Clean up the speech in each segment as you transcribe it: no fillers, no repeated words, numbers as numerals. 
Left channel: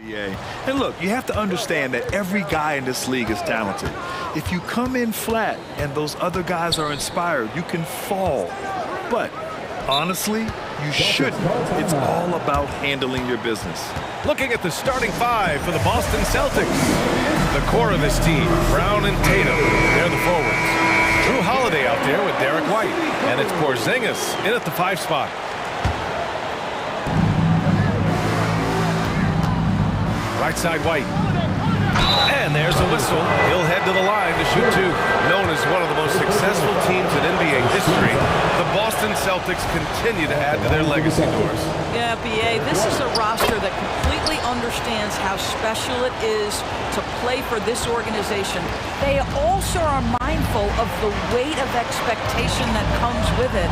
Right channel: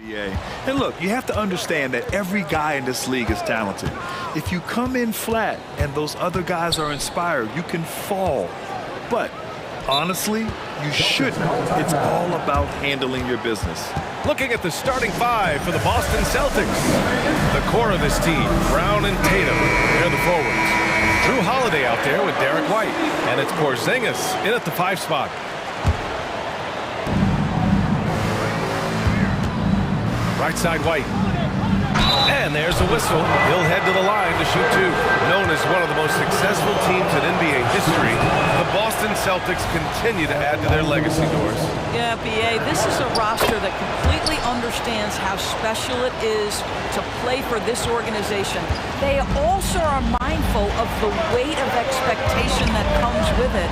And look, you have to understand that every guy in this league is talented. If you come in flat and those other guys are inspired, you can fall. But honestly, you shouldn't. It's all about handling your business. Looking at the starting five for the Boston Celtics. The core of this team, Brown and Tatum, they're the forwards. Drew Holiday out there with Derek White. And it's Porzingis in at the 5 spot. Right side White. And there's the whistle. He'll head to the line to shoot 2. Known as one of the most successful teams in NBA history, the Boston Celtics continue to add to their legacy, Doris. Yeah, BA, this is a roster that completely understands how special it is to play for this organization. They also are mindful of the weight of expectation that comes with it.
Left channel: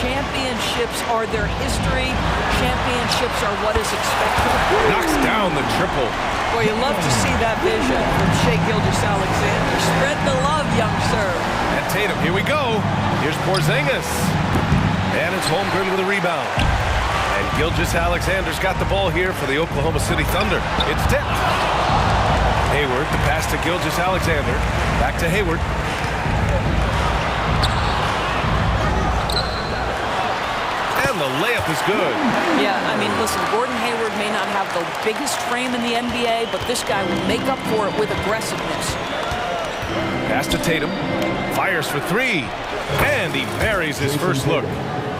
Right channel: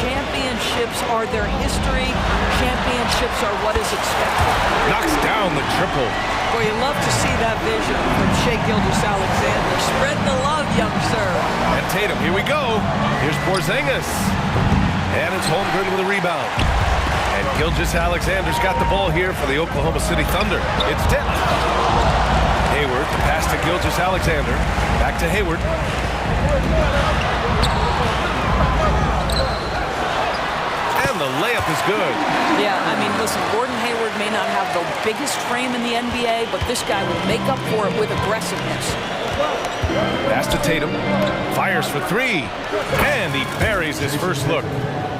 Championships are their history. Championships are what is expected. Knocks down the triple. Boy, you love to see that vision from Shai Gilgeous-Alexander. Spread the love, young sir. And Tatum, here we go. Here's Porzingis. And it's Holmgren with a rebound. And Gilgeous-Alexander's got the ball here for the Oklahoma City Thunder. It's tipped. Hayward, the pass to Gilgeous-Alexander. Back to Hayward. And the layup is good. Yeah, I mean, listen, Gordon Hayward may not have the biggest frame in the NBA, but this guy will make up for it with aggressiveness. Pass to Tatum. Fires for 3. And he buries his first look.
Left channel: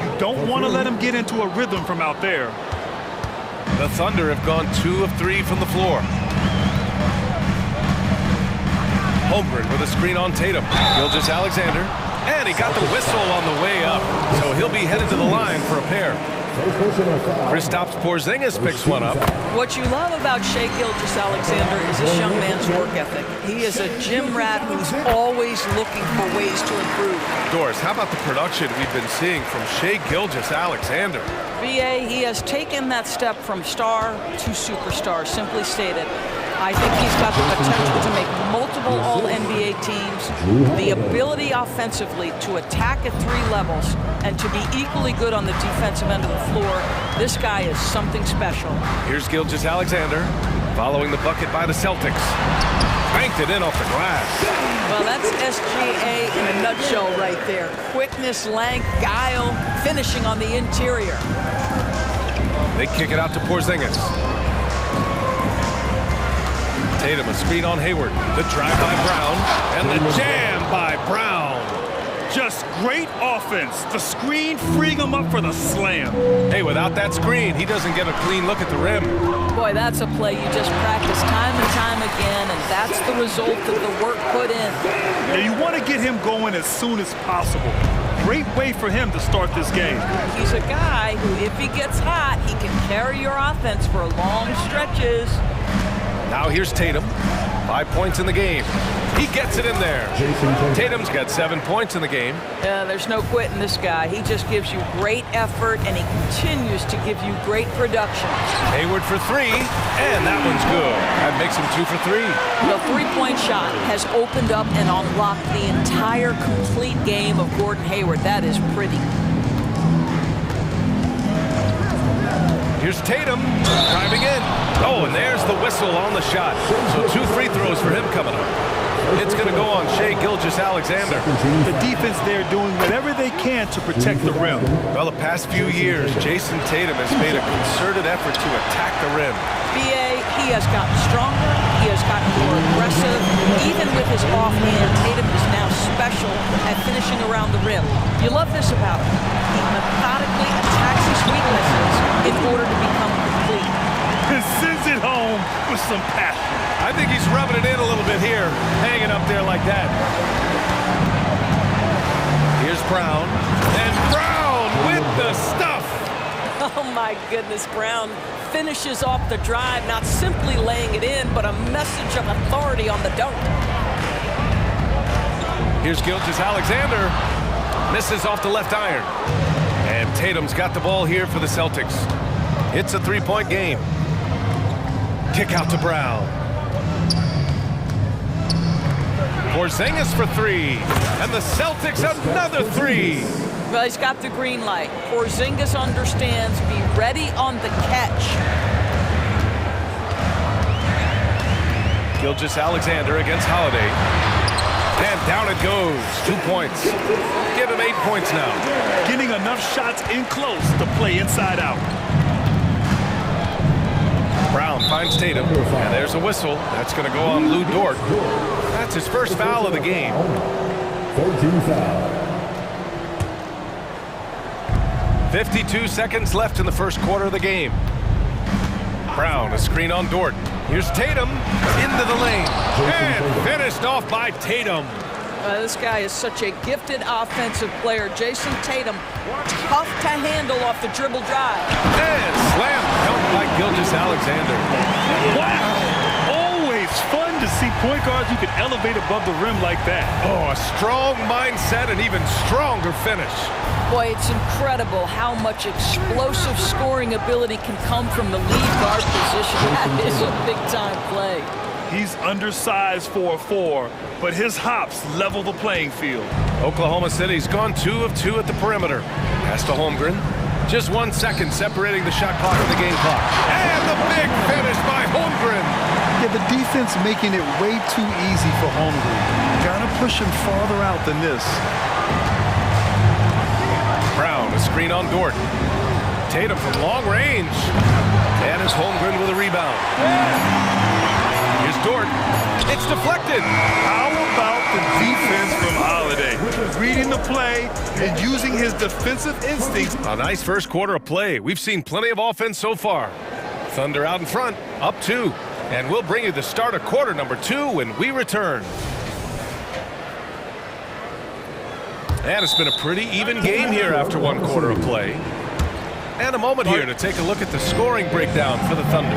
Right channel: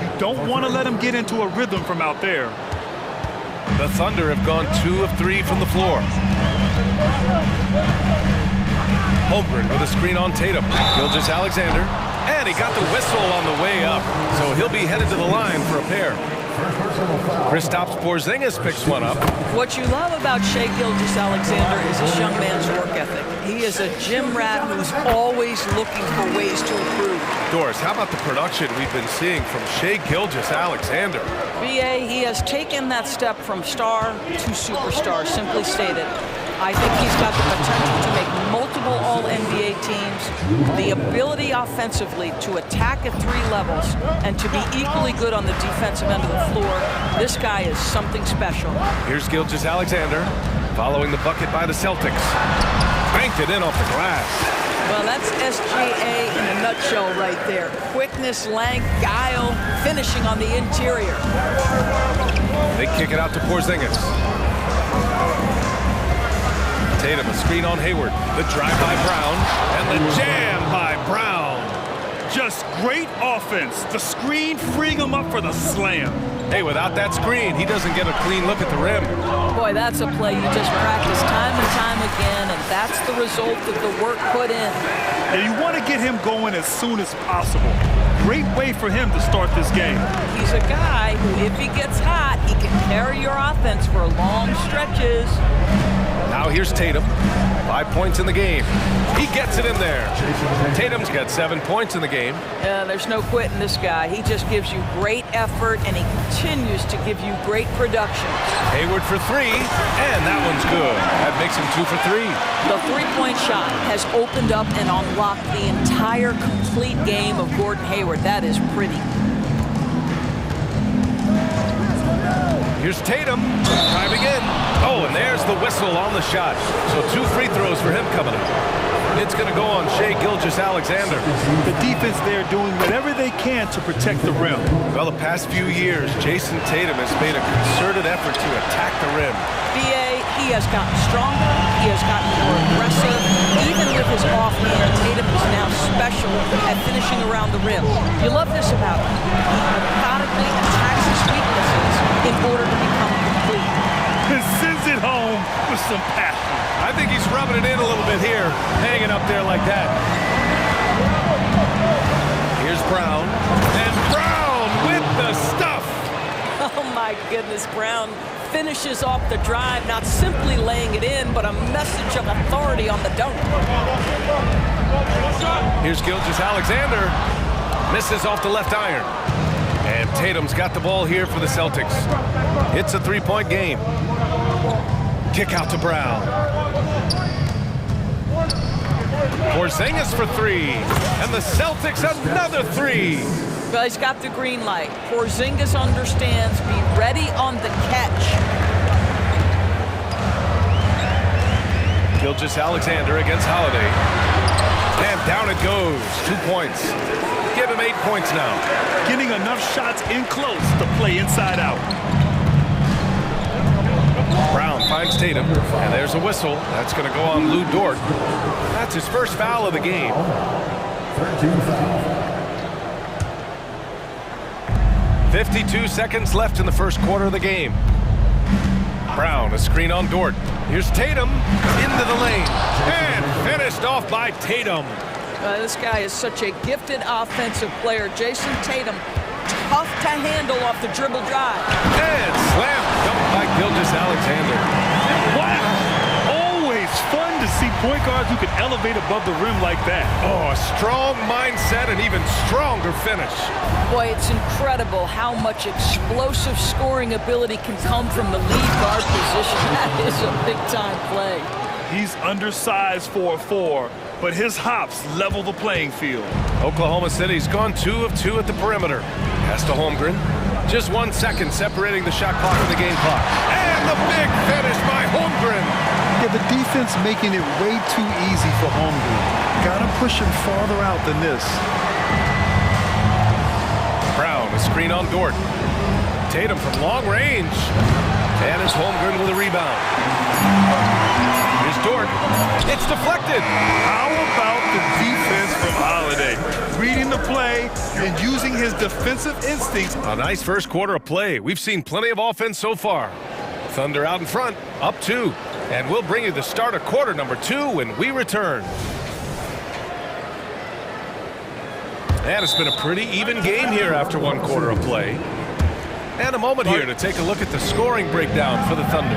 You don't want to let him get into a rhythm from out there. The Thunder have gone 2 of 3 from the floor. Holmgren with a screen on Tatum. Gilgeous-Alexander. And he got the whistle on the way up. So he'll be headed to the line for a pair. Kristaps Porzingis picks one up. What you love about Shai Gilgeous-Alexander is this young man's work ethic. He is a gym rat who's always looking for ways to improve. Doris, how about the production we've been seeing from Shai Gilgeous-Alexander? BA, he has taken that step from star to superstar, simply stated. I think he's got the potential to make multiple All-NBA teams, the ability offensively to attack at 3 levels, and to be equally good on the defensive end of the floor. This guy is something special. Here's Gilgeous-Alexander, following the bucket by the Celtics. Banked it in off the glass. Well, that's SGA in a nutshell right there. Quickness, length, guile, finishing on the interior. They kick it out to Porzingis. Tatum, a screen on Hayward. The drive by Brown, and the jam by Brown. Just great offense. The screen freeing him up for the slam. Hey, without that screen, he doesn't get a clean look at the rim. Boy, that's a play you just practice time and time again, and that's the result of the work put in. Now, you want to get him going as soon as possible. Great way for him to start this game. He's a guy who, if he gets hot, he can carry your offense for long stretches. Now here's Tatum. 5 points in the game. He gets it in there. Tatum's got 7 points in the game. Yeah, there's no quitting this guy. He just gives you great effort, and he continues to give you great production. Hayward for 3, and that one's good. That makes him 2 for 3. The 3-point shot has opened up and unlocked the entire complete game of Gordon Hayward. That is pretty. Here's Tatum, driving in. Oh, and there's the whistle on the shot. So 2 free throws for him coming up. It's going to go on Shai Gilgeous-Alexander. The defense there doing whatever they can to protect the rim. Well, the past few years, Jason Tatum has made a concerted effort to attack the rim. BA, he has gotten stronger, he has gotten more aggressive. Even with his offhand, Tatum is now special at finishing around the rim. You love this about him. He methodically attacks his weaknesses in order to become complete. And sends it home with some passion. I think he's rubbing it in a little bit here, hanging up there like that. Here's Brown, and Brown with the stuff. Oh my goodness, Brown finishes off the drive, not simply laying it in, but a message of authority on the dunk. Here's Gilgeous-Alexander, misses off the left iron. And Tatum's got the ball here for the Celtics. It's a 3-point game. Kick out to Brown. Porzingis for 3. And the Celtics another 3. Well, he's got the green light. Porzingis understands. Be ready on the catch. Gilgeous-Alexander against Holiday. And down it goes. 2 points. Give him 8 points now. Getting enough shots in close to play inside out. Brown finds Tatum, and there's a whistle. That's going to go on Lou Dort. That's his first foul of the game. 13 foul. 52 seconds left in the first quarter of the game. Brown, a screen on Dort. Here's Tatum into the lane. And finished off by Tatum. This guy is such a gifted offensive player. Jason Tatum, tough to handle off the dribble drive. And slam dunk by Gilgeous-Alexander. Wow! Always fun to see point guards who can elevate above the rim like that. Oh, a strong mindset and even stronger finish. Boy, it's incredible how much explosive scoring ability can come from the lead guard position. That is a big-time play. He's undersized for a 4, but his hops level the playing field. Oklahoma City's gone 2 of 2 at the perimeter. Pass to Holmgren. Just 1 second separating the shot clock and the game clock. And the big finish by Holmgren. Yeah, the defense making it way too easy for Holmgren. Gotta push him farther out than this. Brown, a screen on Dort. Tatum from long range. And it's Holmgren with a rebound. Here's Dort. It's deflected. How about the defense from Holiday? Reading the play and using his defensive instincts. A nice first quarter of play. We've seen plenty of offense so far. Thunder out in front, up 2. And we'll bring you the start of quarter number 2 when we return. And it's been a pretty even game here after 1 quarter of play. And a moment here to take a look at the scoring breakdown for the Thunder.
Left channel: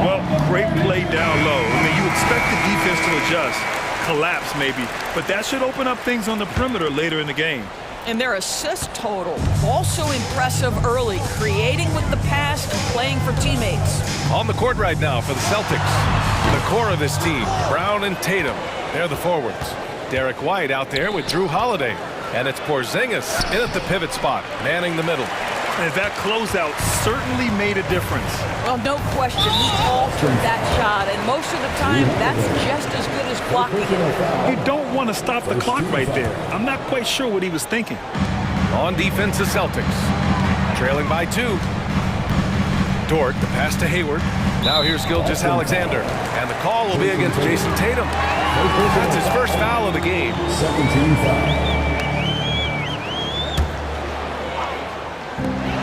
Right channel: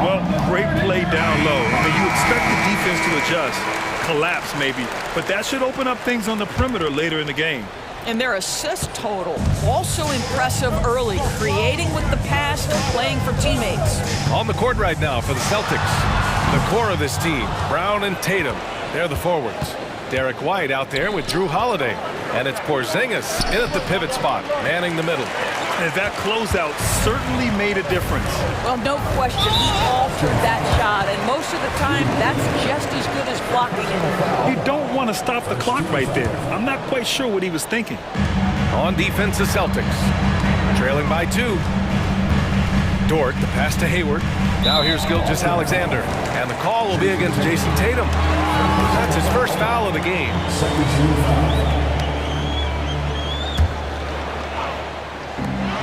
Well, great play down low. I mean, you expect the defense to adjust, collapse maybe, but that should open up things on the perimeter later in the game. And their assist total, also impressive early, creating with the pass and playing for teammates. On the court right now for the Celtics. The core of this team, Brown and Tatum. They're the forwards. Derek White out there with Drew Holiday. And it's Porzingis in at the pivot spot, manning the middle. And that closeout certainly made a difference. Well, no question, he altered that shot, and most of the time, that's just as good as blocking it. You don't want to stop the clock right there. I'm not quite sure what he was thinking. On defense, the Celtics. Trailing by 2. Dort, the pass to Hayward. Now here's Gilgeous-Alexander. And the call will be against Jason Tatum. That's his first foul of the game. 17 foul.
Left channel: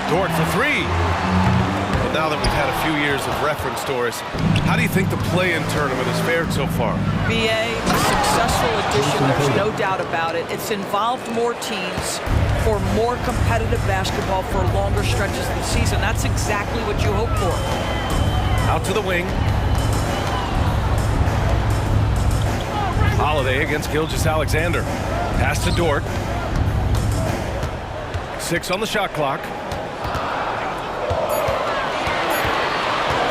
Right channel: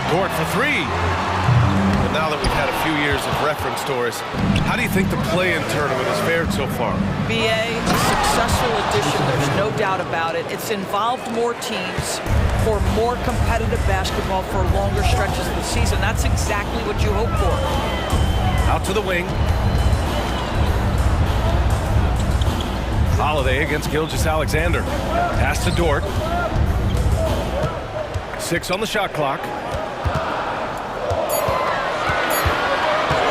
Dort for 3. Well, now that we've had a few years of reference, Doris, how do you think the play-in tournament has fared so far? BA, a successful addition, there's no doubt about it. It's involved more teams for more competitive basketball for longer stretches of the season. That's exactly what you hope for. Out to the wing. Holiday against Gilgeous-Alexander. Pass to Dort. 6 on the shot clock.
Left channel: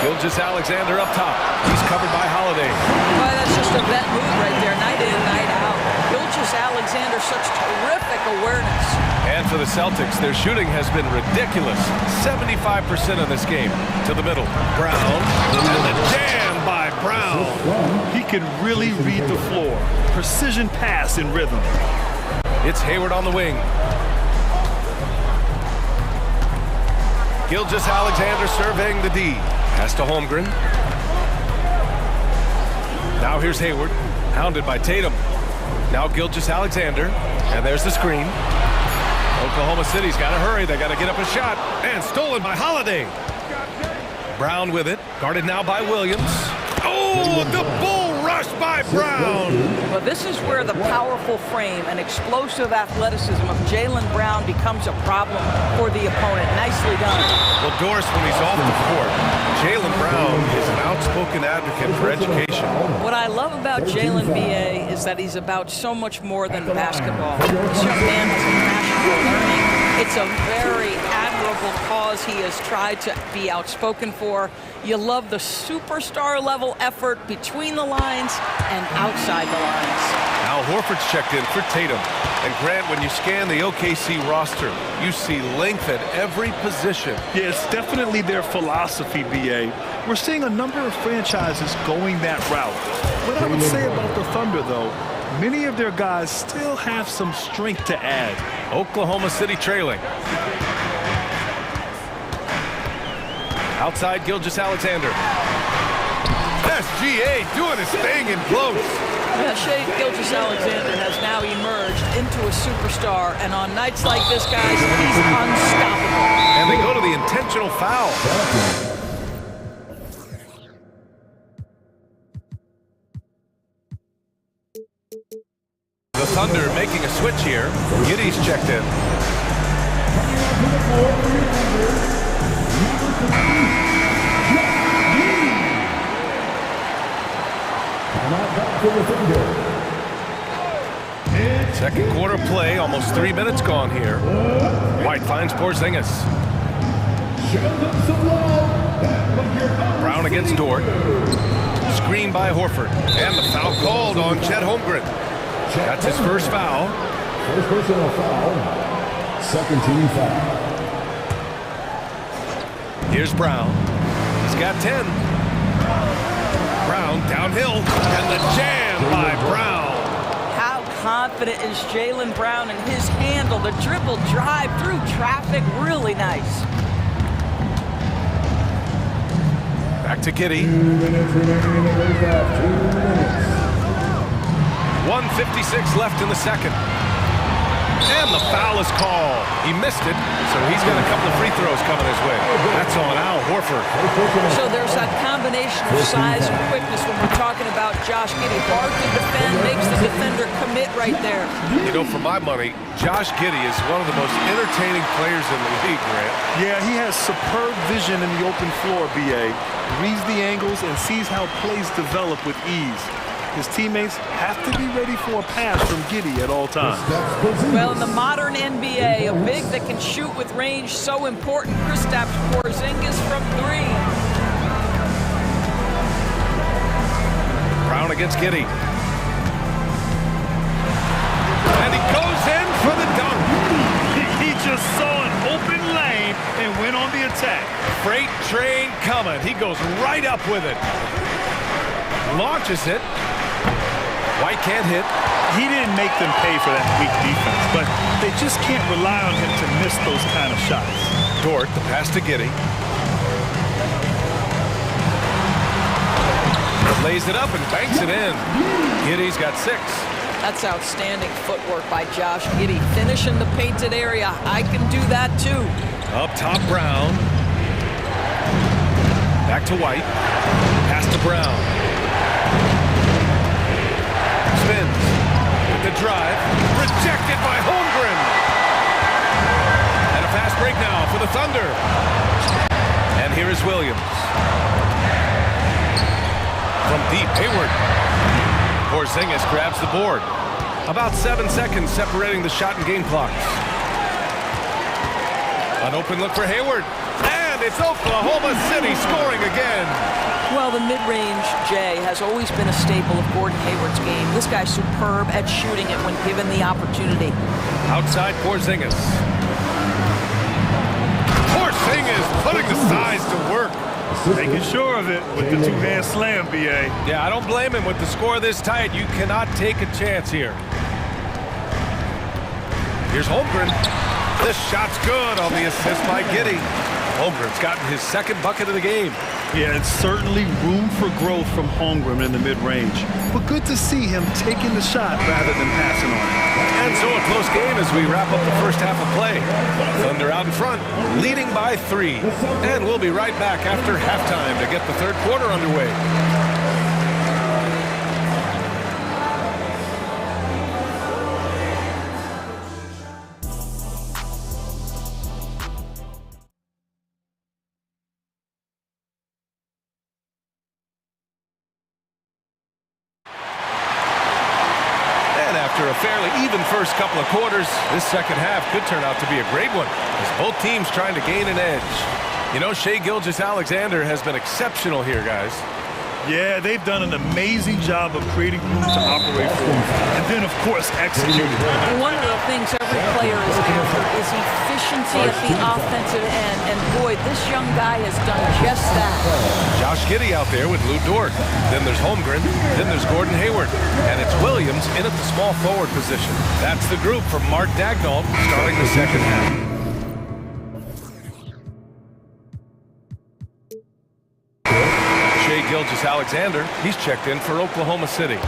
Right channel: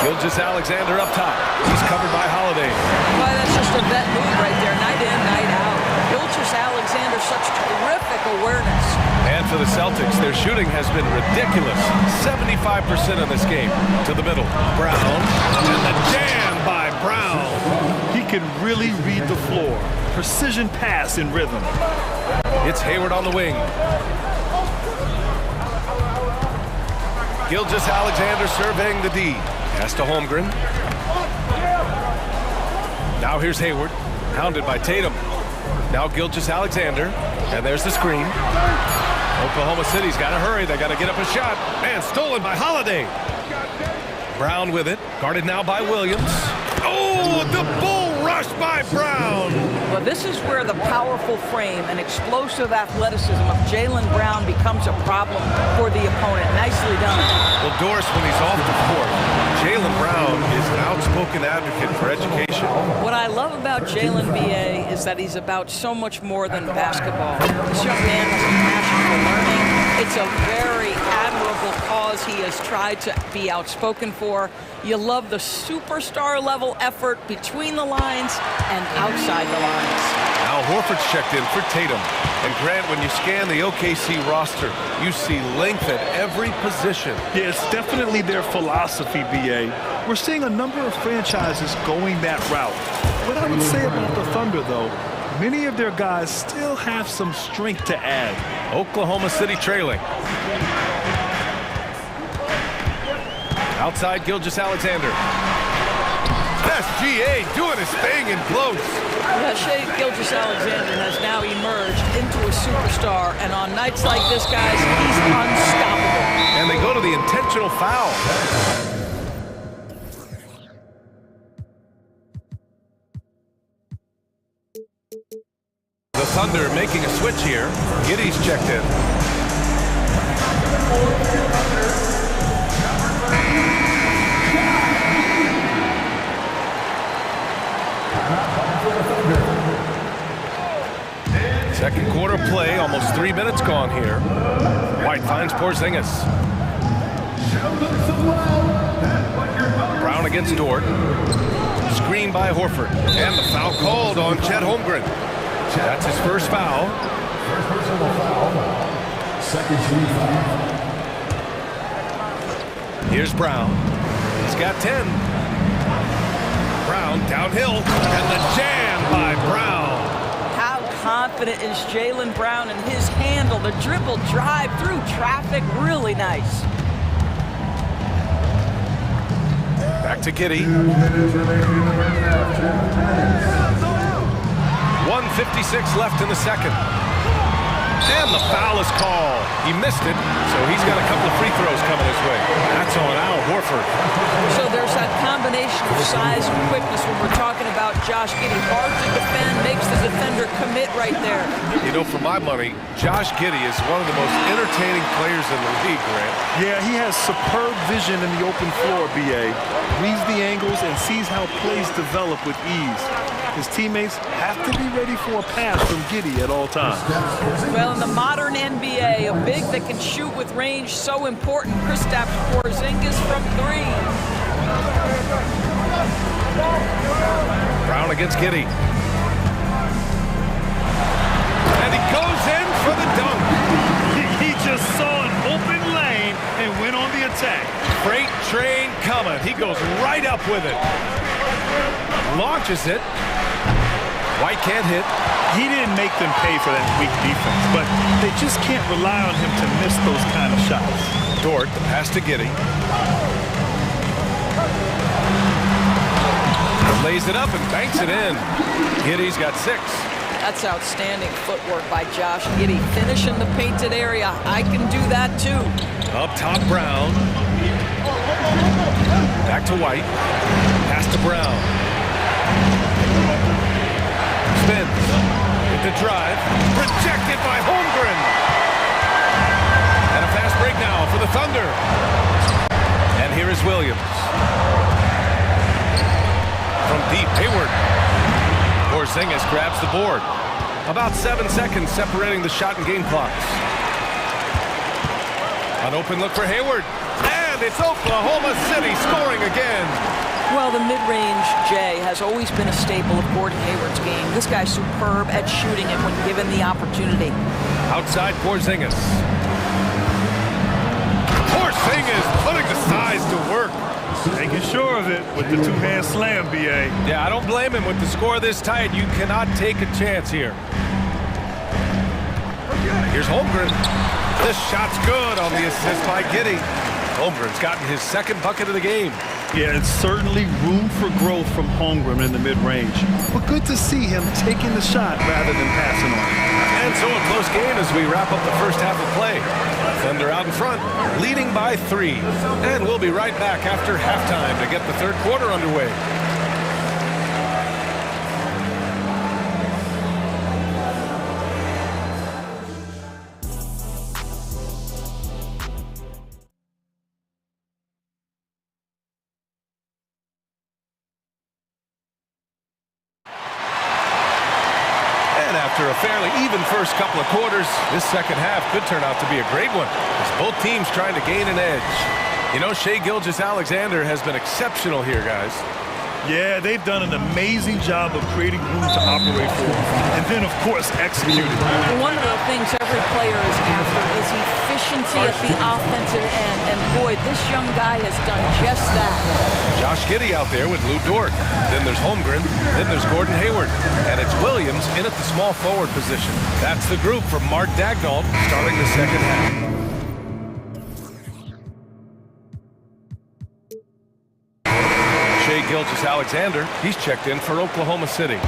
Gilgeous-Alexander up top. He's covered by Holiday. Boy, that's just a vet move right there. Night in, night out. Gilgeous-Alexander, such terrific awareness. And for the Celtics, their shooting has been ridiculous. 75% in this game. To the middle. Brown. And the jam by Brown. He can really read the floor. Precision pass in rhythm. It's Hayward on the wing. Gilgeous-Alexander surveying the D. Pass to Holmgren. Now here's Hayward, hounded by Tatum. Now Gilgeous-Alexander, and there's the screen. Oklahoma City's got to hurry. They got to get up a shot, and stolen by Holiday. Brown with it, guarded now by Williams. Oh, the bull rush by Brown. Well, this is where the powerful frame and explosive athleticism of Jaylen Brown becomes a problem for the opponent. Nicely done. Well, Doris, when he's off the court, Jaylen Brown is an outspoken advocate for education. What I love about Jaylen, B.A., is that he's about so much more than basketball. This young man has a passion for learning. It's a very admirable cause he has tried to be outspoken for. You love the superstar level effort between the lines and outside the lines. Now Horford's checked in for Tatum. And Grant, when you scan the OKC roster, you see length at every position. Yeah, it's definitely their philosophy, B.A. We're seeing a number of franchises going that route. What I would say about the Thunder, though, many of their guys still have some strength to add. Oklahoma City trailing. Outside Gilgeous-Alexander. SGA doing his thing in close. Yeah, Shai Gilgeous-Alexander has now emerged into a superstar, and on nights like this, guys, he's unstoppable. And they go to the intentional foul. The Thunder making a switch here. Giddey's checked in. Second quarter play, almost 3 minutes gone here. White finds Porzingis. Brown against Dort. Screen by Horford. And the foul called on Chet Holmgren. That's his first foul. First personal foul. Second team foul. Here's Brown. He's got 10. Brown downhill. And the jam by Brown. How confident is Jaylen Brown in his handle? The dribble drive through traffic, really nice. Back to Giddey. 1:56 left in the second. And the foul is called. He missed it, so he's got a couple of free throws coming his way. That's on Al Horford. So there's that combination of size and quickness when we're talking about Josh Giddey. Hard to defend, makes the defender commit right there. You know, for my money, Josh Giddey is one of the most entertaining players in the league, Grant. Yeah, he has superb vision in the open floor, BA. Reads the angles and sees how plays develop with ease. His teammates have to be ready for a pass from Giddey at all times. Well, in the modern NBA, a big that can shoot with range, so important. Kristaps Porzingis from 3. Brown against Giddey. And he goes in for the dunk. He just saw an open lane and went on the attack. Freight train coming. He goes right up with it. Launches it. White can't hit. He didn't make them pay for that weak defense, but they just can't rely on him to miss those kind of shots. Dort, the pass to Giddey. Lays it up and banks it in. Giddey's got 6. That's outstanding footwork by Josh Giddey. Finish in the painted area. I can do that too. Up top, Brown. Back to White. Pass to Brown. Spins with the drive. Rejected by Holmgren. And a fast break now for the Thunder. And here is Williams. From deep, Hayward. Porzingis grabs the board. About 7 seconds separating the shot and game clocks. An open look for Hayward. And it's Oklahoma City scoring again. Well, the mid-range, Jay, has always been a staple of Gordon Hayward's game. This guy's superb at shooting it when given the opportunity. Outside Porzingis. Porzingis putting the size to work. Making sure of it with the two-hand slam, BA. Yeah, I don't blame him. With the score this tight, you cannot take a chance here. Here's Holmgren. This shot's good on the assist by Giddey. Holmgren's gotten his second bucket of the game. Yeah, it's certainly room for growth from Holmgren in the mid-range. But good to see him taking the shot rather than passing on it. And so a close game as we wrap up the first half of play. Thunder out in front, leading by 3. And we'll be right back after halftime to get the third quarter underway. And after a fairly even first couple of quarters, this second half could turn out to be a great one, as both teams trying to gain an edge. You know, Shai Gilgeous-Alexander has been exceptional here, guys. Yeah, they've done an amazing job of creating room to operate for him. And then, of course, executing. One of the things every player is after is efficiency at the offensive end. And boy, this young guy has done just that. Josh Giddey out there with Lou Dort. Then there's Holmgren. Then there's Gordon Hayward. And it's Williams in at the small forward position. That's the group from Mark Dagnall starting the second half. Shai Gilgeous-Alexander, he's checked in for Oklahoma City. Ooh,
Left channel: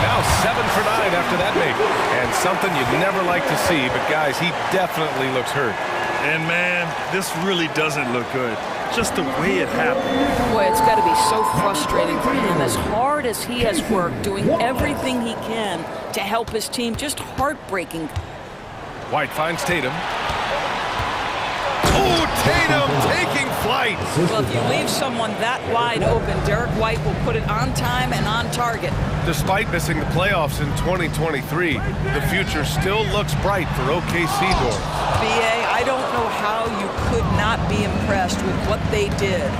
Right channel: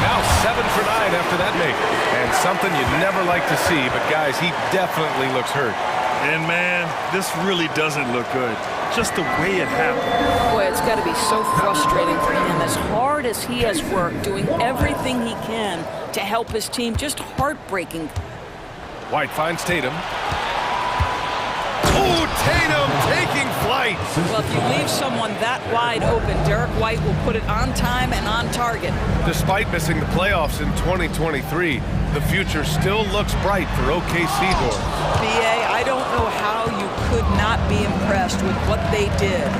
now 7 for 9 after that make. And something you'd never like to see, but guys, he definitely looks hurt. And man, this really doesn't look good. Just the way it happened. Boy, it's got to be so frustrating for him. As hard as he has worked, doing everything he can to help his team, just heartbreaking. White finds Tatum. Oh, Tatum taking flight. Well, if you leave someone that wide open, Derek White will put it on time and on target. Despite missing the playoffs in 2023, the future still looks bright for OKC doors. BA, I don't know how you could not be impressed with what they did.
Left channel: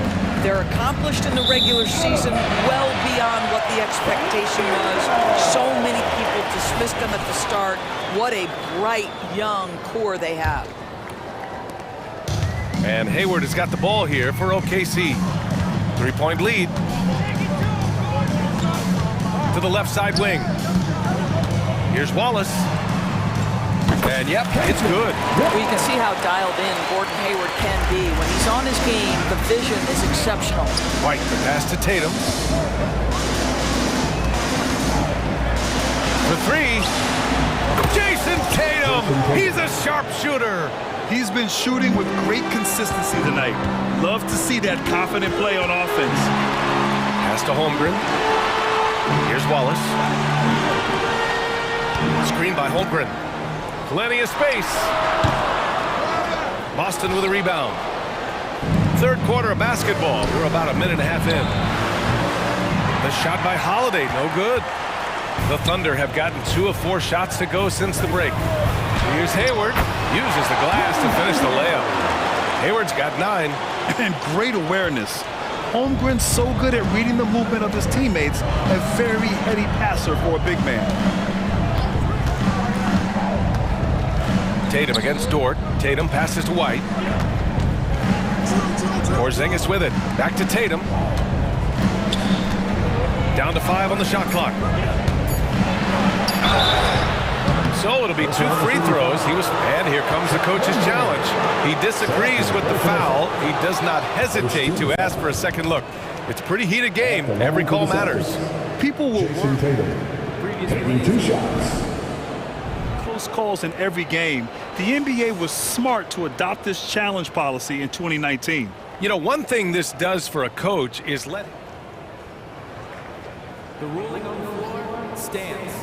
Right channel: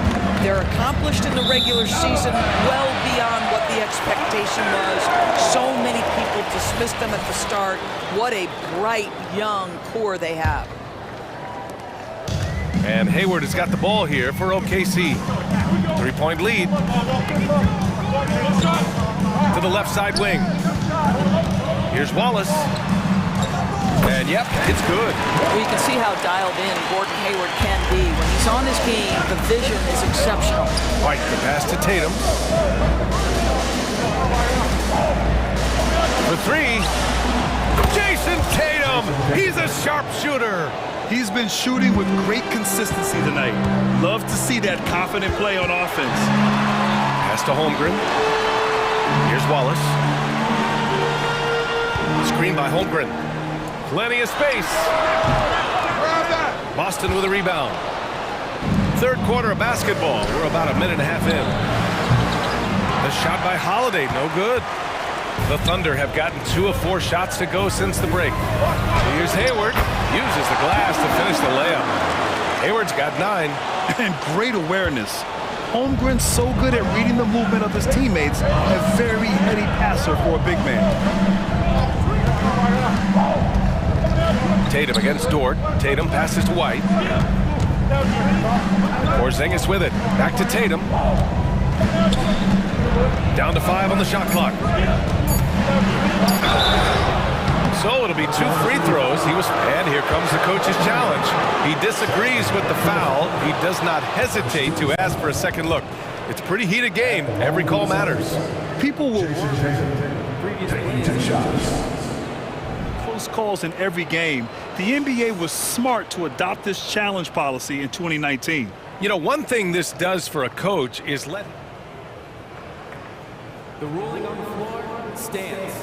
They're accomplished in the regular season, well beyond what the expectation was. So many people dismissed them at the start. What a bright, young core they have. And Hayward has got the ball here for OKC. 3-point lead. To the left side wing. Here's Wallace. And yep, it's good. Well, you can see how dialed in Gordon Hayward can be. When he's on his game, the vision is exceptional. White, the pass to Tatum. For 3. Jason Tatum! He's a sharpshooter! He's been shooting with great consistency tonight. Love to see that confident play on offense. Pass to Holmgren. Here's Wallace. Screen by Holmgren. Plenty of space. Boston with a rebound. Third quarter of basketball. We're about a minute and a half in. The shot by Holiday, no good. The Thunder have gotten 2 of 4 shots to go since the break. Here's Hayward. Uses the glass to finish the layup. Hayward's got 9. And great awareness. Holmgren's so good at reading the movement of his teammates. A very heady passer for a big man. Tatum against Dort. Tatum passes to White. Porzingis with it. Back to Tatum. Down to 5 on the shot clock. So it'll be 2 free throws. And here comes the coach's challenge. He disagrees with the foul. He does not hesitate to ask for a second look. It's a pretty heated game. Every call matters. People will Jason Tatum. Taking 2 shots. close calls in every game. The NBA was smart to adopt this challenge policy in 2019. You know, one thing this does for a coach is let... The ruling on the floor stands.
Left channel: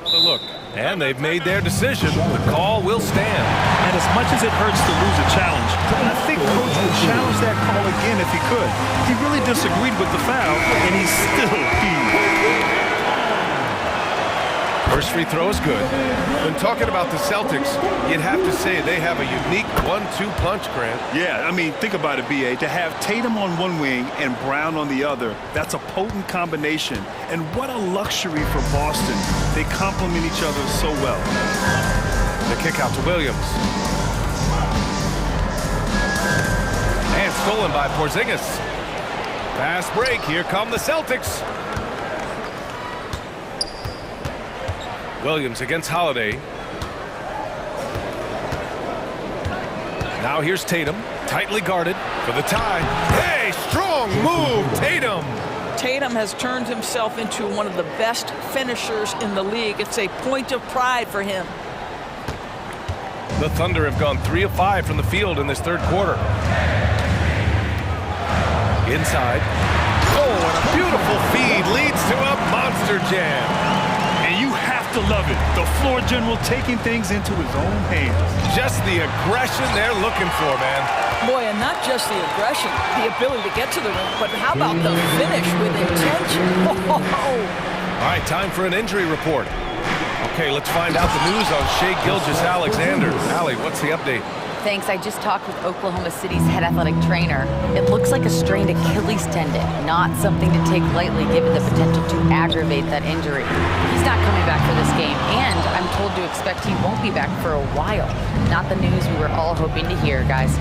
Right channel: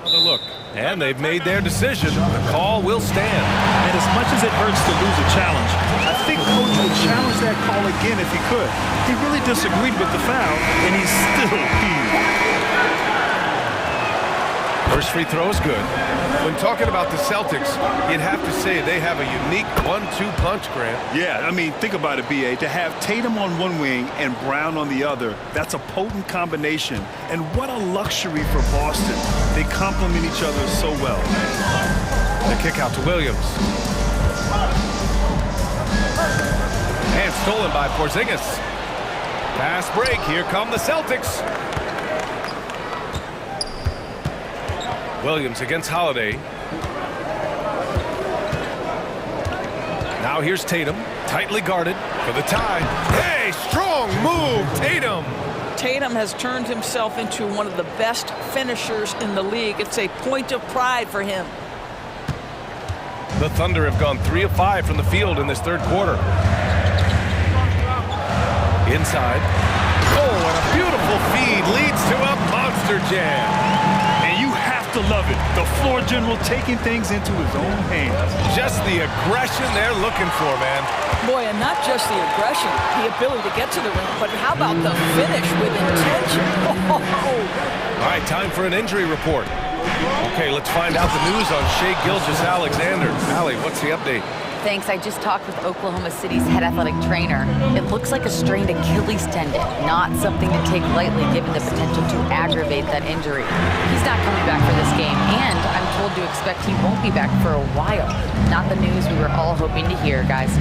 Another look. And they've made their decision. The call will stand. And as much as it hurts to lose a challenge, I think Coach would challenge that call again if he could. He really disagreed with the foul, and he's still peeved. First free throw is good. When talking about the Celtics, you'd have to say they have a unique 1-2 punch, Grant. Yeah, I mean, think about it, B.A. To have Tatum on one wing and Brown on the other, that's a potent combination. And what a luxury for Boston. They complement each other so well. The kick out to Williams. And stolen by Porzingis. Fast break. Here come the Celtics. Williams against Holiday. Now here's Tatum, tightly guarded for the tie. Hey, strong move, Tatum. Tatum has turned himself into one of the best finishers in the league. It's a point of pride for him. The Thunder have gone 3 of 5 from the field in this third quarter. Inside. Oh, and a beautiful feed leads to a monster jam. And you have to love it. The floor general taking things into his own hands. Just the aggression they're looking for, man. Boy, and not just the aggression, the ability to get to the rim, but how about the finish with intention? Oh. All right, time for an injury report. Okay, let's find out the news on Shai Gilgeous-Alexander. Allie, what's the update? Thanks, I just talked with Oklahoma City's head athletic trainer. It looks like a strained Achilles tendon, not something to take lightly given the potential to aggravate that injury. He's not coming back for this game, and I'm told to expect he won't be back for a while. Not the news we were all hoping to hear, guys.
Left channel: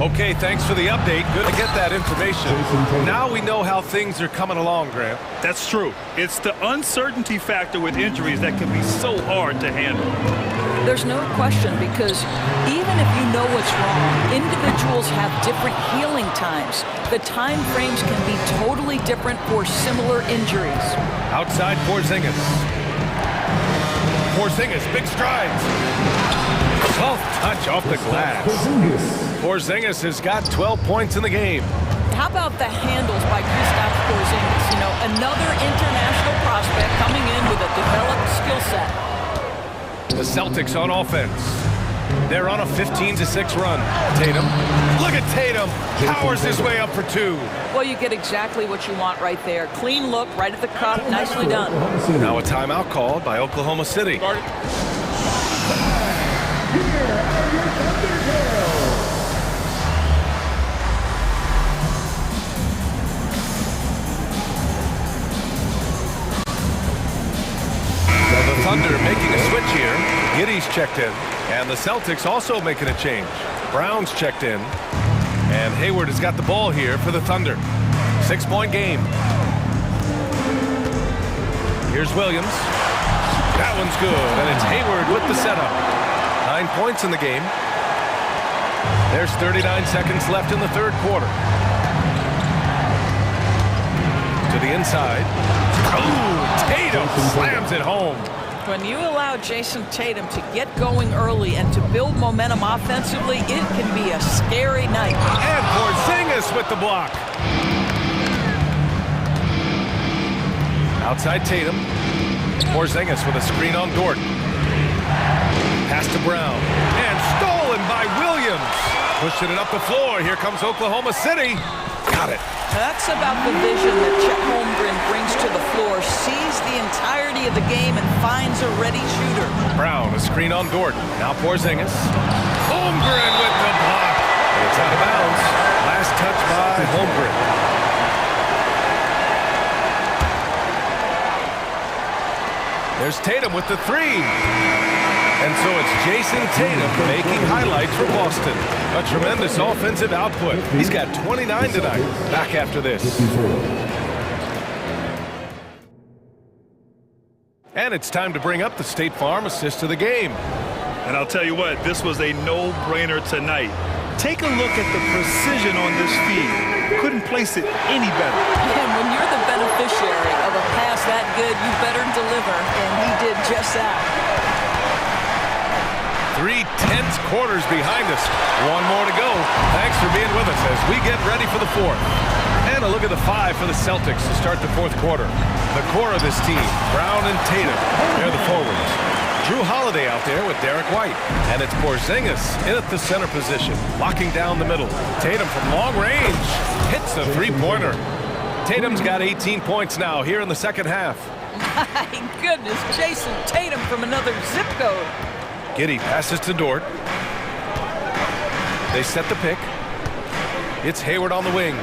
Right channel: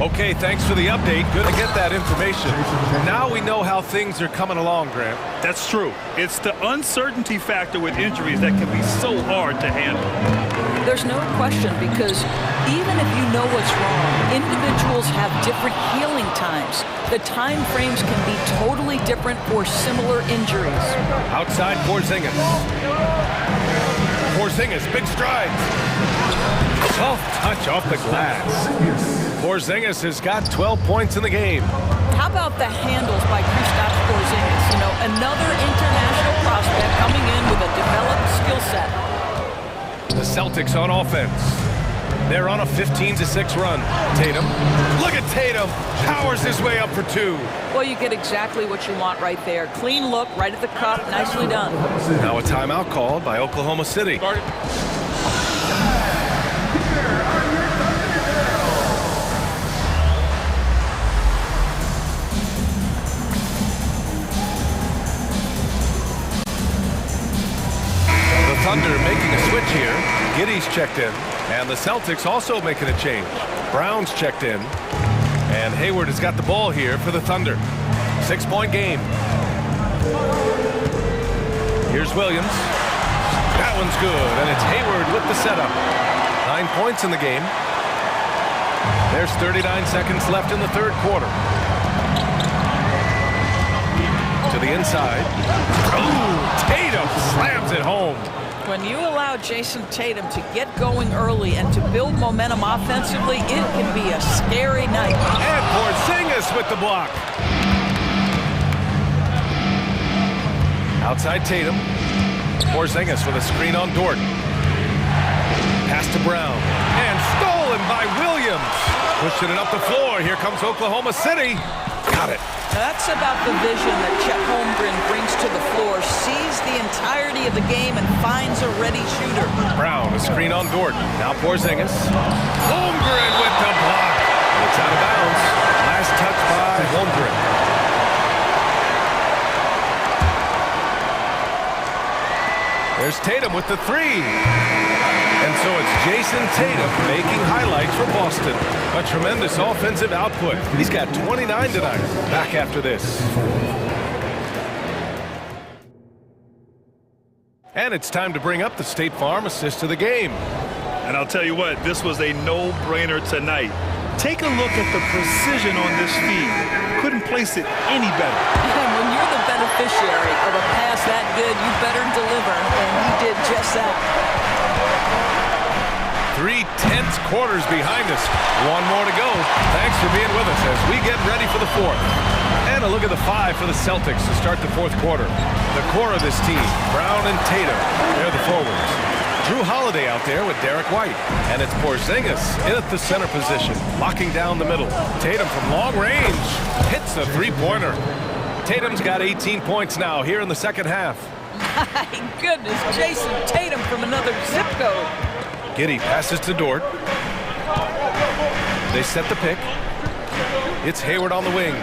Okay, thanks for the update. Good to get that information. Now we know how things are coming along, Grant. That's true. It's the uncertainty factor with injuries that can be so hard to handle. There's no question, because even if you know what's wrong, individuals have different healing times. The time frames can be totally different for similar injuries. Outside Porzingis. Porzingis, big strides. Soft touch off the glass. Porzingis has got 12 points in the game. How about the handles by Kristaps Porzingis? You know, another international prospect coming in with a developed skill set. The Celtics on offense. They're on a 15-6 run. Tatum. Look at Tatum. Powers his way up for two. Well, you get exactly what you want right there. Clean look, right at the cup. Nicely done. Now a timeout called by Oklahoma City. The Thunder making a switch here. Giddey's checked in. And the Celtics also making a change. Brown's checked in. And Hayward has got the ball here for the Thunder. 6-point game. Here's Williams. That one's good, and it's Hayward with the setup. 9 points in the game. There's 39 seconds left in the third quarter. To the inside. Oh, Tatum slams it home. When you allow Jason Tatum to get going early and to build momentum offensively, it can be a scary night. And Porzingis with the block. Outside Tatum. Porzingis with a screen on Dort. Pass to Brown. And stolen by Williams. Pushing it up the floor. Here comes Oklahoma City. Got it. That's about the vision that Chet Holmgren brings to the floor. Sees the entirety of the game and finds a ready shooter. Brown, a screen on Dort. Now Porzingis. Holmgren with the block. And it's out of bounds. Last touch by Holmgren. There's Tatum with the three. And so it's Jason Tatum making highlights for Boston. A tremendous offensive output. He's got 29 tonight. Back after this. And it's time to bring up the State Farm assist of the game. And I'll tell you what, this was a no-brainer tonight. Take a look at the precision on this feed. Couldn't place it any better. And when you're the beneficiary of a pass that good, you better deliver, and he did just that. 3 tense quarters behind us. One more to go. Thanks for being with us as we get ready for the fourth. And a look at the 5 for the Celtics to start the fourth quarter. The core of this team, Brown and Tatum, they're the forwards. Drew Holiday out there with Derek White. And it's Porzingis in at the center position, locking down the middle. Tatum from long range hits the three-pointer. Tatum's got 18 points now here in the second half. My goodness, Jason Tatum from another zip code. Giddey passes to Dort. They set the pick. It's Hayward on the wing.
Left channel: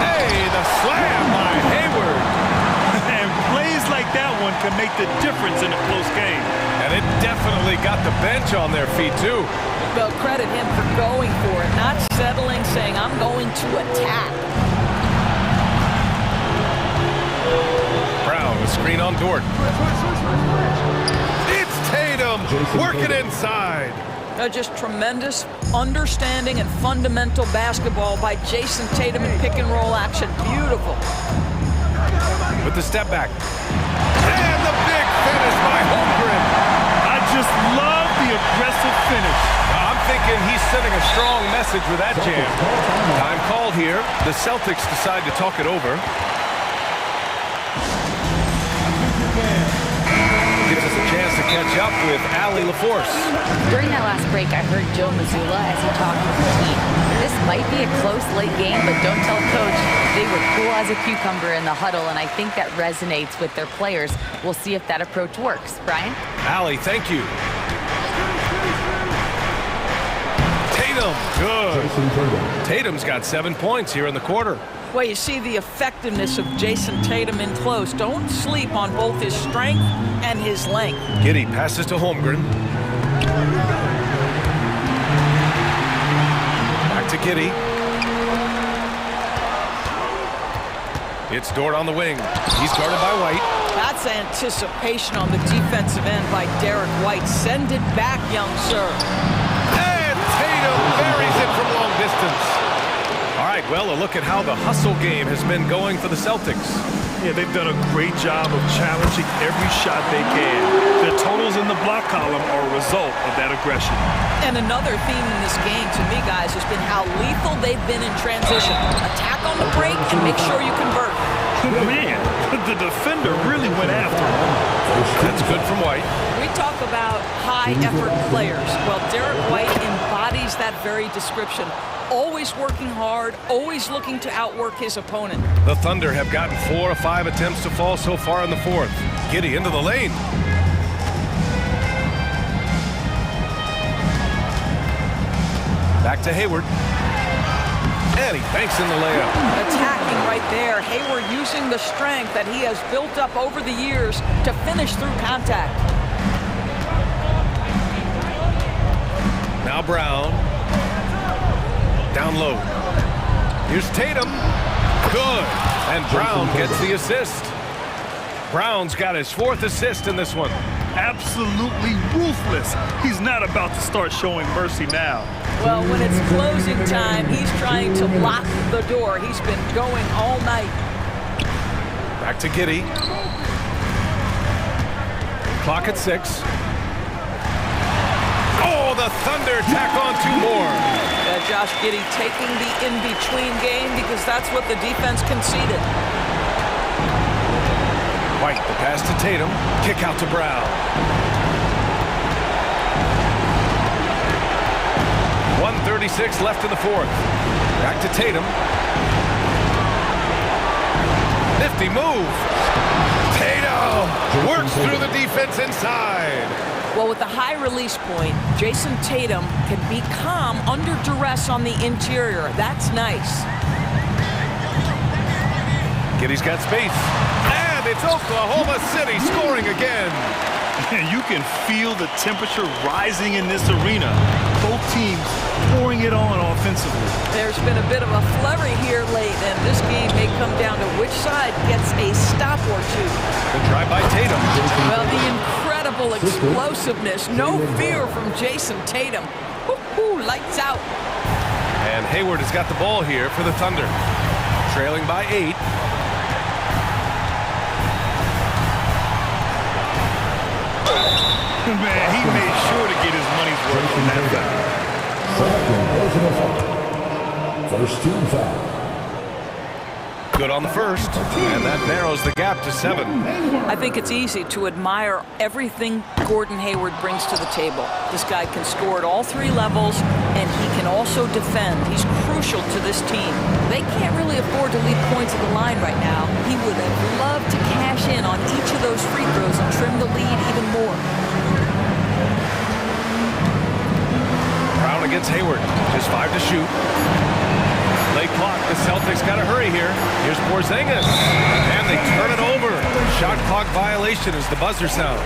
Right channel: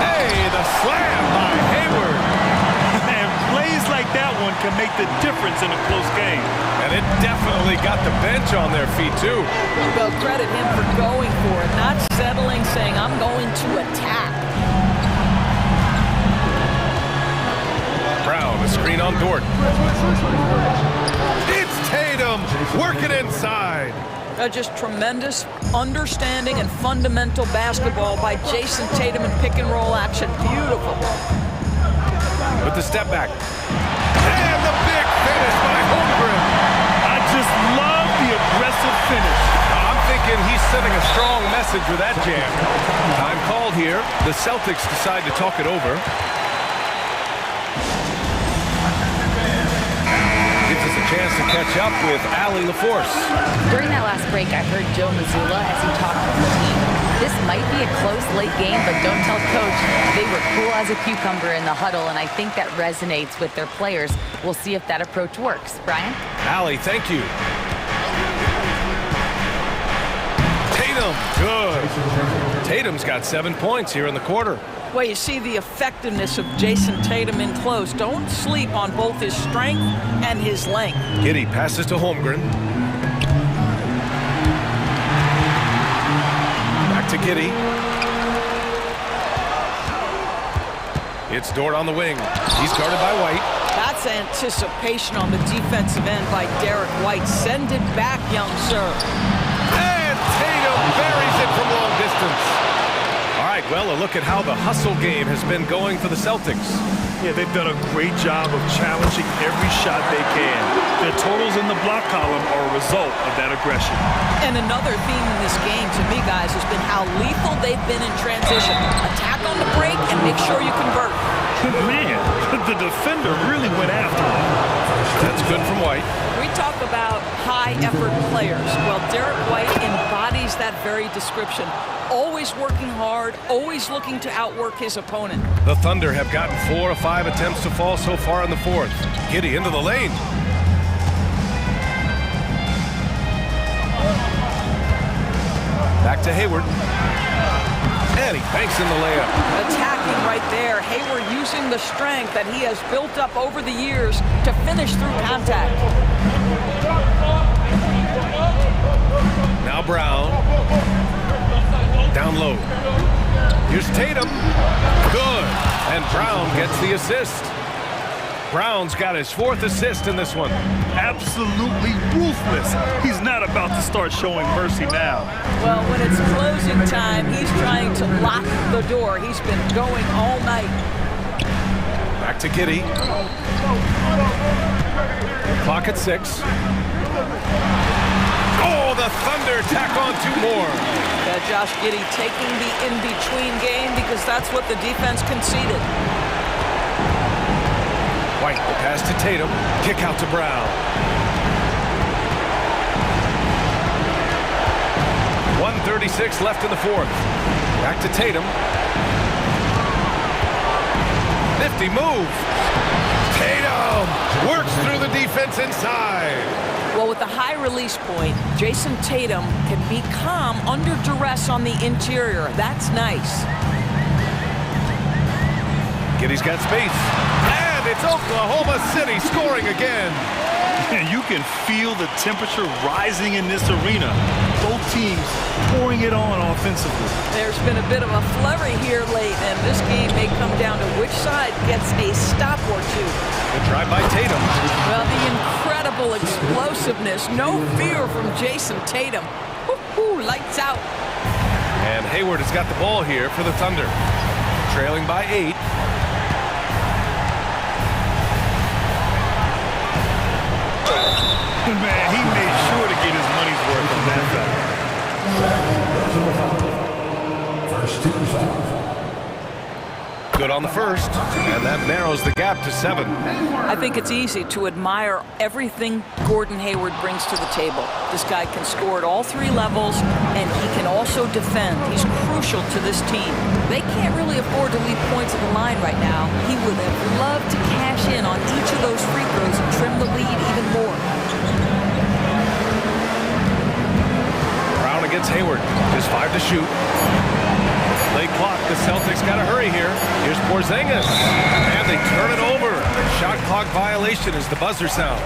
Hey, the slam by Hayward. And plays like that one can make the difference in a close game. And it definitely got the bench on their feet, too. Well, credit him for going for it, not settling, saying, I'm going to attack. Brown, a screen on Dort. It's Tatum working inside. Just tremendous understanding and fundamental basketball by Jason Tatum in pick and roll action. Beautiful. With the step back. And the big finish by Holmgren. I just love the aggressive finish. Now, I'm thinking he's sending a strong message with that jam. Time called here. The Celtics decide to talk it over. Gives us a chance to catch up with Allie LaForce. During that last break, I heard Joe Mazzulla as he talked with the team. This might be a close late game, but don't tell coach. They were cool as a cucumber in the huddle, and I think that resonates with their players. We'll see if that approach works. Brian? Allie, thank you. Tatum, good. Tatum's got 7 points here in the quarter. Well, you see the effectiveness of Jason Tatum in close. Don't sleep on both his strength and his length. Giddey passes to Holmgren. Back to Giddey. It's Dort on the wing. He's guarded by White. That's anticipation on the defensive end by Derek White. Send it back, young sir. And Tatum buries it from long distance. All right, well, a look at how the hustle game has been going for the Celtics. Yeah, they've done a great job of challenging every shot they can. Their totals in the block column are a result of that aggression. And another theme in this game, to me, guys, has been how lethal they've been in transition. Attack on the break and make sure you convert. Man, the defender really went after him. That's good from White. We talk about high-effort players. Well, Derek White embodies that very description. Always working hard, always looking to outwork his opponent. The Thunder have gotten 4 of 5 attempts to fall so far in the fourth. Giddey into the lane. Back to Hayward. And he banks in the layup. Attacking right there. Hayward using the strength that he has built up over the years to finish through contact. Now Brown. Down low. Here's Tatum. Good. And Brown gets the assist. Brown's got his 4th assist in this one. Absolutely ruthless. He's not about to start showing mercy now. Well, when it's closing time, he's trying to lock the door. He's been going all night. Back to Giddey. Clock at 6. Oh, the Thunder tack on 2 more. Josh Giddey taking the in-between game because that's what the defense conceded. White, the pass to Tatum. Kick out to Brown. 1:36 left in the fourth. Back to Tatum. Nifty move. Tatum works through the defense inside. Well, with the high release point, Jason Tatum can be calm under duress on the interior. That's nice. Giddey's got space. And it's Oklahoma City scoring again. You can feel the temperature rising in this arena. Both teams pouring it on offensively. There's been a bit of a flurry here late, and this game may come down to which side gets a stop or two. The drive by Tatum. Well, the incredible explosiveness. No fear from Jason Tatum. Woo-hoo, lights out. And Hayward has got the ball here for the Thunder. Trailing by 8. Man, he made sure to get his money's worth on that foul. First team foul. Good on the first, and that narrows the gap to 7. I think it's easy to admire everything Gordon Hayward brings to the table. This guy can score at all 3 levels, and he can also defend. He's crucial to this team. They can't really afford to leave points at the line right now. He would have loved to cash in on each of those free throws and trim the lead even more. Brown against Hayward. Just 5 to shoot. Late clock. The Celtics got to hurry here. Here's Porzingis. And they turn it over. Shot clock violation as the buzzer sounds.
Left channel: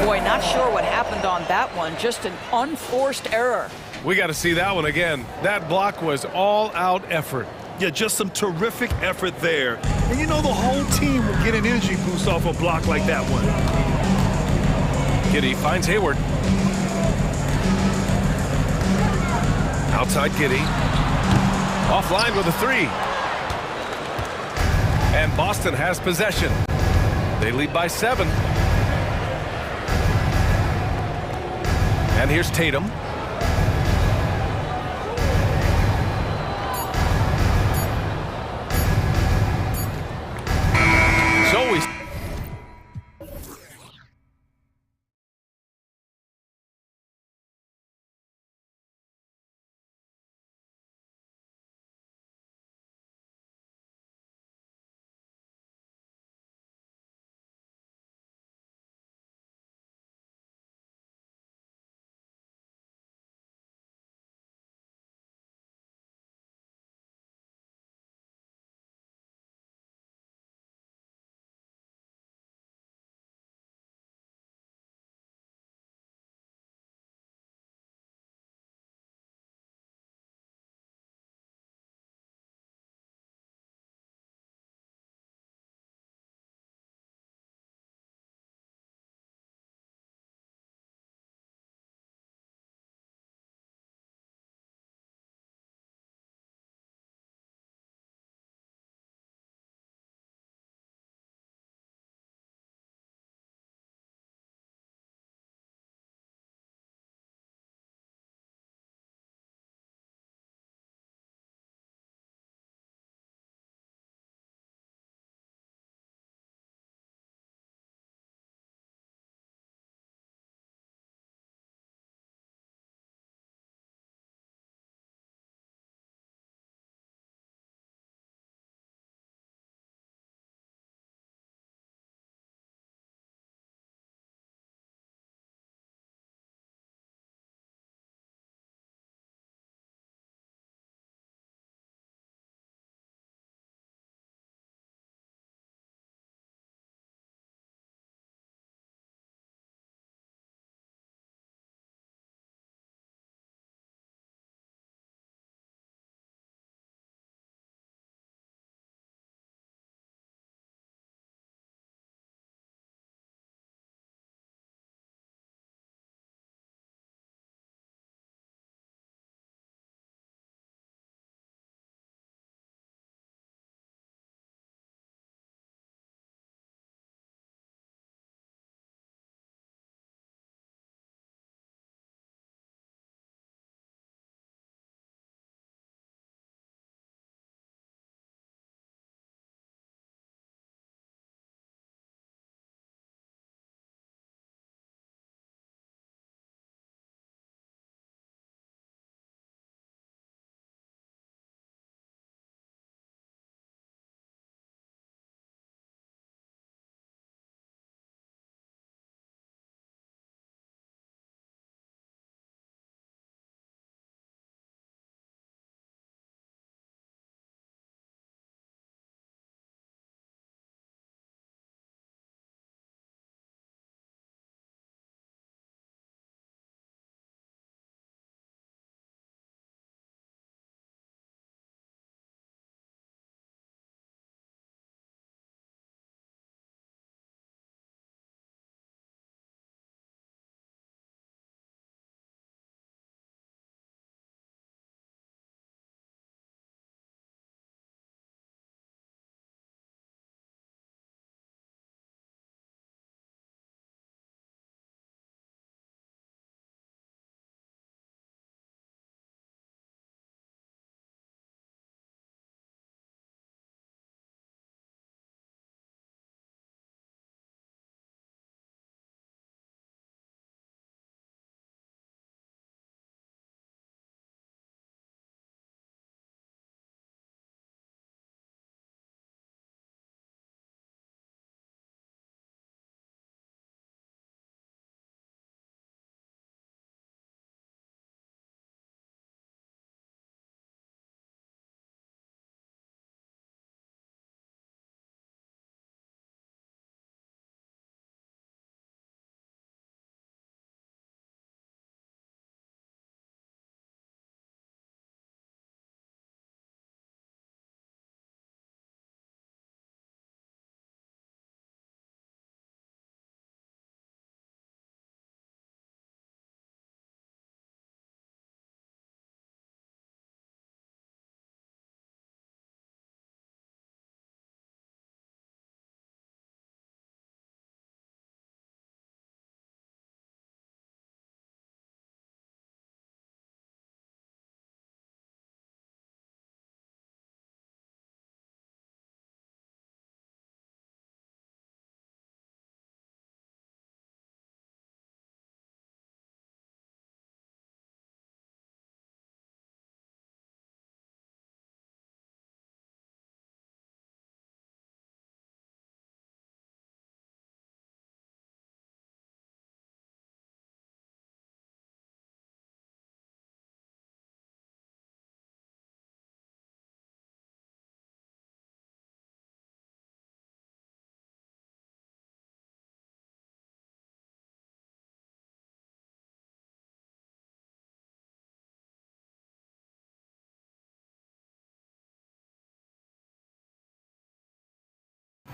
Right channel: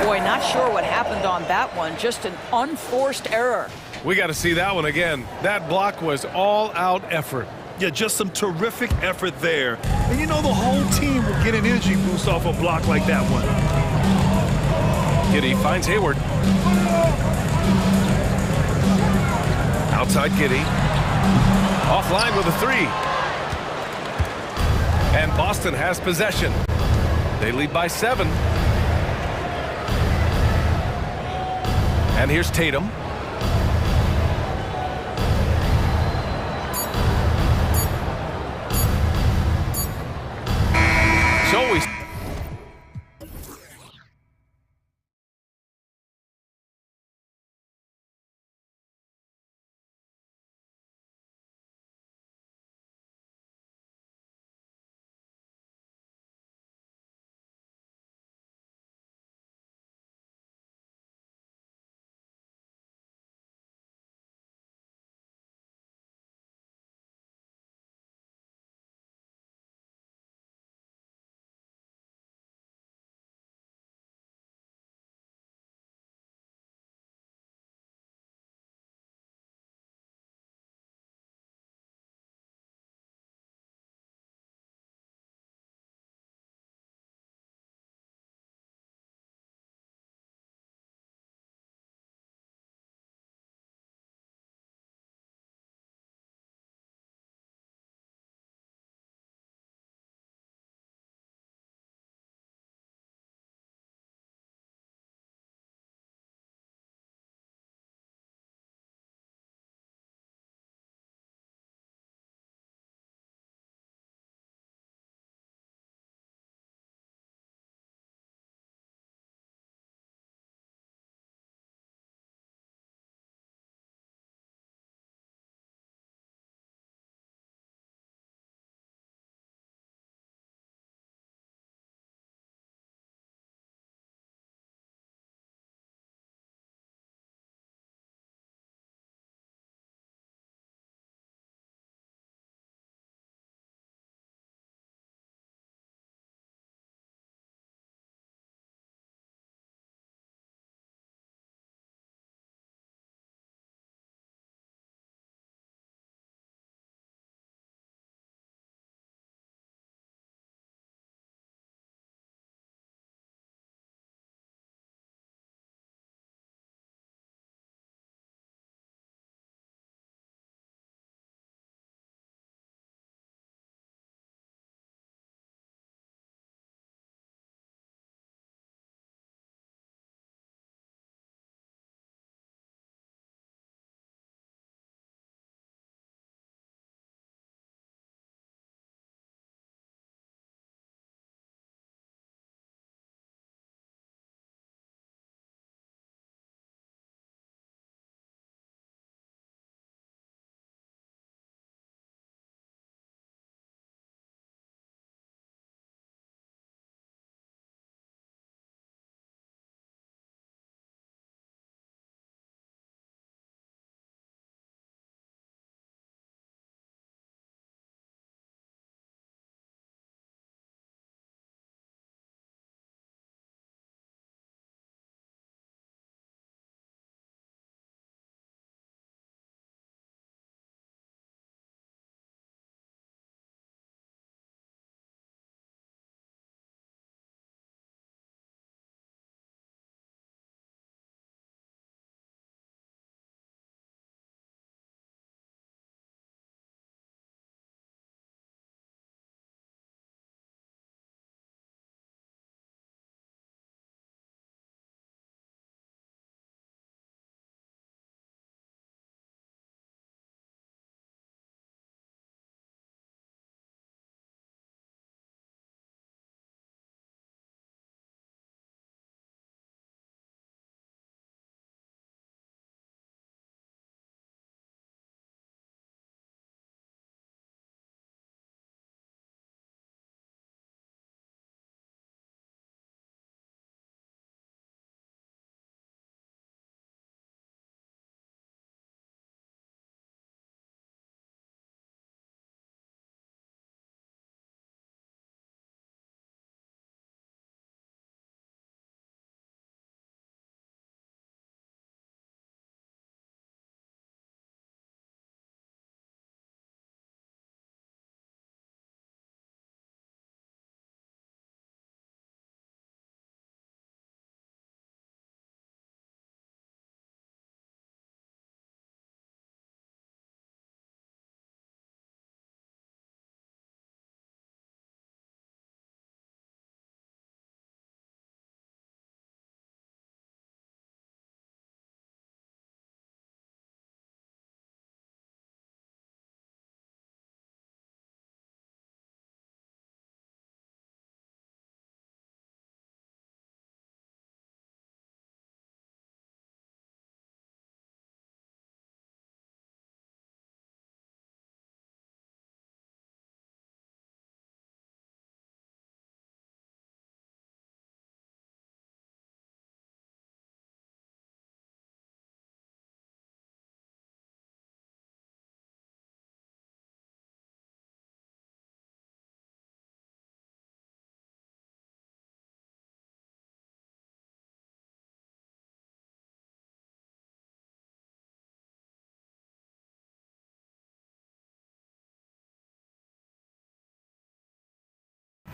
Boy, not sure what happened on that one. Just an unforced error. We got to see that one again. That block was all-out effort. Yeah, just some terrific effort there. And you know the whole team will get an energy boost off a block like that one. Giddey finds Hayward. Outside Giddey. Offline with a 3. And Boston has possession. They lead by 7. And here's Tatum. So we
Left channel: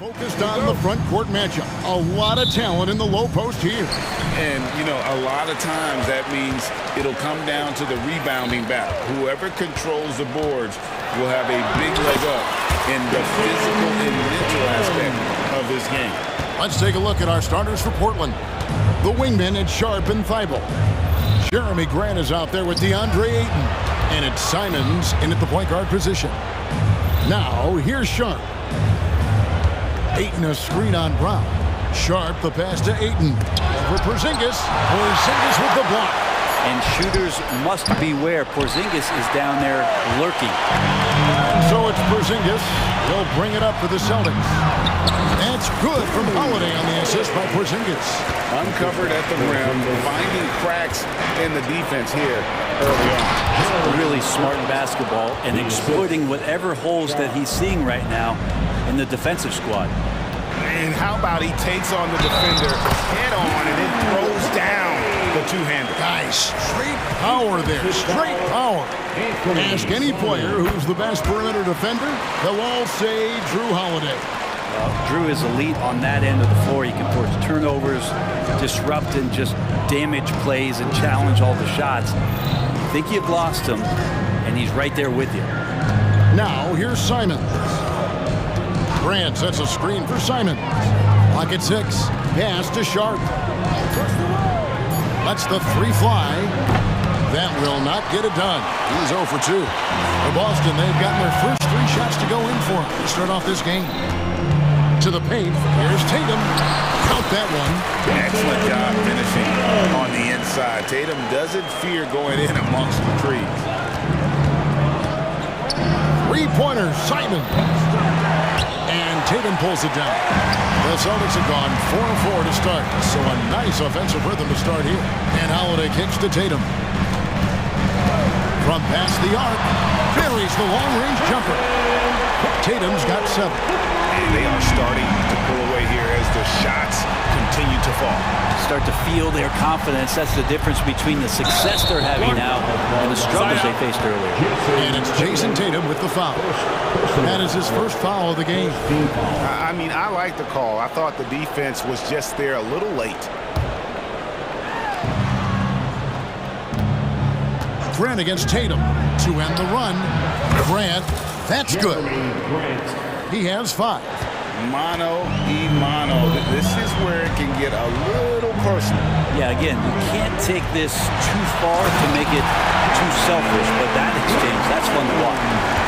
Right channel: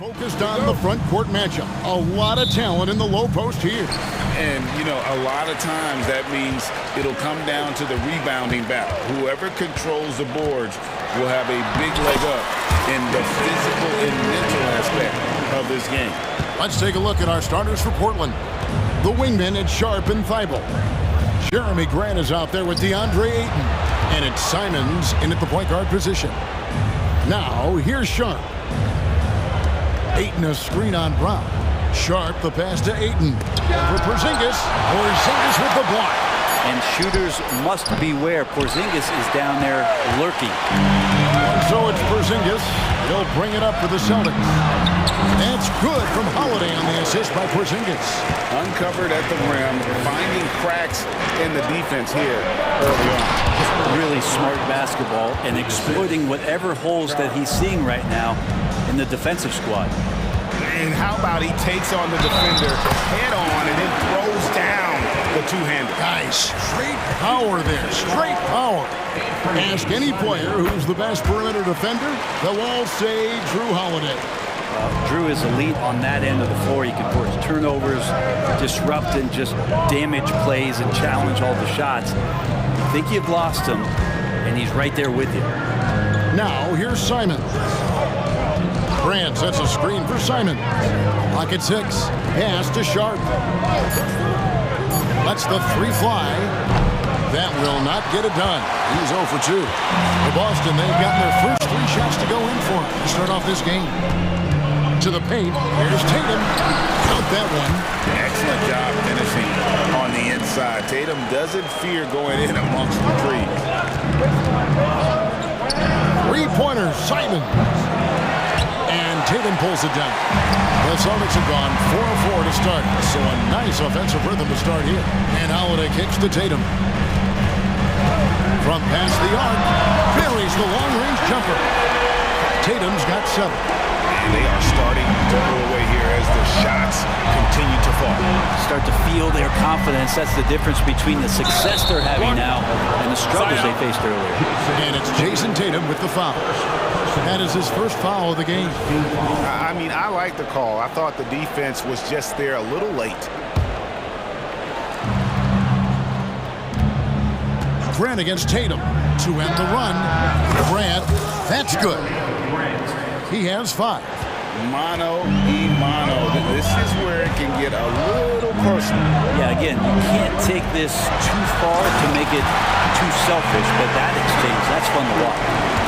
Focused on the front court matchup. A lot of talent in the low post here. And, you know, a lot of times that means it'll come down to the rebounding battle. Whoever controls the boards will have a big leg up in the physical and mental aspect of this game. Let's take a look at our starters for Portland. The wingmen at Sharp and Thibault. Jeremy Grant is out there with DeAndre Ayton. And it's Simons in at the point guard position. Now, here's Sharp. Ayton a screen on Brown. Sharp the pass to Ayton. Over Porzingis. Porzingis with the block. And shooters must beware. Porzingis is down there lurking. And so it's Porzingis. He'll bring it up for the Celtics. That's good from Holiday on the assist by Porzingis. Uncovered at the rim, finding cracks in the defense here early on. Really smart basketball and exploiting whatever holes that he's seeing right now in the defensive squad. And how about he takes on the defender head on and then throws down the two-hander. Guys, straight power there. Straight power. Ask any player who's the best perimeter defender, they'll all say Drew Holiday. Drew is elite on that end of the floor. He can force turnovers, disrupt and just damage plays and challenge all the shots. You think you've lost him, and he's right there with you. Now, here's Simons. Grant sets a screen for Simons. Pocket 6. Pass to Sharp. Lets the three fly. That will not get it done. He's 0 for 2. For Boston, they've gotten their first 3 shots to go in for to start off this game. To the paint. Here's Tatum. Count that one. Excellent job finishing on the inside. Tatum doesn't fear going in amongst the trees. Three-pointer, Simons. And Tatum pulls it down. The Celtics have gone 4-4 to start, so a nice offensive rhythm to start here. And Holiday kicks to Tatum. From past the arc, buries the long-range jumper. Tatum's got 7. And they are starting to pull away here as the shots continue to fall. Start to feel their confidence. That's the difference between the success they're having now and the struggles they faced earlier. And it's Jason Tatum with the foul. That is his first foul of the game. I mean, I like the call. I thought the defense was just there a little late. Grant against Tatum to end the run. Grant, that's good. He has 5. Mano y mano. This is where it can get a little personal. Yeah, again, you can't take this too far to make it too selfish, but that exchange, that's fun to watch.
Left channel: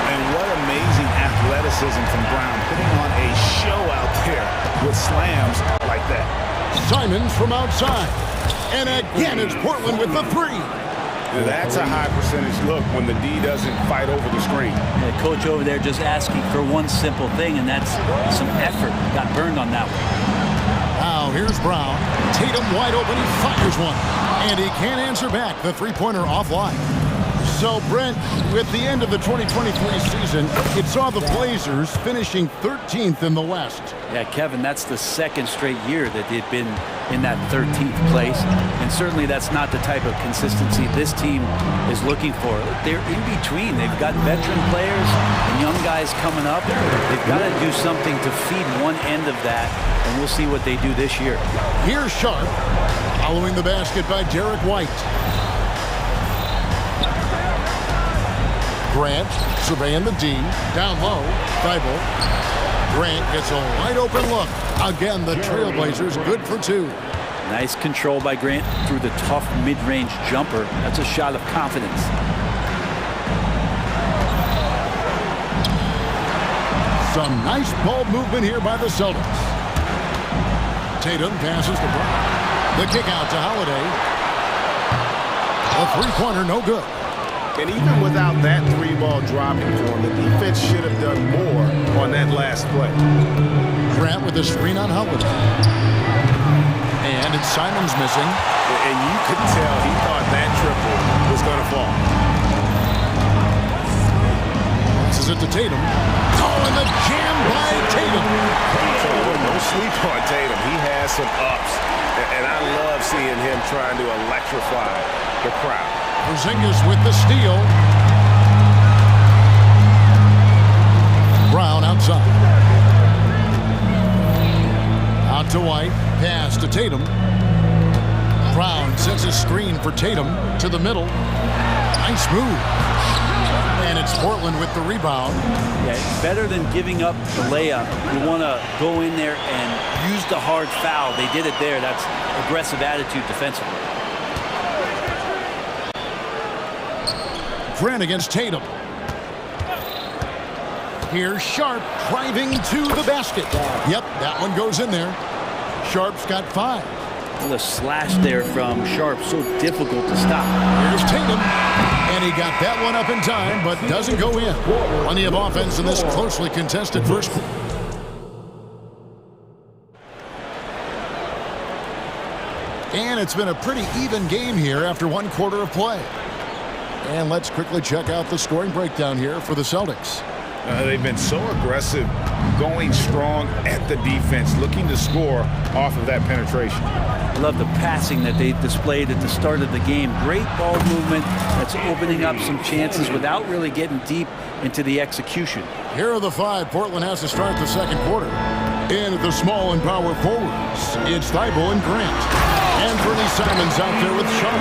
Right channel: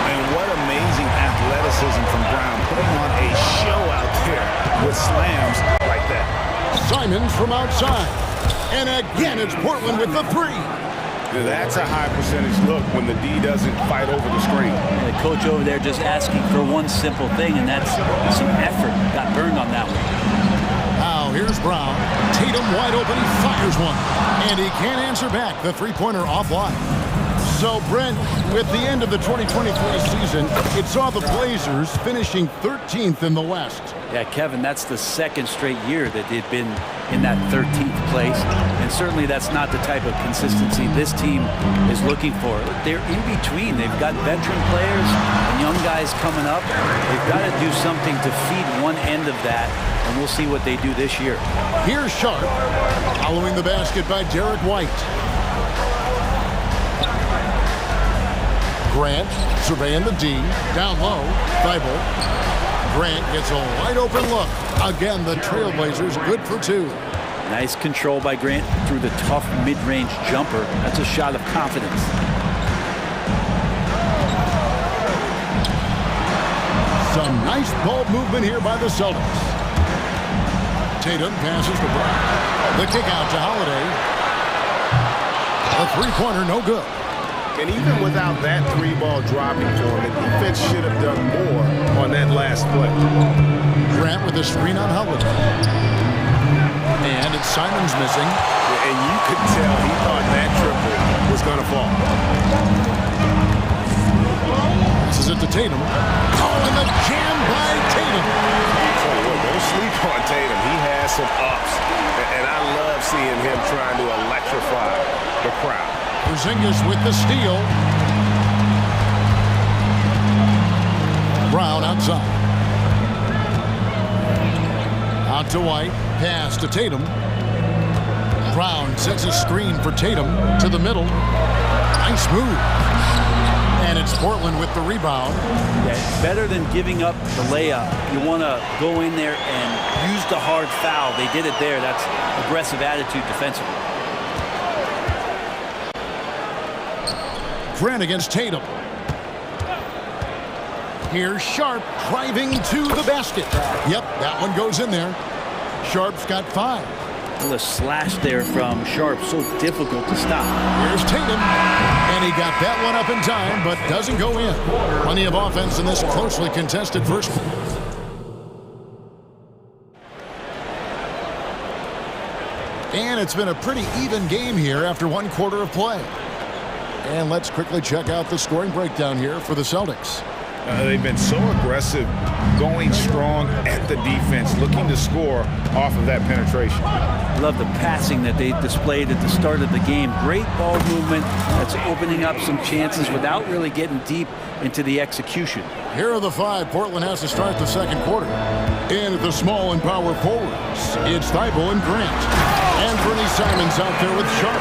And what amazing athleticism from Brown, putting on a show out there with slams like that. Simons from outside. And again, it's Portland with the 3. That's a high percentage look when the D doesn't fight over the screen. Yeah, the coach over there just asking for one simple thing, and that's some effort. Got burned on that one. Now here's Brown. Tatum wide open. He fires one. And he can't answer back. The three-pointer offline. So, Brent, with the end of the 2023 season, it saw the Blazers finishing 13th in the West. Yeah, Kevin, that's the second straight year that they've been in that 13th place. And certainly that's not the type of consistency this team is looking for. They're in between. They've got veteran players and young guys coming up. They've got to do something to feed one end of that, and we'll see what they do this year. Here's Sharp, following the basket by Derek White. Grant surveying the D, down low, Thibault. Grant gets a wide open look. Again, the Trailblazers good for 2. Nice control by Grant through the tough mid-range jumper. That's a shot of confidence. Some nice ball movement here by the Celtics. Tatum passes to Brown. The kick out to Holiday. A three-pointer, no good. And even without that 3-ball dropping for him, the defense should have done more on that last play. Grant with a screen on Holiday. And it's Simons missing. And you could tell he thought that triple was going to fall. Passes it to Tatum. Oh, and the jam by Tatum. I'll tell you what, don't sleep on Tatum. He has some ups. And I love seeing him trying to electrify the crowd. Porzingis with the steal. Brown outside. Out to White. Pass to Tatum. Brown sets a screen for Tatum to the middle. Nice move. And it's Portland with the rebound. Yeah, it's better than giving up the layup. You want to go in there and use the hard foul. They did it there. That's aggressive attitude defensively. Grant against Tatum. Here's Sharp driving to the basket. Yep, that one goes in there. Sharp's got 5. Well, the slash there from Sharp, so difficult to stop. Here's Tatum, and he got that one up in time, but doesn't go in. Plenty of offense in this closely contested first. And it's been a pretty even game here after 1 quarter of play. And let's quickly check out the scoring breakdown here for the Celtics. They've been so aggressive, going strong at the defense, looking to score off of that penetration. Love the passing that they displayed at the start of the game. Great ball movement that's opening up some chances without really getting deep into the execution. Here are the 5 Portland has to start the second quarter. In at the small and power forwards, it's Thibault and Grant. And Bernie Simons out there with Sharp.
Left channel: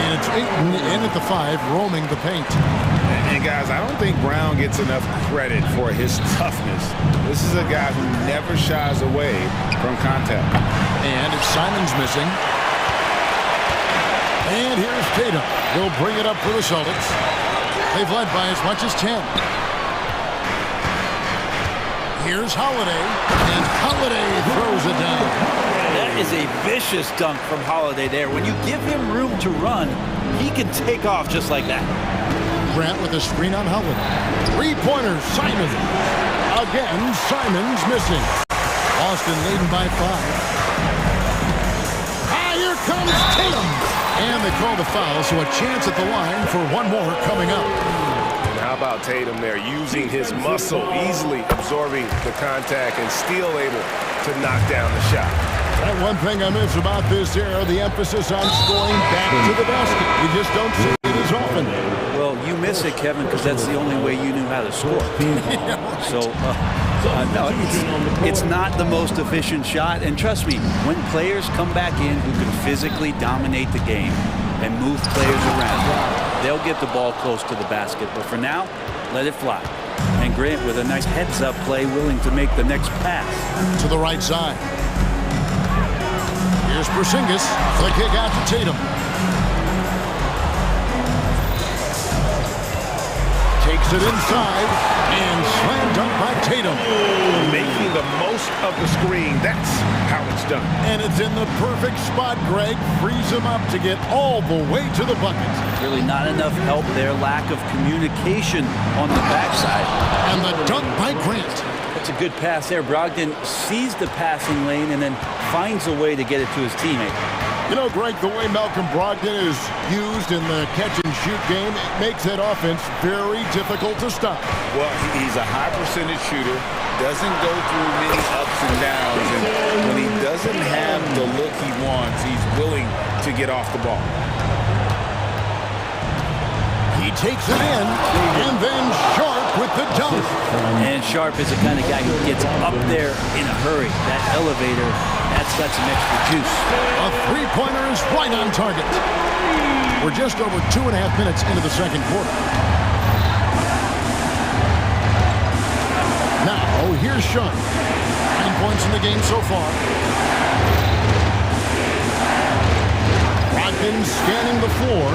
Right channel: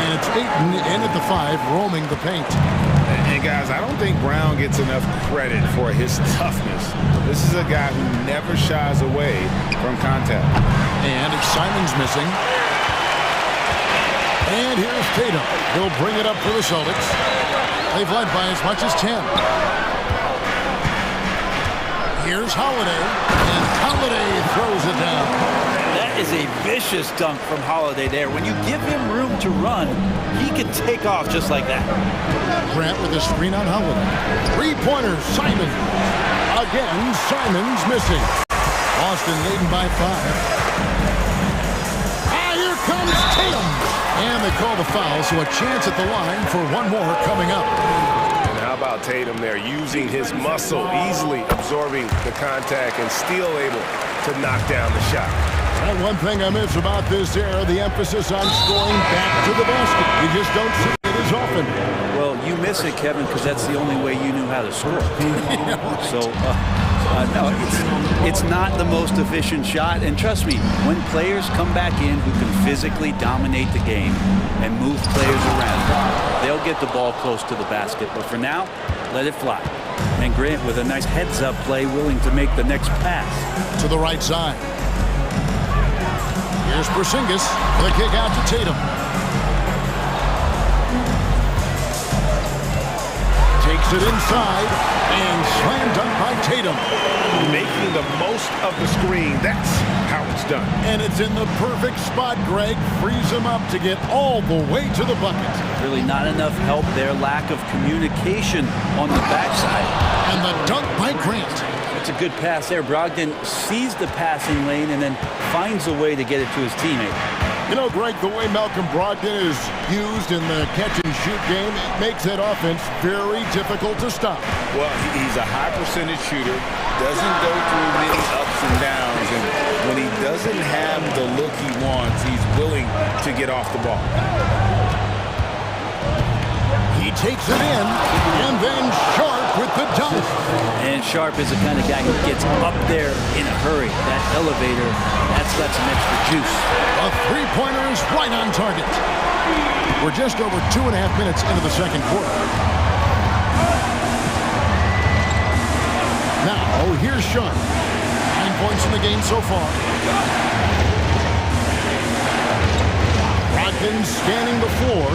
And it's Ayton in at the 5, roaming the paint. And guys, I don't think Brown gets enough credit for his toughness. This is a guy who never shies away from contact. And it's Simons missing. And here's Tatum. He'll bring it up for the Celtics. They've led by as much as 10. Here's Holiday. And Holiday throws it down. That is a vicious dunk from Holiday there. When you give him room to run, he can take off just like that. Grant with a screen on Holiday. 3-pointer, Simons. Again, Simons missing. Boston leading by 5. Here comes Tatum. And they call the foul, so a chance at the line for one more coming up. And how about Tatum there, using his muscle, easily absorbing the contact and still able to knock down the shot. That one thing I miss about this era, the emphasis on scoring back to the basket. You just don't see it as often. Well, you miss it, Kevin, because that's the only way you knew how to score. So, no, it's not the most efficient shot. And trust me, when players come back in who can physically dominate the game and move players around, they'll get the ball close to the basket. But for now, let it fly. And Grant with a nice heads-up play, willing to make the next pass. To the right side. Here's Porzingis. The kick out to Tatum. Takes it inside and slam dunk by Tatum. Making the most of the screen. That's how it's done. And it's in the perfect spot, Greg. Frees him up to get all the way to the bucket. Really not enough help there. Lack of communication on the backside. And the dunk by Grant. That's a good pass there. Brogdon sees the passing lane and then finds a way to get it to his teammate. You know, Greg, the way Malcolm Brogdon is used in the catch-and-shoot game, it makes that offense very difficult to stop. Well, he's a high-percentage shooter, doesn't go through many ups and downs, and when he doesn't have the look he wants, he's willing to get off the ball. He takes it in, and then Sharp with the dunk. And Sharp is the kind of guy who gets up there in a hurry. That elevator, that's got some extra juice. A three-pointer is right on target. We're just over 2.5 minutes into the second quarter. Now, here's Sean. 9 points in the game so far. Brogdon scanning the floor.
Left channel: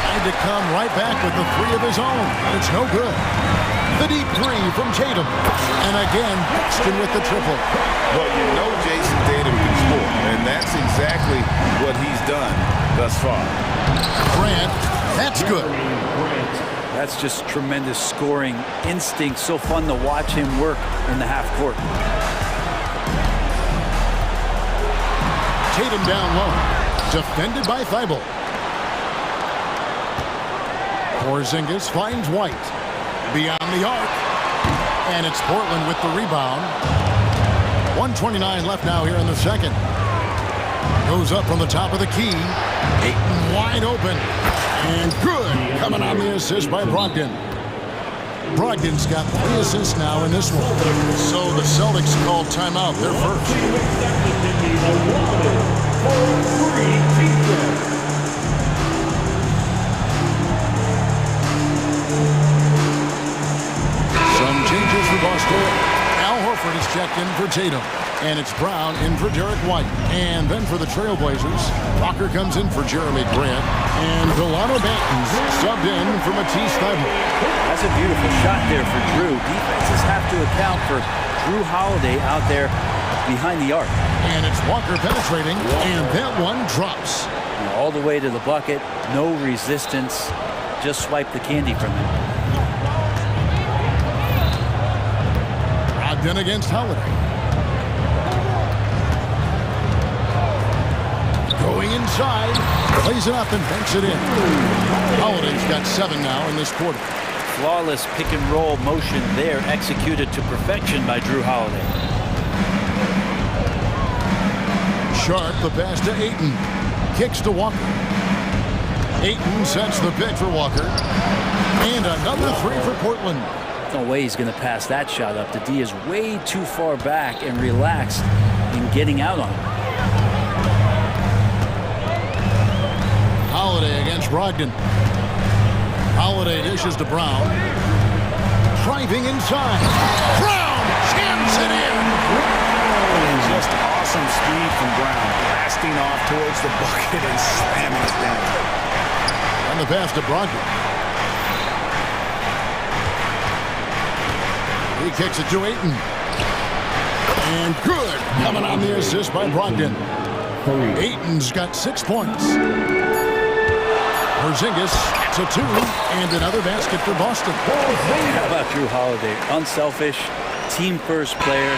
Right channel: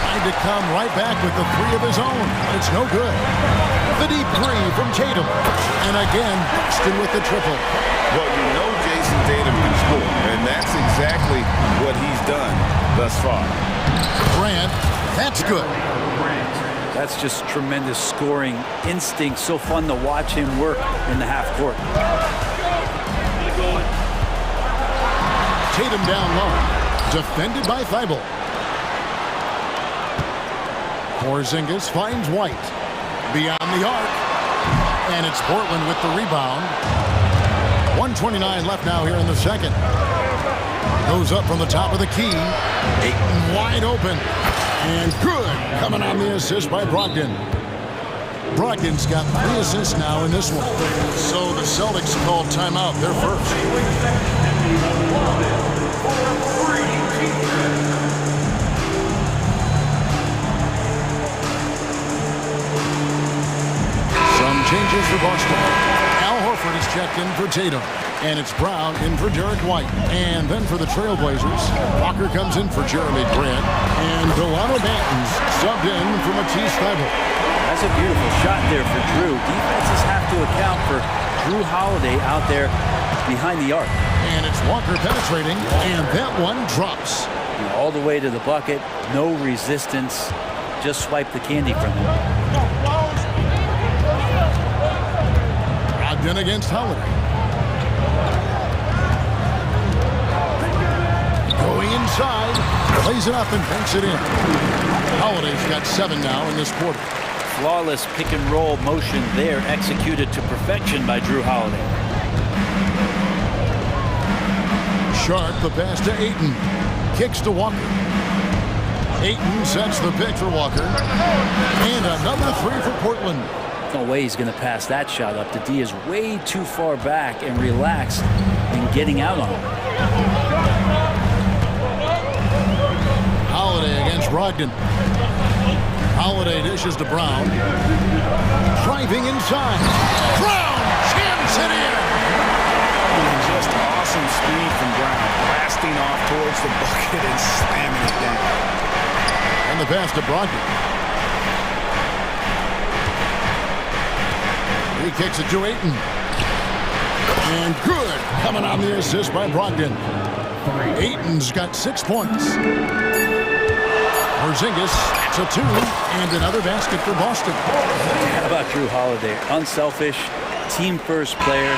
Tried to come right back with the 3 of his own, but it's no good. The deep 3 from Tatum. And again, Boston with the triple. Well, you know Jason Tatum can score, and that's exactly what he's done thus far. Grant, that's good. That's just tremendous scoring instinct. So fun to watch him work in the half court. Tatum down low. Defended by Thibault. Porzingis finds White. Beyond the arc. And it's Portland with the rebound. 1:29 left now here in the second. Goes up from the top of the key. Ayton wide open. And good. Coming on the assist by Brogdon. Brogdon's got 3 assists now in this one. So the Celtics called timeout. They're first. Some changes for Boston. Al Horford is checked in for Tatum. And it's Brown in for Derek White. And then for the Trailblazers, Walker comes in for Jeremy Grant. And Delano Banton's subbed in for Matisse Thybulle. That's a beautiful shot there for Drew. Defenses have to account for Drew Holiday out there behind the arc. And it's Walker penetrating, and that one drops. All the way to the bucket, no resistance. Just swipe the candy from him. Brogdon against Holiday. Going inside, plays it up and banks it in. Holiday's got 7 now in this quarter. Flawless pick and roll motion there, executed to perfection by Drew Holiday. Sharp, the pass to Ayton. Kicks to Walker. Ayton sets the pick for Walker. And another 3 for Portland. No way he's going to pass that shot up. The D is way too far back and relaxed in getting out on him. Holiday against Brogdon. Holiday dishes to Brown. Driving inside. Brown jams it in. And just awesome speed from Brown. Blasting off towards the bucket and slamming it down. And the pass to Brogdon. He kicks it to Ayton. And good. Coming on the assist by Brogdon. Ayton's got 6 points. Porzingis, it's a 2, and another basket for Boston. How about Drew Holiday? Unselfish, team-first player.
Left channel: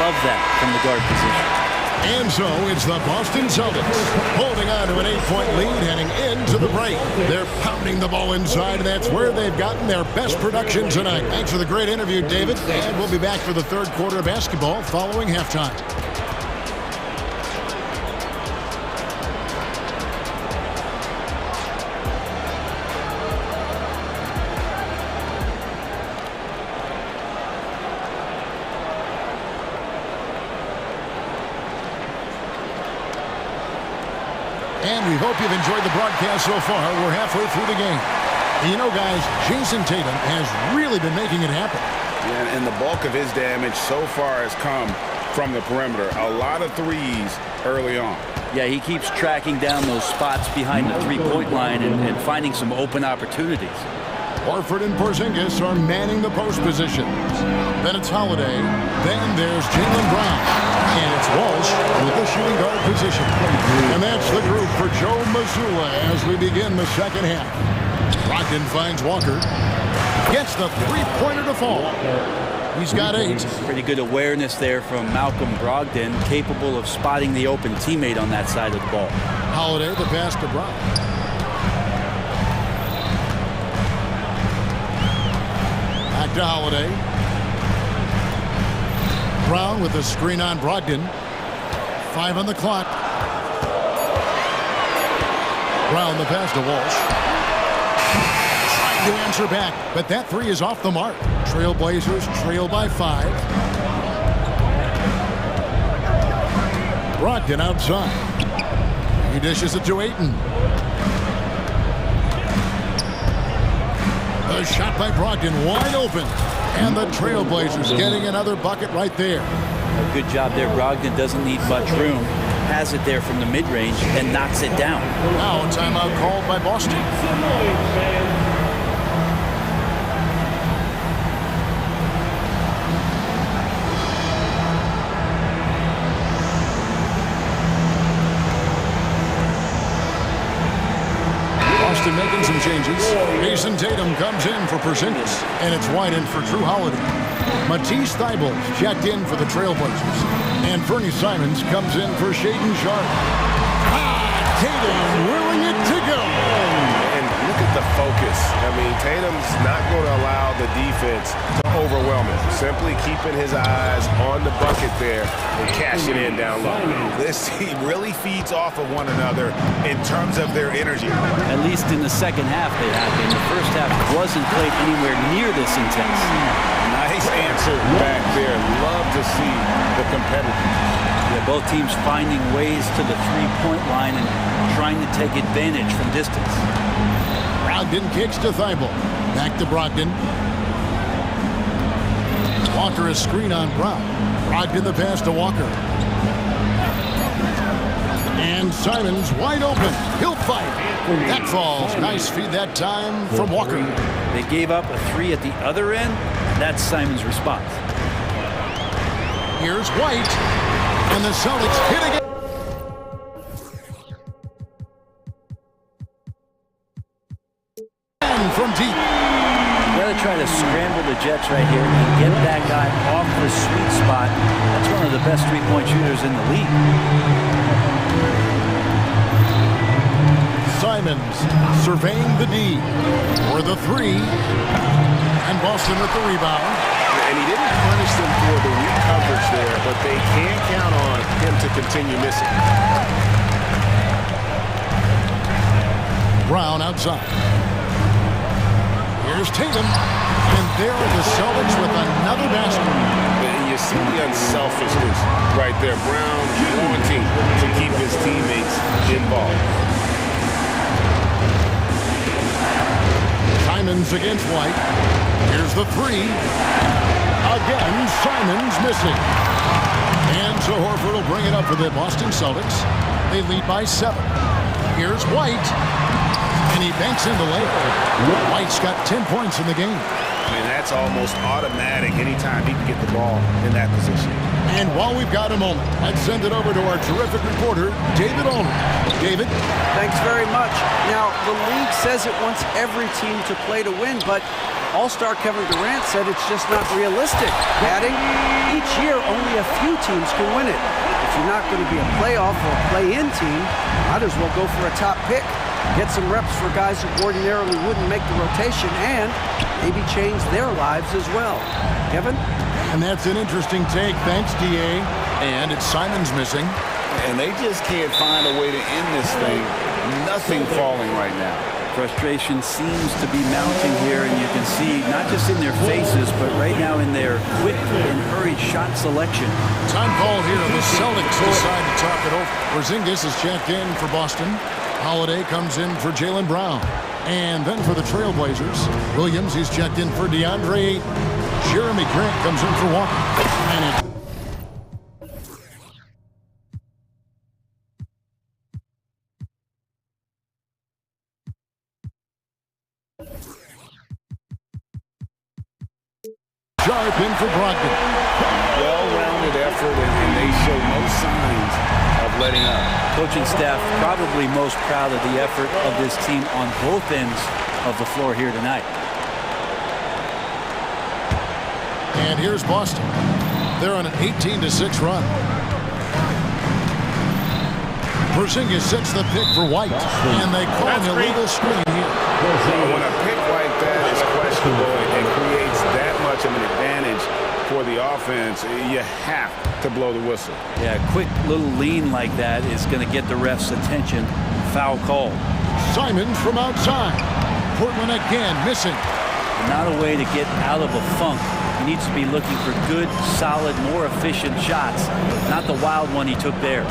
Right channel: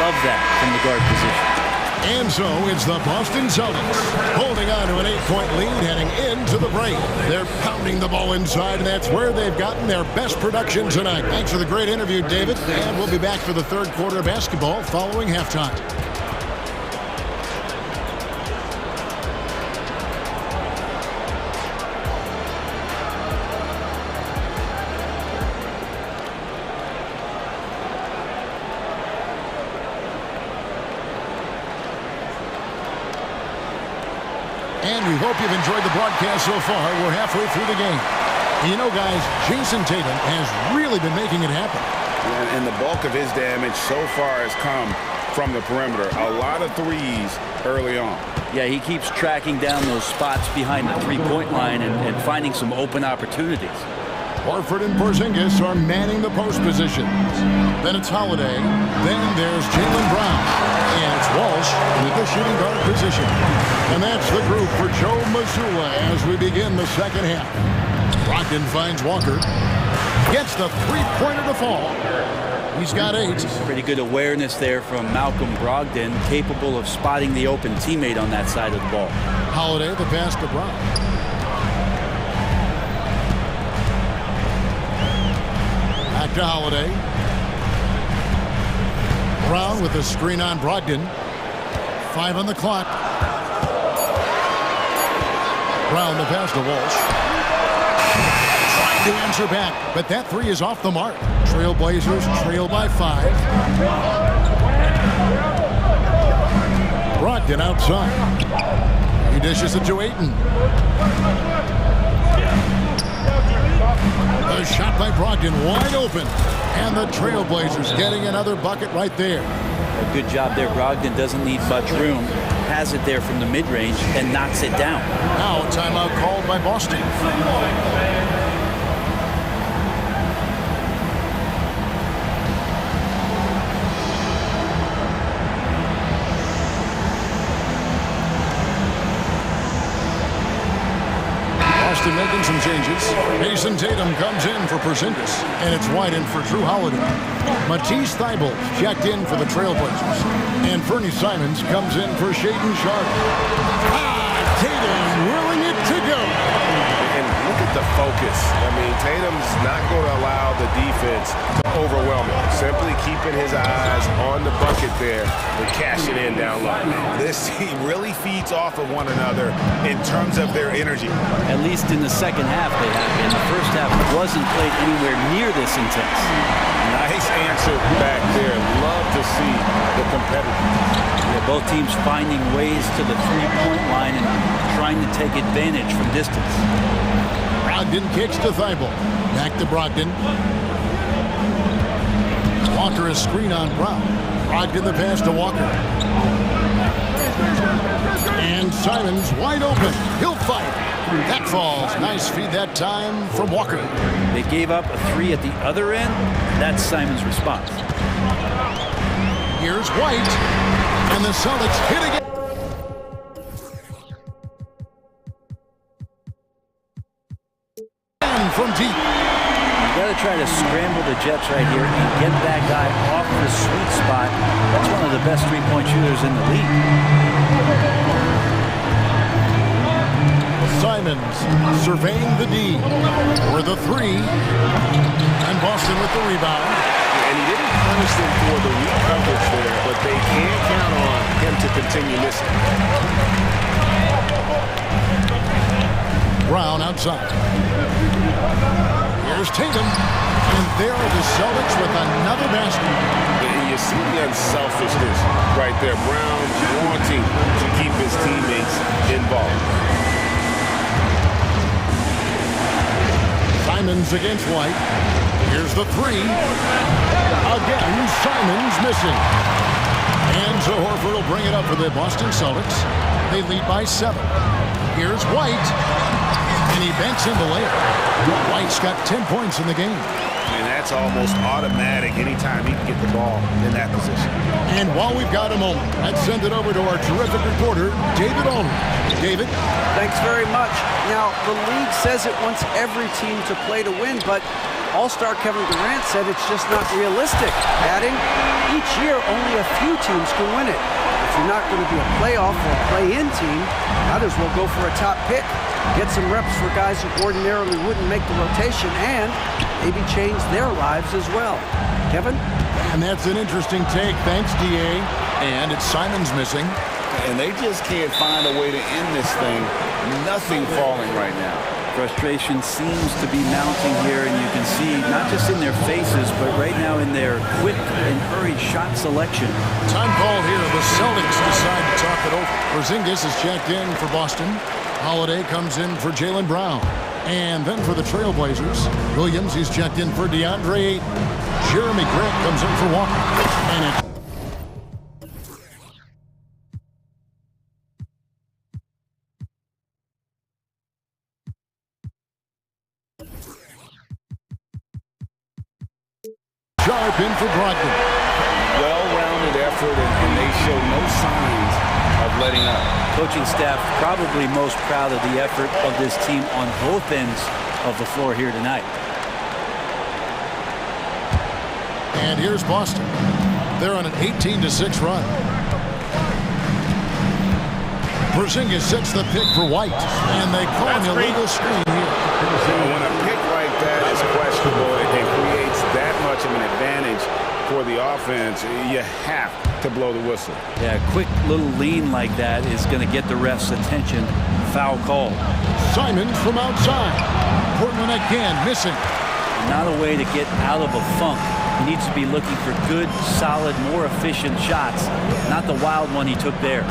Love that from the guard position. And so it's the Boston Celtics holding on to an 8-point lead heading into the break. They're pounding the ball inside, and that's where they've gotten their best production tonight. Thanks for the great interview, David. And we'll be back for the third quarter of basketball following halftime. And we hope you've enjoyed the broadcast so far. We're halfway through the game. And you know, guys, Jason Tatum has really been making it happen. Yeah, and the bulk of his damage so far has come from the perimeter. A lot of threes early on. Yeah, he keeps tracking down those spots behind the three-point line and finding some open opportunities. Horford and Porzingis are manning the post positions. Then it's Holiday. Then there's Jaylen Brown. And it's Walsh in the shooting guard position. And that's the group for Joe Mazzulla as we begin the second half. Brogdon finds Walker. Gets the three-pointer to fall. He's got 8. Pretty good awareness there from Malcolm Brogdon, capable of spotting the open teammate on that side of the ball. Holiday, the pass to Brown. Back to Holiday. Brown with the screen on Brogdon. 5 on the clock. Brown the pass to Walsh. Trying to answer back, but that 3 is off the mark. Trailblazers trail by 5. Brogdon outside. He dishes it to Ayton. The shot by Brogdon wide open. And the Trailblazers getting another bucket right there. A good job there. Brogdon doesn't need much room. Has it there from the mid-range and knocks it down. Now a timeout called by Boston. Boston making some changes. Jason Tatum comes in for Porzingis, and it's White in for Drew Holiday. Matisse Thybulle checked in for the Trailblazers, and Fernie Simons comes in for Shaedon Sharpe. Tatum willing it to go. And Look at the focus. I mean, Tatum's not going to allow the defense to overwhelm him. Simply keeping his eyes on the bucket there and cashing in down low. This team really feeds off of one another in terms of their energy. At least in the second half they have been. The first half wasn't played anywhere near this intense. Nice answer back there. Love to see the competitiveness. Yeah, both teams finding ways to the three-point line and trying to take advantage from distance. Brogdon kicks to Thibault. Back to Brogdon. Walker a screen on Brown. Brogdon the pass to Walker. And Simons wide open. He'll fight. That falls. Nice feed that time from Walker. They gave up a three at the other end. That's Simons' response. Here's White. And the Celtics hit again. And from deep. You got to try to scramble the Jets right here and get that guy off the sweet spot. That's one of the best three-point shooters in the league. Simons surveying the D for the three. And Boston with the rebound. And he didn't punish them for the weak coverage there, but they can't count on him to continue missing. Brown outside. Here's Tatum. And there are the Celtics with another basket. And you see the unselfishness right there. Brown wanting to keep his teammates involved. Simons against White. Here's the three. Again, Simons missing. And so Horford will bring it up for the Boston Celtics. They lead by 7. Here's White. And he banks in the layup. White's got 10 points in the game. I mean, that's almost automatic anytime he can get the ball in that position. And while we've got a moment, let's send it over to our terrific reporter, David Ulrich. David? Thanks very much. Now, the league says it wants every team to play to win, but All-Star Kevin Durant said it's just not realistic, adding, each year only a few teams can win it. If you're not going to be a playoff or play-in team, might as well go for a top pick, get some reps for guys who ordinarily wouldn't make the rotation, and maybe change their lives as well. Kevin? And that's an interesting take. Thanks, DA. And it's Simons missing. And they just can't find a way to end this thing. Nothing falling right now. Frustration seems to be mounting here, and you can see not just in their faces, but right now in their quick and hurried shot selection. Time call here. The Celtics decide to talk it over. Porzingis is checked in for Boston. Holiday comes in for Jaylen Brown. And then for the Trailblazers, Williams, he's checked in for DeAndre Ayton. Jeremy Grant comes in for Walker. And it Sharp in for Brogdon. Well-rounded effort, and they show no signs of letting up. Coaching staff probably most proud of the effort of this team on both ends of the floor here tonight. And here's Boston. They're on an 18-6 run. Porzingis sets the pick for White, and they call an illegal screen here. When a pick like that is questionable and creates that much of an advantage for the offense, you have to blow the whistle. Yeah, a quick little lean like that is going to get the ref's attention. Foul call. Simons from outside. Portland again missing. Not a way to get out of a funk. He needs to be looking for good, solid, more efficient shots, not the wild one he took there.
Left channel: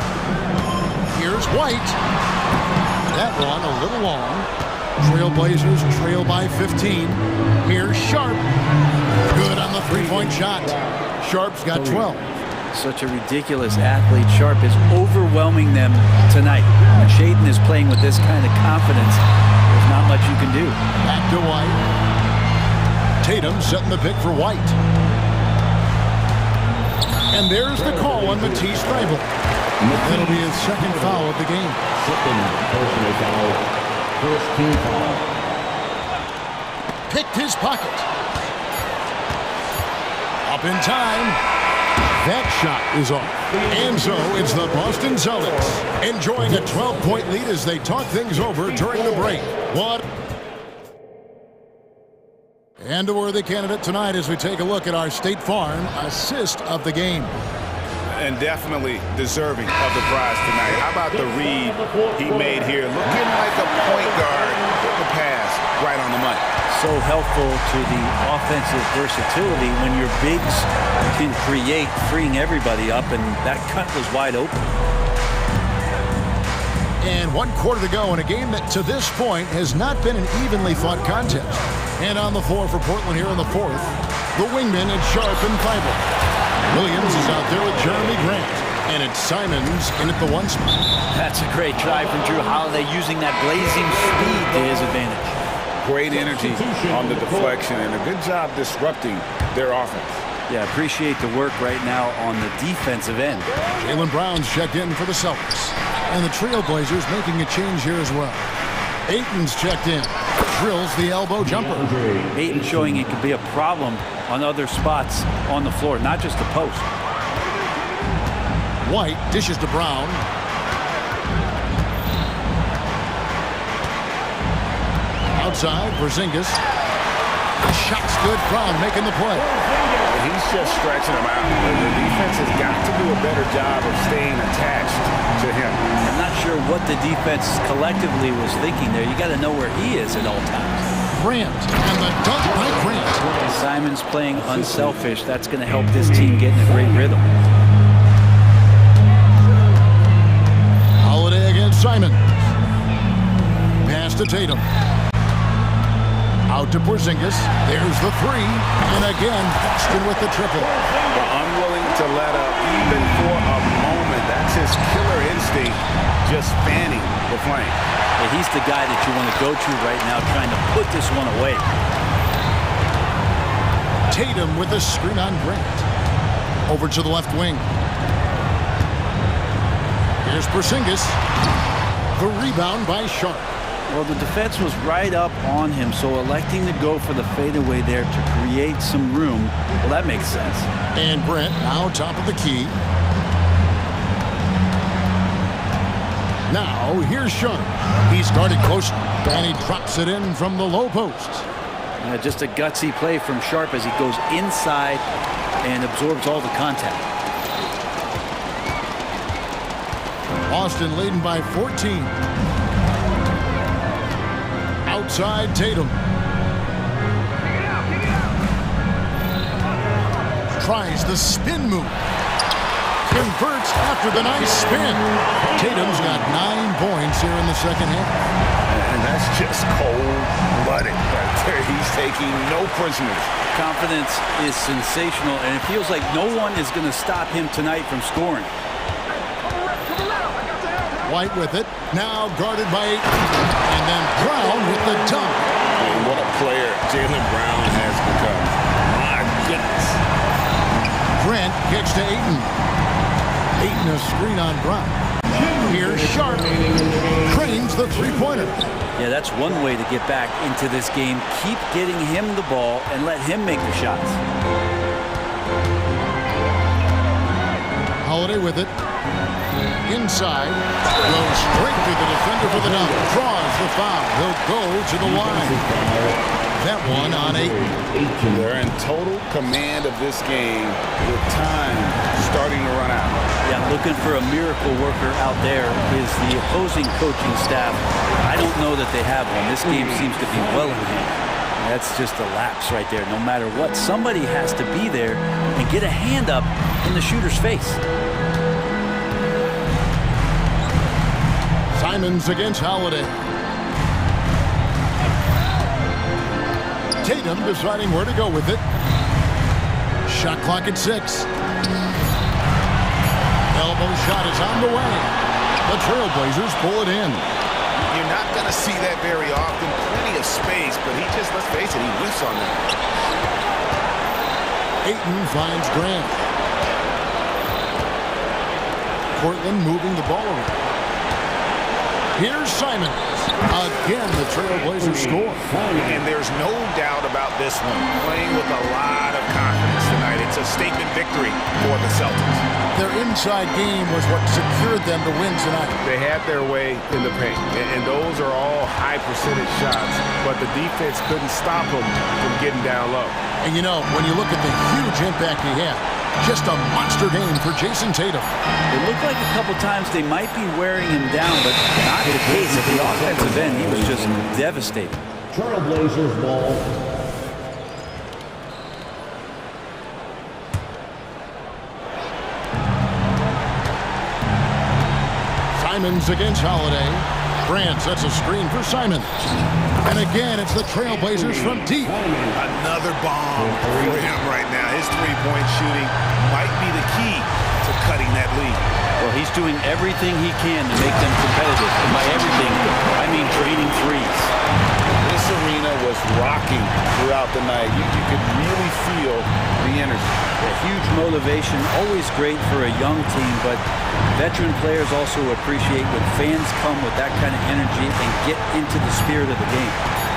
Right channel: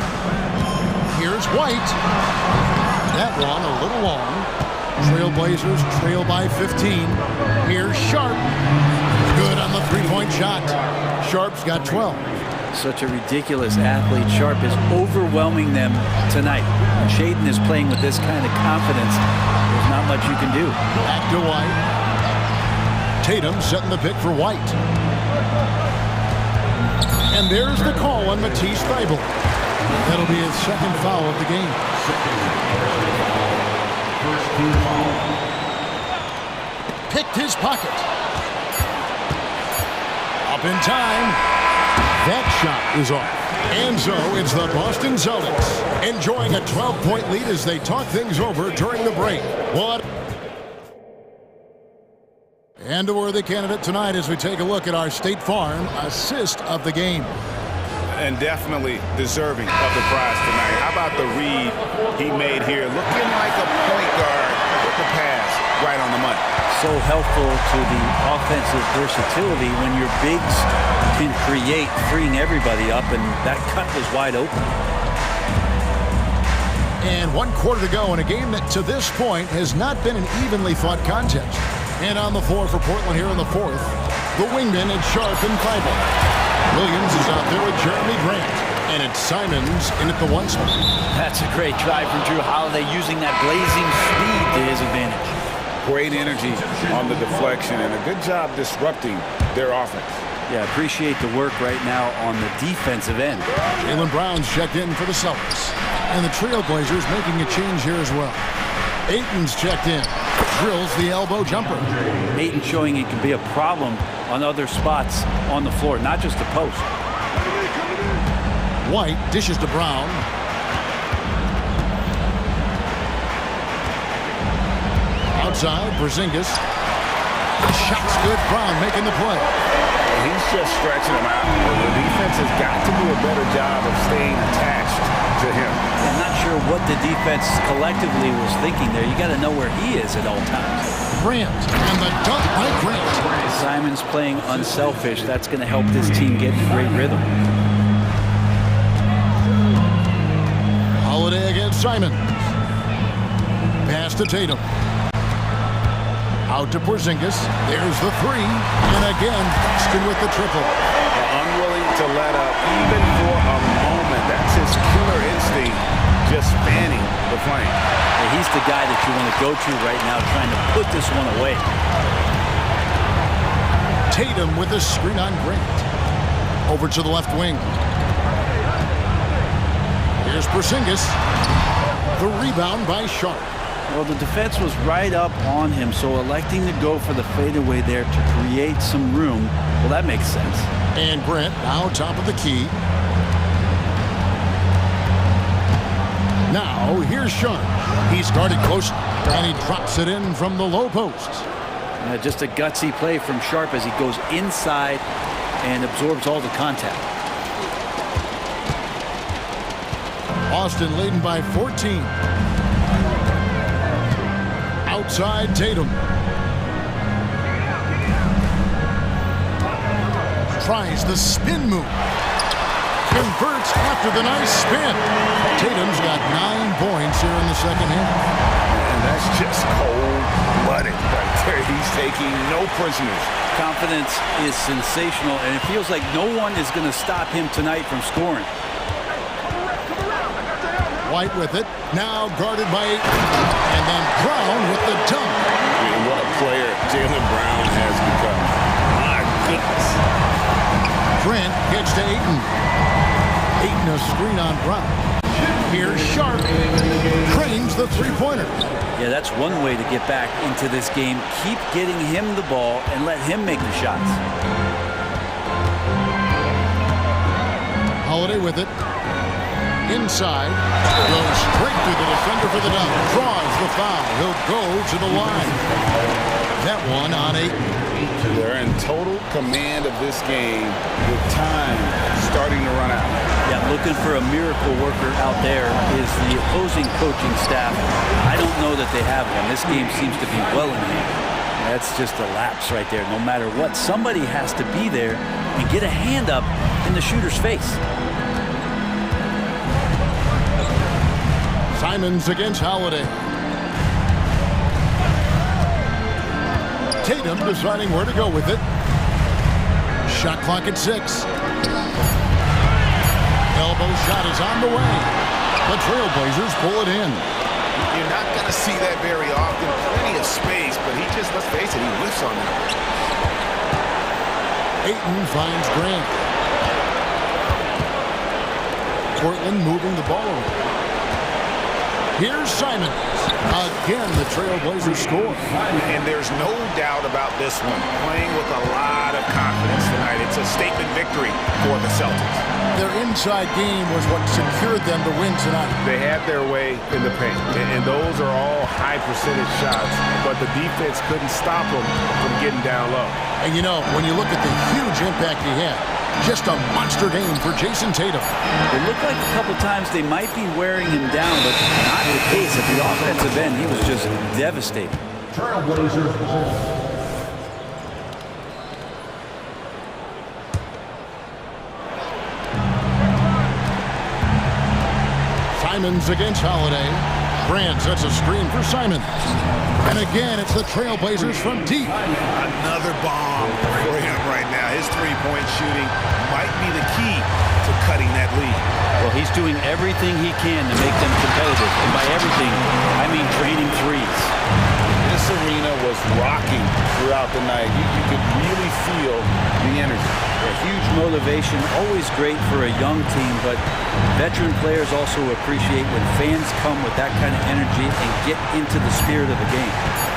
Here's White. That one a little long. Trailblazers trail by 15. Here's Sharp. Good on the three-point shot. Sharp's got 12. Such a ridiculous athlete. Sharp is overwhelming them tonight. When Shaden is playing with this kind of confidence, there's not much you can do. Back to White. Tatum setting the pick for White. And there's the call on Matisse Thybulle. That'll be his second foul of the game. First team foul. Picked his pocket. Up in time. That shot is off. And so it's the Boston Celtics enjoying a 12-point lead as they talk things over during the break. What? And a worthy candidate tonight as we take a look at our State Farm assist of the game. And definitely deserving of the prize tonight. How about the read he made here? Looking like a point guard, putting the pass right on the money. So helpful to the offensive versatility when your bigs can create, freeing everybody up, and that cut was wide open. And 1 quarter to go in a game that to this point has not been an evenly fought contest. And on the floor for Portland here in the fourth, the wingmen at Sharp and Thibault. Williams is out there with Jeremy Grant. And it's Simons in at the 1 spot. That's a great try from Drew Holiday, using that blazing speed to his advantage. Great energy on the deflection and a good job disrupting their offense. Yeah, appreciate the work right now on the defensive end. Jaylen Brown's checked in for the Celtics. And the Trailblazers making a change here as well. Ayton's checked in. Drills the elbow jumper. Ayton showing it can be a problem on other spots on the floor, not just the post. White dishes to Brown. Outside, Porzingis. The shot's good. Brown making the play. He's just stretching him out. The defense has got to do a better job of staying attached to him. I'm not sure what the defense collectively was thinking there. You got to know where he is at all times. Grant, and the dunk by Grant. Simon's playing unselfish. That's going to help this team get in a great rhythm. Holiday against Simons. Pass to Tatum. Out to Porzingis. There's the 3. And again, Boston with the triple. Unwilling to let up even for a moment. That's his killer instinct, just fanning the flame. Yeah, he's the guy that you want to go to right now, trying to put this one away. Tatum with a screen on Grant. Over to the left wing. Here's Porzingis. The rebound by Sharp. Well, the defense was right up on him, so electing to go for the fadeaway there to create some room, well, that makes sense. And Brent now top of the key. Now, here's Sharp. He's guarded close, and he drops it in from the low post. Just a gutsy play from Sharp as he goes inside and absorbs all the contact. Boston leading by 14. Outside Tatum. Tries the spin move. Converts after the nice spin. Tatum's got 9 points here in the second half. And that's just cold-blooded right there. He's taking no prisoners. Confidence is sensational, and it feels like no one is going to stop him tonight from scoring. White with it. Now guarded by Ayton. And then Brown with the dunk. I mean, what a player Jaylen Brown has become. My goodness. Grant kicks to Ayton. Ayton a screen on Brown. Here's Sharp. Cranes the three-pointer. Yeah, that's one way to get back into this game. Keep getting him the ball and let him make the shots. Holiday with it. Inside. Goes straight through the defender for the dunk. Draws the foul. He'll go to the line. That one on Ayton. They're in total command of this game with time starting to run out. Yeah, looking for a miracle worker out there is the opposing coaching staff. I don't know that they have one. This game seems to be well in hand. That's just a lapse right there. No matter what, somebody has to be there and get a hand up in the shooter's face. Simons against Holiday. Tatum deciding where to go with it. Shot clock at 6. Elbow shot is on the way. The Trailblazers pull it in. You're not going to see that very often. Plenty of space, but he just, let's face it, he whiffs on that. Ayton finds Grant. Portland moving the ball around. Here's Simons. Again, the Trailblazers score. And there's no doubt about this one. Playing with a lot of confidence tonight. It's a statement victory for the Celtics. Their inside game was what secured them to win tonight. They had their way in the paint, and those are all high percentage shots, but the defense couldn't stop them from getting down low. And you know, when you look at the huge impact he had, just a monster game for Jason Tatum. It looked like a couple times they might be wearing him down, but not the case. At the offensive end, he was just devastating. Trailblazers ball. Simons against Holiday. Brand sets a screen for Simons. And again, it's the Trailblazers from deep. Another bomb for him right now. His three-point shooting might be the key to cutting that lead. Well, he's doing everything he can to make them competitive. And by everything, I mean draining threes. This arena was rocking throughout the night. You could really feel the energy. A huge motivation, always great for a young team, but veteran players also appreciate when fans come with that kind of energy and get into the spirit of the game.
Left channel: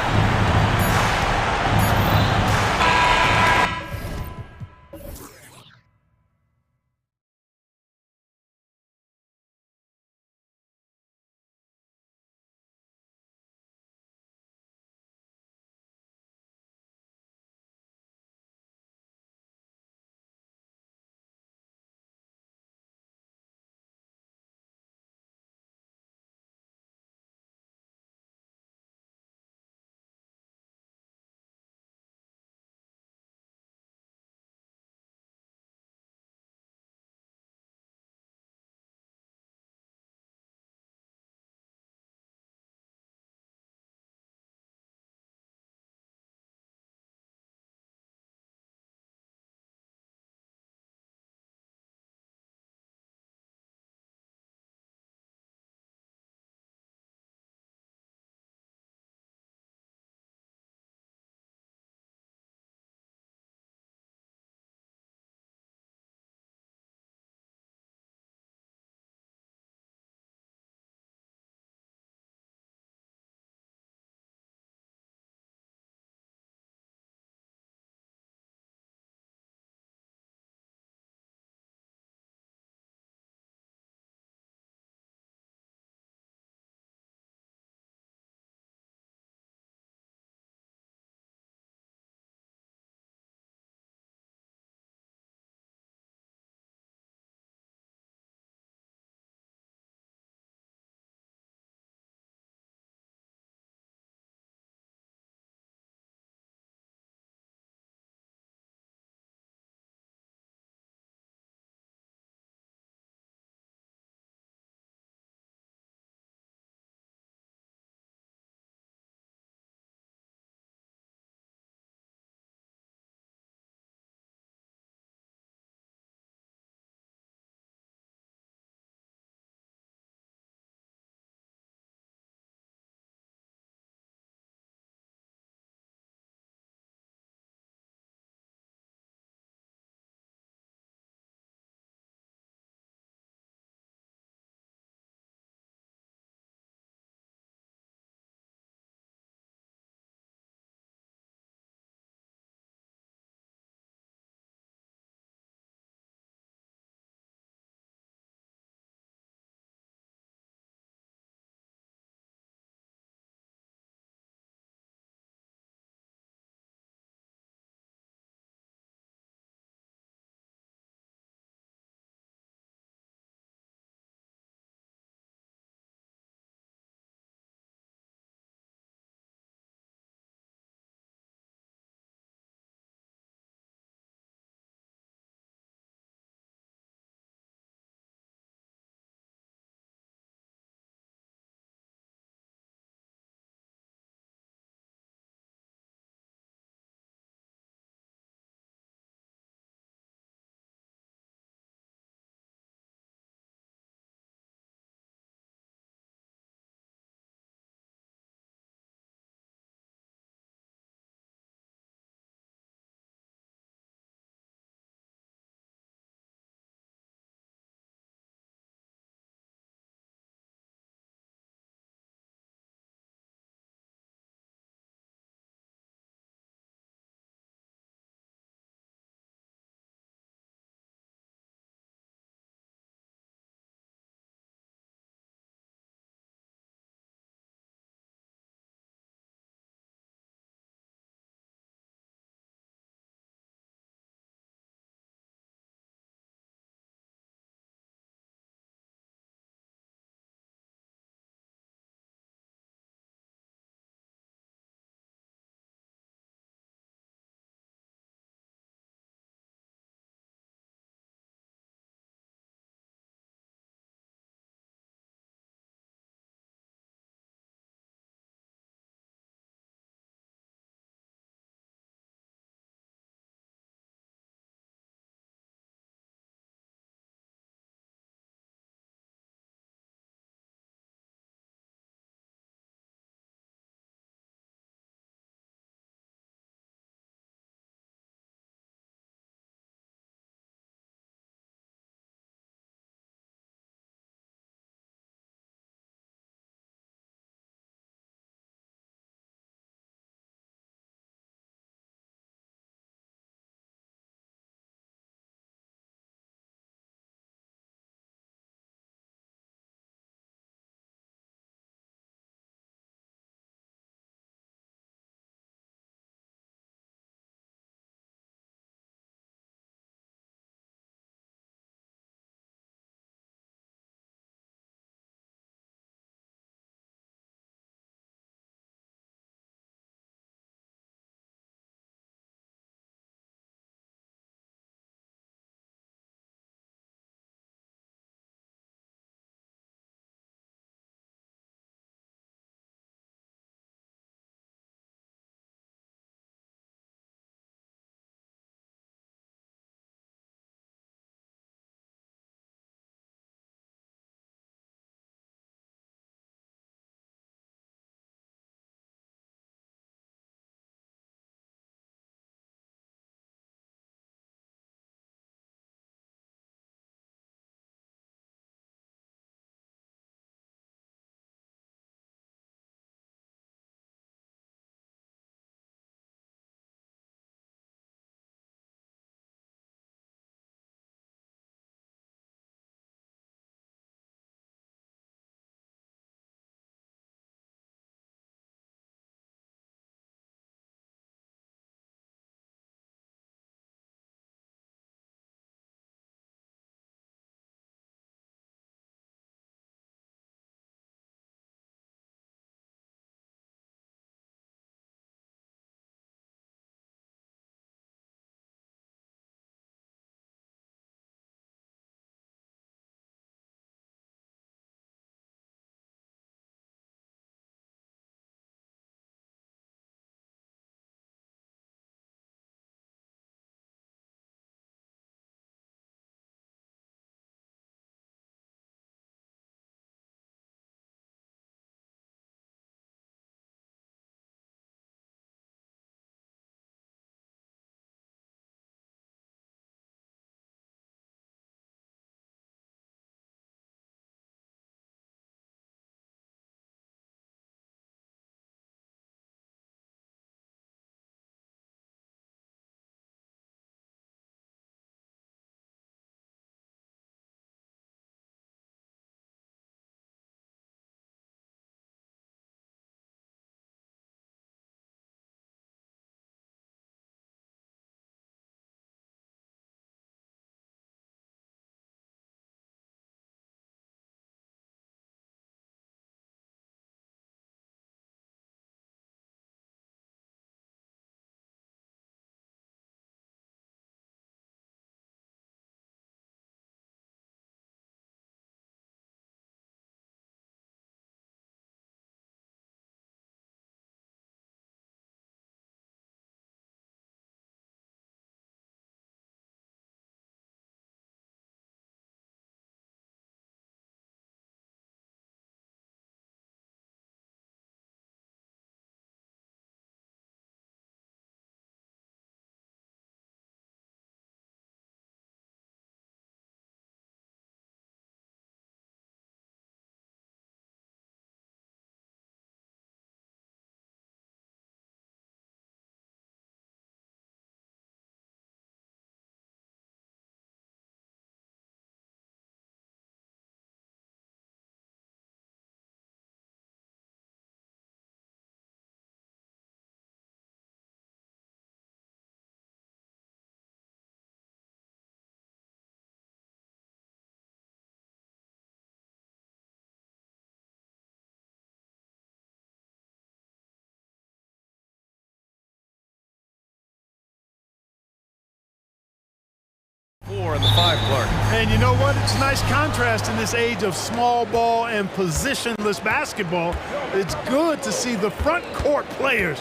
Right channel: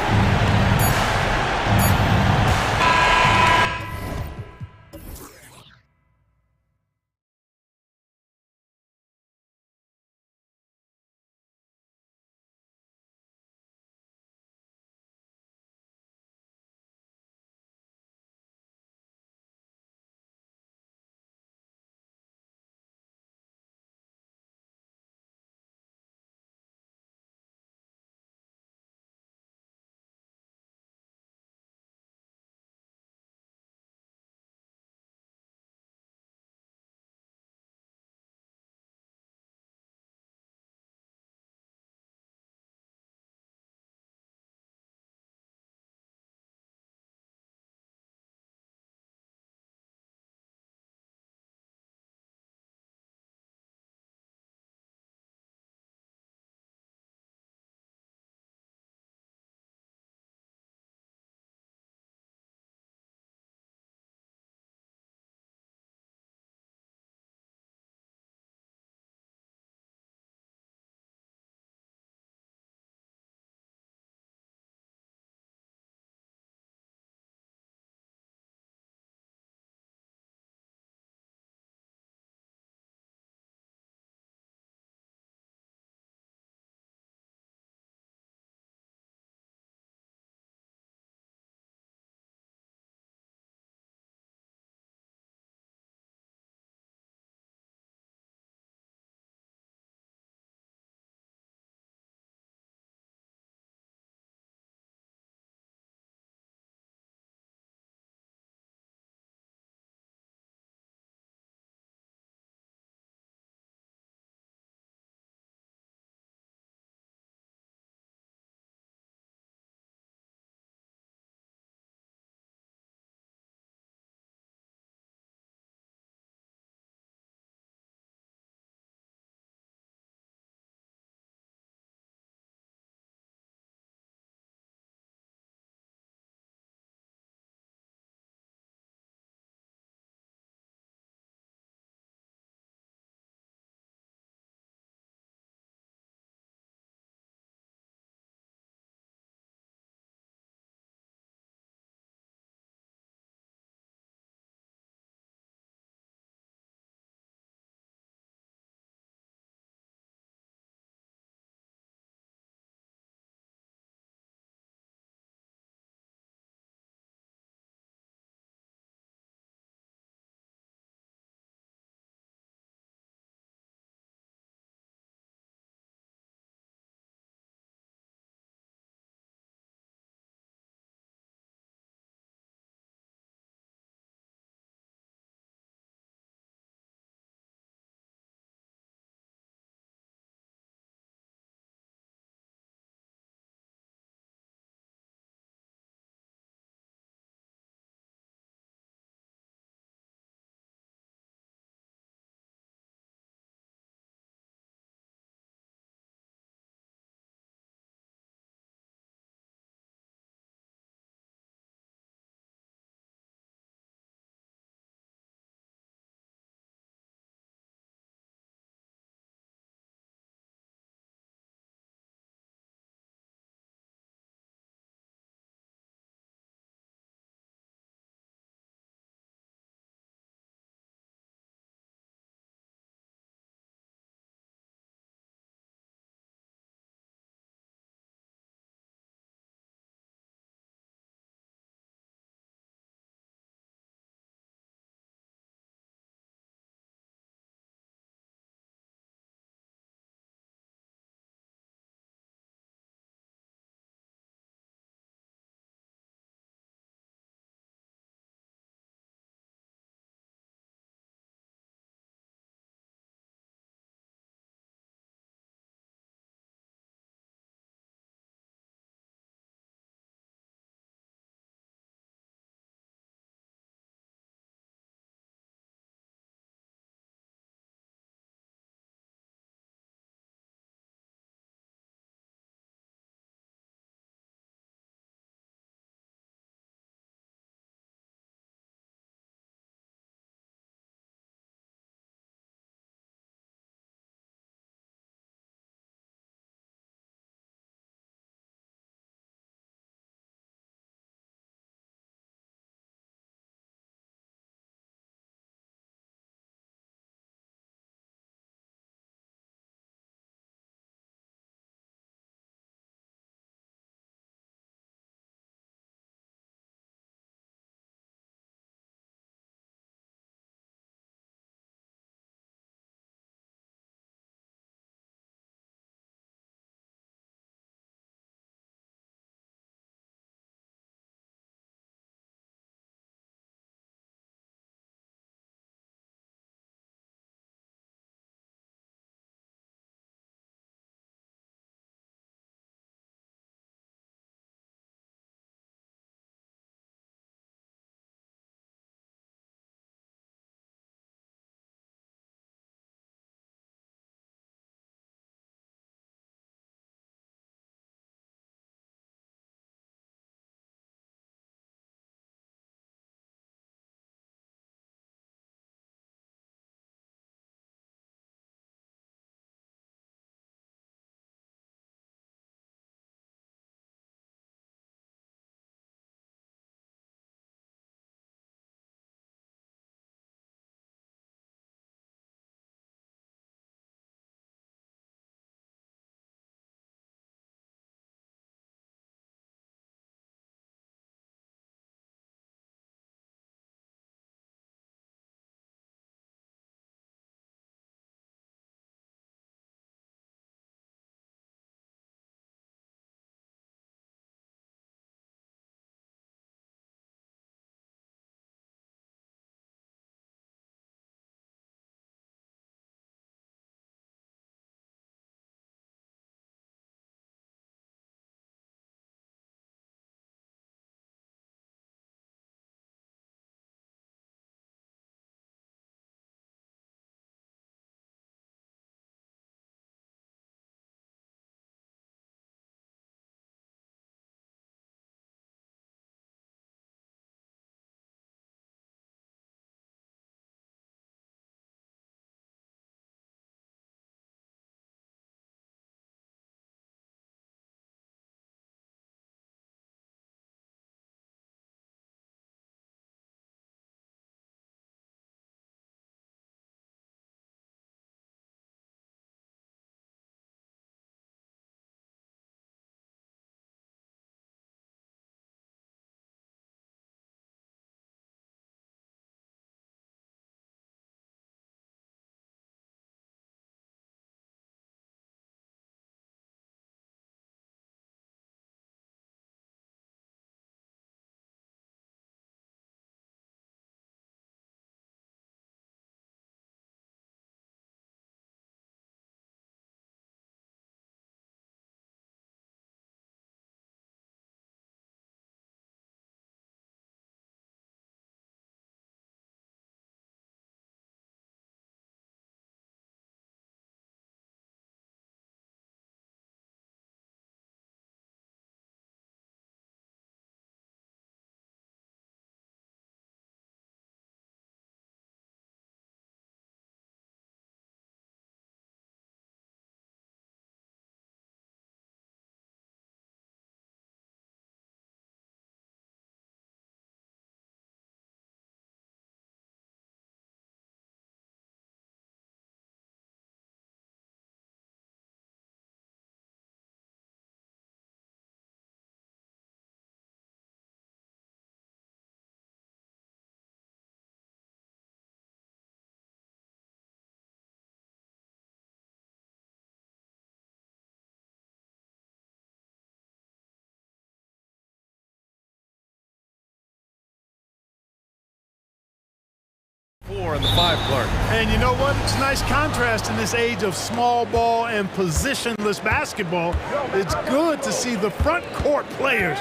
4 and the 5, Clark. And you know what? It's a nice contrast in this age of small ball and positionless basketball. It's good to see the front court players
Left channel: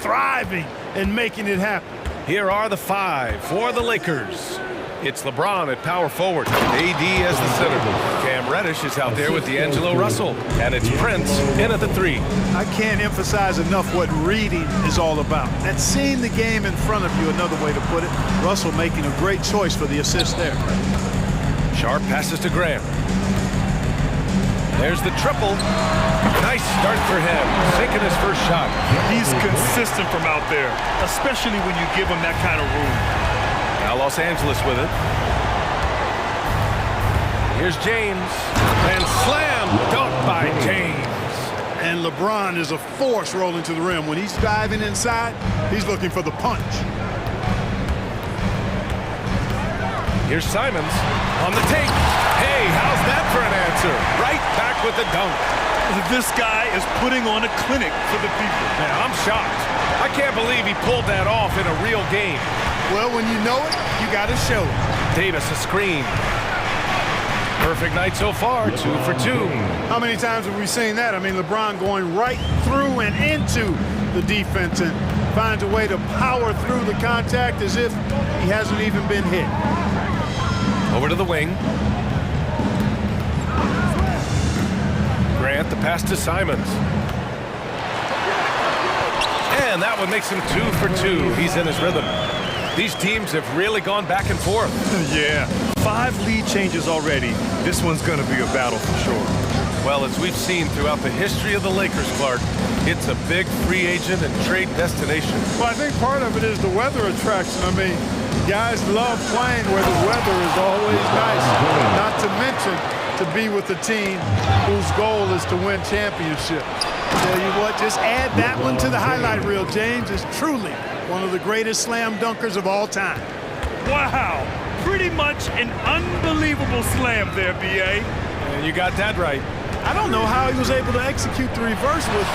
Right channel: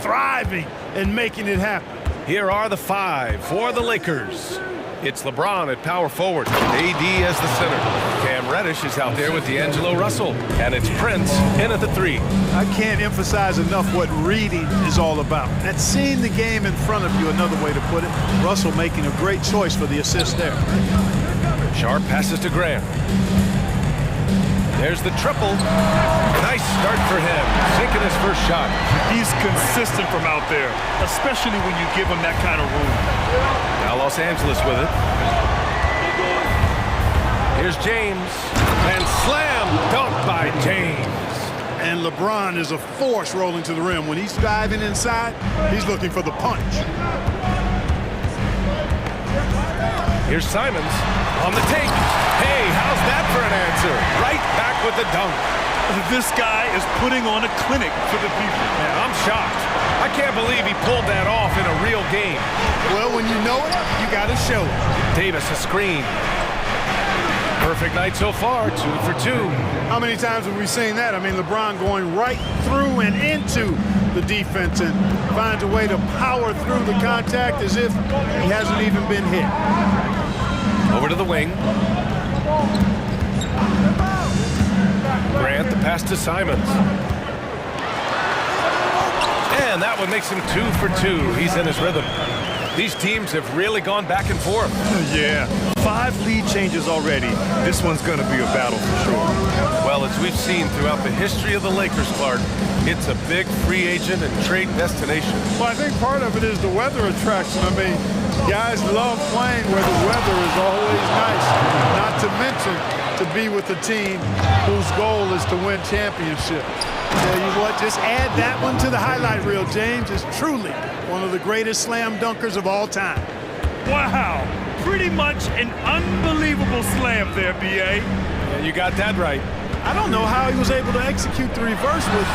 thriving and making it happen. Here are the 5 for the Lakers. It's LeBron at power forward, AD as the center. Cam Reddish is out there with D'Angelo Russell. And it's Prince in at the 3. I can't emphasize enough what reading is all about. That's seeing the game in front of you, another way to put it. Russell making a great choice for the assist there. Sharp passes to Graham. There's the triple. Nice start for him, sinking his first shot. He's consistent from out there, especially when you give him that kind of room. Now Los Angeles with it. Here's James. And slam dunk by James. And LeBron is a force rolling to the rim. When he's diving inside, he's looking for the punch. Here's Simons on the take. Hey, how's that for an answer? Right back with the dunk. This guy is putting on a clinic for the people. Man, I'm shocked. I can't believe he pulled that off in a real game. Well, when you know it, you got to show it. Davis a screen. Perfect night so far, 2 for 2. How many times have we seen that? I mean, LeBron going right through and into the defense and finds a way to power through the contact as if he hasn't even been hit. Over to the wing. Grant, the pass to Simons. And that one makes him 2 for 2. He's in his rhythm. These teams have really gone back and forth. Yeah, 5 lead changes already. This one's going to be a battle for sure. Well, as we've seen throughout the history of the Lakers, Clark, it's a big free agent and trade destination. Well, I think part of it is the weather attraction. I mean, guys love playing where the weather is always nice. Not to mention to be with a team whose goal is to win championships. Tell you what, just add that one to the highlight reel. James is truly one of the greatest slam dunkers of all time. Wow, pretty much an unbelievable slam there, B.A. And you got that right. I don't know how he was able to execute the reverse with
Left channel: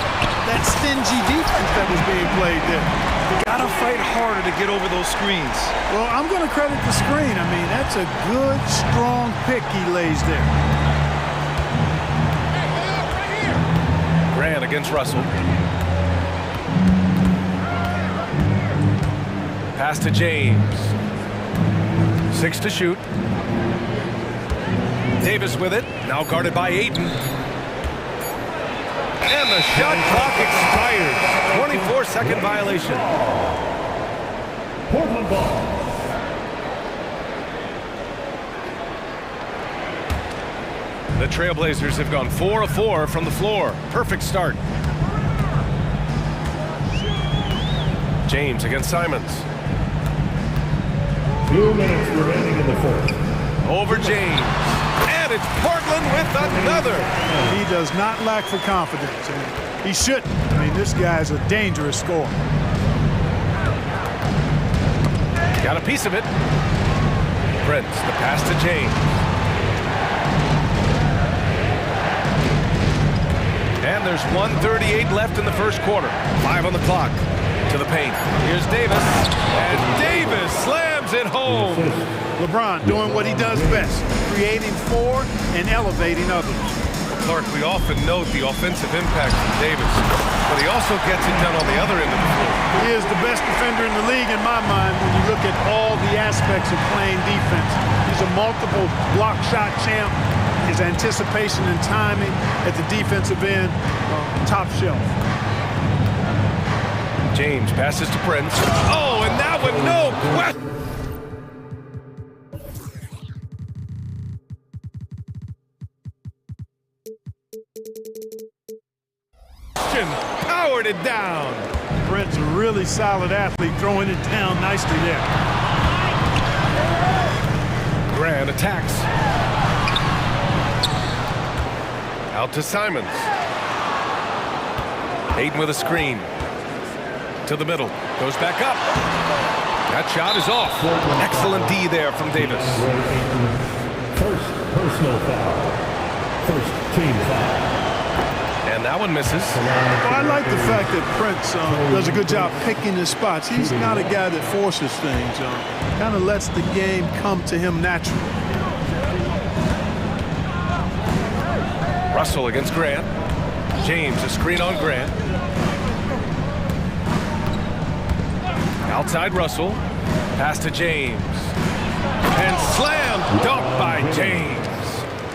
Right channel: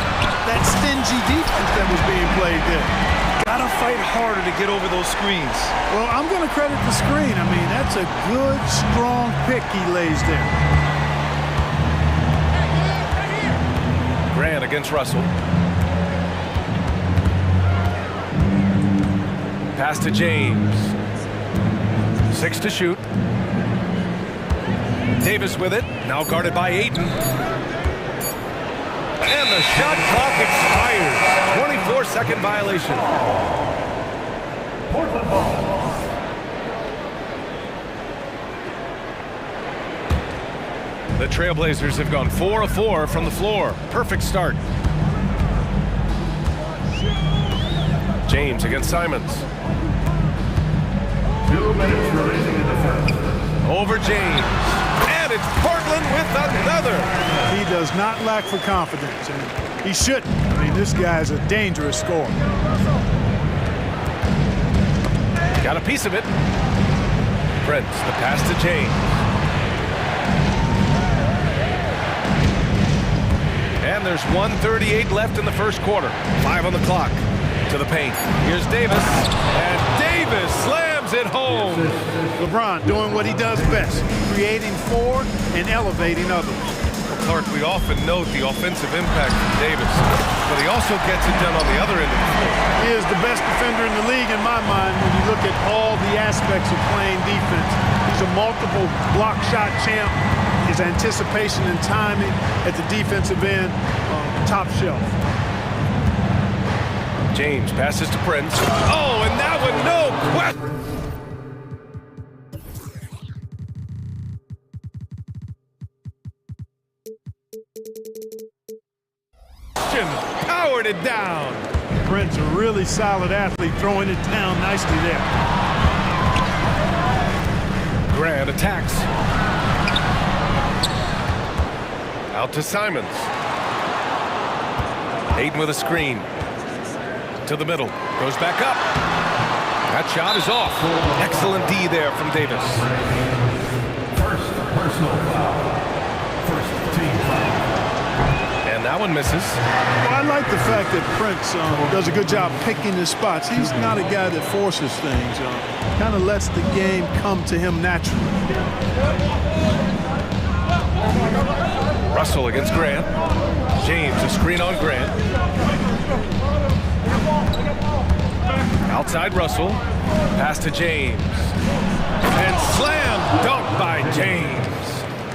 that stingy defense that was being played there. Gotta fight harder to get over those screens. Well, I'm going to credit the screen. I mean, that's a good, strong pick he lays there. Grant against Russell. Pass to James. 6 to shoot. Davis with it. Now guarded by Ayton. And the shot clock expires. 24-second violation. Portland ball. The Trailblazers have gone 4 of 4 from the floor. Perfect start. James against Simons. 2 minutes remaining in the first. Over James. And it's Portland with another. He does not lack for confidence, and he shouldn't. I mean, this guy's a dangerous scorer. Got a piece of it. Prince, the pass to James. And there's 1:38 left in the first quarter. 5 on the clock. To the paint. Here's Davis. And Davis slams it home. LeBron doing what he does best, creating for and elevating others. Well, Clark, we often note the offensive impact from Davis, but he also gets it done on the other end of the floor. He is the best defender in the league in my mind when you look at all the aspects of playing defense. He's a multiple block shot champ. His anticipation and timing at the defensive end, top shelf. James passes to Prince. Oh, and that one, no question. Powered it down. Prince, a really solid athlete, throwing it down nicely there. Grant attacks. Out to Simons. Ayton with a screen. To the middle. Goes back up. That shot is off. Excellent D there from Davis. First personal foul. First team foul. And that one misses. Well, I like the fact that Prince does a good job picking his spots. He's not a guy that forces things. Kind of lets the game come to him naturally. Russell against Grant. James, a screen on Grant. Outside Russell. Pass to James. And slam dunk by James.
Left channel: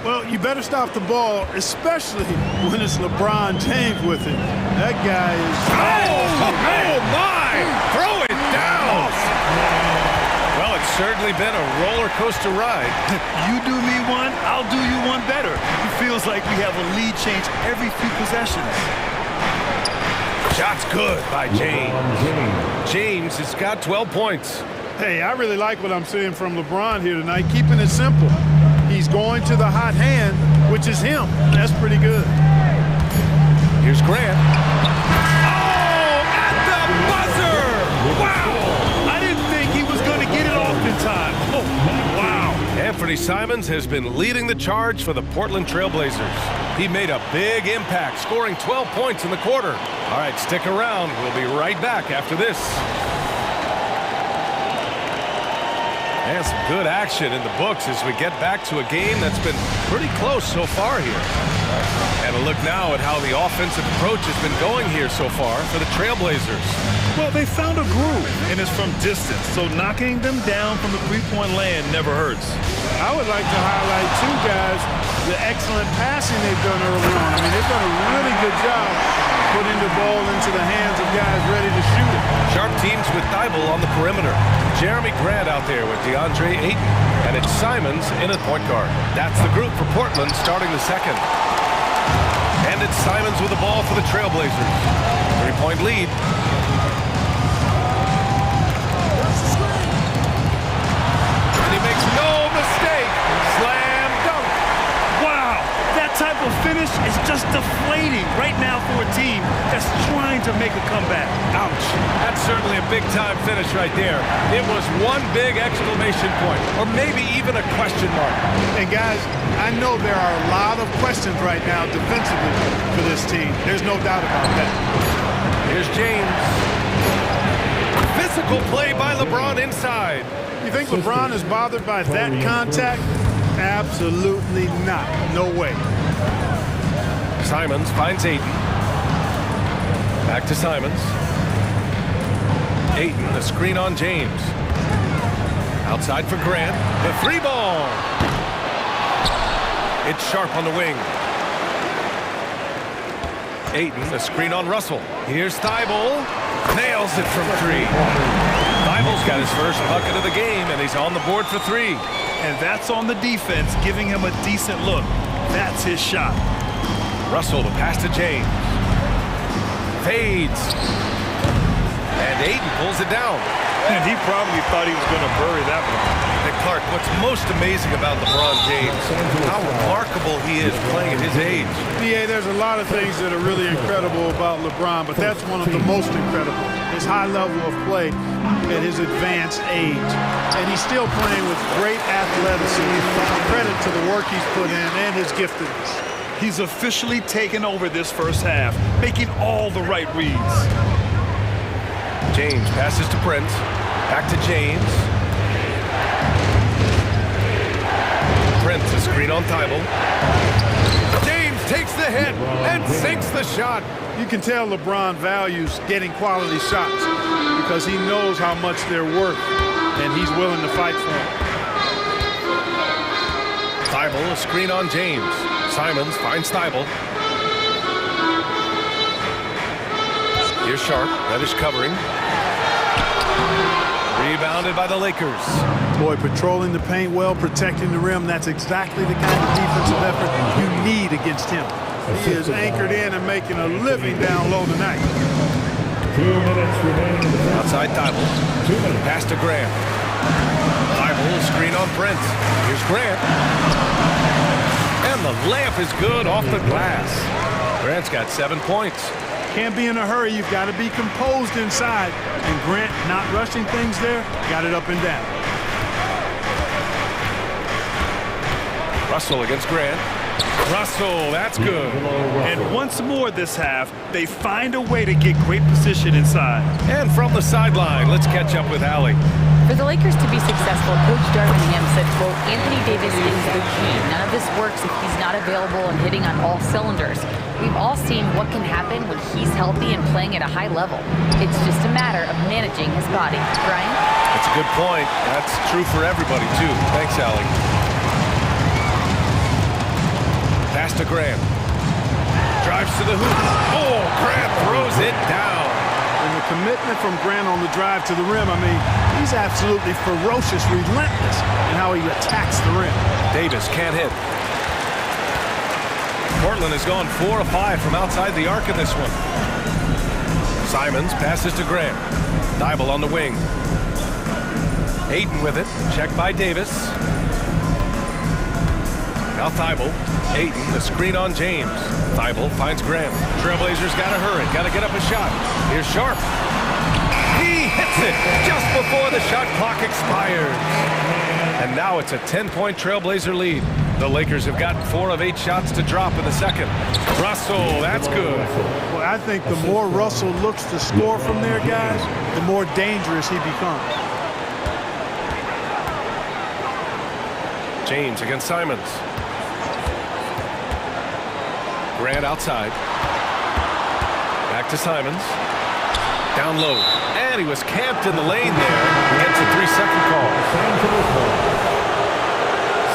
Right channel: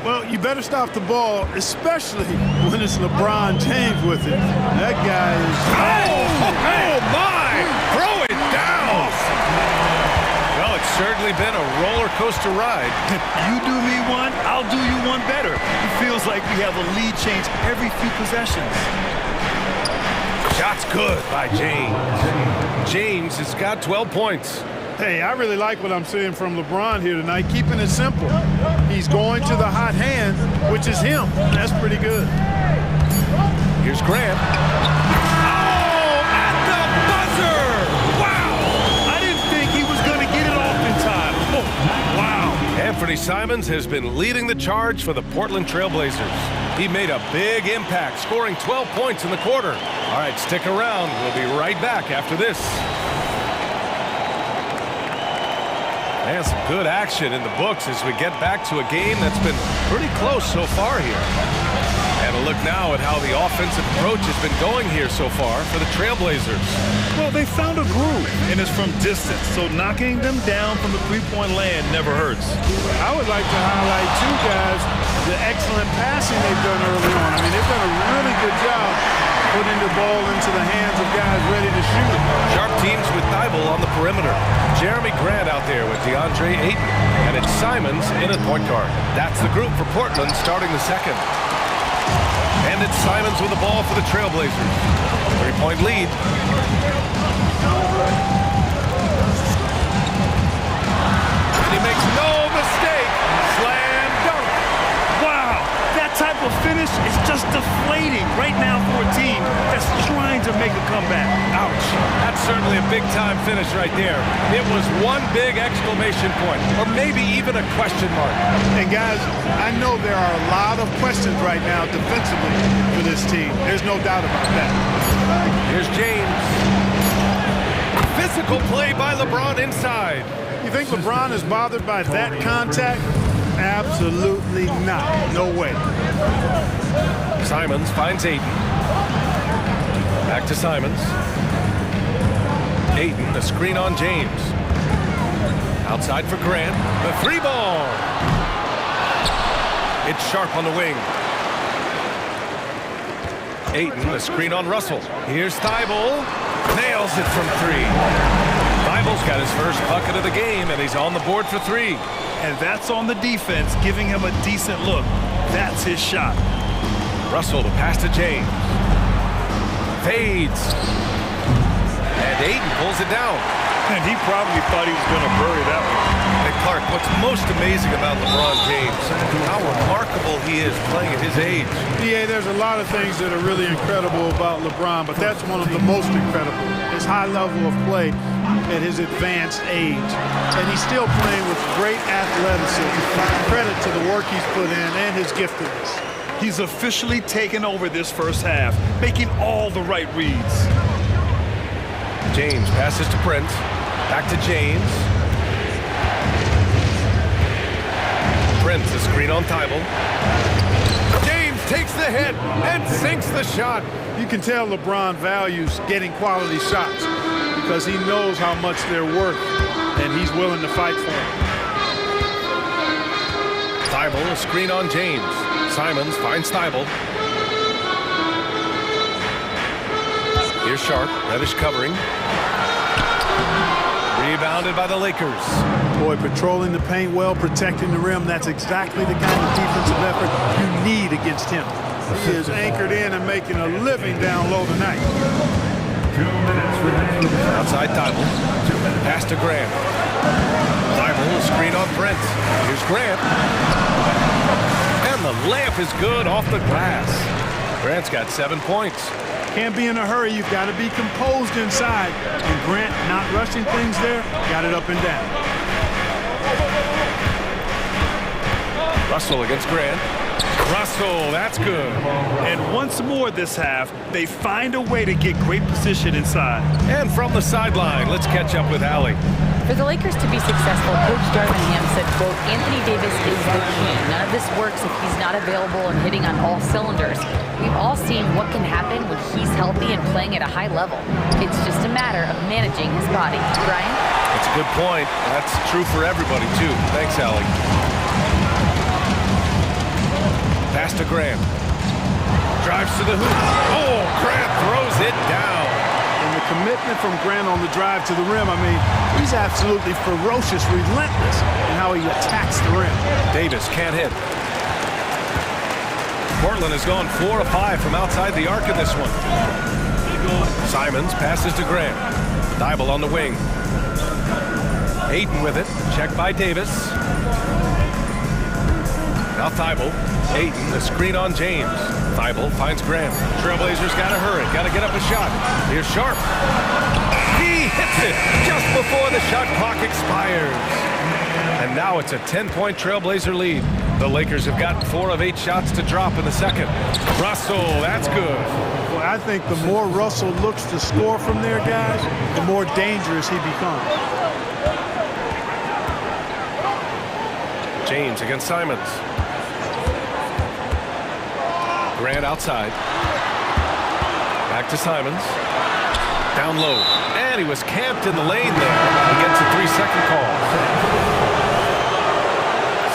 Well, you better stop the ball, especially when it's LeBron James with it. That guy is... Oh my! Throw it down! Well, it's certainly been a roller coaster ride. You do me one, I'll do you one better. It feels like we have a lead change every few possessions. Shot's good by James. James has got 12 points. Hey, I really like what I'm seeing from LeBron here tonight, keeping it simple. He's going to the hot hand, which is him. That's pretty good. Here's Grant. Oh, at the buzzer! Wow! I didn't think he was going to get it off in time. Oh, wow. Anthony Simons has been leading the charge for the Portland Trailblazers. He made a big impact, scoring 12 points in the quarter. All right, stick around. We'll be right back after this. And some good action in the books as we get back to a game that's been pretty close so far here. And a look now at how the offensive approach has been going here so far for the Trailblazers. Well, they found a groove, and it's from distance, so knocking them down from the three-point land never hurts. I would like to highlight, too, guys, the excellent passing they've done early on. I mean, they've done a really good job putting the ball into the hands of guys ready to shoot it. Sharp teams with Thibault on the perimeter. Jeremy Grant out there with DeAndre Ayton. And it's Simons in at point guard. That's the group for Portland starting the second. And it's Simons with the ball for the Trailblazers. 3-point lead. And he makes no mistake. Slam dunk. Wow, that type of finish is just deflating right now for a team that's trying to make a comeback. Ouch. That's certainly a big-time finish right there. It was one big exclamation point, or maybe even a question mark. And guys, I know there are a lot of questions right now defensively for this team. There's no doubt about that. Here's James. Physical play by LeBron inside. You think LeBron is bothered by that contact? Absolutely not. No way. Simons finds Ayton. Back to Simons. Ayton, the screen on James. Outside for Grant. The three ball. It's Sharp on the wing. Ayton, the screen on Russell. Here's Thibault. Nails it from three. Thibault's got his first bucket of the game, and he's on the board for three. And that's on the defense, giving him a decent look. That's his shot. Russell to pass to James. Fades. And Ayton pulls it down. And he probably thought he was going to bury that one. And Clark, what's most amazing about LeBron James, how remarkable he is playing at his age. Yeah, there's a lot of things that are really incredible about LeBron, but that's one of the most incredible. His high level of play at his advanced age. And he's still playing with great athleticism. Credit to the work he's put in and his giftedness. He's officially taken over this first half, making all the right reads. James passes to Prince. Back to James. Prince, a screen on Thibault. James takes the hit and sinks the shot. You can tell LeBron values getting quality shots because he knows how much they're worth, and he's willing to fight for them. Thibault, a screen on James. Simons finds Thibault. Here's Sharp, Reddish covering. Rebounded by the Lakers. Boy, patrolling the paint well, protecting the rim, that's exactly the kind of defensive effort you need against him. He is anchored in and making a living down low tonight. 2 minutes remaining. Outside Thibault. Pass to Grant. Thibault, a screen on Prince. Here's Grant. And the layup is good off the glass. Grant's got 7 points. Can't be in a hurry. You've got to be composed inside. And Grant, not rushing things there, got it up and down. Russell against Grant. Russell, that's good. And once more this half, they find a way to get great position inside. And from the sideline, let's catch up with Allie. For the Lakers to be successful, Coach Darvin Ham said, quote, Anthony Davis is the key. None of this works if he's not available and hitting on all cylinders. We've all seen what can happen when he's healthy and playing at a high level. It's just a matter of managing his body. Brian? That's a good point. That's true for everybody, too. Thanks, Allie. Pass to Grant. Drives to the hoop. Oh, Grant throws it down. And the commitment from Grant on the drive to the rim, I mean, he's absolutely ferocious, relentless in how he attacks the rim. Davis can't hit. Portland has gone 4 of 5 from outside the arc in this one. Simons passes to Grant. Thibault on the wing. Ayton with it. Checked by Davis. Now Thibault. Ayton, the screen on James. Thibault finds Grant. Trailblazers got to hurry. Got to get up a shot. Here's Sharp. He hits it just before the shot clock expires. And now it's a 10-point Trailblazer lead. The Lakers have gotten 4 of 8 shots to drop in the second. Russell, that's good. Well, I think the more Russell looks to score from there, guys, the more dangerous he becomes. James against Simons. Grant outside. Back to Simons. Down low. And he was camped in the lane there. He gets a 3-second call.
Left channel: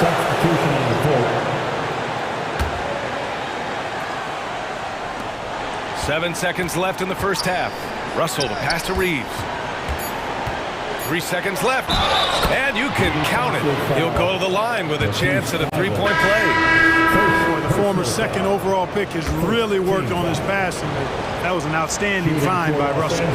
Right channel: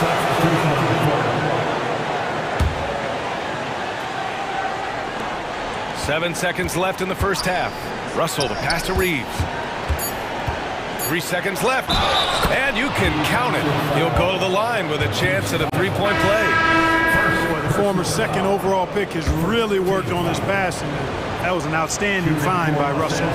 Substitution on the court. 7 seconds left in the first half. Russell, the pass to Reeves. 3 seconds left. And you can count it. He'll go to the line with a chance at a 3-point play. Boy, the former second overall pick has really worked on his passing. That was an outstanding find by Russell.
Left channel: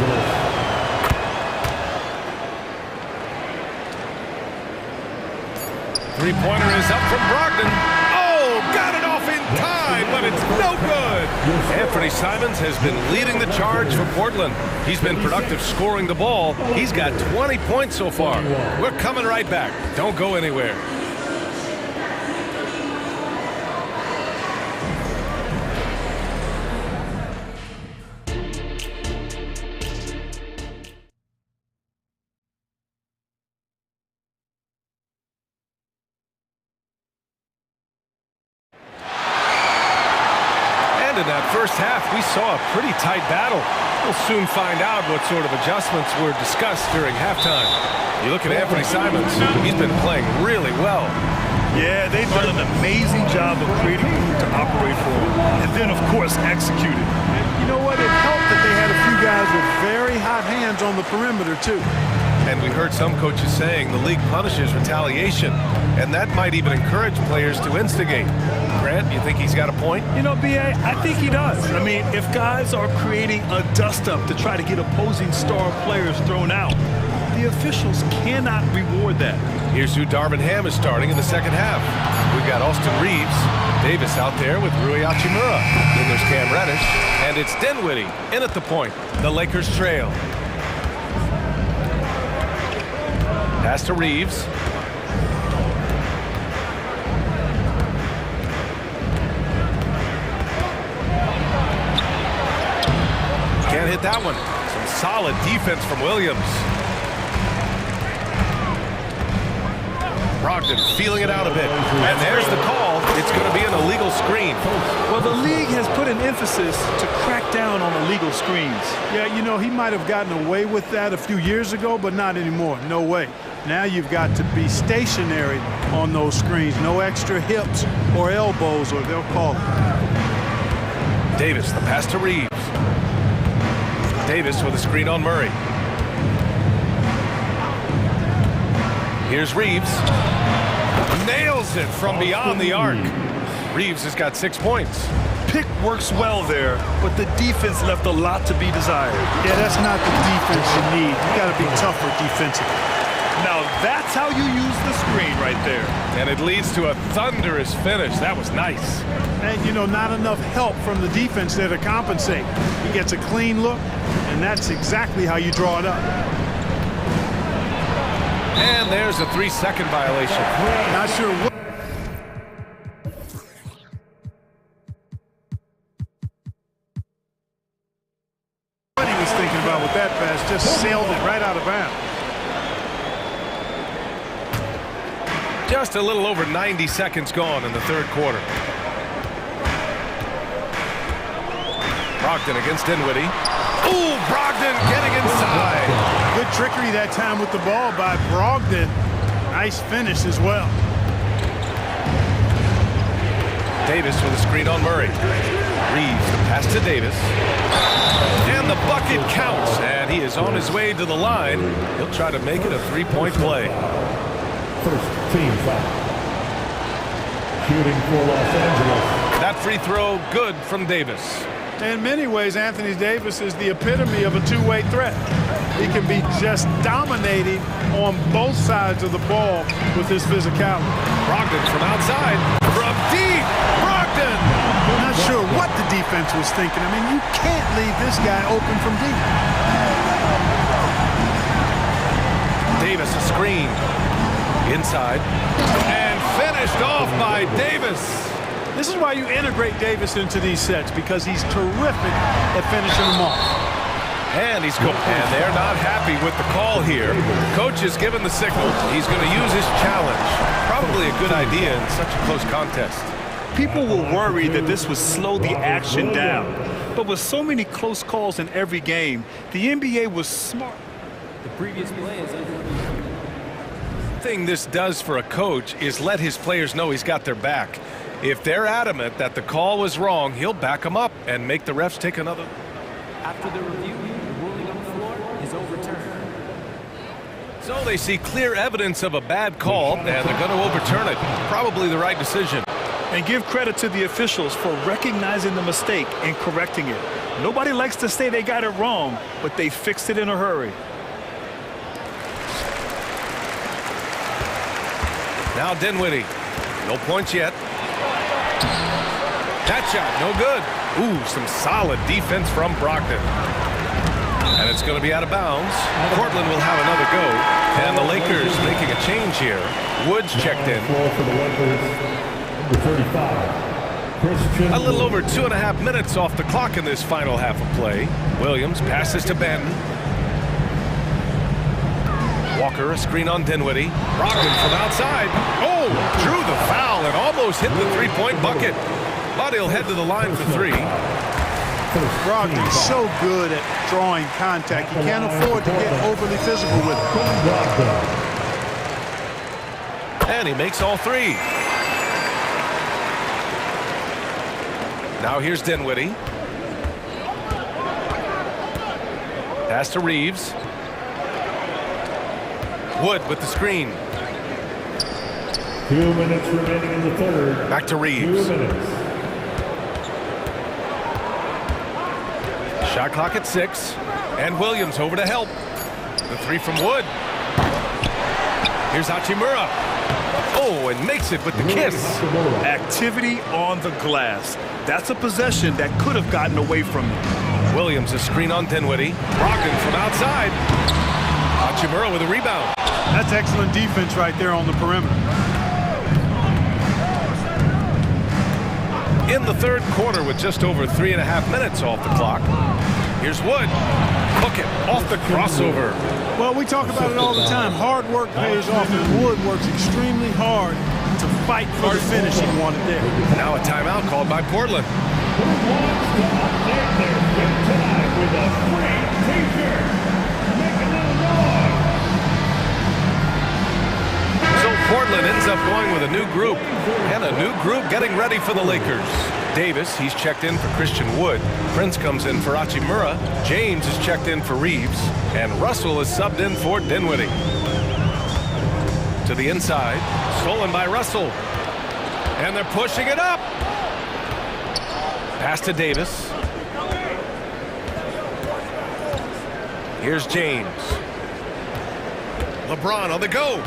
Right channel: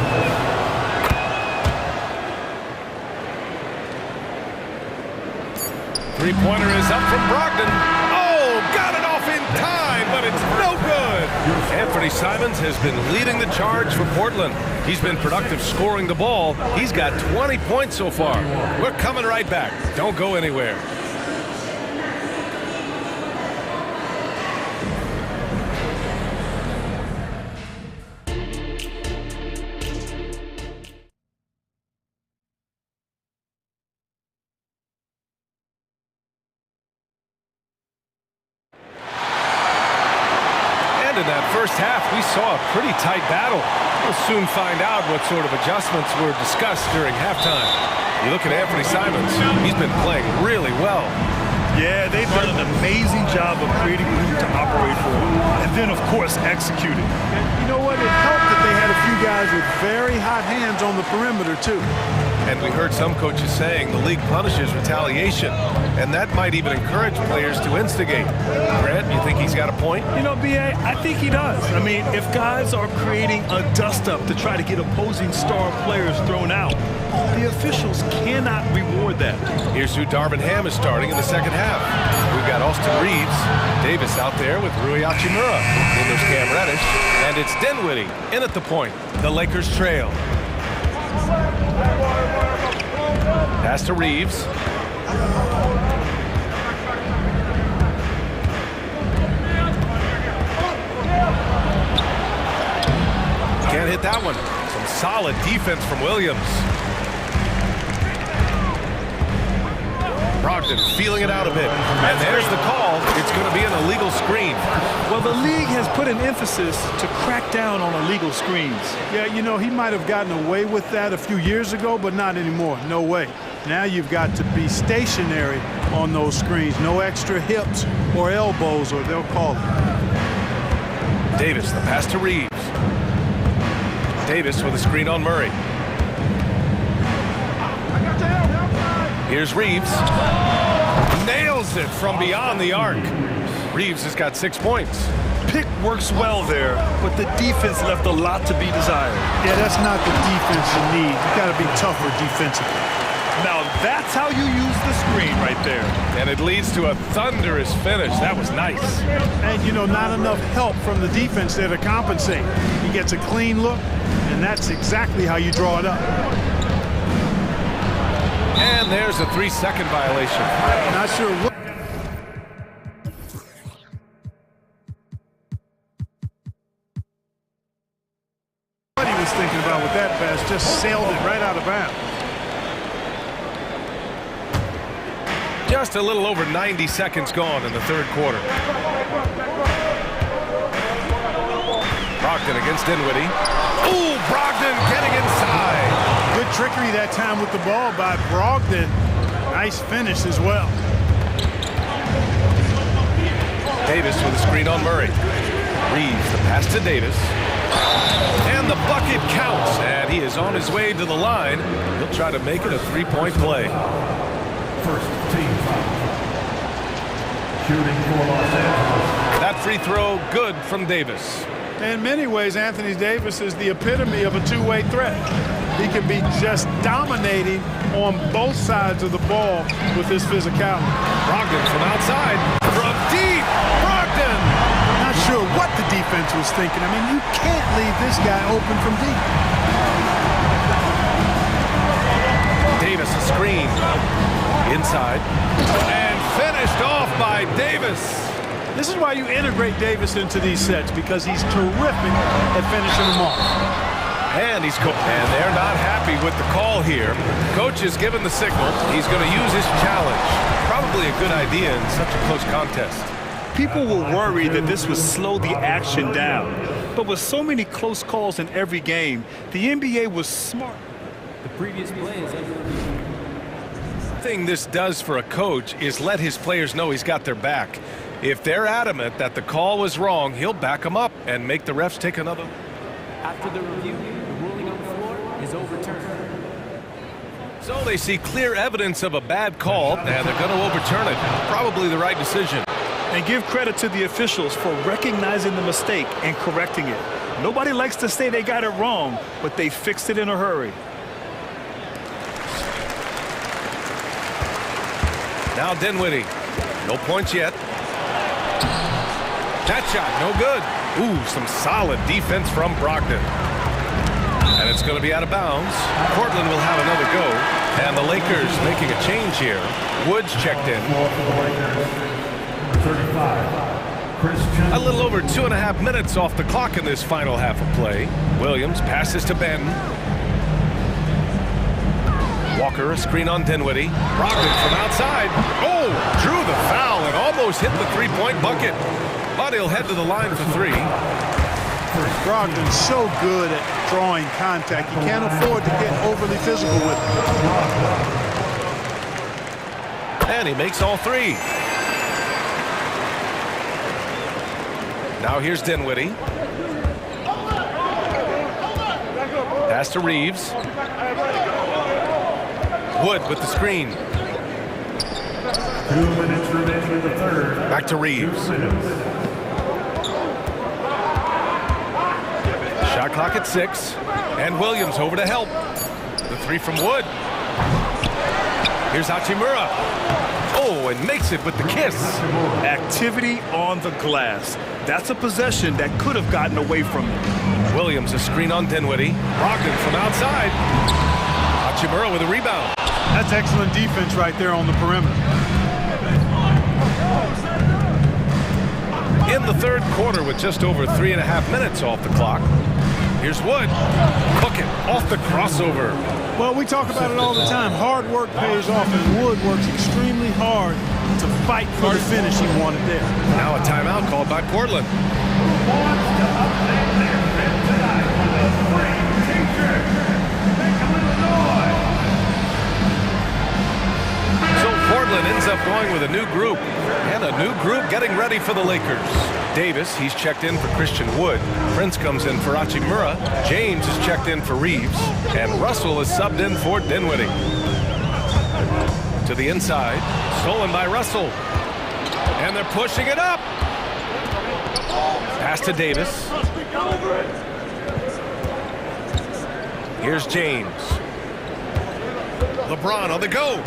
Three-pointer is up from Brogdon. Oh, got it off in time, but it's no good. Anthony Simons has been leading the charge for Portland. He's been productive scoring the ball. He's got 20 points so far. We're coming right back. Don't go anywhere. In that first half, we saw a pretty tight battle. We'll soon find out what sort of adjustments were discussed during halftime. You look at Anthony Simons, he's been playing really well. Yeah, they've done an amazing job of creating room to operate for him. And then, of course, executing. And you know what? It helped that they had a few guys with very hot hands on the perimeter, too. And we heard some coaches saying the league punishes retaliation, and that might even encourage players to instigate. Grant, you think he's got a point? You know, B.A., I think he does. I mean, if guys are creating a dust-up to try to get opposing star players thrown out, the officials cannot reward that. Here's who Darvin Ham is starting in the second half. We've got Austin Reeves, Davis out there with Rui Hachimura. Then there's Cam Reddish, and it's Dinwiddie in at the point. The Lakers trail. Pass to Reeves. Can't hit that one. Some solid defense from Williams. Brogdon feeling it out a bit. And there's the call. It's going to be an illegal screen. Well, the league has put an emphasis to crack down on illegal screens. Yeah, you know, he might have gotten away with that a few years ago, but not anymore. No way. Now you've got to be stationary on those screens. No extra hips or elbows, or they'll call it. Davis, the pass to Reeves. Davis with a screen on Murray. Here's Reeves. Nails it from beyond the arc. Reeves has got 6 points. Pick works well there, but the defense left a lot to be desired. Yeah, that's not the defense you need. You got to be tougher defensively. Now that's how you use the screen right there. And it leads to a thunderous finish. That was nice. And, you know, not enough help from the defense there to compensate. He gets a clean look, and that's exactly how you draw it up. And there's a 3-second violation. Not sure what. just sailed it right out of bounds. Just a little over 90 seconds gone in the third quarter. Brogdon against Dinwiddie. Ooh, Brogdon getting inside. Good trickery that time with the ball by Brogdon. Nice finish as well. Davis with a screen on Murray. Reeves the pass to Davis. And the bucket counts. And he is on his way to the line. He'll try to make it a three-point play. First team foul. Shooting for Los Angeles. That free throw good from Davis. In many ways, Anthony Davis is the epitome of a two-way threat. He can be just dominating on both sides of the ball with his physicality. Brogdon from outside, from deep, Brogdon! Not sure what the defense was thinking. I mean, you can't leave this guy open from deep. Davis a screen. Inside. And finished off by Davis. This is why you integrate Davis into these sets, because he's terrific at finishing them off. And and they're not happy with the call here. Coach has given the signal. He's going to use his challenge. Probably a good idea in such a close contest. People were worried that this would slow the action down. But with so many close calls in every game, the NBA was smart. The previous play is under review. The thing this does for a coach is let his players know he's got their back. If they're adamant that the call was wrong, he'll back them up and make the refs take another. After the review, the ruling on the floor is overturned. So they see clear evidence of a bad call, and they're going to overturn it. Probably the right decision. And give credit to the officials for recognizing the mistake and correcting it. Nobody likes to say they got it wrong, but they fixed it in a hurry. Now Dinwiddie. No points yet. That shot, no good. Ooh, some solid defense from Brogdon. And it's going to be out of bounds. Portland will have another go. And the Lakers making a change here. Woods checked in. A little over 2.5 minutes off the clock in this final half of play. Williams passes to Ben. Walker, a screen on Dinwiddie. Brogdon from outside. Oh, drew the foul and almost hit the three-point bucket. But he'll head to the line for three. Brogdon's so good at drawing contact. He can't afford to get overly physical with it. And he makes all three. Now here's Dinwiddie. Pass to Reeves. Wood with the screen. 2 minutes remaining in the third. Back to Reeves. 2 minutes. Shot clock at 6. And Williams over to help. The three from Wood. Here's Hachimura. Oh, and makes it with the kiss. Activity on the glass. That's a possession that could have gotten away from you. Williams a screen on Dinwiddie. Brogdon from outside. Hachimura with a rebound. That's excellent defense right there on the perimeter. In the third quarter with just over 3.5 minutes off the clock. Here's Wood. Hook it off the crossover. Well, we talk about it all the time. Hard work pays off, and Wood works extremely hard to fight for the finish he wanted there. Now a timeout called by Portland. Who wants to update their fit tonight with a free t-shirt? Make a little noise. So Portland ends up going with a new group, and a new group getting ready for the Lakers. Davis, he's checked in for Christian Wood. Prince comes in for Hachimura. James is checked in for Reeves. And Russell is subbed in for Dinwiddie. To the inside. Stolen by Russell. And they're pushing it up. Pass to Davis. Here's James. LeBron on the go.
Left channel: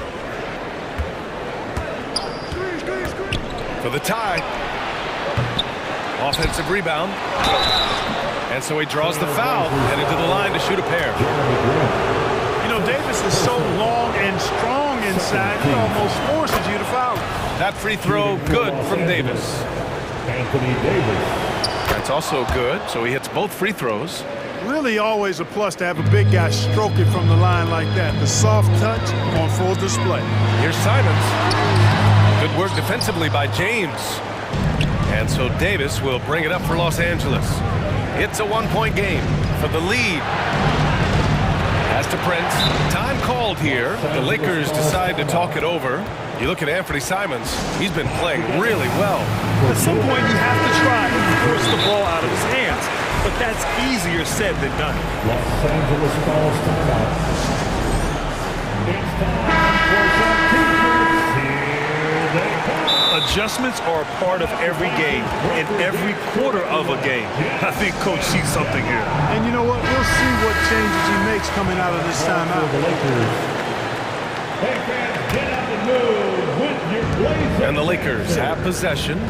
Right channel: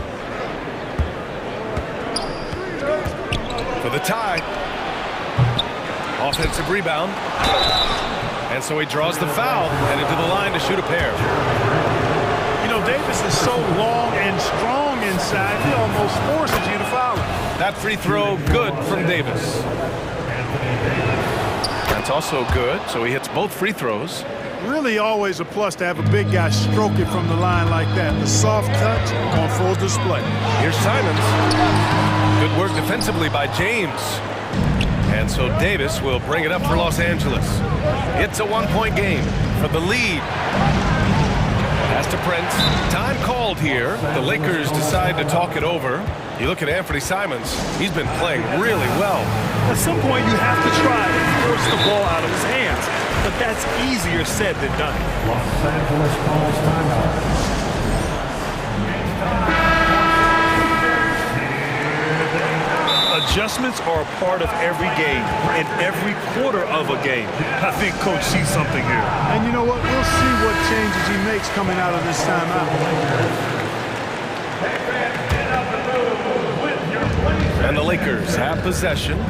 For the tie. Offensive rebound. And so he draws the foul, headed to the line to shoot a pair. You know, Davis is so long and strong inside, he almost forces you to foul him. That free throw good from Davis. Anthony Davis. That's also good, so he hits both free throws. Really always a plus to have a big guy stroke it from the line like that. The soft touch on full display. Here's Simons. Good work defensively by James. And so Davis will bring it up for Los Angeles. It's a one-point game for the lead. Pass to Prince. Time called here. The Lakers decide to talk it over. You look at Anthony Simons. He's been playing really well. At some point, you have to try and force the ball out of his hands. But that's easier said than done. Los Angeles calls timeout. It's time for the Adjustments are a part of every game and every quarter of a game. I think Coach sees something here. And you know what? We'll see what changes he makes coming out of this timeout. And the Lakers have possession.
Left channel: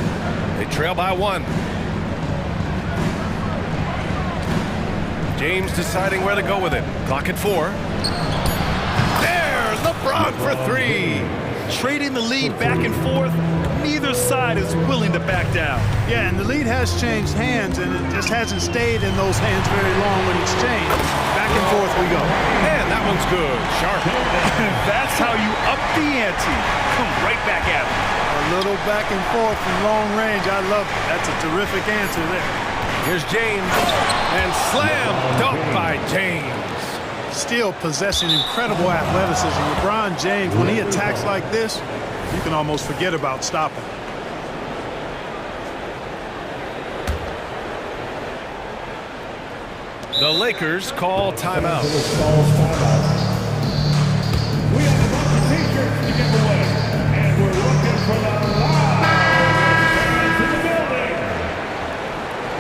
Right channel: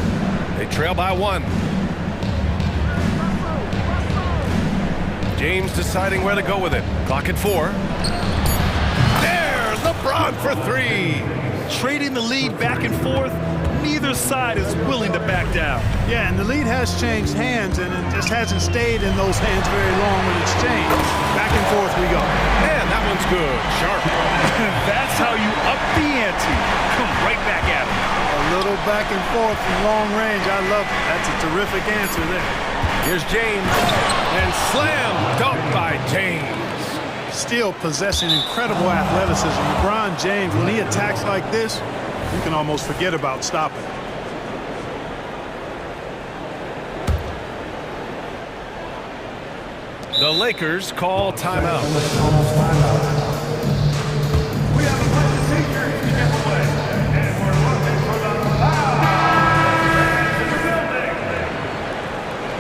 They trail by 1. James deciding where to go with it. Clock at 4. There, LeBron for 3. Trading the lead back and forth, neither side is willing to back down. Yeah, and the lead has changed hands, and it just hasn't stayed in those hands very long when it's changed. Back and forth we go. And that one's good. Sharp. That's how you up the ante. Come right back at him. A little back and forth from long range. I love it. That's a terrific answer there. Here's James. And slam dunk by James. Still possessing incredible athleticism. LeBron James, when he attacks like this, you can almost forget about stopping. The Lakers call timeout. We have a t-shirt to give away, and we're looking for the loud fans in the building.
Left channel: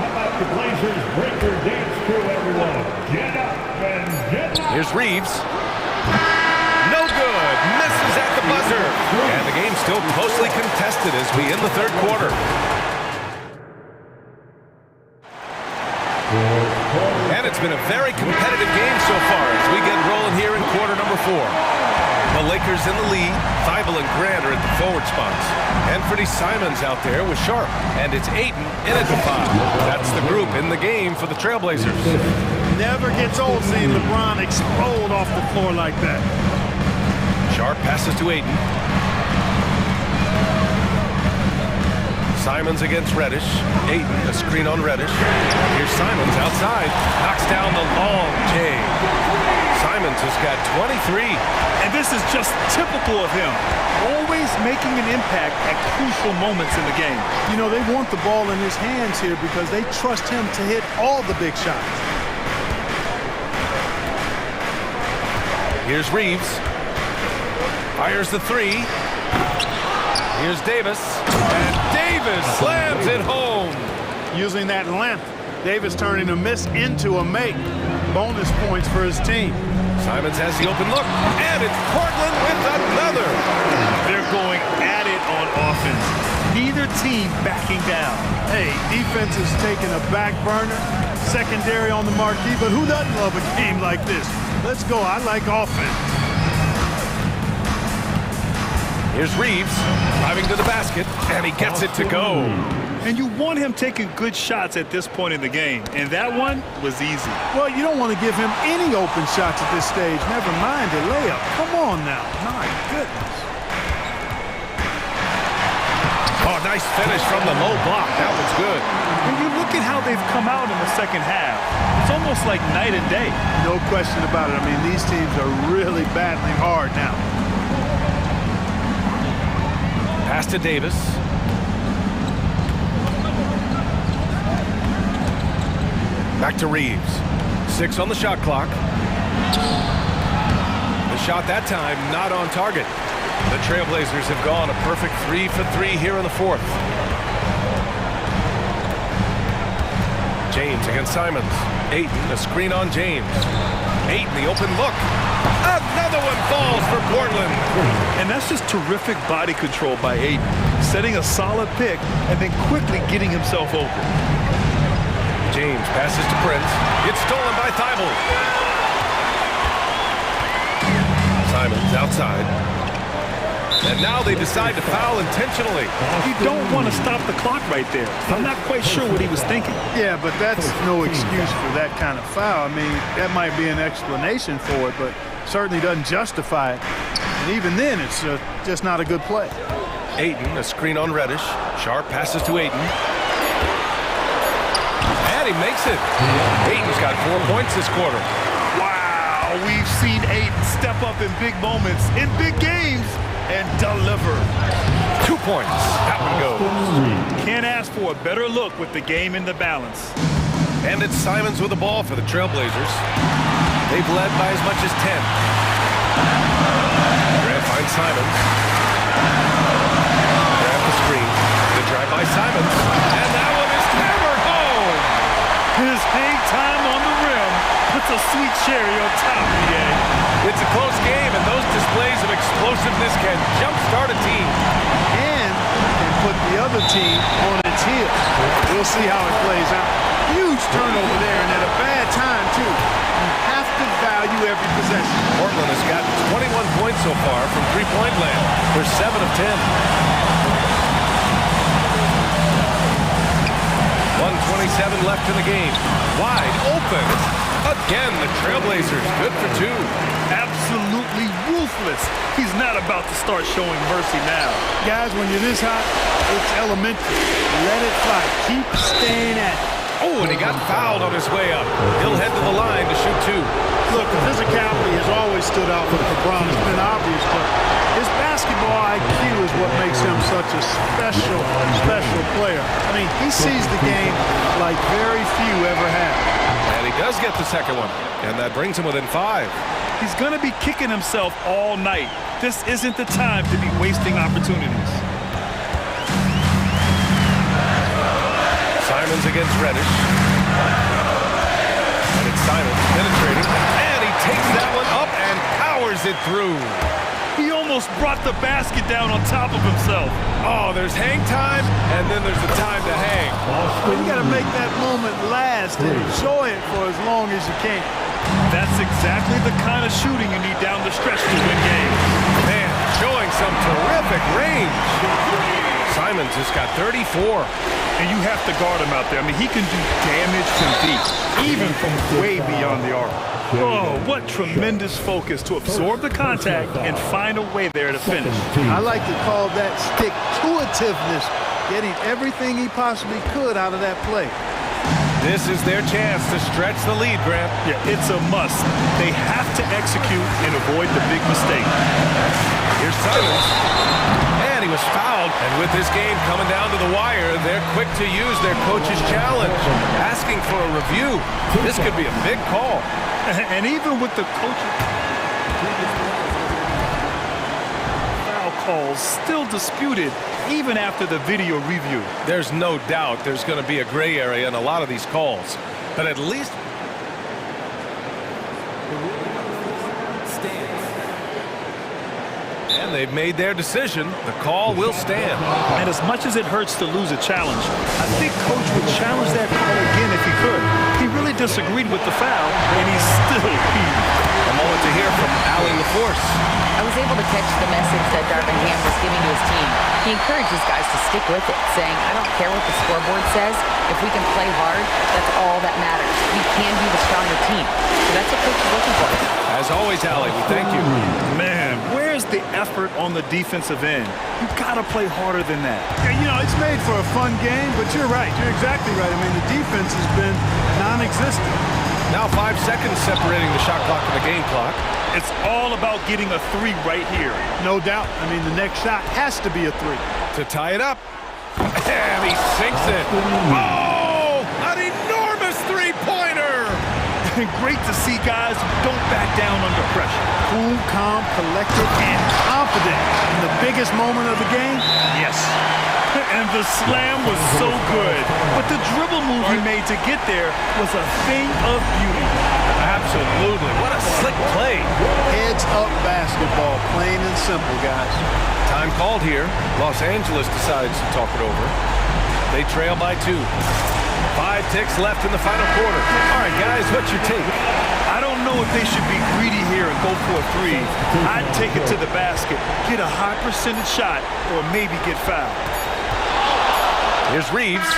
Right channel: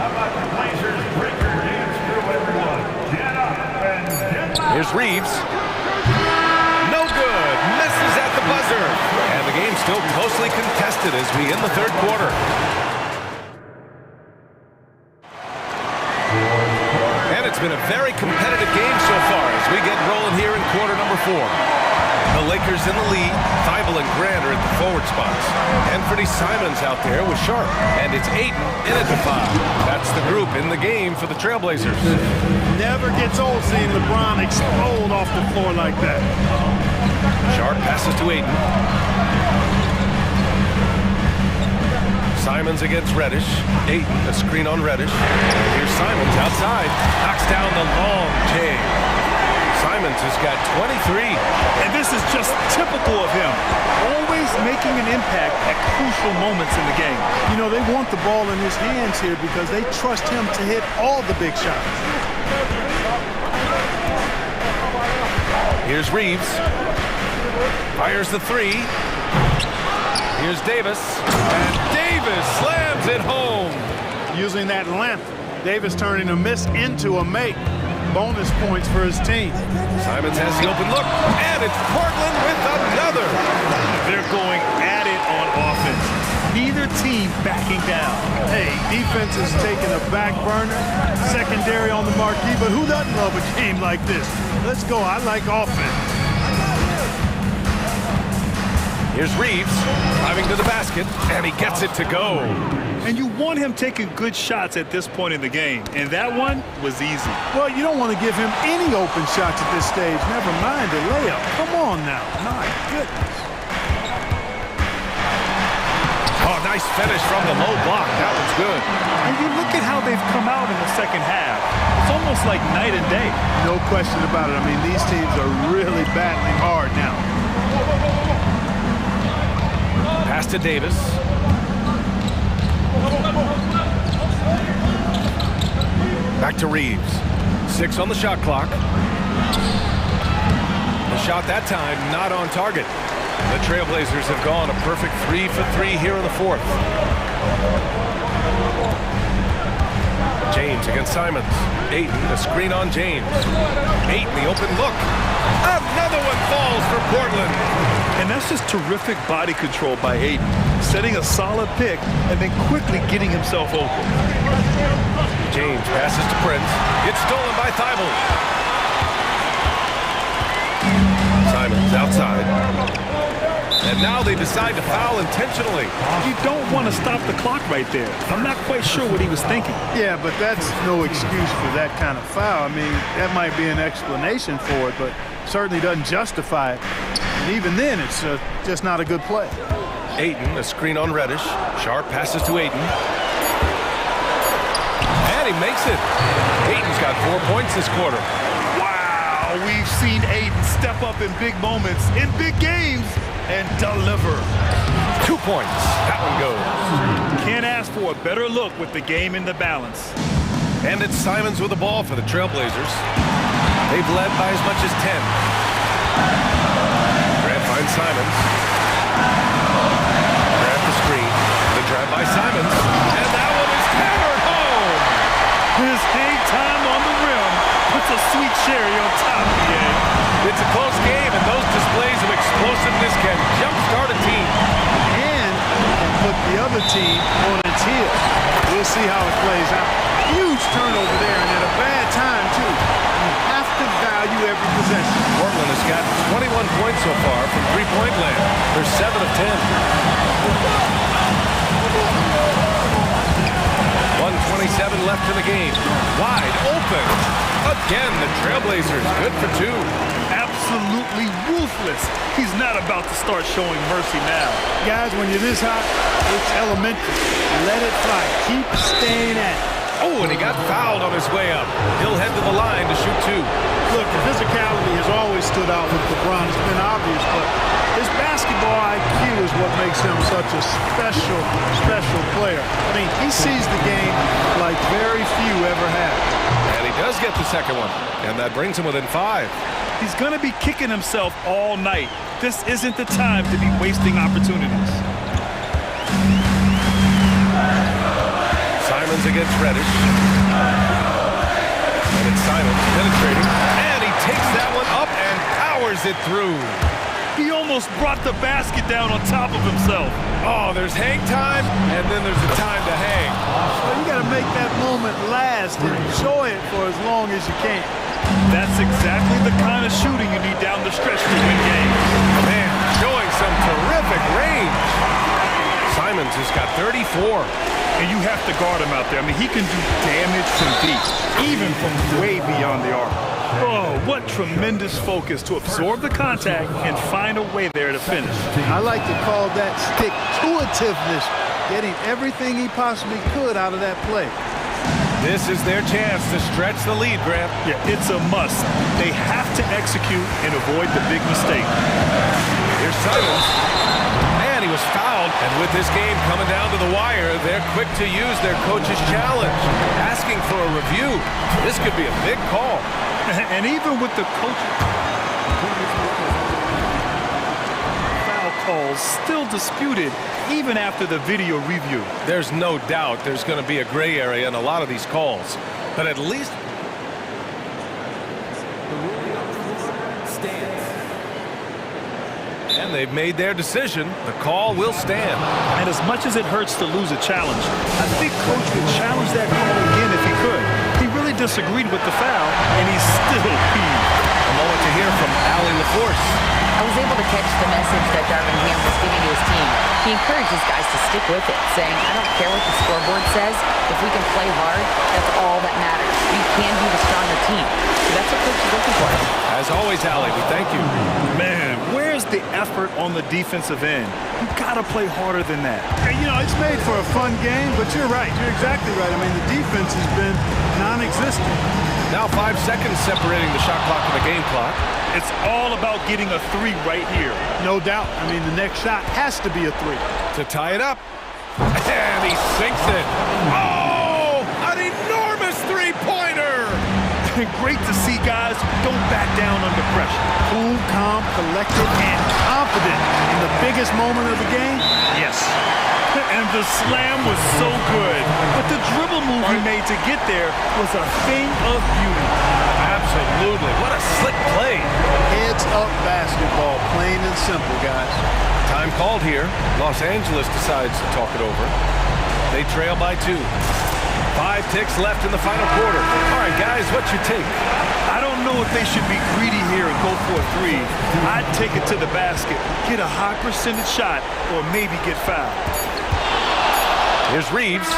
How about the Blazers breaker dance crew, everyone? Get up and get loud. Here's Reeves. No good. Misses at the buzzer. And the game's still closely contested as we end the third quarter. And it's been a very competitive game so far as we get rolling here in quarter number 4. The Lakers in the lead. Thibault and Grant are at the forward spots. Anthony Simons out there with Sharp. And it's Ayton in at the 5. That's the group in the game for the Trailblazers. Never gets old seeing LeBron explode off the floor like that. Sharp passes to Ayton. Simons against Reddish. Ayton, a screen on Reddish. And here's Simons outside. Knocks down the long J. Simons has got 23. And this is just typical of him. Always making an impact at crucial moments in the game. You know, they want the ball in his hands here because they trust him to hit all the big shots. Here's Reeves. Fires the 3. Here's Davis. And Davis slams it home. Using that length, Davis turning a miss into a make. Bonus points for his team. Simons has the open look. And it's Portland with another. They're going at it on offense. Neither team backing down. Hey, defense is taking a back burner. Secondary on the marquee, but who doesn't love a game like this? Let's go. I like offense. Here's Reeves driving to the basket, and he gets it to go. And you want him taking good shots at this point in the game, and that one was easy. Well, you don't want to give him any open shots at this stage. Never mind a layup. Come on now. My goodness. Oh, nice finish from the low block. That one's good. And you look at how they've come out in the second half. It's almost like night and day. No question about it. I mean, these teams are really battling hard now. Pass to Davis. Back to Reeves. 6 on the shot clock. The shot that time not on target. The Trailblazers have gone a perfect 3 for 3 here in the fourth. James against Simons. Ayton, a screen on James. Ayton, the open look. Another one falls for Portland. And that's just terrific body control by Ayton. Setting a solid pick and then quickly getting himself open. James passes to Prince. It's stolen by Thibault. Simons outside. And now they decide to foul intentionally. You don't want to stop the clock right there. I'm not quite sure what he was thinking. Yeah, but that's no excuse for that kind of foul. I mean, that might be an explanation for it, but certainly doesn't justify it. And even then, it's just not a good play. Ayton, a screen on Reddish. Sharp passes to Ayton. And he makes it. Ayton's got 4 points this quarter. Wow, we've seen Ayton step up in big moments, in big games, and deliver. 2 points. That one goes. Can't ask for a better look with the game in the balance. And it's Simons with the ball for the Trailblazers. They've led by as much as 10. Grant finds Simons. Grant the screen. The drive by Simons. And that one is hammered home. His hang time on the rim puts a sweet cherry on top, BA. It's a close game, and those displays of explosiveness can jumpstart a team. And can put the other team on its heels. We'll see how it plays out. Huge turnover there, and at a bad time, too. You have to value every possession. Portland has got 21 points so far from three-point land. They're 7 of 10. 1:27 left in the game. Wide open. Again, the Trailblazers good for 2. Absolutely ruthless. He's not about to start showing mercy now. Guys, when you're this hot, it's elementary. Let it fly. Keep staying at it. Oh, and he got fouled on his way up. He'll head to the line to shoot 2. Look, the physicality has always stood out with LeBron. It's been obvious, but his basketball IQ is what makes him such a special player. I mean, he sees the game like very few ever have. And he does get the second one, and that brings him within 5. He's going to be kicking himself all night. This isn't the time to be wasting opportunities. Simons against Reddish. And it's Simons penetrating. And he takes that one up and powers it through. He almost brought the basket down on top of himself. Oh, there's hang time, and then there's the time to hang. Well, you got to make that moment last and enjoy it for as long as you can. That's exactly the kind of shooting you need down the stretch to win games. Man, showing some terrific range. Simons has got 34. And you have to guard him out there. I mean, he can do damage from deep, even from way beyond the arc. Oh, what tremendous focus to absorb the contact and find a way there to finish. I like to call that stick-to-itiveness, getting everything he possibly could out of that play. This is their chance to stretch the lead, Grant. Yeah, it's a must. They have to execute and avoid the big mistake. Here's Simons. And he was fouled. And with this game coming down to the wire, they're quick to use their coach's challenge, asking for a review. This could be a big call. And even with the coach's foul calls still disputed, even after the video review. There's no doubt there's going to be a gray area in a lot of these calls. But at least The ruling on the floor stands. and they've made their decision. The call will stand. And as much as it hurts to lose a challenge, I think Coach would challenge that call again if he could. He really disagreed with the foul, and he's still peeved. A moment to hear from Allie LaForce. I was able to catch the message that Darvin Ham was giving to his team. He encouraged his guys to stick with it, saying, I don't care what the scoreboard says. If we can play hard, that's all that matters. We can be the stronger team. So that's what Coach is looking for. As always, Allie, we thank you. Man, where's the effort on the defensive end? You gotta play harder than that. Yeah, you know, it's made for a fun game, but you're right. You're exactly right. I mean, the defense has been non-existent. Now 5 seconds separating the shot clock and the game clock. It's all about getting a 3 right here. No doubt. I mean, the next shot has to be a 3. To tie it up. And he sinks it. Oh, an enormous three-pointer. Great to see guys who don't back down under pressure. Cool, calm, collected, and confident in the biggest moment of the game. Yes. And the slam was so good. But the dribble move he made to get there was a thing of beauty. Absolutely. What a slick play. Heads up basketball, plain and simple, guys. Time called here. Los Angeles decides to talk it over. They trail by 2. 5 ticks left in the final quarter. All right, guys, what's your take? I don't know if they should be greedy here and go for a three. I'd take it to the basket, get a high percentage shot, or maybe get fouled. Here's Reeves.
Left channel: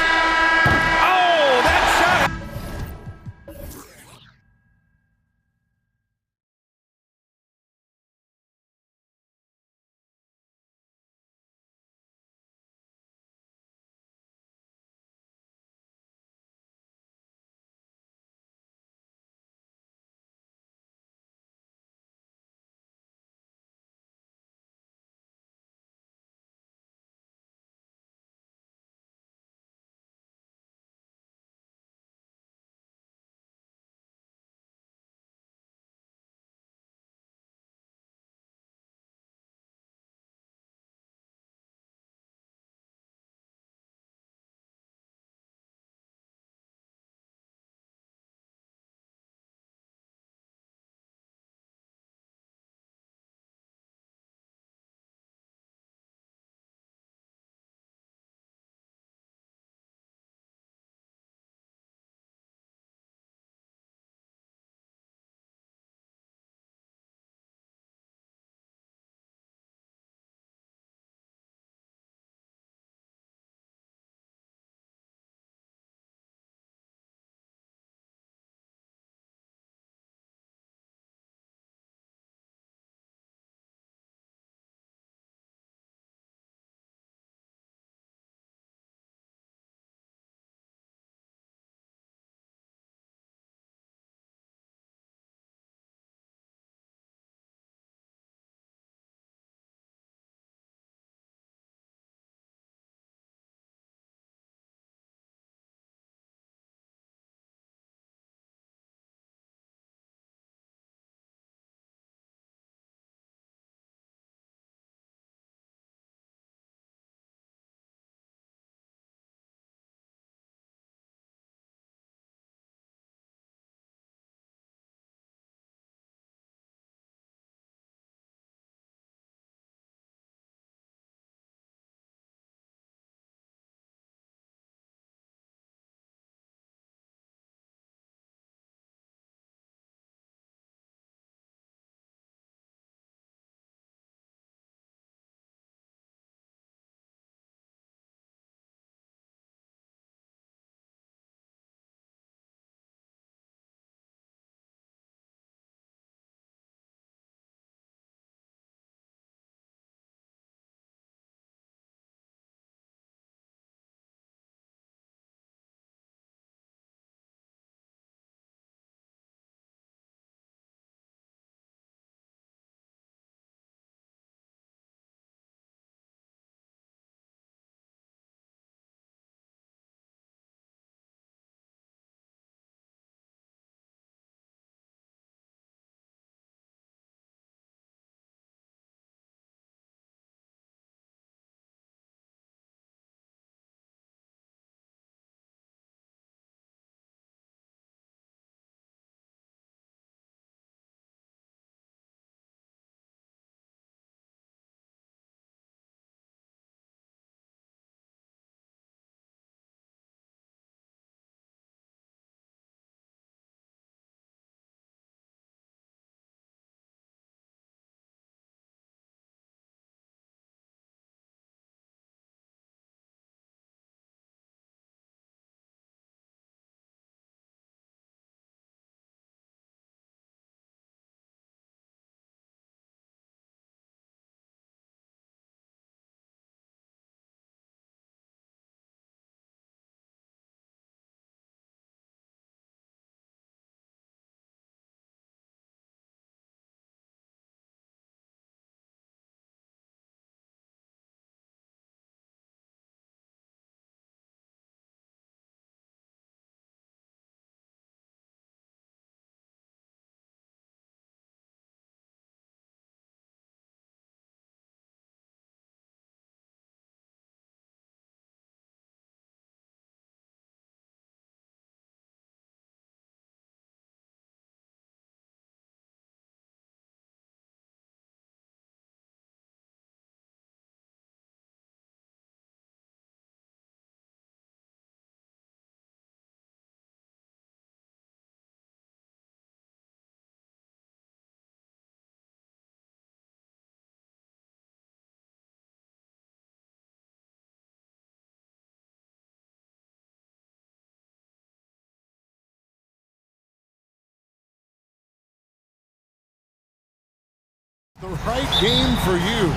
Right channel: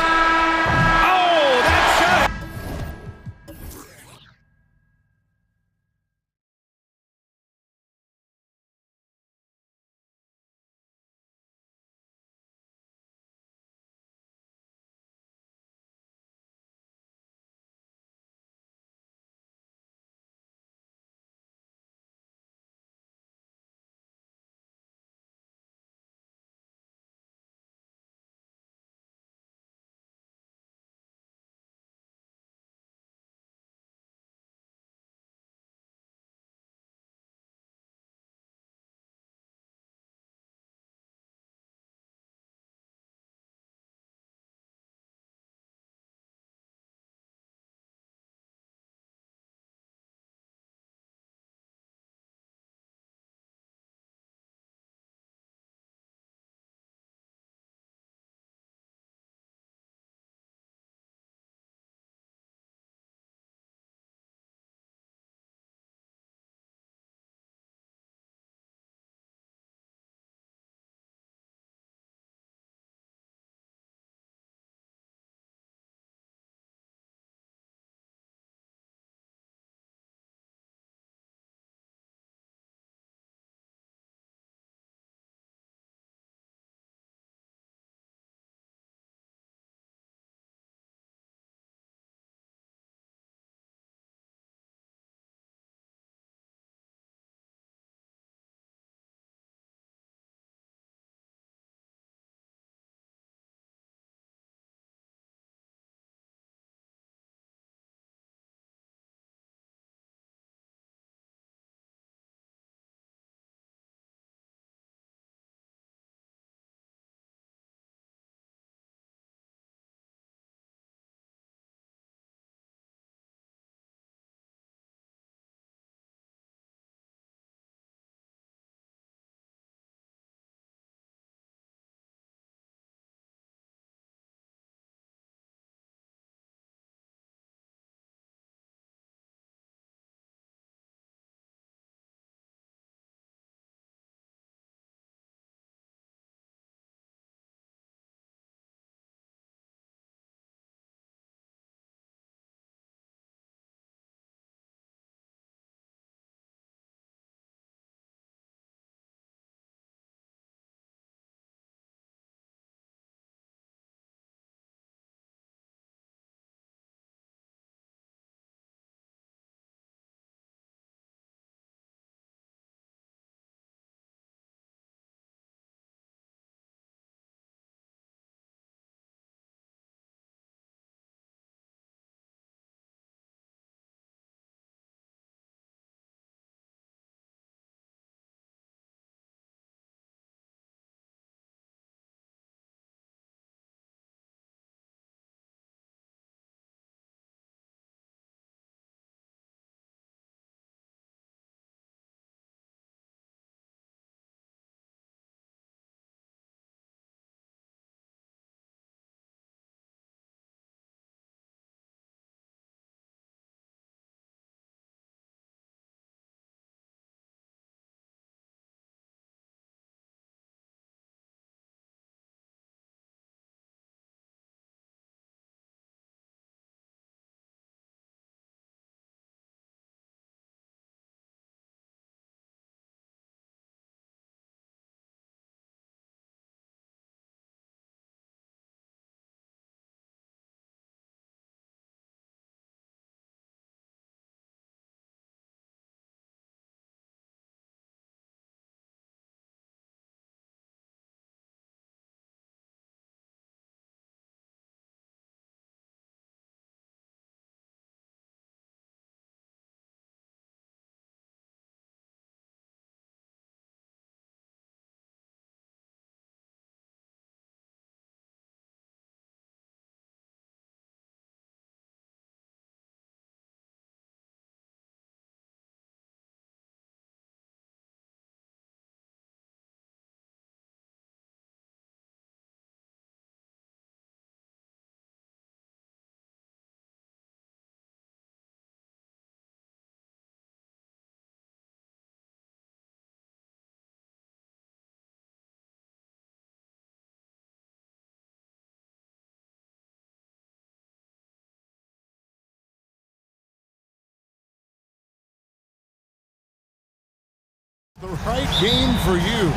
The right game for you.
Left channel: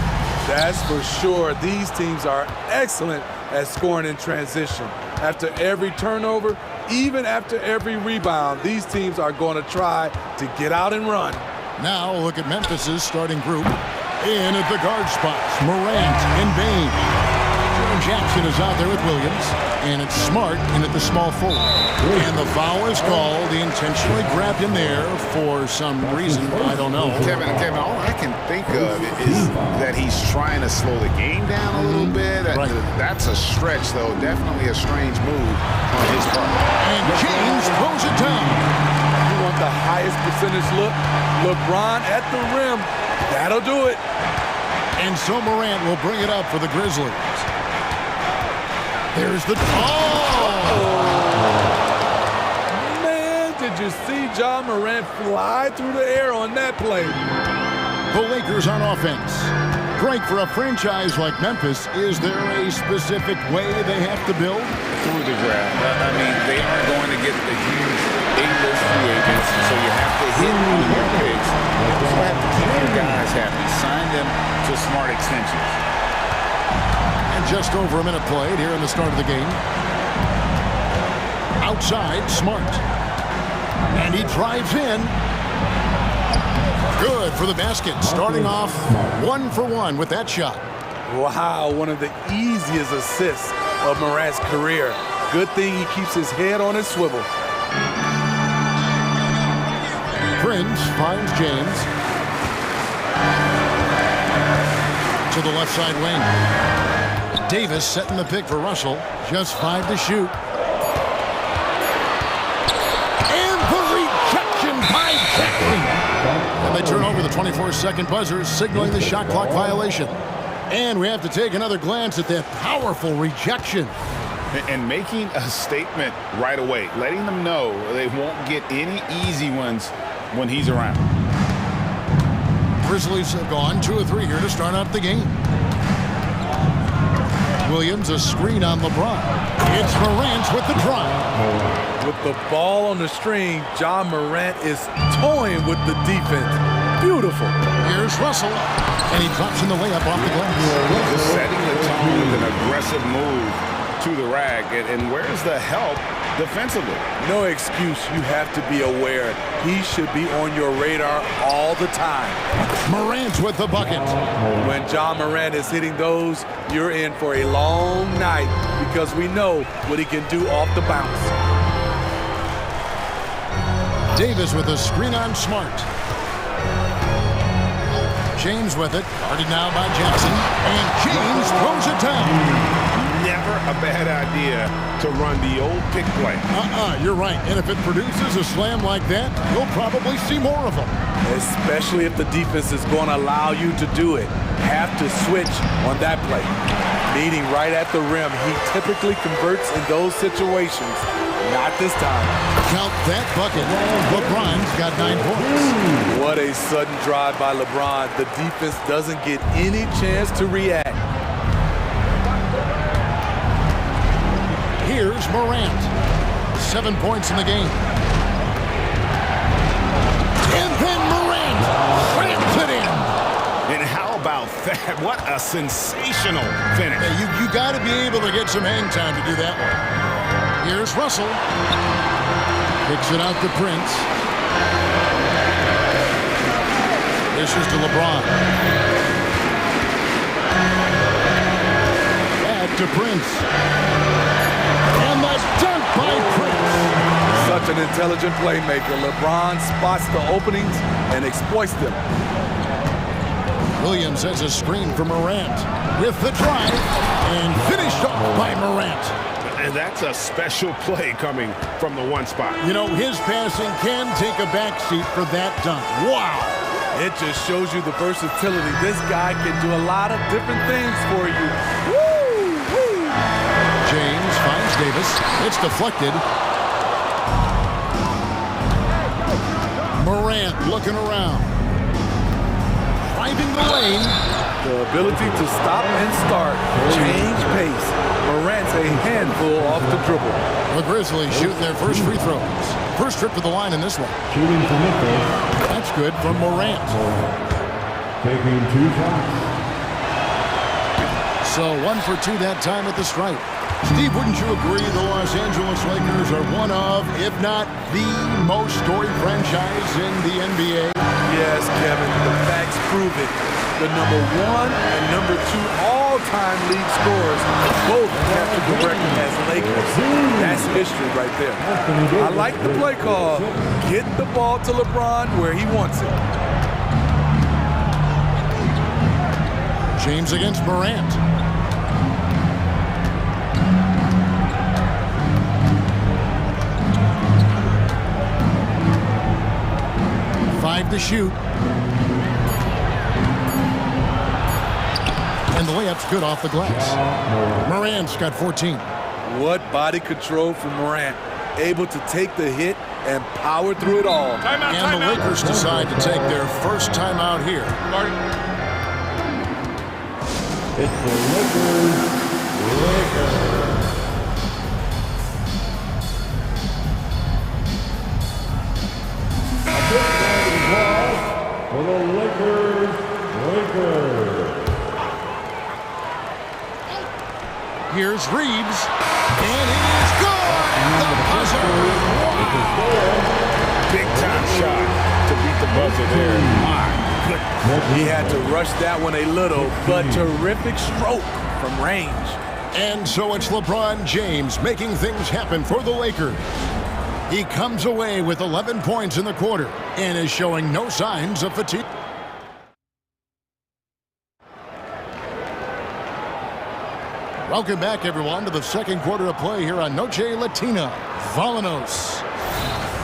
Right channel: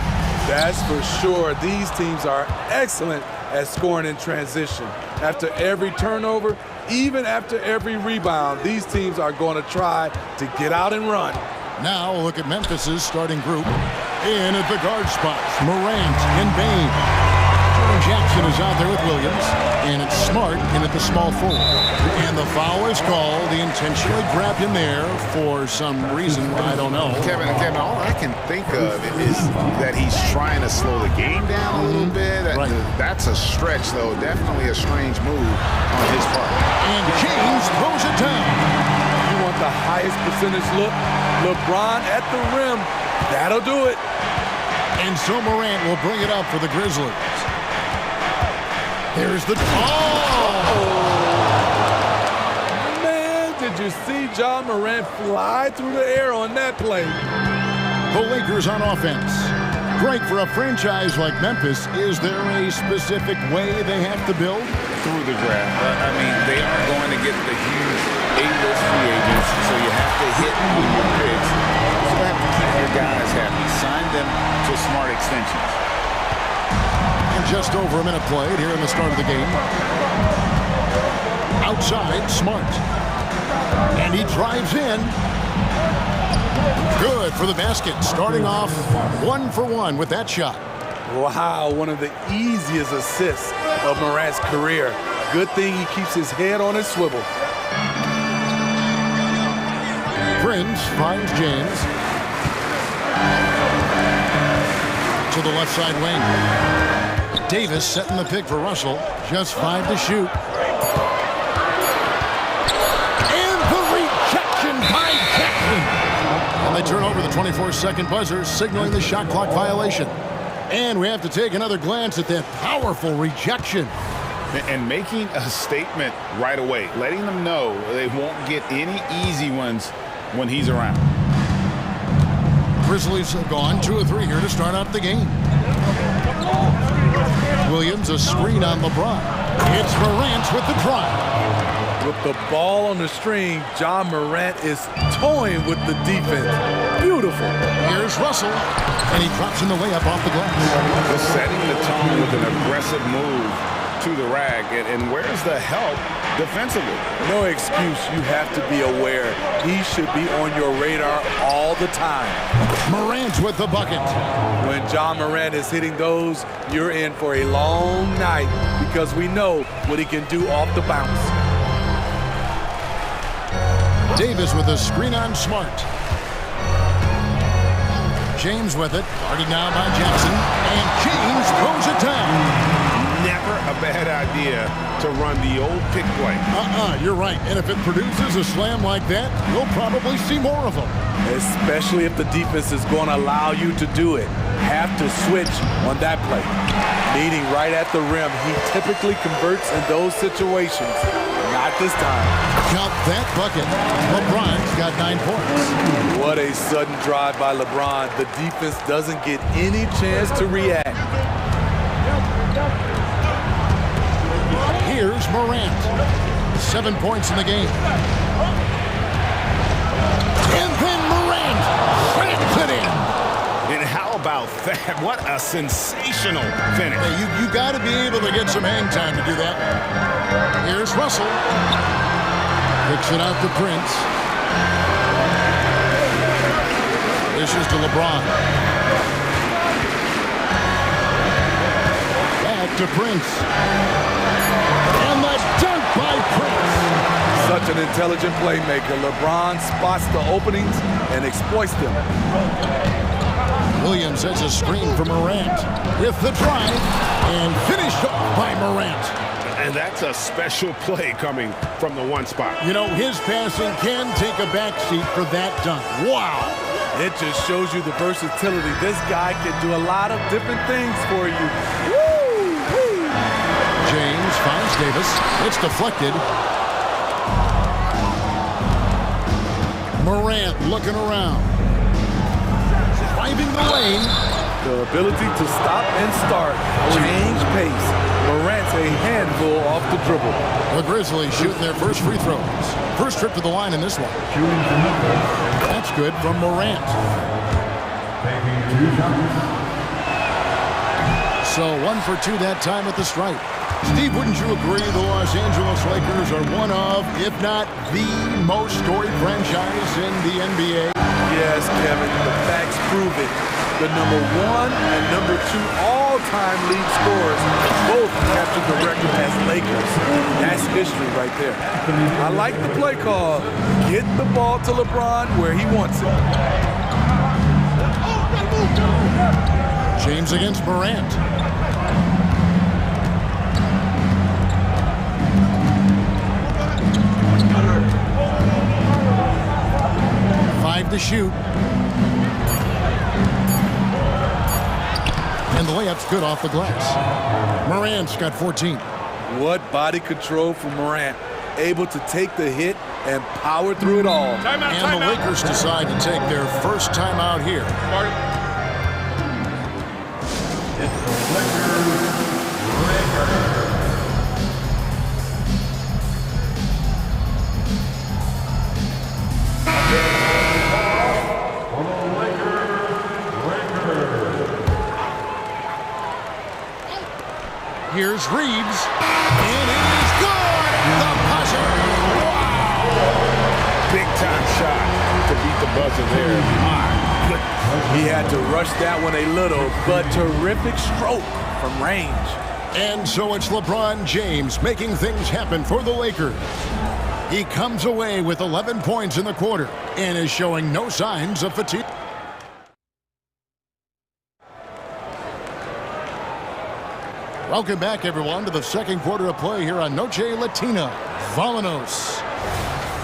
That's for sure. These teams are excellent at scoring in transition. After every turnover, even after every rebound, these teams are going to try to get out and run. Now look at Memphis's starting group. In at the guard spots, Morant and Bain. Jordan Jackson is out there with Williams, and it's Smart in at the small forward. And the foul is called. He intentionally grabbed him there for some reason, I don't know. Kevin, all I can think of is that he's trying to slow the game down a little bit. Right. That's a stretch, though. Definitely a strange move on his part. And James throws it down. You want the highest percentage look? LeBron at the rim. That'll do it. And so Morant will bring it up for the Grizzlies. There's the... Oh! Man, did you see Ja Morant fly through the air on that play? The Lakers on offense. Greg, for a franchise like Memphis, is there a specific way they have to build? Through the draft. I mean, they aren't going to get the huge A-list free agents, so you have to hit on your picks. You also have to keep your guys happy. Sign them to smart extensions. And just over a minute played here in the start of the game. Outside, Smart. And he drives in. Good for the basket. Starting off 1 for 1 with that shot. Wow, one of the easiest assists of Morant's career. Good thing he keeps his head on his swivel. Prince finds James. To the left side wing. Davis setting the pick for Russell. Just 5 to shoot. And the rejection by Jackson. And they turn over the 24-second buzzer, signaling the shot clock violation. And we have to take another glance at that powerful rejection. And making a statement right away, letting them know they won't get any easy ones when he's around. Grizzlies have gone 2 of 3 here to start out the game. Williams, a screen on LeBron. It's Morant with the drive. With the ball on the string, Ja Morant is toying with the defense. Beautiful. Here's Russell, and he drops in the layup off the glass. Just setting the tone with an aggressive move to the rack. And where's the help defensively? No excuse. You have to be aware. He should be on your radar all the time. Morant with the bucket. When Ja Morant is hitting those, you're in for a long night because we know what he can do off the bounce. Davis with a screen on Smart. James with it, guarded now by Jackson, and James throws it down. Never a bad idea to run the old pick play. You're right. And if it produces a slam like that, you'll probably see more of them. Especially if the defense is going to allow you to do it. Have to switch on that play. Meeting right at the rim, he typically converts in those situations. Not this time. Count that bucket. LeBron's got 9 points. What a sudden drive by LeBron. The defense doesn't get any chance to react. Here's Morant. 7 points in the game. And then Morant slams it in. And how about that? What a sensational finish. Hey, you got to be able to get some hang time to do that one. Here's Russell. Kicks it out to Prince. This is to LeBron. Back to Prince. And the dunk by Prince. Such an intelligent playmaker. LeBron spots the openings and exploits them. Williams has a screen for Morant with the drive and finished off by Morant. And that's a special play coming from the one spot. You know, his passing can take a backseat for that dunk. Wow. It just shows you the versatility. This guy can do a lot of different things for you. Woo! Woo! James finds Davis. It's deflected. Morant looking around. Driving the lane. The ability to stop and start, change pace. Morant's a handful off the dribble. The Grizzlies shooting their first free throws. First trip to the line in this one. That's good from Morant. taking 2 shots. So 1 for 2 that time at the stripe. Steve, wouldn't you agree the Los Angeles Lakers are one of, if not the most storied franchise in the NBA? Yes, Kevin, the facts prove it. The number 1 and number 2 all-time league scorers both captured the record as Lakers. That's history right there. I like the play call. Get the ball to LeBron where he wants it. James against Morant. Five to shoot. And the layup's good off the glass. Morant's got 14. What body control from Morant. Able to take the hit and power through it all. And the Lakers decide to take their first timeout here. It's the Lakers. For the Lakers. Here's Reeves, and it is good at the buzzer. Wow! Big time shot to beat the buzzer there. My goodness. He had to rush that one a little, but terrific stroke from range. And so it's LeBron James making things happen for the Lakers. He comes away with 11 points in the quarter and is showing no signs of fatigue. Welcome back, everyone, to the second quarter of play here on Noche Latina. Vámonos.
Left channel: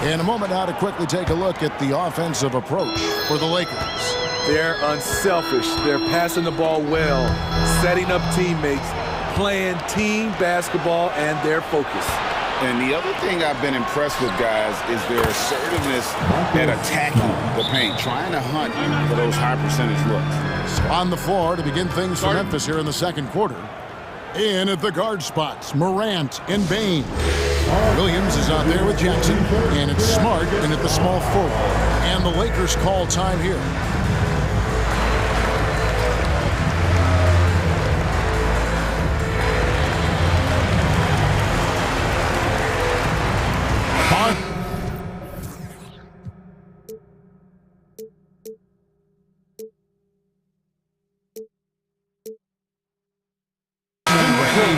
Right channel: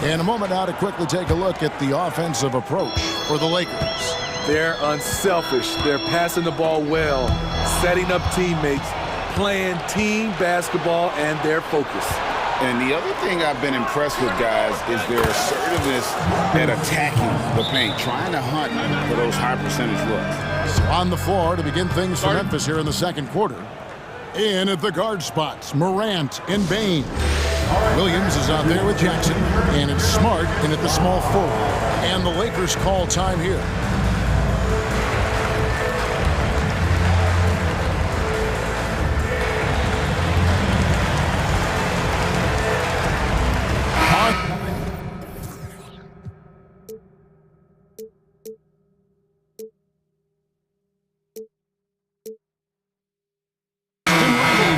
In a moment now to quickly take a look at the offensive approach for the Lakers. They're unselfish. They're passing the ball well, setting up teammates, playing team basketball, and their focus. And the other thing I've been impressed with, guys, is their assertiveness at attacking the paint, trying to hunt for those high percentage looks. So on the floor to begin things for Memphis here in the second quarter. In at the guard spots, Morant and Bane. Williams is out there with Jackson, and it's Smart in at the small forward. And the Lakers call time here.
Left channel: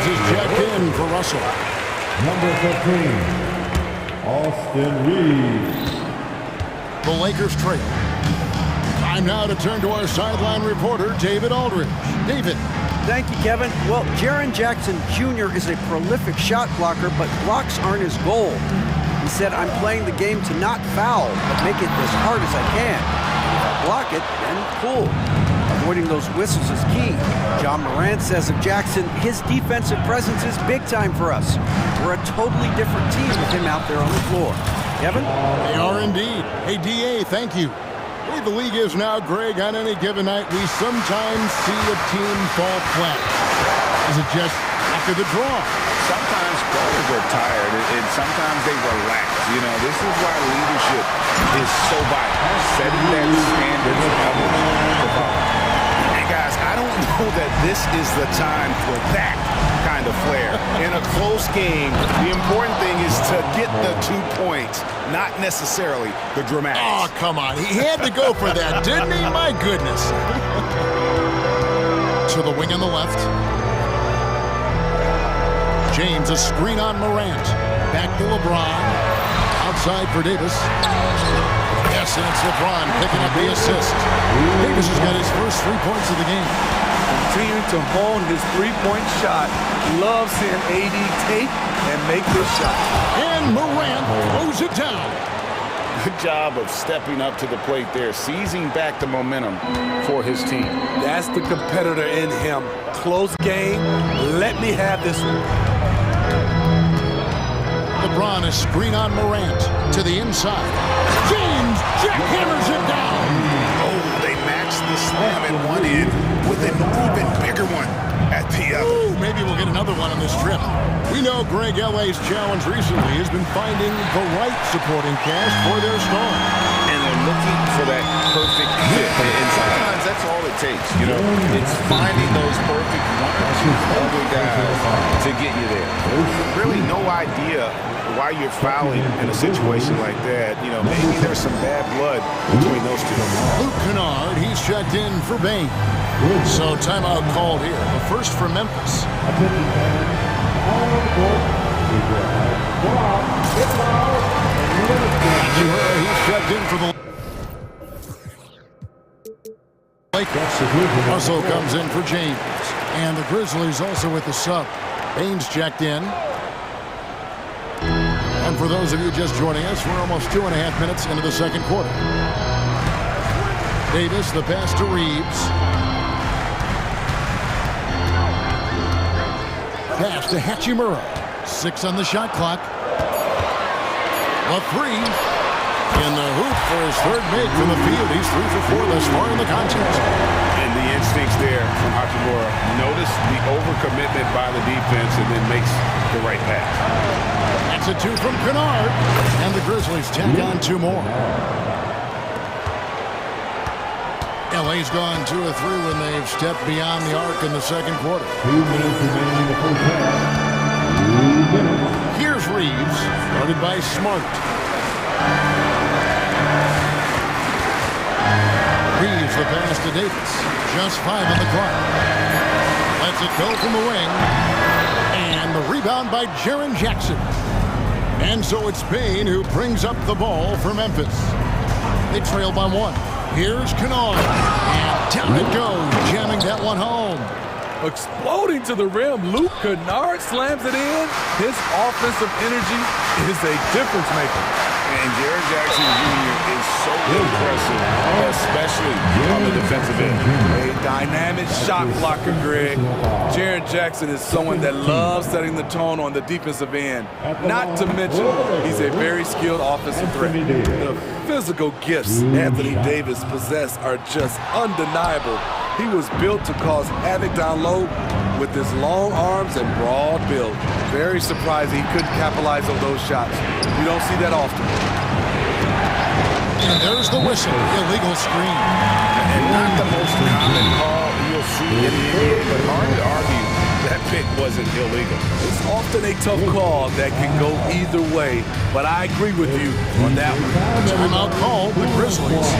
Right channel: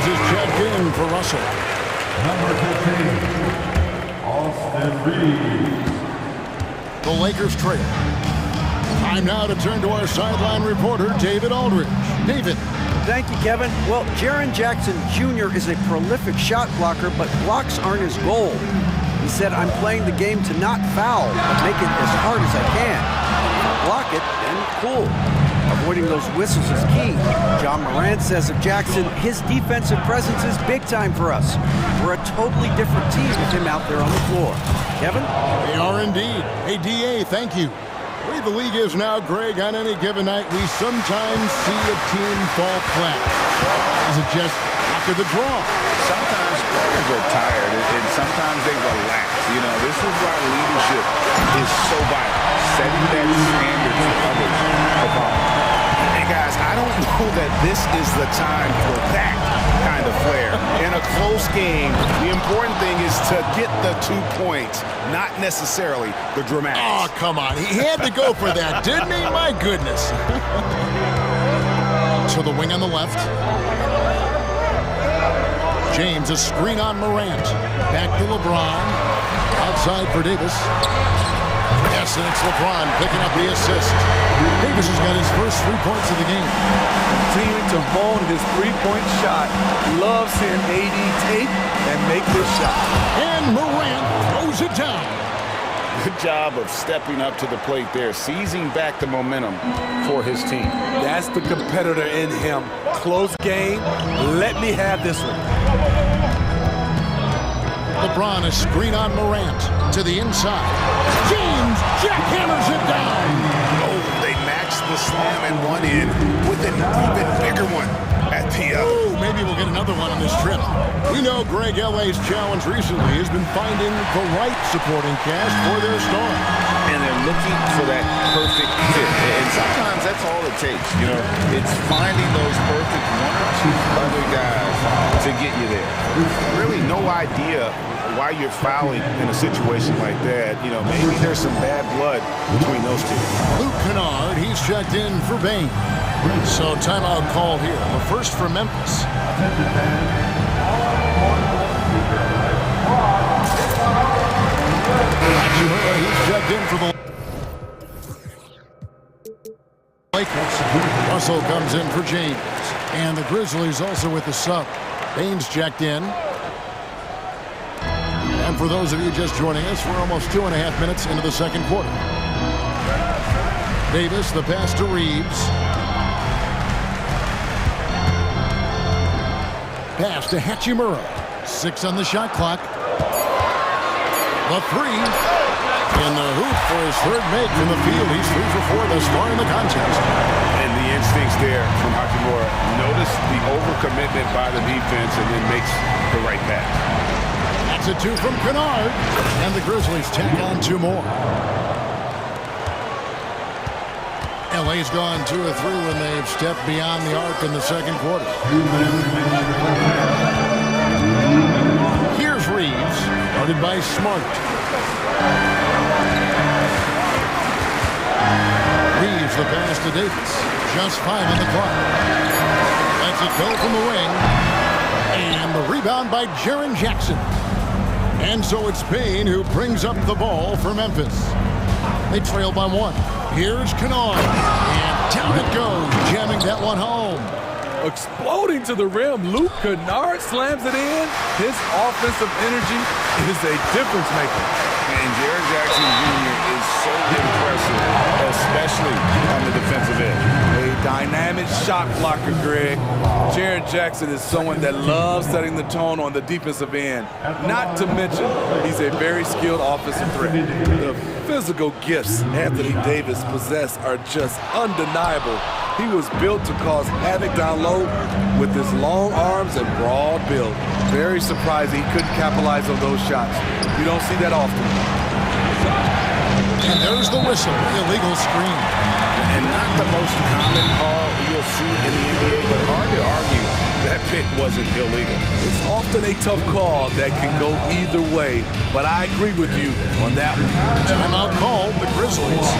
Is checked in for Russell. Number 15, Austin Reeves. The Lakers trail. Time now to turn to our sideline reporter, David Aldridge. David. Thank you, Kevin. Well, Jaren Jackson Jr. is a prolific shot blocker, but blocks aren't his goal. He said, I'm playing the game to not foul, but make it as hard as I can. And if I block it, then cool. Avoiding those whistles is key. John Morant says of Jackson, his defensive presence is big time for us. We're a totally different team with him out there on the floor. Kevin? They are indeed. Hey, D.A., thank you. The way the league is now, Greg, on any given night, we sometimes see a team fall flat. Is it just luck of the draw? Sometimes players are tired, and sometimes they relax. You know, this is why leadership is so vital, setting that standard for others to follow. And guys, I don't know that this is the time for that kind of flair. In a close game, the important thing is to get the 2 points, not necessarily the dramatics. Oh, come on. He had to go for that, didn't he? My goodness. To the wing on the left. James, a screen on Morant. Back to LeBron. Outside for Davis. Yes, and it's LeBron picking up the assist. Davis has got his first 3 points of the game. Continuing to hone his three-point shot. Loves seeing AD take and make this shot. And Morant throws it down. Good job of stepping up to the plate there, seizing back the momentum for his team. That's the competitor in him. Close game. Let me have this one. LeBron, a screen on Morant to the inside. James jackhammers it down. Oh, they matched the slam at one end with an even bigger one at the other. Ooh, maybe we'll get another one on this trip. We know Greg L.A.'s challenge recently has been finding the right supporting cast for their star. And they're looking for that perfect fit. And sometimes that's all it takes, you know. It's finding those perfect one or two other guys to get you there. Really no idea why you're fouling in a situation like that. You know, maybe there's some bad blood between those two. Luke Kennard, he's checked in for Bain. So timeout called here. The first for Memphis. Attention fans, all court, Hachimura, he's checked in for the Lakers. Russell comes in for James. And the Grizzlies also with the sub. Bain's checked in. And for those of you just joining us, we're almost 2.5 minutes into the second quarter. Davis, the pass to Reeves. Pass to Hachimura. 6 on the shot clock. The three in the hoop for his third make from the field. He's 3 for 4 thus far in the contest. And the instincts there from Hachimura. Notice the overcommitment by the defense and then makes the right pass. That's a 2 from Kennard. And the Grizzlies tack on 2 more. LA's gone 2 of 3 when they've stepped beyond the arc in the second quarter. 2 minutes remaining in the first half. Here's Reeves, guarded by Smart. Reeves the pass to Davis. Just 5 on the clock. Lets it go from the wing. And the rebound by Jaren Jackson. And so it's Bain who brings up the ball for Memphis. They trail by 1. Here's Kennard. And down it goes, jamming that one home. Exploding to the rim, Luke Kennard slams it in. His offensive energy is a difference maker. And Jaren Jackson Jr. is so impressive, especially on the defensive end. A dynamic shot blocker, Greg. Jaren Jackson is someone that loves setting the tone on the defensive end. Not to mention, he's a very skilled offensive threat. The physical gifts Anthony Davis possesses are just undeniable. He was built to cause havoc down low with his long arms and broad build. Very surprising he couldn't capitalize on those shots. You don't see that often. And there's the whistle, illegal screen. And not the most common call you'll see in the NBA, but hard to argue that pick wasn't illegal. It's often a tough call that can go either way, but I agree with you on that one. Timeout called, the Grizzlies.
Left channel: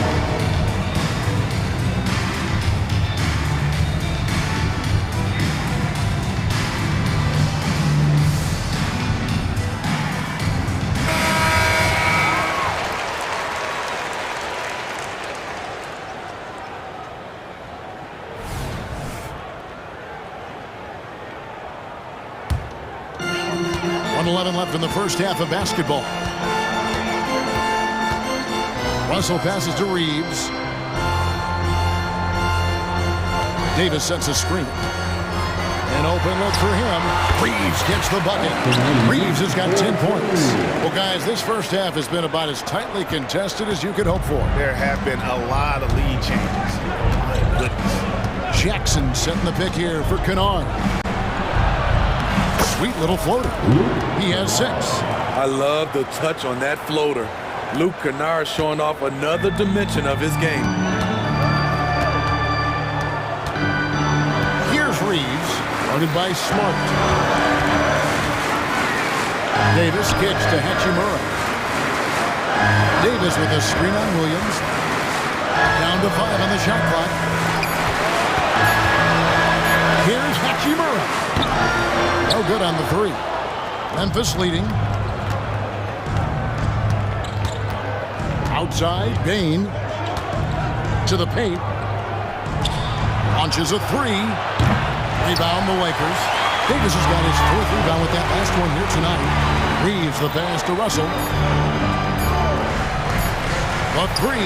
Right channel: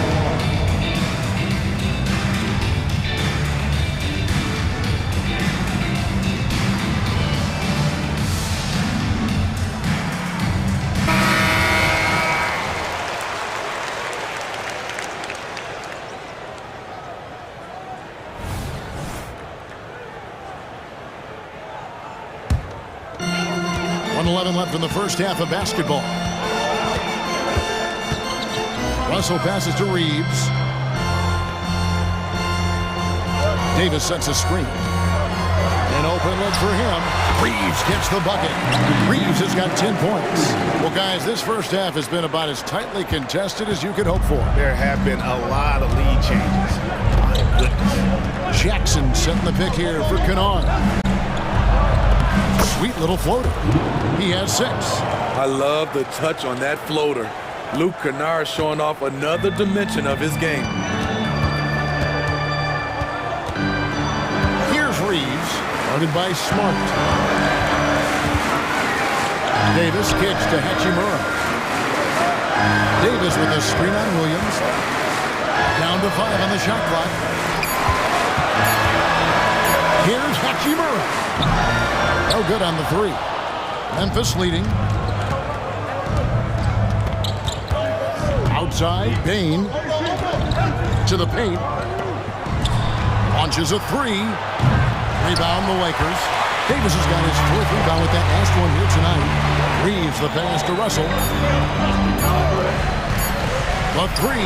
Left in the first half of basketball. Russell passes to Reeves. Davis sets a screen. An open look for him. Reeves gets the bucket. Reeves has got 10 points. Well, guys, this first half has been about as tightly contested as you could hope for. There have been a lot of lead changes. My goodness. Jackson setting the pick here for Kennard. Sweet little floater. He has 6. I love the touch on that floater. Luke Kennard showing off another dimension of his game. Here's Reeves, guarded by Smart. Davis kicks to Hachimura. Davis with a screen on Williams. Down to 5 on the shot clock. Here's Hachimura. No good on the 3. Memphis leading. Outside, Bain to the paint. Launches a 3. Rebound the Lakers. Davis has got his 4th rebound with that last one here tonight. Reeves the pass to Russell. The 3.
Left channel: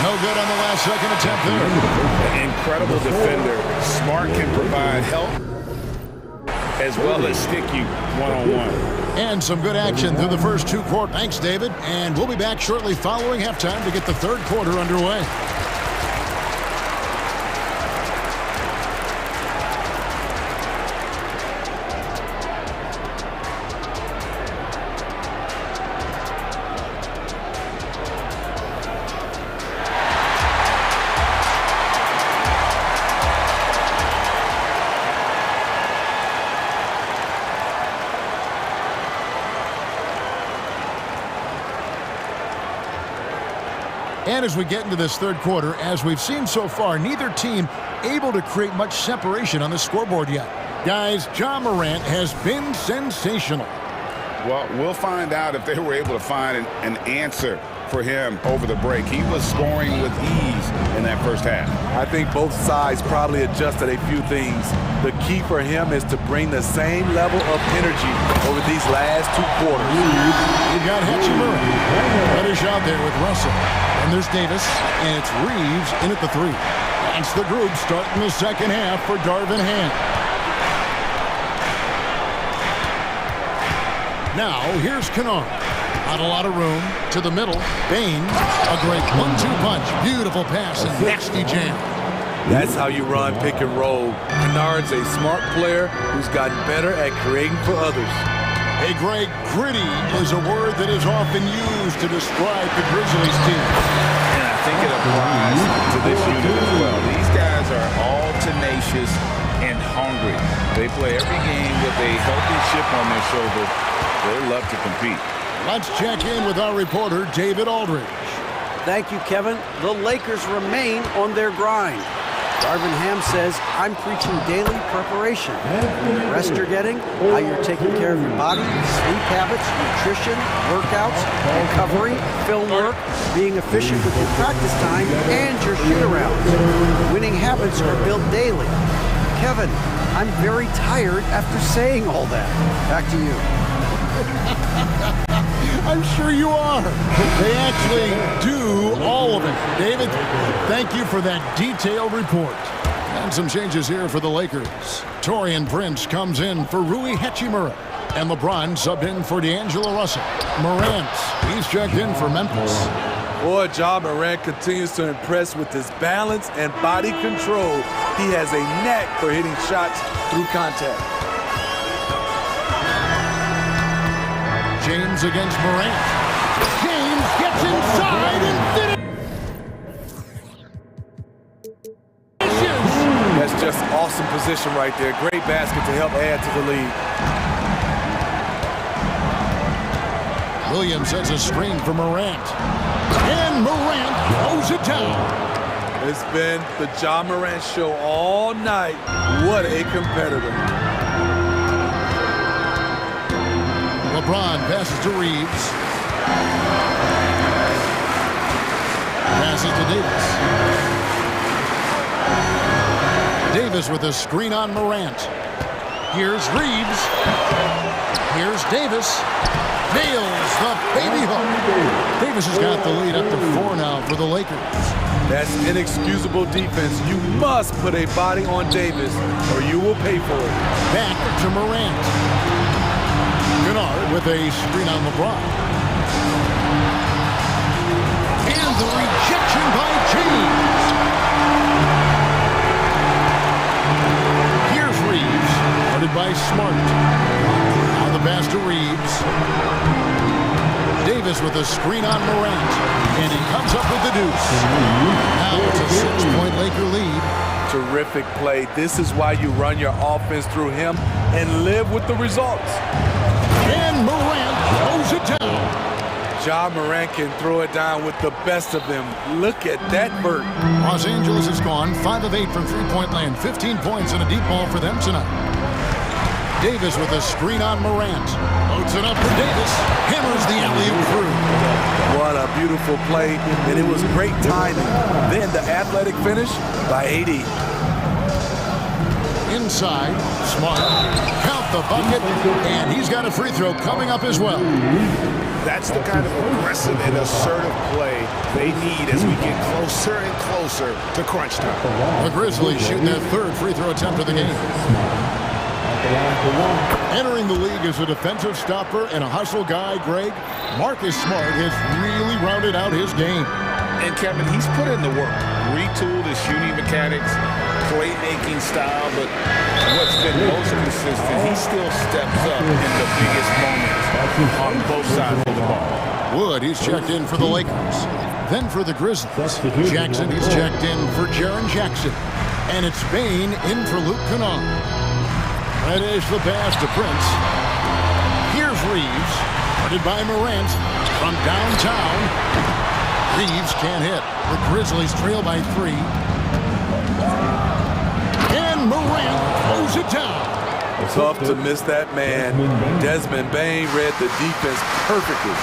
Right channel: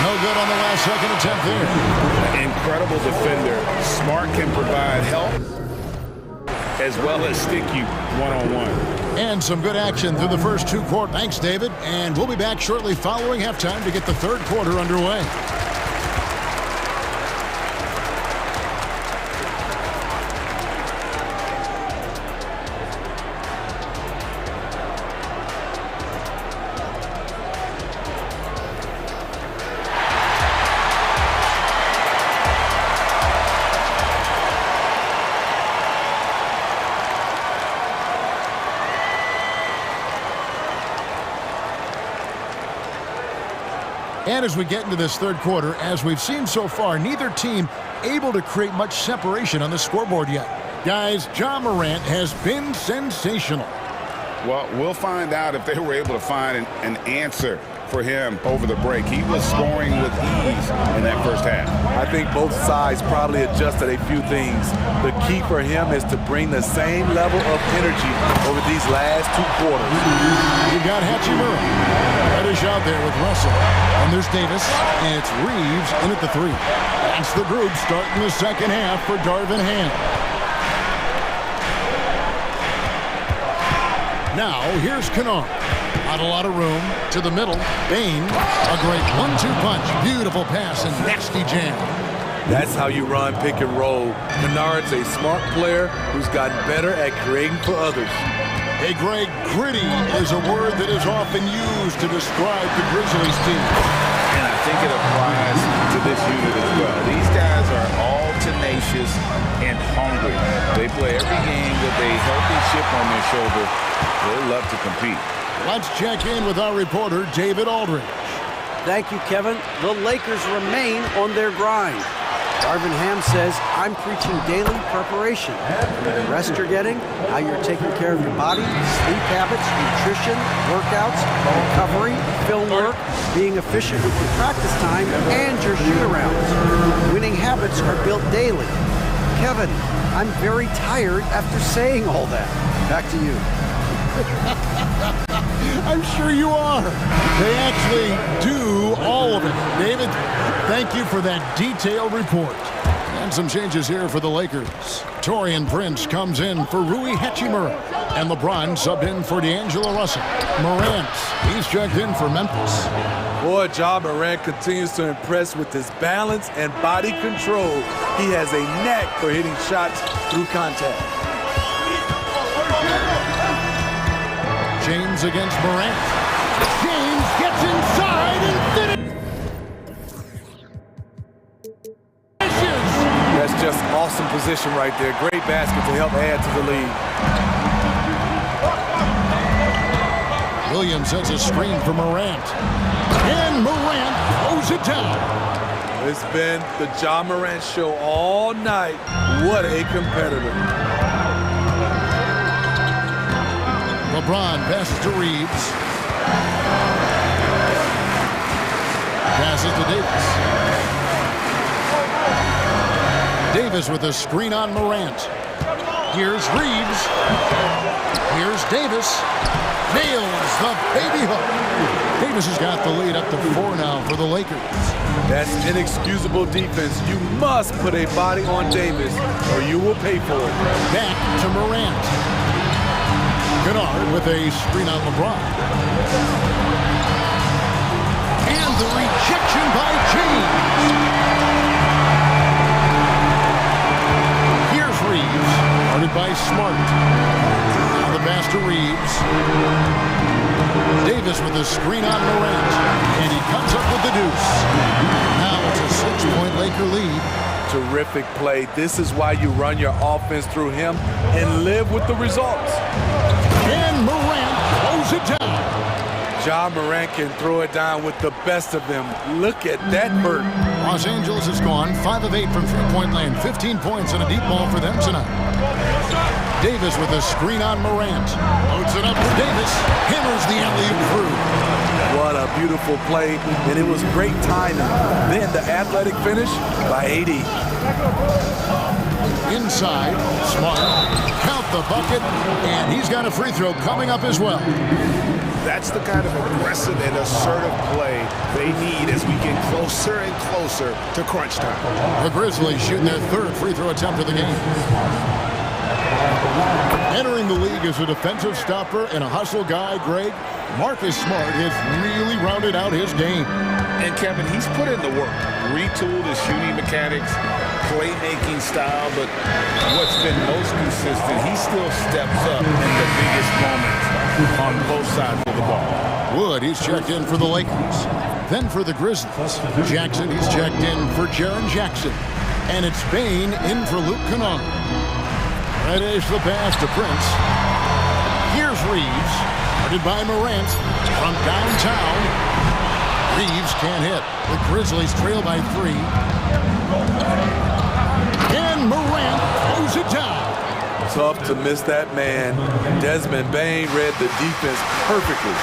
No good on the last second attempt there. Incredible defender. Smart can provide help as well as stick you one-on-one. And some good action through the first 2 quarters. Thanks, David. And we'll be back shortly following halftime to get the third quarter underway. And as we get into this third quarter, as we've seen so far, neither team able to create much separation on the scoreboard yet. Guys, Ja Morant has been sensational. Well, we'll find out if they were able to find an answer for him over the break. He was scoring with ease in that first half. I think both sides probably adjusted a few things. The key for him is to bring the same level of energy over these last 2 quarters. You've got Hachimura. Reddish out there with Russell. And there's Davis, and it's Reeves in at the 3. That's the group starting the second half for Darvin Ham. Now, here's Kennard. Not a lot of room. To the middle. Bain. A great 1-2 punch. Beautiful pass and nasty jam. That's how you run pick and roll. Kennard's a smart player who's gotten better at creating for others. Hey, Greg, gritty is a word that is often used to describe the Grizzlies team. And I think it applies to this unit as well. These guys are all tenacious and hungry. They play every game with a healthy chip on their shoulder. They love to compete. Let's check in with our reporter, David Aldridge. Thank you, Kevin. The Lakers remain on their grind. Darvin Ham says, I'm preaching daily preparation. From the rest you're getting, how you're taking care of your body, sleep habits, nutrition, workouts, recovery, film work, being efficient with your practice time, and your shoot-arounds. Winning habits are built daily. Kevin, I'm very tired after saying all that. Back to you. I'm sure you are. They actually do all of it. David, thank you for that detailed report. And some changes here for the Lakers. Taurean Prince comes in for Rui Hachimura. And LeBron subbed in for D'Angelo Russell. Morant, he's checked in for Memphis. Boy, Ja Morant continues to impress with his balance and body control. He has a knack for hitting shots through contact. James against Morant. James gets inside and finishes. That's just awesome position right there. Great basket to help add to the lead. Williams sets a screen for Morant. And Morant throws it down. It's been the Ja Morant show all night. What a competitor. LeBron passes to Reeves. Passes to Davis. Davis with a screen on Morant. Here's Reeves. Here's Davis. Nails the baby hook. Davis has got the lead up to 4 now for the Lakers. That's inexcusable defense. You must put a body on Davis or you will pay for it. Back to Morant. Kennard with a screen on LeBron. And the rejection by James. Here's Reeves, guarded by Smart. Now the pass to Reeves. Davis with a screen on Morant. And he comes up with the deuce. Now it's a 6-point Laker lead. Terrific play. This is why you run your offense through him and live with the results. And Morant throws it down. Ja Morant can throw it down with the best of them. Look at that vert. Los Angeles has gone 5 of 8 from three-point land. 15 points and a deep ball for them tonight. Davis with a screen on Morant. Loads it up for Davis. Hammers the alley-oop through. What a beautiful play, and it was great timing. Then the athletic finish by AD. Inside, Smart, count the bucket, and he's got a free throw coming up as well. That's the kind of aggressive and assertive play they need as we get closer and closer to crunch time. The Grizzlies shooting their 3rd free throw attempt of the game. Entering the league as a defensive stopper and a hustle guy, Greg, Marcus Smart has really rounded out his game. And Kevin, he's put in the work, retooled his shooting mechanics, playmaking style, but what's been most consistent, he still steps up in the biggest moments on both sides of the ball. Wood, he's checked in for the Lakers. Then for the Grizzlies, Jackson, he's checked in for Jaren Jackson. And it's Bain in for Luke Kennard. Reddish the pass to Prince. Here's Reeves, guarded by Morant from downtown. Reeves can't hit. The Grizzlies trail by 3. And Morant throws it down. Tough to miss that man. Desmond Bane read the defense perfectly.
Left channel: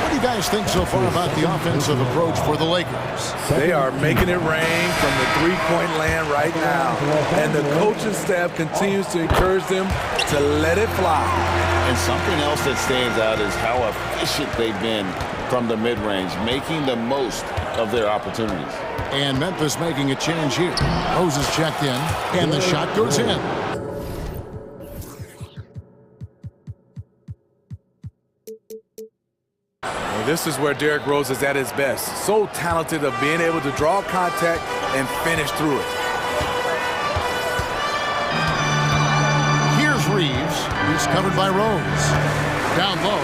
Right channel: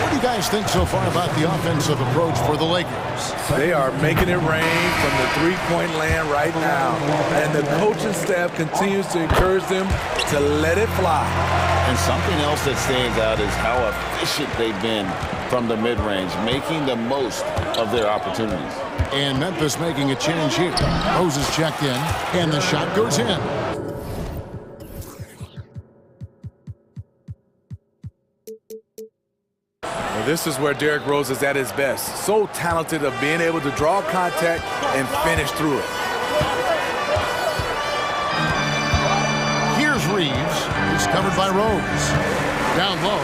What do you guys think so far about the offensive approach for the Lakers? They are making it rain from the three-point land right now. And the coaching staff continues to encourage them to let it fly. And something else that stands out is how efficient they've been from the mid-range, making the most of their opportunities. And Memphis making a change here. Rose is checked in, and the shot goes in. Well, this is where Derrick Rose is at his best. So talented of being able to draw contact and finish through it. Here's Reeves. He's covered by Rose. Down low.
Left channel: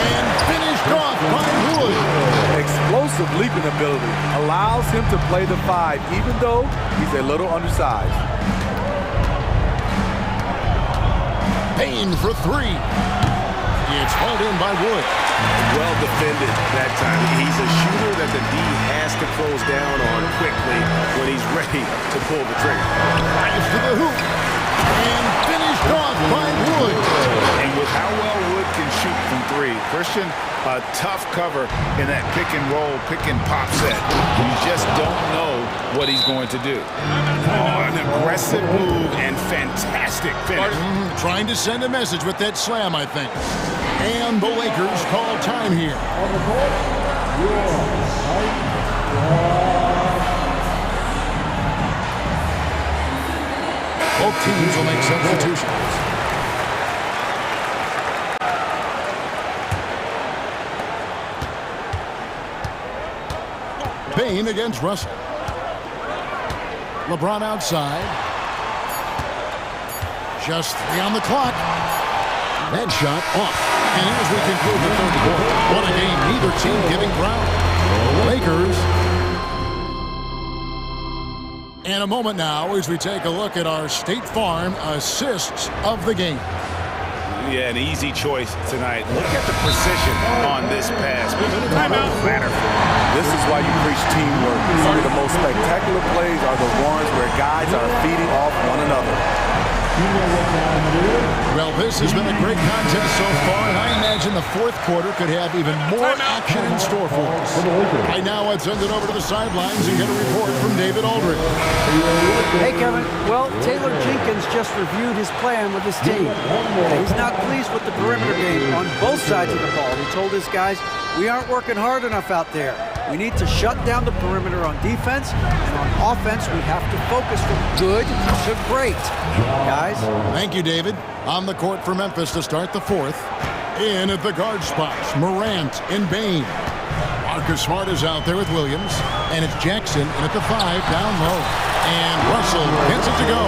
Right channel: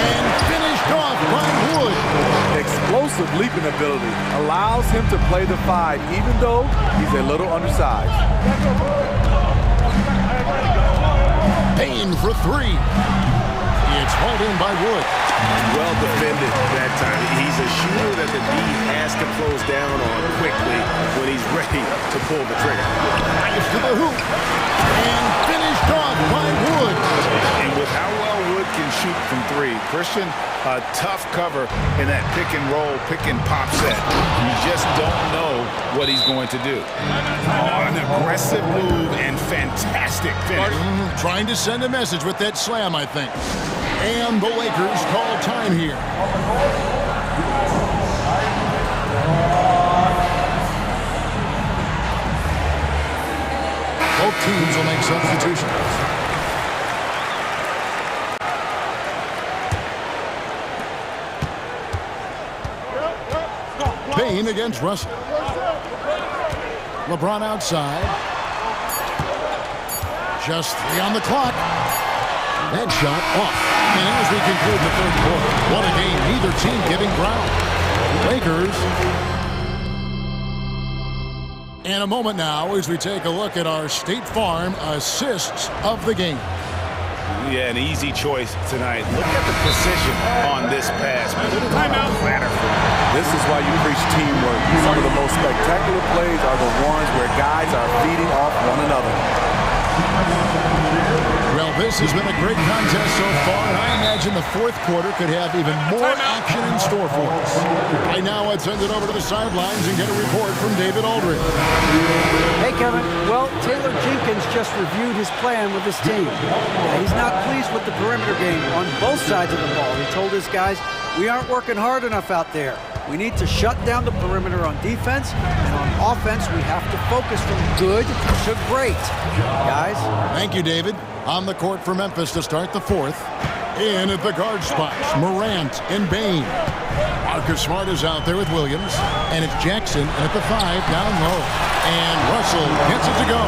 And finished off by Wood. Explosive leaping ability allows him to play the 5, even though he's a little undersized. Payne for 3. It's hauled in by Wood. Well defended that time. He's a shooter that the D has to close down on quickly when he's ready to pull the trigger. Drives to the hoop. And finished off by Wood. And with how well Wood can shoot from 3, Christian, a tough cover in that pick and roll, pick and pop set. You just don't know what he's going to do. Oh, an aggressive move and fantastic finish. Trying to send a message with that slam, I think. And the Lakers call time here. Both teams will make substitutions. Bane against Russell. LeBron outside. Just 3 on the clock. That shot off. And as we conclude the third quarter, what a game, neither team giving ground. Lakers. And a moment now as we take a look at our State Farm assists of the game. Yeah, an easy choice tonight. Look at the precision on this pass. Put it on a platter for him. This is why you preach teamwork. Some of the most spectacular plays are the ones where guys are feeding off one another. Well, this has been a great contest so far, and I imagine the fourth quarter could have even more action in store for us. Right now, let's send it over to the sidelines and get a report from David Aldridge. Hey, Kevin. Well, Taylor Jenkins just reviewed his plan with his team. He's not pleased with the perimeter game on both sides of the ball. He told his guys, we aren't working hard enough out there. We need to shut down the perimeter on defense, and on offense, we have to focus from good to great. Guys? Thank you, David. On the court for Memphis to start the fourth. In at the guard spots, Morant and Bane. Marcus Smart is out there with Williams, and it's Jackson in at the 5 down low. And Russell gets it to go.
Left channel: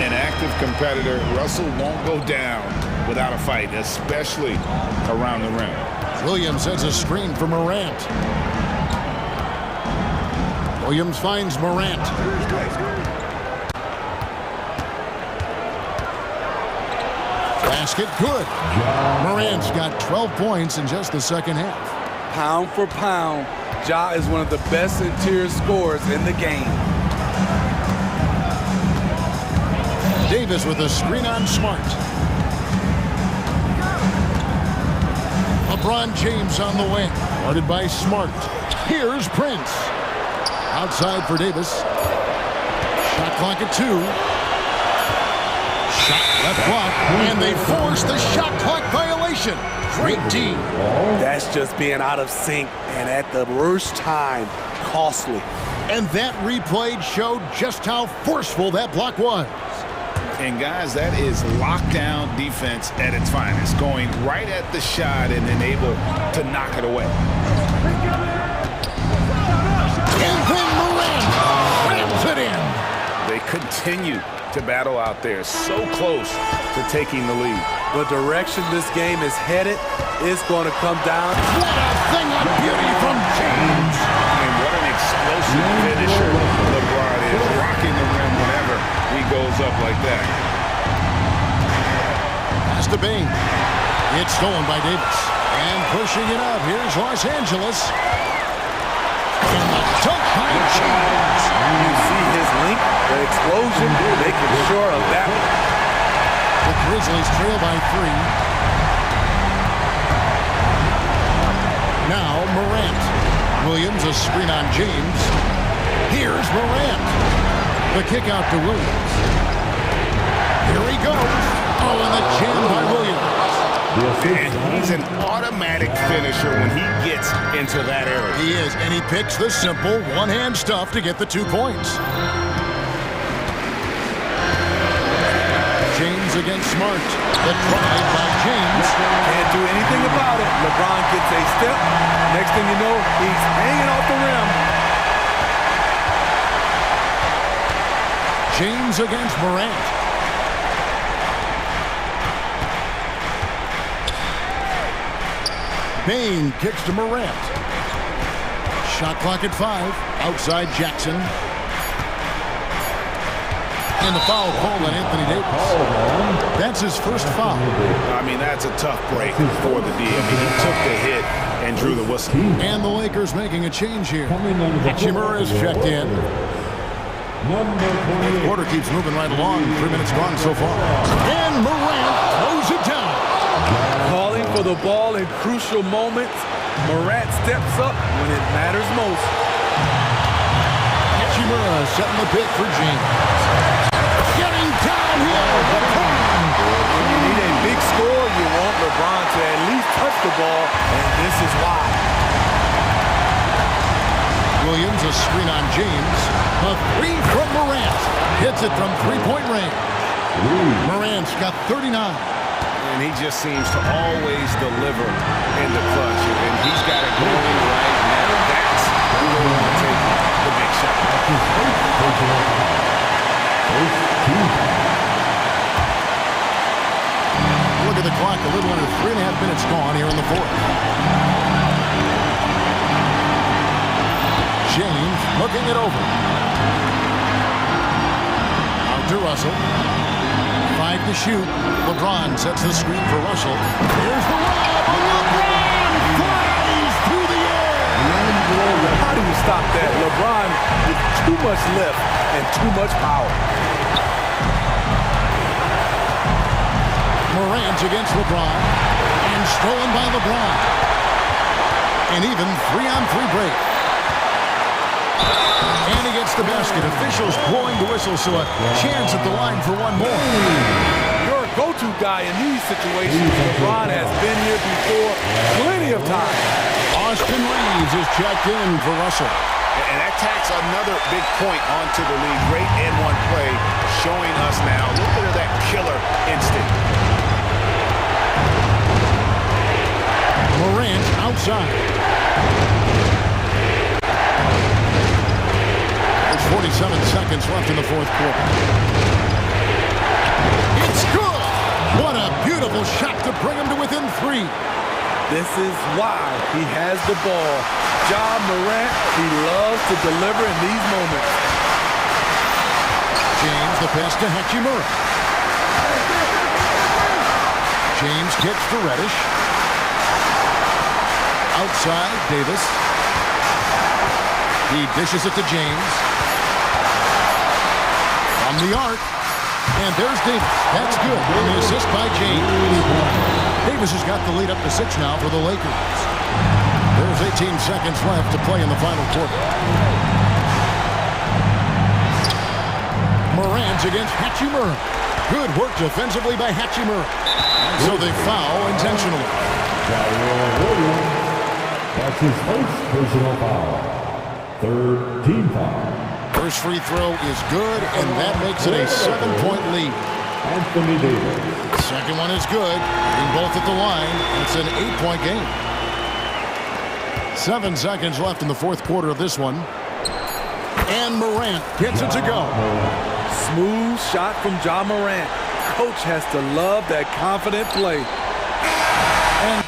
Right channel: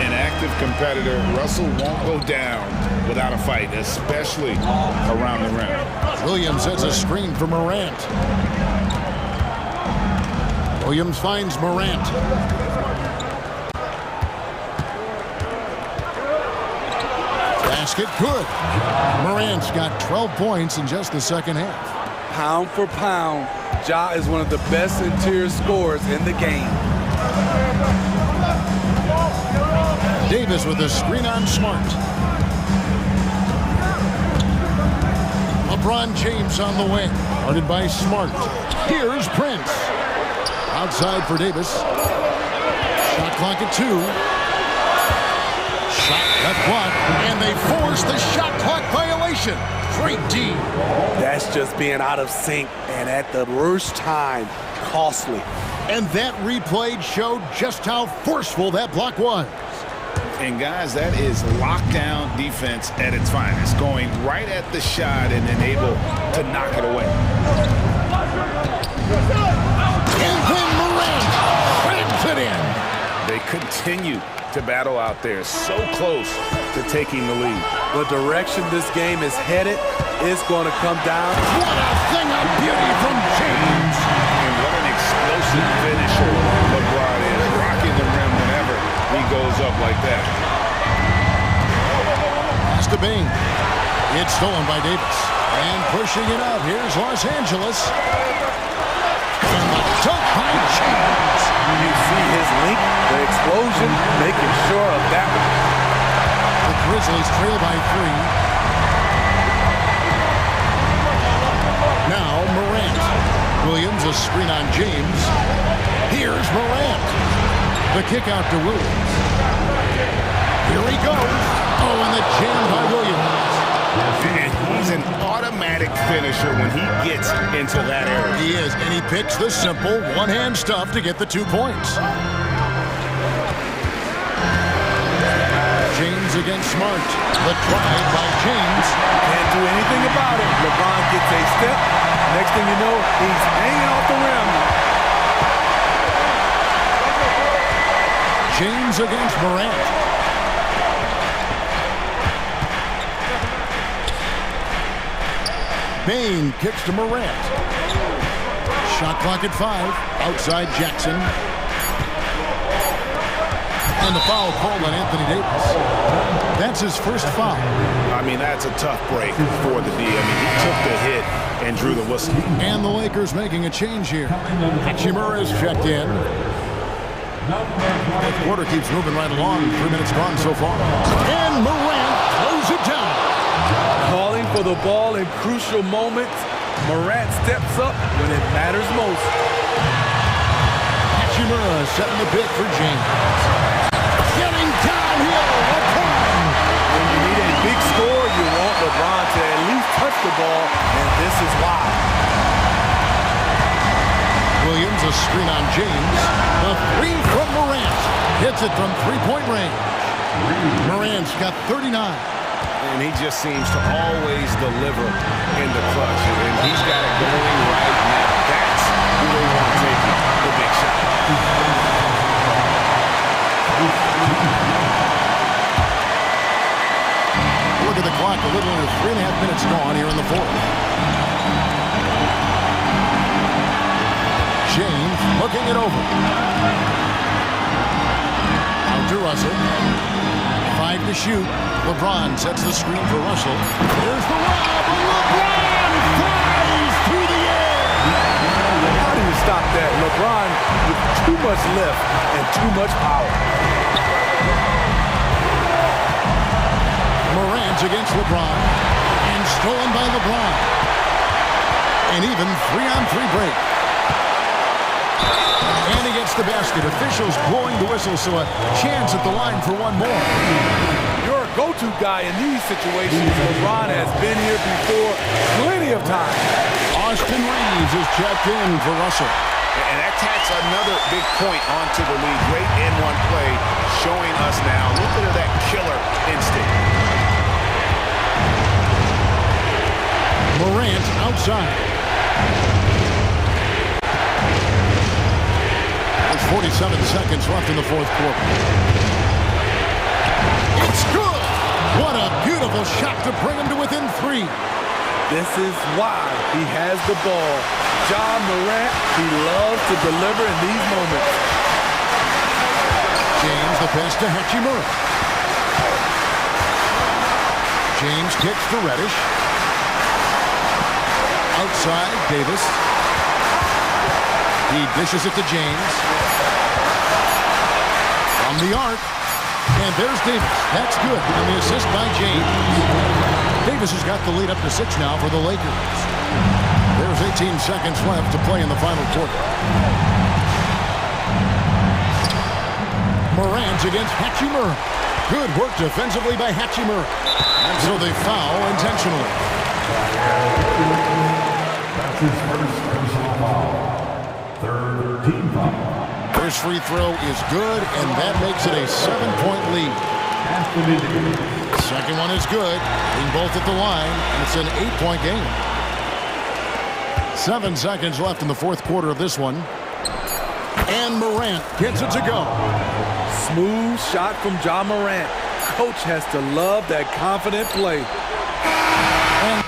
An active competitor, Russell won't go down without a fight, especially around the rim. Williams sets a screen for Morant. Williams finds Morant. Basket good. Morant's got 12 points in just the second half. Pound for pound, Ja is one of the best interior scorers in the game. Davis with a screen on Smart. LeBron James on the wing. Guarded by Smart. Here's Prince. Outside for Davis. Shot clock at 2. Shot left block. And they force the shot clock violation. Great D. That's just being out of sync and at the worst time, costly. And that replay showed just how forceful that block was. And guys, that is lockdown defense at its finest, going right at the shot and then able to knock it away. And then Morant slams it in. They continue to battle out there, so close to taking the lead. The direction this game is headed is going to come down. What a thing of beauty from James. And what an explosive finisher LeBron is, rocking the rim whenever he goes up like that. pass to Bain. It's stolen by Davis. And pushing it up, here's Los Angeles. And the dunk by James. You see his link, the explosion, making sure of that one. The Grizzlies trail by 3. Now Morant. Williams, a screen on James. Here's Morant. The kick out to Williams. Here he goes. Oh, and the jam by Williams. And he's an automatic finisher when he gets into that area. He is, and he picks the simple one-hand stuff to get the 2 points. James against Smart. The drive by James. Can't do anything about it. LeBron gets a step. Next thing you know, he's hanging off the rim. James against Morant. Bain kicks to Morant. Shot clock at 5. Outside Jackson. And the foul called on Anthony Davis. That's his first foul. I mean, that's a tough break for the D. I mean, he took the hit and drew the whistle. And the Lakers making a change here. Hachimura is checked in. Fourth quarter keeps moving right along. 3 minutes gone so far. And Morant throws it down. Calling for the ball in crucial moments. Morant steps up when it matters most. Hachimura setting the pick for James. Getting downhill, LeBron. When you need a big score, you want LeBron to at least touch the ball, and this is why. Williams, a screen on James. A 3 from Morant. Hits it from 3-point range. Morant's got 39. And he just seems to always deliver in the clutch. And he's got it going right now. That's who they want taking the big shot. Look at the clock. A little under 3.5 minutes gone here in the fourth. James looking it over. Out to Russell. 5 to shoot. LeBron sets the screen for Russell. Here's the lob, and LeBron flies through the air. How do you stop that? LeBron with too much lift and too much power. Morant against LeBron, and stolen by LeBron. An even 3-on-3 break. And he gets the basket. Officials blowing the whistle, so a chance at the line for one more. Your go-to guy in these situations. LeBron has been here before plenty of times. Austin Reeves is checked in for Russell. And that tacks another big point onto the lead. Great N1 play, showing us now a little bit of that killer instinct. Morant outside. There's 47 seconds left in the fourth quarter. It's good! What a beautiful shot to bring him to within 3. This is why he has the ball. Ja Morant, he loves to deliver in these moments. James, the pass to Hachimura. James kicks to Reddish. Outside, Davis. He dishes it to James. From the arc. And there's Davis. That's good. And the assist by James. Davis has got the lead up to 6 now for the Lakers. There's 18 seconds left to play in the final quarter. Morant against Hachimura. Good work defensively by Hachimura. And so they foul intentionally. That's his first personal foul. Third team foul. First free throw is good, and that makes it a 7-point lead. Anthony Davis. Second one is good, hitting both at the line, and it's an 8-point game. 7 seconds left in the fourth quarter of this one. And Morant gets it to go. Smooth shot from Ja Morant. Coach has to love that confident play. And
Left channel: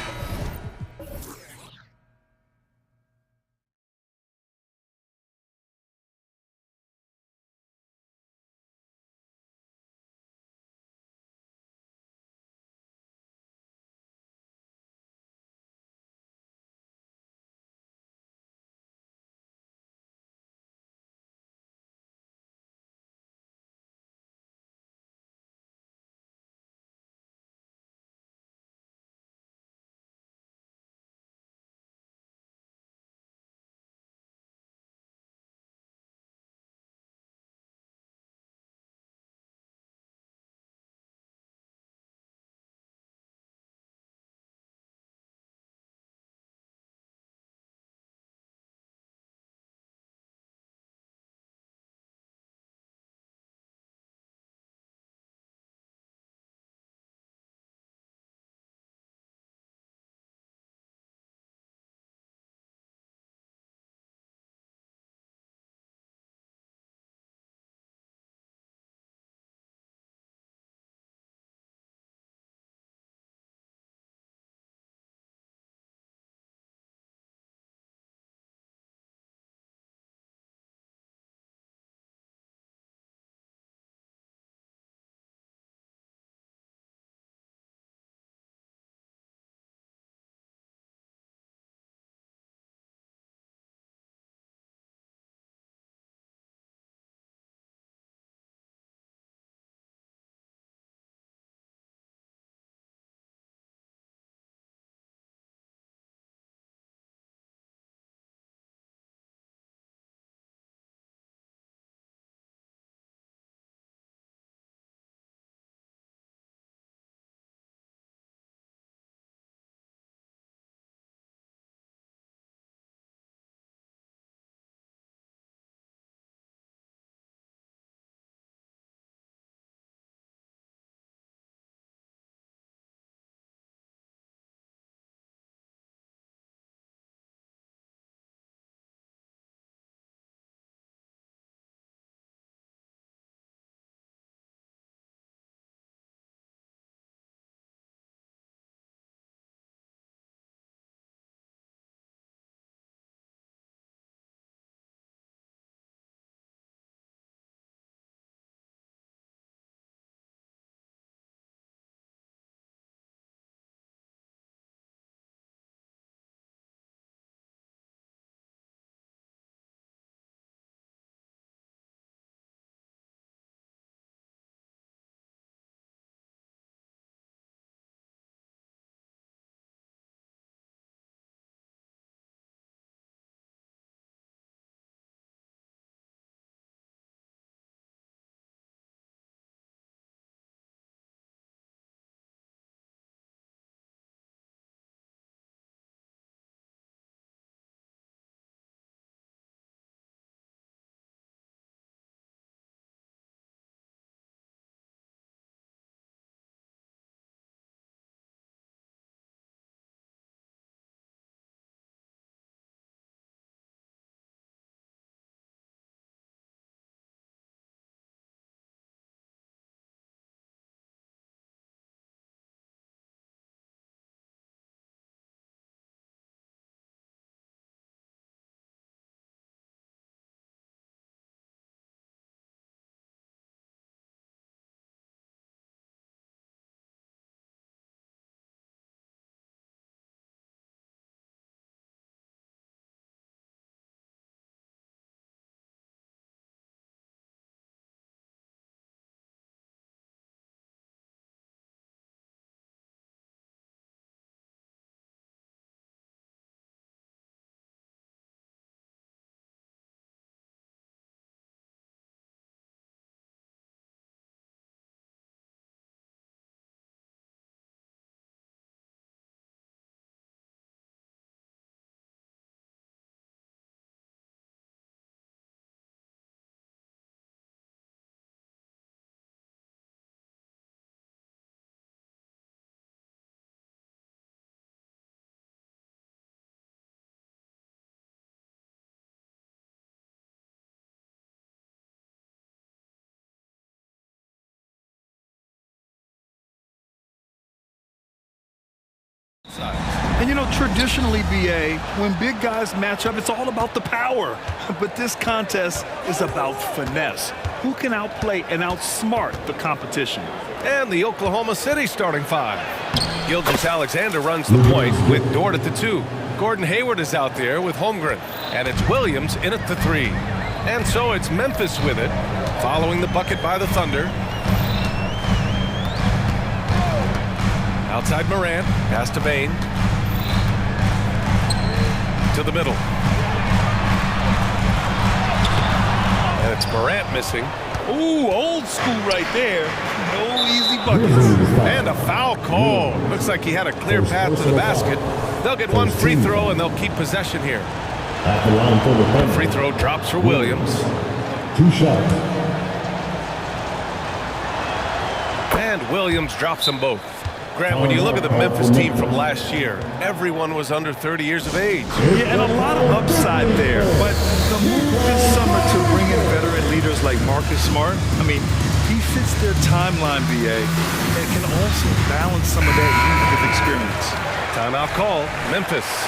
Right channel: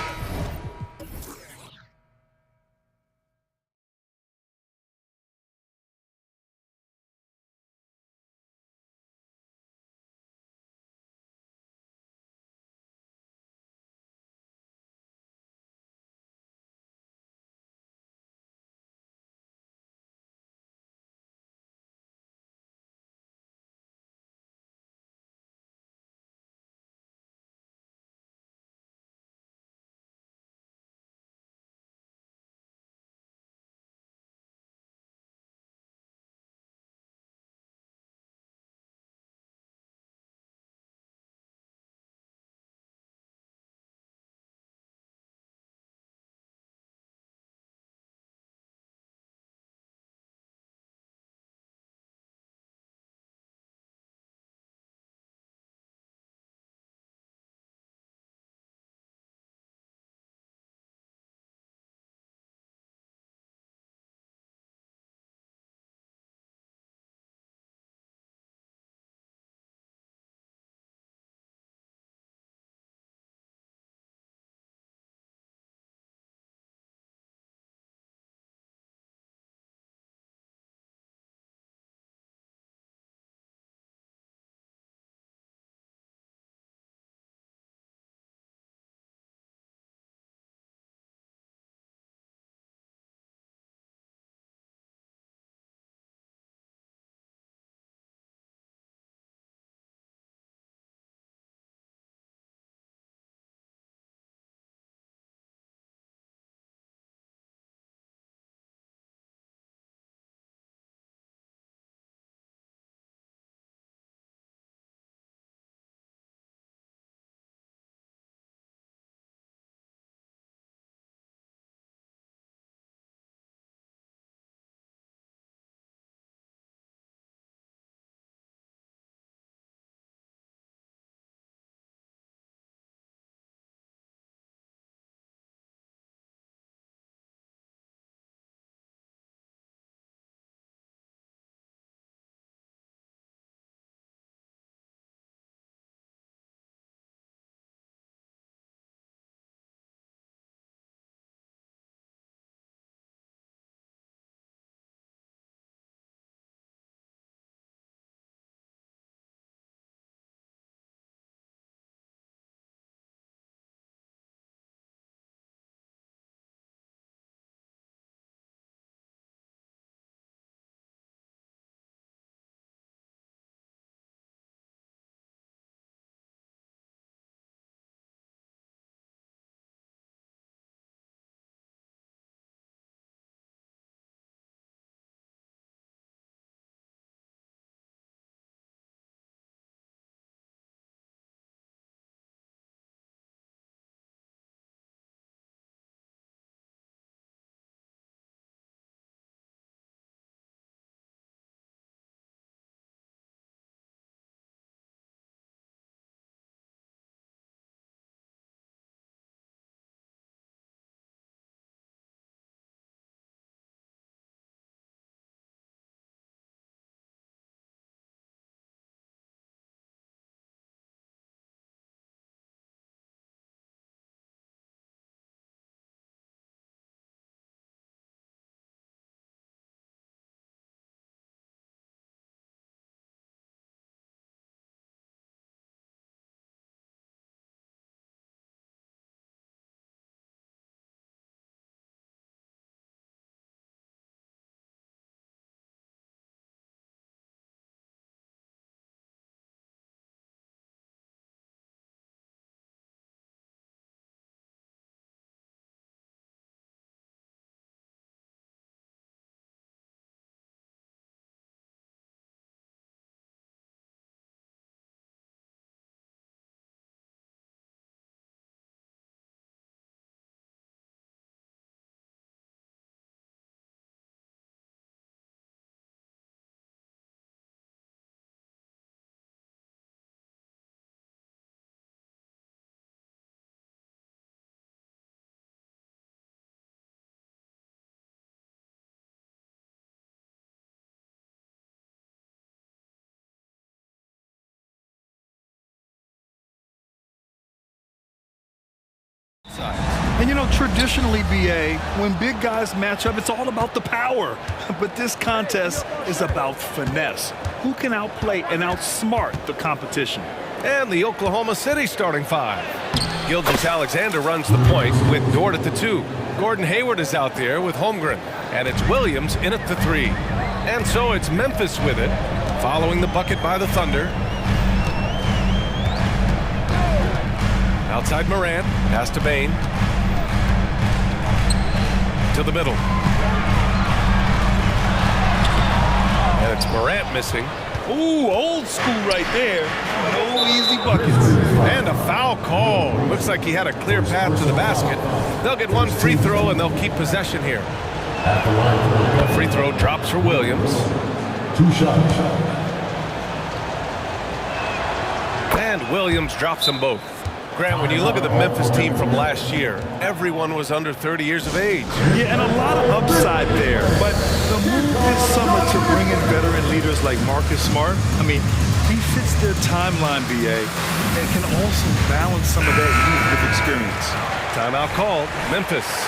sides. And you know, traditionally, BA, when big guys match up, it's all about the power. But this contest is about finesse. Who can outplay and outsmart the competition? And the Oklahoma City starting five. Gilgeous-Alexander runs the point with Dort at the 2. Gordon Hayward is out there with Holmgren. And it's Williams in at the 3. And so it's Memphis with it, following the bucket by the Thunder. Outside Morant, pass to Bain. To the middle. And it's Morant missing. Ooh, old school right there. No easy buckets. And a foul call. Looks like he had a clear path to the basket. They'll get one free throw and they'll keep possession here. The free throw drops for Williams. 2 shots. And Williams drops them both. Grant, when you look at the Memphis team from last year, everyone was under 30 years of age. Yeah, and a lot of upside there. But the move this summer to bring in veteran leaders like Marcus Smart, I mean, he fits their timeline, BA, and can also balance some of that youth with experience. Timeout called, Memphis.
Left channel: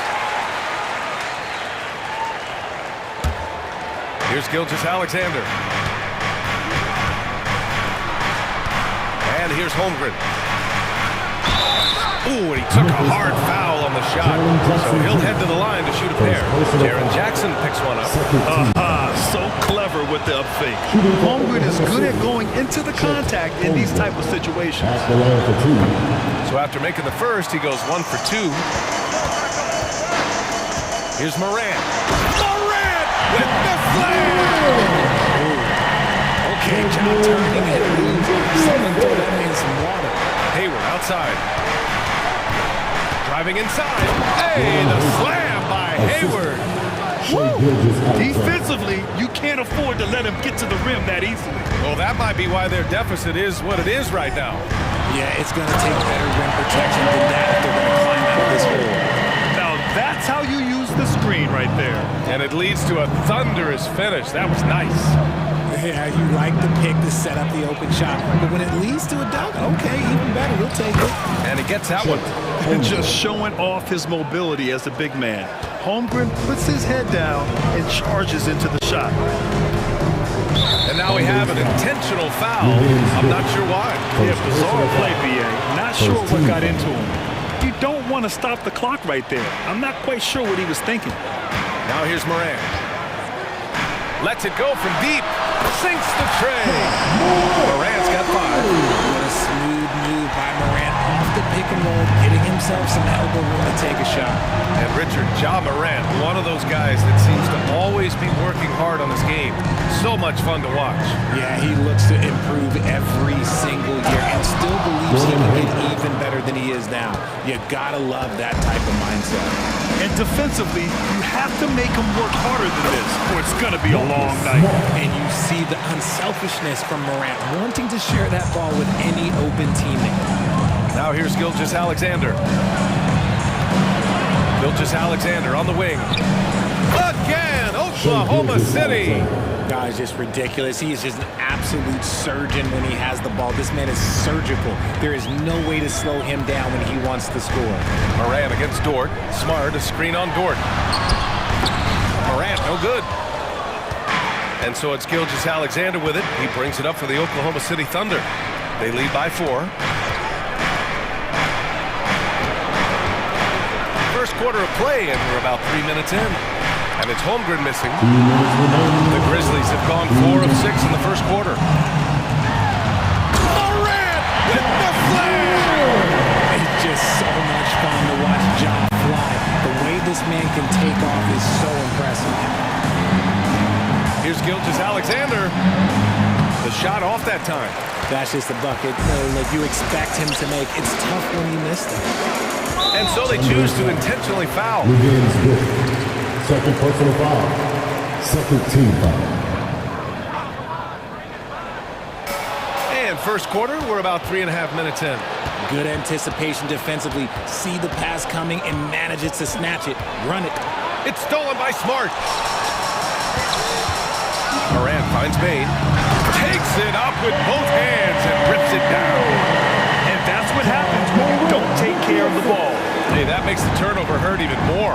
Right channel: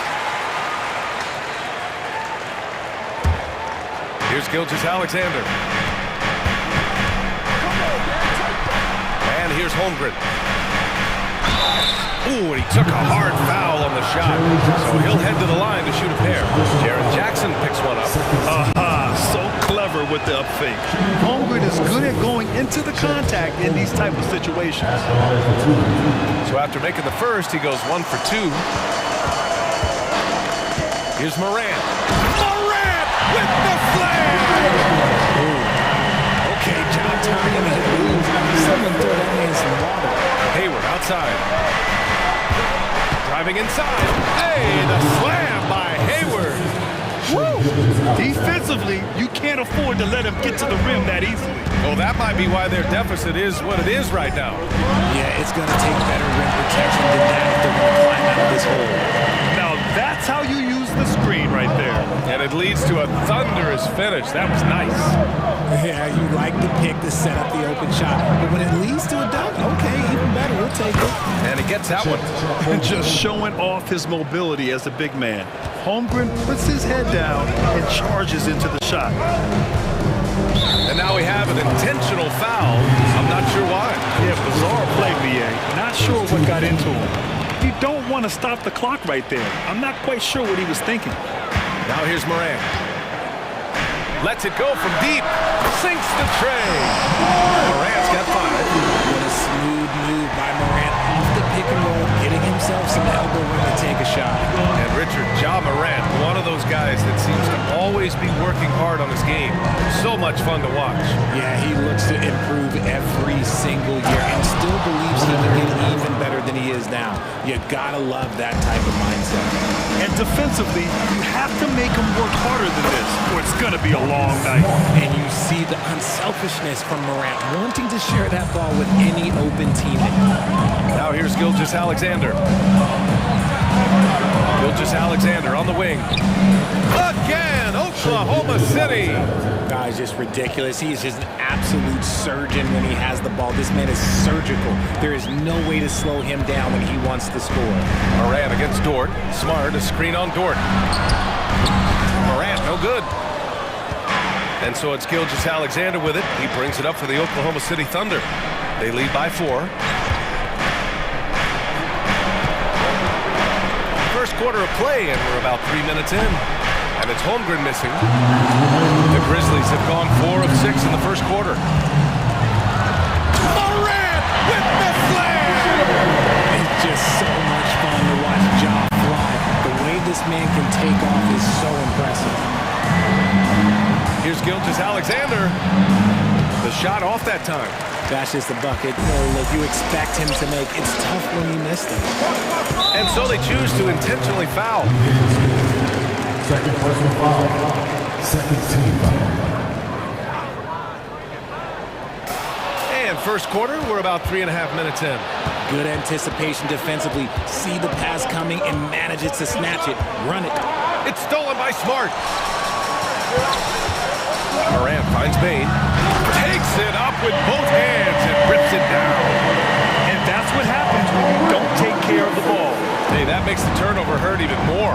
Here's Gilgeous-Alexander. And here's Holmgren. Ooh, and he took a hard foul on the shot. So he'll head to the line to shoot a pair. Jaren Jackson picks one up. So clever with the up fake. Holmgren is good at going into the contact in these type of situations. So after making the first, he goes 1 for 2. Here's Morant. Morant with the slam! Ooh. Okay, job turning hit loose. Someone throw that man some water. Hayward outside. Driving inside. Hey, the slam by Hayward. Woo! Defensively, you can't afford to let him get to the rim that easily. Well, that might be why their deficit is what it is right now. Yeah, it's going to take better rim protection than that if they're going to climb out of this hole. Now that's how you use the screen right there. And it leads to a thunderous finish. That was nice. Yeah, you like the pick to set up the open shot. But when it leads to a dunk, okay, even better. We'll take it. And he gets that one. And just showing off his mobility as a big man. Holmgren puts his head down and charges into the shot. And now we have an intentional foul. I'm not sure why. Yeah, bizarre play, BA. Not sure what got into him. You don't want to stop the clock right there. I'm not quite sure what he was thinking. Now here's Morant. Lets it go from deep. Sinks the tray. Morant's got 5. What a smooth move by Morant off the pick and roll, getting himself some elbow room to take a shot. And Richard, Ja Morant, one of those guys that seems to always be working hard on his game. So much fun to watch. Yeah, he looks to improve every single year and still believes he can get even better than he is now. You gotta love that type of mindset. And defensively, you have to make him work harder than this, or it's gonna be a long night. And you see the unselfishness from Morant, wanting to share that ball with any open teammate. Now here's Gilgeous-Alexander. Gilgeous-Alexander on the wing. Again, Oklahoma City. Guy's just ridiculous. He is just an absolute surgeon when he has the ball. This man is surgical. There is no way to slow him down when he wants to score. Morant against Dort. Smart, a screen on Dort. Morant, no good. And so it's Gilgeous-Alexander with it. He brings it up for the Oklahoma City Thunder. They lead by 4. First quarter of play, and we're about 3 minutes in. And it's Holmgren missing. The Grizzlies have gone 4 of 6 in the first quarter. Morant with the slam! It's just so much fun to watch Ja fly. The way this man can take off is so impressive. Here's Gilgeous-Alexander. The shot off that time. That's just a bucket. Look, you expect him to make. It's tough when he missed it. And so they choose to intentionally foul. Second personal foul. Second team foul. And first quarter, we're about 3.5 minutes in. Good anticipation defensively. See the pass coming and manages to snatch it. Run it. It's stolen by Smart. Morant finds Bain. Takes it up with both hands and rips it down. And that's what happens when you don't take care of the ball. Hey, that makes the turnover hurt even more.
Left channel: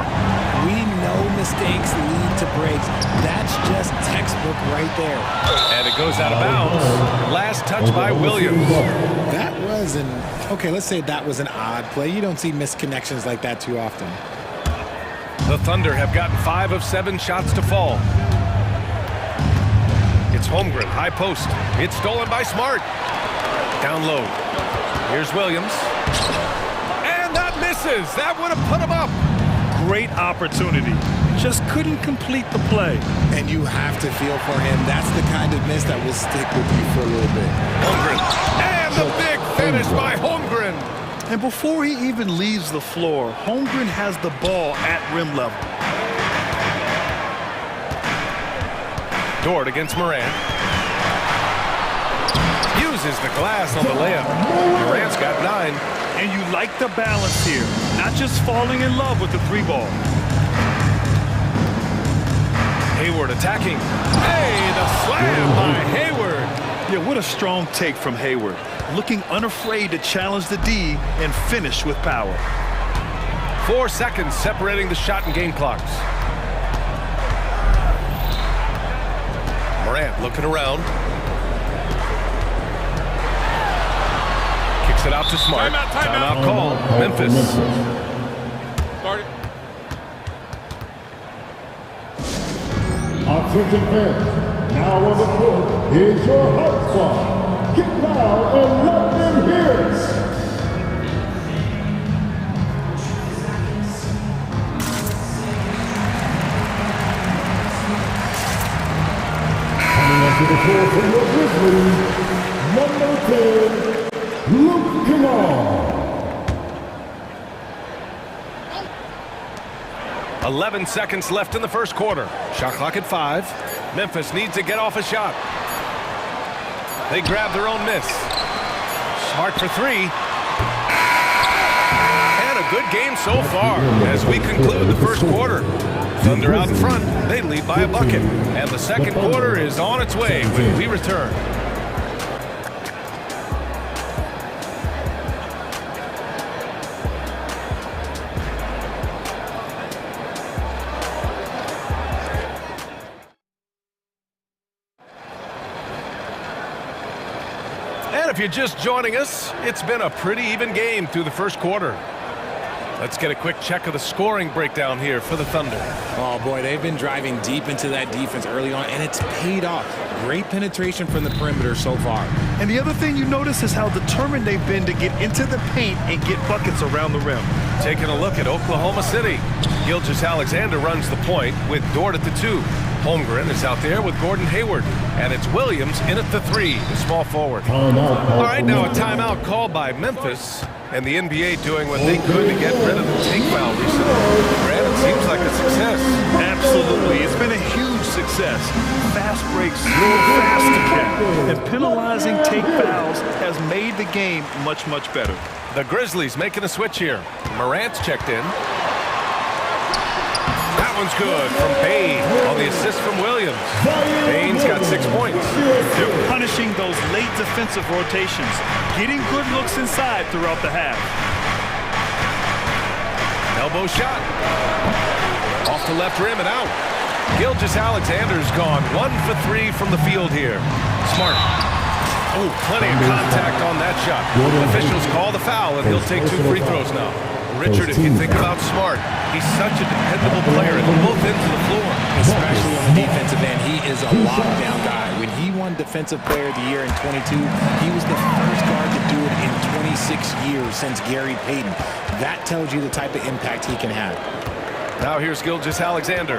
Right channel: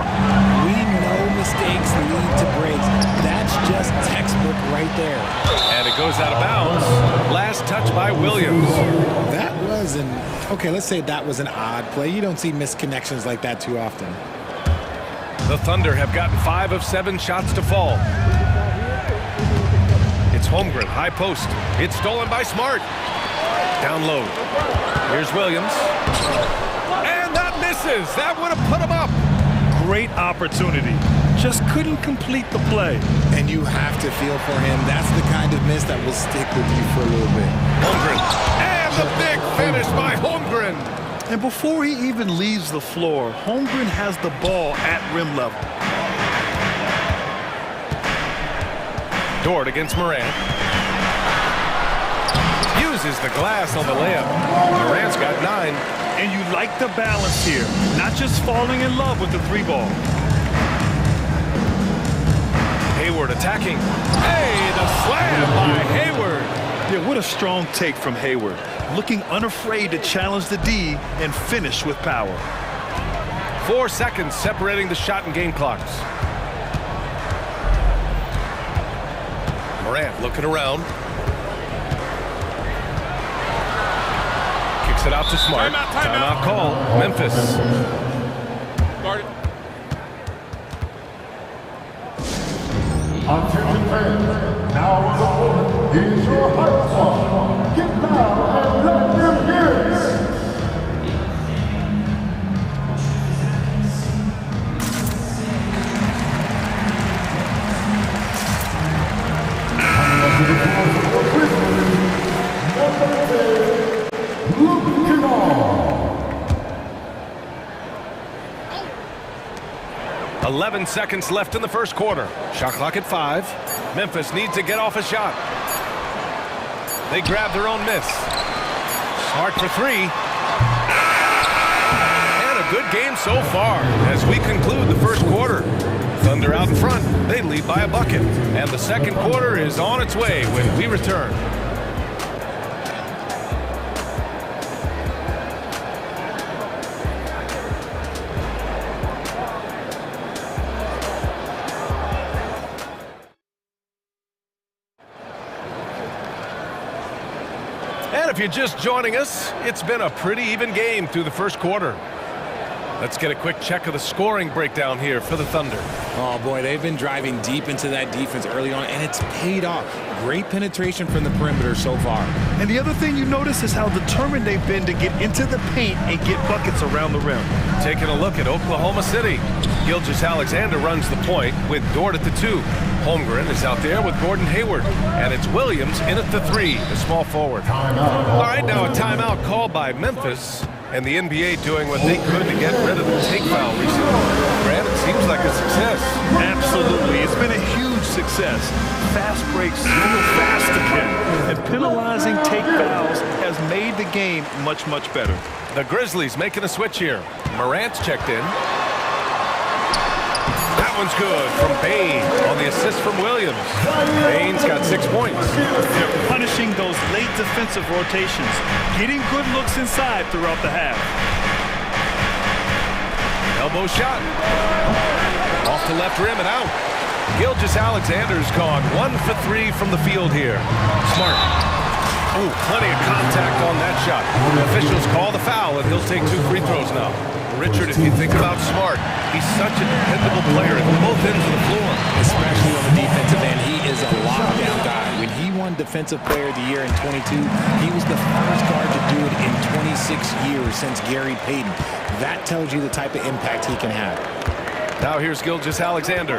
We know mistakes lead to breaks. That's just textbook right there. And it goes out of bounds. Last touch by Williams. That was okay, let's say that was an odd play. You don't see missed connections like that too often. The Thunder have gotten 5 of 7 shots to fall. It's Holmgren, high post. It's stolen by Smart. Down low. Here's Williams. And that misses. That would have put him up. Great opportunity. Just couldn't complete the play. And you have to feel for him. That's the kind of miss that will stick with you for a little bit. Holmgren. And the big finish by Holmgren. And before he even leaves the floor, Holmgren has the ball at rim level. Dort against Morant. Uses the glass on the layup. Durant's got 9. And you like the balance here. Not just falling in love with the 3-ball. Hayward attacking. Hey, the slam by Hayward. Yeah, what a strong take from Hayward. Looking unafraid to challenge the D and finish with power. 4 seconds separating the shot and game clocks. Morant looking around. Kicks it out to Smart. Timeout call. Memphis. Start it. Attention fans, now on the court is your hype squad. Get down and let them hear it. Coming onto the floor for your Grizzlies, number 10, Luke Kennard. 11 seconds left in the first quarter. Shot clock at 5. Memphis needs to get off a shot. They grab their own miss. Smart for 3. And a good game so far as we conclude the first quarter. Thunder out in front. They lead by a bucket. And the second quarter is on its way when we return. And if you're just joining us, it's been a pretty even game through the first quarter. Let's get a quick check of the scoring breakdown here for the Thunder. Oh boy, they've been driving deep into that defense early on, and it's paid off. Great penetration from the perimeter so far. And the other thing you notice is how determined they've been to get into the paint and get buckets around the rim. Taking a look at Oklahoma City. Gilgeous-Alexander runs the point with Dort at the 2. Holmgren is out there with Gordon Hayward. And it's Williams in at the 3, the small forward. All right, now a timeout called by Memphis. And the NBA doing what they could to get rid of the take foul recently. Grant, it seems like a success. Absolutely. It's been a huge success. Fast breaks, real fast again. And penalizing take fouls has made the game much, much better. The Grizzlies making a switch here. Morant's checked in. That one's good from Bain on the assist from Williams. Bain's got 6 points. They're punishing those late defensive rotations, getting good looks inside throughout the half. Elbow shot. Off the left rim and out. Gilgeous-Alexander's gone 1 for 3 from the field here. Smart. Oh, plenty of contact on that shot. Officials call the foul, and he'll take 2 free throws now. Richard, if you think about Smart, he's such a dependable player at both ends of the floor. Especially on the defensive end, he is a lockdown guy. When he won Defensive Player of the Year in 22, he was the first guard to do it in 26 years since Gary Payton. That tells you the type of impact he can have. Now here's Gilgeous-Alexander.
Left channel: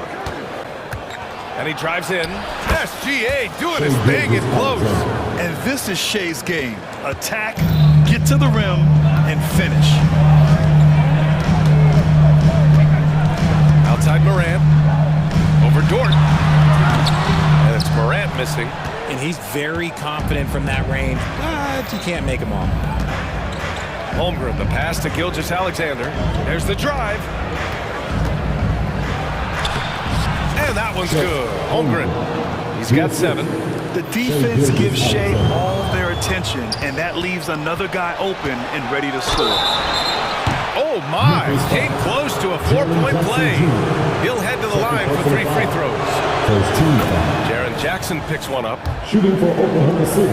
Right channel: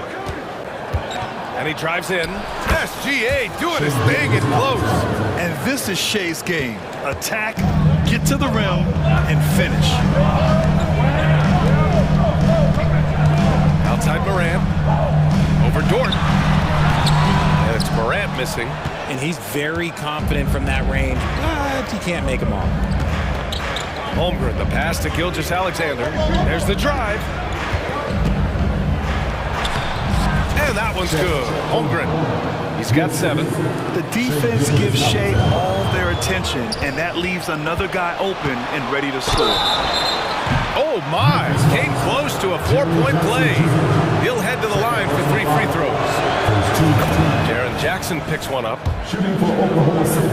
And he drives in. SGA doing his thing in close. And this is Shea's game. Attack, get to the rim, and finish. Outside Morant. Over Dort. And it's Morant missing. And he's very confident from that range, but you can't make him all. Holmgren, the pass to Gilgeous-Alexander. There's the drive. And that one's good. Holmgren, he's got 7. The defense gives Shea all their attention, and that leaves another guy open and ready to score. Oh, my. Came close to a 4-point play. He'll head to the line for 3 free throws. Jaren Jackson picks one up. Shooting for Oklahoma City.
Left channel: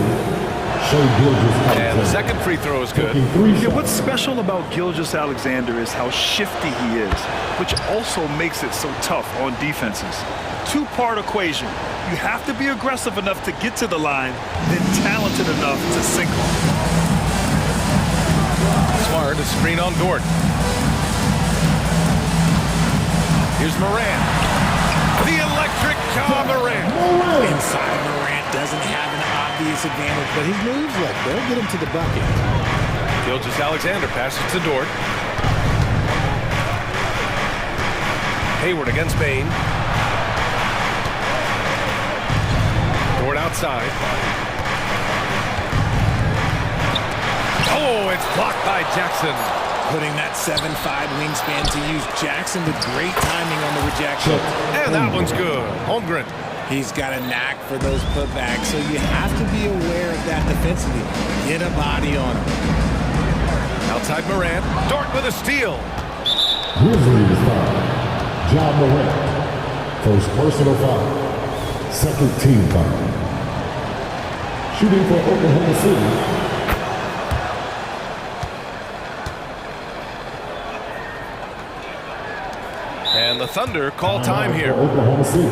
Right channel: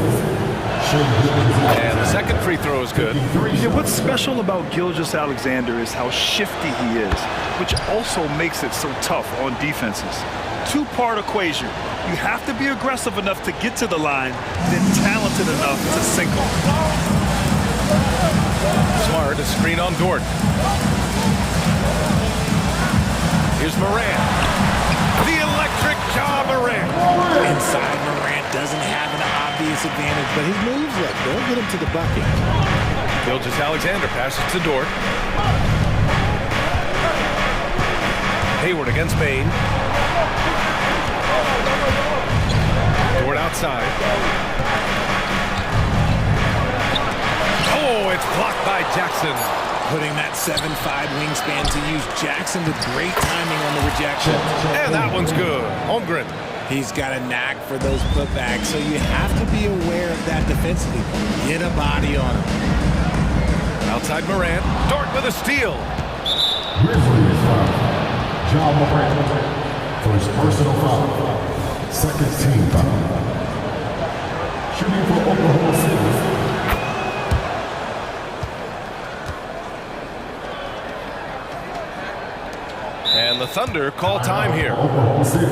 And the second free throw is good. Yeah, what's special about Gilgeous-Alexander is how shifty he is, which also makes it so tough on defenses. Two-part equation. You have to be aggressive enough to get to the line, then talented enough to sink off. Smart, a screen on Dort. Here's Morant. The electric Ja Morant. Inside, Morant doesn't have an obvious advantage, but his moves, look, they'll get him to the bucket. Gilgeous-Alexander passes to Dort. Hayward against Bain. Dort outside. Oh, it's blocked by Jackson. Putting that 7'5" wingspan to use. Jackson with great timing on the rejection. And that one's good. Holmgren. He's got a knack for those putbacks, so you have to be aware of that defensively. Get a body on him. Outside Morant. Dort with a steal. Grizzlies foul. Ja Morant. First personal foul. Second team foul. Shooting for Oklahoma City. And the Thunder call time here. Oklahoma City.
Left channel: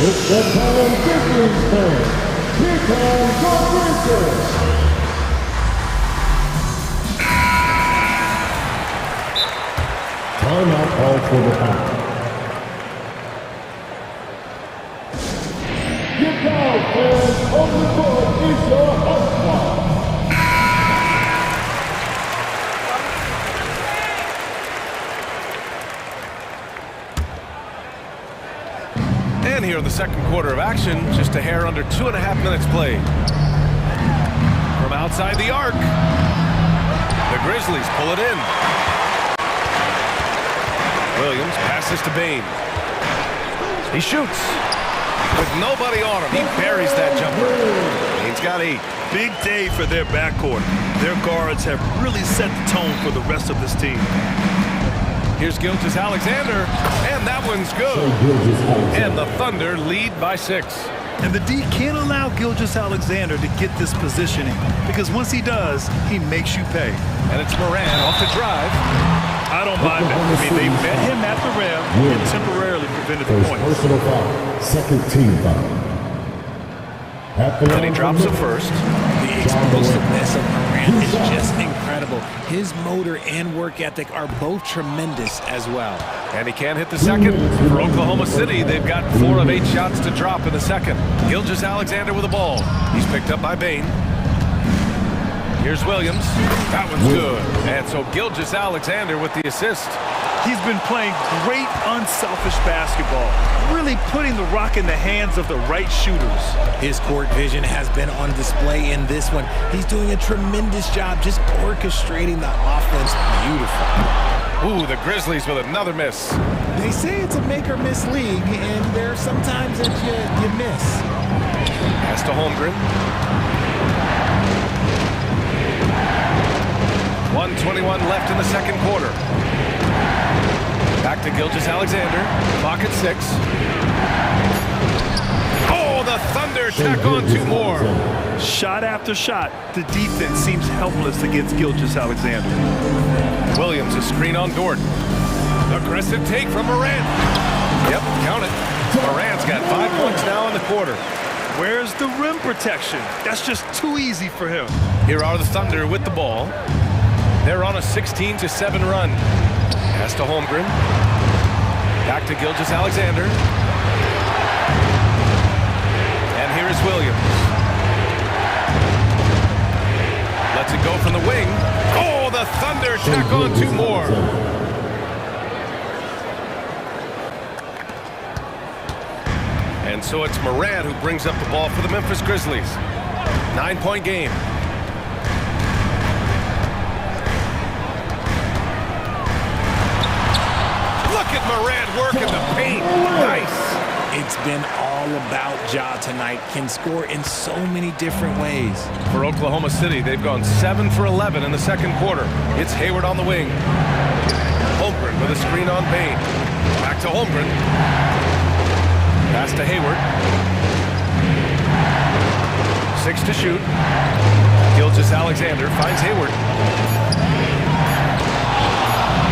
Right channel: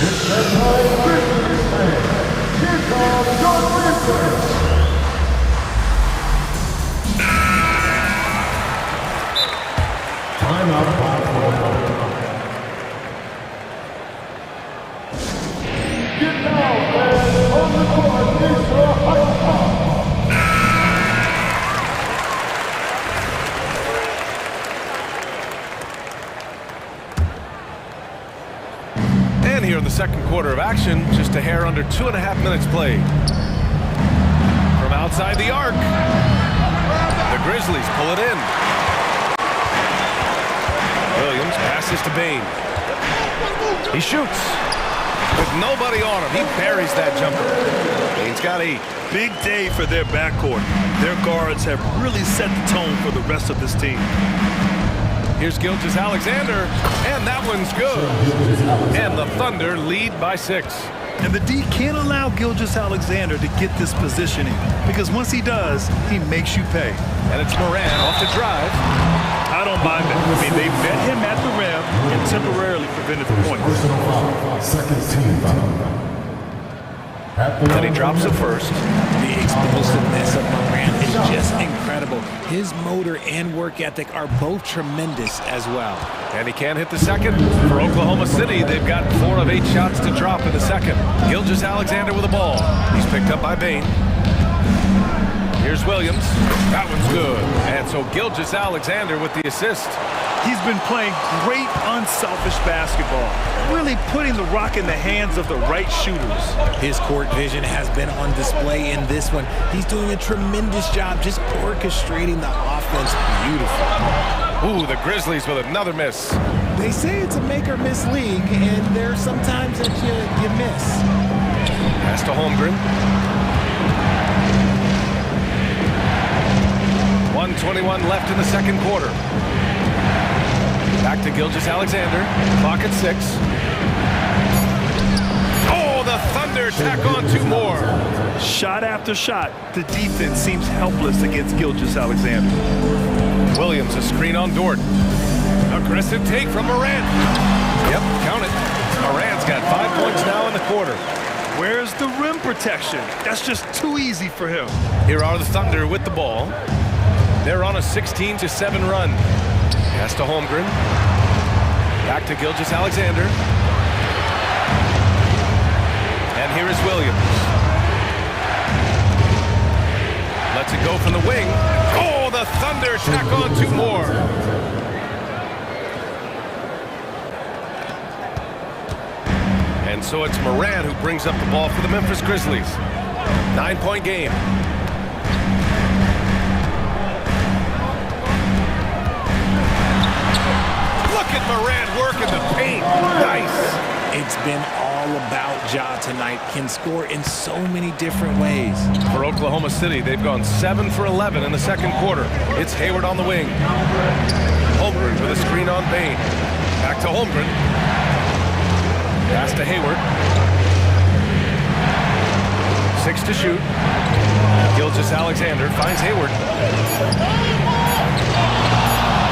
It's that time, Grizzlies fans. Here comes your Grizzlies. Timeout called for the Thunder. Get down, fans. On the court is your hype squad. And here in the second quarter of action, just a hair under 2.5 minutes played. From outside the arc, the Grizzlies pull it in. Williams passes to Bain. He shoots with nobody on him. He buries that jumper. Bain's got 8. Big day for their backcourt. Their guards have really set the tone for the rest of this team. Here's Gilgeous-Alexander, and that one's good. And the Thunder lead by 6. And the D can't allow Gilgeous-Alexander to get this positioning, because once he does, he makes you pay. And it's Morant off the drive. I don't mind that. I mean, they met him at the rim and temporarily prevented the points. Personal foul. Second team foul. Then he drops it first. The explosiveness of Morant is just incredible. His motor and work ethic are both tremendous as well. And he can't hit the second. For Oklahoma City, they've got 4 of 8 shots to drop in the second. Gilgeous-Alexander with the ball. He's picked up by Bain. Here's Williams. That one's good. And so Gilgeous-Alexander with the assist. He's been playing great unselfish basketball, really putting the rock in the hands of the right shooters. His court vision has been on display in this one. He's doing a tremendous job just orchestrating the offense beautifully. Ooh, the Grizzlies with another miss. They say it's a make-or-miss league, and there are some times that you miss. Pass to Holmgren. 1:21 left in the second quarter. Back to Gilgeous-Alexander. Clock at 6. Oh, the Thunder tack on 2 more. Shot after shot, the defense seems helpless against Gilgeous-Alexander. Williams, a screen on Dort. Aggressive take from Morant. Yep, count it. Morant's got 5 points now in the quarter. Where's the rim protection? That's just too easy for him. Here are the Thunder with the ball. They're on a 16-7 run. Pass to Holmgren. Back to Gilgeous-Alexander. And here is Williams. Lets it go from the wing. Oh, the Thunder tack on 2 more. And so it's Morant who brings up the ball for the Memphis Grizzlies. 9-point game. Look at Morant working the paint. Nice. It's been all about Ja tonight. Can score in so many different ways. For Oklahoma City, they've gone 7 for 11 in the second quarter. It's Hayward on the wing. Holmgren with a screen on Bain. Back to Holmgren. Pass to Hayward. 6 to shoot. Gilgeous-Alexander finds Hayward.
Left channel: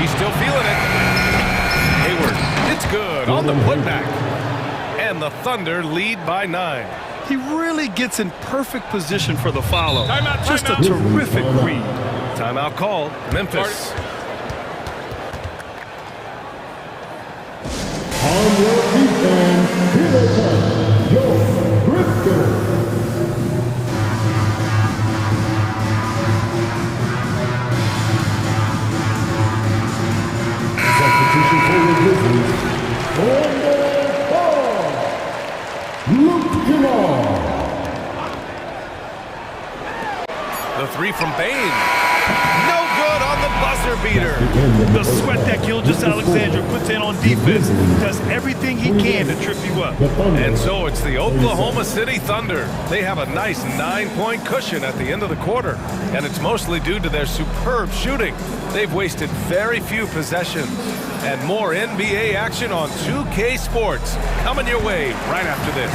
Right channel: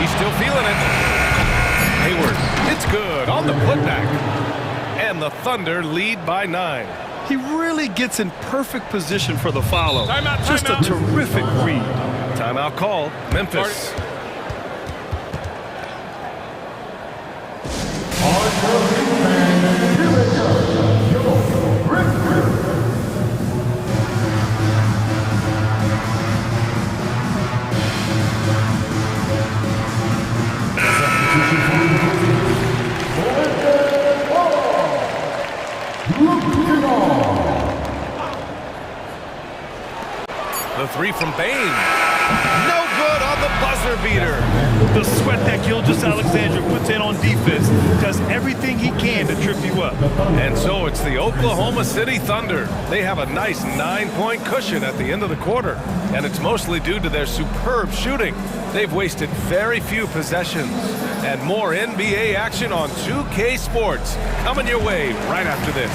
He's still feeling it. Hayward, it's good on the putback. And the Thunder lead by 9. He really gets in perfect position for the follow. Timeout, timeout. Just a terrific read. Timeout called. Memphis. On your defense, here they come, your Grizzlies. Substitution for the Grizzlies. Luke Kennard. The 3 from Bain. No good on the buzzer beater. The sweat that Gilgeous-Alexander puts in on defense does everything he can to trip you up. And so it's the Oklahoma City Thunder. They have a nice 9-point cushion at the end of the quarter. And it's mostly due to their superb shooting. They've wasted very few possessions. And more NBA action on 2K Sports coming your way right after this.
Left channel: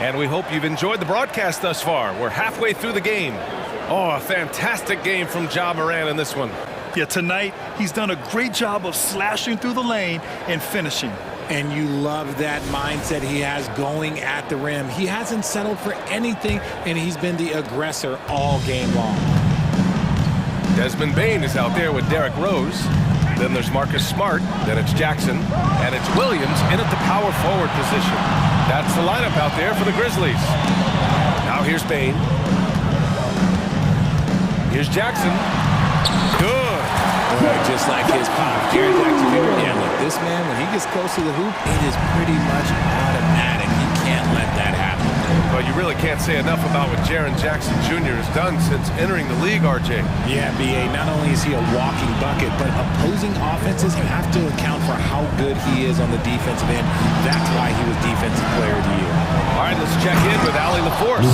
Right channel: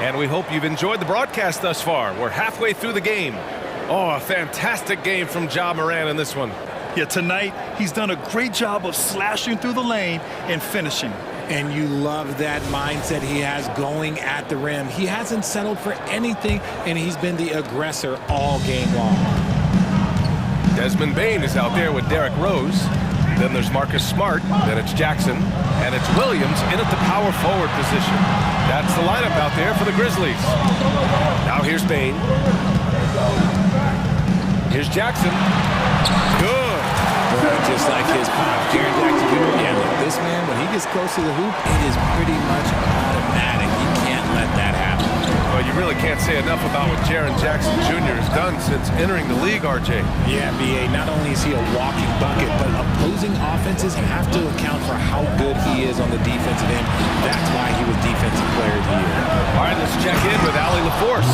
And we hope you've enjoyed the broadcast thus far. We're halfway through the game. Oh, a fantastic game from Ja Morant in this one. Yeah, tonight he's done a great job of slashing through the lane and finishing. And you love that mindset he has going at the rim. He hasn't settled for anything, and he's been the aggressor all game long. Desmond Bain is out there with Derrick Rose. Then there's Marcus Smart. Then it's Jackson. And it's Williams in at the power forward position. That's the lineup out there for the Grizzlies. Now here's Bain. Here's Jackson. Good. Just like his pop, Jaren Jackson Jr. Yeah, look, this man, when he gets close to the hoop, it is pretty much automatic. You can't let that happen. Well, you really can't say enough about what Jaren Jackson Jr. has done since entering the league, RJ. Yeah, B.A., not only is he a walking bucket, but opposing offenses have to account for how good he is on the defensive end. That's why he was Defensive Player of the Year. All right, let's check in with Allie LaForce.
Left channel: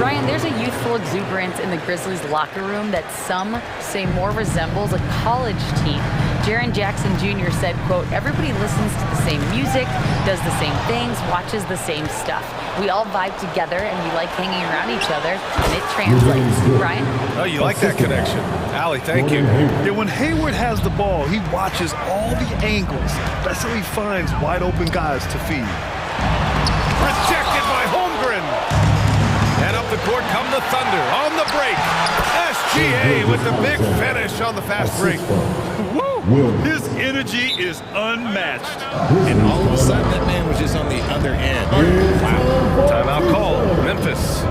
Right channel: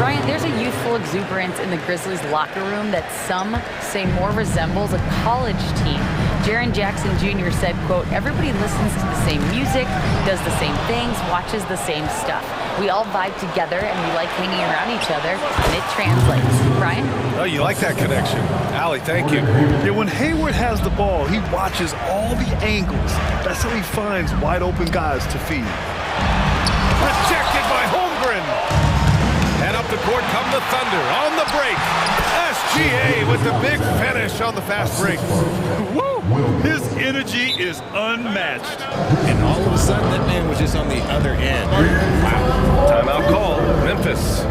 Ryan, there's a youthful exuberance in the Grizzlies locker room that some say more resembles a college team. Jaren Jackson Jr. said, quote, everybody listens to the same music, does the same things, watches the same stuff. We all vibe together and we like hanging around each other, and it translates. Brian? Oh, you like that connection. Allie, thank you. Yeah, when Hayward has the ball, he watches all the angles. That's how he finds wide open guys to feed. Rejected by Holmgren. And up the court come the Thunder on the break. SGA with the big finish on the fast break. Woo! His energy is unmatched. And all of a sudden, that man was just on the other end. Wow. Timeout called. Memphis.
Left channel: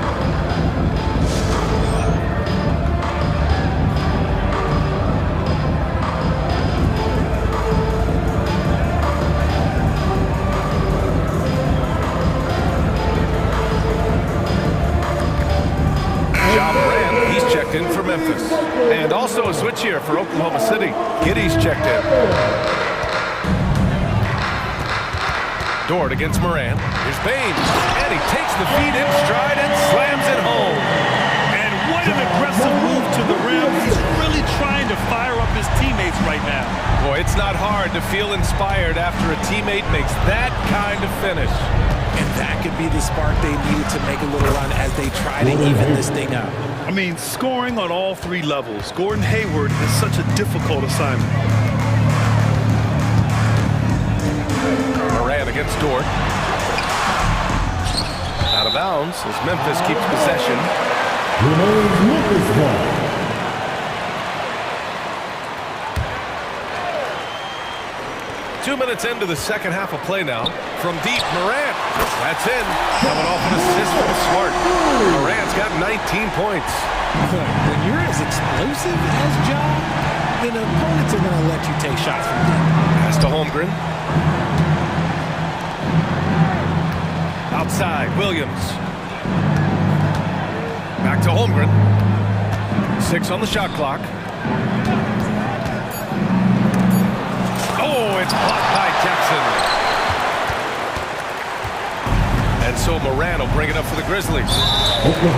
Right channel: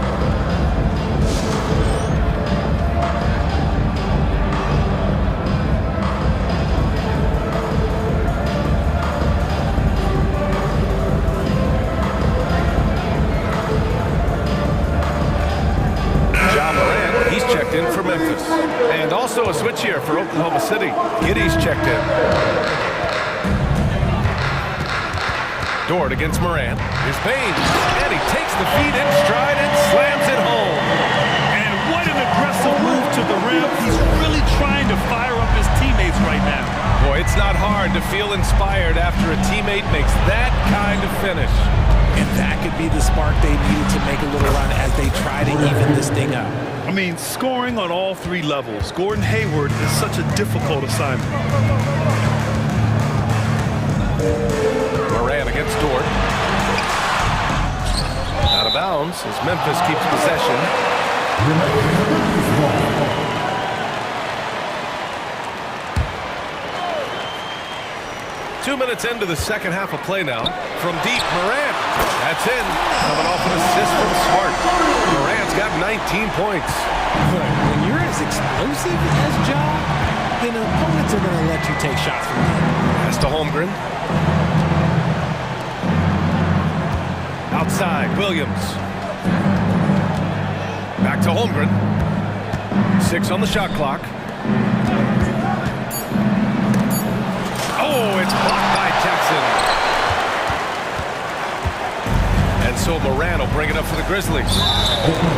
Ja Morant, he's checked in for Memphis. And also a switch here for Oklahoma City. Giddey's checked in. Dort against Morant. Here's Bain. And he takes the feed in stride and slams it home. And what an aggressive move to the rim. He's really trying to fire up his teammates right now. Boy, it's not hard to feel inspired after a teammate makes that kind of finish. And that could be the spark they needed to make a little run as they try to even this thing up. I mean, scoring on all three levels. Gordon Hayward is such a difficult assignment. Morant against Dort. Out of bounds as Memphis keeps possession. 2 minutes into the second half of play now. From deep, Morant. That's in. Coming off an assist from Smart. Morant's got 19 points. Look, when you're as explosive as Ja, then opponents are going to let you take shots from deep. Pass to Holmgren. Outside, Williams. Back to Holmgren. 6 on the shot clock. Oh, it's blocked by Jackson. And so Moran will bring it up for the Grizzlies.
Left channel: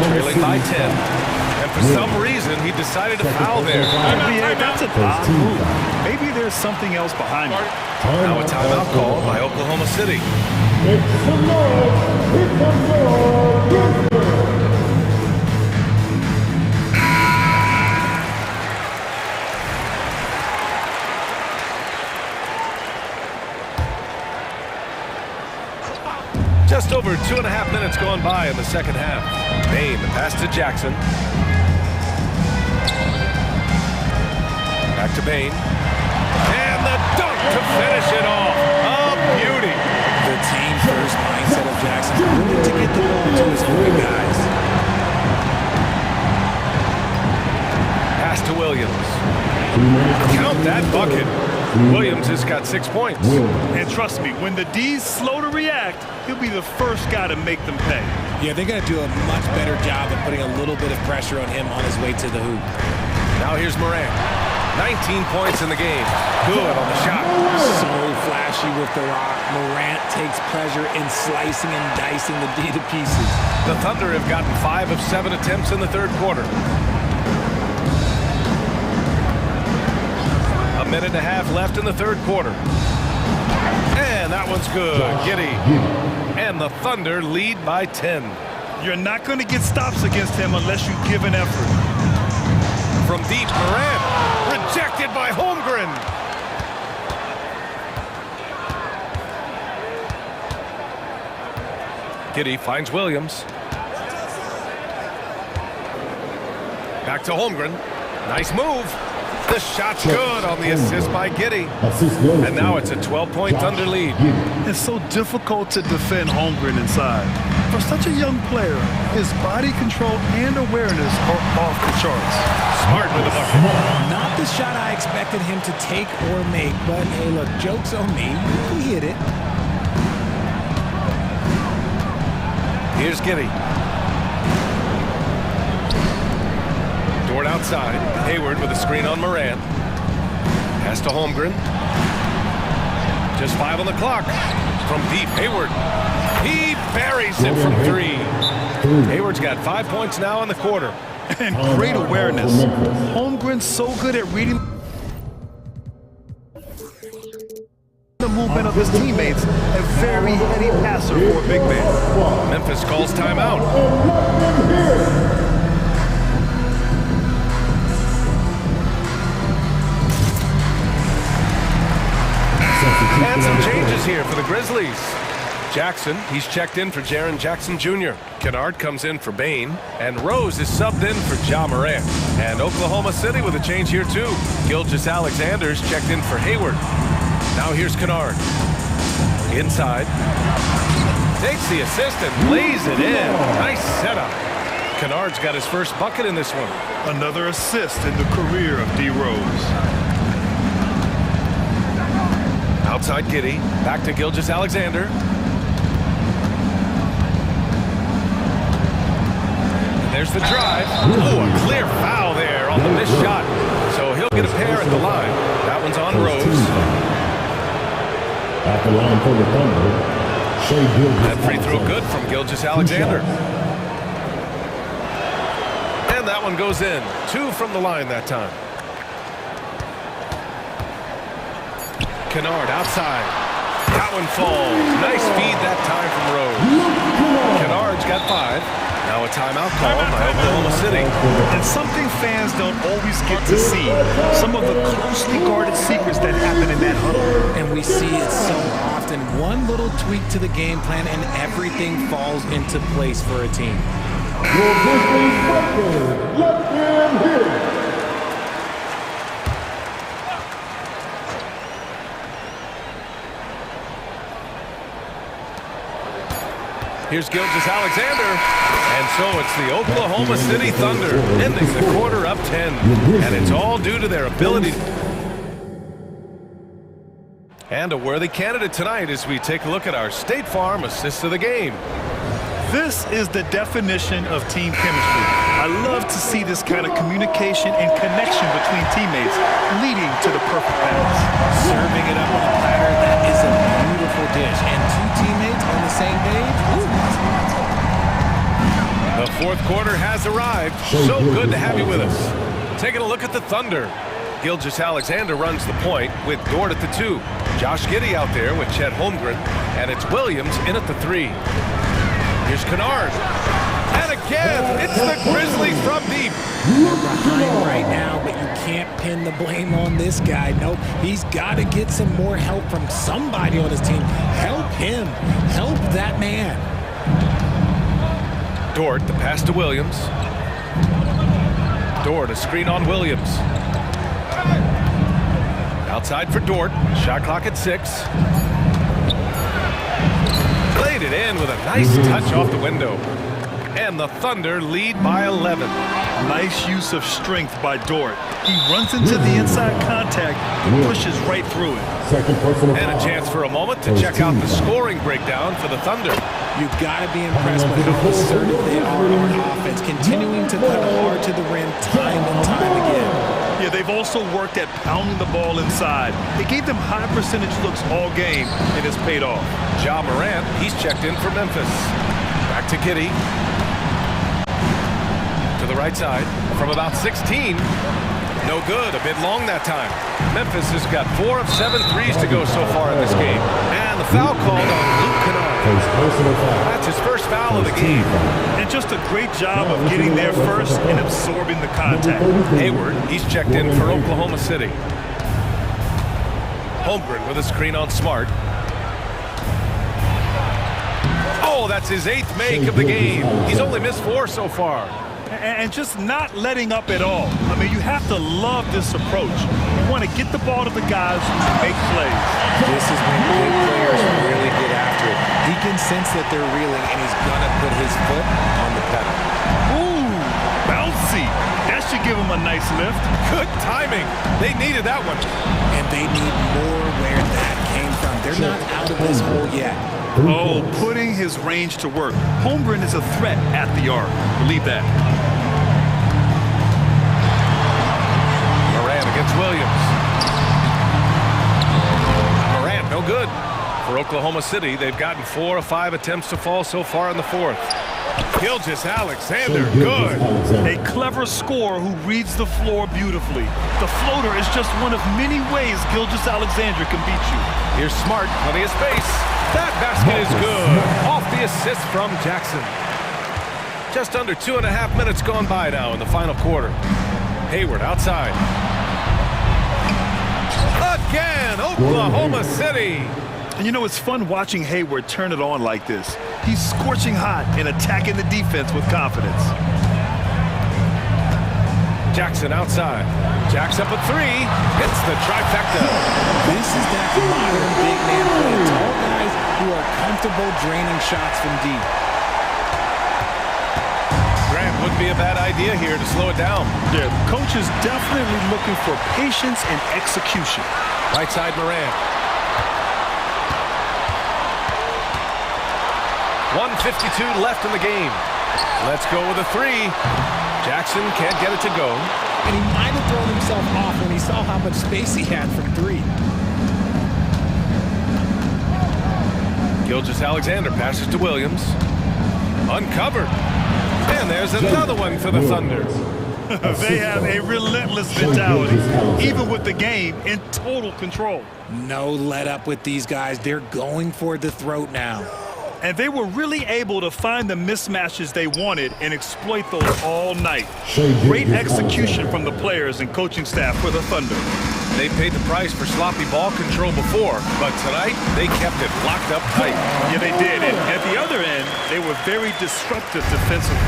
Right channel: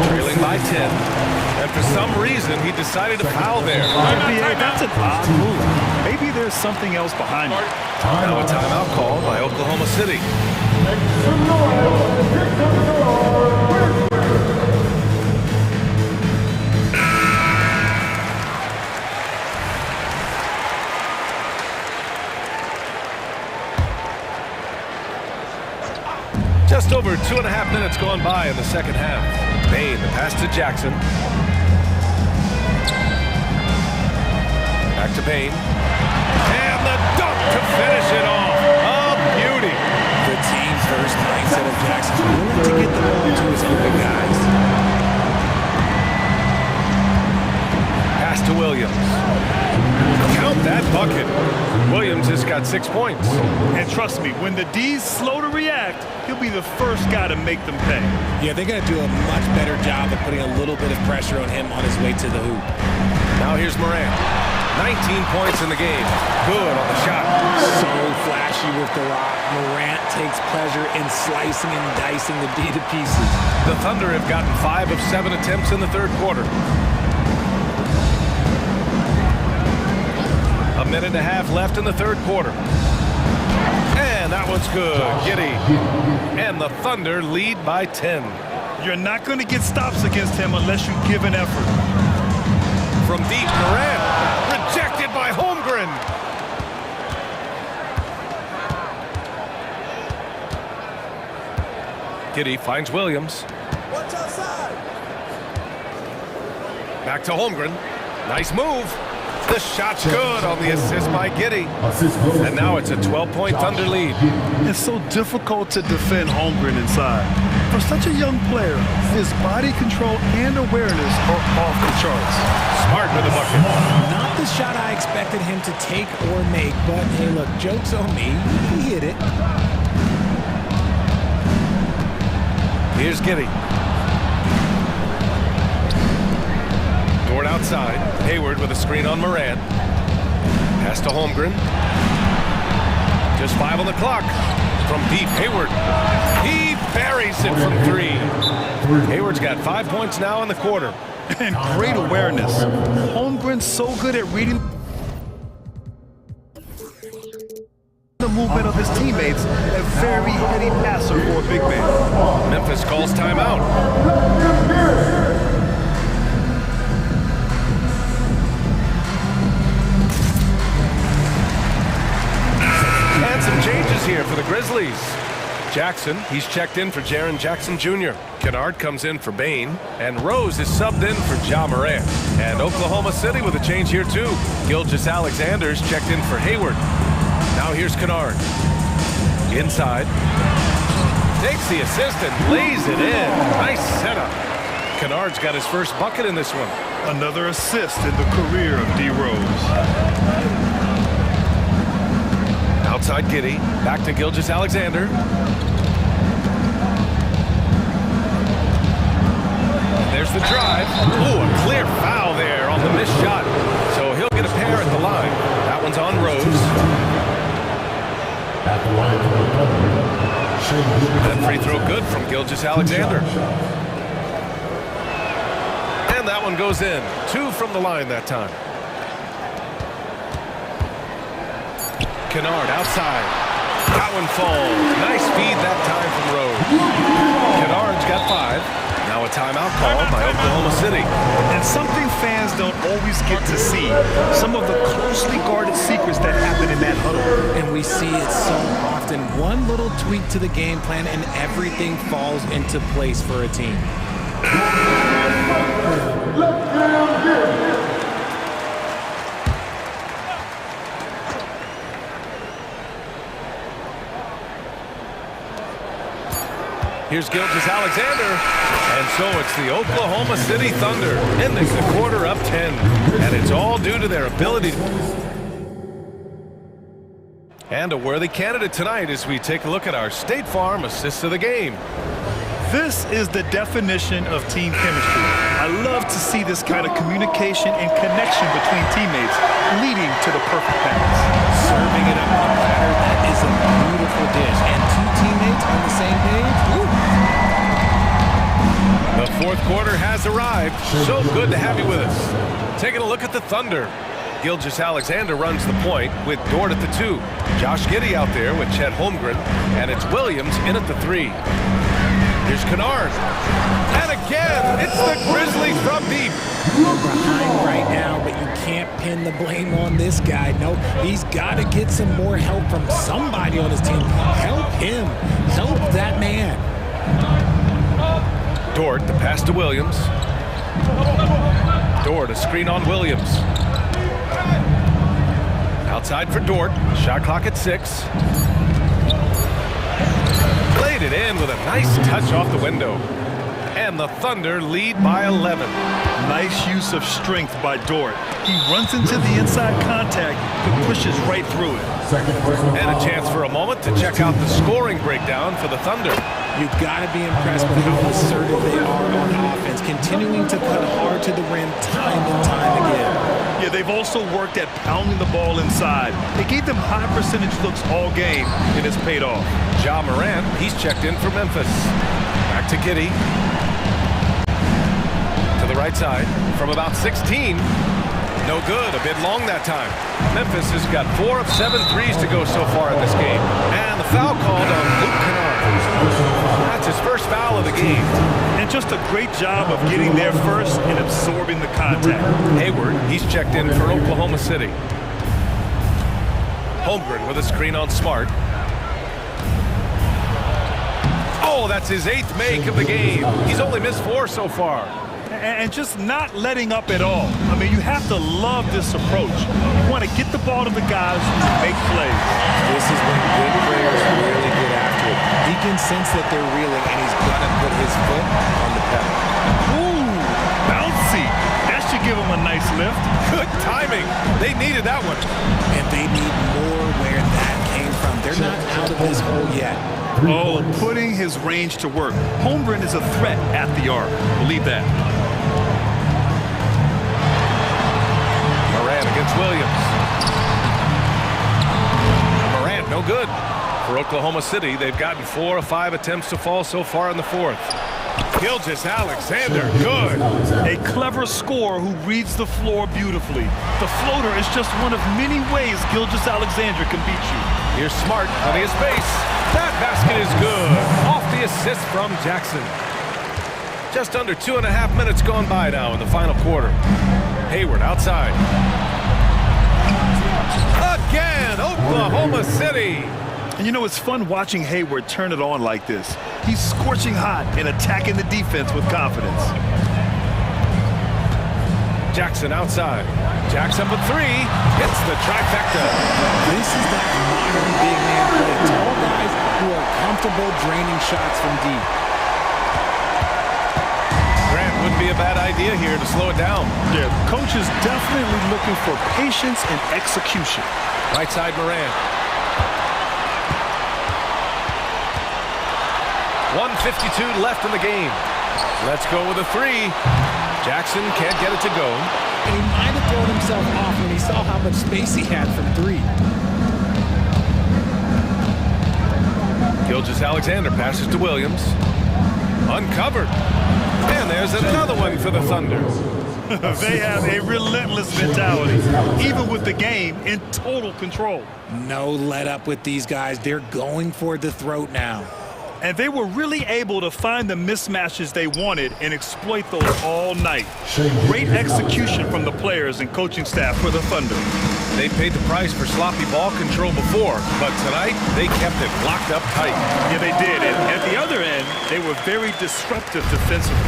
Trailing by 10. And for some reason, he decided to foul there. NBA, that's an odd move. Maybe there's something else behind it. Now a timeout called by Oklahoma City. Make some noise. Hit some noise. Just over 2.5 minutes gone by in the second half. Bain, the pass to Jackson. Back to Bain. And the dunk to finish it off. A beauty. The team-first mindset of Jackson, willing to get the ball to his open guys. Pass to Williams. Count that bucket. Williams has got 6 points. And trust me, when the D's slow to react, he'll be the first guy to make them pay. Yeah, they're going to do a much better job of putting a little bit of pressure on him on his way to the hoop. Now here's Moran. 19 points in the game. Good on the shot. So flashy with the rock. Morant takes pleasure in slicing and dicing the D to pieces. The Thunder have gotten 5 of 7 attempts in the third quarter. A minute and a half left in the third quarter. And that one's good. Giddey. And the Thunder lead by 10. You're not going to get stops against him unless you give an effort. From deep, Morant. Rejected by Holmgren. Giddey finds Williams. Back to Holmgren. Nice move. The shot's good on the assist by Giddey. And now it's a 12-point Thunder lead. It's so difficult to defend Holmgren inside. For such a young player, his body control and awareness are off the charts. Smart with the bucket. Not the shot I expected him to take or make, but hey, look, joke's on me. He hit it. Here's Giddey. Dort outside. Hayward with a screen on Moran. Pass to Holmgren. Just 5 on the clock. From deep, Hayward. He buries it from 3. Hayward's got 5 points now in the quarter. And great awareness. Holmgren's so good at reading the movement of his teammates. A very heady passer for a big man. Memphis calls timeout. And some changes here for the Grizzlies. Jackson, he's checked in for Jaren Jackson Jr. Kennard comes in for Bain. And Rose is subbed in for Ja Morant. And Oklahoma City with a change here too. Gilgeous-Alexander's checked in for Hayward. Now here's Kennard. Inside. Takes the assist and lays it in. Nice setup. Kennard's got his first bucket in this one. Another assist in the career of D. Rose. Outside Giddey. Back to Gilgeous-Alexander. And there's the drive. Oh, a clear foul there on the missed shot. So he'll get a pair at the line. That one's on Rose. At the line for the Thunder, That free throw good from Gilgeous-Alexander. And that one goes in. 2 from the line that time. Kennard outside. That one falls. Nice feed that time from Rose. Kennard's got 5. Now a timeout called by Oklahoma City. And something fans don't always get to see. Some of the closely guarded secrets that happen in that huddle. And we see it so often. One little tweak to the game plan and everything falls into place for a team. your Grizzlies record. Let them hit it. Here's Gilgeous-Alexander. And so it's the Oklahoma City Thunder ending the quarter up 10. And it's all due to their ability. And a worthy candidate tonight as we take a look at our State Farm assist of the game. This is the definition of team chemistry. I love to see this kind of communication and connection between teammates leading to the perfect pass. Serving it up on a platter, that is a beautiful dish. And two teammates on the same page. Ooh. The fourth quarter has arrived. So good to have you with us. Taking a look at the Thunder. Gilgeous-Alexander runs the point with Dort at the 2. Josh Giddey out there with Chet Holmgren. And it's Williams in at the 3. Here's Kennard. And again, it's the Grizzlies from deep. They're behind right now, but you can't pin the blame on this guy. Nope, he's got to get some more help from somebody on his team. Help him. Help that man. Dort, the pass to Williams. Dort, a screen on Williams. Outside for Dort. Shot clock at 6. Played it in with a nice touch off the window. And the Thunder lead by 11. Nice use of strength by Dort. He runs into the inside contact, but pushes right through it. And a chance for a moment to check out the scoring breakdown for the Thunder. You've got to be impressed with how assertive they are on offense, continuing to cut hard to the rim time and time again. Yeah, they've also worked at pounding the ball inside. It gave them high percentage looks all game, and it's paid off. Ja Morant, he's checked in for Memphis. Back to Giddey. To the right side from about 16. No good, a bit long that time. Memphis has got 4 of 7 threes to go so far in this game. And the foul called on Luke Kennard. That's his first foul of the game. And just a great job of getting there first and absorbing the contact. Hayward, he's checked in for Oklahoma City. Holmgren with a screen on Smart. Oh, that's his 8th make of the game. He's only missed 4 so far. And just not letting up at all. I mean, you have to love this approach. You want to get the ball to the guys who make plays. This is when good players really get after it. He can sense that they're reeling, and he's going to put his foot on the pedal. Ooh, bouncy. That should give him a nice lift. Good timing. They needed that one. And they need more where that came from. They're not out of this hole yet. Oh, putting his range to work. Holmgren is a threat at the arc. Believe that. Morant against Williams. Morant, no good. For Oklahoma City, they've gotten 4 of 5 attempts to fall so far in the 4th. Gilgeous-Alexander, good. A clever scorer who reads the floor beautifully. The floater is just one of many ways Gilgeous-Alexander can beat you. Here's Smart, plenty of space. That basket is good. Off the assist from Jackson. Just under 2.5 minutes gone by now in the final quarter. Hayward outside. Again, Oklahoma City. And you know, it's fun watching Hayward turn it on like this. He's scorching hot and attacking the defense with confidence. Jackson outside. Jacks up a 3. Hits the trifecta. This is that modern big man play. Tall guys who are comfortable draining shots from deep. Grant, wouldn't be a bad idea here to slow it down. Yeah, coach is definitely looking for patience and execution. Right side Morant. 1:52 left in the game. Let's go with a 3. Jackson can't get it to go. And he might have thrown himself off when he saw how much space he had from 3. Gilgeous-Alexander passes to Williams. Uncovered. And there's another one for the Thunder. They have a relentless mentality, even with the game in total control. No let up with these guys. They're going for the throat now. And they were really able to find the mismatches they wanted and exploit those all night. Great execution from the players and coaching staff for the Thunder. They paid the price for sloppy ball control before, but tonight they kept it locked up tight. Yeah, they did. And at the other end, they were very disruptive defensively.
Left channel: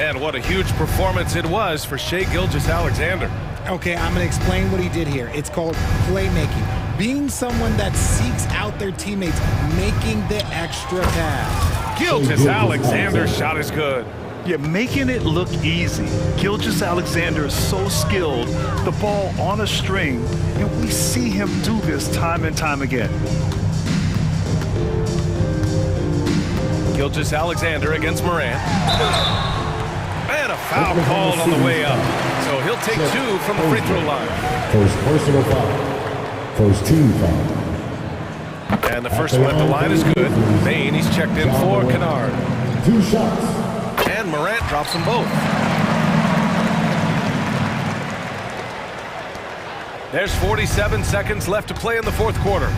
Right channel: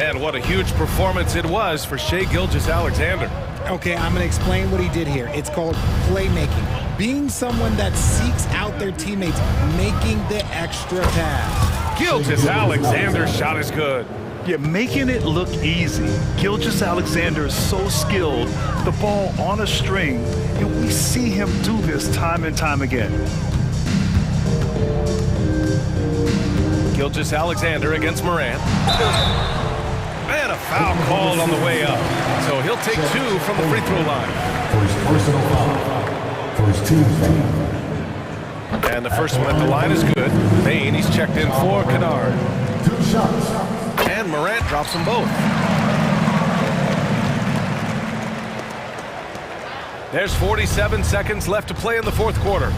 And what a huge performance it was for Shai Gilgeous-Alexander. Okay, I'm going to explain what he did here. It's called playmaking. being someone that seeks out their teammates, making the extra pass. Gilgeous-Alexander's shot is good. Yeah, making it look easy. Gilgeous-Alexander is so skilled, the ball on a string, and we see him do this time and time again. Gilgeous-Alexander against Morant. And a foul called on the way up. So he'll take 2 from the free throw line. First personal foul. First team foul. And the first one at the line is good. Bain, he's checked in for Kennard. 2 shots. And Morant drops them both. There's 47 seconds left to play in the fourth quarter.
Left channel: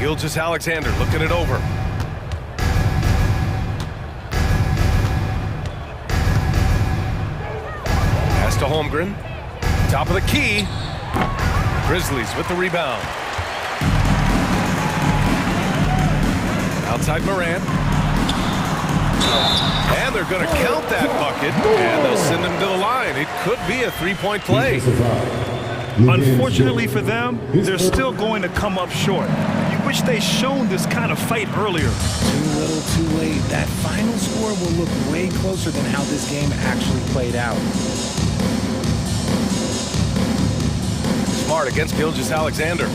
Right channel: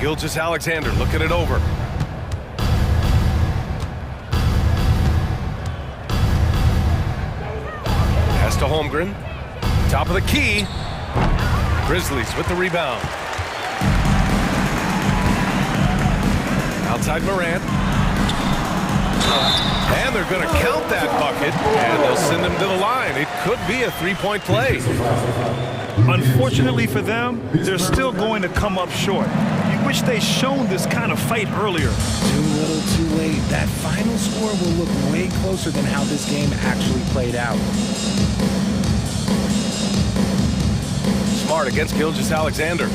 Gilgeous-Alexander looking it over. Pass to Holmgren. Top of the key. Grizzlies with the rebound. Outside Morant. And they're going to count that bucket, and they'll send him to the line. It could be a three-point play. Unfortunately for them, they're still going to come up short. You wish they'd shown this kind of fight earlier. Too little, too late. That final score will look way closer than how this game actually played out. Smart against Gilgeous-Alexander.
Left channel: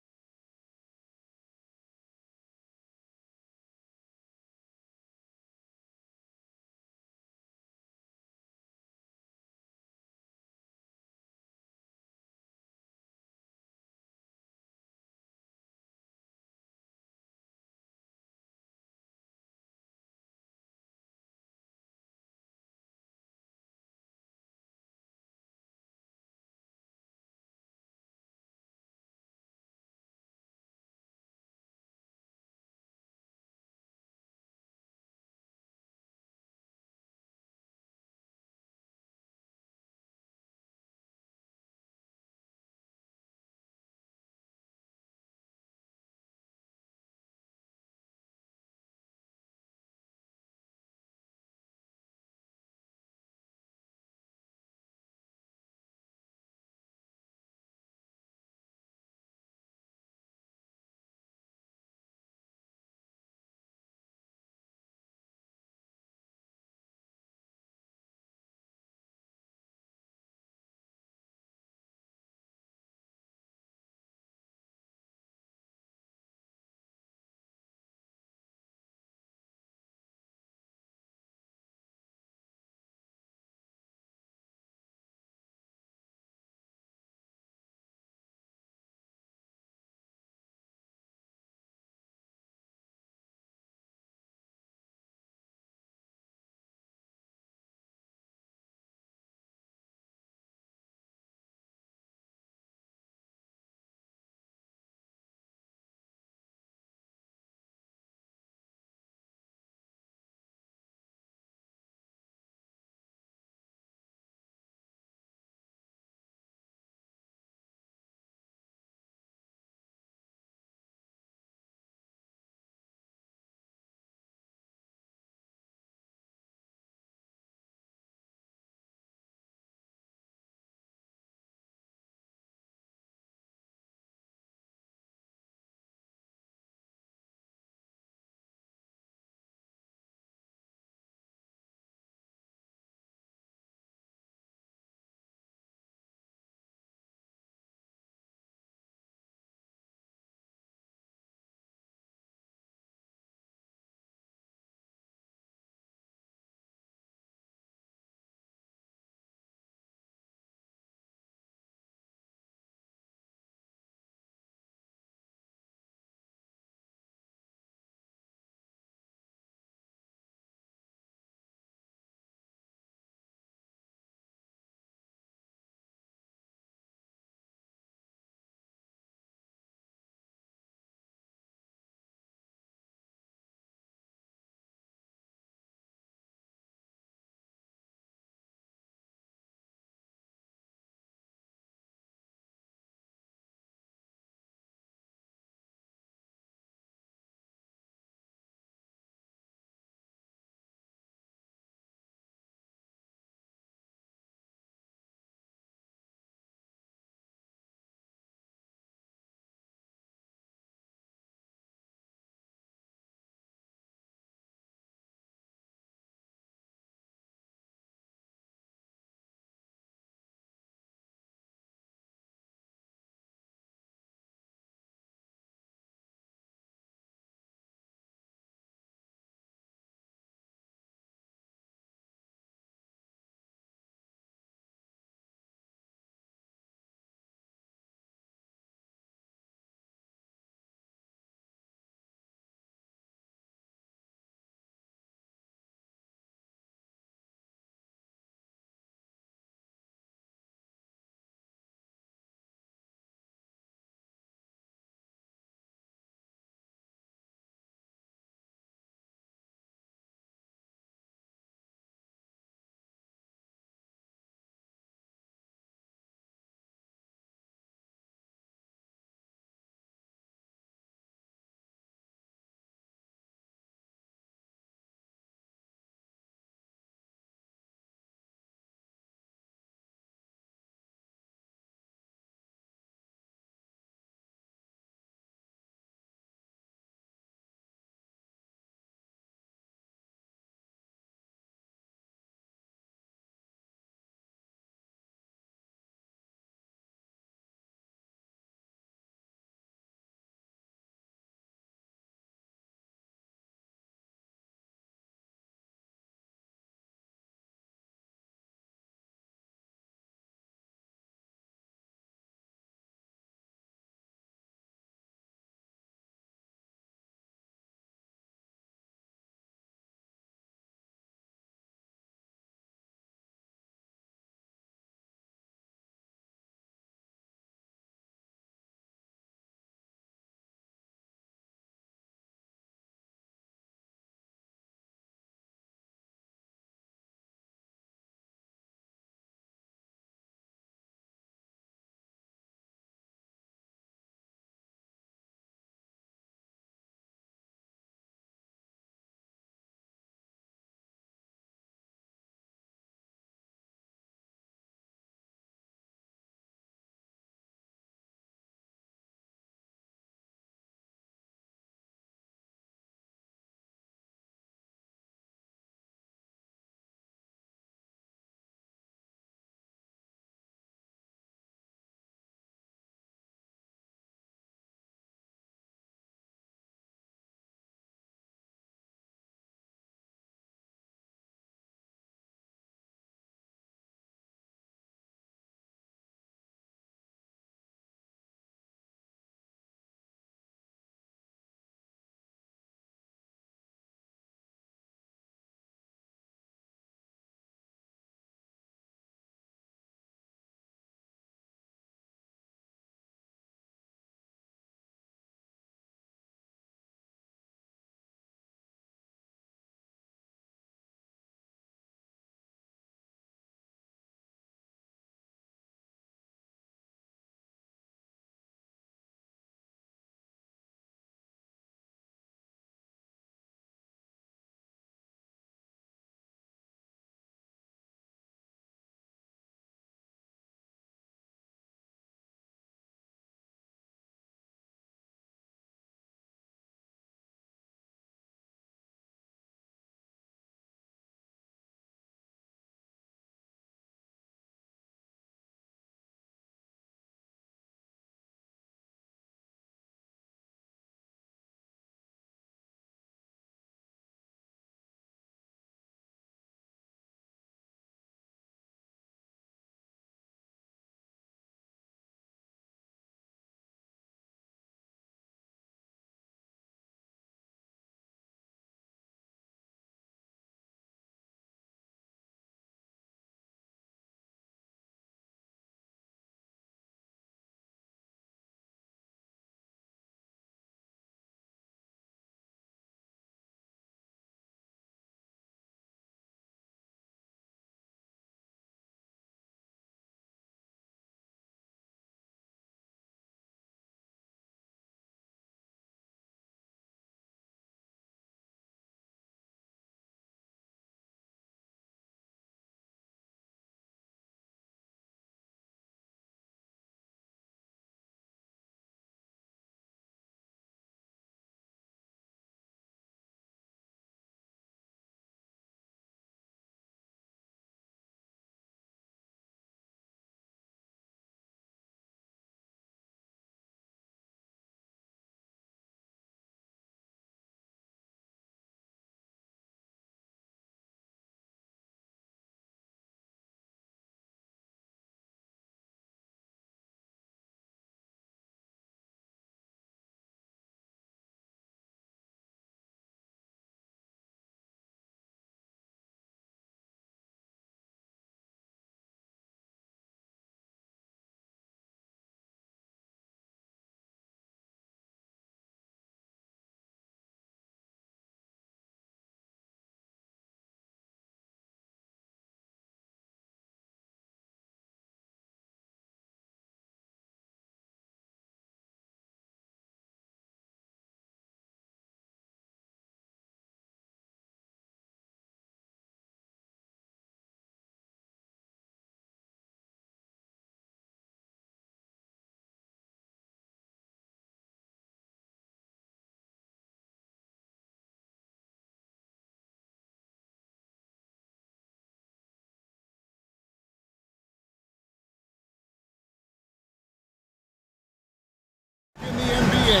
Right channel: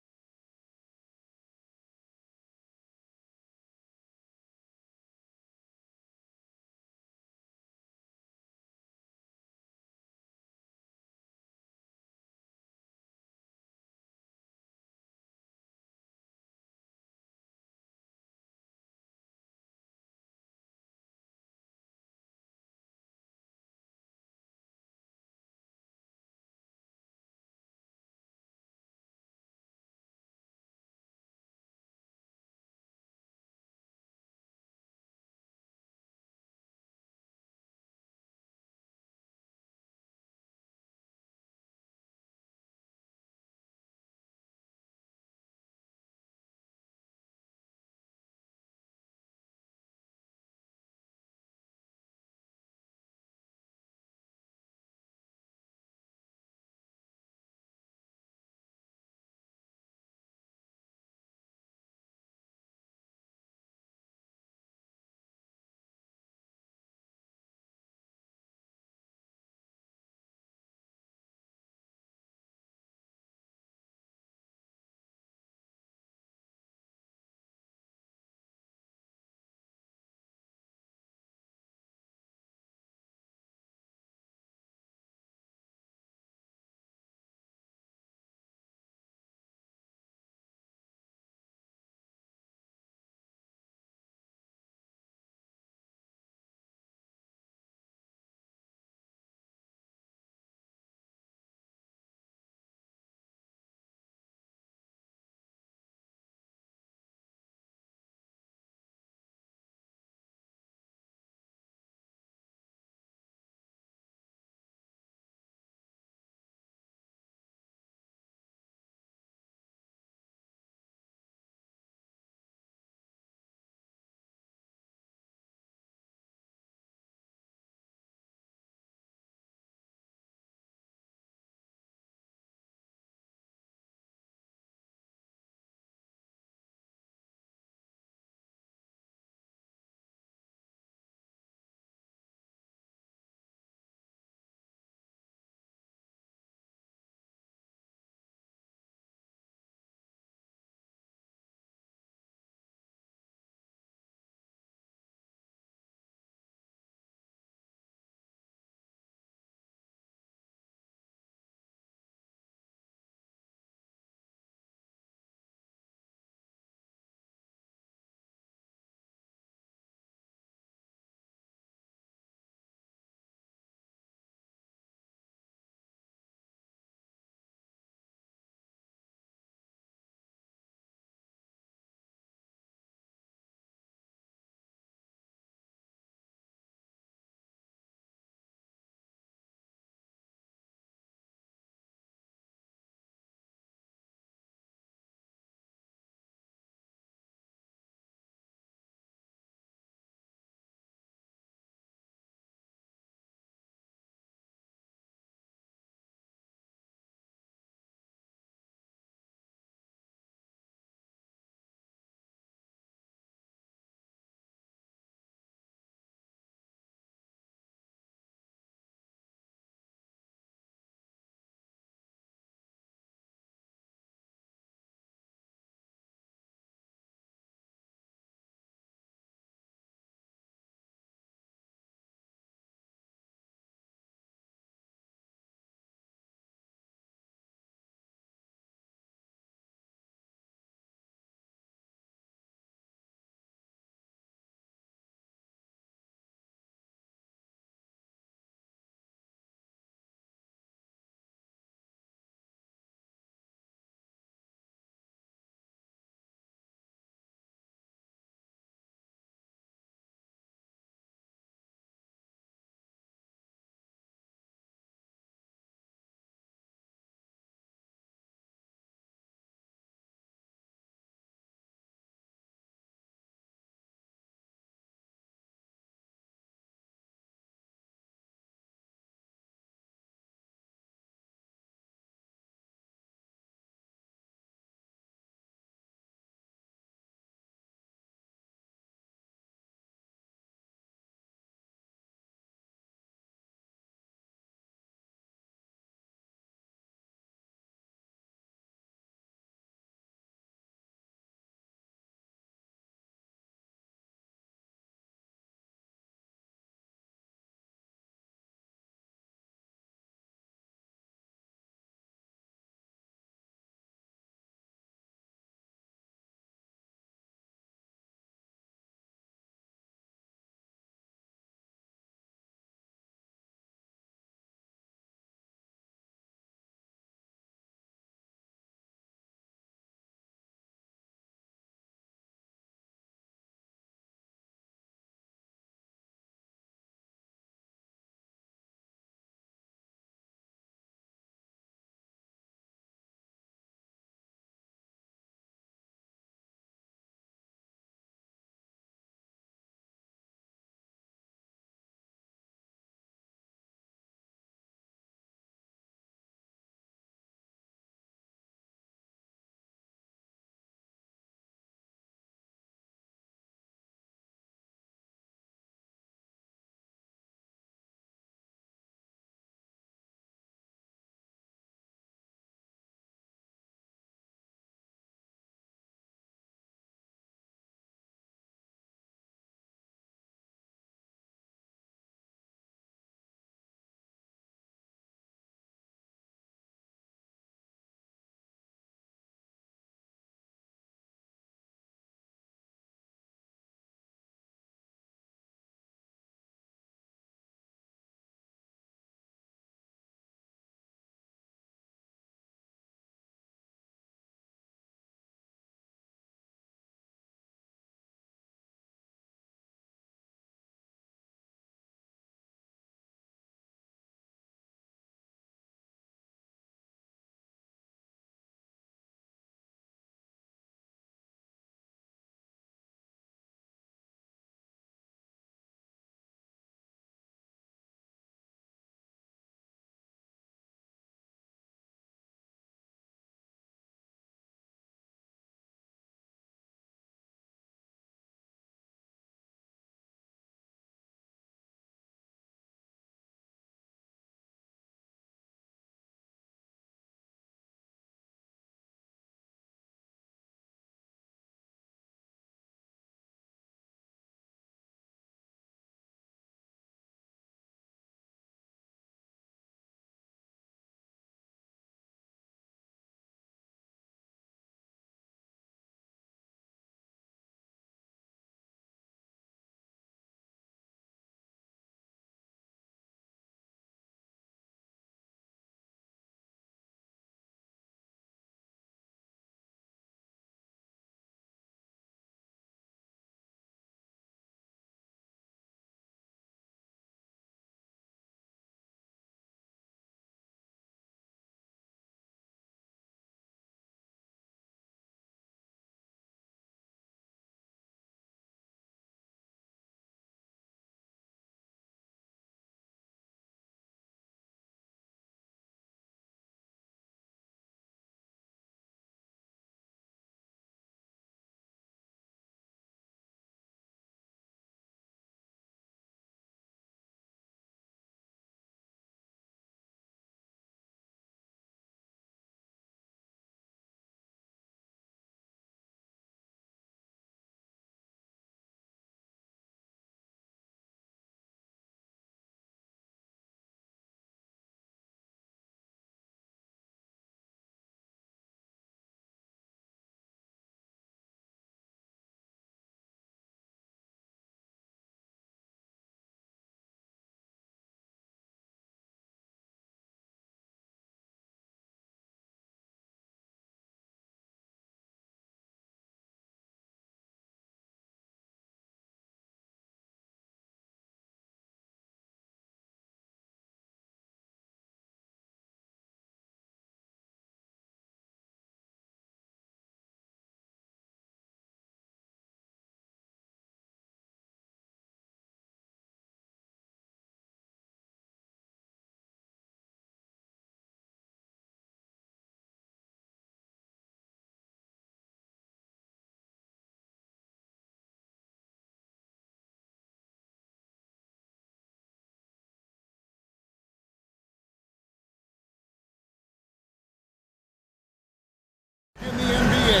NBA.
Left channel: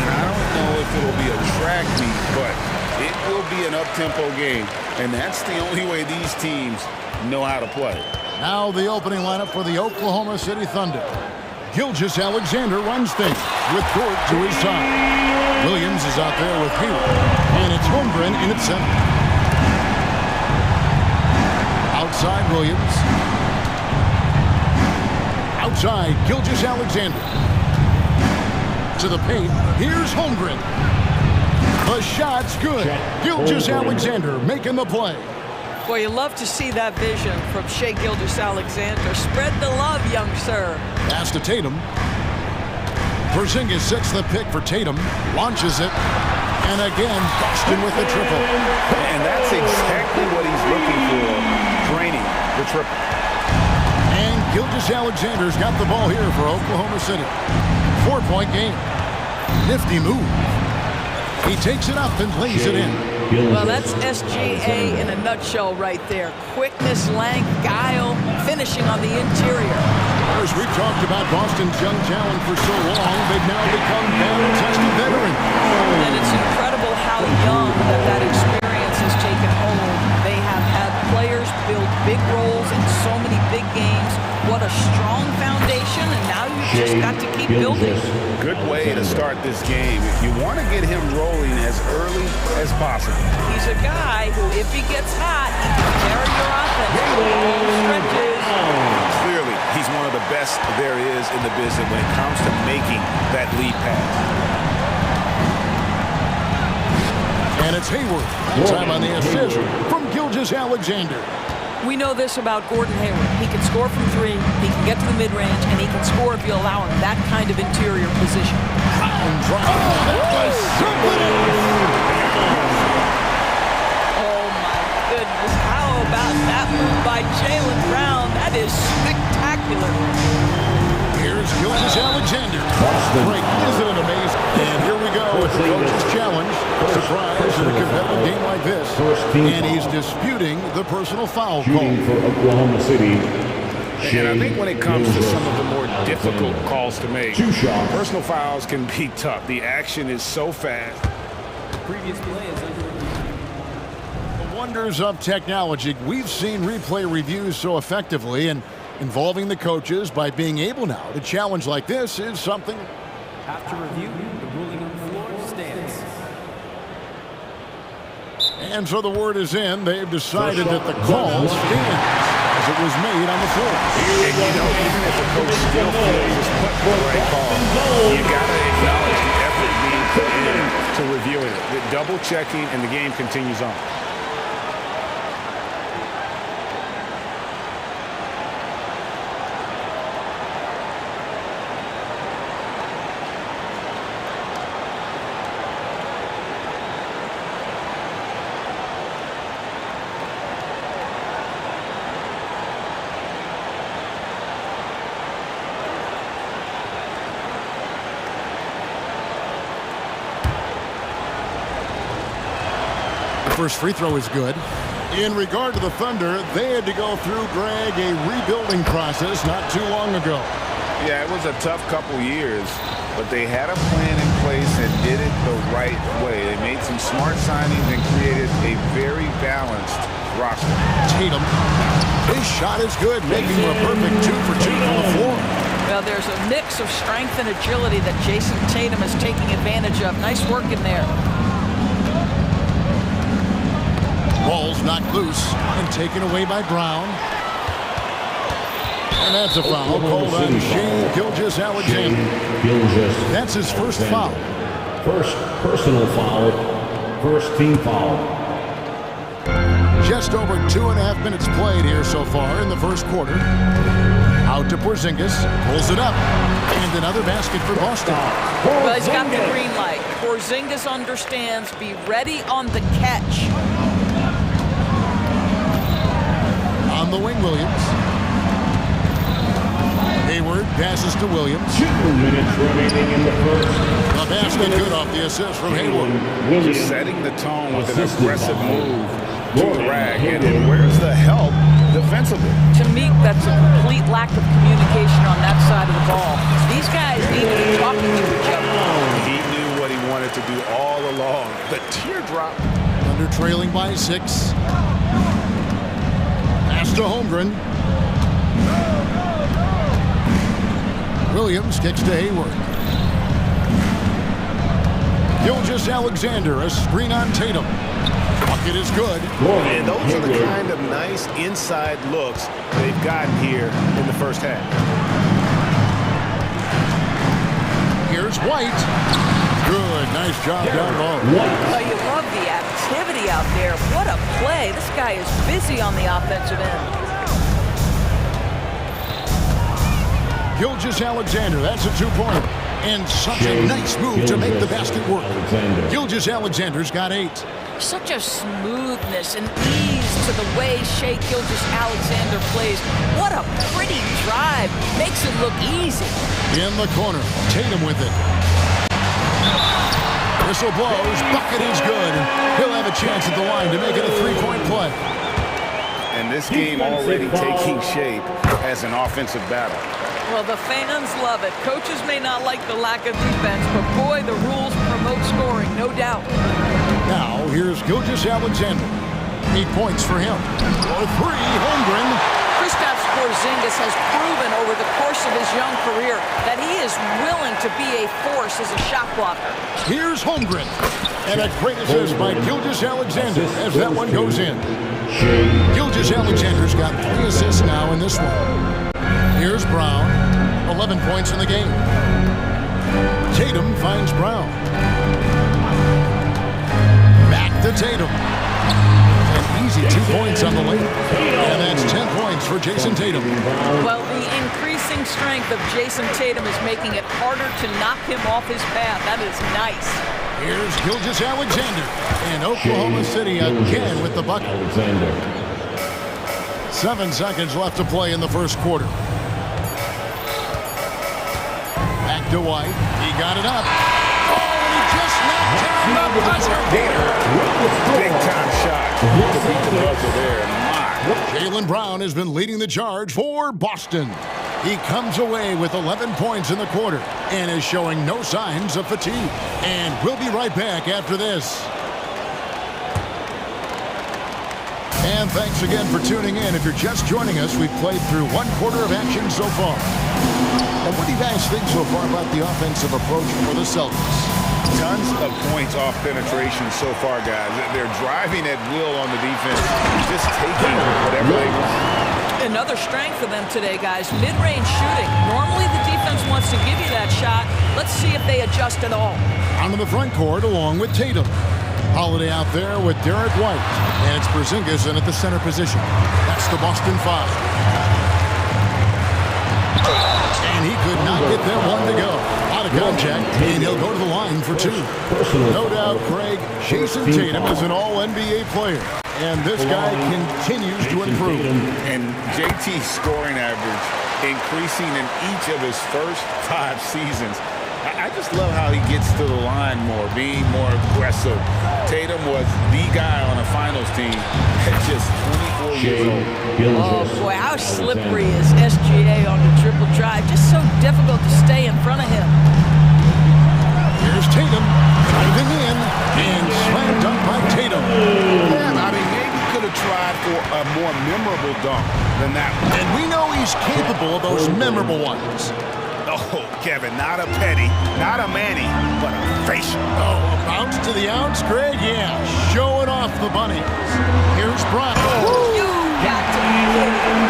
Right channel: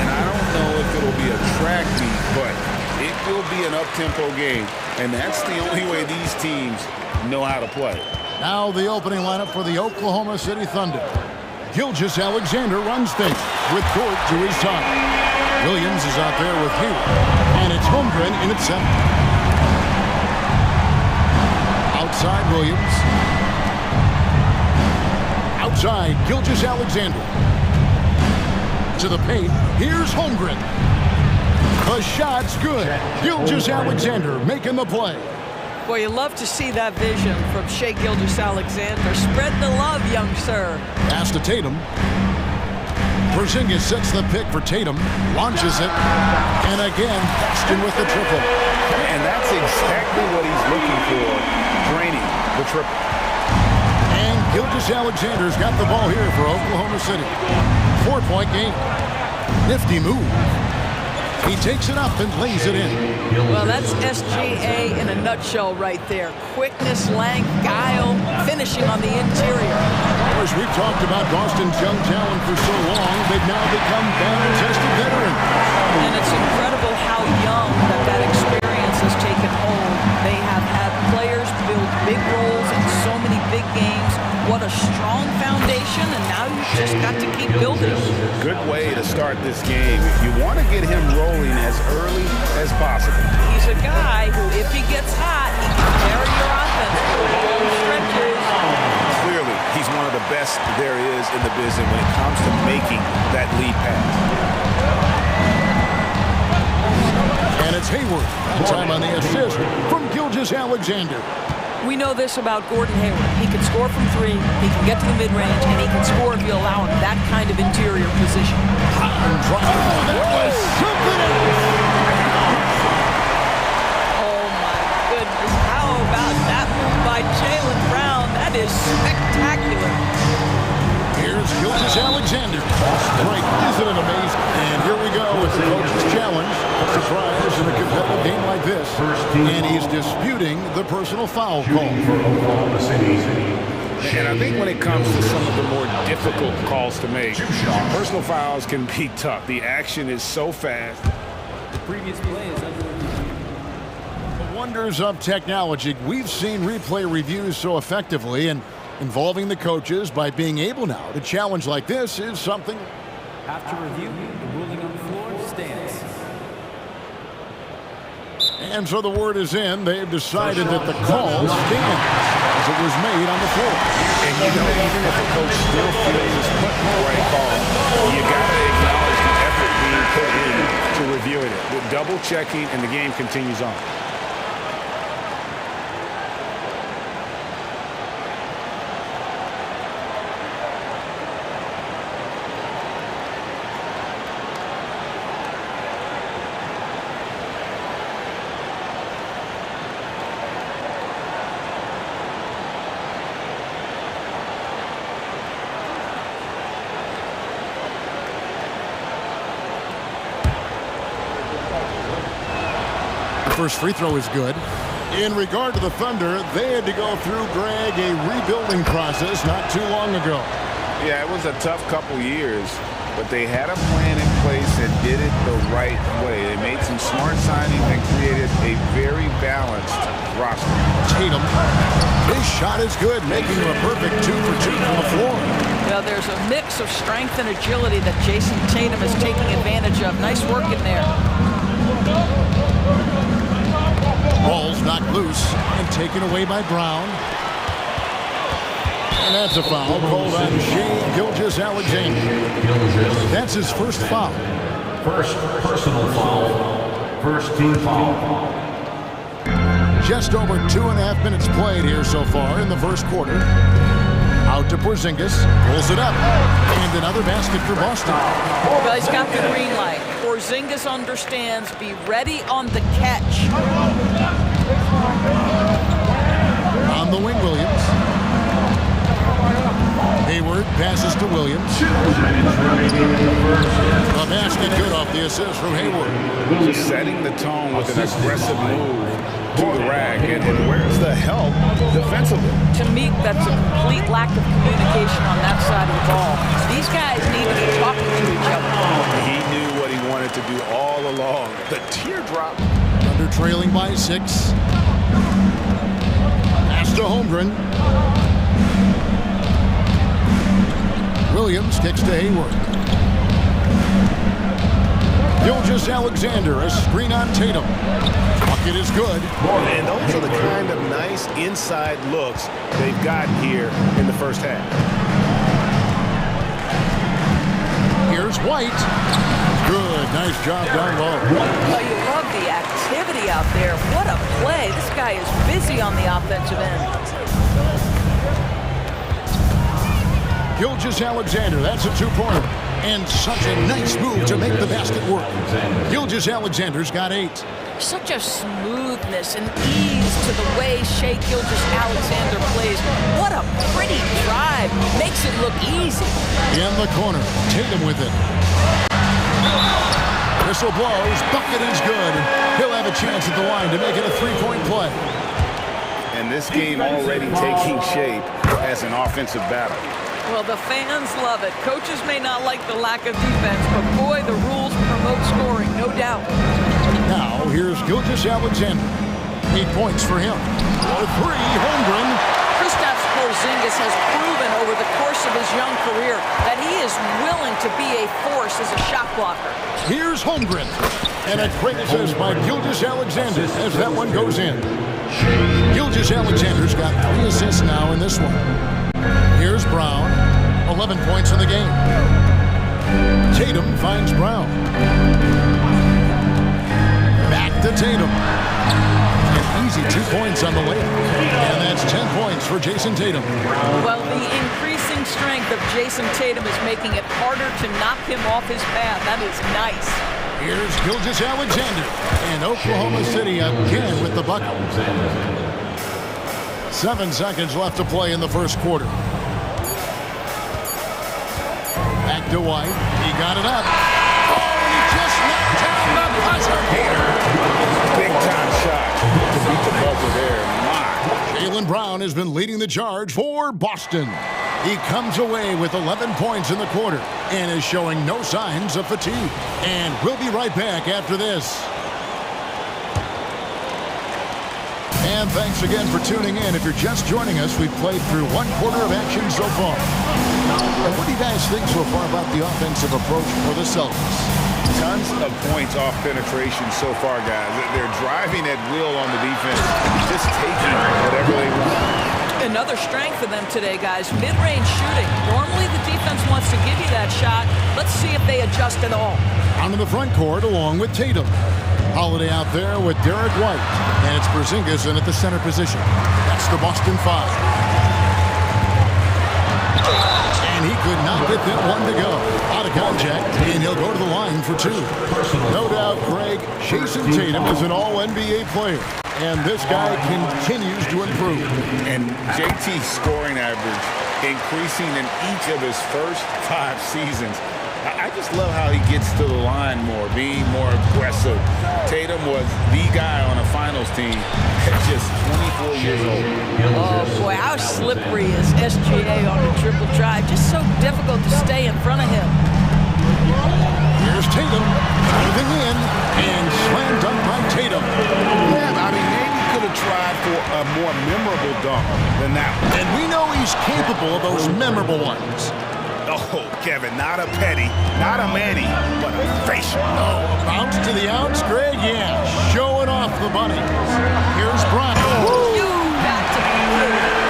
And I don't know if it'll be a track meet, but it will be an up-tempo game. And that's the only way these teams know how to play. Now the opening lineup for the Oklahoma City Thunder. Gilgeous-Alexander runs things with Dort to his side. Williams is out there with Hayward. And it's Holmgren in at center. Outside Williams. Outside Gilgeous-Alexander. To the paint. Here's Holmgren. The shot's good. Gilgeous-Alexander making the play. Boy, you love to see that vision from Shai Gilgeous-Alexander. Spread the love, young sir. Pass to Tatum. Porzingis sets the pick for Tatum. Launches it. And again, Boston with the triple. And that's exactly what he's looking for, draining the triple. And Gilgeous-Alexander's got the ball here for Oklahoma City. 4-point game. Nifty move. He takes it up and lays it in. Well, that's SGA in a nutshell right there. Quickness, length, guile, finishing on the interior. As we've talked about Boston's young talent for so long, they've now become battle-tested veterans. And it's incredible how young that experience has taken hold. They have had players build big roles in so many big games. What a strong foundation, and now you've just got to keep building. Good way to start this game. You want to get him rolling as early as possible. He's a guy who, if he gets hot, he can carry your offense for long stretches. Clearly, he's one of the best there is in the business when it comes to making that lead pass. And it's Hayward. That time on the assist from Gilgeous-Alexander. We know this about Gordon Hayward. He can score from three, he can get to the mid-range, and he can score if you allow him that kind of interior position. That was something else. Oh, my goodness. How about that move by Jaylen Brown? That is spectacular. Here's Gilgeous-Alexander. Great. Isn't it amazing? And here we go with the coach's challenge. Surprise in a competitive game like this. And he's disputing the personal foul call. For Oklahoma City. And I think when it comes to some of the more difficult calls to make, personal fouls can be tough. The action is so fast. The previous play is under review. The wonders of technology. We've seen replay reviews so effectively, and involving the coaches by being able now to challenge like this is something. After review, the ruling on the floor stands. And so the word is in. They've decided that the call stands as it was made on the floor. And you know, even if a coach still feels it's put the right call, you got to acknowledge the effort being put in to reviewing it. With double checking, and the game continues on. First free throw is good. In regard to the Thunder, they had to go through, Greg, a rebuilding process not too long ago. Yeah, it was a tough couple years, but they had a plan in place and did it the right way. They made some smart signings and created a very balanced roster. Tatum, his shot is good, making him a perfect 2 for 2 from the floor. Well, there's a mix of strength and agility that Jason Tatum is taking advantage of. Nice work in there. Ball's knocked loose and taken away by Brown. And that's a foul called on Shai Gilgeous-Alexander. That's his first foul. First personal foul. First team foul. Just over 2.5 minutes played here so far in the first quarter. Out to Porzingis, pulls it up, and another basket for Boston. Well, he's got the green light. Porzingis understands, be ready on the catch. On the wing, Williams. Hayward passes to Williams. 2 minutes remaining in the first. A basket good off the assist from Hayward. Just setting the tone with an aggressive move to the rack. And where's the help defensively? To me, that's a complete lack of communication on that side of the ball. These guys need to be talking to each other. He knew what he wanted to do all along. The teardrop. Thunder trailing by 6. Pass to Holmgren. Williams kicks to Hayward. Gilgeous-Alexander, a screen on Tatum. Bucket is good. And those are the kind of nice inside looks they've gotten here in the first half. Here's White. Good, nice job down low. Oh, you love the activity out there. What a play. This guy is busy on the offensive end. Gilgeous-Alexander, that's a 2-pointer. And such a nice move to make the basket work. Gilgeous-Alexander's got 8. Such a smoothness and ease to the way Shai Gilgeous-Alexander plays. What a pretty drive. Makes it look easy. In the corner, Tatum with it. Whistle blows, bucket is good, and he'll have a chance at the line to make it a 3-point play. And this game already taking shape as an offensive battle. Well, the fans love it. Coaches may not like the lack of defense, but boy, the rules promote scoring, no doubt. Now, here's Gilgeous-Alexander. 8 points for him. For 3, Holmgren. Kristaps Porzingis has proven over the course of his young career that he is willing to be a force as a shot blocker. Here's Holmgren. And a great assist by Gilgeous-Alexander as that one goes in. Gilgeous-Alexander's got 3 assists now in this one. Here's Brown, 11 points in the game. Tatum finds Brown. Back to Tatum. An easy 2 points on the layup. And that's 10 points for Jason Tatum. Well, the increasing strength of Jason Tatum is making it harder to knock him off his path. That is nice. Here's Gilgeous-Alexander. And Oklahoma City again with the bucket. 7 seconds left to play in the first quarter. Back to White. He got it up. Oh, and he just knocked down the buzzer beater. Big time shot to beat the buzzer there. My. Jaylen Brown has been leading the charge for Boston. He comes away with 11 points in the quarter and is showing no signs of fatigue. And we'll be right back after this. And thanks again for tuning in. If you're just joining us, we've played through 1 quarter of action so far. And what do you guys think so far about the offensive approach for the Celtics? Tons of points off penetration so far, guys. They're driving at will on the defense, just taking whatever they want. Another strength for them today, guys, mid-range shooting. Normally the defense wants to give you that shot. Let's see if they adjust at all. Onto the front court along with Tatum. Holiday out there with Derek White. And it's Porzingis in at the center position. That's the Boston 5. And he could not get that one to go. Out of contact, and he'll go to the line for 2. No doubt, Craig, Jason Tatum is an all-NBA player. And this guy continues to improve. And JT's scoring average increasing in each of his first 5 seasons. I just love how he gets to the line more, being more aggressive. Tatum was the guy on a finals team at just 24 years old. Oh, boy, how slippery is SGA on the triple drive. Just so difficult to stay in front of him. Here's Tatum, diving in, and slam dunk by Tatum. Yeah, I mean, maybe could have tried for a more memorable dunk than that one. And we know he's capable of those memorable ones. Oh, Kevin, not a petty, not a Manny, but a facial. Oh, a bounce to the outs, Greg? Yeah, showing off the bunnies. Here's Brown. Oh. You got to be kidding.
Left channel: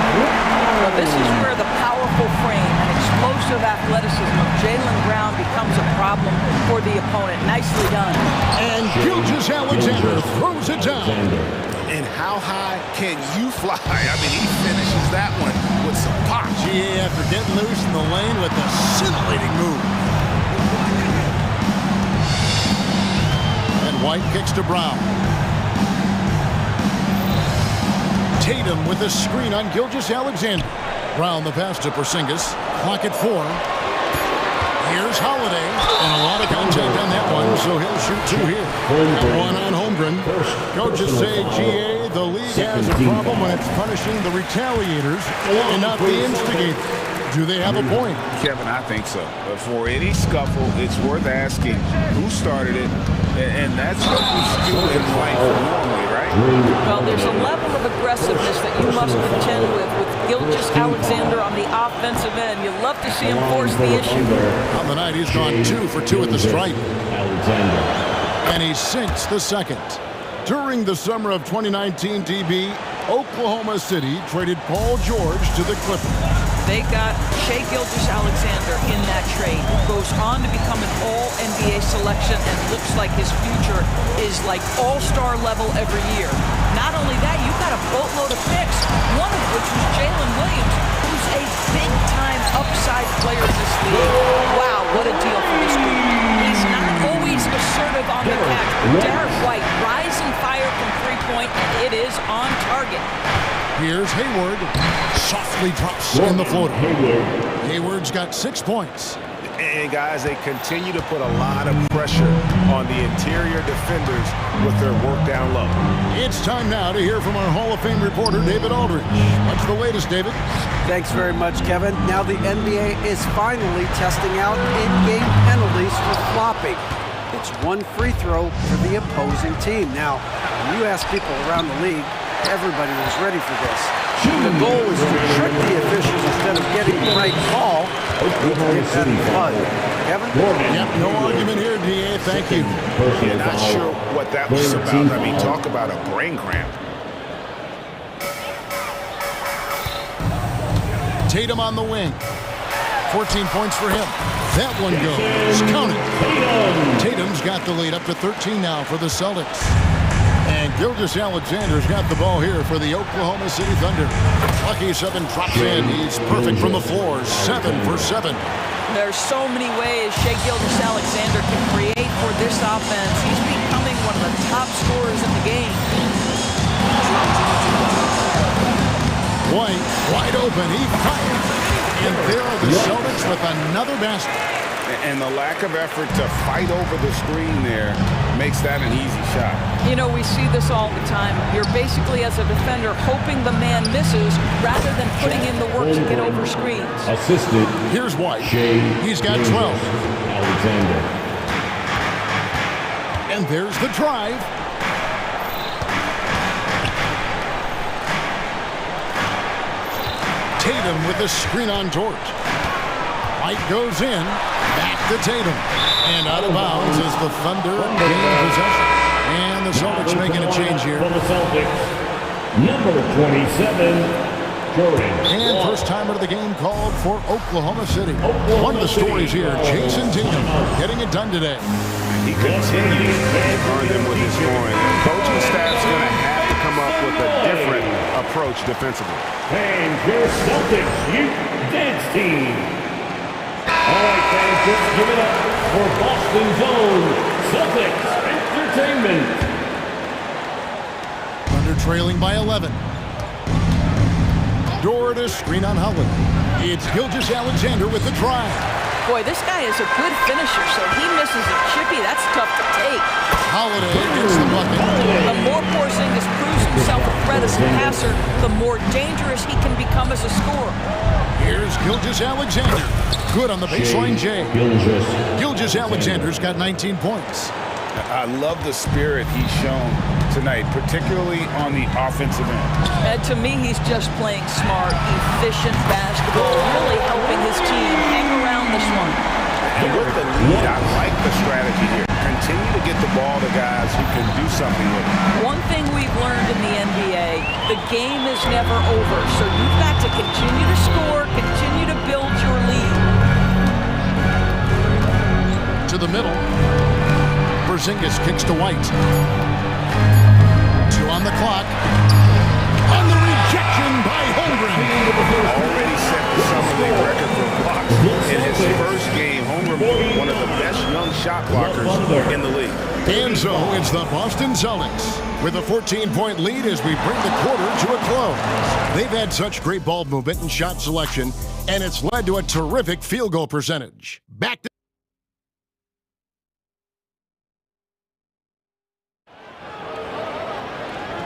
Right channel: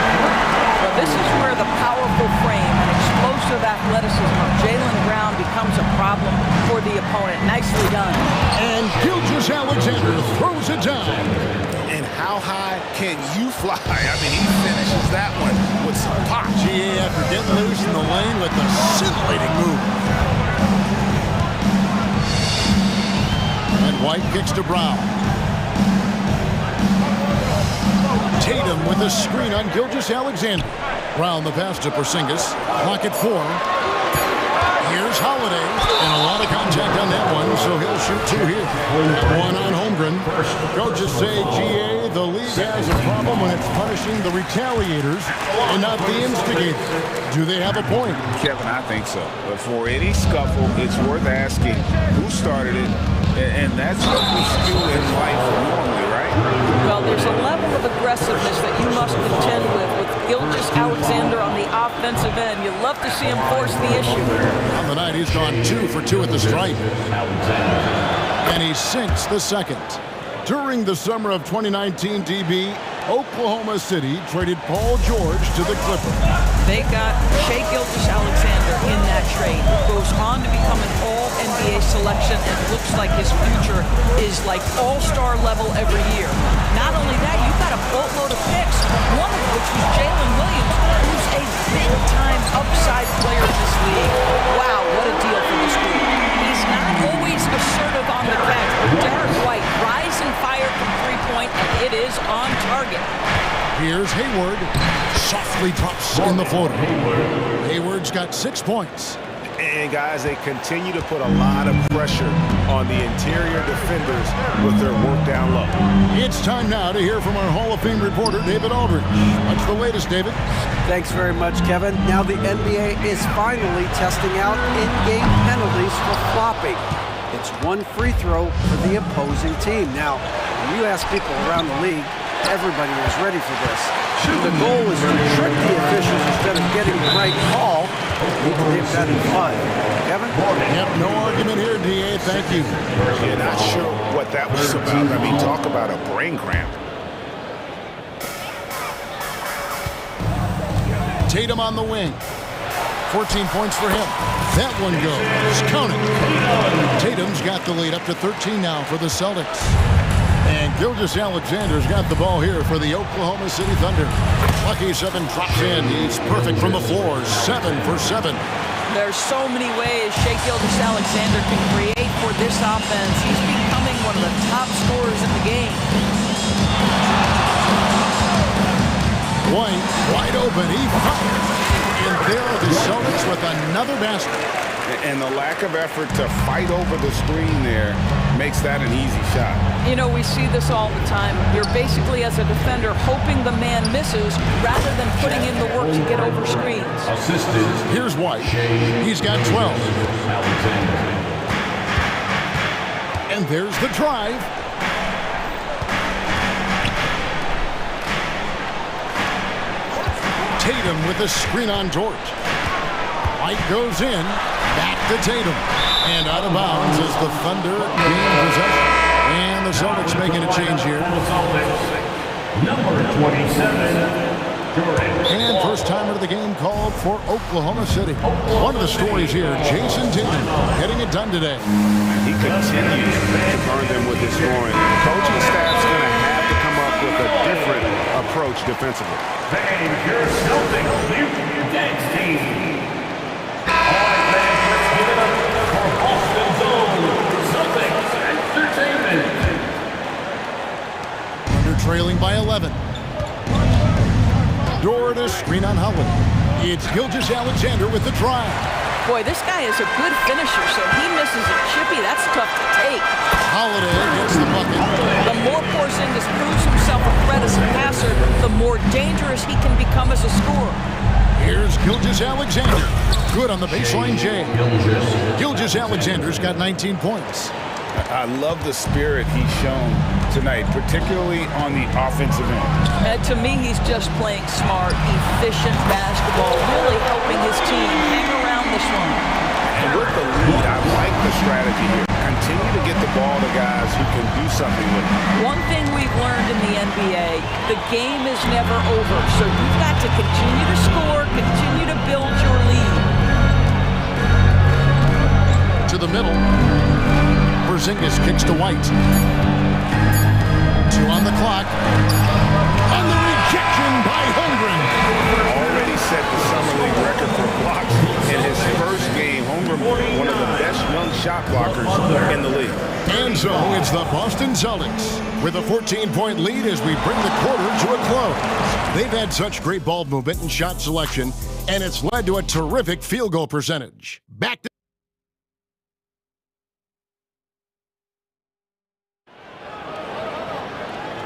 Well, this is where the powerful frame and explosive athleticism of Jaylen Brown becomes a problem for the opponent. Nicely done. And Gilgeous-Alexander throws it down. And how high can you fly? I mean, he finishes that one with some pop. GA after getting loose in the lane with a scintillating move. And White kicks to Brown. Tatum with a screen on Gilgeous-Alexander. Brown the pass to Porzingis. Clock at 4. Here's Holiday, and a lot of contact on that one, so he'll shoot 2 here. That one on Holmgren. Coaches say, GA, The league has a problem when it's punishing the retaliators and not the instigators. Do they have a point? Kevin, I think so. But for any scuffle, it's worth asking who started it, and that's what we do in life normally, right? Well, there's a level of aggressiveness that you must contend with Gilgeous-Alexander on the offensive end. You love to see him force the issue. On the night, he's gone 2 for 2 at the stripe. And he sinks the second. During the summer of 2019, DB, Oklahoma City traded Paul George to the Clippers. They got Shai Gilgeous-Alexander in that trade, who goes on to become an all-NBA selection and looks like his future is like all-star level every year. Not only that, you got a boatload of picks, one of which was Jalen Williams, who's a big-time upside player in this league. Wow, what a deal for this group. He's not always assertive on the catch, but Derek White, rise and fire from three-point, and it is on target. Here's Hayward. Softly drops in the floater. Hayward's got 6 points. And guys, they continue to put a lot of pressure on the interior defenders with their work down low. It's time now to hear from our Hall of Fame reporter, David Aldridge. What's the latest, David? Thanks very much, Kevin. Now the NBA is finally testing out in-game penalties for flopping. It's one free throw for the opposing team. Now, when you ask people around the league, everybody was ready for this. And the goal is to trick the officials instead of getting the right call. Need to dip that in fun. Kevin? Yep, no argument here, DA. Thank you. Yeah, not sure what that was about. I mean, talk about a brain cramp. Tatum on the wing. 14 points for him. That one goes. Count it. Tatum's got the lead up to 13 now for the Celtics. And Gilgeous-Alexander's got the ball here for the Oklahoma City Thunder. Lucky 7 drops in. He's perfect from the floor. 7 for 7. There's so many ways Shai Gilgeous-Alexander can create for this offense. He's becoming one of the top scorers in the game. White, wide open. He fires. And there are the Celtics with another basket. And the lack of effort to fight over the screen there makes that an easy shot. You know, we see this all the time. You're basically, as a defender, hoping the man misses rather than putting in the work to get over screens. Assisted. Here's White. He's got 12. Alexander. And there's the drive. Tatum with a screen on George. White goes in. Back to Tatum. And out of bounds as the Thunder gain possession. And the Celtics making a change here. For the Celtics, number 27, Jordan. And first-timer of the game called for Oklahoma City. One of the stories here, Jason Tatum getting it done today. He continues to burn them with his scoring. The coaching staff's going to have to come up with a different approach defensively. Hey, your Celtics Youth Dance Team. All right, fans, let's give it up for Boston's own Celtics Entertainment. Thunder trailing by 11. Dort screen on Holiday. It's Gilgeous-Alexander with the drive. Boy, this guy is a good finisher, so he misses a chippy. That's tough to take. Holiday gets the bucket. The more Porzingis proves himself a threat as a passer, the more dangerous he can become as a scorer. Here's Gilgeous-Alexander. Good on the baseline, Jay. Gilgeous-Alexander's got 19 points. I love the spirit he's shown tonight, particularly on the offensive end. To me, he's just playing smart, efficient basketball, really helping his team hang around this one. And with the lead, I like the strategy here. Continue to get the ball to guys who can do something with it. One thing we've learned in the NBA, the game is never over. So you've got to continue to score, continue to build your lead. To the middle. Porzingis kicks to White. 2 on the clock. And the rejection by Holmgren. Already set the Summer League record for blocks in his first game. Holmgren, one of the best young shot blockers in the league. And so it's the Boston Celtics with a 14-point lead as we bring the quarter to a close. They've had such great ball movement and shot selection, and it's led to a terrific field goal percentage. Back to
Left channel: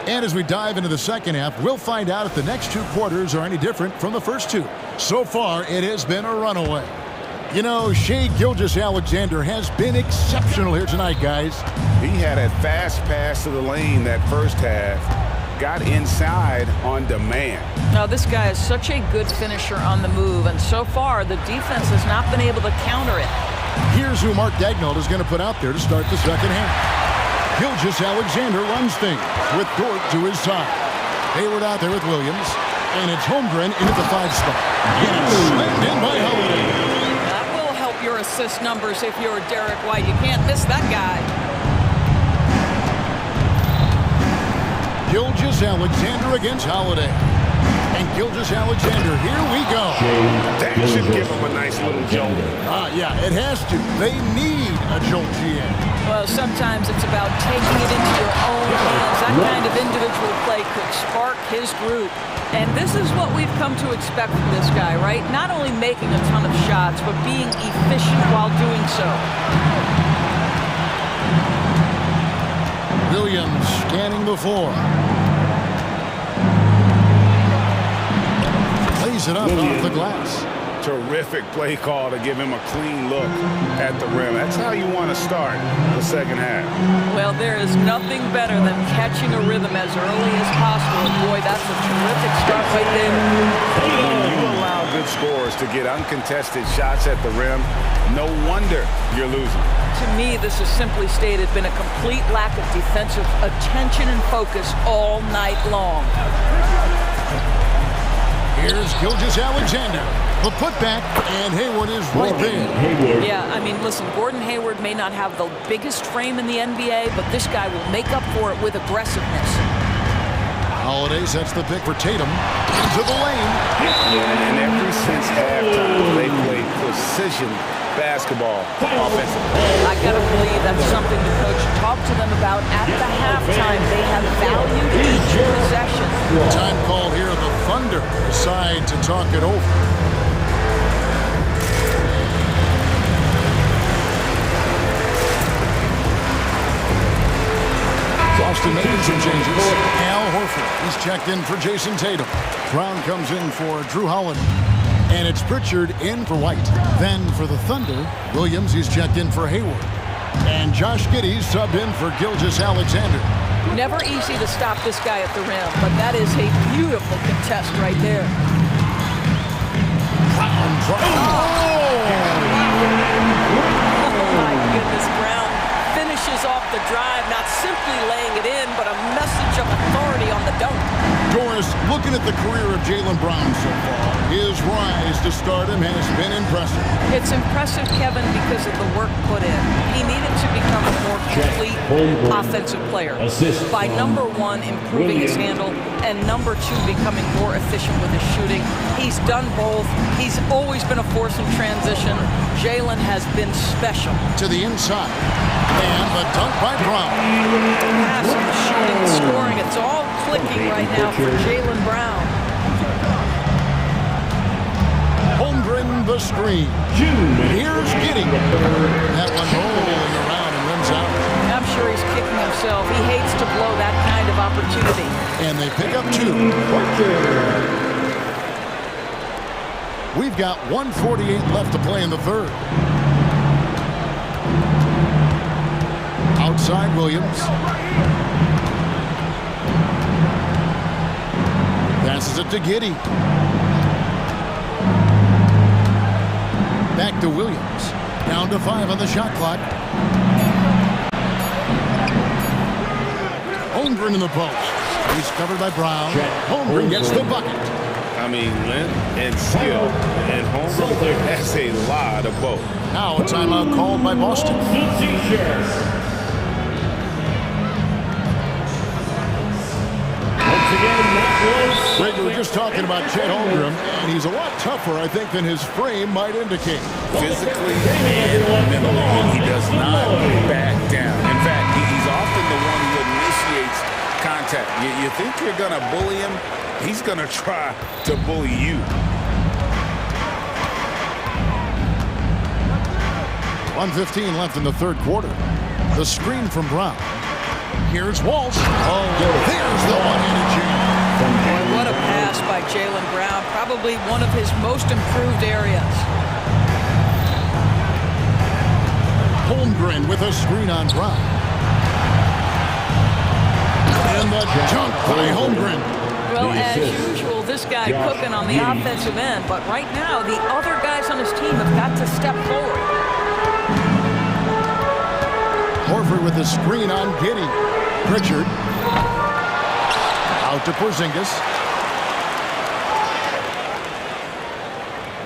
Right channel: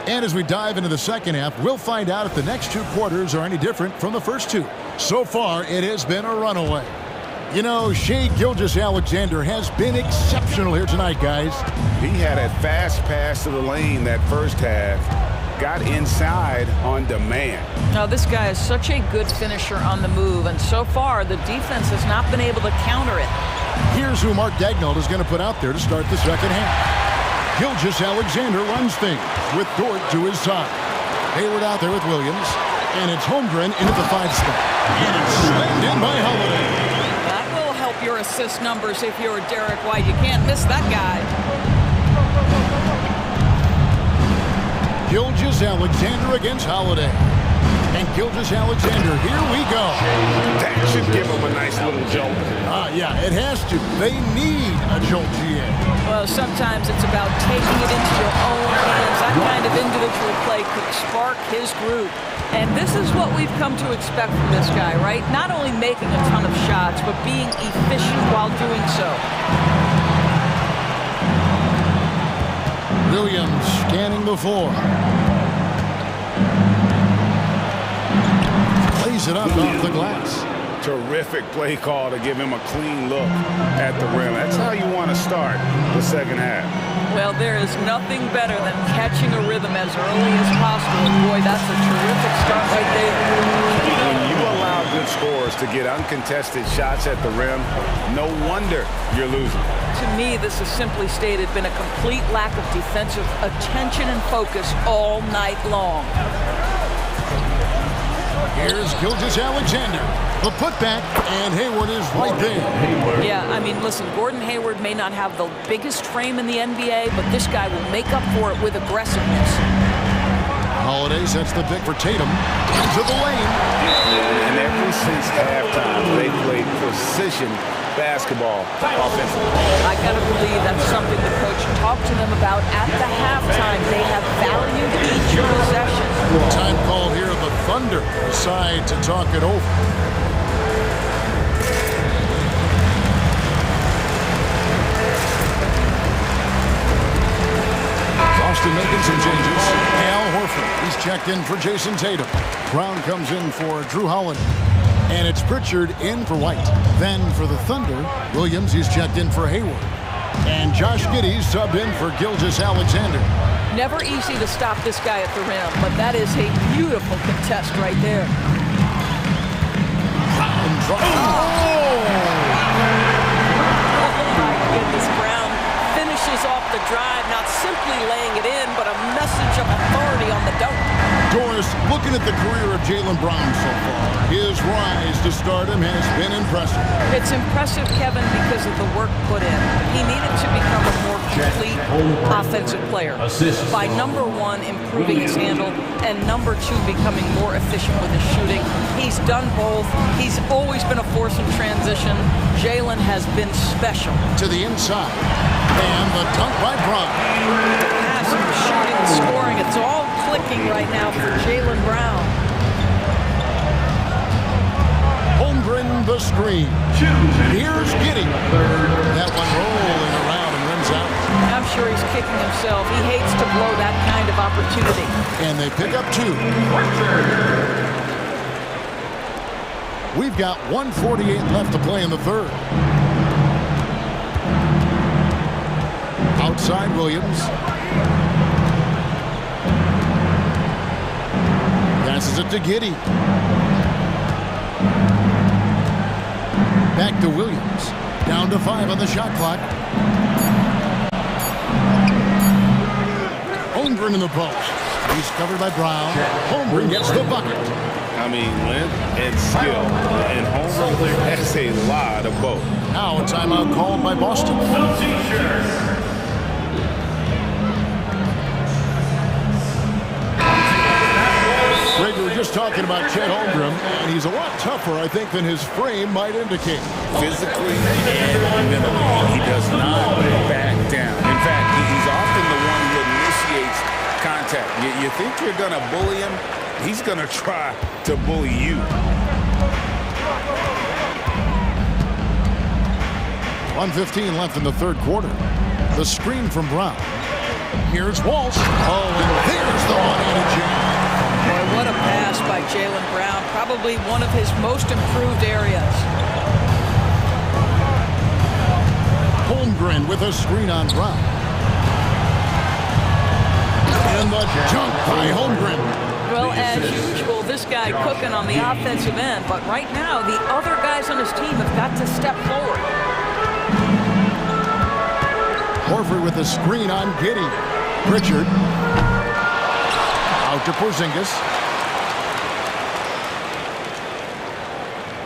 And as we dive into the second half, we'll find out if the next 2 quarters are any different from the first 2. So far, it has been a runaway. You know, Shai Gilgeous-Alexander has been exceptional here tonight, guys. He had a fast pass to the lane that first half. Got inside on demand. Now, this guy is such a good finisher on the move, and so far, the defense has not been able to counter it. Here's who Mark Daigneault is going to put out there to start the second half. Gilgeous-Alexander runs things with Dort to his side. Hayward out there with Williams, and it's Holmgren into the 5 spot. And it's slammed in by Holiday. That will help your assist numbers if you're Derek White. You can't miss that guy. Gilgeous-Alexander against Holiday. And Gilgeous-Alexander, here we go. That should give him a nice little jolt. Yeah, it has to. They need a jolt, GA. Well, sometimes it's about taking it into your own hands. That kind of individual play could spark his group. And this is what we've come to expect from this guy, right? Not only making a ton of shots, but being efficient while doing so. Williams scanning the floor. Plays it up off the glass. Terrific play call to give him a clean look at the rim. That's how you want to start the second half. Well, there is nothing better than catching a rhythm as early as possible. And boy, that's a terrific start right there. When you allow good scorers to get uncontested shots at the rim, no wonder you're losing. To me, this is simply stated been a complete lack of defensive attention and focus all night long. Here's Gilgeous-Alexander. The putback, and Hayward is right there. Yeah, I mean, listen, Gordon Hayward may not have the biggest frame in the NBA, but this guy will make up for it with aggressiveness. Holiday sets the pick for Tatum. Into the lane. And ever since halftime, they played precision basketball offensively. I got to believe that's something the coach talked to them about at the halftime. They have valued each possession. Time called here. The Thunder decide to talk it over. Boston making some changes. Al Horford, he's checked in for Jason Tatum. Brown comes in for Drew Holiday. And it's Pritchard in for White. Then for the Thunder, Williams, he's checked in for Hayward. And Josh Giddey's subbed in for Gilgeous-Alexander. Never easy to stop this guy at the rim, but that is a beautiful contest right there. Brown drive. Oh my goodness, Brown finishes off the drive, not simply laying it in, but a message of authority on the dunk. Doris, looking at the career of Jaylen Brown so far, his rise to stardom has been impressive. It's impressive, Kevin, because of the work put in. He needed to become a more complete offensive player by, number one, improving his handle, and number two, becoming more efficient with his shooting. He's done both. He's always been a force in transition. Jaylen has been special. To the inside. And the dunk by Brown. The passing, the shooting, the scoring, it's all clicking right now for Jaylen Brown. Holmgren the screen. Here's Giddey. That one rolling around and rims out. I'm sure he's kicking himself. He hates to blow that kind of opportunity. And they pick up 2. We've got 1:48 left to play in the third. Outside Williams. Passes it to Giddey. Back to Williams. Down to 5 on the shot clock. Holmgren in the post. He's covered by Brown. Holmgren gets the bucket. I mean, length and skill. And Holmgren has a lot of both. Now a timeout called by Boston. Greg, we were just talking about Chet Holmgren, and he's a lot tougher, I think, than his frame might indicate. Physically and mentally, he does not back down. In fact, he's often the one who initiates contact. You think you're going to bully him? He's going to try to bully you. 1:15 left in the third quarter. The screen from Brown. Here's Walsh. Oh, and there's the one-handed jam. Boy, what a pass by Jaylen Brown. Probably one of his most improved areas. Holmgren with a screen on Brown. And the dunk by Holmgren. Well, as usual, this guy cooking on the offensive end, but right now, the other guys on his team have got to step forward. Horford with a screen on Giddey. Pritchard. Out to Porzingis.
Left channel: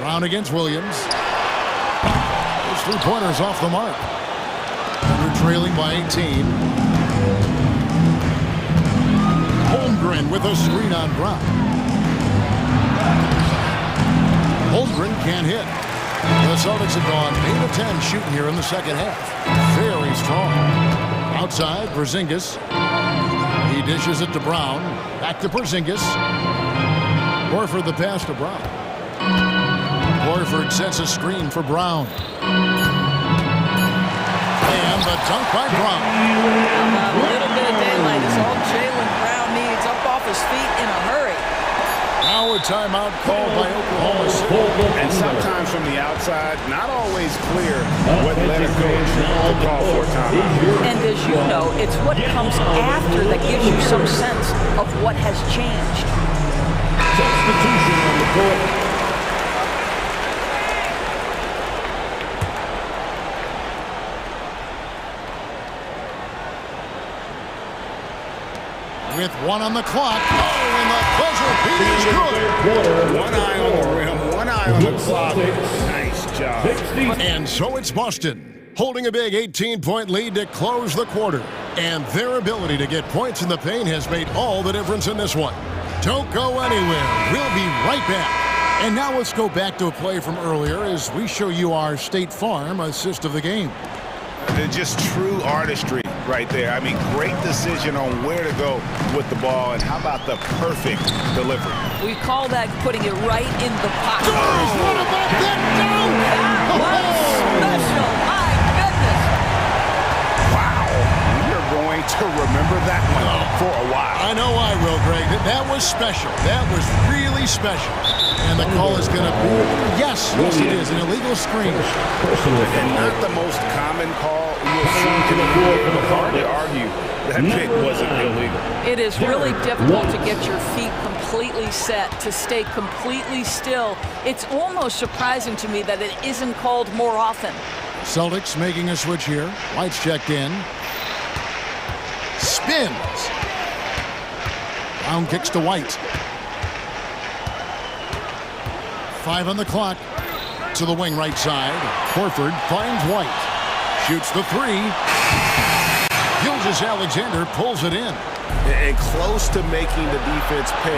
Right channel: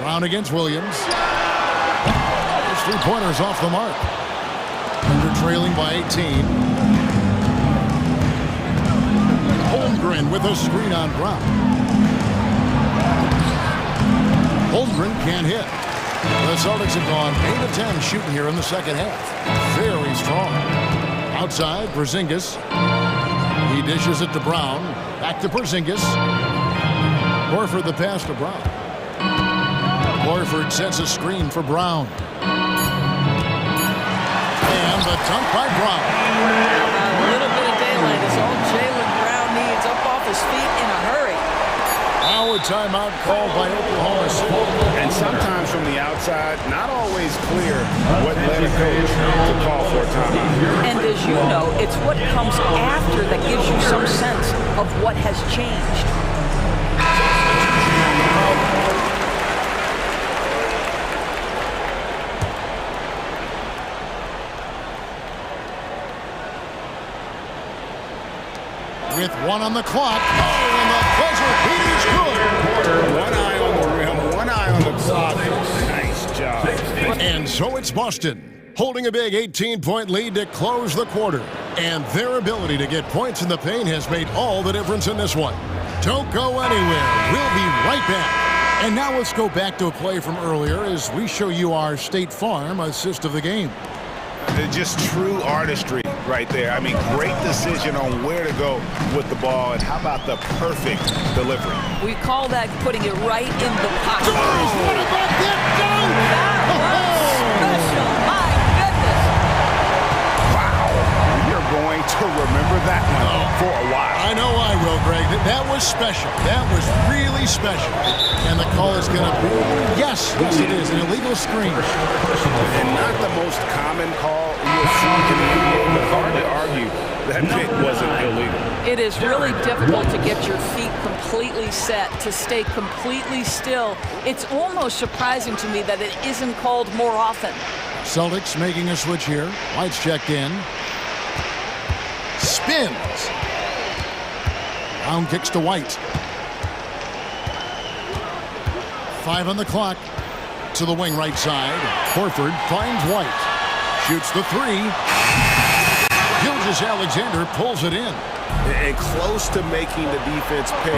Brown against Williams. His three-pointers off the mark. Thunder trailing by 18. Holmgren with a screen on Brown. Holmgren can't hit. The Celtics have gone 8 of 10 shooting here in the second half. Very strong. Outside, Porzingis. He dishes it to Brown. Back to Porzingis. Horford the pass to Brown. Horford sets a screen for Brown. And the dunk by Brown. How about a little bit of daylight is all Jaylen Brown needs, up off his feet in a hurry. Now a timeout called by Oklahoma City. And sometimes from the outside, not always clear what led a coach to call for a timeout. And as you know, it's what comes after that gives you some sense of what has changed. Substitution on the court. With one on the clock. Oh, and the buzzer beat is good. One eye on the rim, one eye on the clock. Nice job. And so it's Boston, holding a big 18-point lead to close the quarter. And their ability to get points in the paint has made all the difference in this one. Don't go anywhere. We'll be right back. And now let's go back to a play from earlier as we show you our State Farm assist of the game. Just true artistry right there. I mean, great decision on where to go with the ball, and how about the perfect delivery? We call that putting it right in the pocket. What about that dunk? That was special. My goodness. Wow. We are going to remember that one for a while. I know I will, Greg. That was special. That was really special. And the call is going to be, yes, it is, an illegal screen. And not the most common call you'll see in the NBA, but hard to argue that pick wasn't illegal. It is really difficult to get your feet completely set, to stay completely still. It's almost surprising to me that it isn't called more often. Celtics making a switch here. White's checked in. Spins. Brown kicks to White. 5 on the clock. To the wing right side. Horford finds White. Shoots the 3. Gilgeous-Alexander pulls it in. And close to making the defense pay.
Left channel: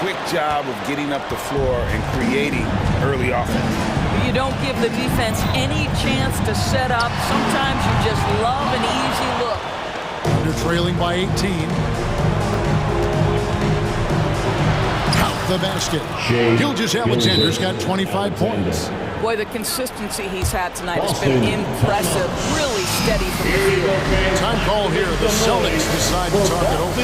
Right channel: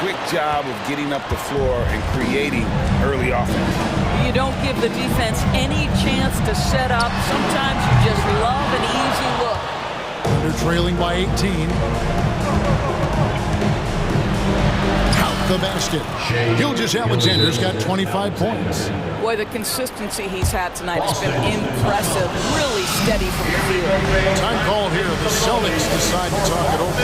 Quick job of getting up the floor and creating early offense. You don't give the defense any chance to set up. Sometimes you just love an easy look. Under trailing by 18. Count the basket. Gilgeous-Alexander's got 25 points. Boy, the consistency he's had tonight has been impressive. Really steady from the field. Time call here. The Celtics decide to talk it over.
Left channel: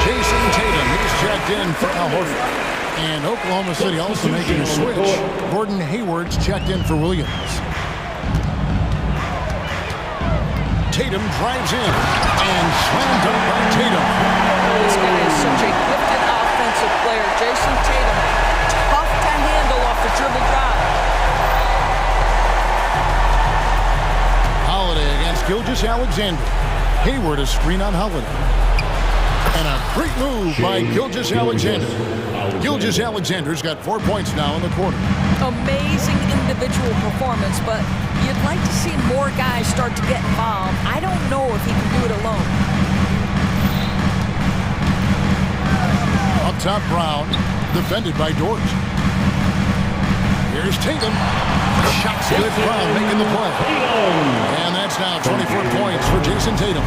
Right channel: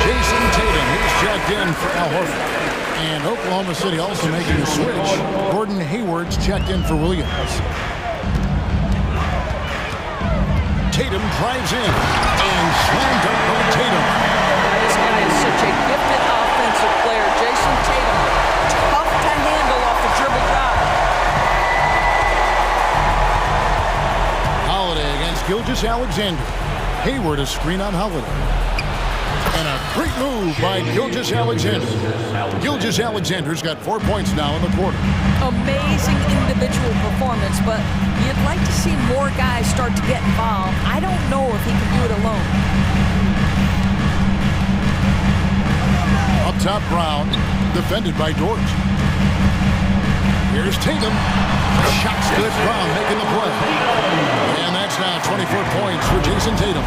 Jason Tatum, he's checked in for Al Horford. And Oklahoma City also making a switch. Gordon Hayward's checked in for Williams. Tatum drives in. And slam dunk by Tatum. This guy is such a gifted offensive player. Jason Tatum, tough to handle off the dribble drive. Holiday against Gilgeous-Alexander. Hayward a screen on Holiday. And a great move by Gilgeous-Alexander. Gilgeous-Alexander's got 4 points now in the quarter. Amazing individual performance, but you'd like to see more guys start to get involved. I don't know if he can do it alone. Up top, Brown, defended by Dort. Here's Tatum. Shot's good. Brown making the play. And that's now 24 points for Jason Tatum.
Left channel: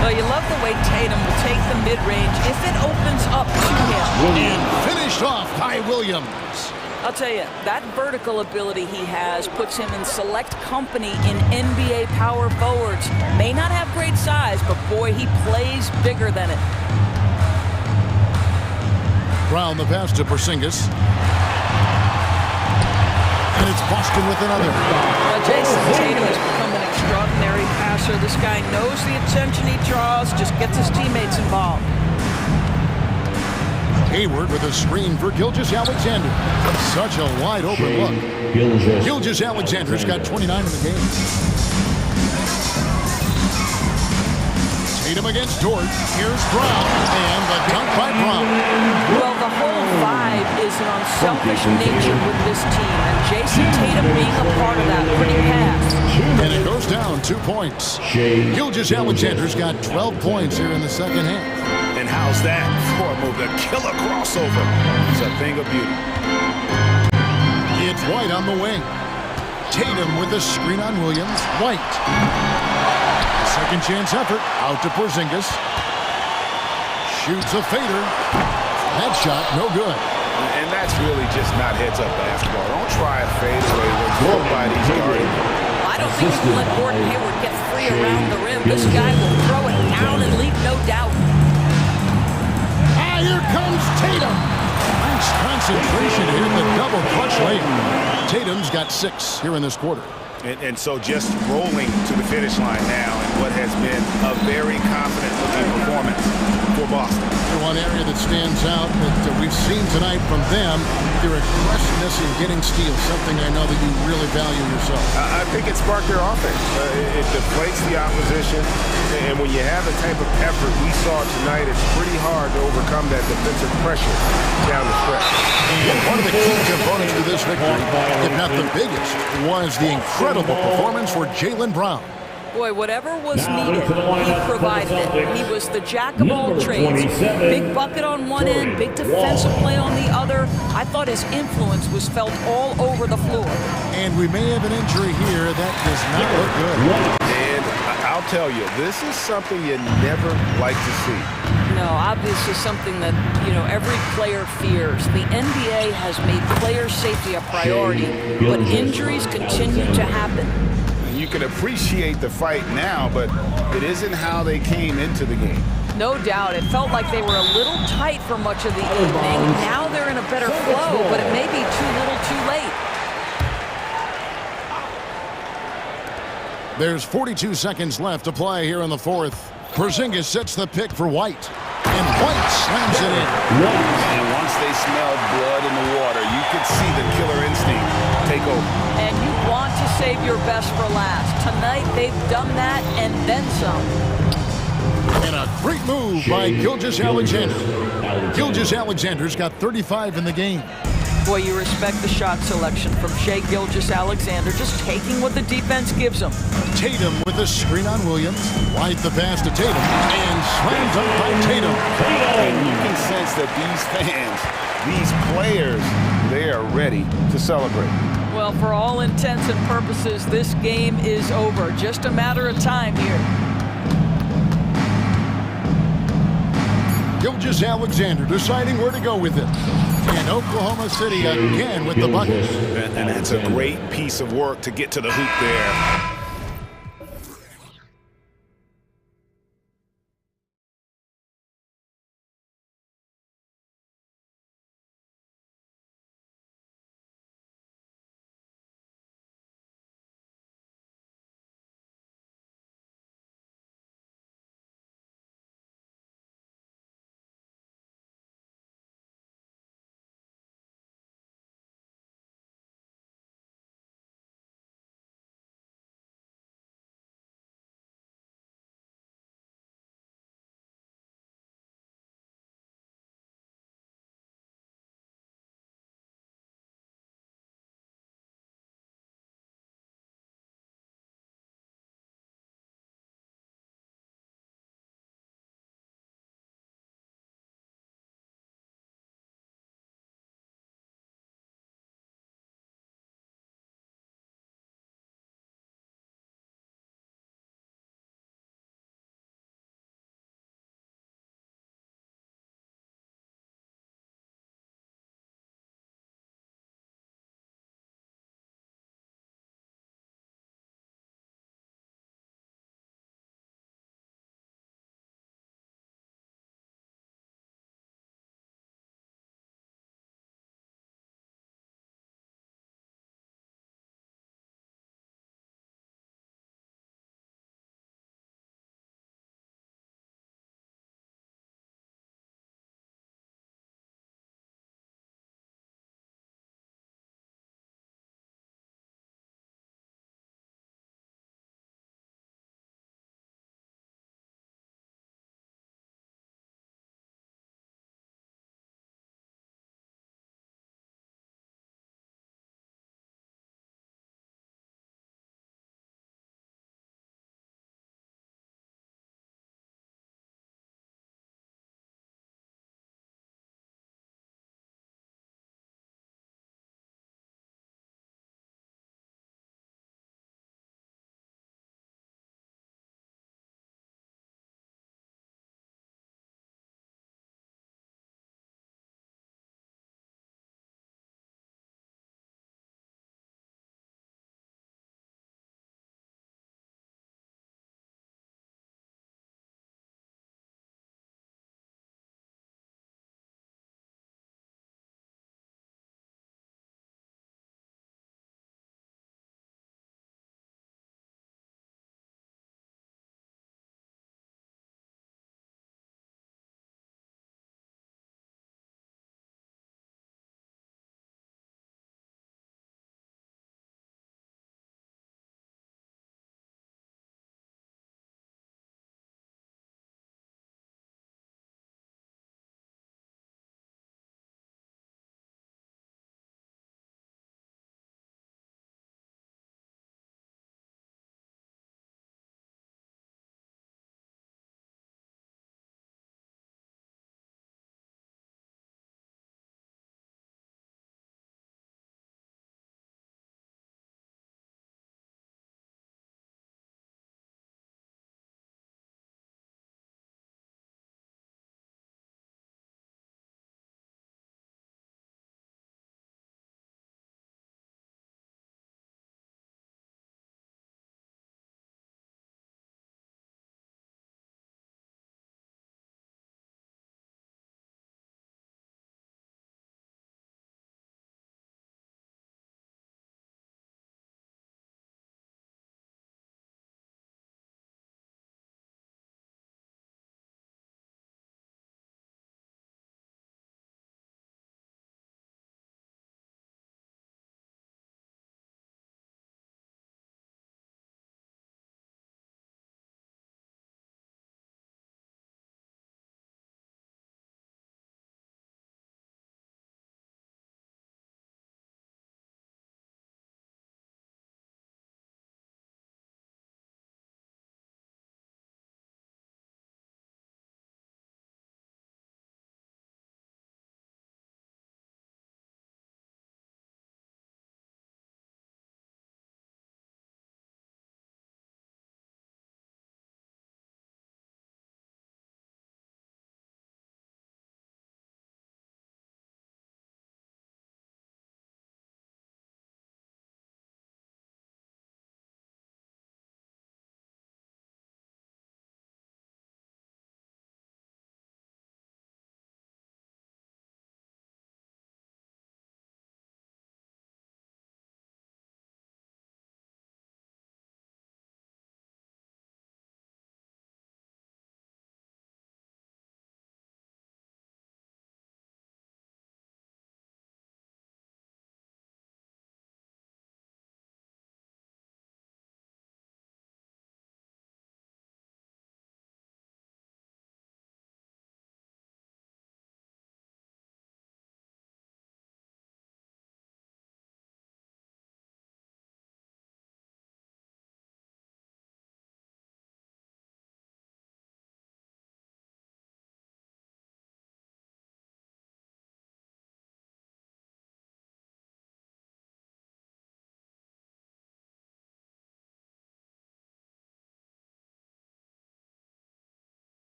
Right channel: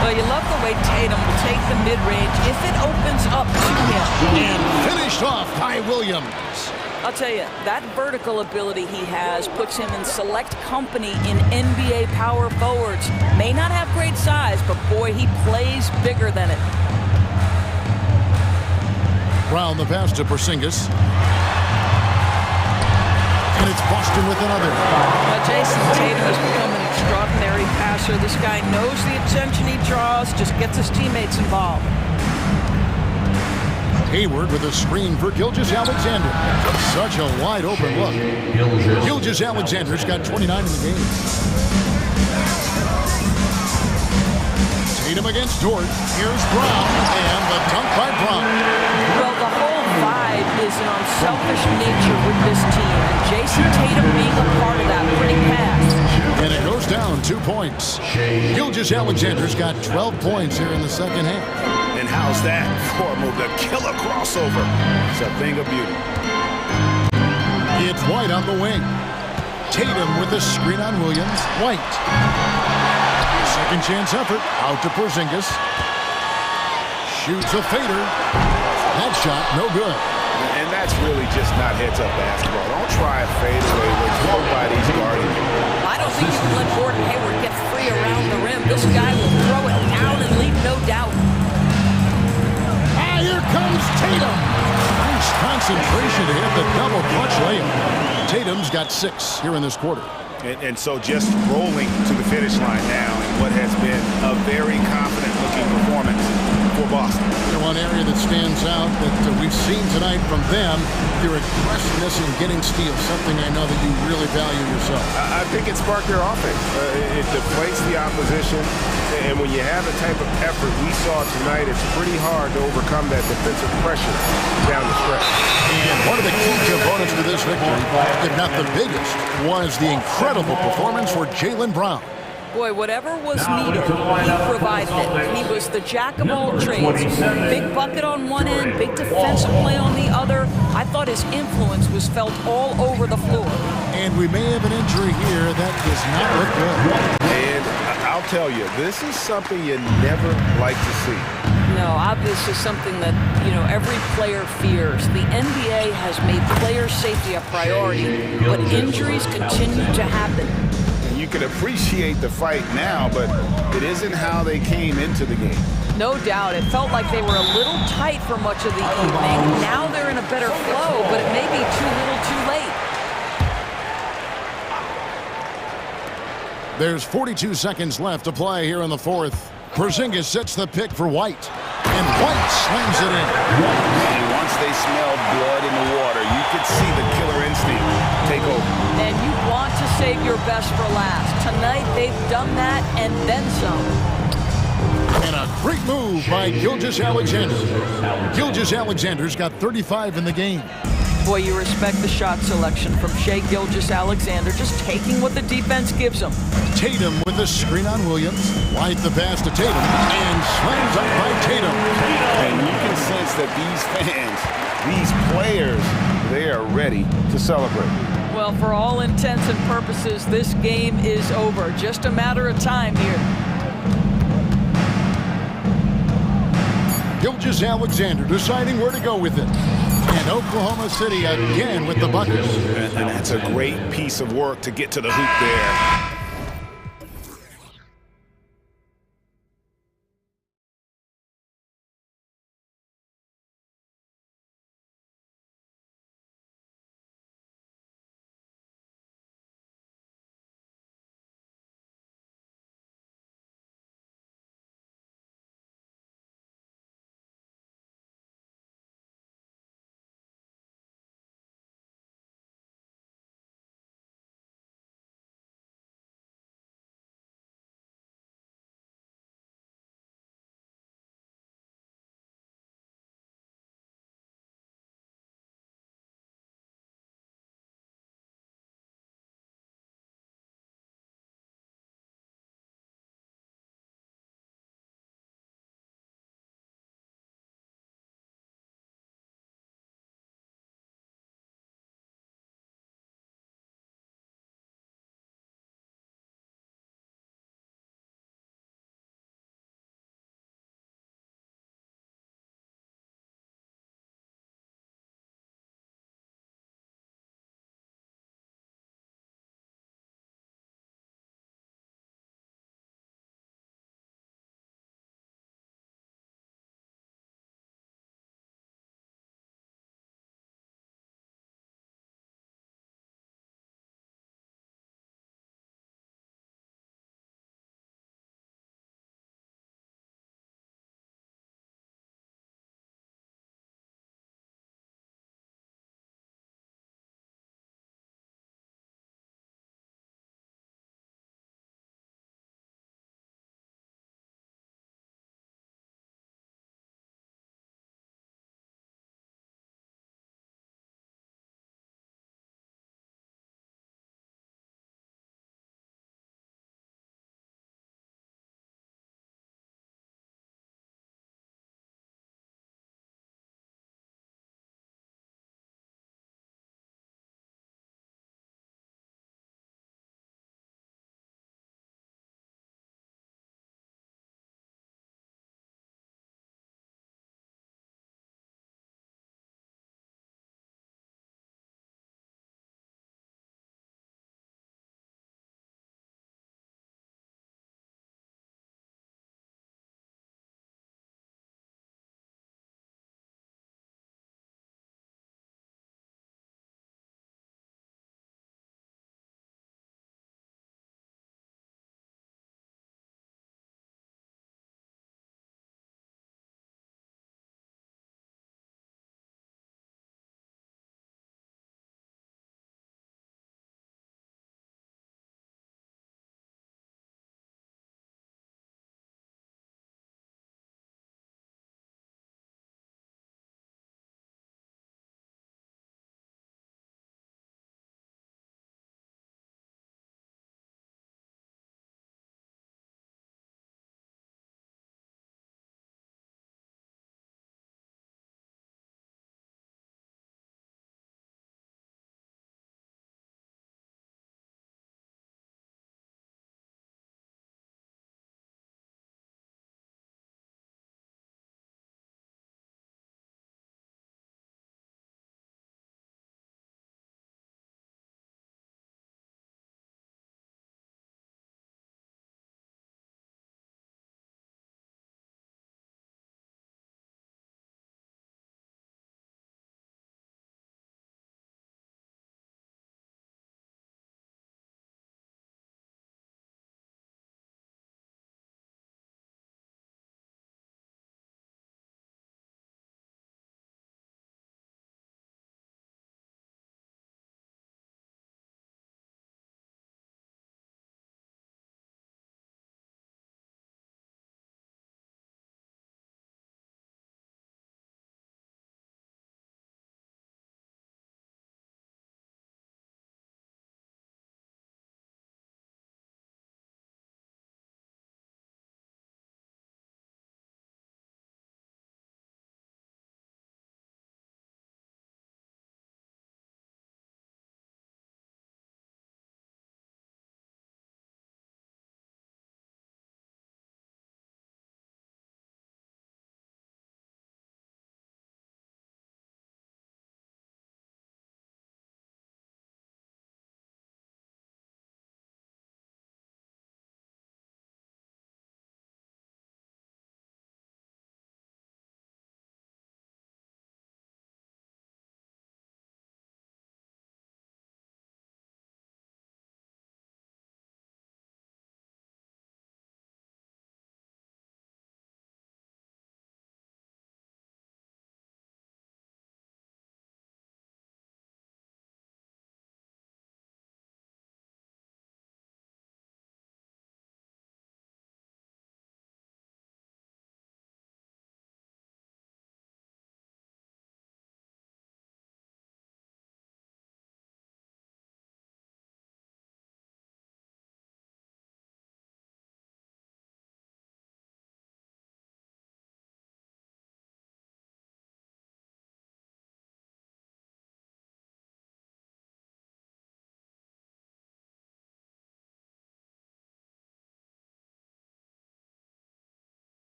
Well, you love the way Tatum will take the mid-range if it opens up to him. And finished off by Williams. I'll tell you, that vertical ability he has puts him in select company in NBA power forwards. May not have great size, but boy, he plays bigger than it. Brown the pass to Porzingis. And it's Boston with another. Well, Jason Tatum has become an extraordinary passer. This guy knows the attention he draws, just gets his teammates involved. Hayward with a screen for Gilgeous-Alexander. Such a wide open look. Gilgeous-Alexander's got 29 in the game. Tatum against Dort. Here's Brown, and the dunk by Brown. Well, the whole vibe is an unselfish nature with this team, and Jason Tatum being a part of that, pretty pass. And it goes down 2 points. Gilgeous-Alexander's got 12 points here in the second half. And how's that for a move? The killer crossover. It's a thing of beauty. It's White on the wing. Tatum with a screen on Williams. White. Second chance effort. Out to Porzingis. Shoots a fader. That shot, no good. And that's really just not heads-up basketball. Don't try a fadeaway when nobody's guarding you. I don't think you can let Gordon Hayward get free around the rim. This guy will throw it down and leave no doubt. Ah, here comes Tatum. Nice concentration to hit the double clutch layup. Tatum's got 6 here in this quarter. And so just rolling to the finish line now in what has been a very confident-looking performance for Boston. One area that stands out that we've seen tonight from them, their aggressiveness in getting steals, something I know that you really value yourself. I think it sparked their offense. It deflates the opposition, and when you have the type of effort we saw tonight, it's pretty hard to overcome that defensive pressure down the stretch. And one of the key components to this victory, if not the biggest, was the incredible performance for Jaylen Brown. Boy, whatever was needed, he provided it. He was the jack of all trades. Big bucket on one end, big defensive play on the other. I thought his influence was felt all over the floor. And we may have an injury here that does not look good. And I'll tell you, this is something you never like to see. No, obviously something that, every player fears. The NBA has made player safety a priority, but injuries continue to happen. You can appreciate the fight now, but it isn't how they came into the game. No doubt. It felt like they were a little tight for much of the evening. Now they're in a better flow, but it may be too little too late. There's 42 seconds left to play here in the fourth. Porzingis sets the pick for White, and White slams it in. And once they smelled blood in the water, you could see the killer instinct take over. And you want to save your best for last. Tonight, they've done that and then some. And a great move by Gilgeous-Alexander. Gilgeous-Alexander's got 35 in the game. Boy, you respect the shot selection from Shai Gilgeous-Alexander, just taking what the defense gives him. Tatum with a screen on Williams. White the pass to Tatum, and slam dunk by Tatum. And you can sense that these fans, these players, they are ready to celebrate. Well, for all intents and purposes, this game is over. Just a matter of time here. Gilgeous-Alexander deciding where to go with it. And Oklahoma City again with the bucket. And that's a great piece of work to get to the hoop there.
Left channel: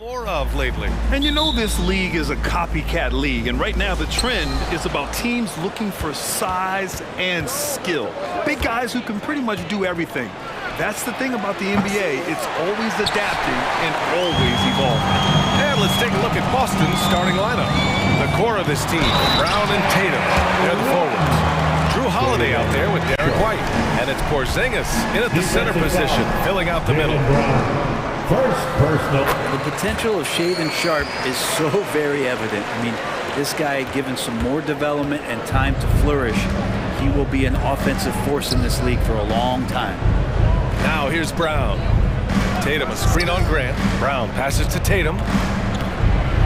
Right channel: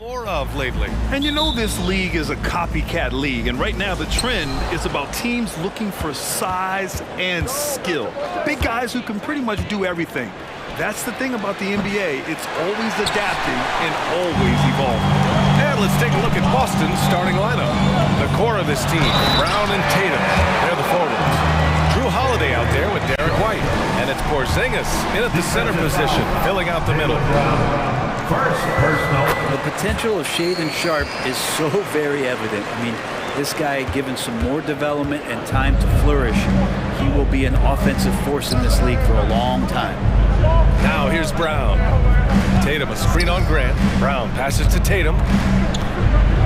More of lately. And you know this league is a copycat league, and right now the trend is about teams looking for size and skill. Big guys who can pretty much do everything. That's the thing about the NBA. It's always adapting and always evolving. And let's take a look at Boston's starting lineup. The core of this team, Brown and Tatum. They're the forwards. Drew Holiday out there with Derek White. And it's Porzingis in at the center position, filling out the middle. First personal. The potential of Shaedon Sharpe is so very evident. I mean, this guy, given some more development and time to flourish, he will be an offensive force in this league for a long time. Now here's Brown. Tatum, a screen on Grant. Brown passes to Tatum.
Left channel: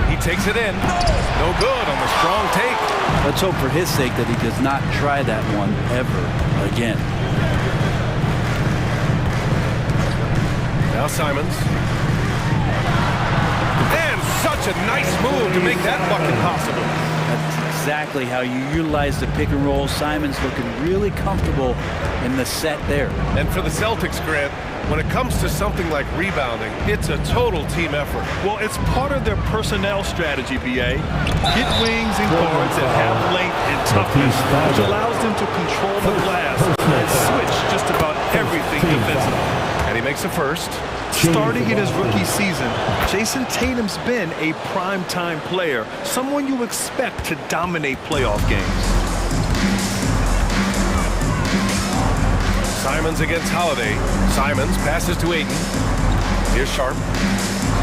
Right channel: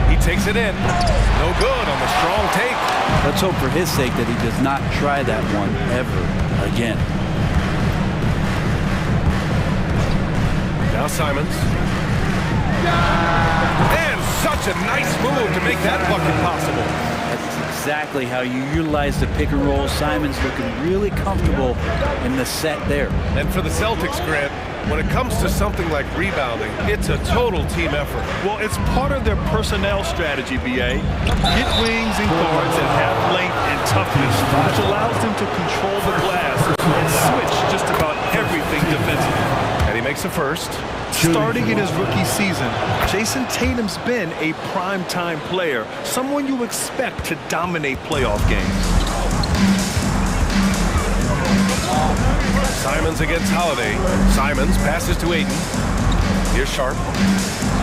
He takes it in. No good on the strong take. Let's hope for his sake that he does not try that one ever again. Now Simons. And such a nice move to make that bucket possible. That's exactly how you utilize the pick and roll. Simons looking really comfortable in the set there. And for the Celtics, Grant, when it comes to something like rebounding, it's a total team effort. Well, it's part of their personnel strategy, BA. Get wings and guards that have length and toughness, which allows them to control the glass and switch just about everything defensively. And he makes a first. Starting in his rookie season, Jason Tatum's been a prime-time player, someone you expect to dominate playoff games. Simons against Holiday. Simons passes to Ayton. Here's Sharpe.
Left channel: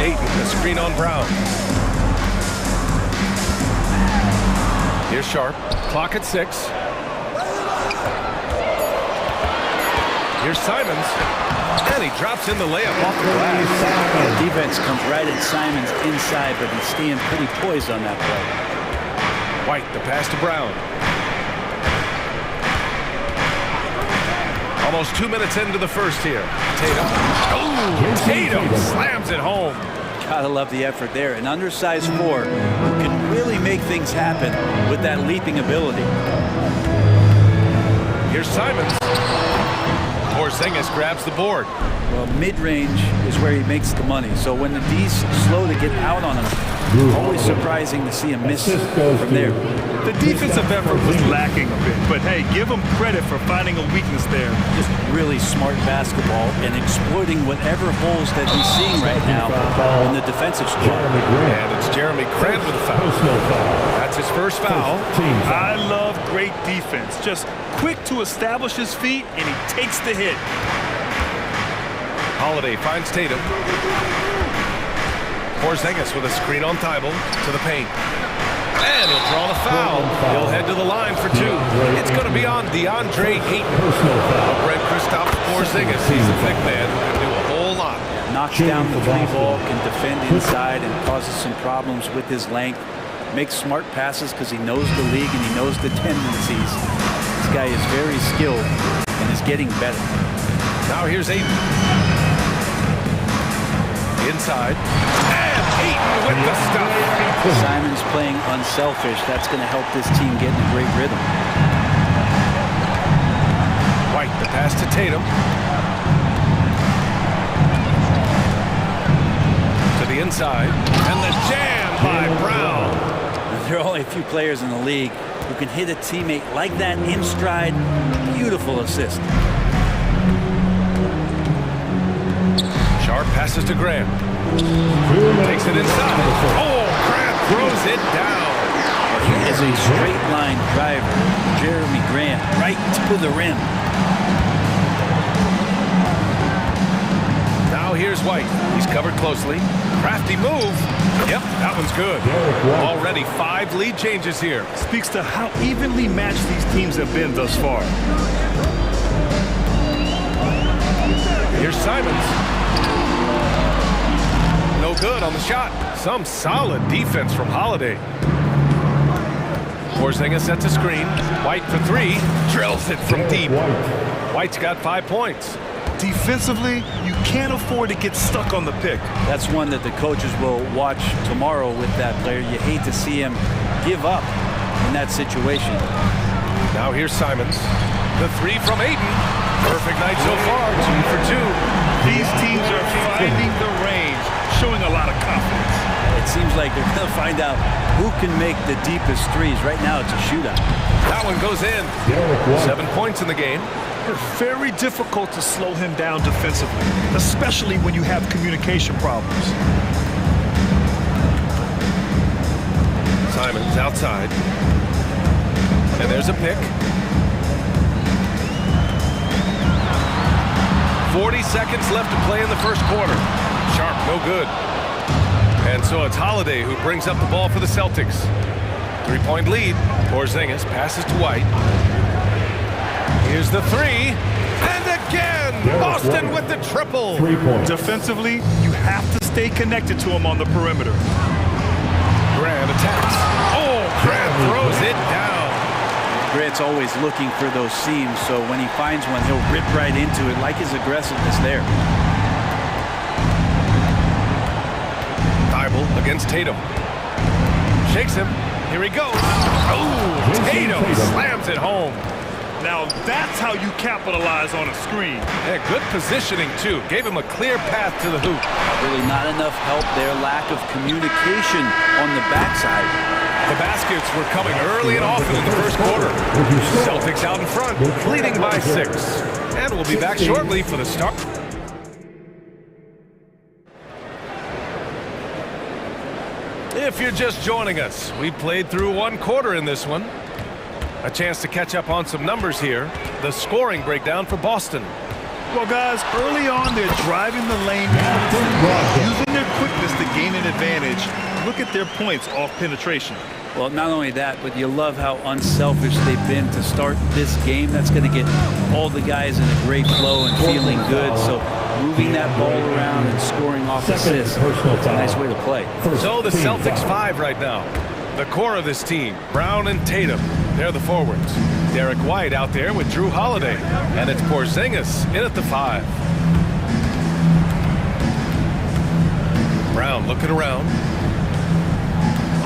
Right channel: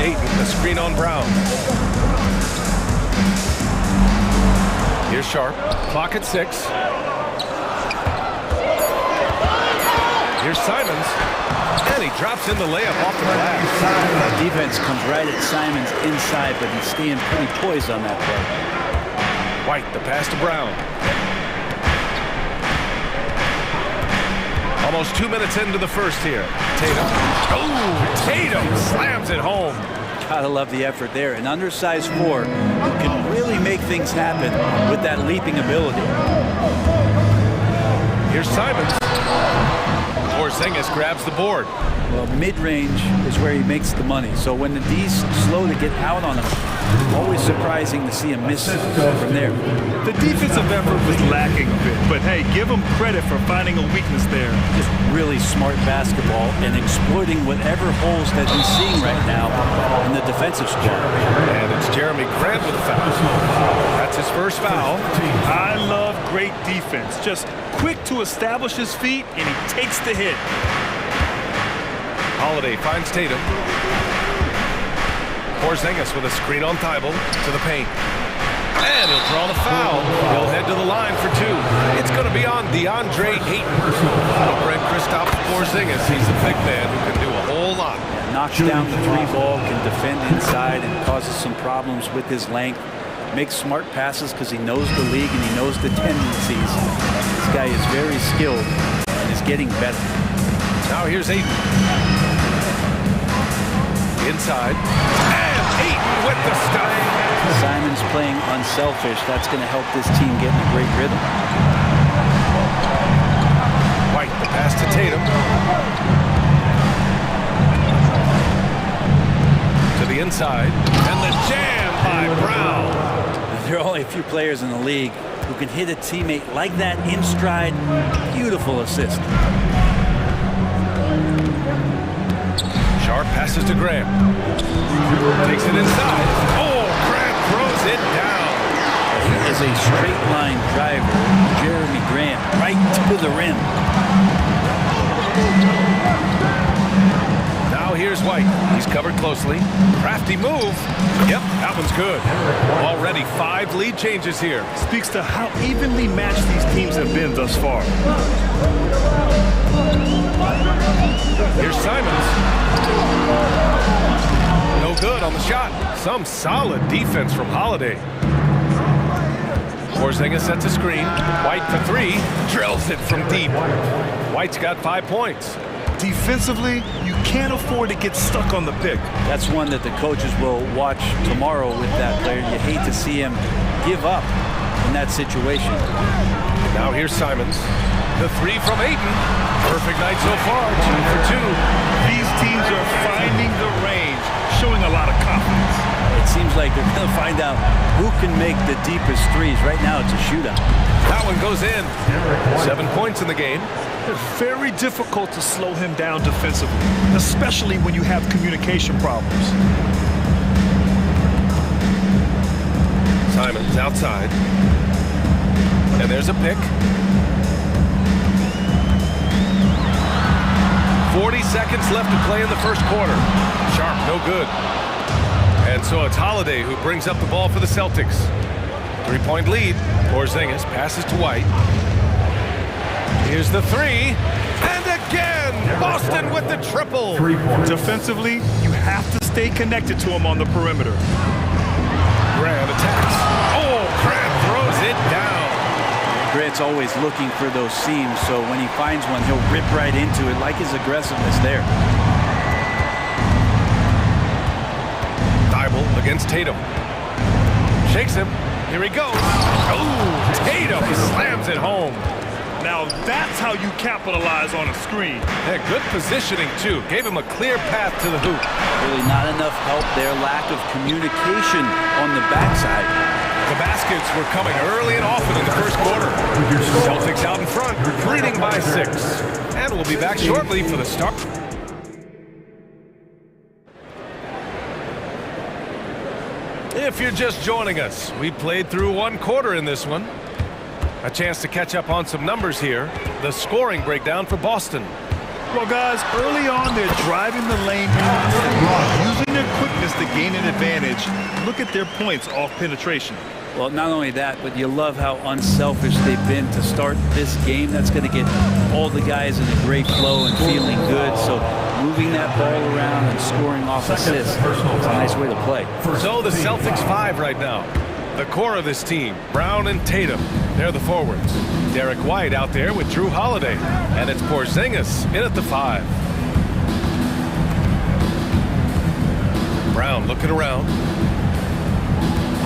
Ayton, the screen on Brown. Here's Sharpe. Clock at 6. Here's Simons. And he drops in the layup off the glass. The defense comes right at Simons inside, but he's staying pretty poised on that play. White, the pass to Brown. Almost 2 minutes into the first here. Tatum. Oh, Tatum slams it home. Gotta love the effort there. An undersized four who can really make things happen with that leaping ability. Here's Simons. Porzingis grabs the board. Well, mid-range is where he makes the money. So when the D's slow to get out on him, always surprising to see him miss from there. The defensive effort was lacking a bit, but hey, give him credit for finding a weakness there. Just really smart basketball and exploiting whatever holes that he's seeing right now in the defensive squad. And it's Jeremy Grant with a foul. That's his first foul. I love great defense. Just quick to establish his feet, and he takes the hit. Holiday finds Tatum. Porzingis with a screen on Thibault to the paint. And he'll draw the foul. He'll head to the line for 2. It's going to be on DeAndre Ayton. Brent Kristaps Porzingis, he's a big man who can do a whole lot. Yeah, knocks down the 3 ball, can defend inside, and causes some problems with his length. Makes smart passes because he knows the league and he knows the tendencies. This guy is very skilled and is getting better. Now here's Ayton. Inside. And Ayton with the stuff. Simons playing unselfish. That's going to help this team get in a great rhythm. White, the pass to Tatum. To the inside. And the jam by Brown. Now, there are only a few players in the league who can hit a teammate like that in stride. Beautiful assist. Sharpe passes to Grant. Takes it inside. Oh, Grant throws it down. Well, he is a straight line driver. Jeremy Grant right to the rim. Now here's White. He's covered closely. Crafty move. Yep, that one's good. Already 5 lead changes here. Speaks to how evenly matched these teams have been thus far. Here's Simons. No good on the shot. Some solid defense from Holiday. Porzingis sets a screen. White for 3. Drills it from deep. White's got 5 points. Defensively, you can't afford to get stuck on the pick. That's one that the coaches will watch tomorrow with that player. You hate to see him give up in that situation. Now here's Simons. The 3 from Ayton. Perfect night so far. 2 for 2. These teams are finding the range, showing a lot of confidence. It seems like they're going to find out who can make the deepest threes. Right now, it's a shootout. That one goes in. 7 points in the game. It's very difficult to slow him down defensively, especially when you have communication problems. Simon's outside. And there's a pick. 40 seconds left to play in the first quarter. Sharp, no good. And so it's Holiday who brings up the ball for the Celtics. 3-point lead. Porzingis passes to White. Here's the three. And again, Boston with the triple. Defensively, you have to stay connected to him on the perimeter. Grant attacks. Oh, Grant throws it down. Grant's always looking for those seams, so when he finds one, he'll rip right into it, like his aggressiveness there. Thibault against Tatum. Shakes him. Here he goes. Oh, Tatum slams it home. Now that's how you capitalize on a screen. Yeah, good positioning, too. Gave him a clear path to the hoop. Really not enough help there. Lack of communication on the backside. The baskets were coming early and often in the first quarter. Celtics out in front, leading by 6. And we'll be back shortly for the start. If you're just joining us, we played through 1 quarter in this one. A chance to catch up on some numbers here. The scoring breakdown for Boston. Well, guys, early on, they're driving the lane constantly, using their quickness to gain an advantage. Look at their points off penetration. Well, not only that, but you love how unselfish they've been to start this game. That's going to get all the guys in a great flow and feeling good. So moving that ball around and scoring off assists, it's a nice way to play. So the Celtics 5 right now. The core of this team, Brown and Tatum, they're the forwards. Derek White out there with Drew Holiday. And it's Porzingis in at the 5. Brown looking around.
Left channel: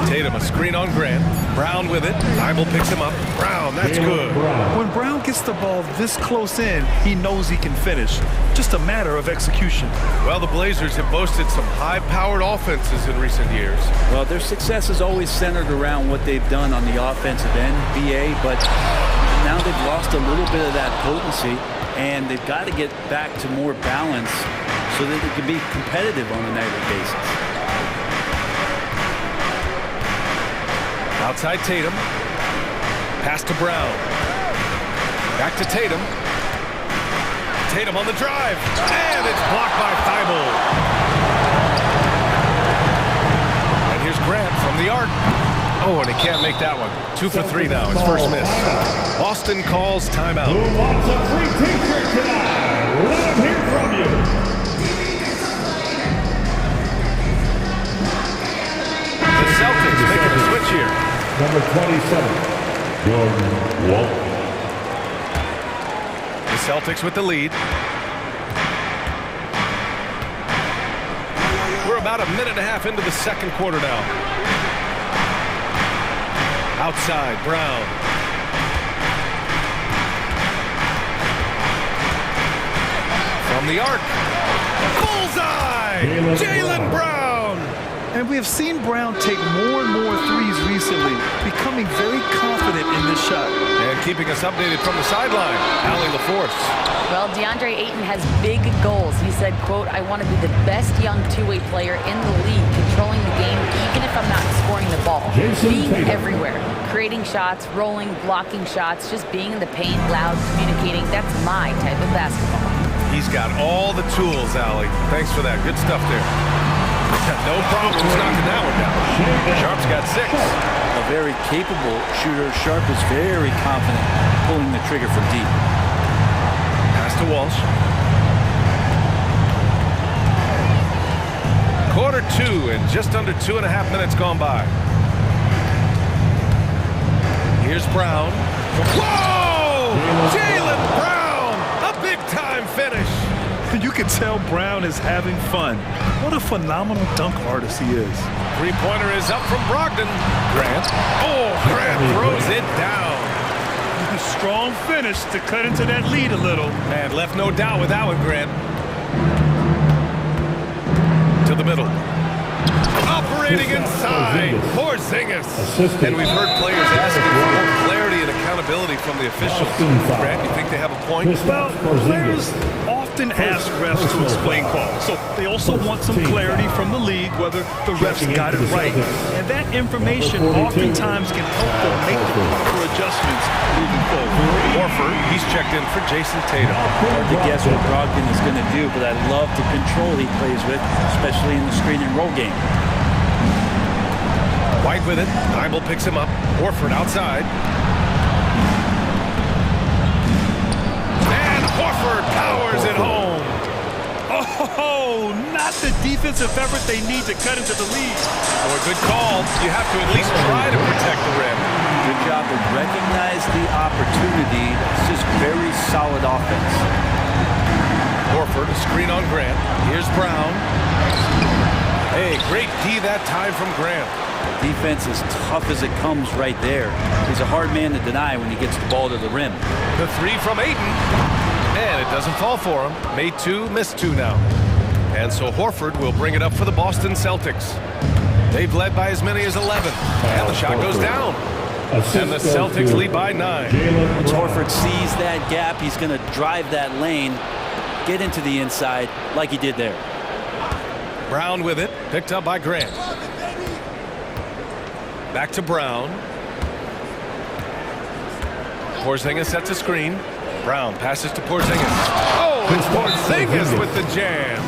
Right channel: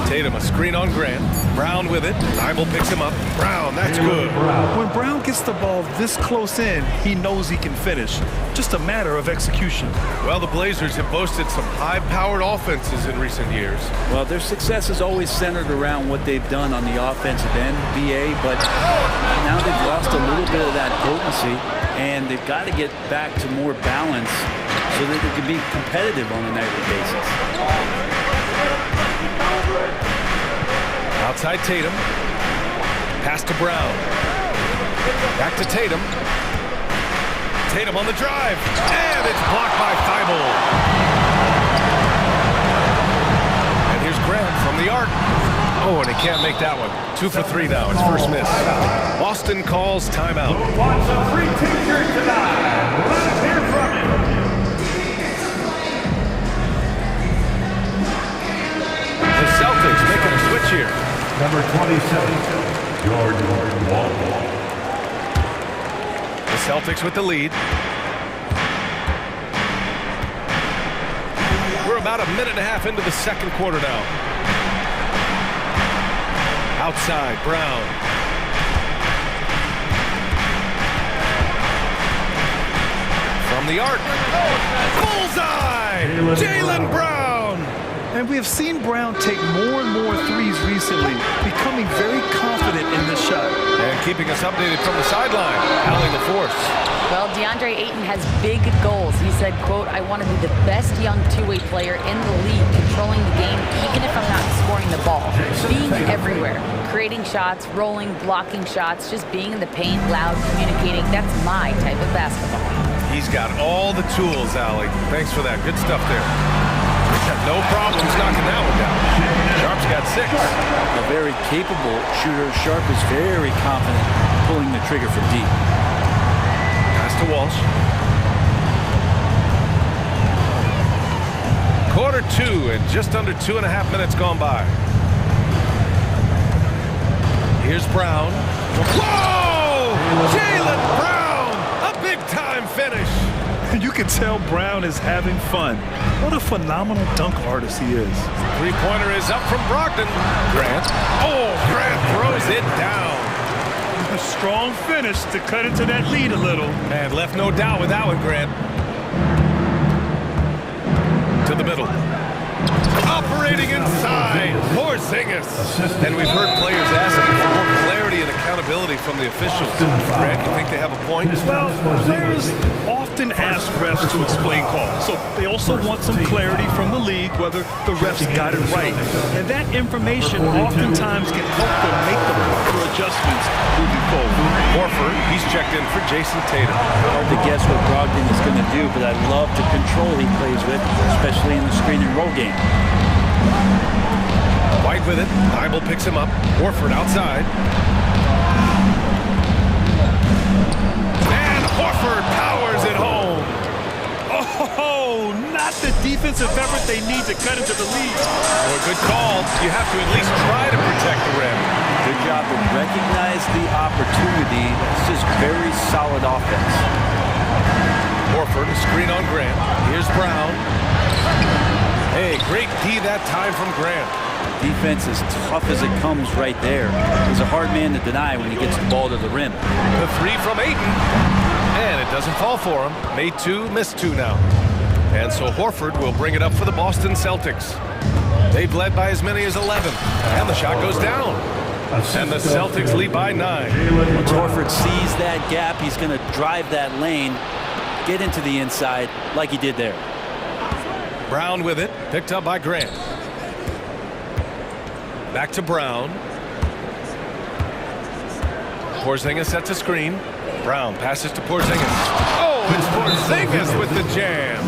Tatum a screen on Grant. Brown with it. Thibault picks him up. Brown, that's good. When Brown gets the ball this close in, he knows he can finish. Just a matter of execution. Well, the Blazers have boasted some high-powered offenses in recent years. Well, their success is always centered around what they've done on the offensive end, BA, but now they've lost a little bit of that potency, and they've got to get back to more balance so that they can be competitive on a nightly basis. Outside Tatum. Pass to Brown. Back to Tatum. Tatum on the drive. And it's blocked by Thibault. And here's Grant from the arc. Oh, and he can't make that one. 2 for 3 now. His first miss. Boston calls timeout. Who wants a free t-shirt tonight? Let them hear from you. The Celtics making a switch here. Number 27, Jordan Wall. The Celtics with the lead. We're about a minute and a half into the second quarter now. Outside, Brown. From the arc. Bullseye! Jaylen Brown! And we have seen Brown take more and more threes recently, becoming very confident in this shot. And keeping us updated from the sideline, Allie LaForce. Well, DeAndre Ayton has big goals. He said, quote, I want to be the best young two-way player in the league, controlling the game even if I'm not scoring the ball. Being everywhere, creating shots, rolling, blocking shots, just being in the paint, loud, communicating. That's my type of basketball. He's got all the tools, Allie. Thanks for that. Good stuff there. No problems knocking that one down. Sharp's got 6. A very capable shooter. Sharp is very confident pulling the trigger from deep. Pass to Walsh. Quarter 2 and just under 2.5 minutes gone by. Here's Brown. Whoa! Jaylen Brown! A big-time finish. You can tell Brown is having fun. What a phenomenal dunk artist he is. Three-pointer is up from Brogdon. Grant. Oh, Grant throws it down. A strong finish to cut into that lead a little. Man, left no doubt with that one, Grant. To the middle. Operating inside, Porzingis. And we've heard players asking for more clarity and accountability from the officials. Grant, you think they have a point? Well, players often ask refs to explain calls. So they also want some clarity from the league whether the refs got it right. And that information oftentimes can help them make the proper adjustments moving forward. Horford, he's checked in for Jason Tatum. Hard to guess what Brogdon is going to do, but I love the control he plays with, especially in the screen and roll game. White with it. Thibault picks him up. Horford outside. And Horford powers it home. Oh, not the defensive effort they need to cut into the lead. Oh, a good call. You have to at least try to protect the rim. Good job to recognize the opportunity. That's just very solid offense. Horford, a screen on Grant. Here's Brown. Hey, great D that time from Grant. Defense as tough as it comes right there. He's a hard man to deny when he gets the ball to the rim. The three from Ayton. And it doesn't fall for him. Made two, missed two now. And so Horford will bring it up for the Boston Celtics. They've led by as many as 11. And the shot goes down. And the Celtics lead by 9. Once Horford sees that gap, he's going to drive that lane, get into the inside like he did there. Brown with it. Picked up by Grant. Back to Brown. Porzingis sets a screen. Brown passes to Porzingis. Oh, it's Porzingis with the jam.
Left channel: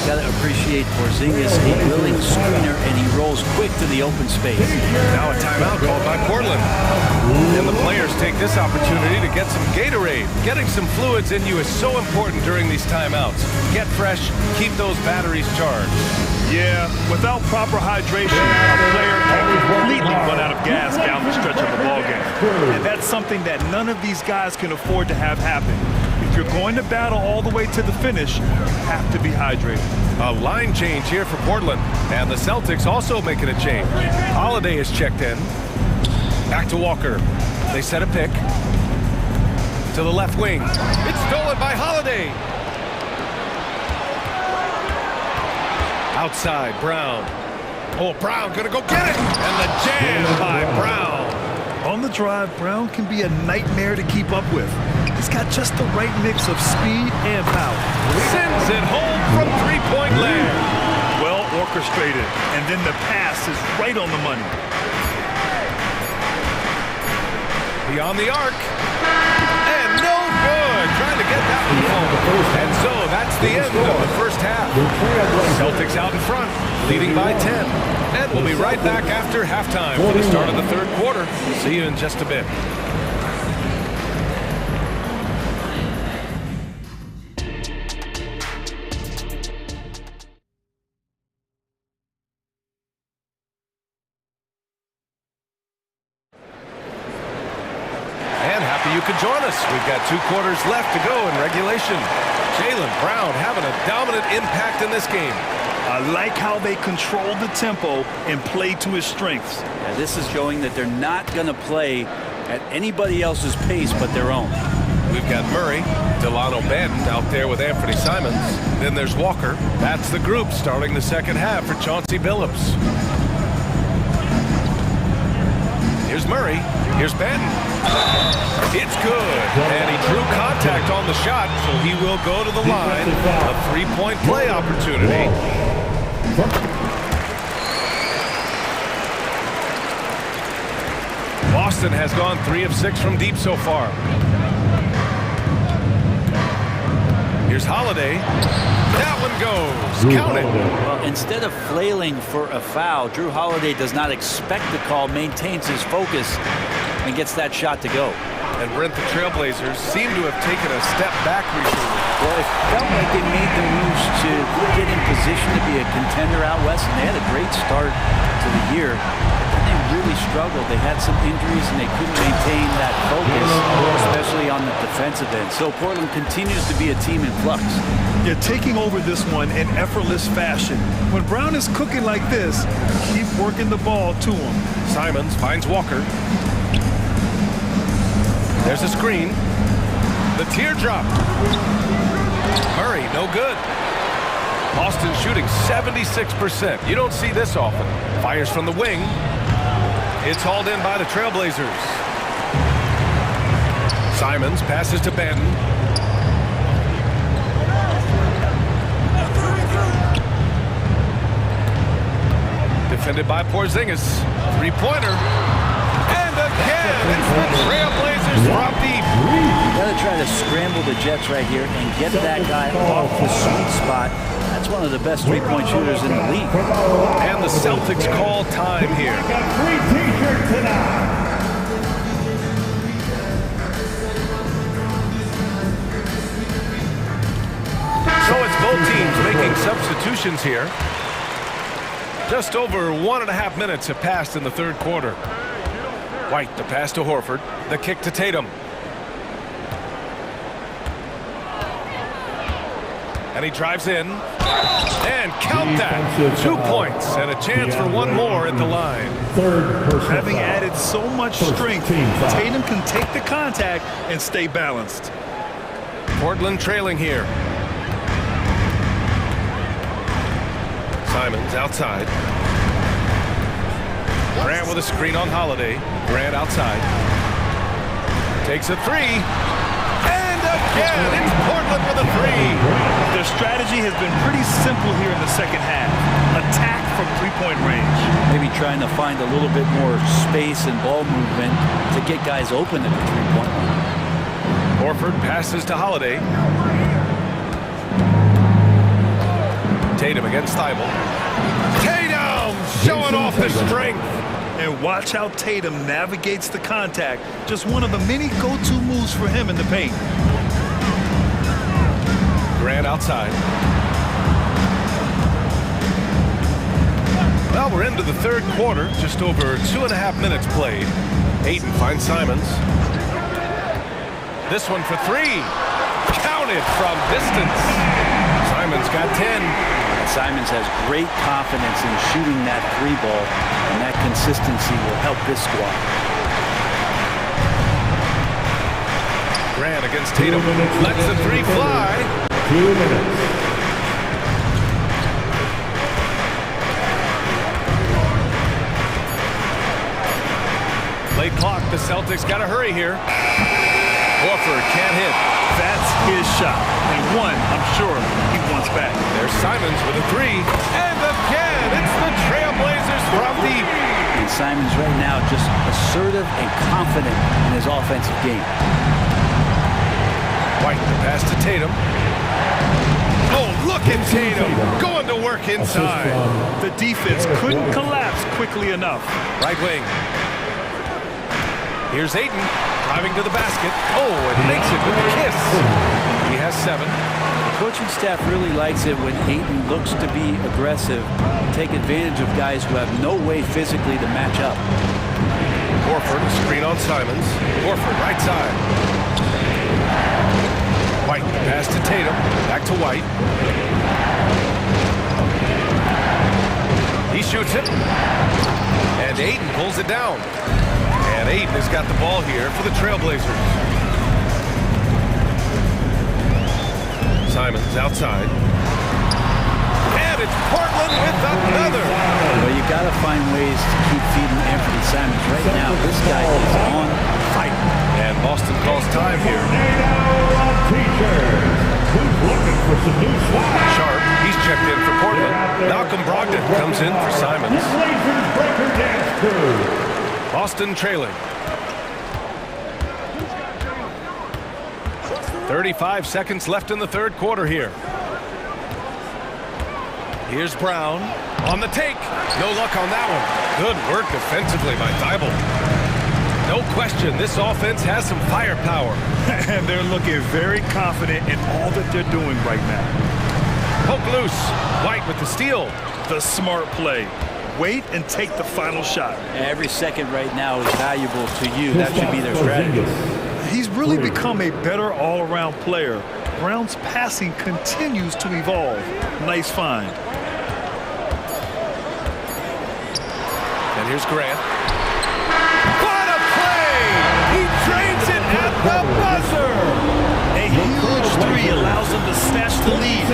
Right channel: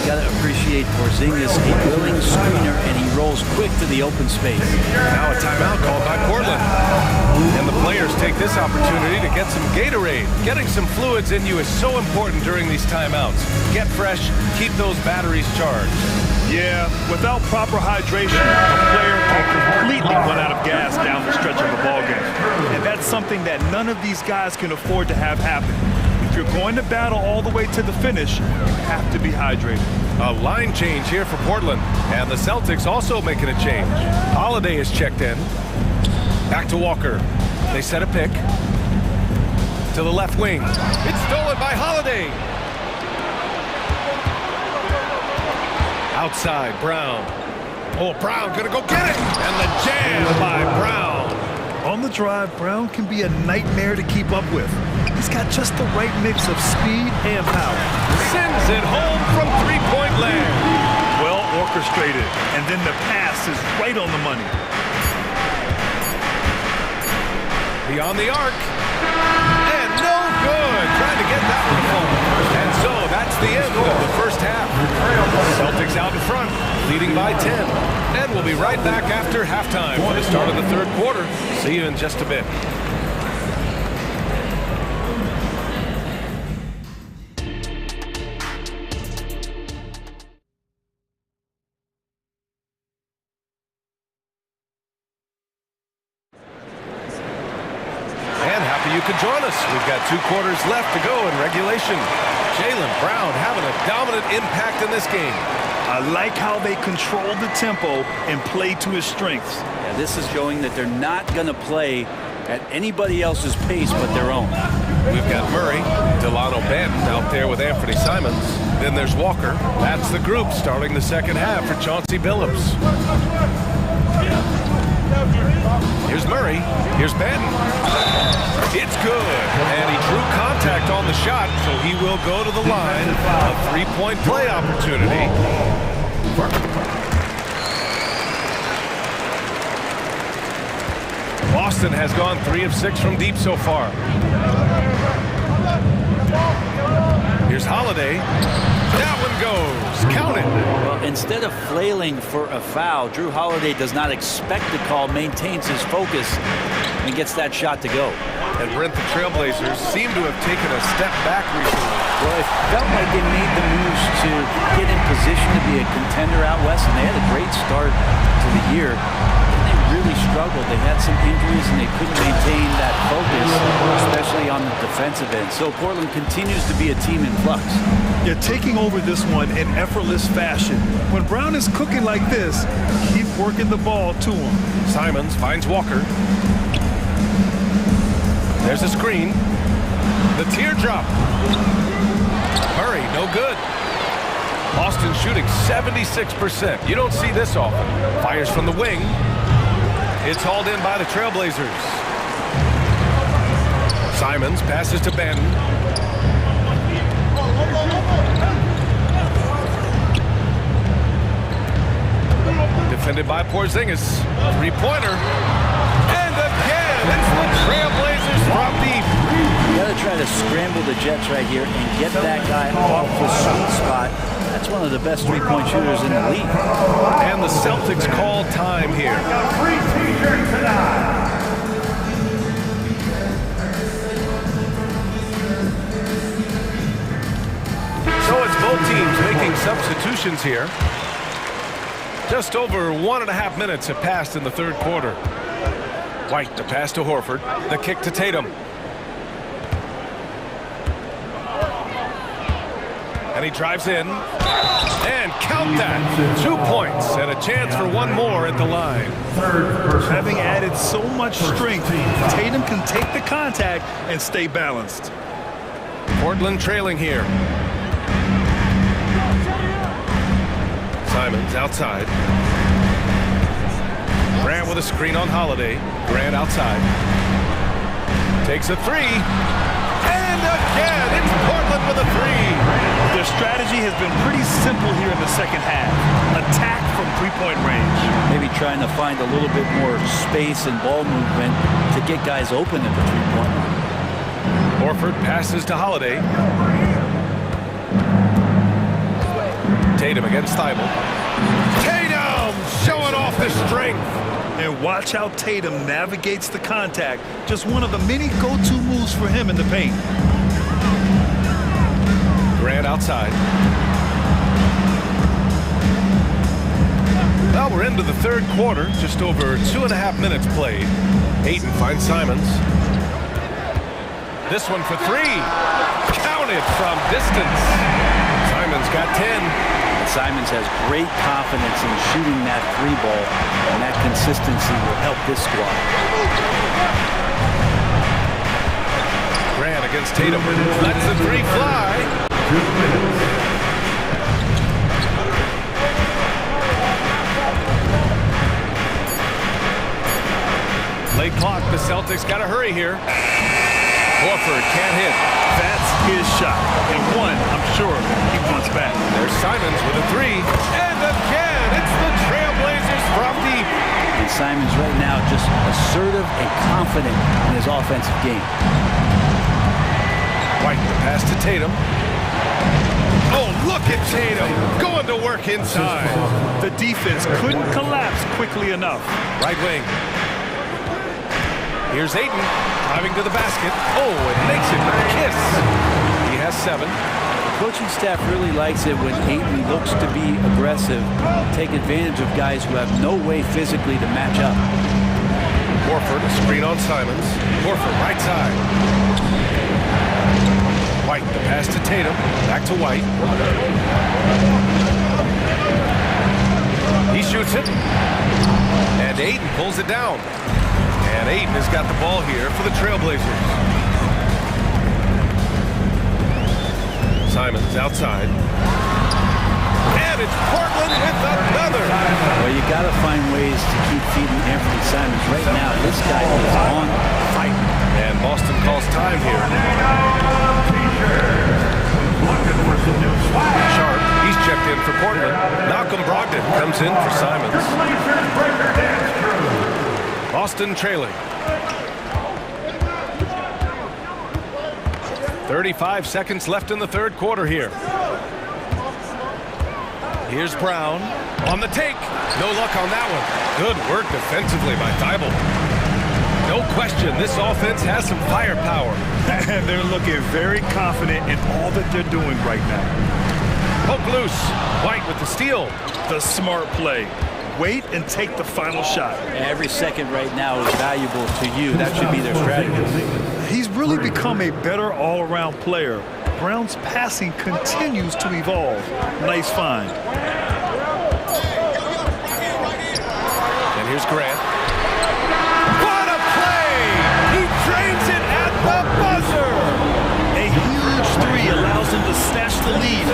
You got to appreciate Porzingis, a willing screener, and he rolls quick to the open space. Now a timeout called by Portland. And the players take this opportunity to get some Gatorade. Getting some fluids in you is so important during these timeouts. Get fresh, keep those batteries charged. Yeah, without proper hydration, a player can completely run out of gas down the stretch of a ball game. And that's something that none of these guys can afford to have happen. If you're going to battle all the way to the finish, you have to be hydrated. A line change here for Portland. And the Celtics also making a change. Holiday is checked in. Back to Walker. They set a pick. To the left wing. It's stolen by Holiday. Outside, Brown. Oh, Brown gonna go get it! And the jam by Brown. On the drive, Brown can be a nightmare to keep up with. He's got just the right mix of speed and power. Sends it home from three-point land. Well orchestrated, and then the pass is right on the money. Beyond the arc. And no good. Trying to get that one to fall. And so that's the end of the first half. Celtics out in front, leading by 10. And we'll be right back after halftime for the start of the third quarter. See you in just a bit. And happy you could join us. We've got 2 quarters left to go in regulation. Jaylen Brown having a dominant impact in this game. I like how they control the tempo and play to his strengths. Yeah, this is showing that they're not going to play at anybody else's pace but their own. We've got Murray, Delano Banton out there with Anthony Simons. Then there's Walker. That's the group starting the second half for Chauncey Billups. Here's Murray. Here's Banton. It's good. And he drew contact on the shot, so he will go to the line. A three-point play opportunity. Boston has gone 3 of 6 from deep so far. Here's Holiday. That one goes. Count it. Well, instead of flailing for a foul, Drew Holiday does not expect the call, maintains his focus, and gets that shot to go. And Brent, the Trailblazers seem to have taken a step back recently. Well, it felt like they made the moves to get in position to be a contender out west, and they had a great start to the year. But then they really struggled. They had some injuries, and they couldn't maintain that focus, especially on the defensive end. So Portland continues to be a team in flux. They're taking over this one in effortless fashion. When Brown is cooking like this, keep working the ball to him. Simons finds Walker. There's a screen. The teardrop. Murray, no good. Boston shooting 76%. You don't see this often. Fires from the wing. It's hauled in by the Trailblazers. Simons passes to Benton. Defended by Porzingis. Three-pointer. And again, it's the Trailblazers from deep. You got to try to scramble the Jets right here and get that guy off the sweet spot. That's one of the best three-point shooters in the league. And the Celtics call time here. A free t-shirt tonight. So it's both teams making substitutions here. Just over 1.5 minutes have passed in the third quarter. White, the pass to Horford. The kick to Tatum. And he drives in. And count that. 2 points and a chance for one more at the line. Having added so much strength, Tatum can take the contact and stay balanced. Portland trailing here. Simons outside. Grant with a screen on Holiday. Grant outside. Takes a three. And again, it's Portland with a three. Their strategy has been pretty simple here in the second half. Attack from three-point range. Maybe trying to find a little bit more space and ball movement to get guys open at the three-point line. Horford passes to Holiday. Tatum against Thibault. Tatum showing off the strength. And watch how Tatum navigates the contact. Just one of the many go-to moves for him in the paint. Grant outside. Well, we're into the third quarter. Just over 2.5 minutes played. Ayton finds Simons. This one for three. Counted from distance. Simons got 10. And Simons has great confidence in shooting that three ball, and that consistency will help this squad. Grant against Tatum. Lets the three fly. 2 minutes. Late clock. The Celtics got to hurry here. Horford can't hit. That's his shot. And one, I'm sure, he wants back. There's Simons with a three. And again, it's the Trailblazers from deep. And Simons right now just assertive and confident in his offensive game. White, the pass to Tatum. Oh, look at Tatum going to work inside. The defense couldn't collapse quickly enough. Right wing. Here's Ayton driving to the basket. Oh, and makes it with the kiss. He has 7. The coaching staff really likes it when Ayton looks to be aggressive, take advantage of guys who have no way physically to match up. Horford, a screen on Simons. Horford, right side. White, the pass to Tatum. Back to White. He shoots it. And Ayton pulls it down. And Ayton has got the ball here for the Trailblazers. Simons outside. And it's Portland with another. Well, you got to find ways to keep feeding Anthony Simons. Right now, this guy is on fire. And Boston calls time here. Sharp, he's checked in for Portland. Malcolm Brogdon comes in for Simons. Boston trailing. 35 seconds left in the third quarter here. Here's Brown on the take. No luck on that one. Good work defensively by Thibault. No question, this offense has some firepower. And they're looking very confident in all that they're doing right now. Poke loose. White with the steal. The smart play. Wait and take the final shot. Every second right now is valuable to you. That should be their strategy. He's really become a better all-around player. Brown's passing continues to evolve. Nice find. And here's Grant. What a play! He drains it at the buzzer! A huge three allows allows them to snatch the lead.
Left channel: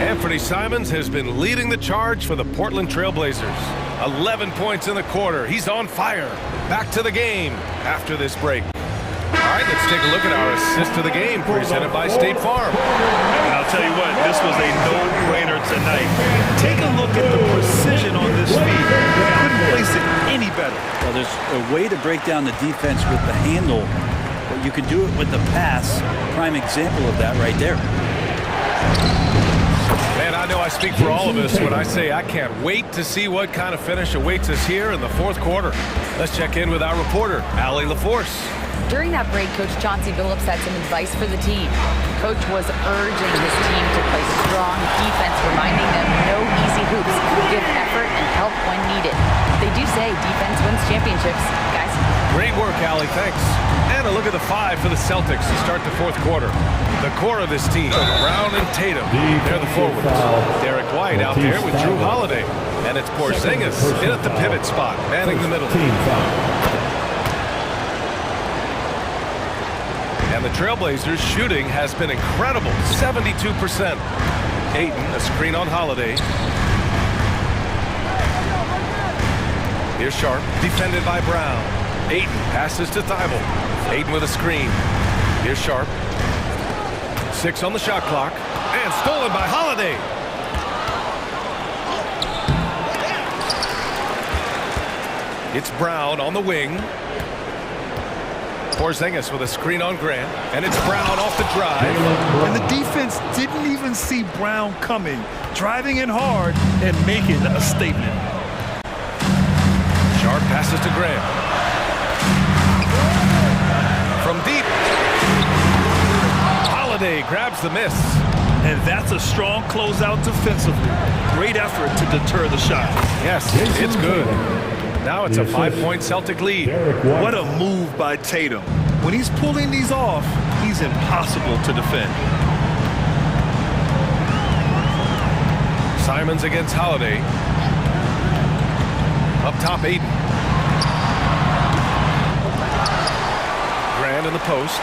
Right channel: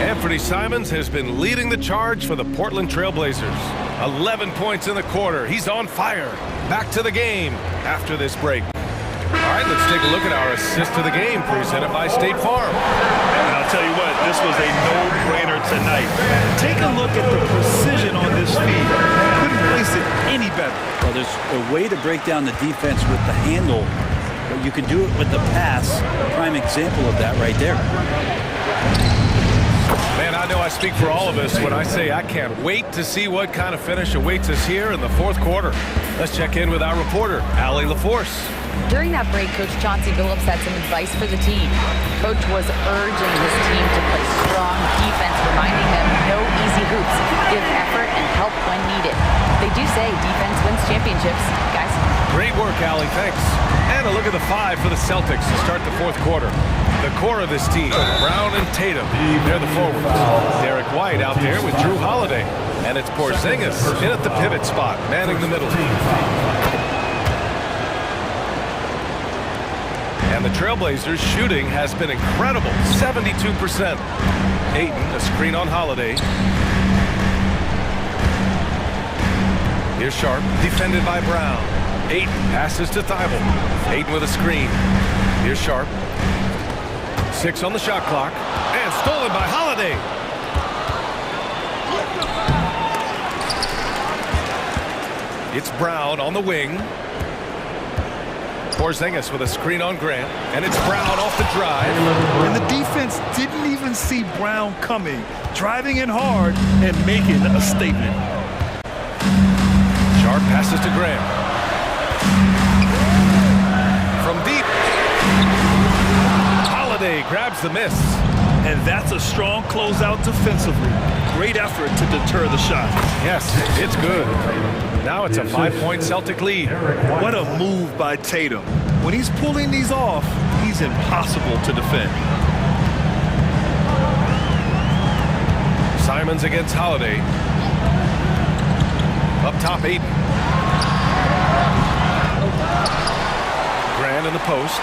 Anthony Simons has been leading the charge for the Portland Trail Blazers. 11 points in the quarter. He's on fire. Back to the game after this break. All right, let's take a look at our assist to the game presented by State Farm. And I'll tell you what, this was a no-brainer tonight. Take a look at the precision on this feed. Couldn't place it any better. Well, there's a way to break down the defense with the handle, but you can do it with the pass. Prime example of that right there. Man, I know I speak for all of us when I say I can't wait to see what kind of finish awaits us here in the fourth quarter. Let's check in with our reporter, Allie LaForce. During that break, Coach Chauncey Billups had some advice for the team. Coach was urging his team to play strong defense, reminding them no easy hoops, give effort and help when needed. They do say defense wins championships, guys. Great work, Allie, thanks. And a look at the five for the Celtics to start the fourth quarter. The core of this team, Brown and Tatum, they're the forwards. Derek White out there with Drew Holiday. And it's Porzingis in at the pivot spot, manning the middle. And the Trailblazers' shooting has been incredible, 72%. Ayton, a screen on Holiday. Here's Sharp, defended by Brown. Ayton passes to Thibault. Ayton with a screen. Here's Sharp. 6 on the shot clock. And stolen by Holiday. It's Brown on the wing. Porzingis with a screen on Grant. And it's Brown off the drive. And the defense didn't even see Brown coming, driving in hard and making a statement. Sharp passes to Graham. From deep. Holiday grabs the miss. And that's a strong closeout defensively. Great effort to deter the shot. Yes, it's good. Now it's a 5-point Celtic lead. What a move by Tatum. When he's pulling these off, he's impossible to defend. Simons against Holiday. Up top, Ayton. Grant in the post.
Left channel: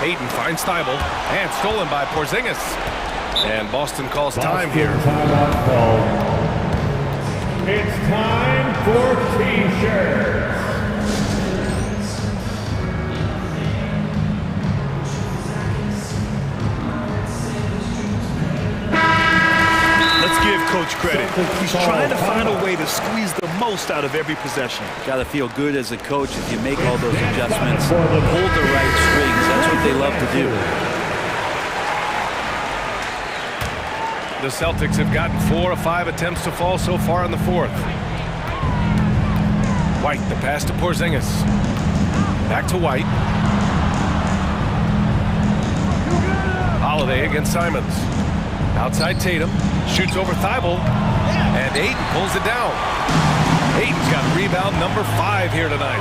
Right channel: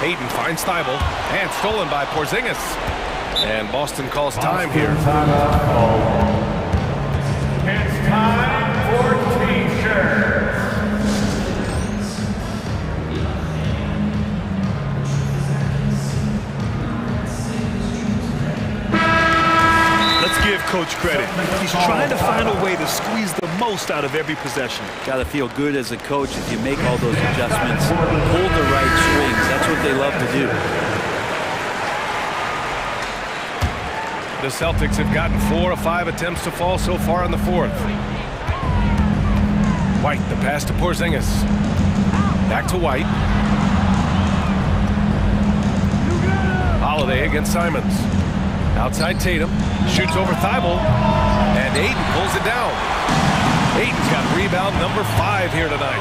Ayton finds Thibault. And stolen by Porzingis. And Boston calls time here. Timeout called. It's time for T-shirts. Let's give Coach credit. He's trying to find a way to squeeze the most out of every possession. Got to feel good as a coach if you make all those adjustments, pull the right strings. That's what they love to do. The Celtics have gotten 4 of 5 attempts to fall so far in the fourth. White, the pass to Porzingis. Back to White. Holiday against Simons. Outside Tatum. Shoots over Thibault. And Ayton pulls it down. Ayton's got rebound number 5 here tonight.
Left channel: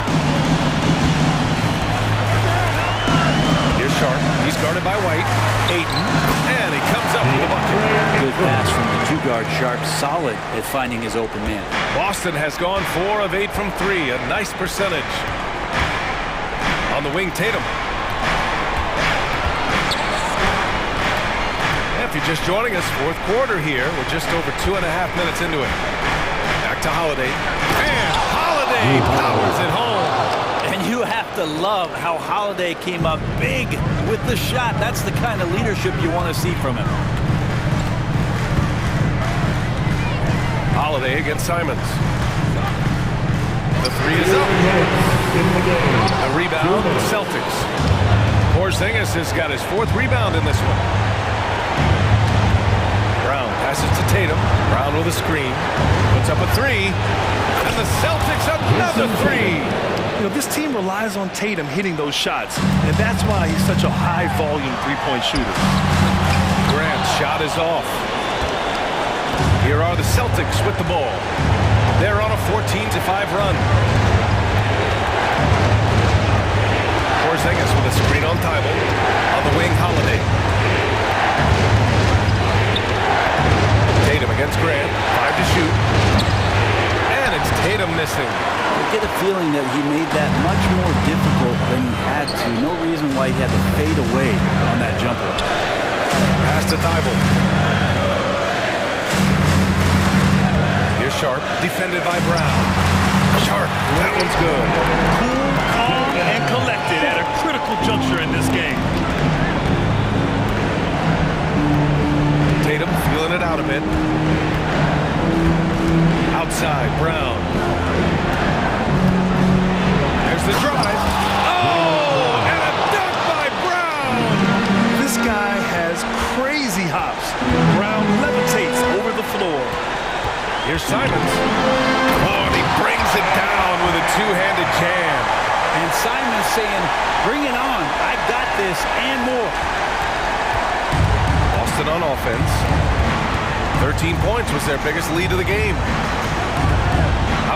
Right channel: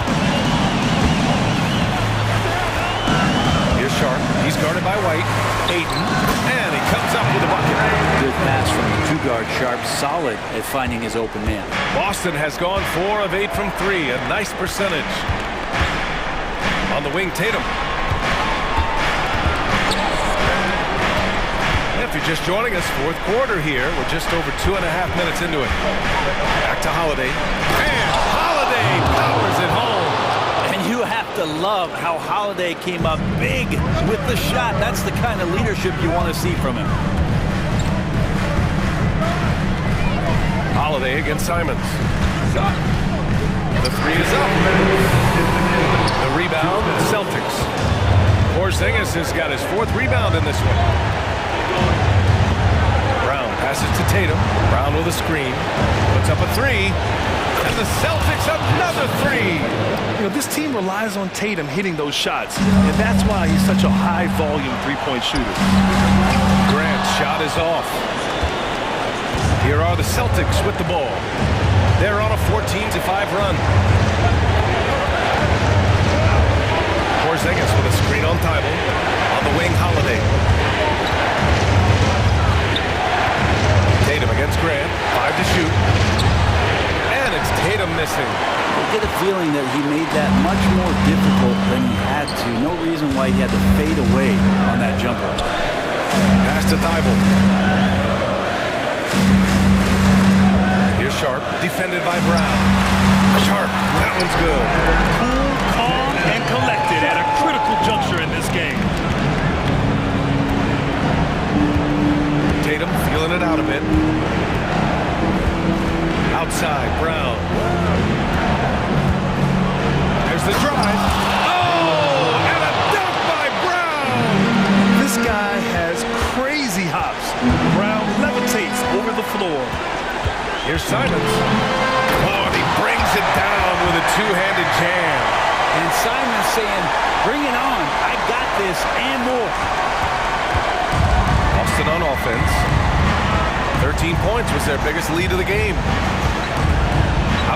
Here's Sharp. He's guarded by White. Ayton. And he comes up with a bucket. Good pass from the two-guard Sharp. Solid at finding his open man. Boston has gone 4 of 8 from 3. A nice percentage. On the wing, Tatum. If you're just joining us, fourth quarter here. We're just over 2.5 minutes into it. Back to Holiday. And Holiday powers it home. And you have to love how Holiday came up big with the shot. That's the kind of leadership you want to see from him. Holiday against Simons. The 3 is up. The rebound, Celtics. Porzingis has got his 4th rebound in this one. Brown passes to Tatum. Brown with a screen. Puts up a 3. And the Celtics another 3. You know, this team relies on Tatum hitting those shots, and that's why he's such a high-volume three-point shooter. Grant's shot is off. Here are the Celtics with the ball. They're on a 14-5 run. Porzingis with a screen on Thibault. On the wing, Holiday. Tatum against Grant. 5 to shoot. And it's Tatum missing. I get a feeling that he made that much more difficult than he had to. No reason why he had to fade away on that jumper. Pass to Thibault. Here's Sharp, defended by Brown. Sharp, that one's good. Cool, calm, and collected at a critical juncture in this game. Tatum feeling it out a bit. Outside, Brown. There's the drive. Oh, and a dunk by Brown. This guy has crazy hops. Brown levitates over the floor. Here's Simons. Oh, and he brings it down with a two-handed jam. And Simons saying, bring it on. I got this and more. Boston on offense. 13 points was their biggest lead of the game.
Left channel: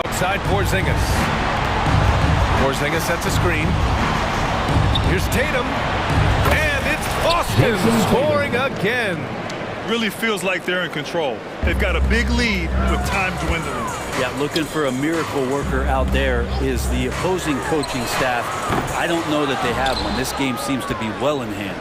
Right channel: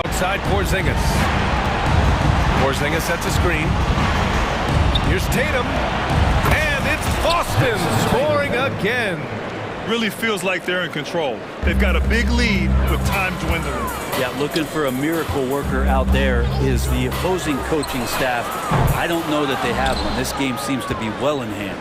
Outside Porzingis. Porzingis sets a screen. Here's Tatum. And it's Boston scoring again. Really feels like they're in control. They've got a big lead with time dwindling. Yeah, looking for a miracle worker out there is the opposing coaching staff. I don't know that they have one. This game seems to be well in hand.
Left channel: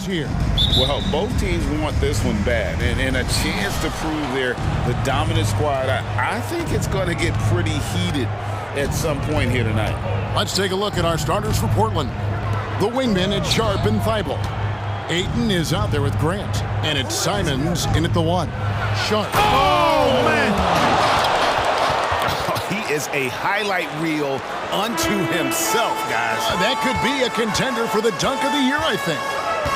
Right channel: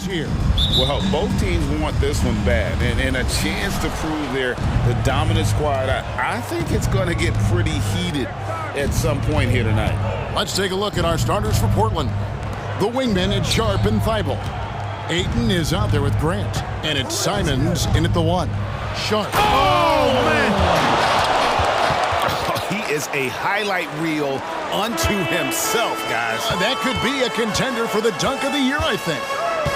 Celtics here. Well, both teams want this one bad, and a chance to prove they're the dominant squad. I think it's going to get pretty heated at some point here tonight. Let's take a look at our starters for Portland. The wingmen, it's Sharp and Thibault. Ayton is out there with Grant, and it's Simons in at the 1. Sharp. Oh, man! He is a highlight reel unto himself, guys. That could be a contender for the dunk of the year, I think.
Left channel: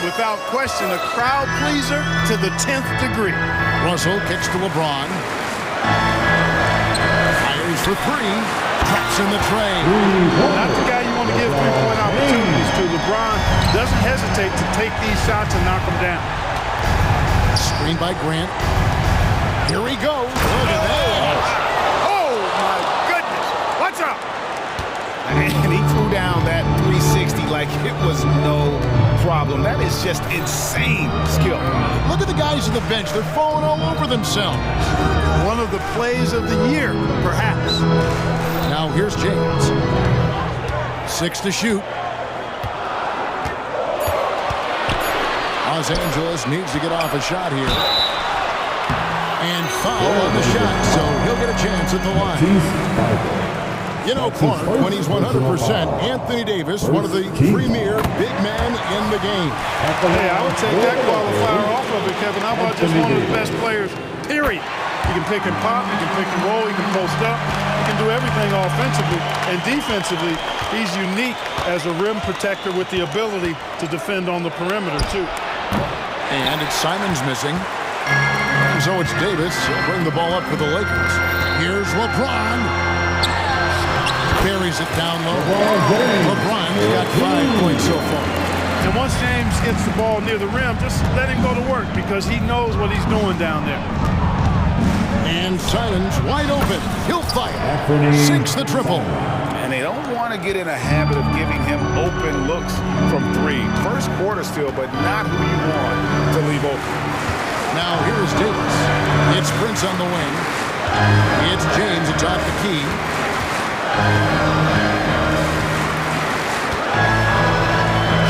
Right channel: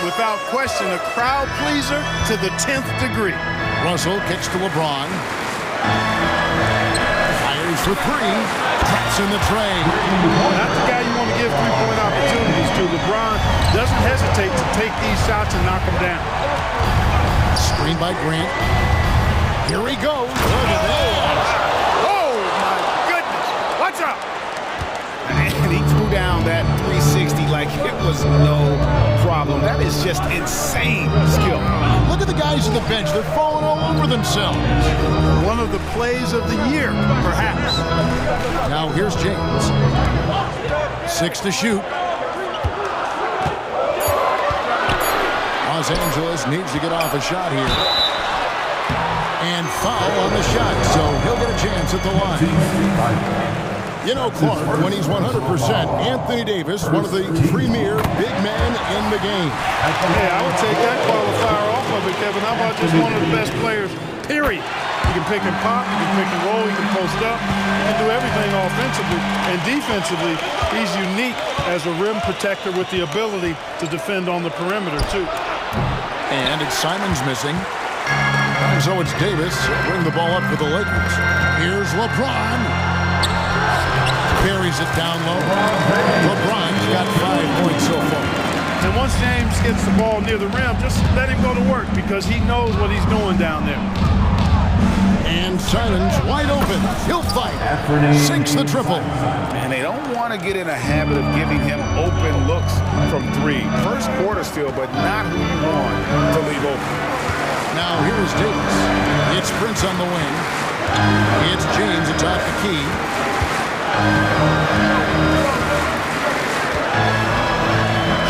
Without question, a crowd pleaser to the 10th degree. Russell kicks to LeBron. Fires for 3. Traps in the tray. Not the guy you want to give three-point opportunities to. LeBron doesn't hesitate to take these shots and knock them down. Screen by Grant. Here he goes. Look at that. Oh, my goodness. Watch out. And he threw down that 360 like it was no problem. That is just insane skill. Look at the guys on the bench. They're falling all over themselves. One of the plays of the year, perhaps. Now here's James. 6 to shoot. Los Angeles needs to get off a shot here. And foul on the shot, so he'll get a chance at the line. You know, Clark, when he's 100%, Anthony Davis, one of the premier big men in the game. Hey, I would take that qualifier off of it, Kevin. How about just one of the best players, period? He can pick and pop, he can pick and roll, he can post up, he can do everything offensively. And defensively, he's unique as a rim protector with the ability to defend on the perimeter, too. And it's Simons missing. And so it's Davis. He'll bring the ball up for the Lakers. Here's LeBron. Buries it down low. LeBron's got 5 points so far. And once James gets the ball near the rim, just let him go to work because he knows what he's doing down there. And Simons wide open. He'll fight. Sinks the triple. And they don't want to get in a habit of giving him open looks from 3. First quarter still, but not who you want to leave open. Now here's Davis. It's Prince on the wing. It's James atop the key.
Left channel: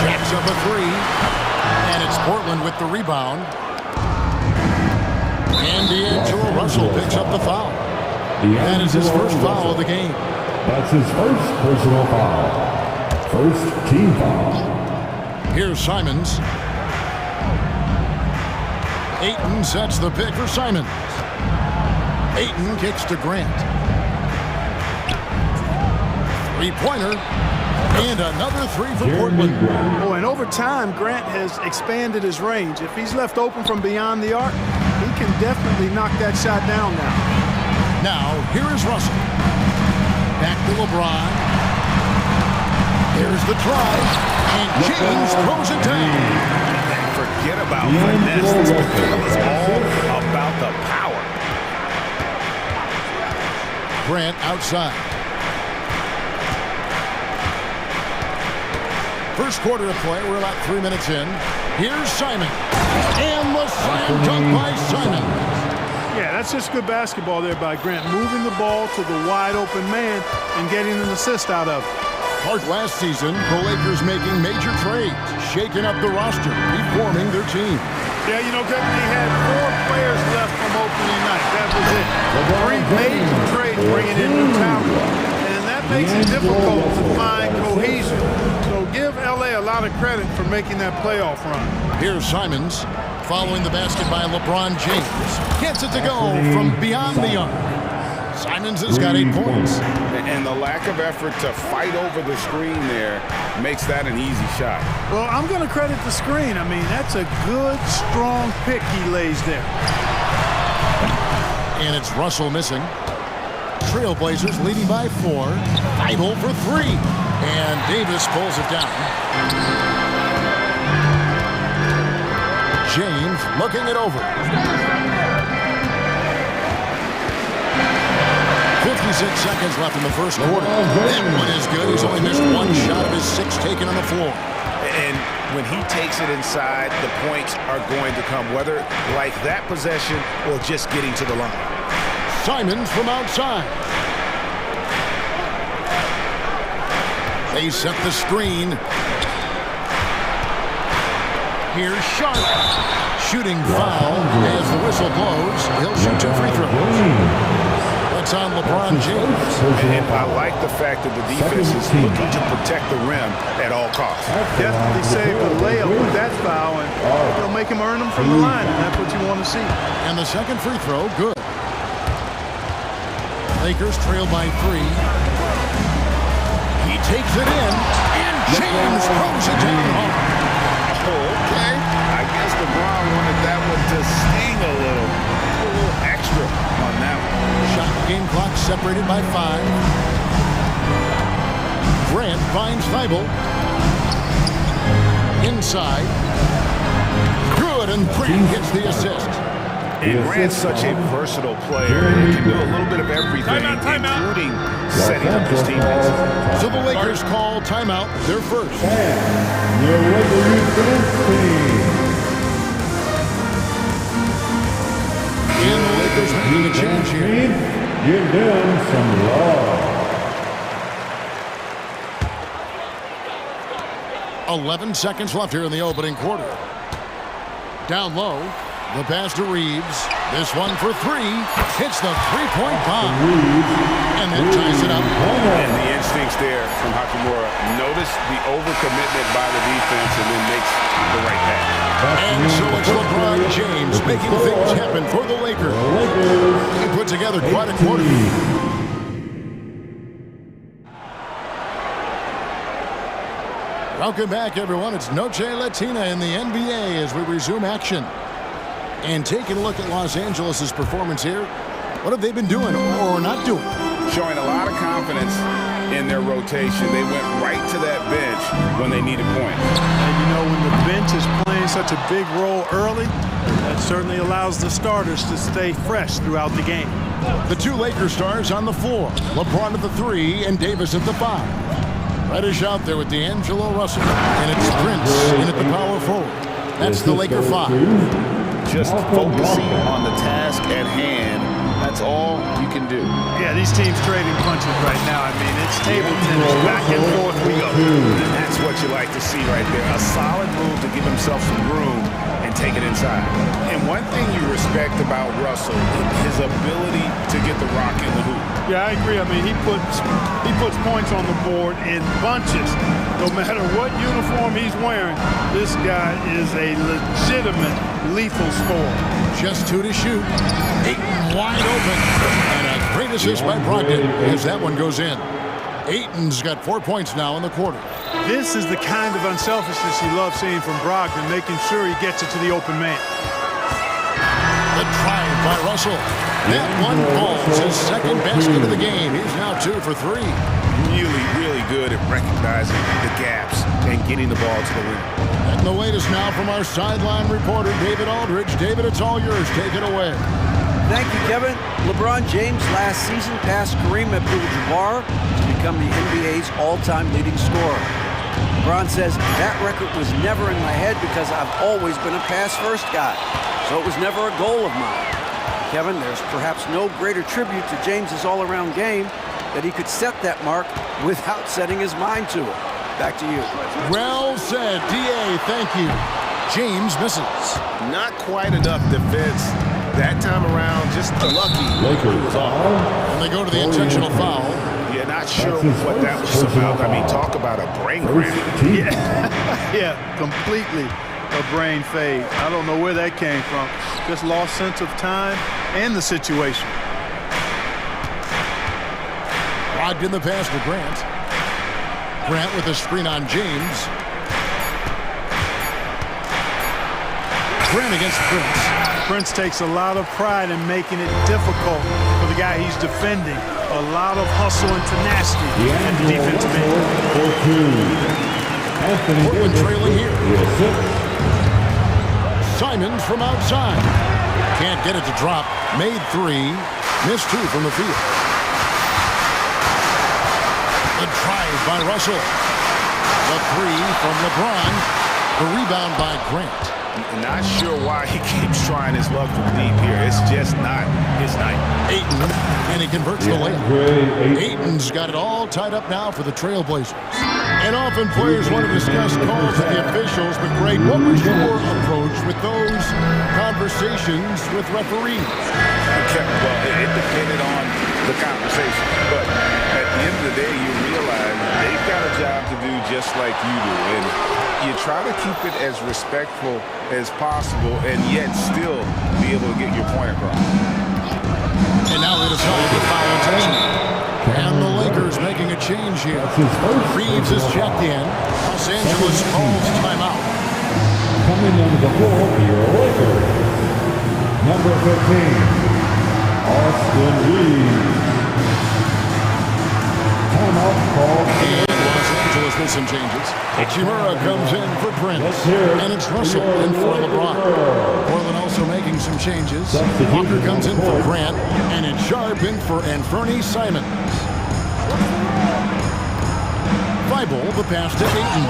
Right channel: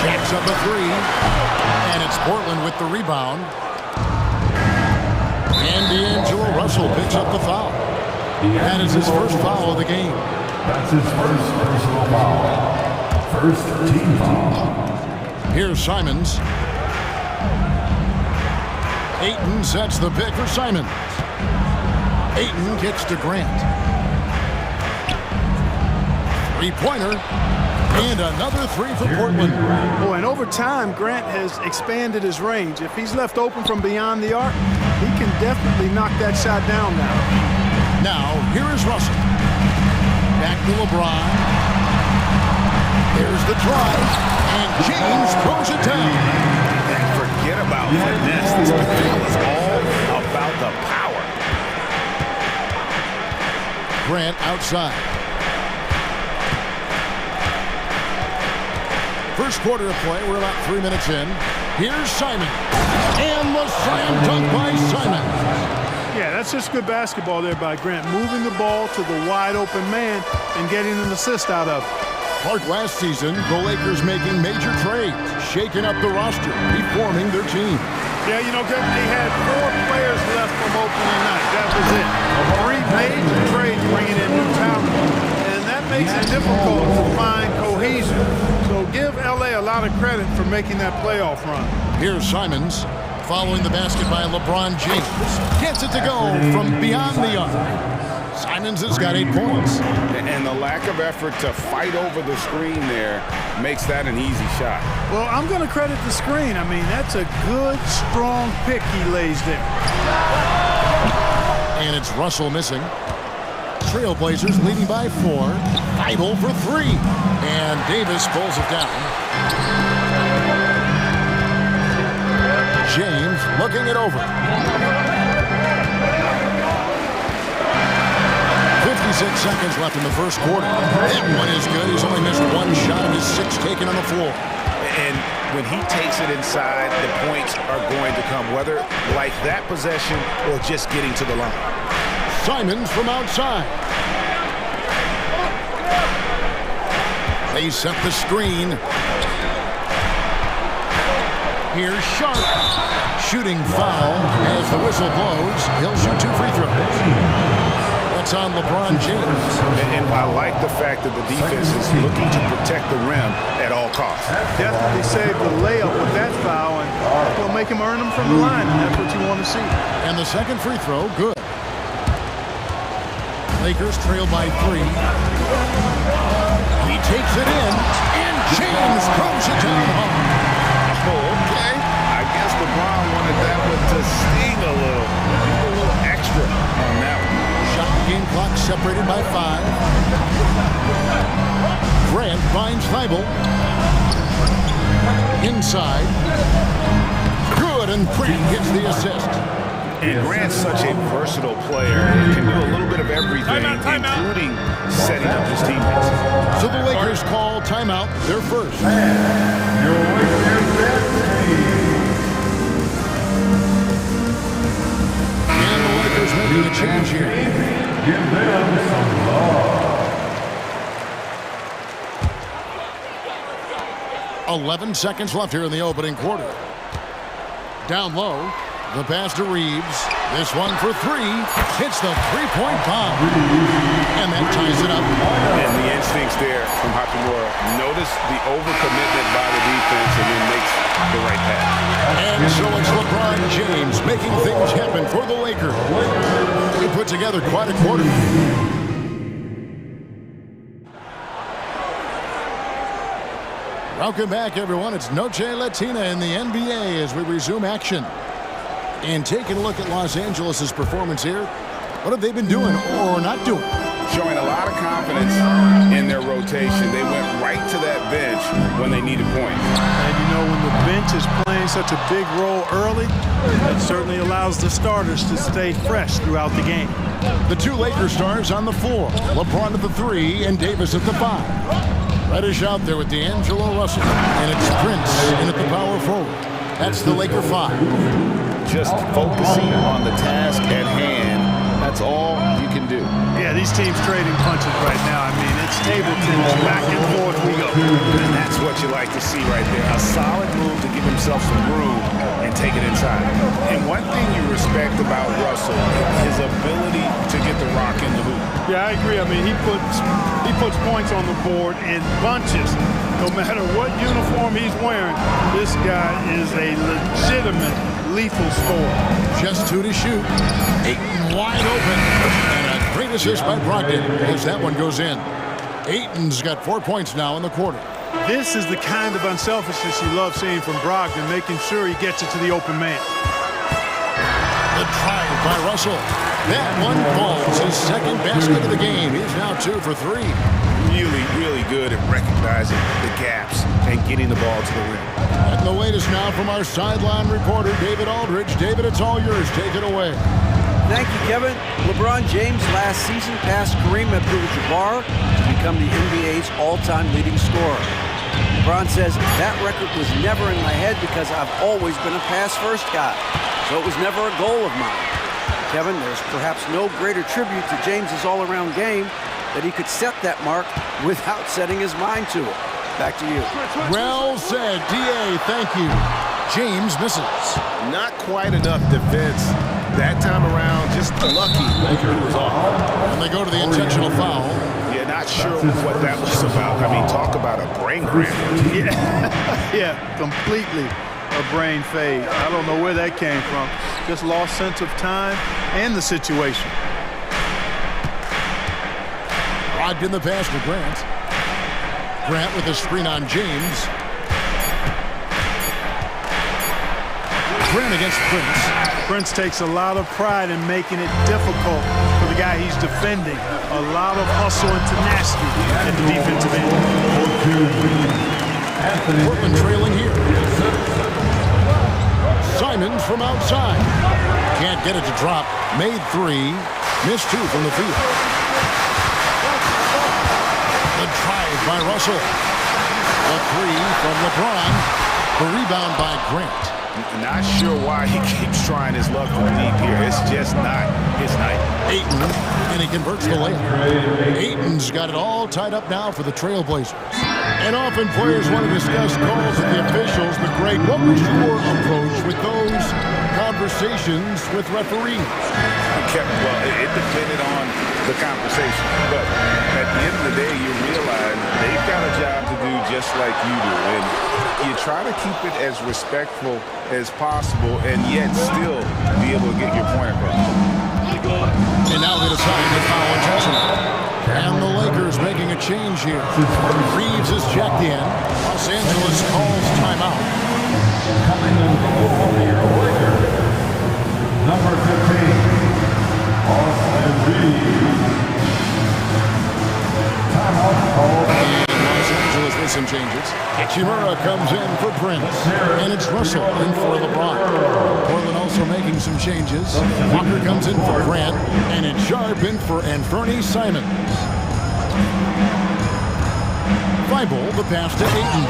Jacks up a 3. And it's Portland with the rebound. And D'Angelo Russell picks up the foul. That is his first foul of the game. That's his first personal foul. First team foul. Here's Simons. Ayton sets the pick for Simons. Ayton kicks to Grant. Three-pointer. And another 3 for Portland. Oh, and over time, Grant has expanded his range. If he's left open from beyond the arc, he can definitely knock that shot down now. Now, here is Russell. Back to LeBron. There's the drive. And James throws it down. And forget about finesse. This is all about the power. Grant outside. First quarter of play. We're about 3 minutes in. Here's Simon. And the slam dunk by Simon. Yeah, that's just good basketball there by Grant. Moving the ball to the wide open man and getting an assist out of it. Clark, last season, the Lakers making major trades, shaking up the roster, reforming their team. Yeah, you know, Kevin, they had 4 players left from opening night. That was it. 3 major trades bringing in new talent. And that makes it difficult to find cohesion. So give L.A. a lot of credit for making that playoff run. Here's Simons following the basket by LeBron James. Gets it to go from beyond the arc. Simons has got 8 points. And the lack of effort to fight over the screen there makes that an easy shot. Well, I'm going to credit the screen. I mean, that's a good, strong pick he lays there. And it's Russell missing. Trailblazers leading by 4. Thibault for 3. And Davis pulls it down. James looking it over. 56 seconds left in the first quarter. That one is good. He's only missed 1 shot of his 6 taken on the floor. And when he takes it inside, the points are going to come, whether like that possession or just getting to the line. Simons from outside. They set the screen. Here's Sharp. Shooting foul as the whistle blows. He'll shoot 2 free throws. That's on LeBron James. And I like the fact that the defense is looking to protect the rim at all costs. Definitely saved the layup with that foul, and he'll make him earn them from the line, and that's what you want to see. And the second free throw, good. Lakers trail by 3. He takes it in, and James throws it down hard. Oh, okay. I guess LeBron wanted that one to sting a little extra on that one. Shot game clock separated by 5. Grant finds Thibault. Inside. Good, and Grant gets the assist. And Grant's such a versatile player and can do a little bit of everything, including setting up his teammates. So the Lakers call timeout, their first. Your Lakers dance team. And the Lakers making a change here. Give them some love. 11 seconds left here in the opening quarter. Down low, the pass to Reeves. This one for 3. Hits the three-point bomb. And that ties it up. And the instincts there from Hachimura. Notice the overcommitment by the defense and then makes the right pass. And so it's LeBron James making things happen for the Lakers. He put together quite a quarter. Welcome back, everyone. It's Noche Latina in the NBA as we resume action. And taking a look at Los Angeles' performance here, what have they been doing or not doing? Showing a lot of confidence in their rotation. They went right to that bench when they needed points. And you know, when the bench is playing such a big role early, that certainly allows the starters to stay fresh throughout the game. The 2 Lakers stars on the floor. LeBron at the 3 and Davis at the 5. Reddish out there with D'Angelo Russell. And it's Prince in at the power forward. That's the Laker 5. Just focusing on the task at hand. That's all you can do. Yeah, these teams trading punches right now. I mean, it's table tennis. Back and forth we go. And that's what you like to see right there. A solid move to give himself some room and take it inside. And one thing you respect about Russell, his ability to get the rock in the hoop. Yeah, I agree. I mean, he puts points on the board in bunches. No matter what uniform he's wearing, this guy is a legitimate lethal scorer. Just 2 to shoot. Ayton wide open. And a great assist by Brogdon as that one goes in. Ayton's got 4 points now in the quarter. This is the kind of unselfishness you love seeing from Brogdon, making sure he gets it to the open man. The drive by Russell. That one falls, his second basket of the game. He's now 2 for 3. Really good at recognizing the gaps and getting the ball to the rim. And the latest now from our sideline reporter, David Aldridge. David, it's all yours. Take it away. Thank you, Kevin. LeBron James last season passed Kareem Abdul-Jabbar to become the NBA's all-time leading scorer. LeBron says, that record was never in my head because I've always been a pass-first guy, so it was never a goal of mine. Kevin, there's perhaps no greater tribute to James's all-around game that he could set that mark without setting his mind to it. Back to you. Well said, D.A. Thank you. James misses. Not quite enough defense that time around. Just lucky he was off. And they go to the intentional foul. Yeah, not sure what that was about. I mean, talk about a brain cramp. Yeah, completely a brain fade. I don't know where that came from. Just lost sense of time and the situation. Brogdon the pass to Grant. Grant with a screen on James. Grant against Prince. Prince takes a lot of pride in making it difficult for the guy he's defending. A lot of hustle and tenacity at the defensive end. Portland trailing here. Simons from outside. Can't get it to drop. Made 3. Missed 2 from the field. The drive by Russell. The 3 from LeBron. The rebound by Grant. Not sure why he keeps trying his luck from deep here. It's just not his night. Ayton, and he converts the layup. Ayton's got it all tied up now for the Trailblazers. And often players want to discuss calls with the officials, but Greg, what was your approach with those conversations with referees? Well, it depended on the conversation, but at the end of the day, you realize they've got a job to do just like you do, and you try to keep it as respectful as possible and yet still be able to get your point across. And now they decide to foul intentionally. And the Lakers making a change here. Reeves is checked in. Los Angeles calls timeout. Coming into the floor for your Lakers, number 15, Austin Reeves. Timeout called. And Los Angeles with some changes. Hachimura comes in for Prince. And it's Russell in for LeBron. Portland also making some changes. Walker comes in for Grant. And it's Sharp in for Anferny Simons. Thibault, the pass to Ayton.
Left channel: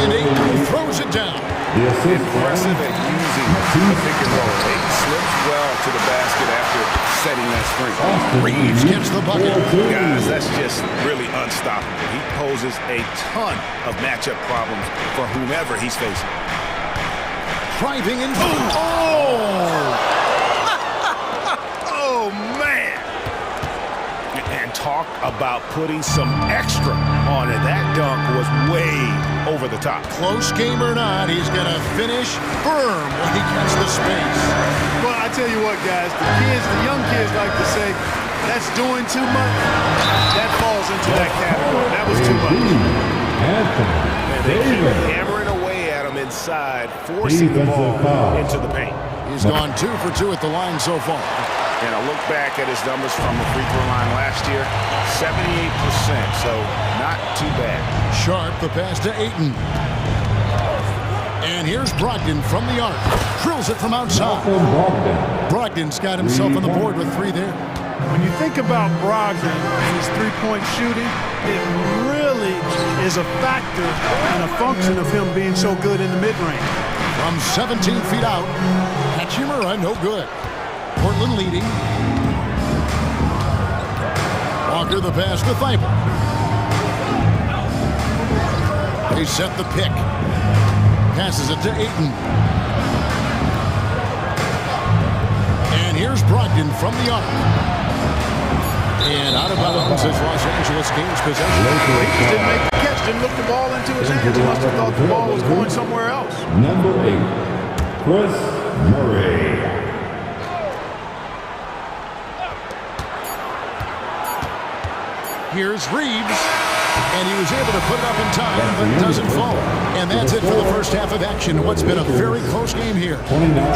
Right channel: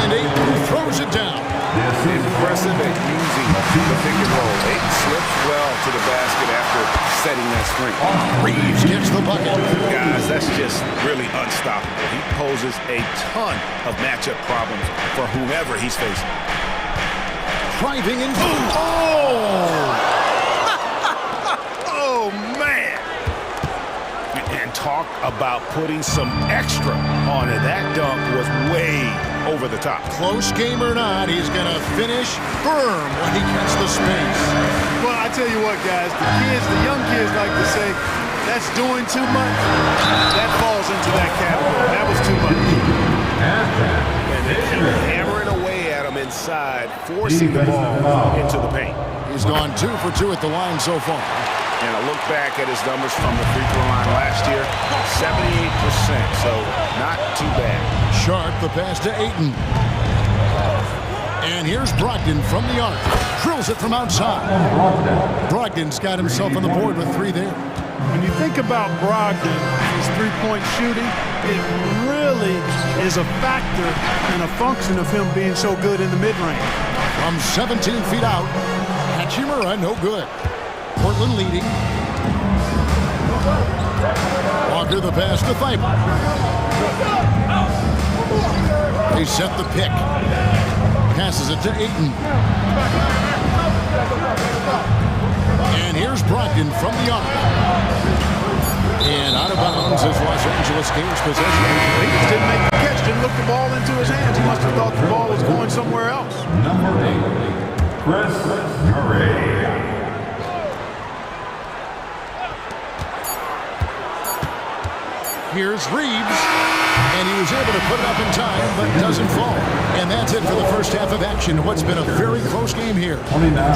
And Ayton throws it down. Impressive at using the pick and roll. Ayton slips well to the basket after setting that screen. Reeves gets the bucket. Guys, that's just really unstoppable. He poses a ton of matchup problems for whomever he's facing. Driving in. Oh! Oh, man! And talk about putting some extra on it. That dunk was way over the top. Close game or not, he's going to finish firm when he gets the space. Well, I tell you what, guys, the young kids like to say, that's doing too much. That falls into that category. That was too much. And they keep hammering away at him inside, forcing the ball into the paint. He's gone 2 for 2 at the line so far. And a look back at his numbers from the free throw line last year, 78%, so not too bad. Sharp, the pass to Ayton. And here's Brogdon from the arc. Drills it from outside. Brogdon's got himself on the board with 3 there. When you think about Brogdon and his three-point shooting, it really is a factor and a function of him being so good in the mid-range. From 17 feet out, Hachimura no good. Portland leading. Walker the pass to Thibault. They set the pick. Passes it to Ayton. And here's Brogdon from the arc. And out of bounds as Los Angeles gains possession. He just didn't make the catch, didn't look the ball into his hands. He must have thought the ball was going somewhere else. Number 8, Chris Murray. Here's Reeves, and he was able to put it up in time, but doesn't fall. And that's it for the first half of action. What's been a very close game here.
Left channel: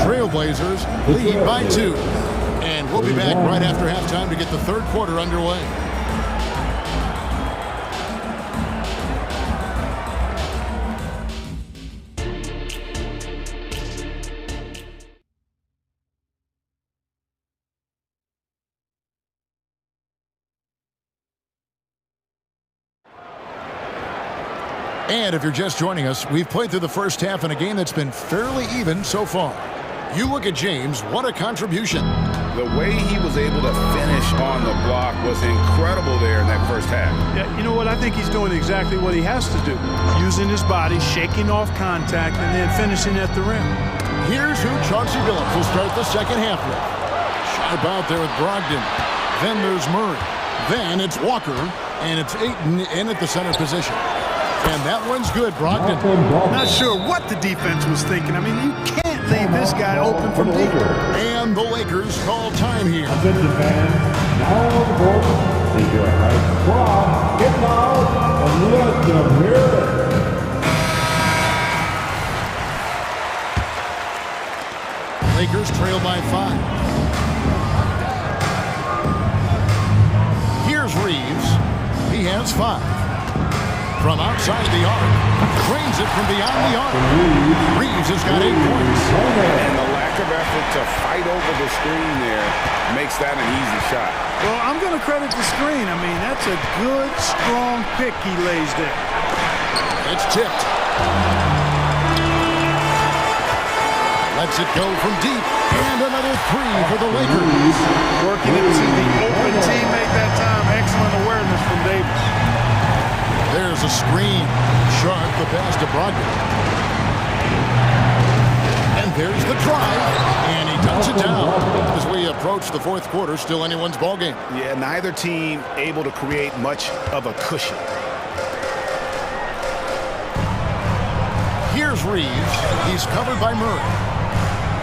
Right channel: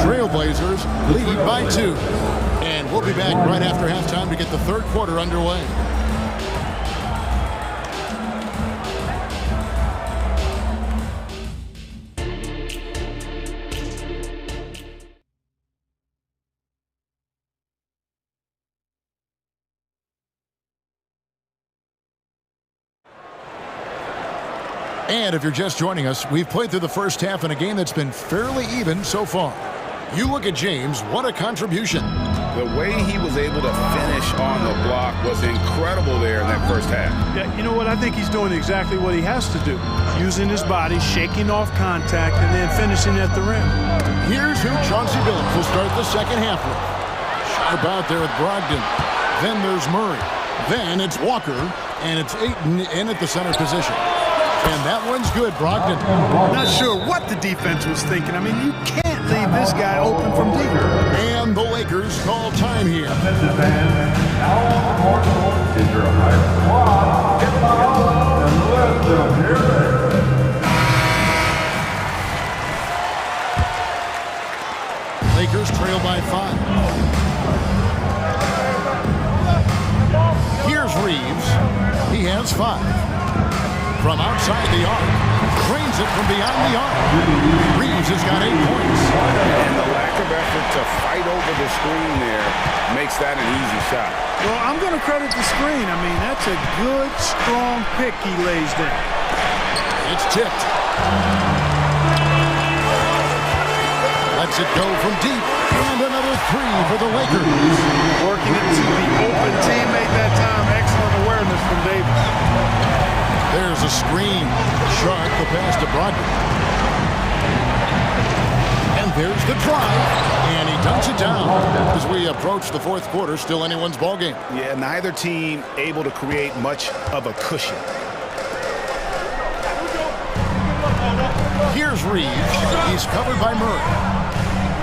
Trailblazers lead by 2. And we'll be back right after halftime to get the third quarter underway. And if you're just joining us, we've played through the first half in a game that's been fairly even so far. You look at James, what a contribution. The way he was able to finish on the block was incredible there in that first half. Yeah, you know what? I think he's doing exactly what he has to do. Using his body, shaking off contact, and then finishing at the rim. Here's who Chauncey Billups will start the second half with. Sharp out there with Brogdon. Then there's Murray. Then it's Walker, and it's Ayton in at the center position. And that one's good, Brogdon. Not sure what the defense was thinking. I mean, you can't leave this guy open from deep. And the Lakers call time here. Defensive fans, now on the court is your high squad. Get loud and let them hear it. Lakers trail by 5. Here's Reeves. He has 5. From outside the arc, drains it from beyond the arc. Reeves has got 8 points. And the lack of effort to fight over the screen there makes that an easy shot. Well, I'm going to credit the screen. I mean, that's a good, strong pick he lays there. It's tipped. Lets it go from deep. And another 3 for the Lakers. Working it to the open teammate that time. Excellent awareness from Davis. There's a screen. Sharp the pass to Brogdon. And there's the drive. And he dunks it down. As we approach the fourth quarter, still anyone's ballgame. Yeah, neither team able to create much of a cushion. Here's Reeves. He's covered by Murray.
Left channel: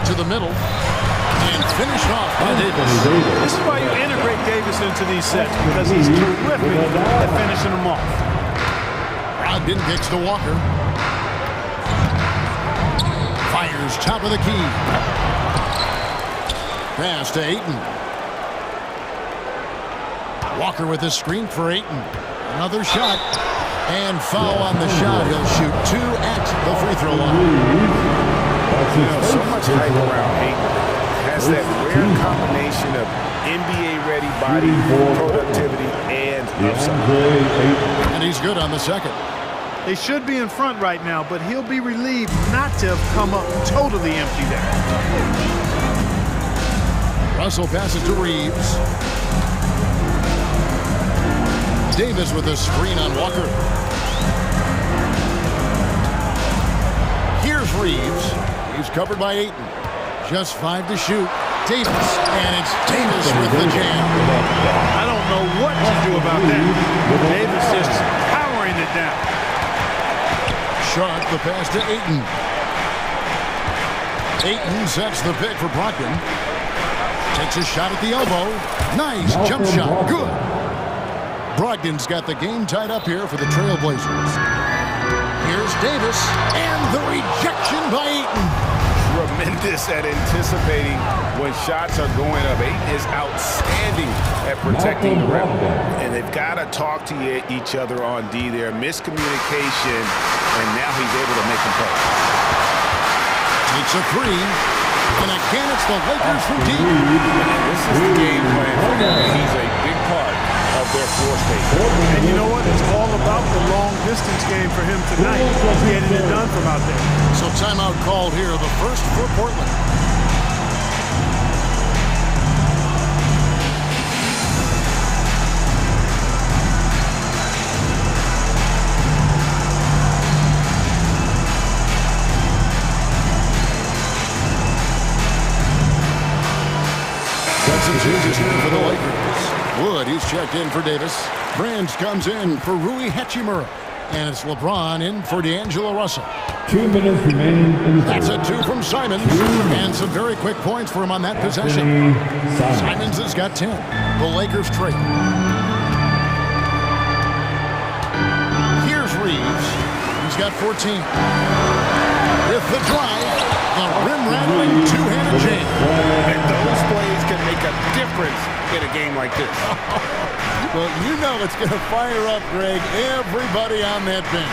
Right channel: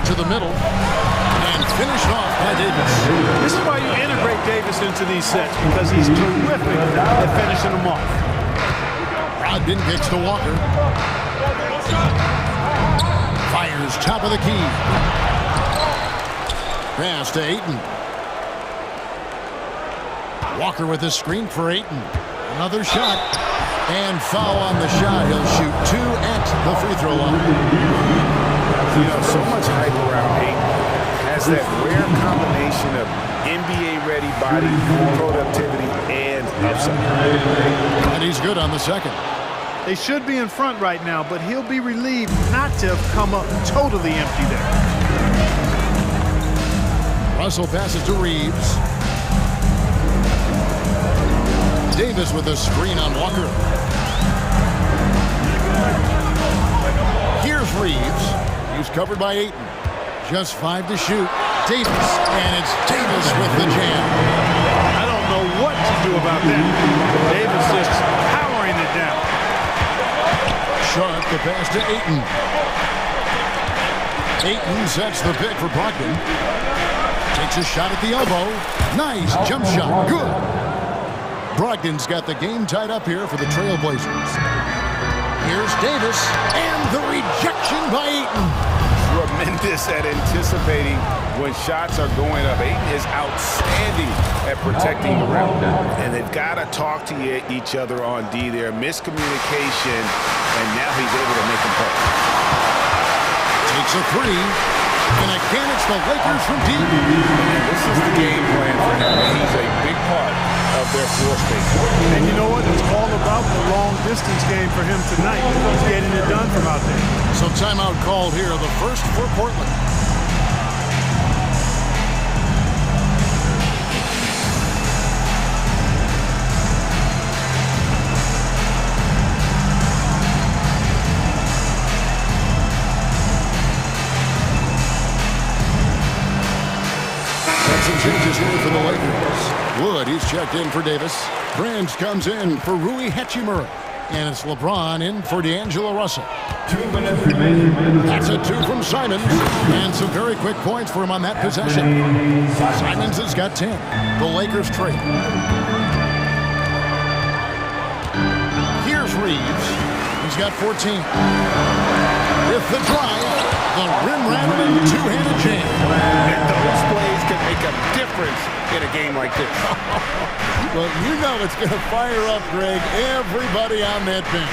To the middle. And finished off by Davis. This is why you integrate Davis into these sets, because he's terrific at finishing them off. Brogdon kicks to Walker. Fires top of the key. Pass to Ayton. Walker with a screen for Ayton. Another shot. And foul on the shot. He'll shoot 2 at the free throw line. You know, so much hype around Ayton. Has that rare combination of NBA-ready body, productivity, and upside. And he's good on the second. They should be in front right now, but he'll be relieved not to have come up totally empty there. Russell passes to Reeves. Davis with a screen on Walker. Here's Reeves. He's covered by Ayton. Just 5 to shoot. Davis, and it's Davis with the jam. I don't know what to do about that. Davis just powering it down. Sharp the pass to Ayton. Ayton sets the pick for Brogdon. Takes a shot at the elbow. Nice jump shot. Good. Brogdon's got the game tied up here for the Trailblazers. Here's Davis, and the rejection by Ayton. Tremendous at anticipating when shots are going up. Ayton is outstanding at protecting the rim. And they've got to talk to each other on D there. Miscommunication, and now he's able to make them pay. Takes a 3. And again, it's the Lakers from deep. And this is the game plan for him. He's a big part of their floor space. And you know what? It's all about the long-distance game for him tonight. He's getting it done from out there. So timeout called here, the first for Portland. Some changes here for the Lakers. Wood, he's checked in for Davis. Branch comes in for Rui Hachimura. And it's LeBron in for D'Angelo Russell. 2 minutes remaining. That's a 2 from Simons. And some very quick points for him on that possession. Simons has got 10. The Lakers trade. Here's Reeves. He's got 14. With the drive. The rim-rattling two-handed jam. And those plays can make a difference in a game like this. Well, you know it's going to fire up, Greg, everybody on that bench.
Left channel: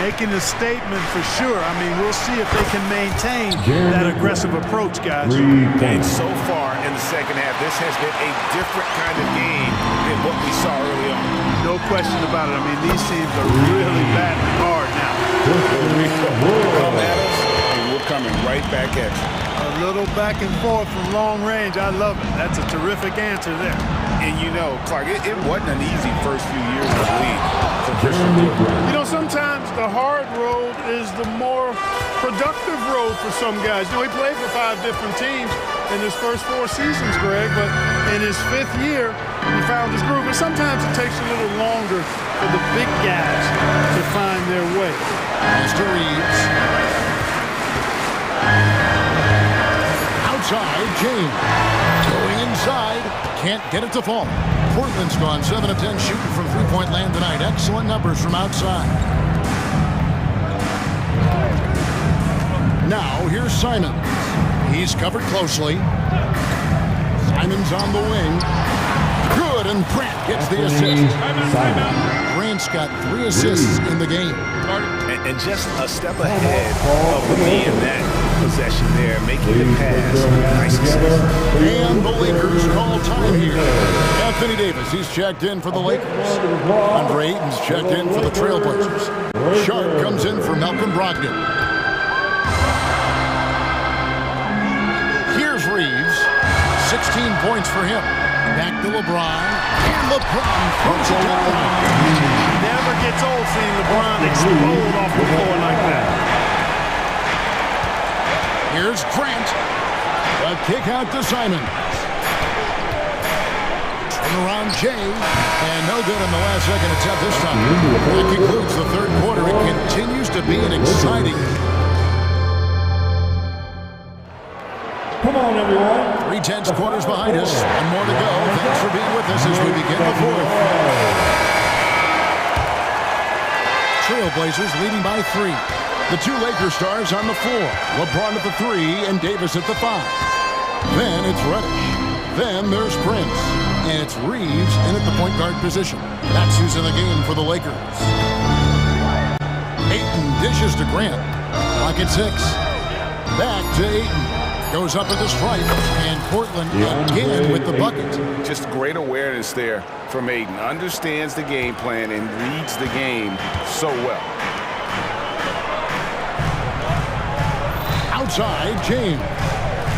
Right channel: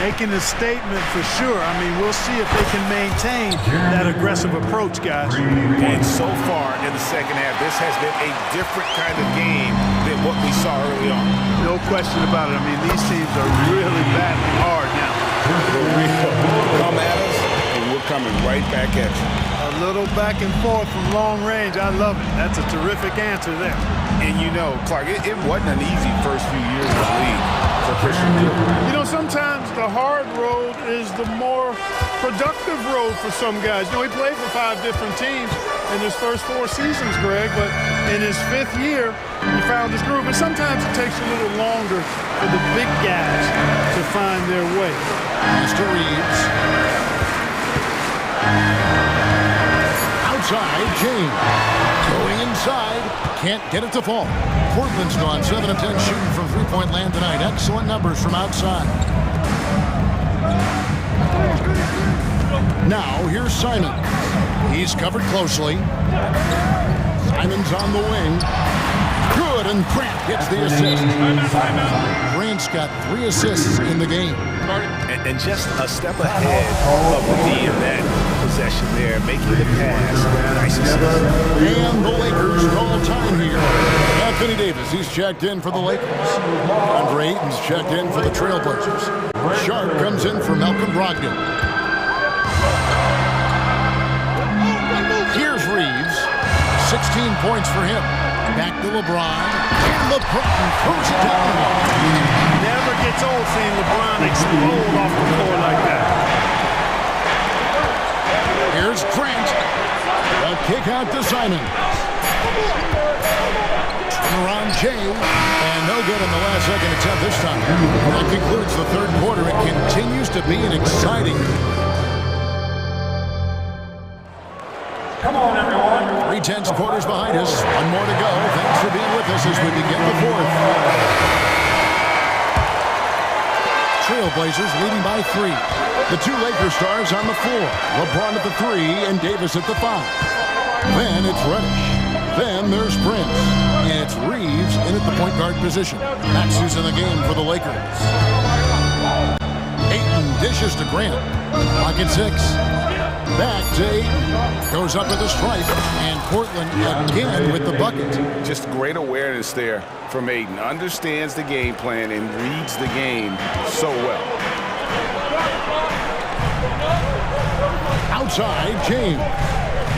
Making a statement for sure. I mean, we'll see if they can maintain that aggressive approach, guys. And so far in the second half, this has been a different kind of game than what we saw early on. No question about it. I mean, these teams are really battling hard now. Come at us, and we're coming right back at you. A little back and forth from long range. I love it. That's a terrific answer there. And you know, Clark, it wasn't an easy first few years in the league for Christian Wood. You know, sometimes the hard road is the more productive road for some guys. You know, he played for 5 different teams in his first 4 seasons, Greg, but in his 5th year, he found his groove. And sometimes it takes a little longer for the big guys to find their way. Mr. Reeves. Outside, James. Going inside. Can't get it to fall. Portland's gone 7 of 10 shooting from three-point land tonight. Excellent numbers from outside. Now, here's Simons. He's covered closely. Simons on the wing. Good, and Grant gets the assist. Grant's got 3 assists in the game. And just a step ahead of the D in that possession there, making the pass. Nice assist. And the Lakers call time here. Anthony Davis, he's checked in for the Lakers. Andre Ayton's checked in for the Trailblazers. Sharp comes in for Malcolm Brogdon. Here's Reeves. 16 points for him. Back to LeBron. And LeBron throws it down. never gets old seeing LeBron explode off the floor like that. Here's Grant. A kick out to Simon. Around Jay, and no good in the last second attempt this time. That concludes the third quarter. It continues to be an exciting. Come on, everyone. 3 tenths quarters behind us. One more to go. Thanks for being with us as we begin the fourth. Trailblazers leading by 3. The 2 Laker stars on the floor. LeBron at the 3 and Davis at the 5. Then it's Reddish. Then there's Prince. And it's Reeves in at the point guard position. That's who's in the game for the Lakers. Ayton dishes to Grant. Pocket 6. Back to Ayton. Goes up at the stripe. And Portland again with the bucket. Just great awareness there from Ayton. Understands the game plan and reads the game so well. Outside, James.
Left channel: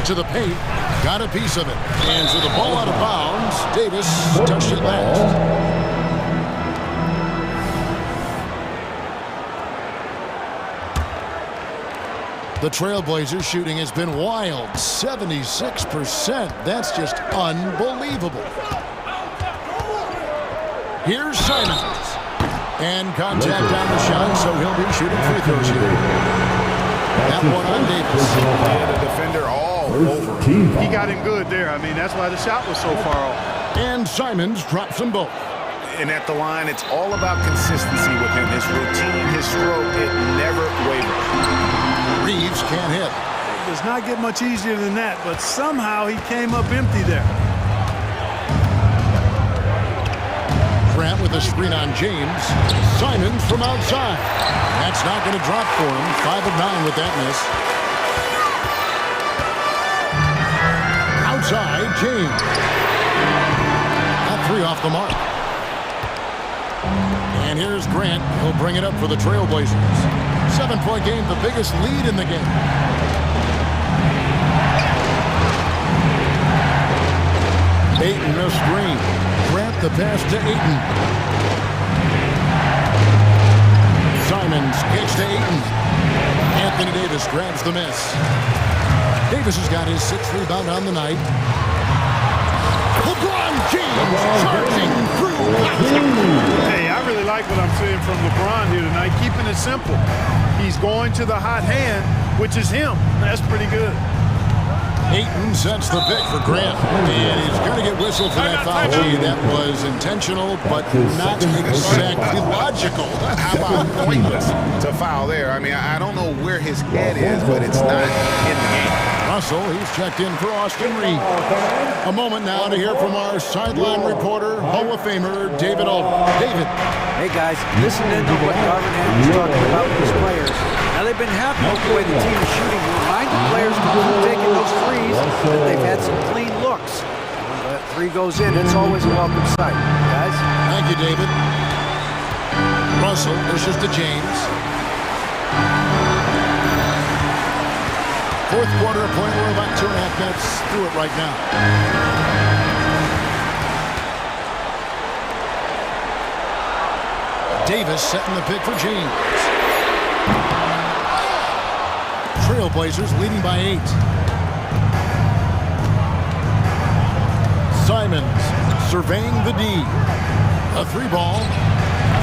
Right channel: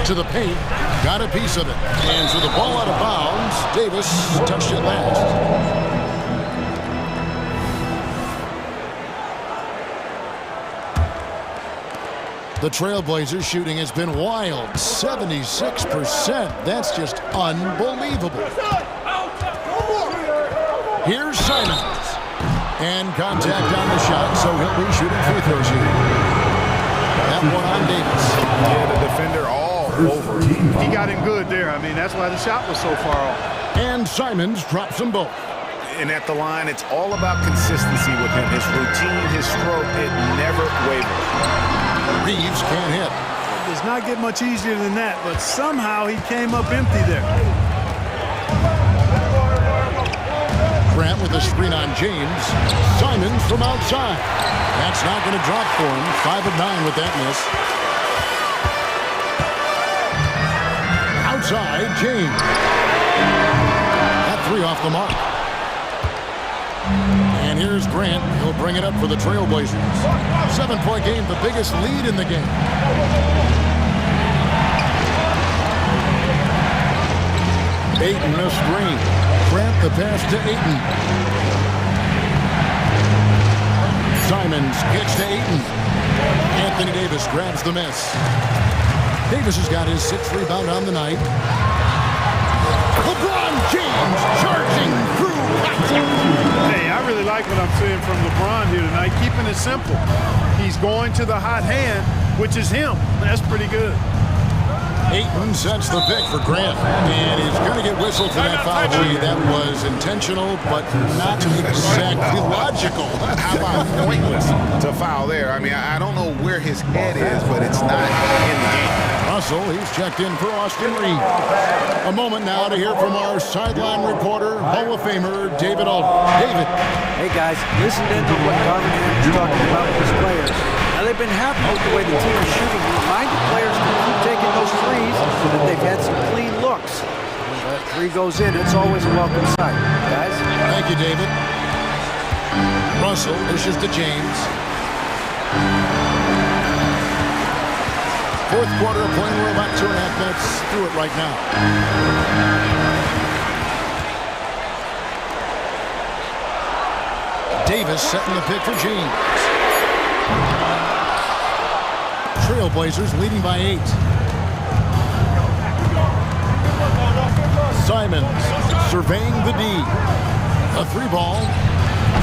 To the paint. Got a piece of it. And so the ball out of bounds. Davis touched it last. The Trailblazers shooting has been wild. 76%. That's just unbelievable. Here's Simons. And contact on the shot, so he'll be shooting free throws here. That one on Davis. Yeah, the defender all over him. He got him good there. I mean, that's why the shot was so far off. And Simons drops them both. And at the line, it's all about consistency with him. His routine, his stroke, it never wavers. Reeves can't hit. It does not get much easier than that, but somehow he came up empty there. Grant with a screen on James. Simons from outside. That's not going to drop for him. 5 of 9 with that miss. Outside, James. That 3 off the mark. And here's Grant. He'll bring it up for the Trailblazers. 7-point game, the biggest lead in the game. Ayton a screen. Grant the pass to Ayton. Simons kicks to Ayton. Anthony Davis grabs the miss. Davis has got his 6th rebound on the night. LeBron James charging through contact. Hey, I really like what I'm seeing from LeBron here tonight, keeping it simple. He's going to the hot hand, which is him. That's pretty good. Ayton sets the pick for Grant, and he's going to get whistled for that foul. Gee, that was intentional, but not exactly logical. How about pointless to foul there? I mean, I don't know where his head is, but it's not in the game. Russell, he's checked in for Austin Reeves. A moment now to hear from our sideline reporter, Hall of Famer David Alden. David. Hey, guys, listen in on what Darvin Ham was talking about with his players. Now, they've been happy with the way the team is shooting. He reminded players to keep taking those threes, that they've had some clean looks. When that 3 goes in, it's always a welcome sight. Guys? Thank you, David. Russell dishes to James. 4th quarter of play. We're about 2.5 minutes through it right now. Davis setting the pick for James. Trailblazers leading by 8. Simons surveying the D. A 3 ball.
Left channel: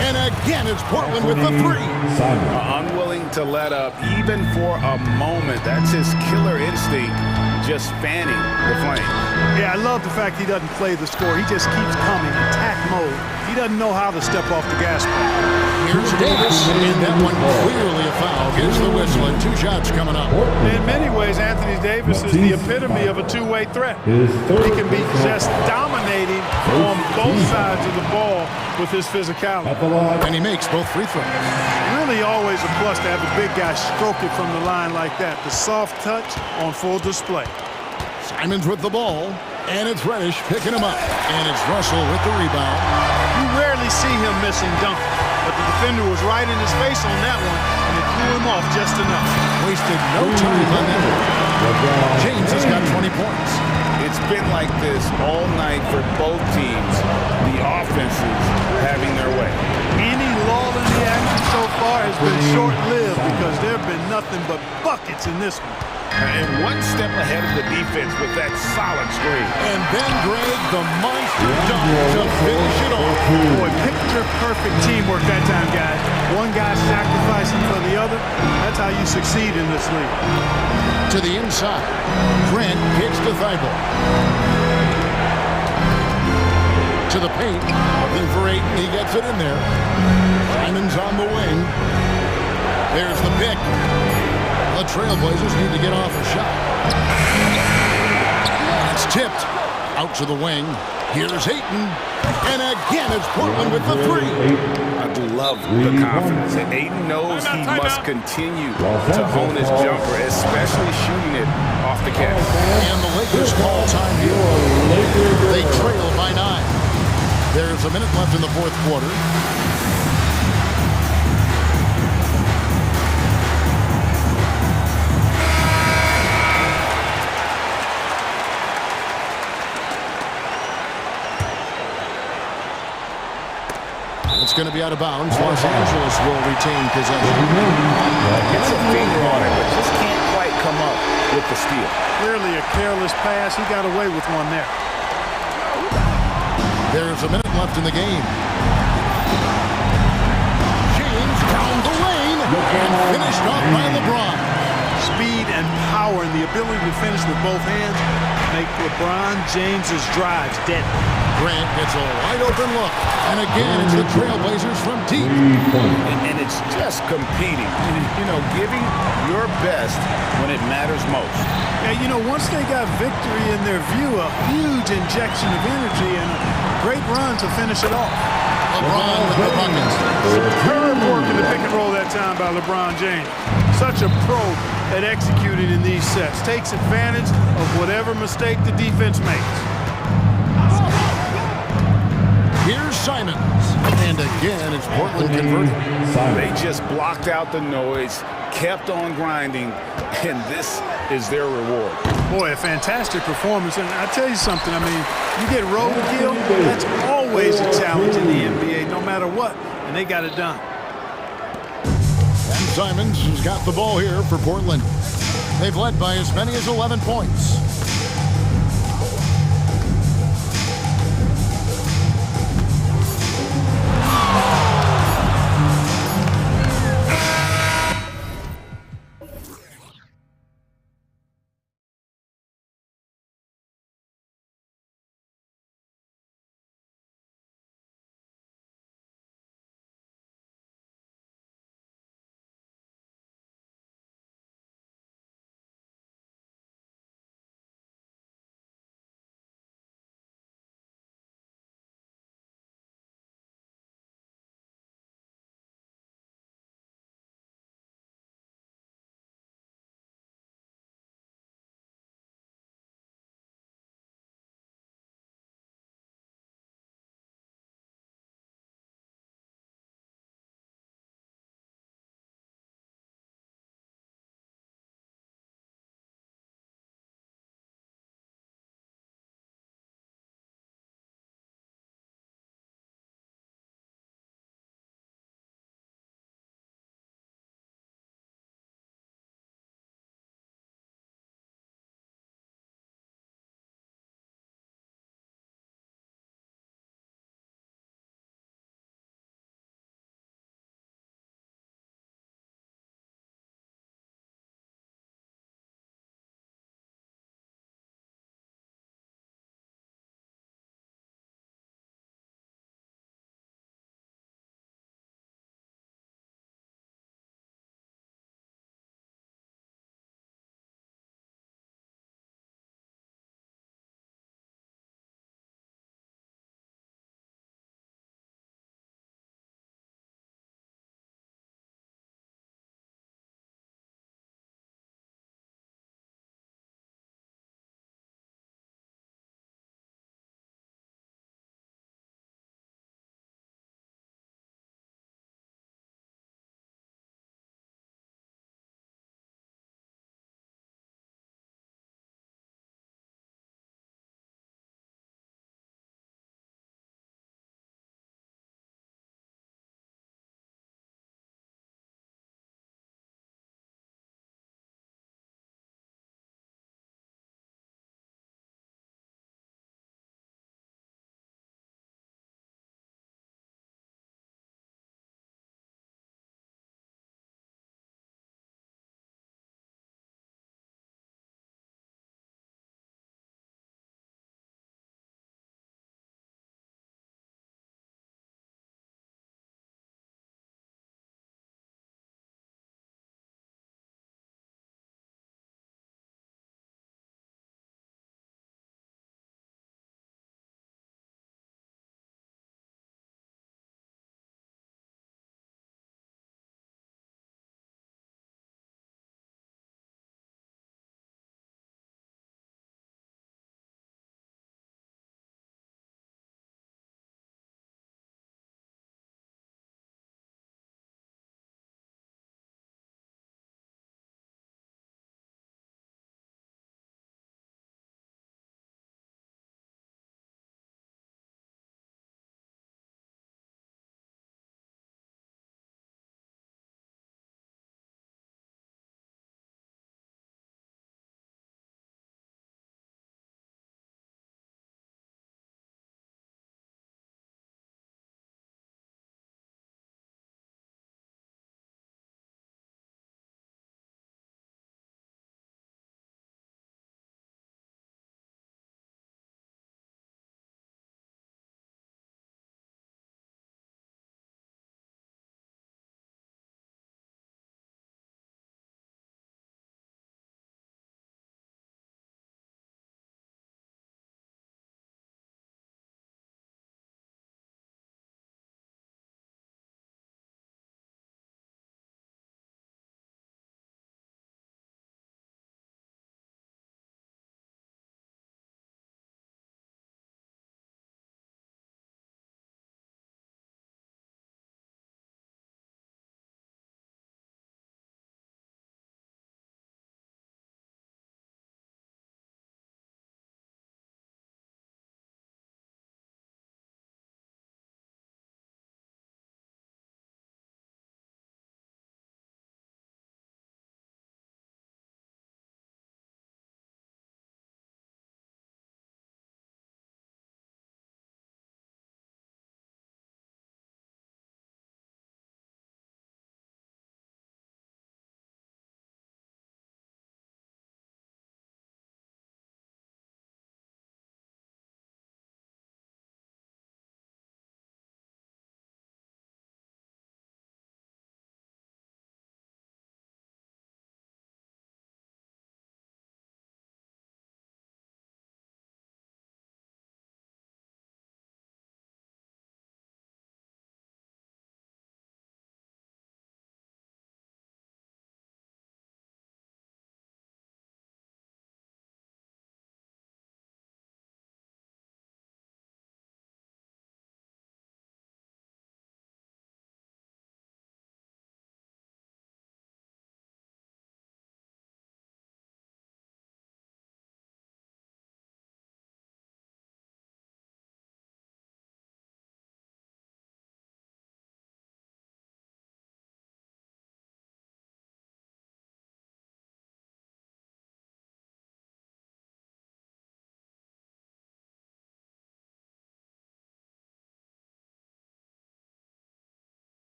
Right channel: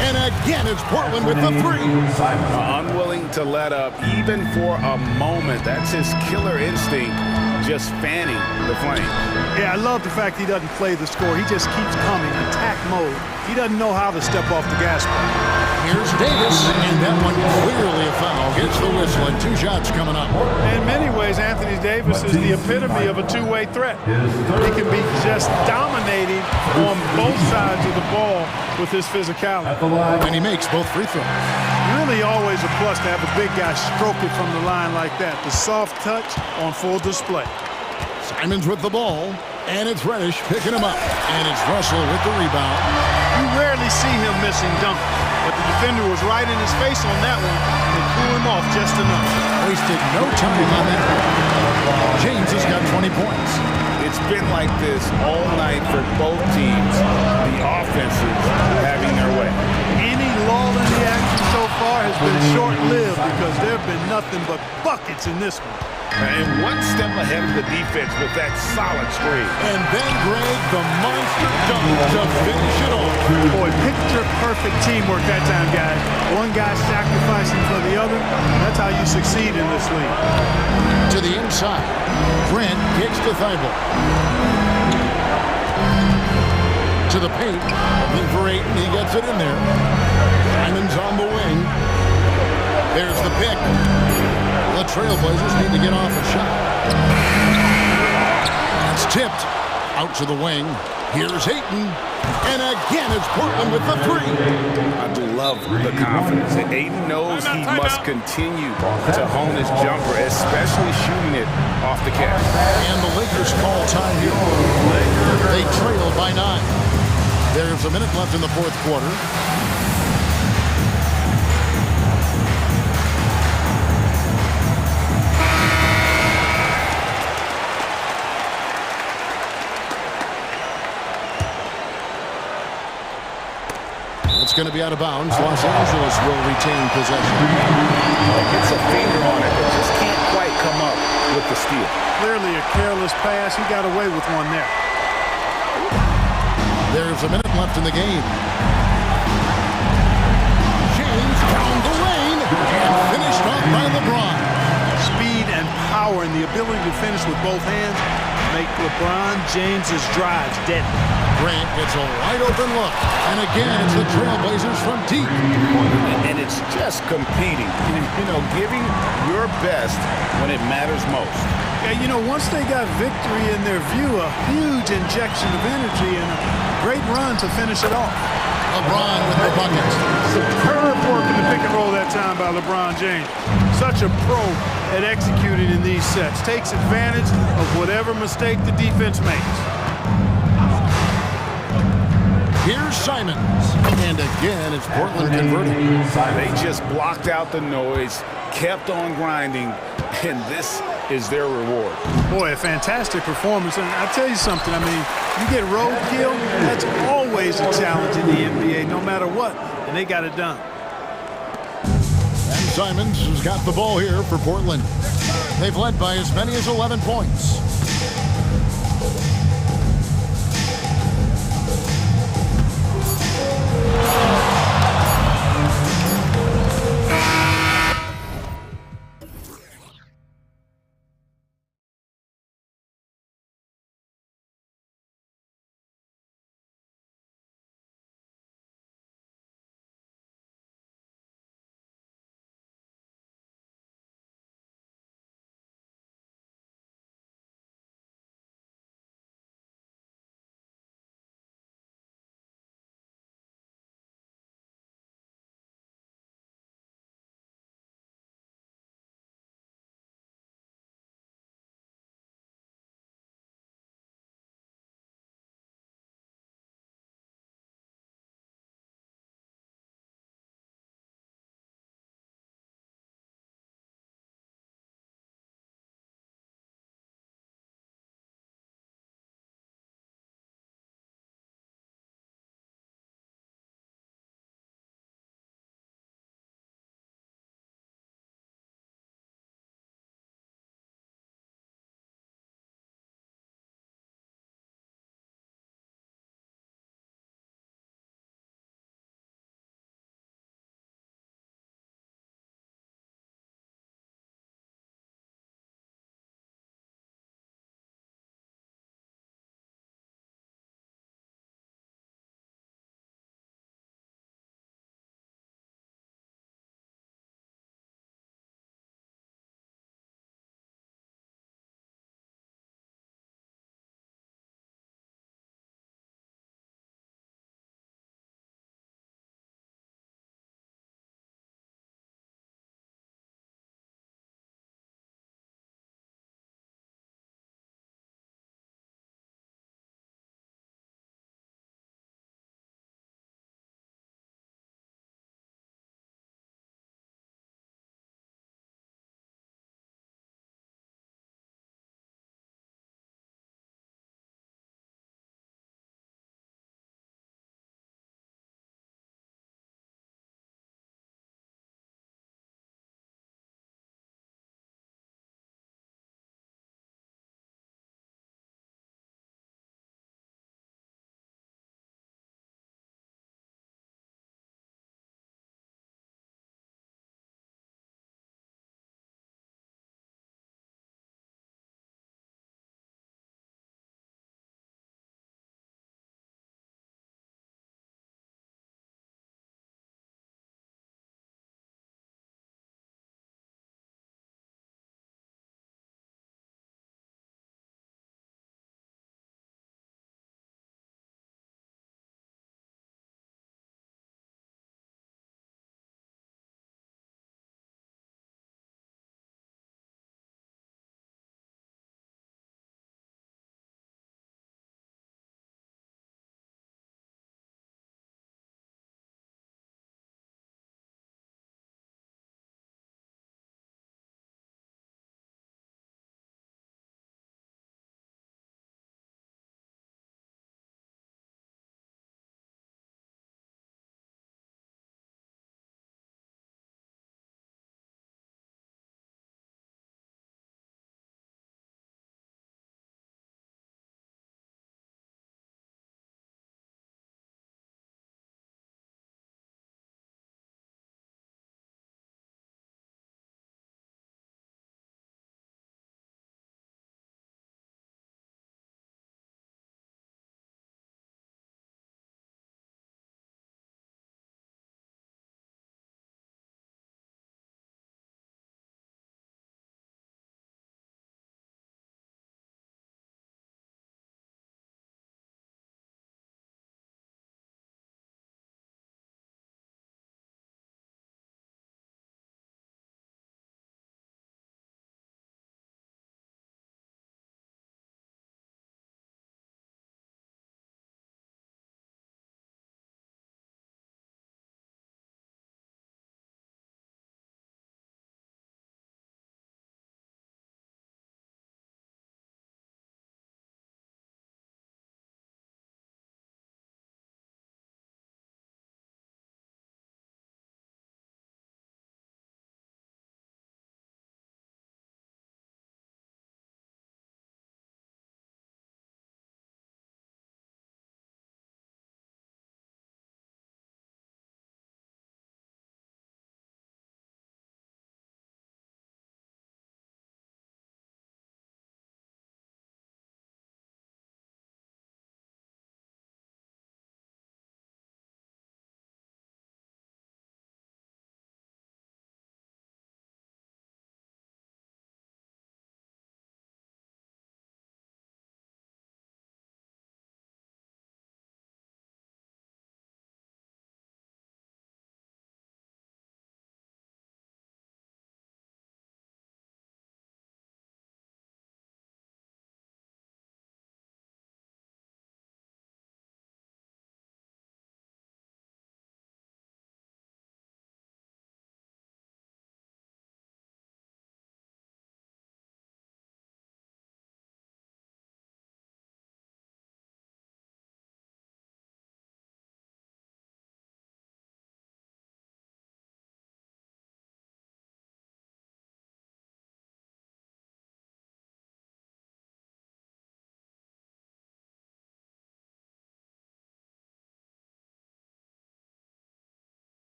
And again, it's Portland with the 3. Unwilling to let up even for a moment. That's his killer instinct, just fanning the flame. Yeah, I love the fact he doesn't play the score. He just keeps coming, attack mode. He doesn't know how to step off the gas pedal. Here's Davis, and that one clearly a foul. Gets the whistle, and 2 shots coming up. In many ways, Anthony Davis is the epitome of a two-way threat. He can be just dominating on both sides of the ball with his physicality. And he makes both free throws. Really always a plus to have a big guy stroke it from the line like that. The soft touch on full display. Simons with the ball, and it's Reddish picking him up. And it's Russell with the rebound. You rarely see him missing dunk, but the defender was right in his face on that one, and it threw him off just enough. Wasted no time on that one. James has got 20 points. It's been like this all night for both teams. The offenses having their way. Any lull in the action so far has been short-lived because there have been nothing but buckets in this one. And one step ahead of the defense with that solid screen. And then, Greg, the monster dunk to finish it off. Boy, picture-perfect teamwork that time, guys. One guy sacrificing for the other. That's how you succeed in this league. To the inside. Grant kicks to Thibault. To the paint. Looking for Ayton. He gets it in there. Simon's on the wing. There's the pick. The Trailblazers need to get off a shot. It's tipped out to the wing. Here's Ayton. And again, it's Portland with the three. I love the confidence. And Ayton knows he must continue to hone his jumper, especially shooting it off the catch. And the Lakers call time here. They trail by 9. There's a minute left in the fourth quarter. It's going to be out of bounds. Los Angeles will retain possession. Gets a finger on it, but just can't quite come up with the steal. Clearly a careless pass. He got away with one there. There's a minute left in the game. James down the lane and finished off by LeBron. Speed and power and the ability to finish with both hands make LeBron James's drives deadly. Grant gets a wide open look. And again, it's the Trailblazers from deep. And it's just competing, you know, giving your best when it matters most. Yeah, you know, once they got victory in their view, a huge injection of energy and a great run to finish it off. LeBron with the buckets. Superb work in the pick and roll that time by LeBron James. Such a pro at executing in these sets. Takes advantage of whatever mistake the defense makes. Here's Simons. And again, it's Portland converting. They just blocked out the noise, kept on grinding, and this is their reward. Boy, a fantastic performance. And I tell you something, I mean, you get roadkill, that's always a challenge in the NBA, no matter what, and they got it done. And Simons has got the ball here for Portland. They've led by as many as 11 points.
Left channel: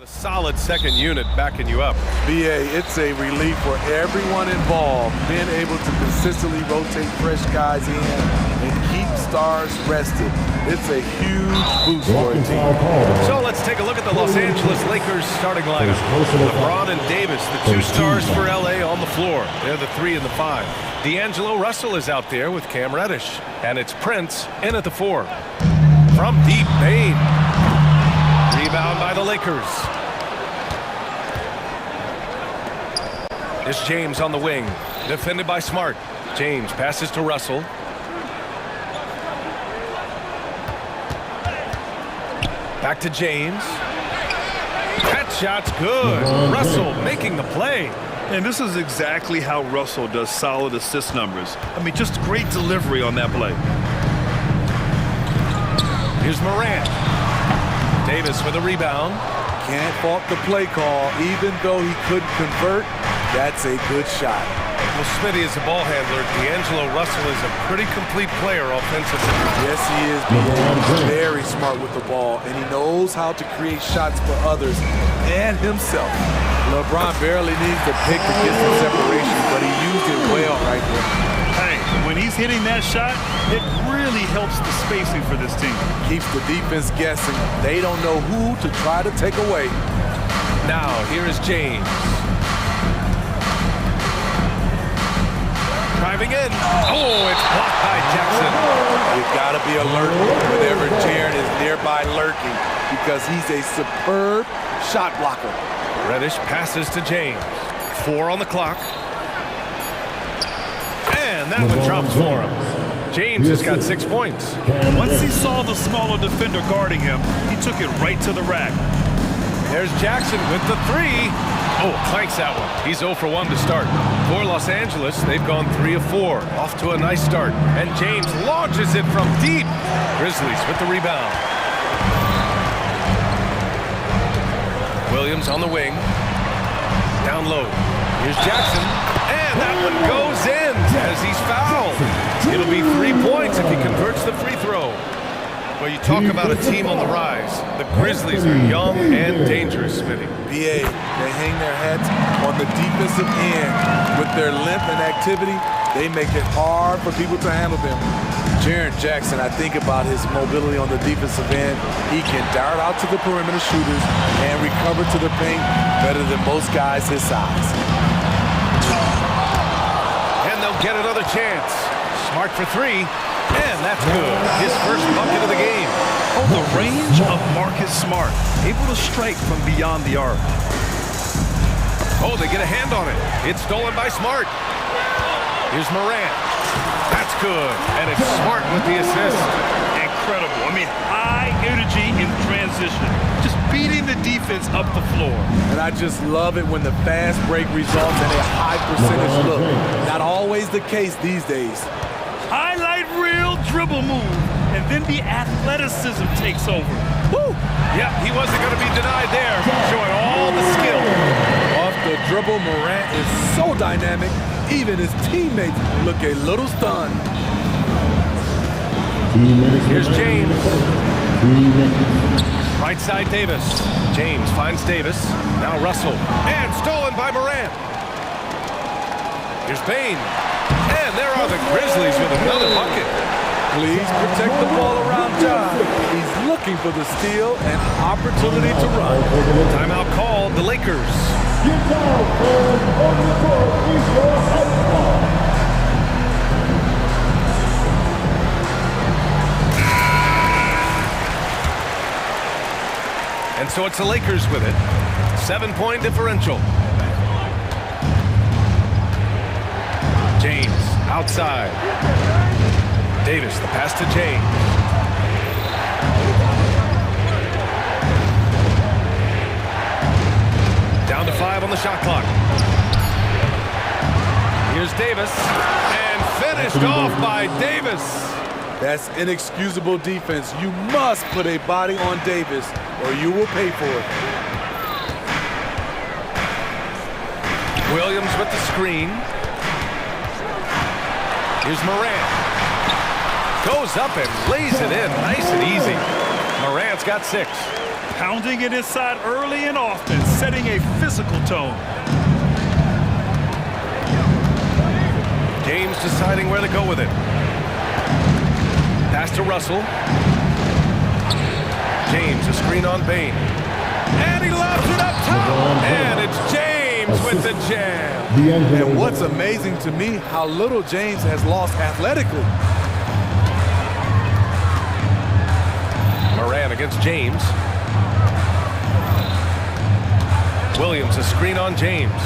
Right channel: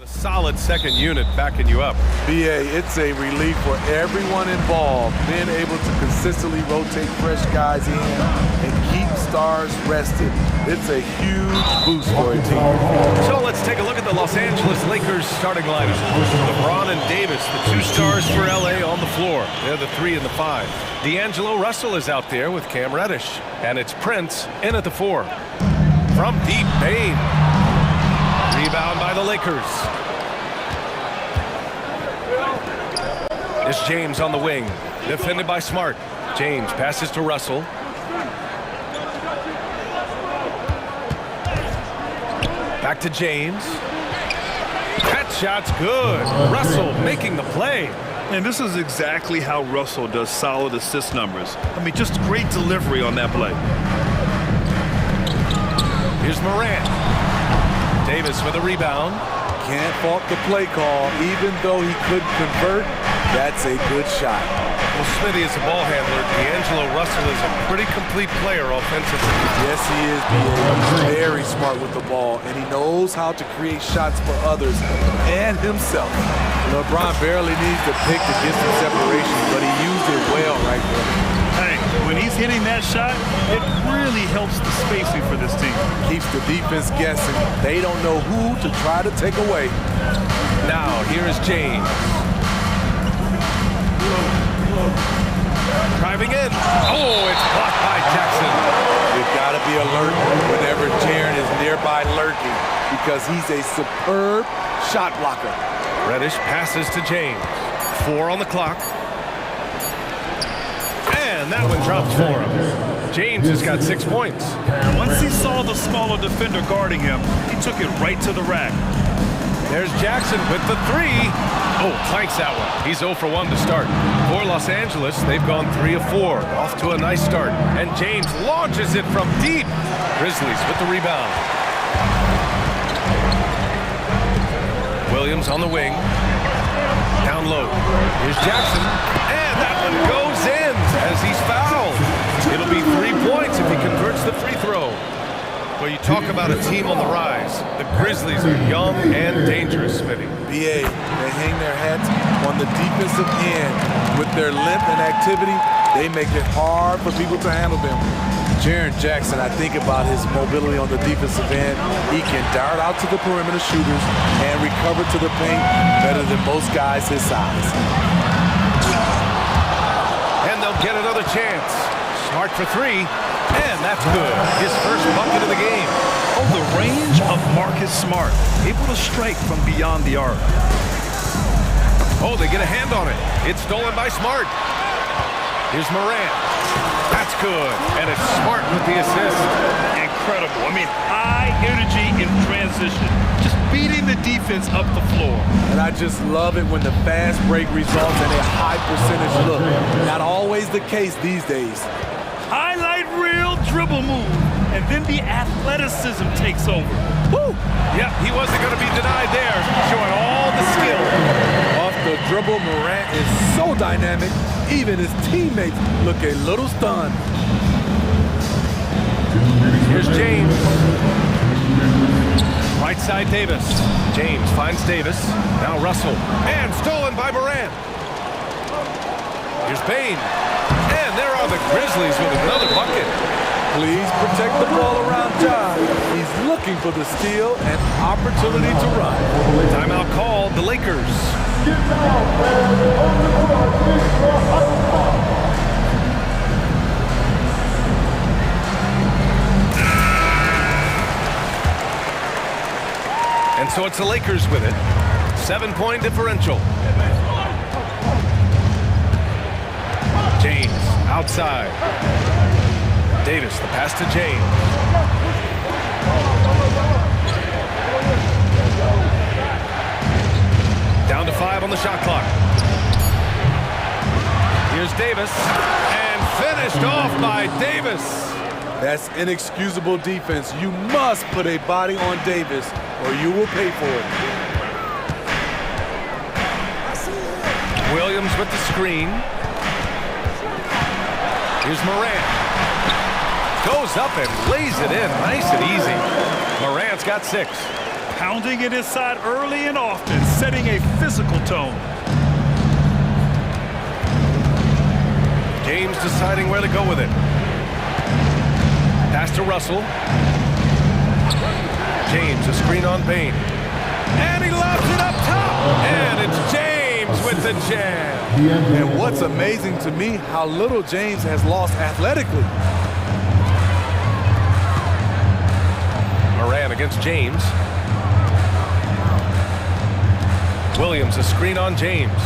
A solid second unit backing you up. BA, it's a relief for everyone involved, being able to consistently rotate fresh guys in and keep stars rested. It's a huge boost for a team. So let's take a look at the Los Angeles Lakers starting lineup. LeBron and Davis, the 2 stars for LA on the floor. They're the 3 and the 5. D'Angelo Russell is out there with Cam Reddish. And it's Prince in at the 4. From deep, Bane. Rebound by the Lakers. It's James on the wing, defended by Smart. James passes to Russell. Back to James. That shot's good. Russell making the play. And this is exactly how Russell does solid assist numbers. I mean, just great delivery on that play. Here's Morant. Davis with a rebound. Can't fault the play call. Even though he couldn't convert, that's a good shot. Well, Smitty is a ball handler. D'Angelo Russell is a pretty complete player offensively. Yes, he is, B.A. He's very smart with the ball, and he knows how to create shots for others and himself. LeBron barely needs to pick to get some separation, but he used it well right there. Hey, when he's hitting that shot, it really helps the spacing for this team. Keeps the defense guessing. They don't know who to try to take away. Now, here is James. Driving in. Oh, it's blocked by Jackson. You gotta be alert whenever Jaren is nearby lurking because he's a superb shot blocker. Reddish passes to James. 4 on the clock. And that one drops for him. James has got 6 points. Once he saw the smaller defender guarding him, he took it right to the rack. There's Jackson with the 3. Oh, clanks that one. He's 0 for 1 to start. For Los Angeles, they've gone 3 of 4. Off to a nice start. And James launches it from deep. Grizzlies with the rebound. Williams on the wing. Down low. Here's Jackson. And that one goes in as he's fouled. It'll be 3 points if he converts the free throw. Well, you talk about a team on the rise. The Grizzlies are young and dangerous, Smitty. BA, they hang their hats on the defensive end. With their length and activity, they make it hard for people to handle them. Jaren Jackson, I think about his mobility on the defensive end. He can dart out to the perimeter shooters and recover to the paint better than most guys his size. And they'll get another chance. Smart for 3. And that's good. His first bucket of the game. Oh, the range of Marcus Smart. Able to strike from beyond the arc. Oh, they get a hand on it. It's stolen by Smart. Here's Morant. That's good. And it's Smart with the assist. Incredible. I mean, high energy in transition. Just beating the defense up the floor. And I just love it when the fast break results in a high percentage look. Not always the case these days. Highlight reel dribble move, and then the athleticism takes over. Woo! Yep, he wasn't going to be denied there, showing all the skill. Off the dribble, Morant is so dynamic, even his teammates look a little stunned. Here's James. Right side, Davis. James finds Davis. Now Russell. And stolen by Morant. Here's Bane. And there are the Grizzlies with another bucket. Please protect the ball around John. He's looking for the steal and opportunity to run. Timeout called, the Lakers. And so it's the Lakers with it. 7-point differential. James outside. Davis, the pass to James. Down to 5 on the shot clock. Here's Davis. And finished off by Davis. That's inexcusable defense. You must put a body on Davis or you will pay for it. Williams with the screen. Here's Morant. Goes up and lays it in nice and easy. Morant's got 6. Pounding it inside early and often, setting a physical tone. James deciding where to go with it. Pass to Russell. James, a screen on Bain. And he lobs it up top. And it's James with the jam. And what's amazing to me, how little James has lost athletically. Moran against James. Williams, a screen on James.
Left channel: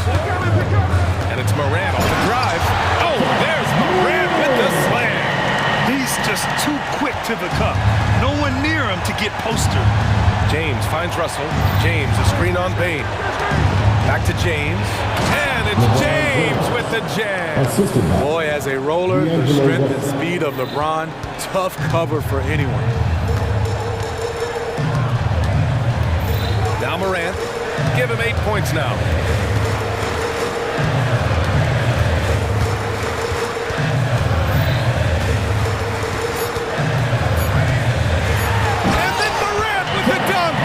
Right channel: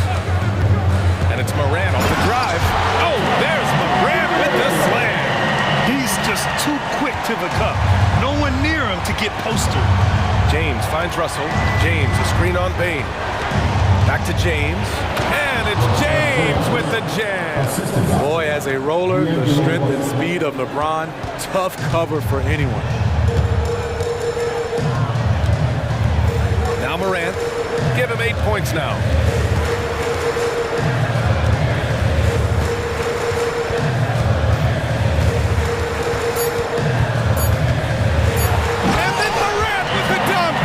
And it's Moran off the drive. Oh, there's Moran with the slam. He's just too quick to the cup. No one near him to get postered. James finds Russell. James, a screen on Bain. Back to James. And it's James with the jam. Boy, as a roller, the strength and speed of LeBron, tough cover for anyone. Now Morant. Give him 8 points now. And then Morant with the dunk.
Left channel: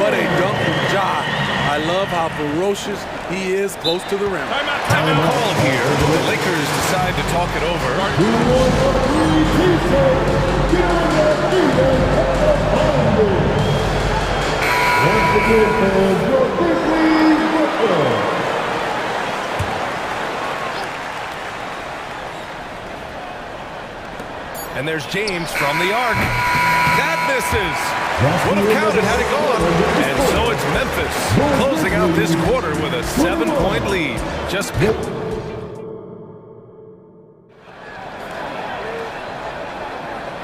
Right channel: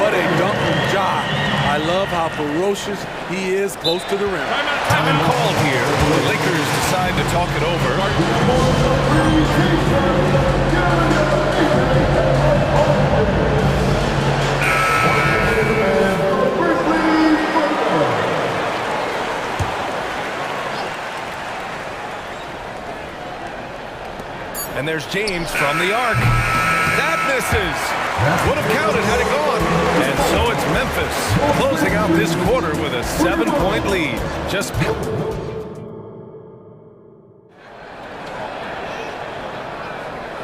What a dunk from Ja. I love how ferocious he is close to the rim. Time called here. The Lakers decide to talk it over. And there's James from the arc. That misses. Would have counted had it gone. And so it's Memphis closing out this quarter with a 7-point lead. Just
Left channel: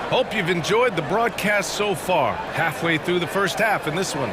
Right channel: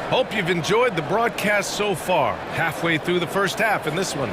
hope you've enjoyed the broadcast so far. Halfway through the first half in this one.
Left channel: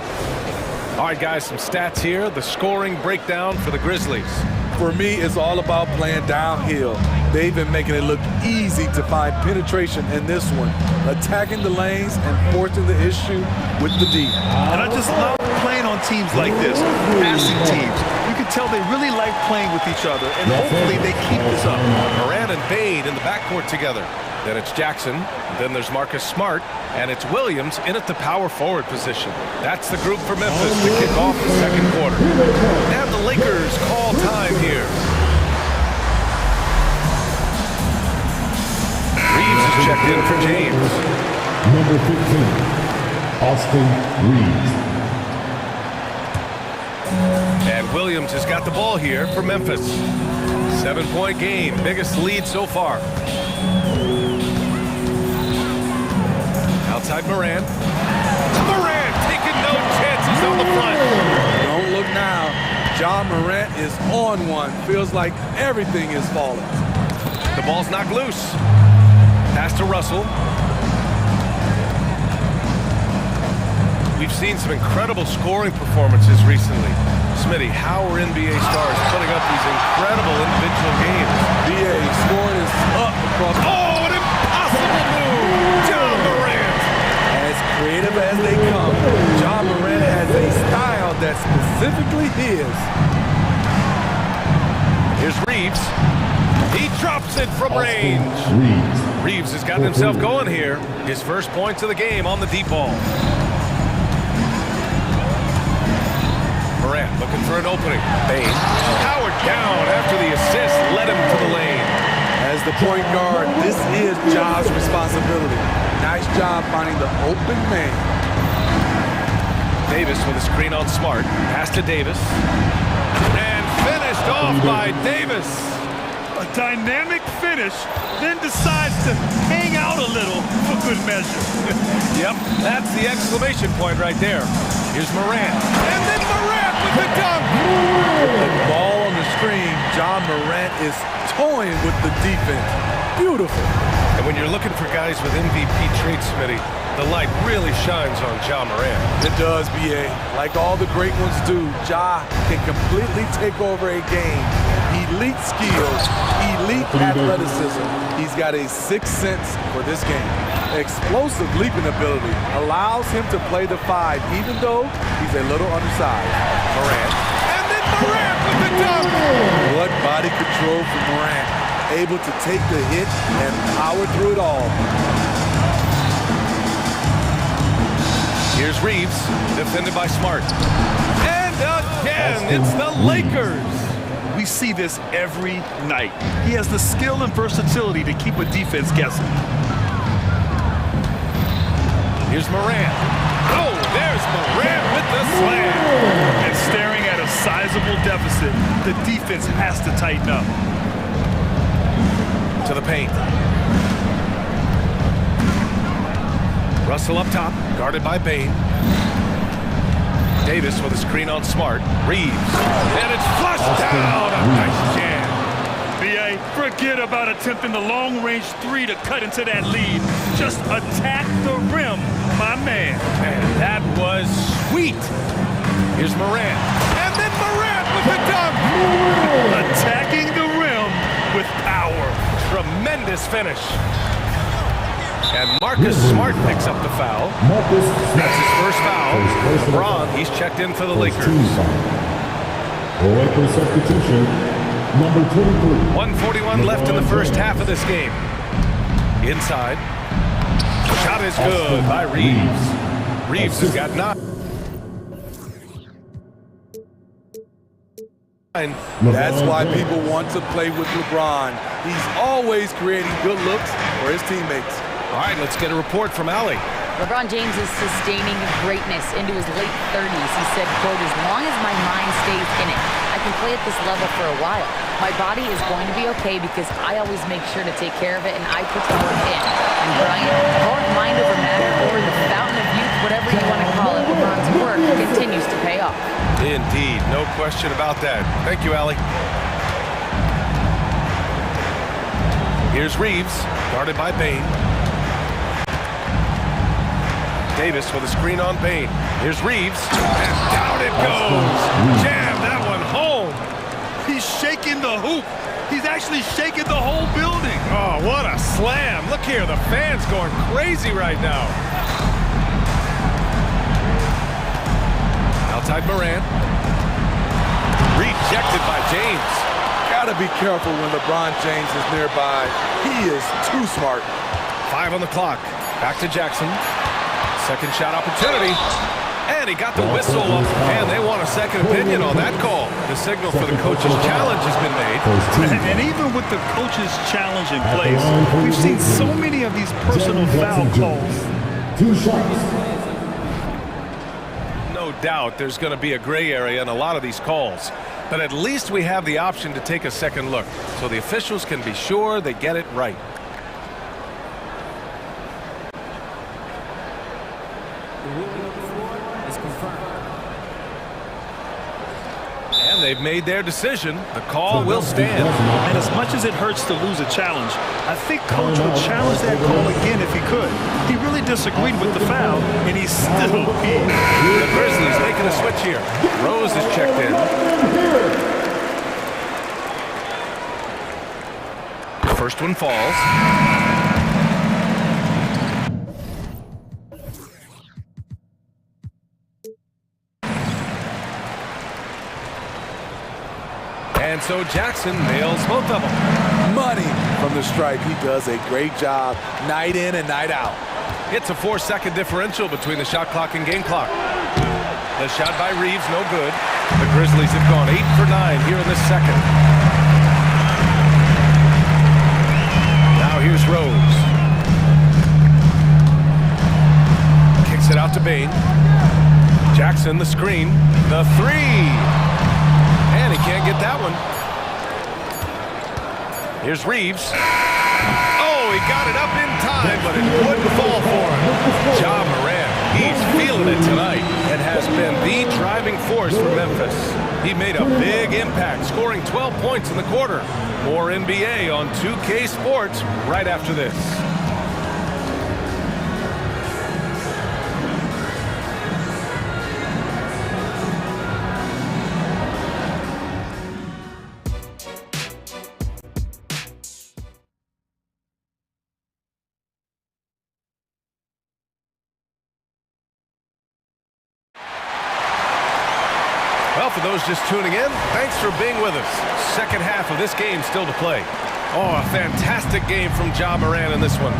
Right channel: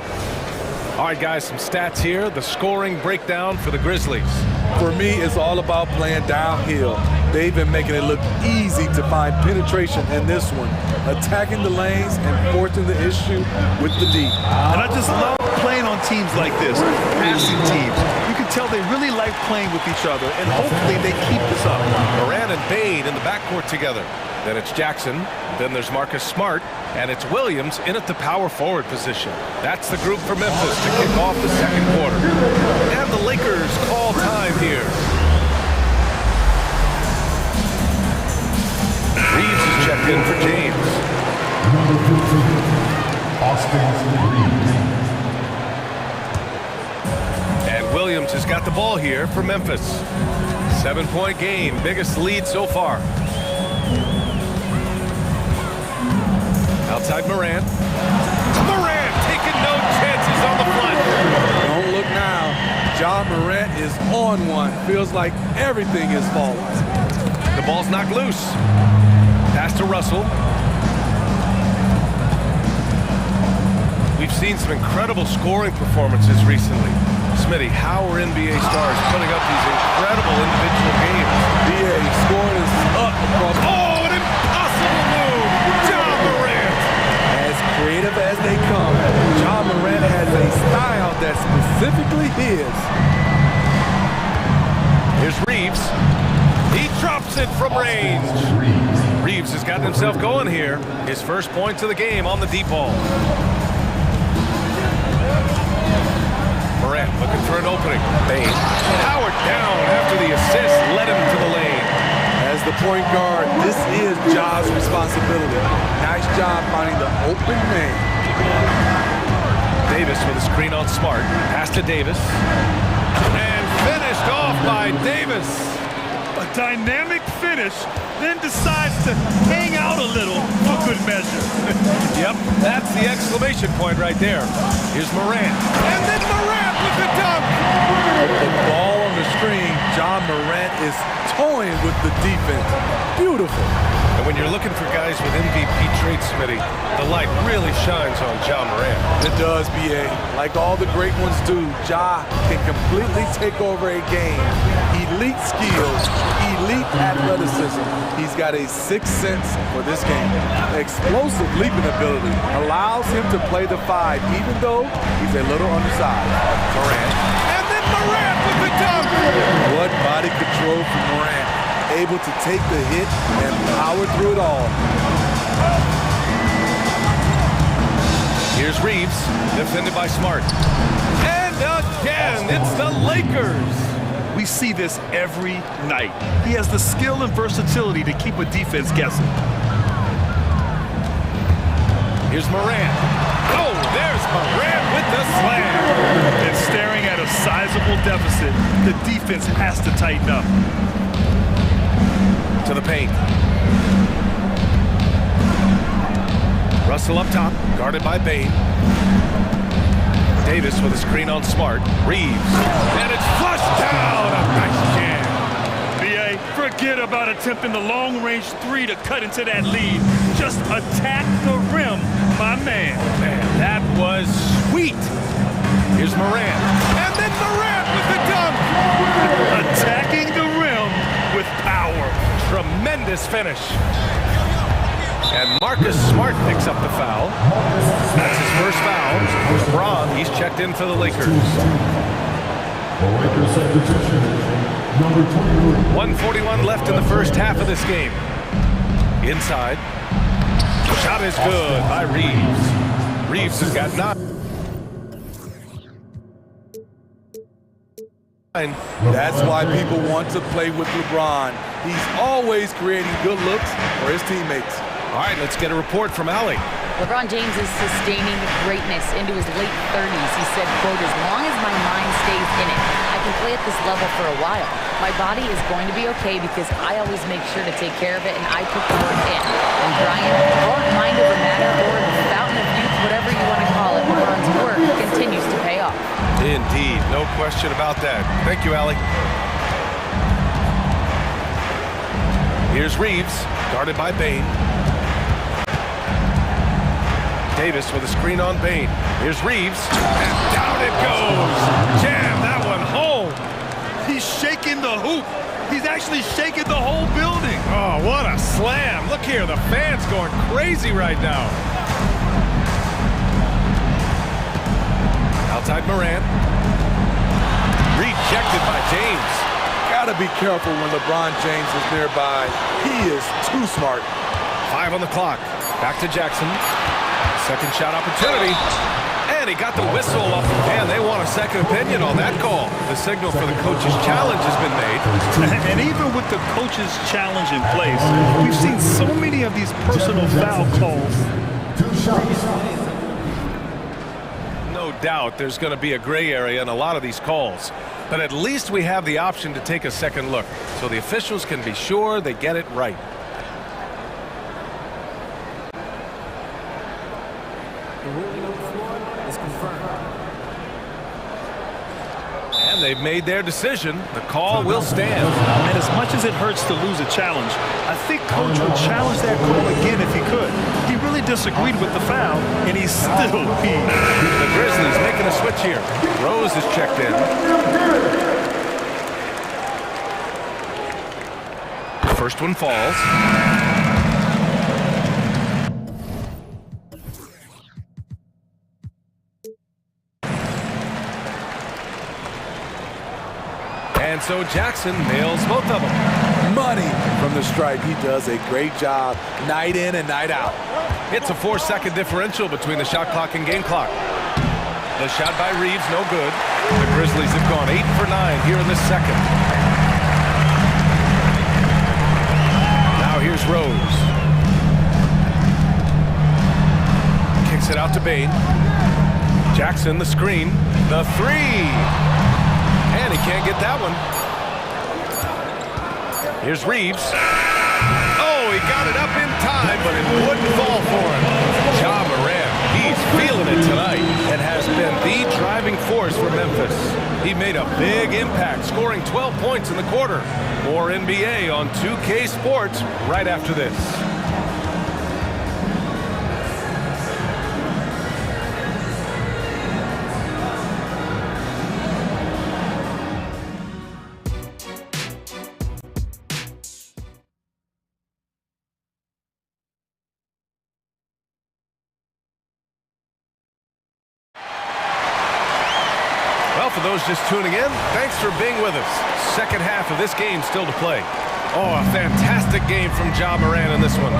All right, guys, some stats here. The scoring breakdown for the Grizzlies. For me, it's all about playing downhill. They've been making it look easy to find penetration in this one, attacking the lanes and forcing the issue with the D. And I just love playing on teams like this, passing teams. You can tell they really like playing with each other, and hopefully they keep this up. Moran and Bain in the backcourt together. Then it's Jackson. Then there's Marcus Smart. And it's Williams in at the power forward position. That's the group for Memphis to kick off the second quarter. And the Lakers call time here. Reeves is checked in for James. Number 15, Austin Reeves. And Williams has got the ball here for Memphis. 7-point game, biggest lead so far. Outside Morant. Morant taking no chances on the flush. Don't look now. Ja Morant is on one. Feels like everything is falling. The ball's knocked loose. Pass to Russell. We've seen some incredible scoring performances recently. Smitty, how are NBA stars putting up these incredible individual games? BA scoring is up across. Oh, an impossible move! Ja Morant! As creative as they come, Ja Morant has a style that's specifically his. Here's Reeves. He drops it from range. Reeves has gotten himself going here. His first points of the game on the deep ball. Morant looking for an opening. Bain powered down after the assist led him to the lane. As the point guard, this is Ja's responsibility. Nice job finding the open man. Davis with a screen on Smart. Pass to Davis. And finished off by Davis. A dynamic finish, then decides to hang out a little for good measure. Yep, that's the exclamation point right there. Here's Morant. And then Morant with the dunk. With the ball on the screen, Ja Morant is toying with the defense. Beautiful. And when you're looking for guys with MVP traits, Smitty, the light really shines on Ja Morant. It does, BA. Like all the great ones do, Ja can completely take over a game. Elite skills, elite athleticism. He's got a sixth sense for this game. Explosive leaping ability allows him to play the 5, even though he's a little undersized. Morant. And then Morant with the dunk. What body control from Morant. Able to take the hit and power through it all. Here's Reeves, defended by Smart. And again, it's the Lakers. We see this every night. He has the skill and versatility to keep a defense guessing. Here's Morant. Oh, there's Morant with the slam. And staring at a sizable deficit, the defense has to tighten up. To the paint. Russell up top, guarded by Bane. Davis with a screen on Smart. Reeves. And it's flushed down. A nice jam. B.A., forget about attempting the long-range three to cut into that lead. Just attack the rim, my man. Man, that was sweet. Here's Morant. And then Morant with the dunk. Attacking the rim with power. Tremendous finish. And Marcus Smart picks up the foul. That's his first foul. LeBron, he's checked in for the Lakers. Lakers substitution, number 23. 1:41 left in the first half of this game. Inside. Shot is good by Reeves. Reeves has got 9. That's why people want to play with LeBron. He's always creating good looks for his teammates. All right, let's get a report from Allie. LeBron James is sustaining greatness into his late 30s. He said, quote, "As long as my mind stays in it, I can play at this level for a while. My body is going to be okay because I always make sure to take care of it and I put the work in." And Brian, call it mind over matter or the fountain of youth, whatever you want to call it, LeBron's work continues to pay off. Indeed, no question about that. Thank you, Allie. Here's Reeves, guarded by Bane. Davis with a screen on Bane. Here's Reeves, and down it goes. Jam that one home. He's shaking the hoop. He's actually shaking the whole building. Oh, what a slam. Look here, the fans going crazy right now. Outside Morant. Rejected by James. Gotta be careful when LeBron James is nearby. He is too smart. 5 on the clock. Back to Jackson. Second shot opportunity. And he got the whistle up. And they want a second opinion on that call. The signal for the coach's challenge has been made. And even with the coach's challenge in place, we've seen so many of these personal foul calls. 2 shots. No doubt there's going to be a gray area in a lot of these calls. But at least we have the option to take a second look, so the officials can be sure they get it right. The ruling on the floor is confirmed. And they've made their decision. The call will stand. And as much as it hurts to lose a challenge, I think Coach would challenge that call again if he could. He really disagreed with the foul, and he's still peeved. The Grizzlies making a switch here. Rose is checked in. First one falls. And so Jackson nails both of them. Money from the stripe. He does a great job night in and night out. It's a 4-second differential between the shot clock and game clock. The shot by Reeves, no good. The Grizzlies have gone 8 for 9 here in the second. Now here's Rose. Kicks it out to Bane. Jackson, the screen. The three. And he can't get that one. Here's Reeves. Oh, he got it up in time, but it wouldn't fall for him. Ja Morant, he's feeling it tonight and has been the driving force for Memphis. He made a big impact, scoring 12 points in the quarter. More NBA on 2K Sports right after this. Well, for those just tuning in, thanks for being with us. Second half of this game still to play. Oh, a fantastic game from Ja Morant in this one.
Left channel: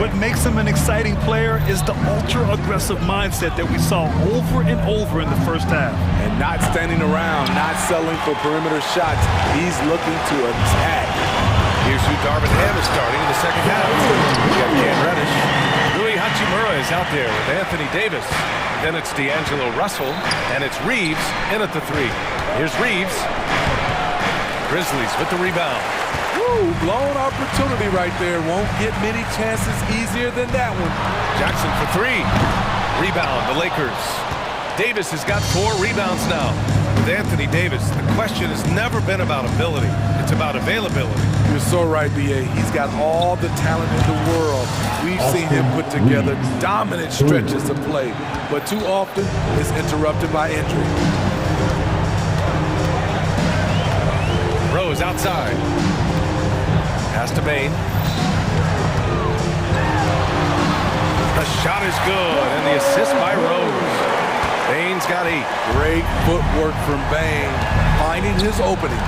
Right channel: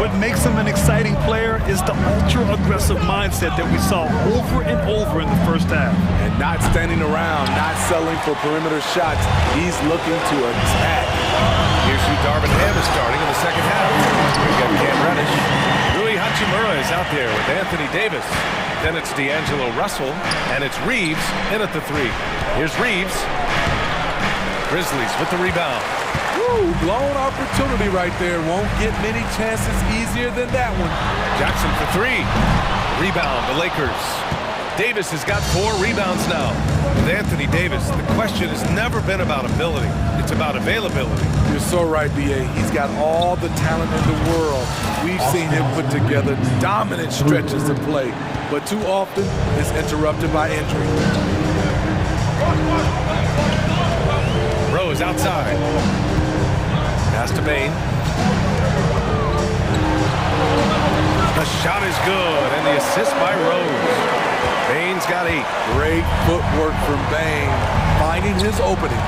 What makes him an exciting player is the ultra-aggressive mindset that we saw over and over in the first half. And not standing around, not settling for perimeter shots. He's looking to attack. Here's who Darvin Ham is starting in the second half. We've got Cam Reddish. Rui Hachimura is out there with Anthony Davis. Then it's D'Angelo Russell, and it's Reeves in at the 3. Here's Reeves. Grizzlies with the rebound. Woo, blown opportunity right there. Won't get many chances easier than that one. Jackson for 3. Rebound, the Lakers. Davis has got 4 rebounds now. With Anthony Davis, the question has never been about ability. It's about availability. You're so right, B.A. He's got all the talent in the world. We've seen him put together dominant stretches of play, but too often it's interrupted by injury. Rose outside. Pass to Bain. The shot is good, and the assist by Rose. Bain's got 8. Great footwork from Bain, finding his opening.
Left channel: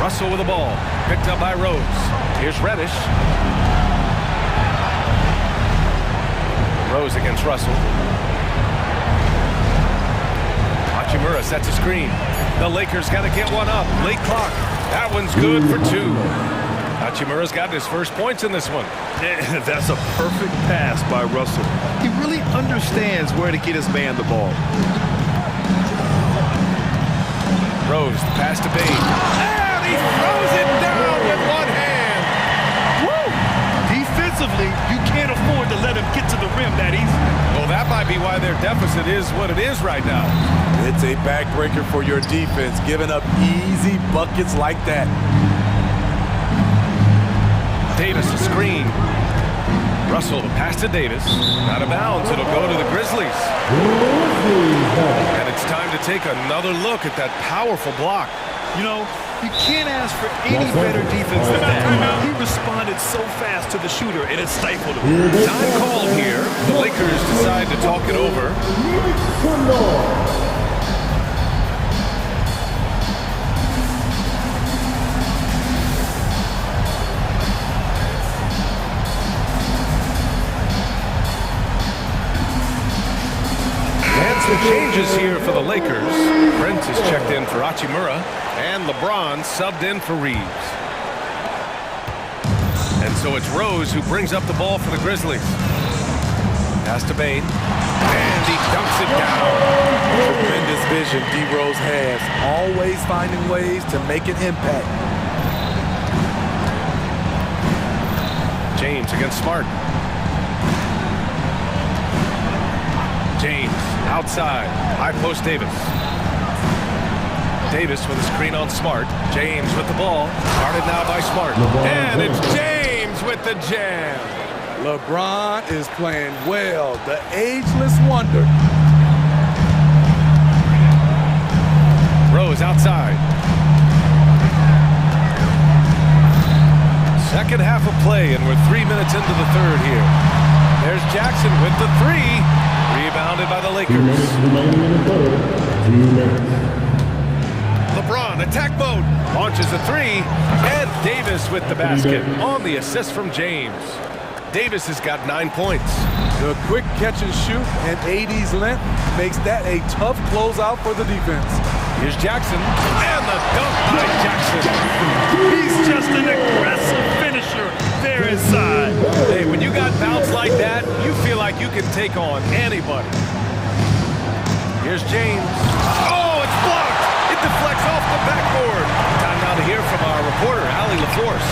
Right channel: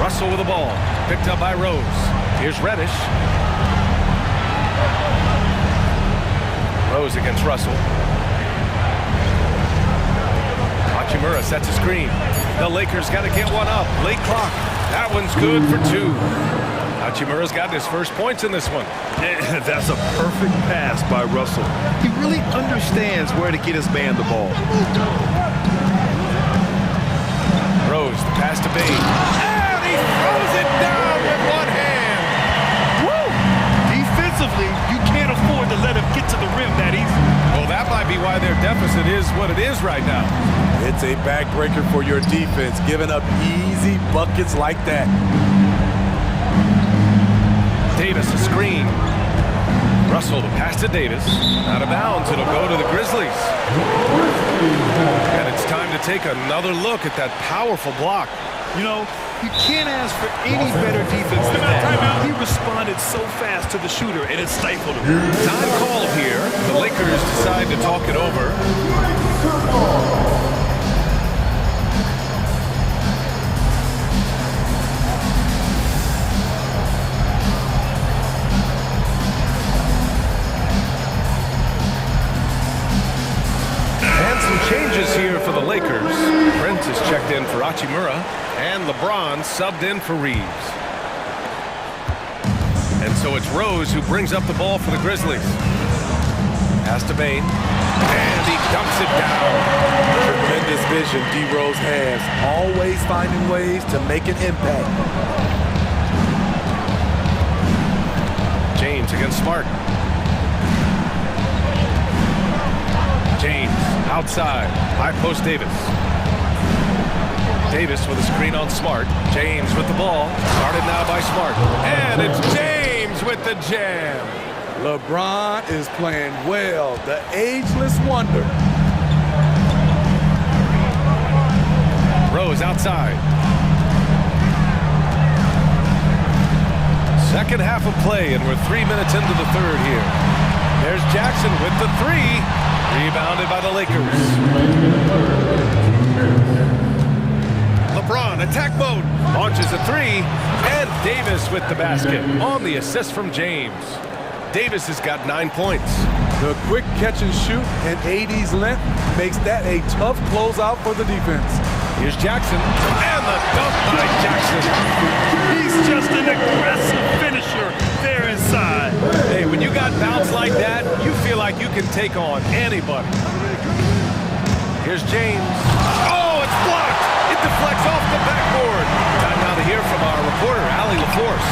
Russell with the ball, picked up by Rose. Here's Reddish. Rose against Russell. Hachimura sets a screen. The Lakers got to get one up. Late clock. That one's good for 2. Hachimura's got his first points in this one. Yeah, that's a perfect pass by Russell. He really understands where to get his man the ball. Rose, the pass to Bain. And he throws it down with one hand. Woo! Defensively, you can't afford to let him get to the rim that easily. Well, that might be why their deficit is what it is right now. It's a backbreaker for your defense, giving up easy buckets like that. Davis a screen. Russell the pass to Davis. Out of bounds, it'll go to the Grizzlies. And it's time to take another look at that powerful block. You know, you can't ask for any better defense than that. He responded so fast to the shooter, and it stifled him. Time called here. The Lakers decide to talk it over. Some changes here for the Lakers. Brent is checked in for Hachimura, and LeBron subbed in for Reeves. And so it's Rose who brings up the ball for the Grizzlies. Pass to Bain, and he dunks it down. Tremendous vision D. Rose has, always finding ways to make an impact. James against Smart. James outside, high post Davis. Davis with a screen on Smart. James with the ball, guarded now by Smart. And it's James with the jam. LeBron is playing well, the ageless wonder. Rose outside. Second half of play, and we're 3 minutes into the third here. There's Jackson with the 3. Rebounded by the Lakers. LeBron, attack mode, launches a 3, and Davis with the basket on the assist from James. Davis has got 9 points. The quick catch and shoot and AD's length makes that a tough closeout for the defense. Here's Jackson, and the dunk by Jackson. He's just an aggressive finisher there inside. Hey, when you got bounce like that, you feel like you can take on anybody. Here's James. Oh, it's blocked. It deflects off the backboard. Time now to hear from our reporter, Allie LaForce.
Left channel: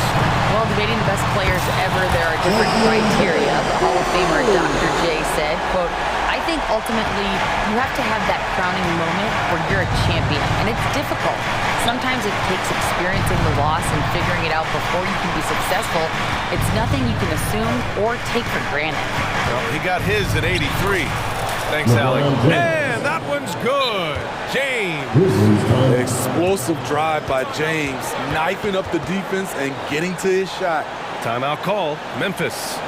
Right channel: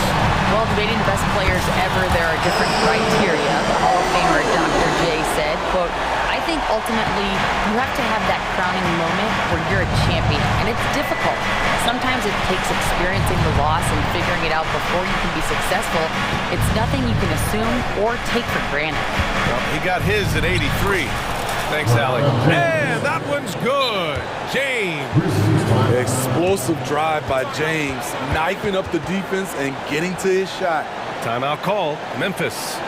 Well, debating the best players ever, there are different criteria. The Hall of Famer Dr. J said, quote, I think ultimately you have to have that crowning moment where you're a champion, and it's difficult. Sometimes it takes experiencing the loss and figuring it out before you can be successful. It's nothing you can assume or take for granted. Well, he got his at 83. Thanks, Allie. And that one's good. James. Explosive drive by James, knifing up the defense and getting to his shot. Timeout called. Memphis.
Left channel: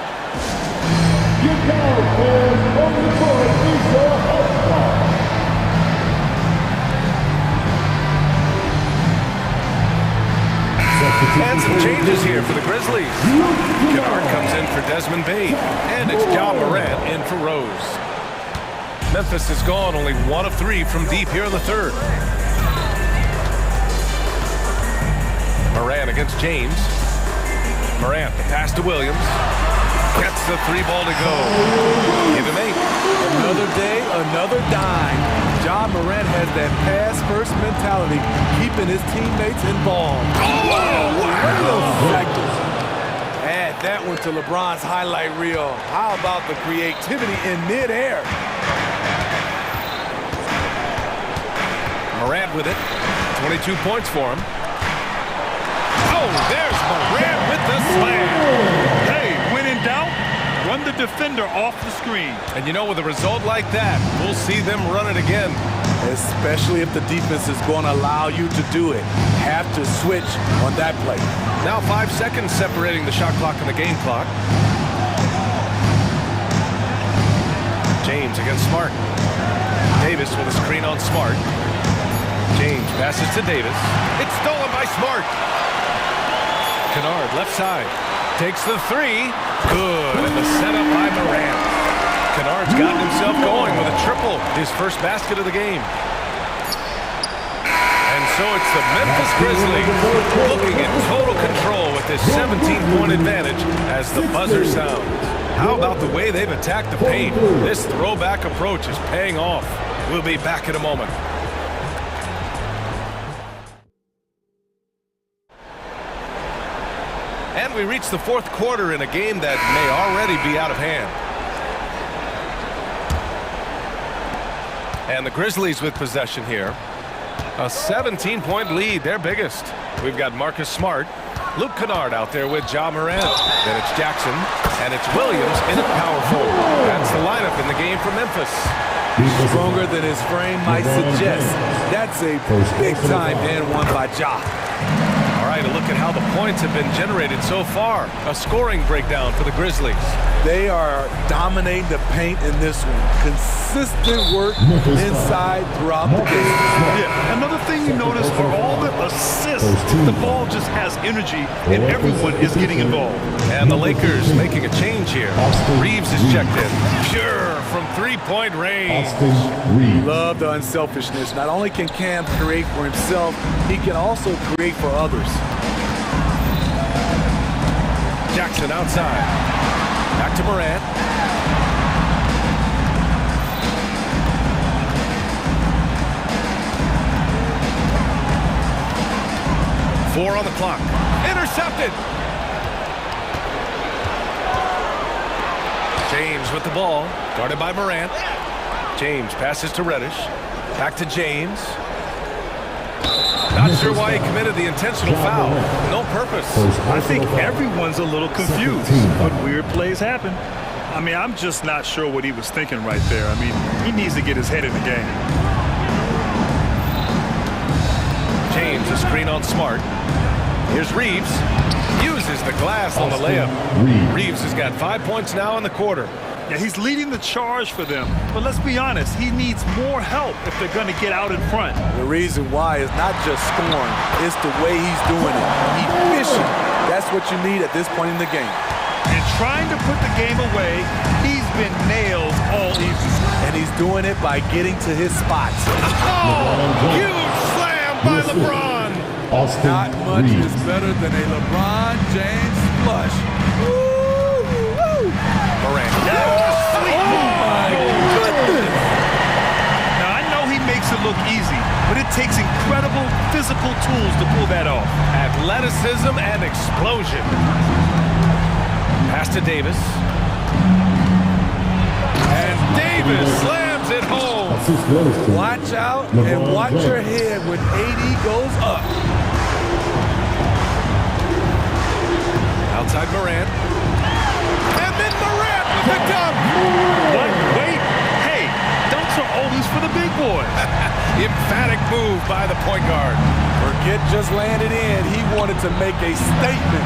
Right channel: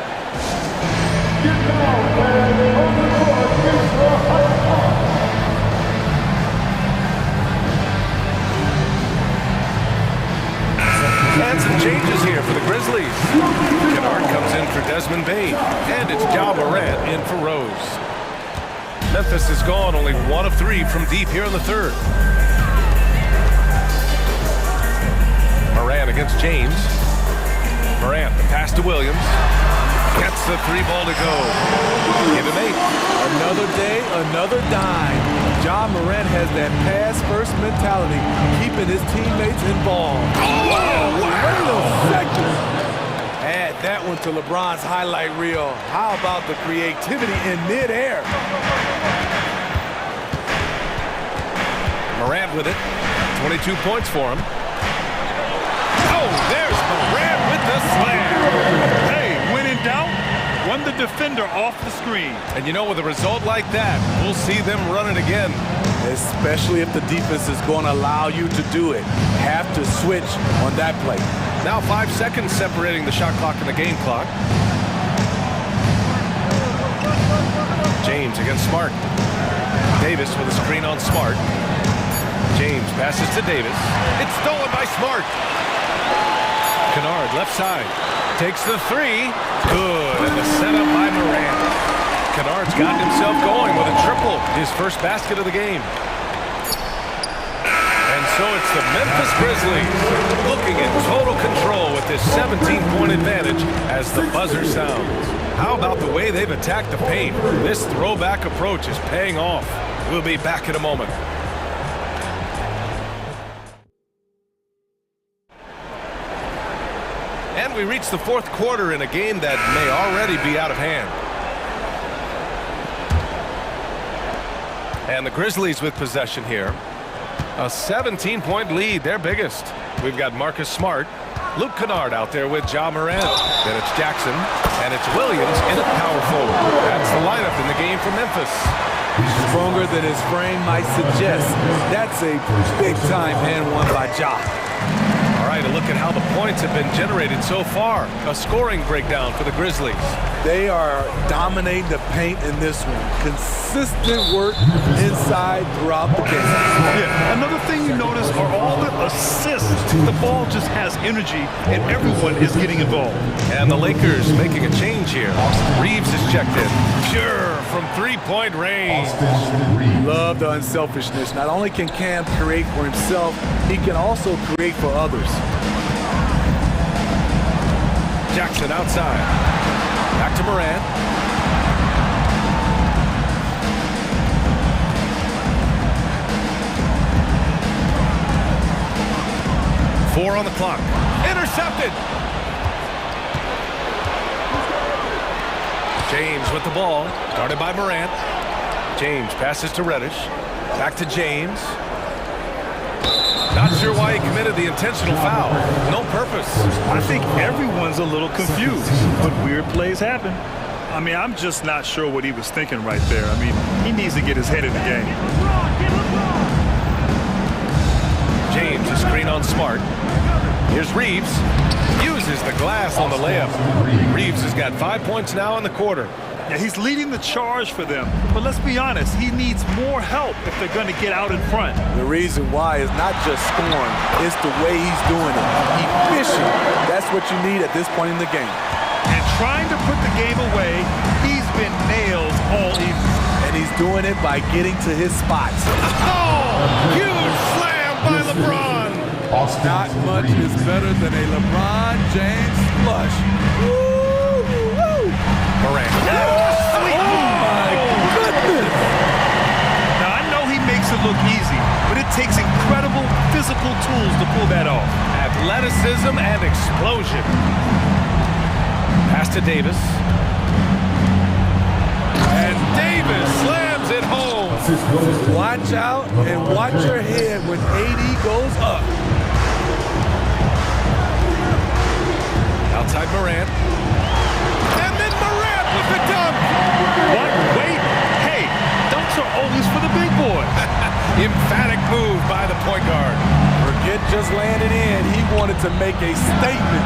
And some changes here for the Grizzlies. Kennard comes in for Desmond Bane. And it's Ja Morant in for Rose. Memphis is gone, only 1 of 3 from deep here in the third. Morant against James. Morant, the pass to Williams. Gets the 3 ball to go. Give him 8. Another day, another dime. Ja Morant has that pass-first mentality, keeping his teammates involved. Oh, wow. Wait a second. Add that one to LeBron's highlight reel. How about the creativity in midair? Morant with it. 22 points for him. Oh, there's Morant with the slam. Hey, when in doubt, run the defender off the screen. And you know, with a result like that, we'll see them run it again. Especially if the defense is going to allow you to do it. Have to switch on that play. Now 5 seconds separating the shot clock and the game clock. James against Smart. Davis with a screen on Smart. James passes to Davis. It's stolen by Smart. Kennard left side. Takes the 3. Good. And the setup by Morant. Kennard's gotten himself going with a triple. His first basket of the game. And so it's the Memphis Grizzlies looking in total control with this 17-point advantage as the buzzer sounds. How about the way they've attacked the paint? This throwback approach is paying off. We'll be back in a moment. And we reach the fourth quarter in a game that may already be out of hand. And the Grizzlies with possession here. A 17-point lead, their biggest. We've got Marcus Smart, Luke Kennard out there with Ja Morant. Then it's Jackson, and it's Williams in at power forward. That's the lineup in the game for Memphis. Stronger than his frame might suggest. That's a big-time and one by Ja. All right, a look at how the points have been generated so far. A scoring breakdown for the Grizzlies. They are dominating the paint in this one. Consistent work inside throughout the game. Yeah, another thing you notice are all the assists. The ball just has energy, and everyone is getting involved. And the Lakers making a change here. Reeves is checked in. Pure from three-point range. Love the unselfishness. Not only can Cam create for himself, he can also create for others. Jackson outside. Back to Morant. Four on the clock. Intercepted. James with the ball. Guarded by Morant. James passes to Reddish. Back to James. Not sure why he committed the intentional foul. No purpose. I think everyone's a little confused, but weird plays happen. I mean, I'm just not sure what he was thinking right there. I mean, he needs to get his head in the game. James, a screen on Smart. Here's Reeves. Uses the glass on the layup. Reeves has got 5 points now in the quarter. Yeah, he's leading the charge for them. But let's be honest, he needs more help if they're going to get out in front. The reason why is not just scoring, it's the way he's doing it. Efficient. That's what you need at this point in the game. And trying to put the game away, he's been nailed all evening. And he's doing it by getting to his spots. Oh, huge slam by LeBron. Not much is better than a LeBron James flush. Morant. Oh, my goodness. Now, I know he makes it look easy, but it takes incredible physical tools to pull that off. Athleticism and explosion. Pass to Davis. And Davis slams it home. Watch out and watch your head when AD goes up. Outside Morant. And then Morant with the dunk. What? Wait. Hey, dunks are always for the big boys. Emphatic move by the point guard. Forget just landing in. He wanted to make a statement.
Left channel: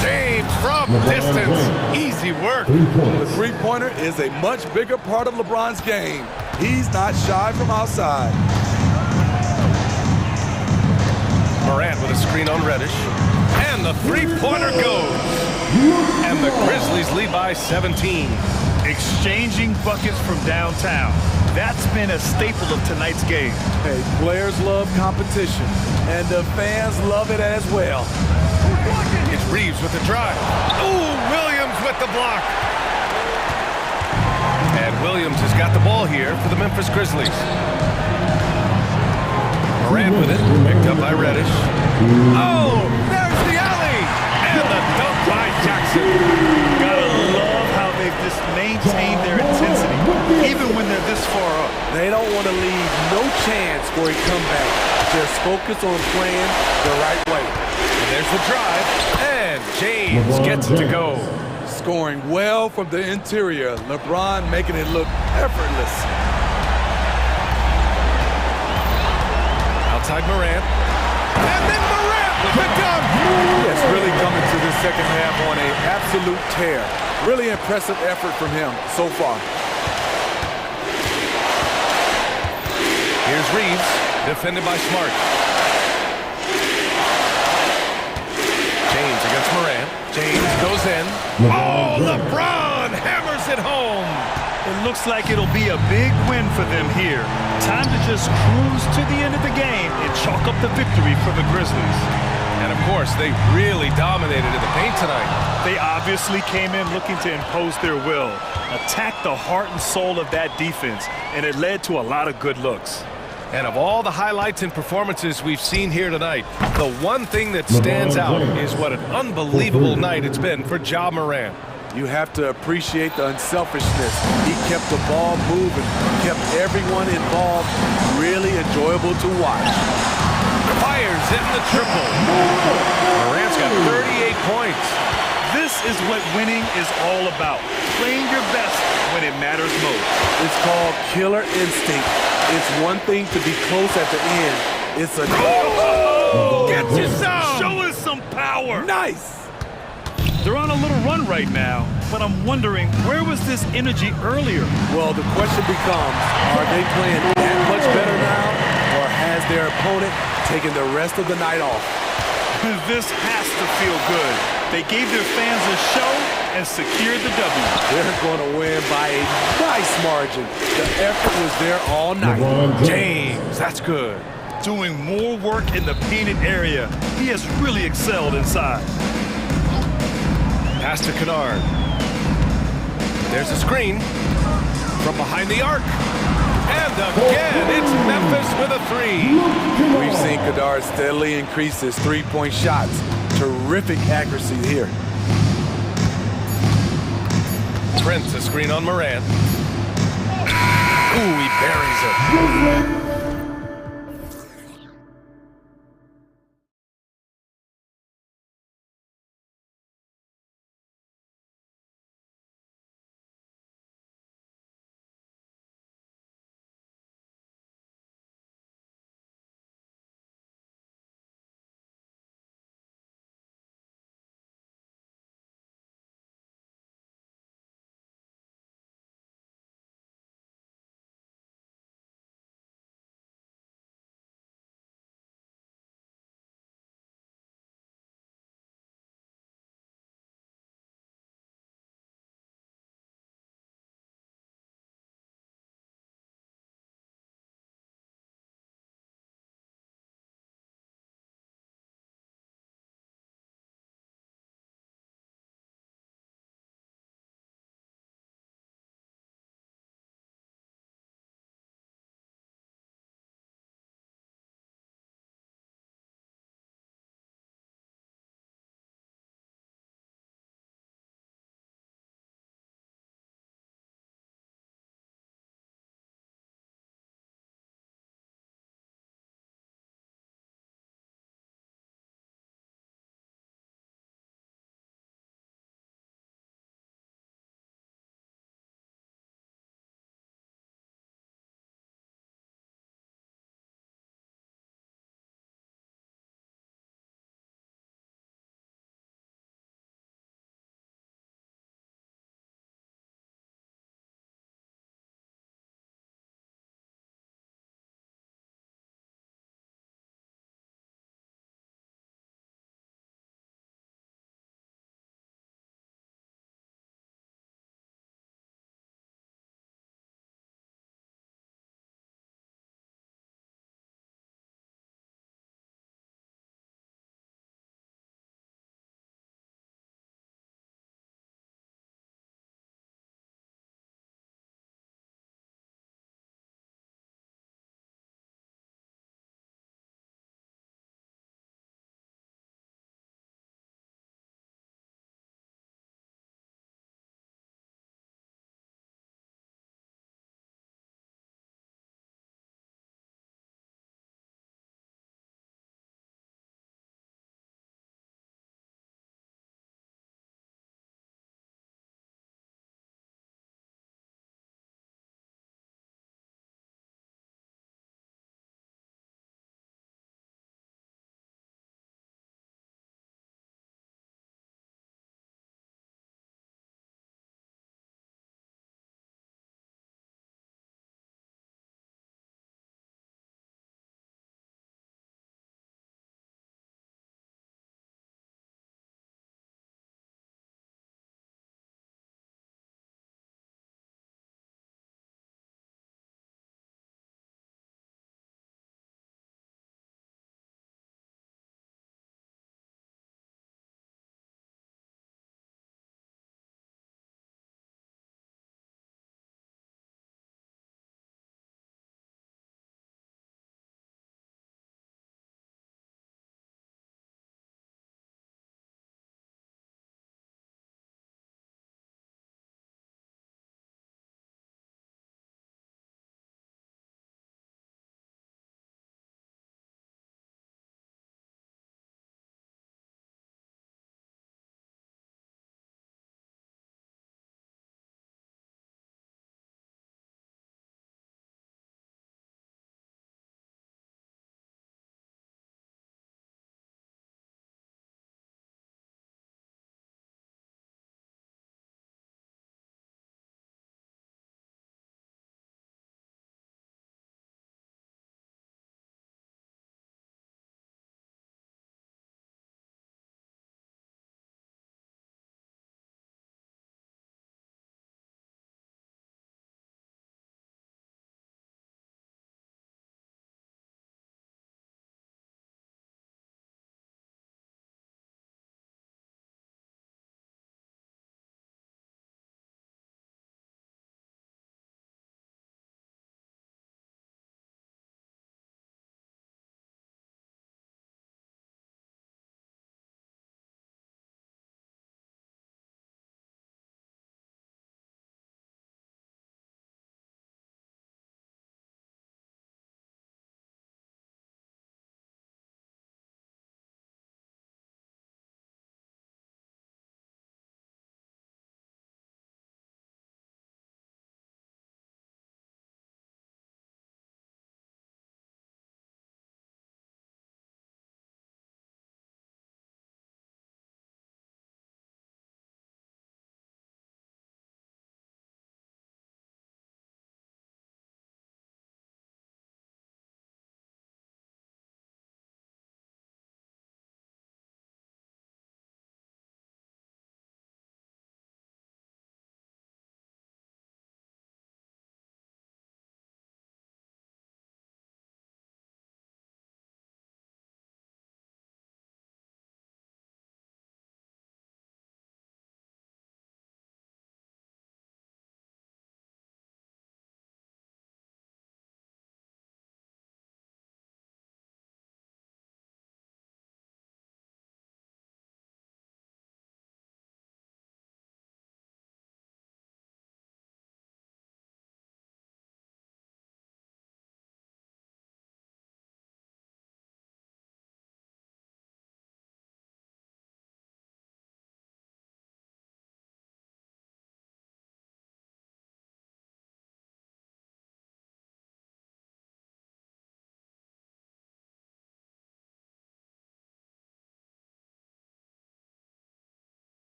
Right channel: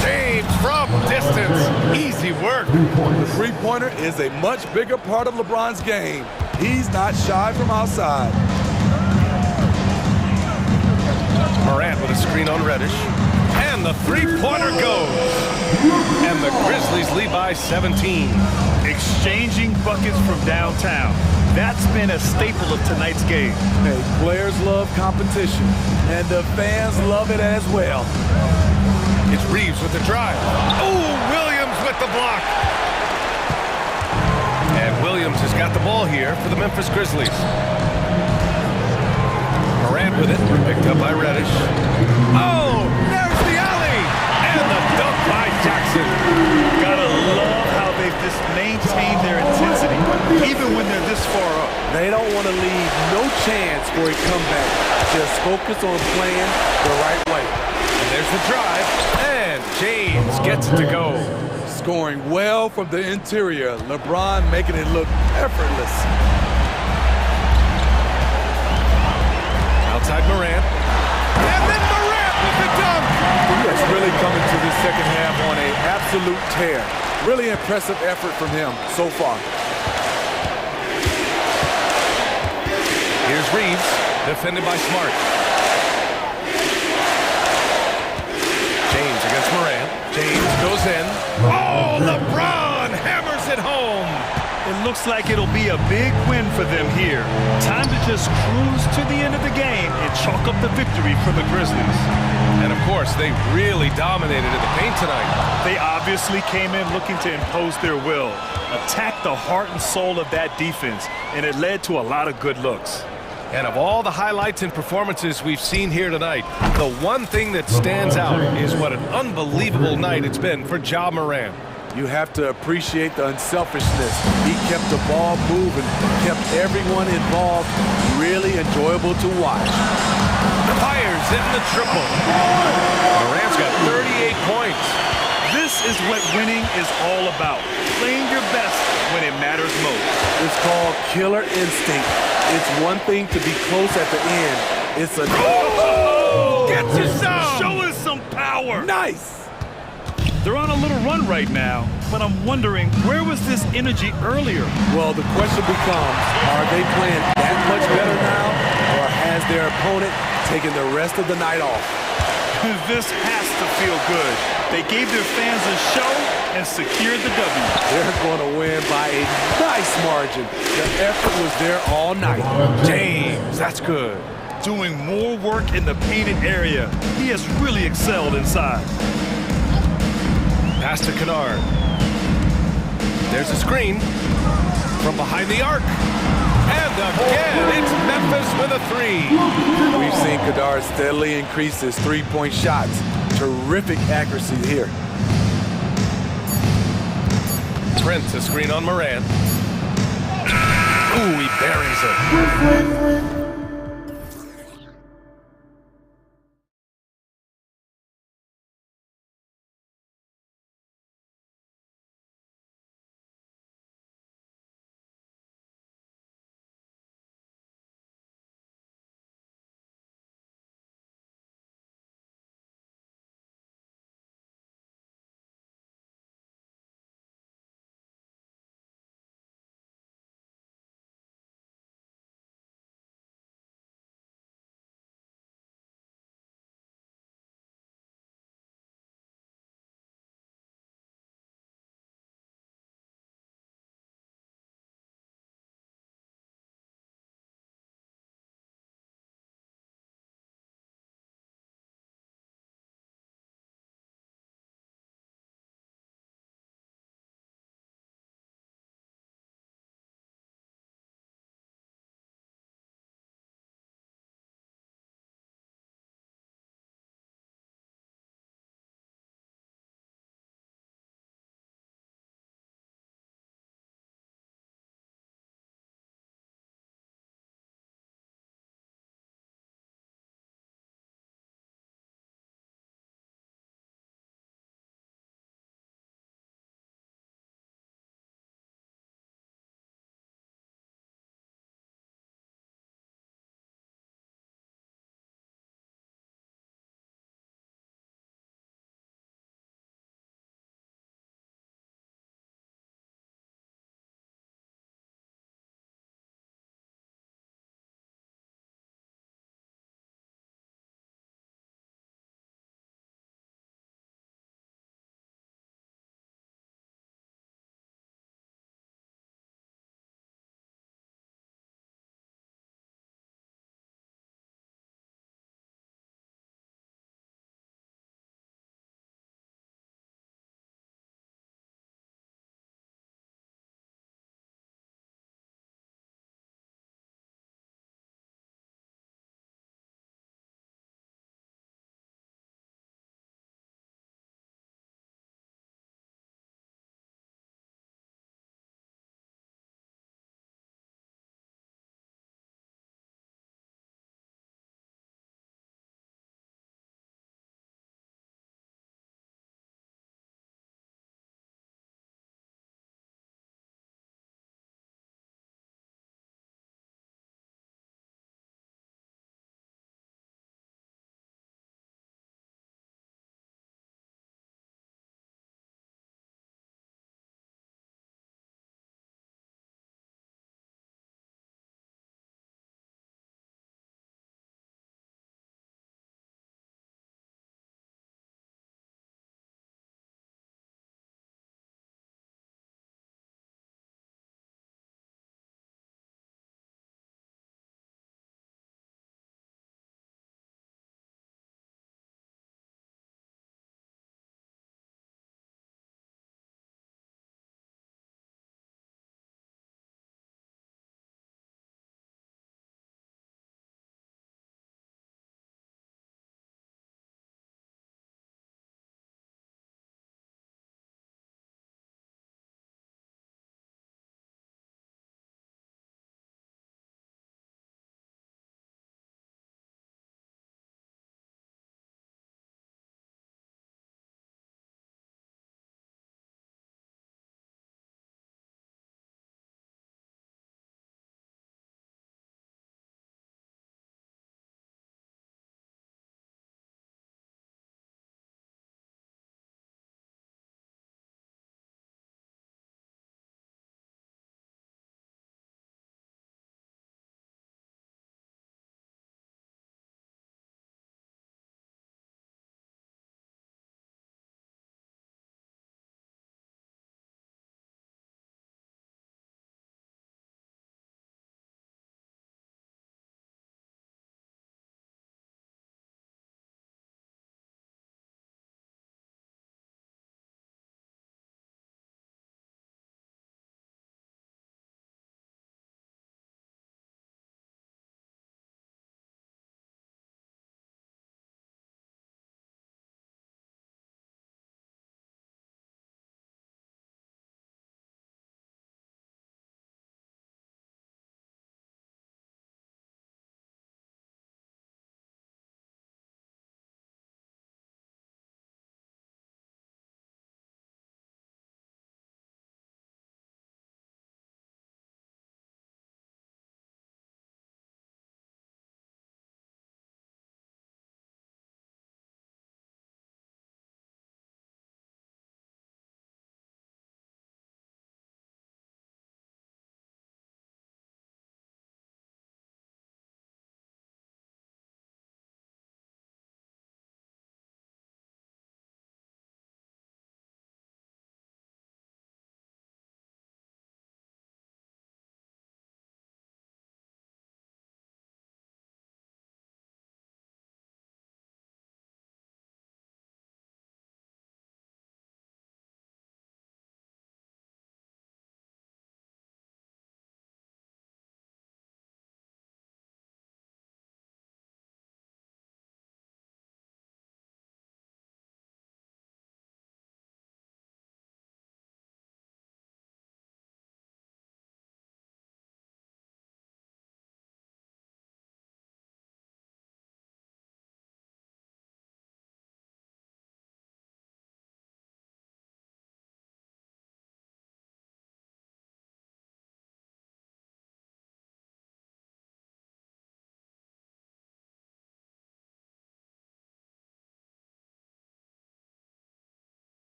James from distance. Easy work. The three-pointer is a much bigger part of LeBron's game. He's not shy from outside. Morant with a screen on Reddish. And And the three-pointer goes. And the Grizzlies lead by 17. Exchanging buckets from downtown. That's been a staple of tonight's game. Hey, players love competition, and the fans love it as well. It's Reeves with the drive. Oh, Williams with the block. And Williams has got the ball here for the Memphis Grizzlies. Morant with it, picked up by Reddish. Oh, there's the alley! And the dunk by Jackson. Gotta love how they've just maintained their intensity, even when they're this far up. They don't want to leave no chance for a comeback. Just focus on playing the right way. And there's the drive, and James gets it to go. Scoring well from the interior. LeBron making it look effortless. Outside Morant. And then Morant with the dunk! Yes, really coming to this second half on an absolute tear. Really impressive effort from him so far. Here's Reeves, defended by Smart. James against Morant. James goes in. Oh, LeBron hammers it home. It looks like it'll be a big win for them here. Time to just cruise to the end of the game and chalk up the victory for the Grizzlies. And of course, they really dominated in the paint tonight. They obviously came in looking to impose their will, attack the heart and soul of that defense, and it led to a lot of good looks. And of all the highlights and performances we've seen here tonight, the one thing that stands out is what an unbelievable night it's been for Ja Morant. You have to appreciate the unselfishness. He kept the ball moving, kept everyone involved, really enjoyable to watch. Fires in the triple. Morant's got 38 points. This is what winning is all about. Playing your best when it matters most. It's called killer instinct. It's one thing to be close at the end. It's a... Oh! Get you some! Show us some power! Nice! They're on a little run right now, but I'm wondering, where was this energy earlier? Well, the question becomes, are they playing that much better now, or has their opponent taken the rest of the night off? This has to feel good. They gave their fans a show and secured the W. They're going to win by a nice margin. The effort was there all night. James, that's good. Doing more work in the painted area. He has really excelled inside. Pass to Kennard. There's a screen from behind the arc. And again, it's Memphis with a three. We've seen Kennard steadily increase his three-point shots. Terrific accuracy here. Prince, a screen on Morant. Ooh, he buries it.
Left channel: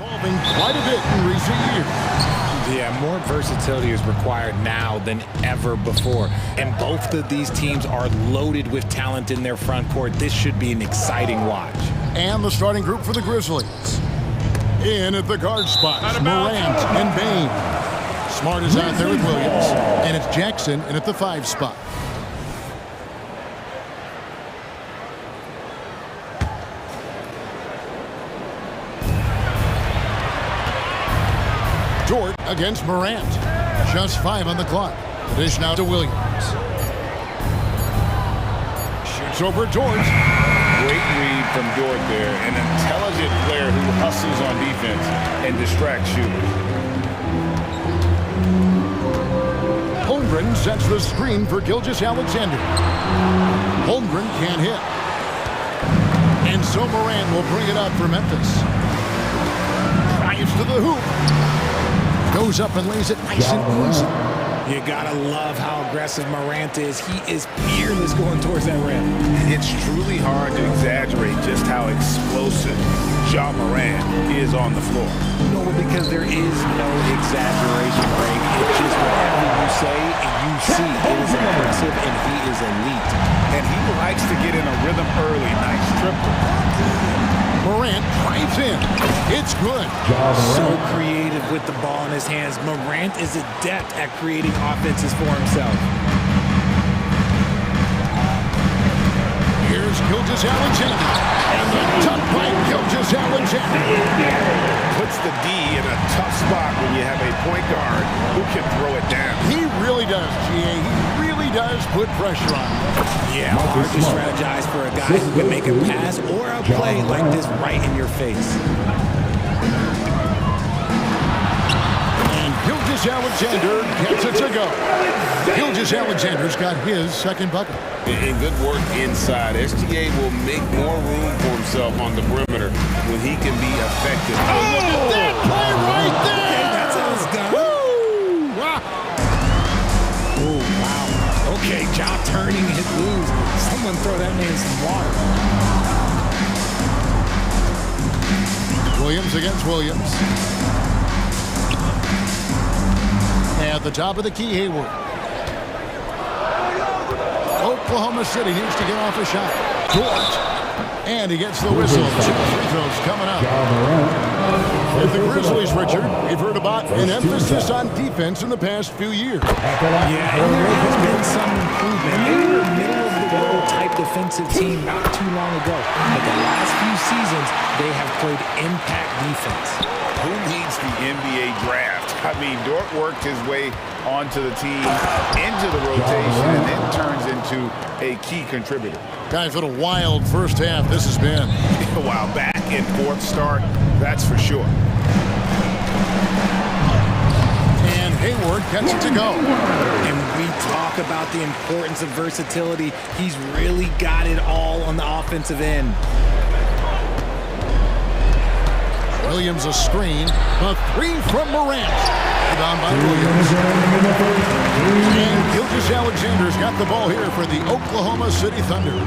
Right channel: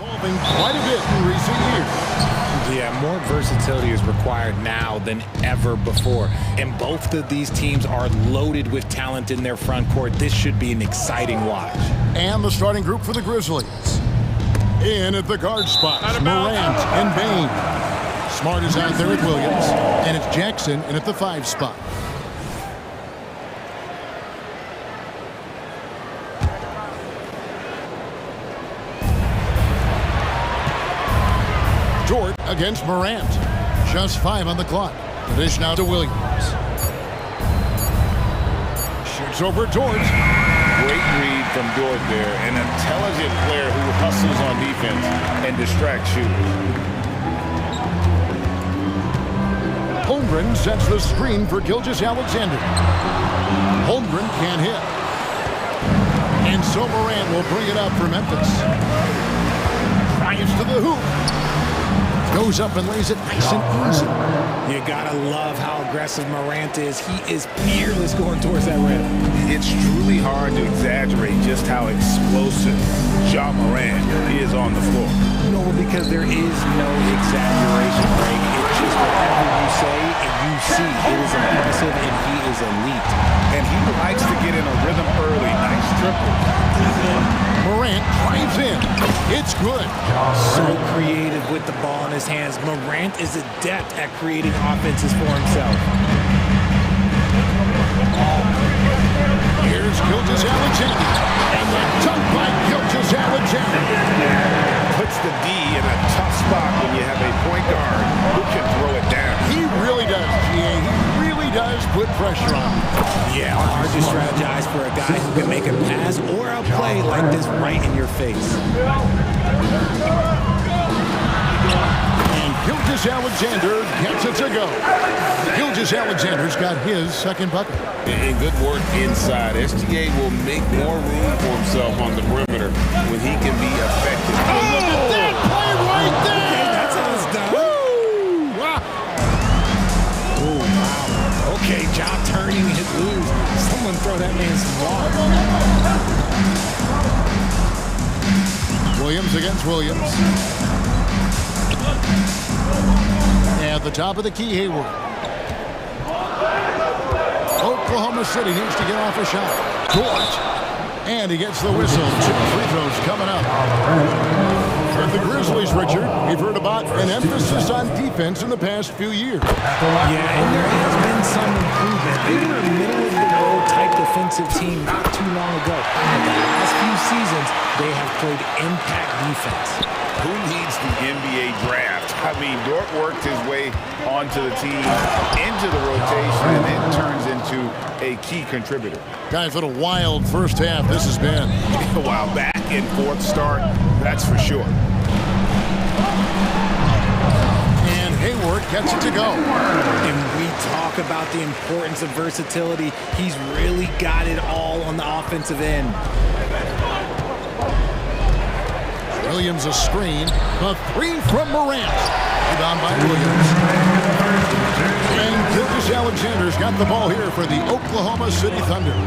Evolving quite a bit in recent years. Yeah, more versatility is required now than ever before. And both of these teams are loaded with talent in their front court. This should be an exciting watch. And the starting group for the Grizzlies. In at the guard spots, Morant and Bain. Smart is out there with Williams. And it's Jackson in at the 5 spot. Dort against Morant. Just 5 on the clock. The dish now to Williams. Shoots over Dort. Great read from Dort there. An intelligent player who hustles on defense and distracts shooters. Holmgren sets the screen for Gilgeous-Alexander. Holmgren can't hit. And so Morant will bring it up for Memphis. Drives to the hoop. Goes up and lays it nice and easy. You gotta love how aggressive Morant is. He is fearless going towards that rim. It's truly hard to exaggerate just how explosive Ja Morant is on the floor. No, because there is no exaggeration, Greg. It's just whatever you say and you see. It is impressive, and he is elite. And he likes to get in a rhythm early. Nice triple. Morant drives in. It's good. So creative with the ball in his hands. Morant is adept at creating offenses for himself. Here's Gilgeous-Alexander. And the dunk by Gilgeous-Alexander. Puts the D in a tough spot when you have a point guard who can throw it down. He really does, GA. He really does put pressure on him. Yeah, hard to strategize for a guy who can make a pass or a play like this right in your face. And Gilgeous-Alexander gets it to go. Gilgeous-Alexander's got his second bucket. And good work inside. SGA will make more room for himself on the perimeter when he can be effective. Oh, look at that play right there! Okay, that's how it's done. Woo! Wow. Oh, wow. Okay, Ja turning it loose. Someone throw that man some water. Williams against Williams. At the top of the key, Hayward. Oklahoma City needs to get off a shot. Dort. And he gets the whistle. 2 free throws coming up. With the Grizzlies, Richard, we've heard about an emphasis on defense in the past few years. Yeah, and there has been some improvement. They were a middle-of-the-road type defensive team not too long ago. But the last few seasons, they have played impact defense. Who needs the NBA draft? I mean, Dort worked his way onto the team, into the rotation, and then turns into a key contributor. Guys, what a wild first half this has been. A while back and forth start, that's for sure. And Hayward gets it to go. And we talk about the importance of versatility. He's really got it all on the offensive end. Williams a screen. The 3 from Morant. Rebound by Williams. And Gilgeous-Alexander's got the ball here for the Oklahoma City Thunder.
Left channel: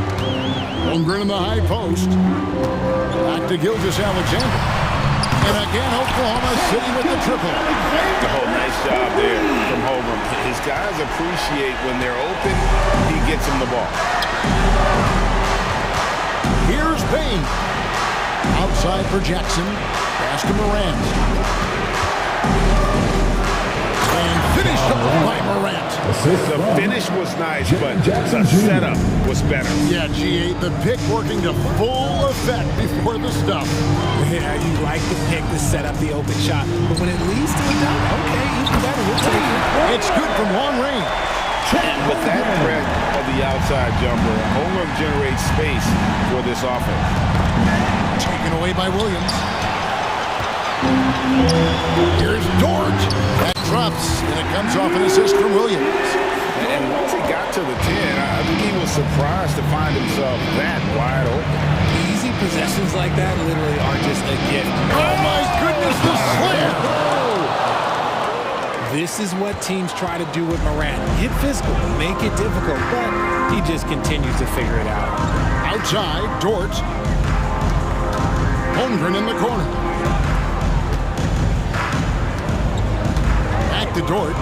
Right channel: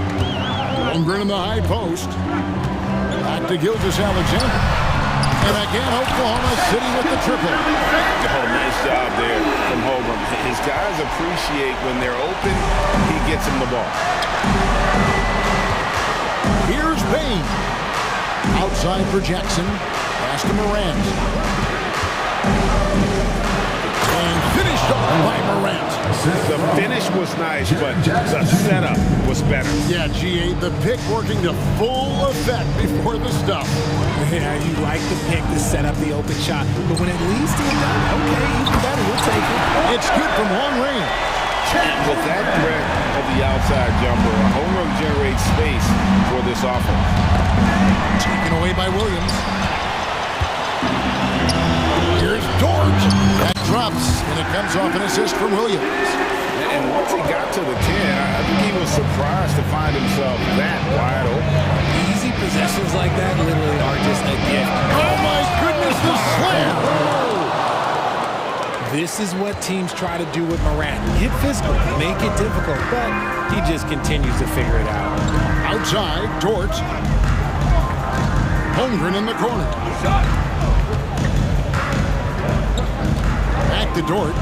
Holmgren in the high post. Back to Gilgeous-Alexander. And again, Oklahoma City with the triple. Oh, nice job there from Holmgren. His guys appreciate when they're open, he gets them the ball. Here's Bain. Outside for Jackson. Pass to Morant. And finished off by Morant. The finish was nice, but the setup was better. Yeah, GA, the pick working to full effect before the stuff. Yeah, you like the pick to set up the open shot, but when it leads to a dunk, okay, even better, we'll take it. It's good from long range. And with that threat of the outside jumper, Holmgren generates space for this offense. Taken away by Williams. Here's Dort. That drops, and it comes off an assist from Williams. And once he got to the 10, I think he was surprised to find himself that wide open. Easy possessions like that literally are just a gift. Oh, my goodness, the slam! Oh. This is what teams try to do with Morant. Get physical, make it difficult, but he just continues to figure it out. Outside, Dort. Holmgren in the corner. Back to Dort.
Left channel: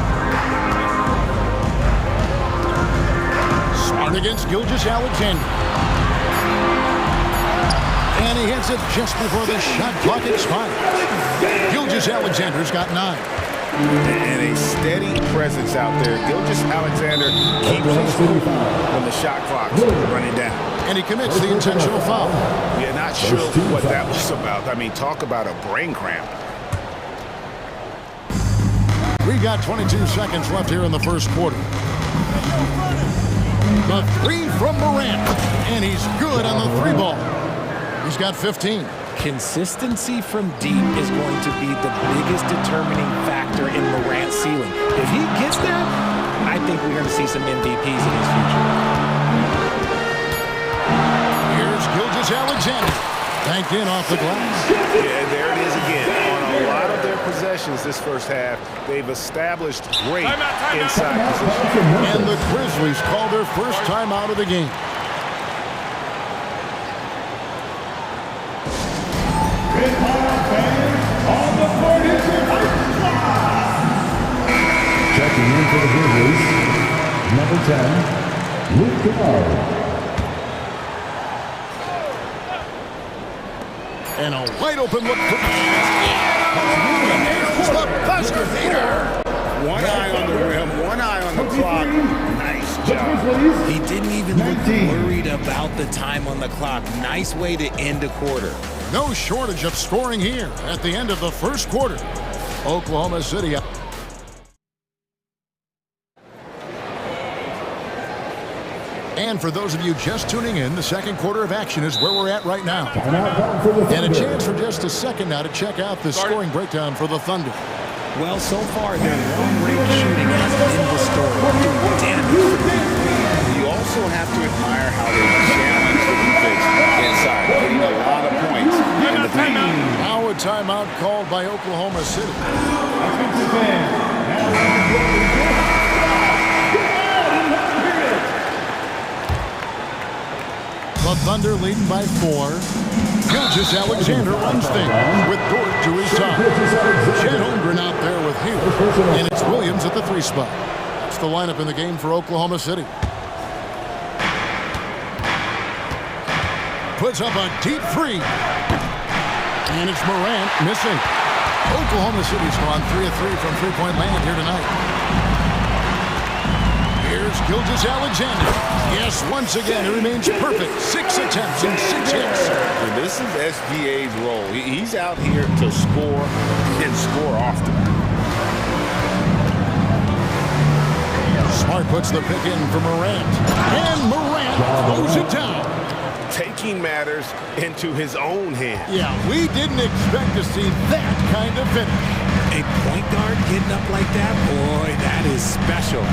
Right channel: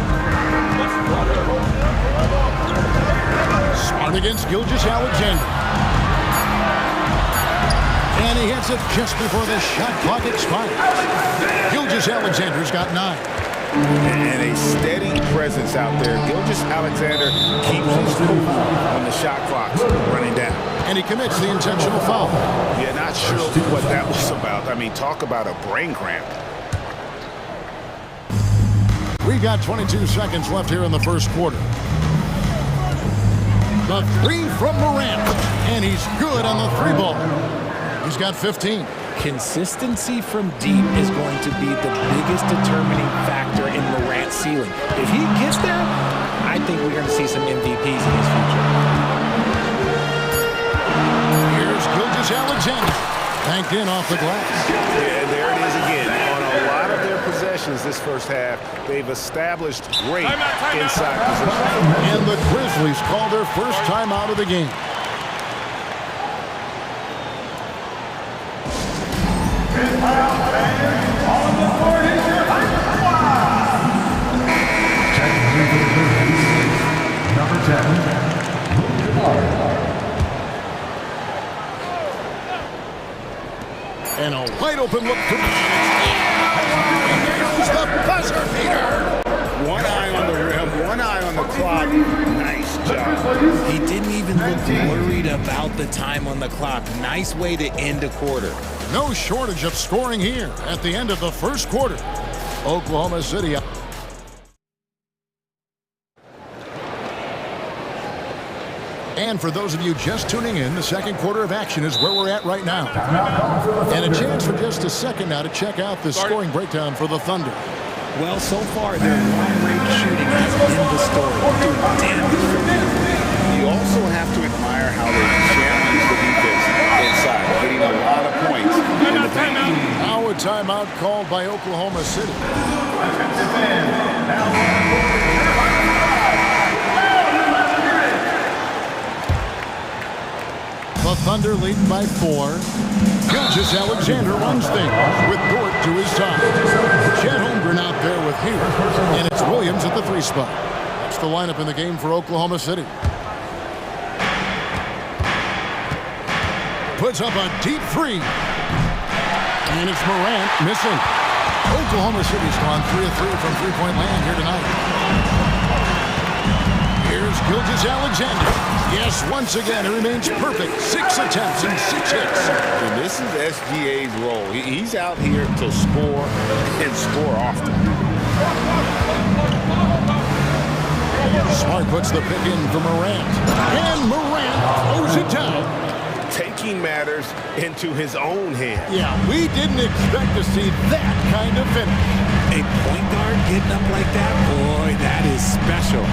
Smart against Gilgeous-Alexander. And he hits it just before the shot clock expires. Gilgeous-Alexander's got 9. And a steady presence out there. Gilgeous-Alexander keeps his cool when the shot clock's running down. And he commits the intentional foul. Yeah, not sure what that was about. I mean, talk about a brain cramp. We've got 22 seconds left here in the first quarter. The three from Morant. And he's good on the three ball. He's got 15. Consistency from deep is going to be the biggest determining factor in Morant's ceiling. If he gets that, I think we're going to see some MVPs in his future. Here's Gilgeous-Alexander. Banked in off the glass. Yeah, there it is again. On a lot of their possessions this first half, they've established great inside position. And the Grizzlies call their first timeout of the game. Checking in for the Grizzlies, number 10, Luke Kemard. And a wide open look for he nails the buzzer beater. One eye on the rim, one eye on the clock. Nice job. He didn't even look worried about the time on the clock. Nice way to end a quarter. No shortage of scoring here at the end of the first quarter. Oklahoma City. And for those of you just tuning in, the second quarter of action is where we're at right now. And a chance for just a second now to check out the scoring breakdown for the Thunder. Well, so far, their long-range shooting has been the story, doing damage from deep. You also have to admire how they challenge the defense inside, getting a lot of points in the paint. Now a timeout called by Oklahoma City. The Thunder leading by 4. Gilgeous-Alexander runs things with Dort to his side. Chet Holmgren out there with Hayward. And it's Williams at the 3 spot. That's the lineup in the game for Oklahoma City. Puts up a deep 3. And it's Morant missing. Oklahoma City's gone 3 of 3 from three-point land here tonight. Here's Gilgeous-Alexander. Yes, once again, he remains perfect. 6 attempts and 6 hits. And this is SGA's role. He's out here to score and score often. Smart puts the pick in for Morant. And Morant throws it down. Taking matters into his own hands. Yeah, we didn't expect to see that kind of finish. A point guard getting up like that? Boy, that is special.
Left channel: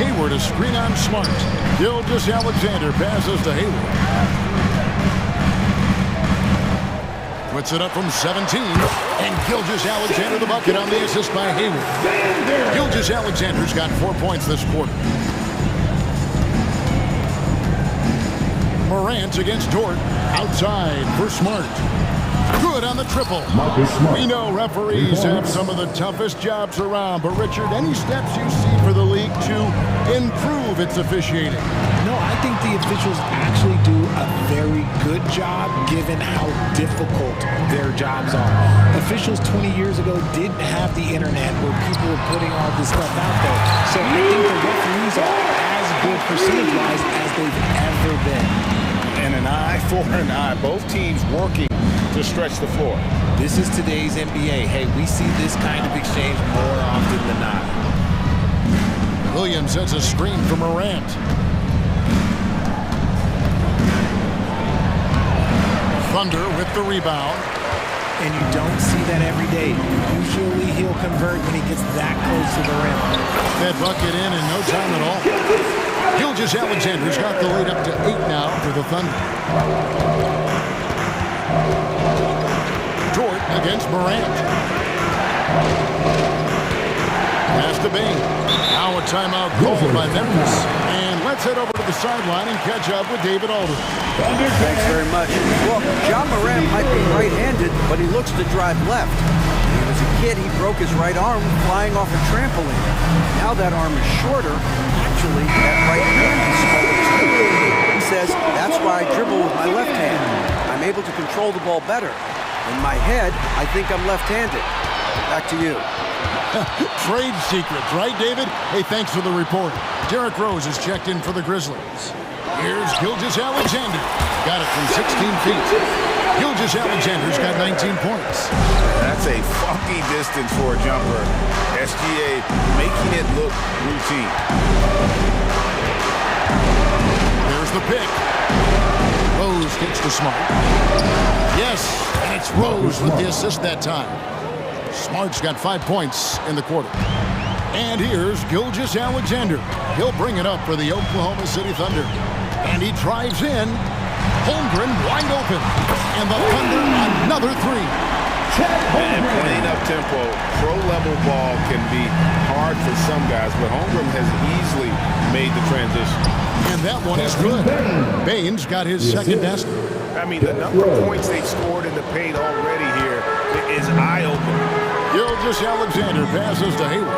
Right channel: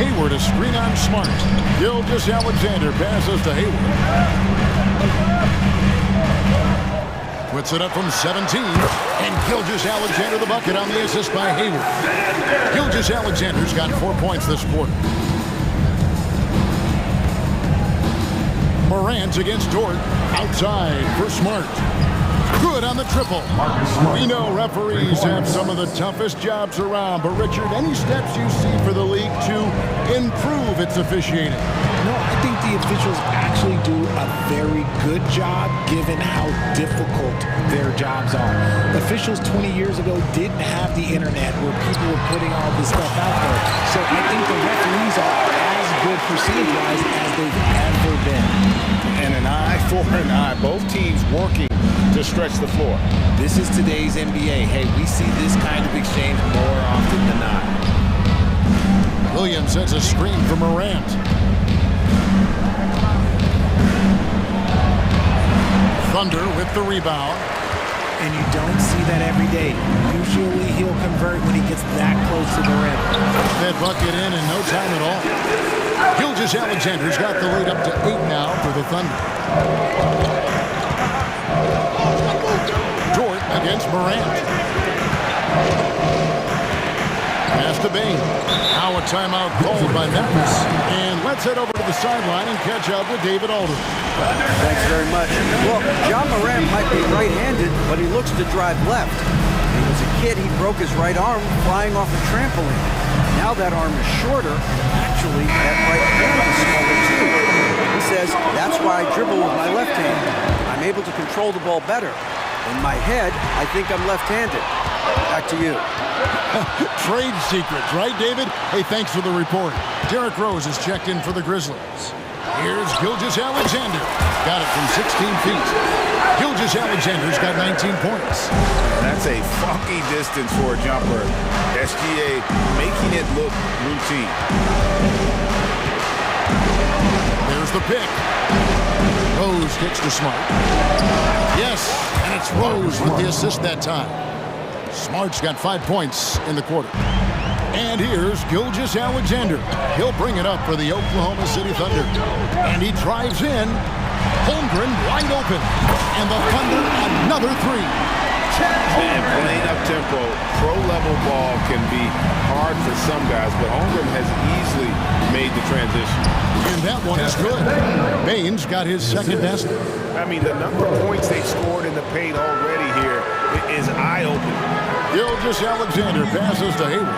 Hayward a screen on Smart. Gilgeous-Alexander passes to Hayward. Puts it up from 17. And Gilgeous-Alexander the bucket on the assist by Hayward. Gilgeous-Alexander's got 4 points this quarter. Morant against Dort. Outside for Smart. Good on the triple. We know referees have some of the toughest jobs around, but Richard, any steps you see for the league to improve its officiating? No, I think the officials actually do a very good job given how difficult their jobs are. Officials 20 years ago didn't have the internet where people were putting all this stuff out there. So I think the referees are as good percentage-wise as they've ever been. And an eye for an eye. Both teams working to stretch the floor. This is today's NBA. Hey, we see this kind of exchange more often than not. Williams sets a screen for Morant. Thunder with the rebound. And you don't see that every day. Usually he'll convert when he gets that close to the rim. That bucket in no time at all. Gilgeous-Alexander's got the lead up to 8 now for the Thunder. Dort against Morant. Pass to Bain. Now a timeout called by Memphis. And let's head over to the sideline and catch up with David Aldridge. Thanks very much. Well, John Morant might be right-handed, but he looks to drive left. When he was a kid, he broke his right arm flying off a trampoline. Now that arm is shorter, and actually that right hand is smaller too. He says, that's why I dribble with my left hand. I'm able to control the ball better. In my head, I think I'm left-handed. Back to you. Trade secrets, right, David? Hey, thanks for the report. Derrick Rose is checked in for the Grizzlies. Here's Gilgeous-Alexander. Got it from 16 feet. Gilgeous-Alexander's got 19 points. That's a funky distance for a jumper. SGA making it look routine. There's the pick. Rose kicks to Smart. Yes, and it's Rose with the assist that time. Smart's got 5 points in the quarter. And here's Gilgeous-Alexander. He'll bring it up for the Oklahoma City Thunder. And he drives in. Holmgren wide open. And the Thunder another three. And playing up tempo, pro-level ball can be hard for some guys, but Holmgren has easily made the transition. And that one is good. Baines got his second basket. I mean, the number of points they've scored in the paint already here is eye-opening. Gilgeous-Alexander passes to Hayward.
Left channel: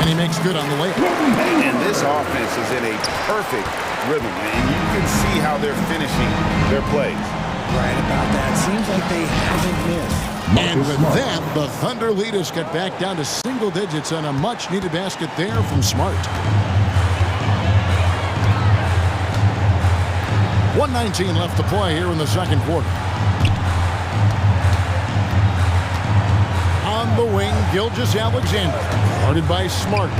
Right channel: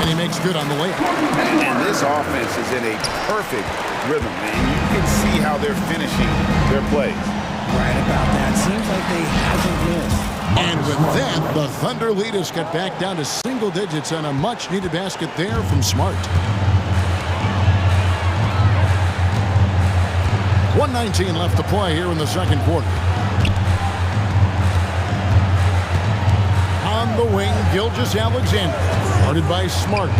And he makes good on the layup. And this offense is in a perfect rhythm, and you can see how they're finishing their plays. Right about that. Seems like they haven't missed. And with that, the Thunder lead is cut back down to single digits on a much-needed basket there from Smart. 1:19 left to play here in the second quarter. On the wing, Gilgeous-Alexander, guarded by Smart.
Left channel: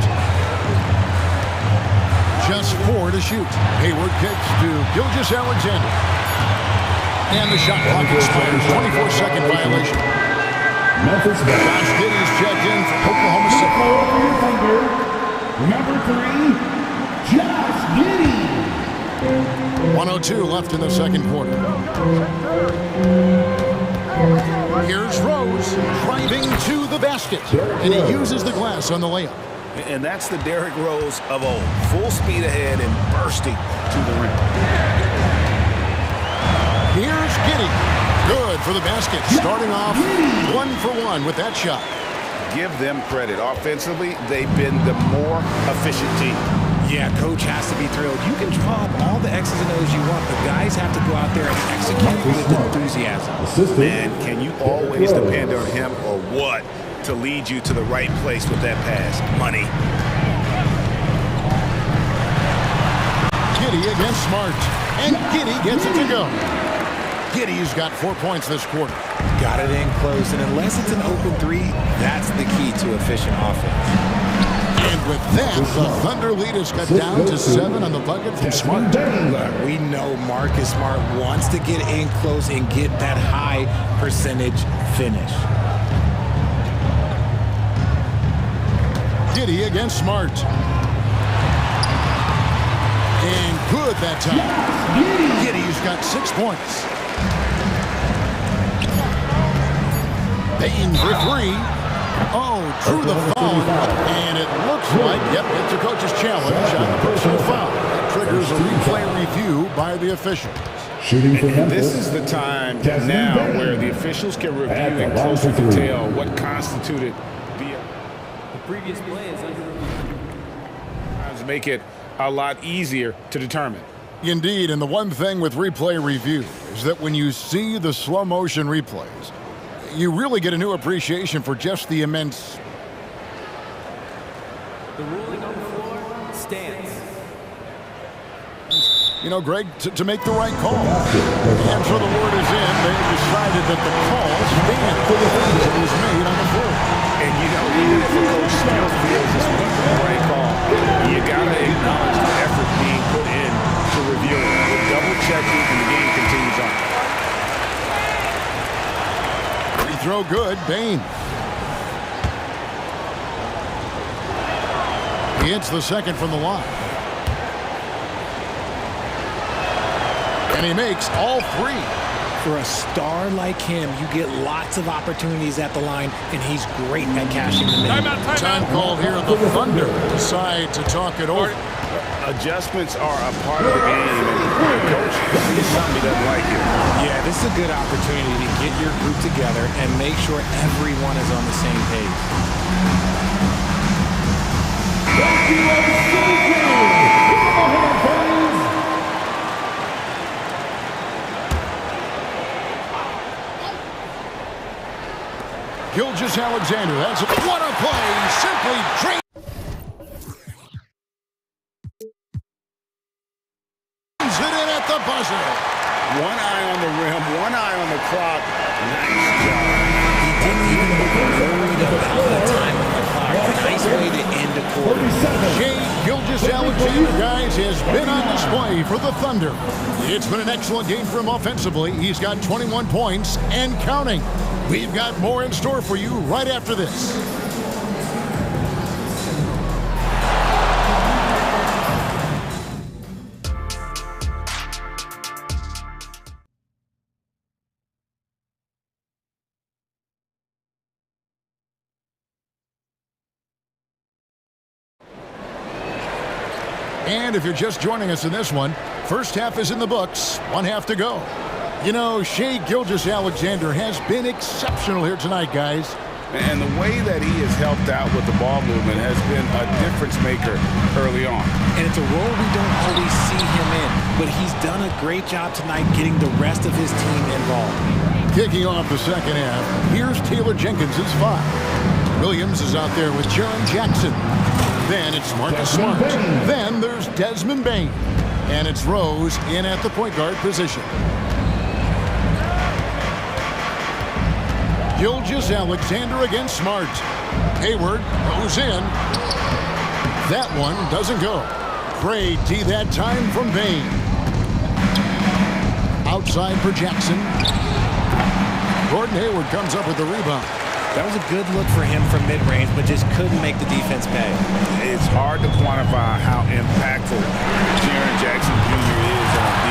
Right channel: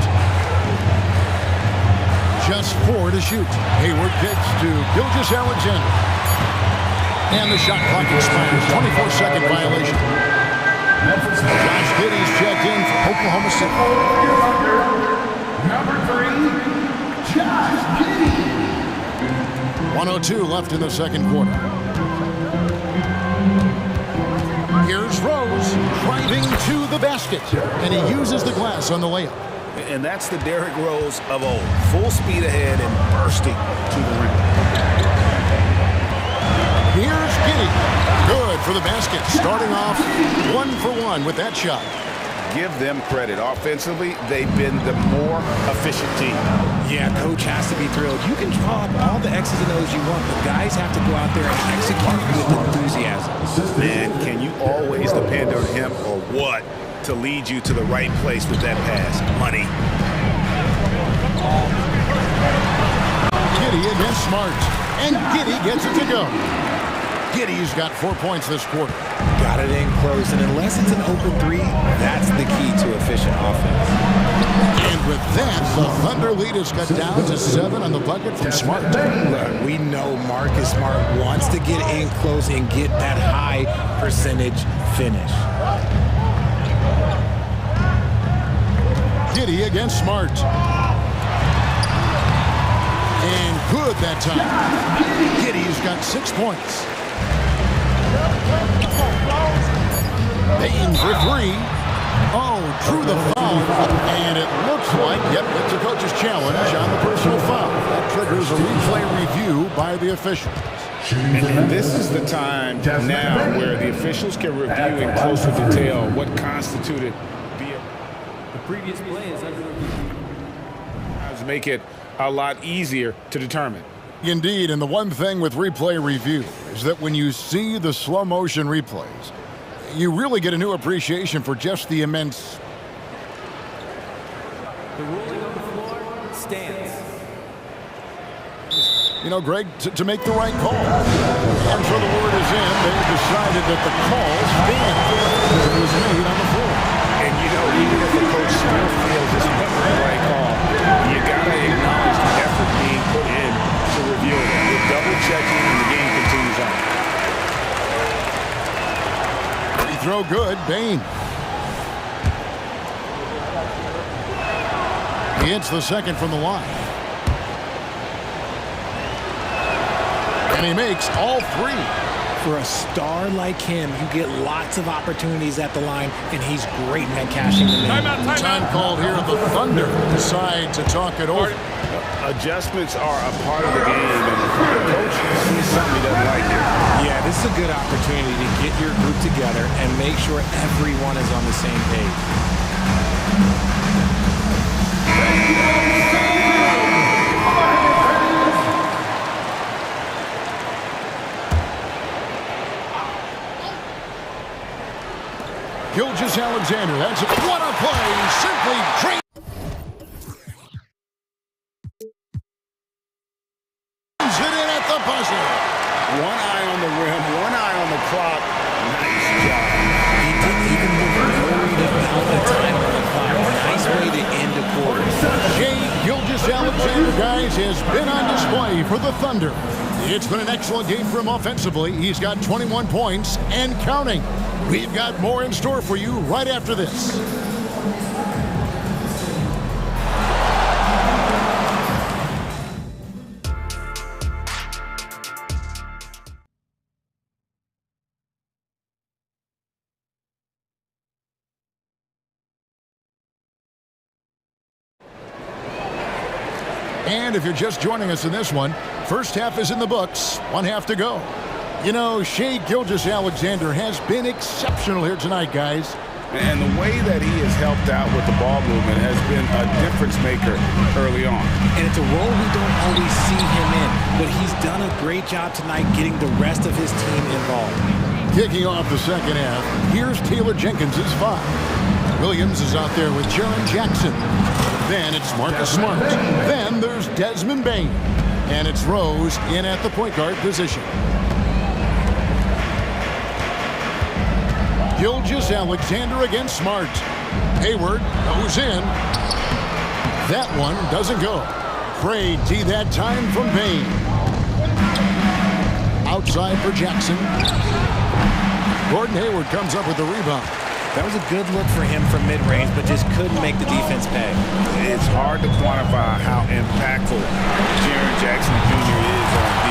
Just 4 to shoot. Hayward kicks to Gilgeous-Alexander. And the shot clock expires. 24-second violation. Josh Giddey's checked in for Oklahoma City. Number 3, Josh Giddey. 1:02 left in the second quarter. Here's Rose driving to the basket. And he uses the glass on the layup. And that's the Derrick Rose of old. Full speed ahead and bursting to the rim. Here's Giddey. Good for the basket. Starting off 1 for 1 with that shot. Give them credit. Offensively, they've been the more efficient team. Yeah, coach has to be thrilled. You can draw up all the X's and O's you want, but guys have to go out there and execute with enthusiasm. Man, can you always depend on him or what to lead you to the right place with that pass? Money. Giddey against Smart. And Giddey gets it to go. Giddey's got 4 points this quarter. Got it in close, and unless it's an open three, that's the key to efficient offense. And with that, the Thunder lead is cut down to 7 on the bucket from Smart. Look, we know Marcus Smart wants to get in close and get that high percentage finish. Giddey against Smart. And good that time. Giddey's got 6 points. Baines for 3. Oh, drew the foul. And it looks like, yep, it's a coach's challenge on the personal foul. That triggers a replay review by the officials. And this is the time now where the officials can review in closer detail what constituted the previous play is under review. Make it a lot easier to determine. Indeed, and the one thing with replay review is that when you see the slow motion replays, you really get a new appreciation for just the immense. The ruling on the floor stands. You know, Greg, to make the right call. And so the word is in. They've decided that the call stands as it was made on the floor. And, you know, even if a coach still feels this wasn't the right call, you got to acknowledge the effort being put in to review it. With double-checking, and the game continues on. Free throw good, Bain. He hits the second from the line. And he makes all 3. For a star like him, you get lots of opportunities at the line, and he's great at cashing them in. Time called here. The Thunder decide to talk it over. Adjustments are a part of the game, and the Coach sees something he doesn't like here. Yeah, this is a good opportunity to get your group together and make sure everyone is on the same page. Gilgeous-Alexander, that's what a play, simply drains it in at the buzzer. One eye on the rim, one eye on the clock. Nice job. He didn't even look worried about the time on the clock. Nice way to end a quarter. Shai Gilgeous-Alexander, guys, has been on display for the Thunder. It's been an excellent game for him offensively. He's got 21 points and counting. We've got more in store for you right after this. And if you're just joining us in this one, first half is in the books, one half to go. You know, Shai Gilgeous-Alexander has been exceptional here tonight, guys. And the way that he has helped out with the ball movement has been a difference maker early on. And it's a role we don't always see him in, but he's done a great job tonight getting the rest of his team involved. Kicking off the second half, here's Taylor Jenkins' 5. Williams is out there with Jaren Jackson. Then it's Marcus Smart. Then there's Desmond Bane. And it's Rose in at the point guard position. Gilgeous-Alexander against Smart. Hayward goes in. That one doesn't go. Great D that time from Bane. Outside for Jackson. Gordon Hayward comes up with the rebound. That was a good look for him from mid-range, but just couldn't make the defense pay. It's hard to quantify how impactful Jaren Jackson Jr. is on D.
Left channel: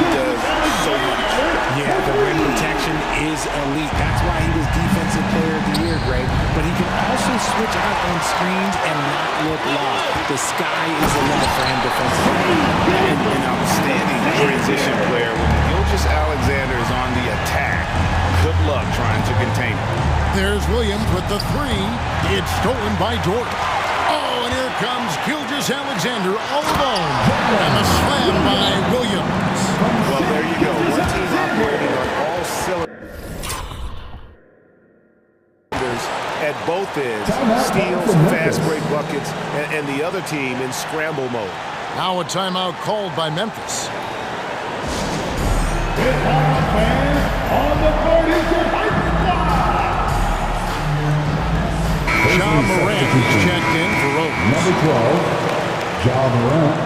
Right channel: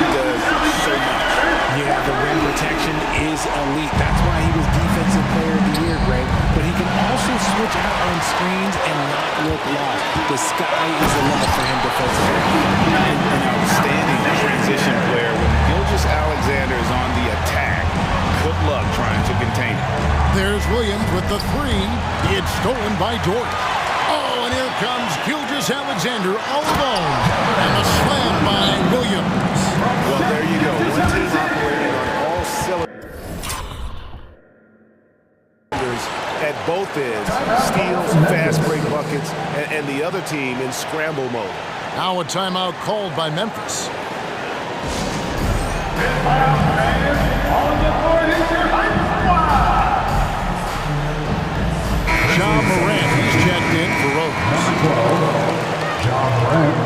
He does so much. Yeah, the rim protection is elite. That's why he was Defensive Player of the Year, Greg. But he can also switch out on screens and not look lost. The sky is the limit for him defensively. An outstanding transition player. When Gilgeous-Alexander is on the attack, good luck trying to contain it. There's Williams with the 3. It's stolen by Dort. Oh, and here comes Gilgeous-Alexander all alone. And the slam by Williams. Well, there you go. One team operating on all cylinders at both ends. Steals, fast break buckets, and the other team in scramble mode. Now a timeout called by Memphis. On the board is your high squad. John Morant, he's checked in for Rose. Number 12, John Morant.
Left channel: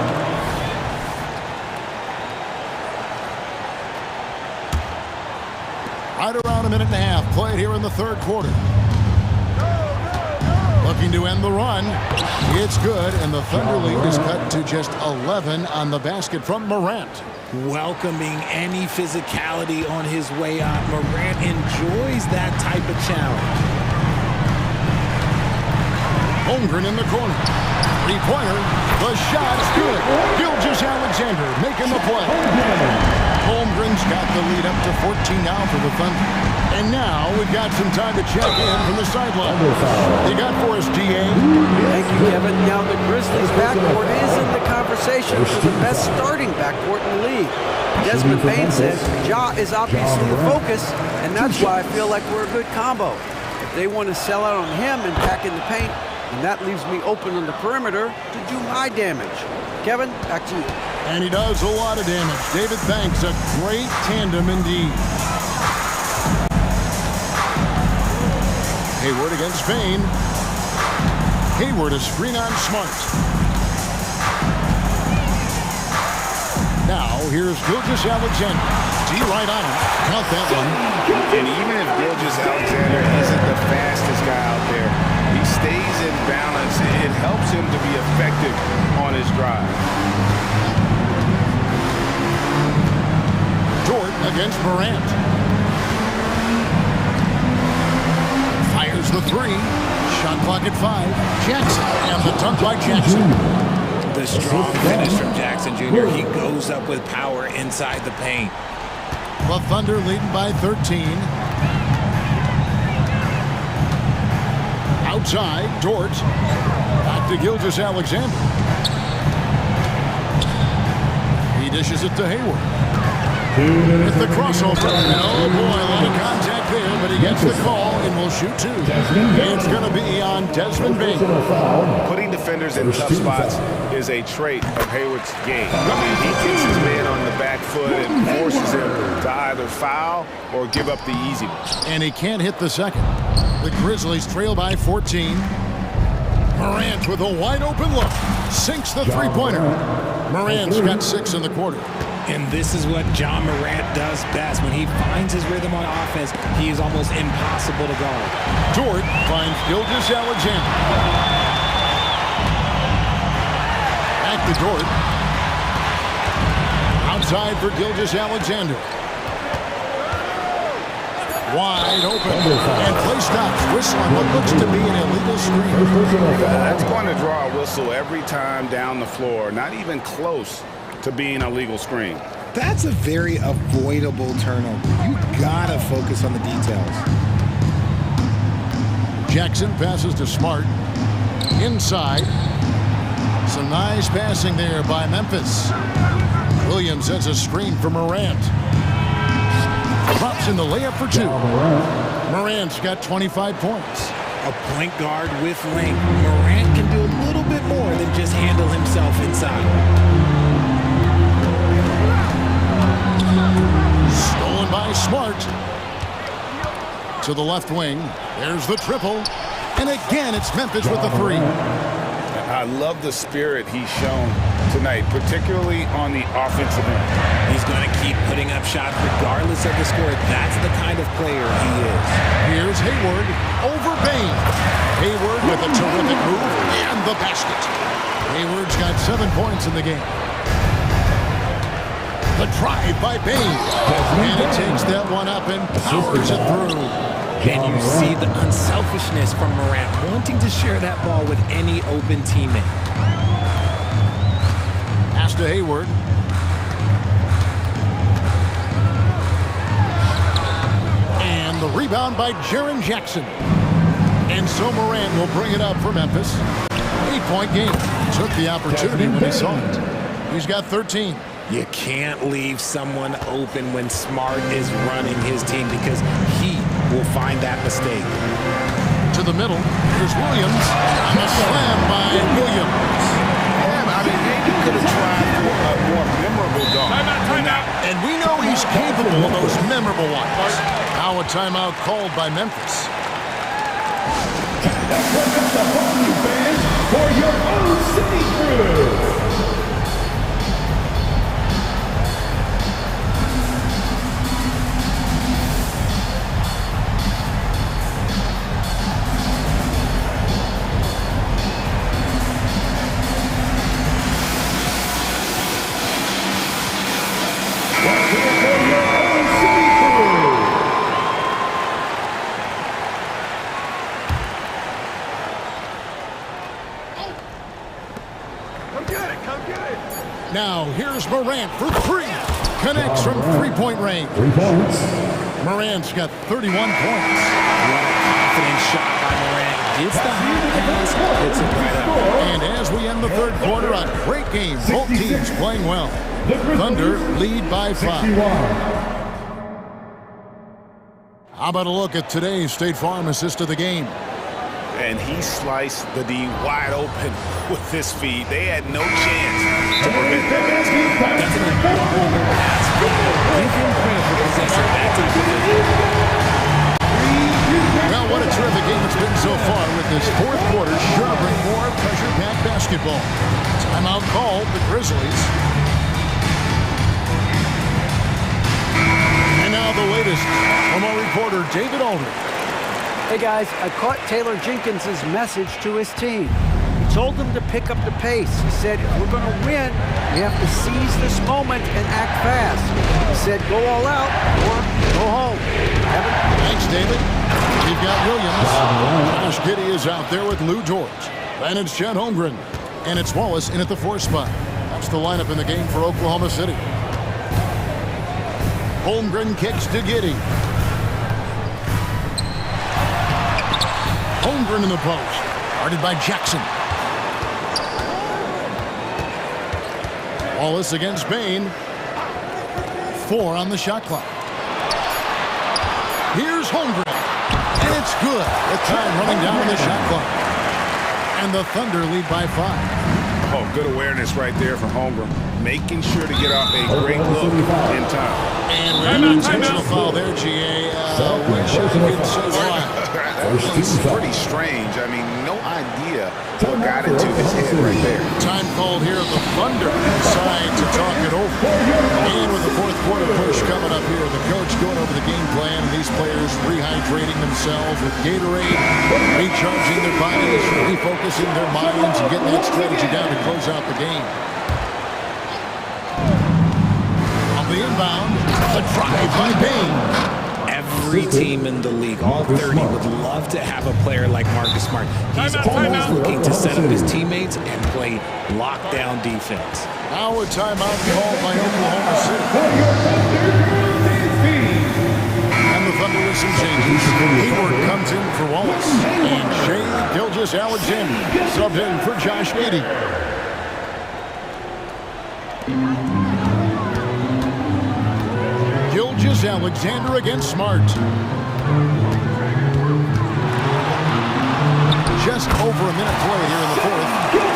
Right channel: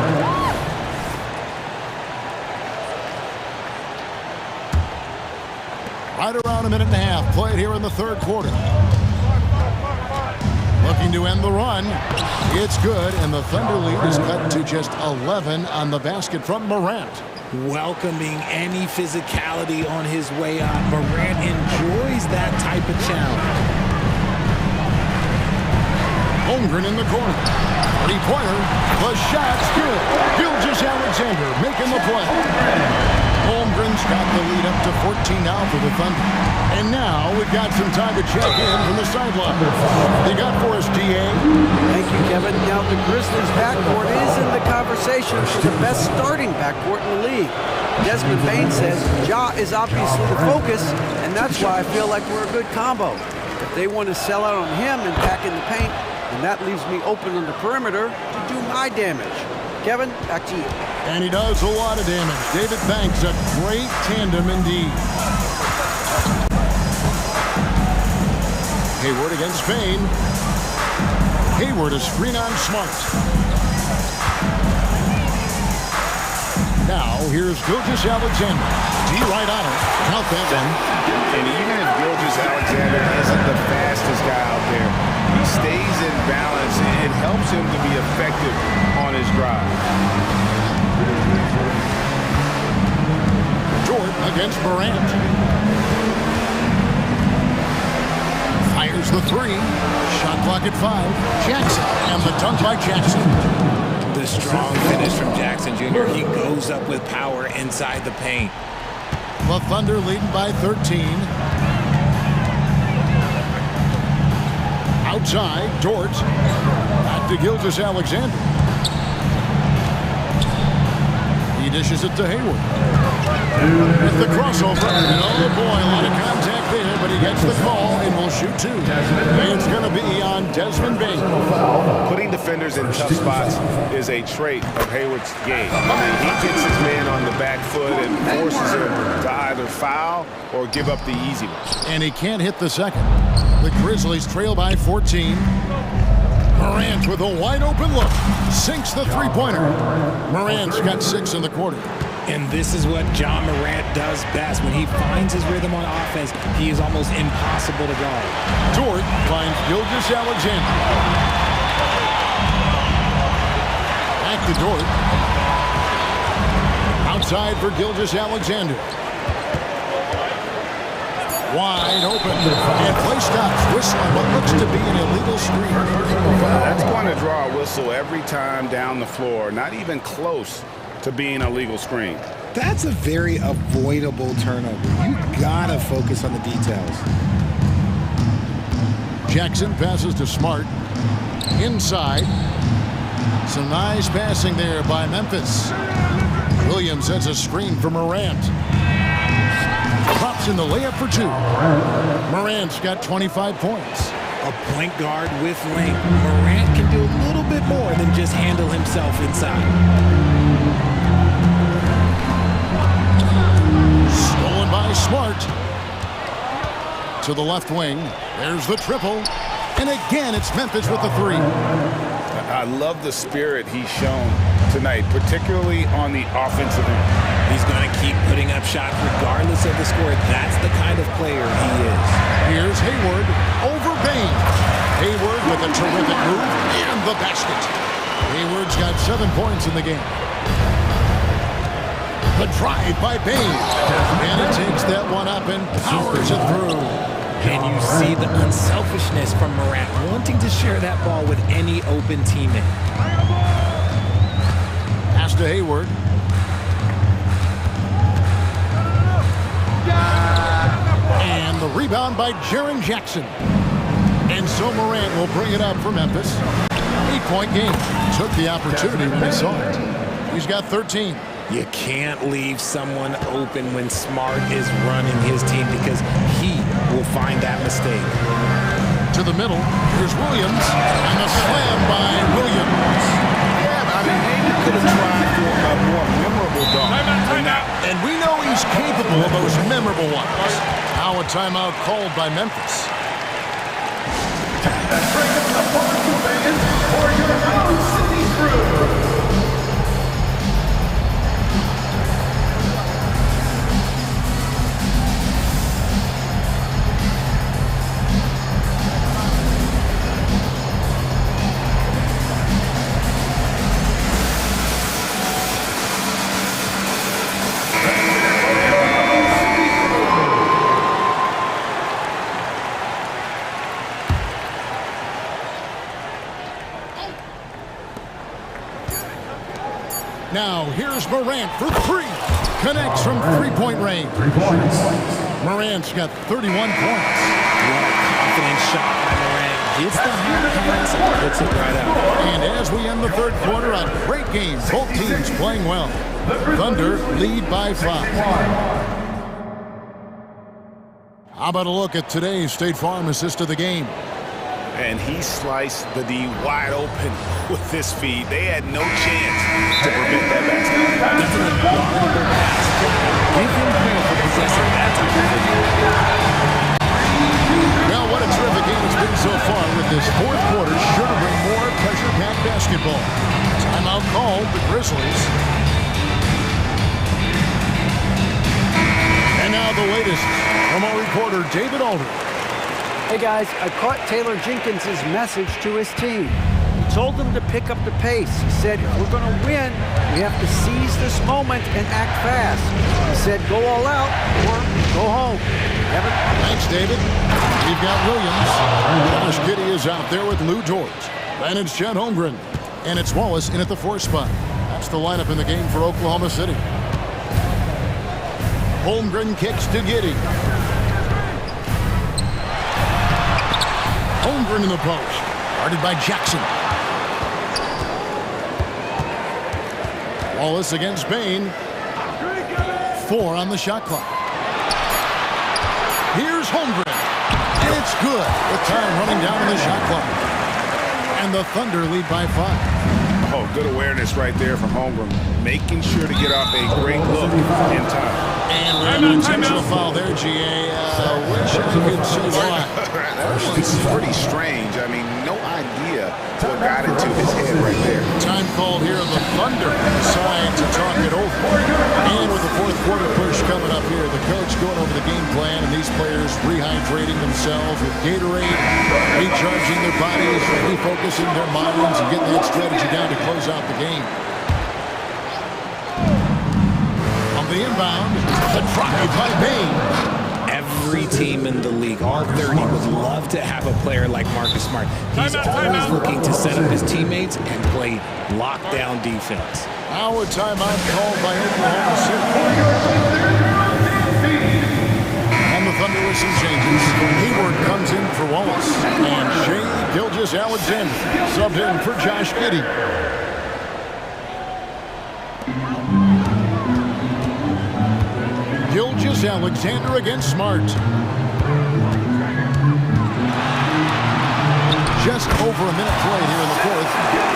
Right around a minute and a half played here in the third quarter. Looking to end the run. It's good, and the Thunder lead is cut to just 11 on the basket from Morant. Welcoming any physicality on his way up. Morant enjoys that type of challenge. Holmgren in the corner. Three-pointer. The shot's good. Gilgeous-Alexander making the play. Holmgren's got the lead up to 14 now for the Thunder. And now we've got some time to check in from the sideline. You got for us, DA? Thank you, Kevin. Now the Grizzlies' backcourt is in the conversation for the best starting backcourt in the league. Desmond Bane says Ja is obviously the focus, and that's why I feel like we're a good combo. If they want to sell out on him and pack in the paint, then that leaves me open on the perimeter to do my damage. Kevin, back to you. And he does a lot of damage. David Banks, a great tandem indeed. Hayward against Bane. Hayward, a screen on Smart. Now, here's Gilgeous-Alexander. D right on him. Count that one. And even if Gilgeous-Alexander isn't the fastest guy out there, he stays in balance. It helps him to be effective on his drive. Dort against Morant. Fires the 3. Shot clock at 5. Jackson, and the dunk by Jackson. The strong finish from Jackson Jr. He goes up with power inside the paint. The Thunder leading by 13. Outside, Dort. Back to Gilgeous-Alexander. He dishes it to Hayward. With the crossover. And oh boy, a lot of contact there, but he gets the call and will shoot two. It's going to be on Desmond Bain. Putting defenders in tough spots is a trait of Hayward's game. I mean, he gets his man on the back foot and forces him to either foul or give up the easy one. And he can't hit the second. The Grizzlies trail by 14. Morant with a wide open look. Sinks the three-pointer. Morant's got 6 in the quarter. And this is what John Morant does best. When he finds his rhythm on offense, he is almost impossible to guard. Dort finds Gilgeous-Alexander. Back to Dort. Outside for Gilgeous-Alexander. Wide open. And play stops. Whistle on what looks to be an illegal screen. That's going to draw a whistle every time down the floor. Not even close to being a legal screen. That's a very avoidable turnover. You gotta focus on the details. Jackson passes to Smart. Inside. Some nice passing there by Memphis. Williams sets a screen for Morant. Drops in the layup for 2. Morant's got 25 points. A point guard with length. Morant can do a little bit more than just handle himself inside. Stolen by Smart. To the left wing. There's the triple. And again, it's Memphis with the 3. I love the spirit he's shown tonight, particularly on the offensive end. He's going to keep putting up shots regardless of the score. That's the kind of player he is. Here's Hayward over Bain. Hayward with a terrific move and the basket. Hayward's got 7 points in the game. The drive by Bain. And he takes that one up and powers it through. And you see the unselfishness from Morant, wanting to share that ball with any open teammate. Pass to Hayward. And the rebound by Jaren Jackson. And so Morant will bring it up for Memphis. 8-point game. Took the opportunity when he saw it. He's got 13. You can't leave someone open when Smart is running his team because he will find that mistake. To the middle, here's Williams, and the slam by Williams. Yeah, I mean, maybe could have tried for a more memorable dunk. Timeout. And we know he's capable of those memorable ones. Now a timeout called by Memphis. Let's break up the barbecue fans for your own city crew. Now, here's Morant for 3. Connects from three-point range. 3 points. Morant's got 31 points. What a confident shot by Morant. Gets the hot pass and puts it right out. And as we end the third quarter, a great game. Both teams playing well. Thunder lead by 5. How about a look at today's State Farm assist of the game? And he sliced the D wide open with his feet. They had no chance to prevent that basket. That's an unguardable pass. Flat out. Give him credit for possessing that type of vision. Well, what a terrific game it's been so far with this fourth quarter. Sure to bring more pressure-packed basketball. Timeout called the Grizzlies. And now the latest from our reporter, David Aldridge. Hey guys, I caught Taylor Jenkins' message to his team. He told them to pick up the pace. He said, if we're going to win, we have to seize this moment and act fast. He said, go all out or go home. Kevin? Thanks, David. We've got Williams. Josh Giddey is out there with Lou George. Then it's Chet Holmgren. And it's Wallace in at the 4 spot. That's the lineup in the game for Oklahoma City. Holmgren kicks to Giddey. Holmgren in the post. Guarded by Jackson. Wallace against Bain. 4 on the shot clock. Here's Holmgren. And it's good with time running down on the shot clock. And the Thunder lead by 5. Oh, good awareness right there from Holmgren. Making sure to get off a great look in time. And we have an intentional foul there, GA. Wish I could say why. That was pretty strange. I mean, no idea what got into his head right there. Time called here. The Thunder decide to talk it over. And with the fourth quarter push coming up here, the coach going over the game plan and these players rehydrating themselves with Gatorade, recharging their bodies, refocusing their minds, and getting that strategy down to close out the game. The inbound, the drive by Bain. Every team in the league, all 30, would love to have a player like Marcus Smart. He's always looking to set up his teammates and play lockdown defense. Now a timeout called by Oklahoma City. And the Thunder with some changes. Hayward comes in for Wallace. And Shai Gilgeous-Alexander subbed in for Josh Giddey. Gilgeous-Alexander against Smart. Just over a minute played here in the fourth.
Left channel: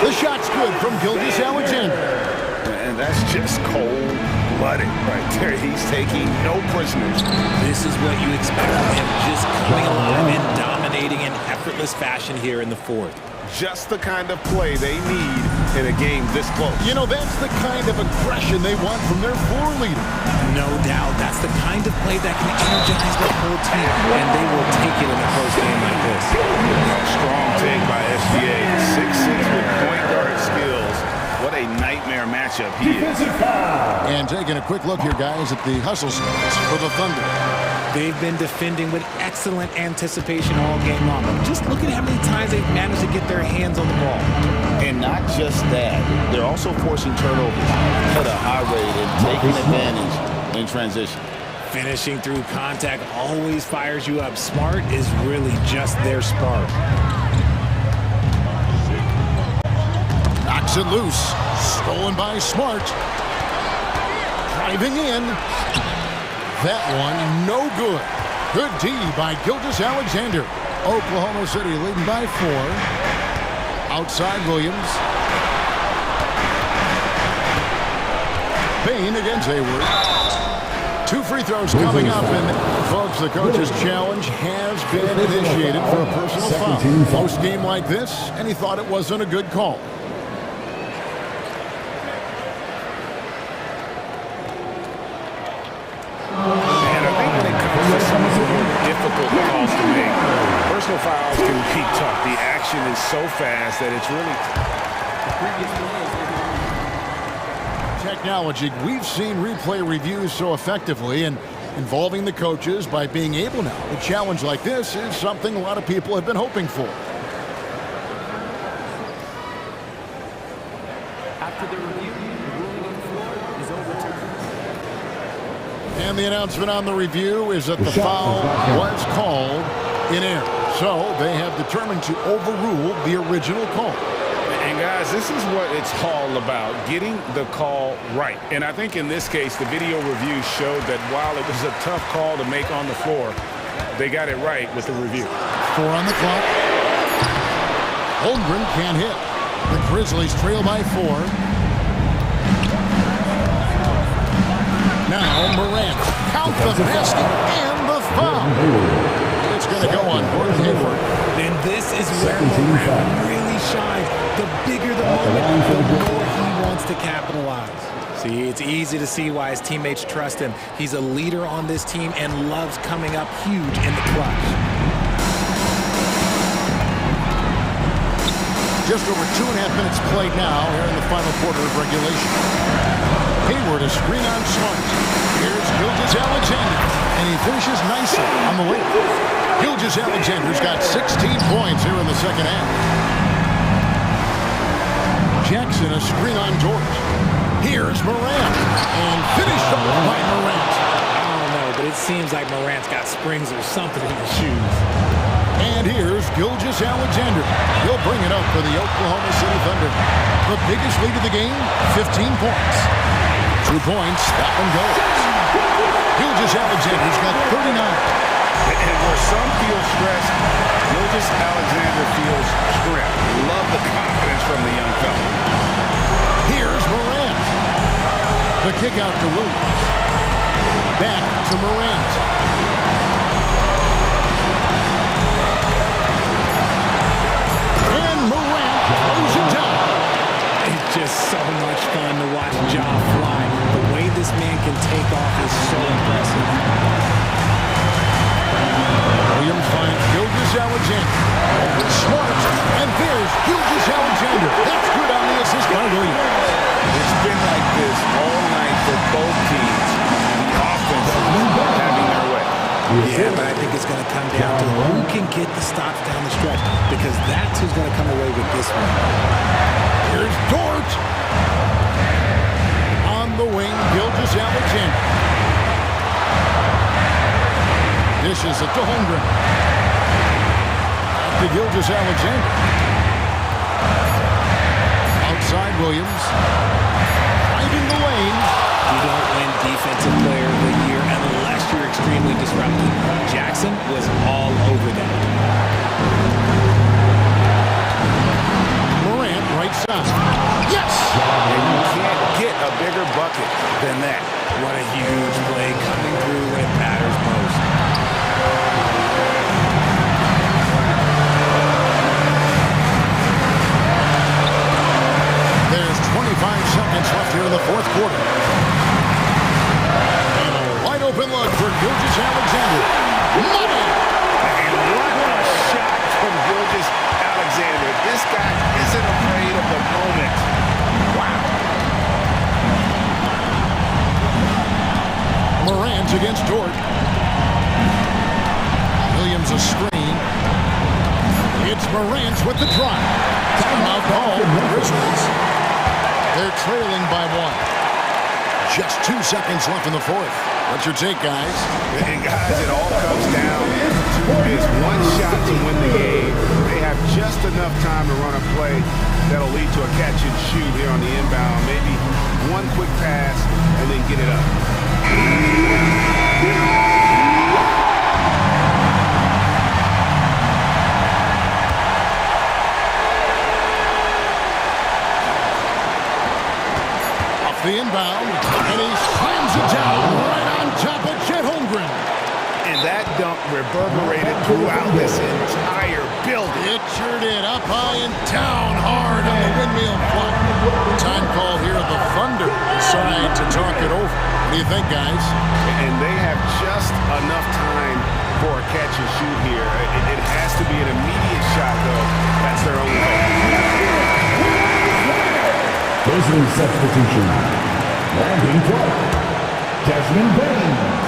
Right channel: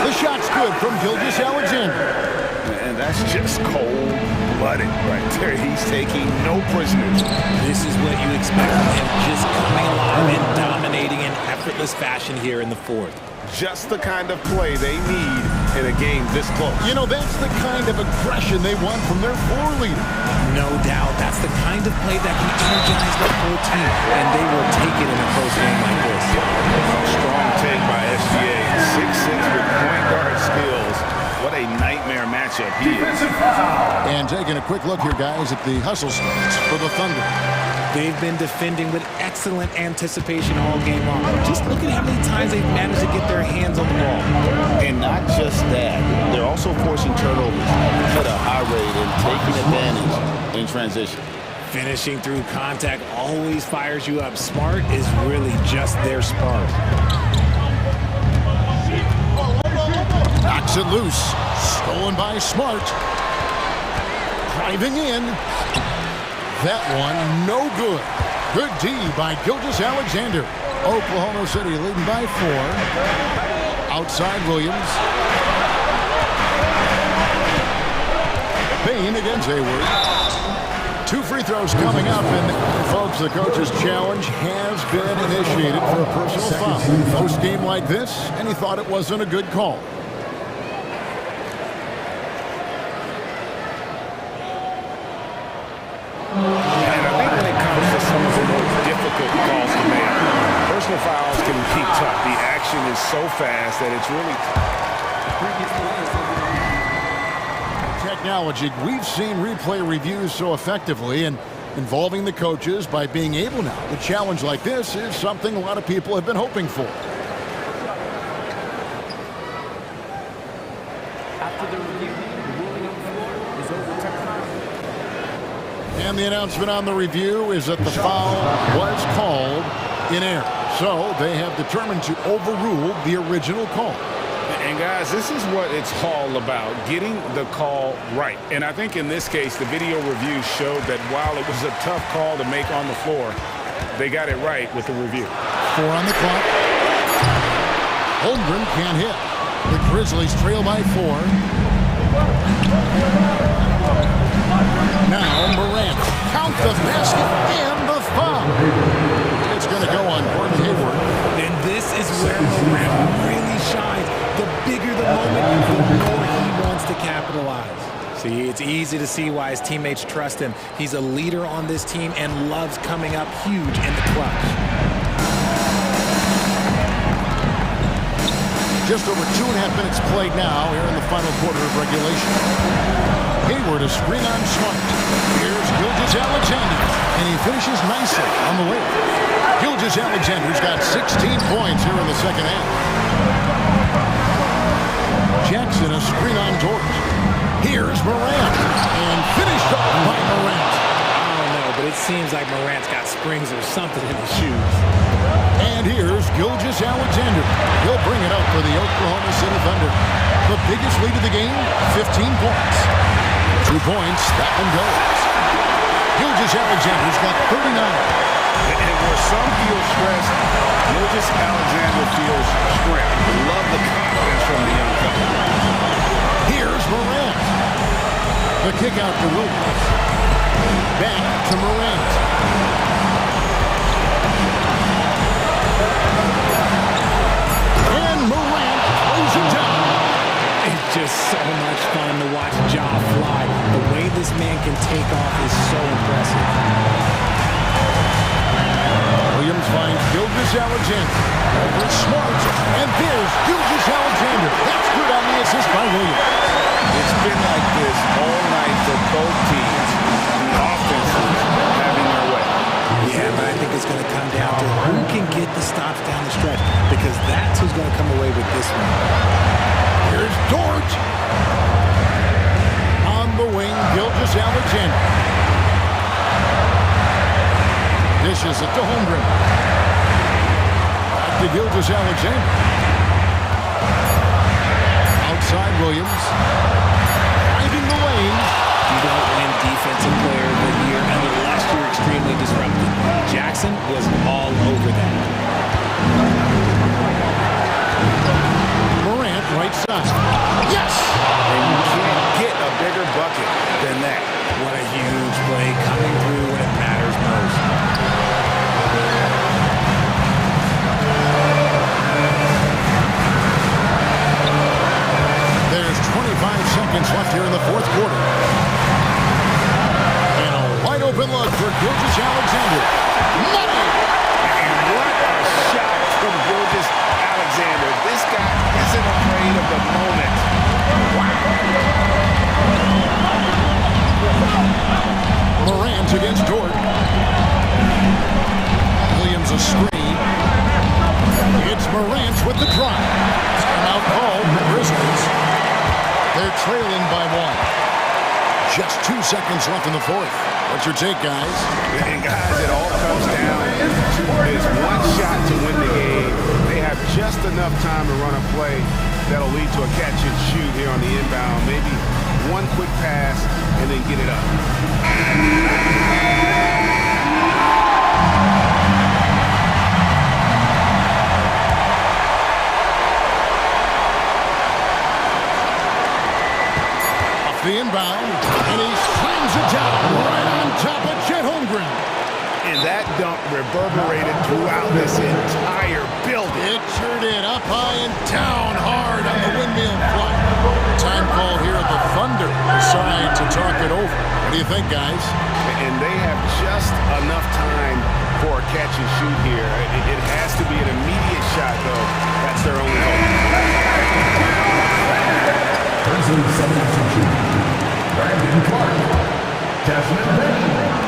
The shot's good from Gilgeous-Alexander. And that's just cold-blooded right there. He's taking no prisoners. This is what you expect from him, just coming alive and dominating in effortless fashion here in the fourth. Just the kind of play they need in a game this close. You know, that's the kind of aggression they want from their floor leader. No doubt. That's the kind of play that can energize the whole team, and they will take it in a close game like this. Strong take by SGA. 6'6" with point guard skills. What a nightmare matchup he is. And taking a quick look here, guys, at the hustle stats for the Thunder. They've been defending with excellent anticipation all game long. Just look at how many times they've managed to get their hands on the ball. And not just that, they're also forcing turnovers at a high rate and taking advantage in transition. Finishing through contact always fires you up. Smart is really just their spark. Knocks it loose. Stolen by Smart. Driving in. That one, no good. Good D by Gilgeous-Alexander. Oklahoma City leading by 4. Outside Williams. Bain against Hayward. 2 free throws coming up, and folks, the coach's challenge has been initiated for a personal foul. Post game like this, and he thought it wasn't a good call. Some of the more difficult calls to make. Personal fouls can be tough. The action is so fast that it's really tough. Technology. We've seen replay reviews so effectively and involving the coaches by being able now. A challenge like this is something a lot of people have been hoping for. After the review, the ruling on the floor is overturned. And the announcement on the review is that the foul was called in error. So they have determined to overrule the original call. And guys, this is what it's all about, getting the call right. And I think in this case, the video review showed that while it was a tough call to make on the floor, they got it right with the review. 4 on the clock. Holmgren can't hit. The Grizzlies trail by 4. Now Morant, count the basket and the foul. It's going to go on Gordon Hayward. And this is where Morant really shines. The bigger the moment, the more he wants to capitalize. See, it's easy to see why his teammates trust him. He's a leader on this team and loves coming up huge in the clutch. Just over 2.5 minutes played now here in the final quarter of regulation. Hayward a screen on Smart. Here's Gilgeous-Alexander, and he finishes nicely on the layup. Gilgeous-Alexander's got 16 points here in the second half. Jackson, a screen on George. Here's Morant, and finished off by Morant. I don't know, but it seems like Morant's got springs or something in his shoes. And here's Gilgeous-Alexander. He'll bring it up for the Oklahoma City Thunder. The biggest lead of the game, 15 points. 2 points, that one goes. Gilgeous-Alexander's got 39. And where some feel stressed, Gilgeous-Alexander feels strength. Love the confidence from the young fella. Here's Morant. The kick out to Williams. Back to Morant. And Morant throws it down. It's just so much fun to watch Ja fly. The way this man can take off is so impressive. Williams finds Gilgeous-Alexander. Over Smart. And there's Gilgeous-Alexander. That's good on the assist by Williams. It's been like this all night for both teams. The offenses having their way. Yeah, but I think it's going to come down to who can get the stops down the stretch, because that's who's going to come away with this one. Here's Dort. On the wing, Gilgeous-Alexander. Dishes it to Holmgren. Back to Gilgeous-Alexander. Outside Williams. Driving the lane. You don't win Defensive Player of the Year unless you're extremely disruptive. Jackson was all over that. Morant, right side. Yes! And you can't get a bigger bucket than that. What a huge play, coming through when it matters most. There's 25 seconds left here in the fourth quarter. And a wide open look for Gilgeous-Alexander. Money! And what a shot from Gilgeous-Alexander. This guy isn't afraid of the moment. Wow. Morant against Dort. Williams a screen. It's Morant with the drive. Timeout call, the Grizzlies. They're trailing by 1. Just 2 seconds left in the fourth. What's your take, guys? And guys, it all comes down to this one shot to win the game. They have just enough time to run a play that'll lead to a catch and shoot here on the inbound. Maybe one quick pass and then get it up. The inbound, and he slams it down right on top of Chet Holmgren. And that dunk reverberated throughout this entire building. It sure did, up high and down hard on the windmill flight. Time call here, the Thunder decide to talk it over. What do you think, guys? And they have just enough time for a catch and shoot here. It has to be an immediate shot, though. That's their only hope. Grizzlies substitution. Brandon Clark. Jasmine Payne.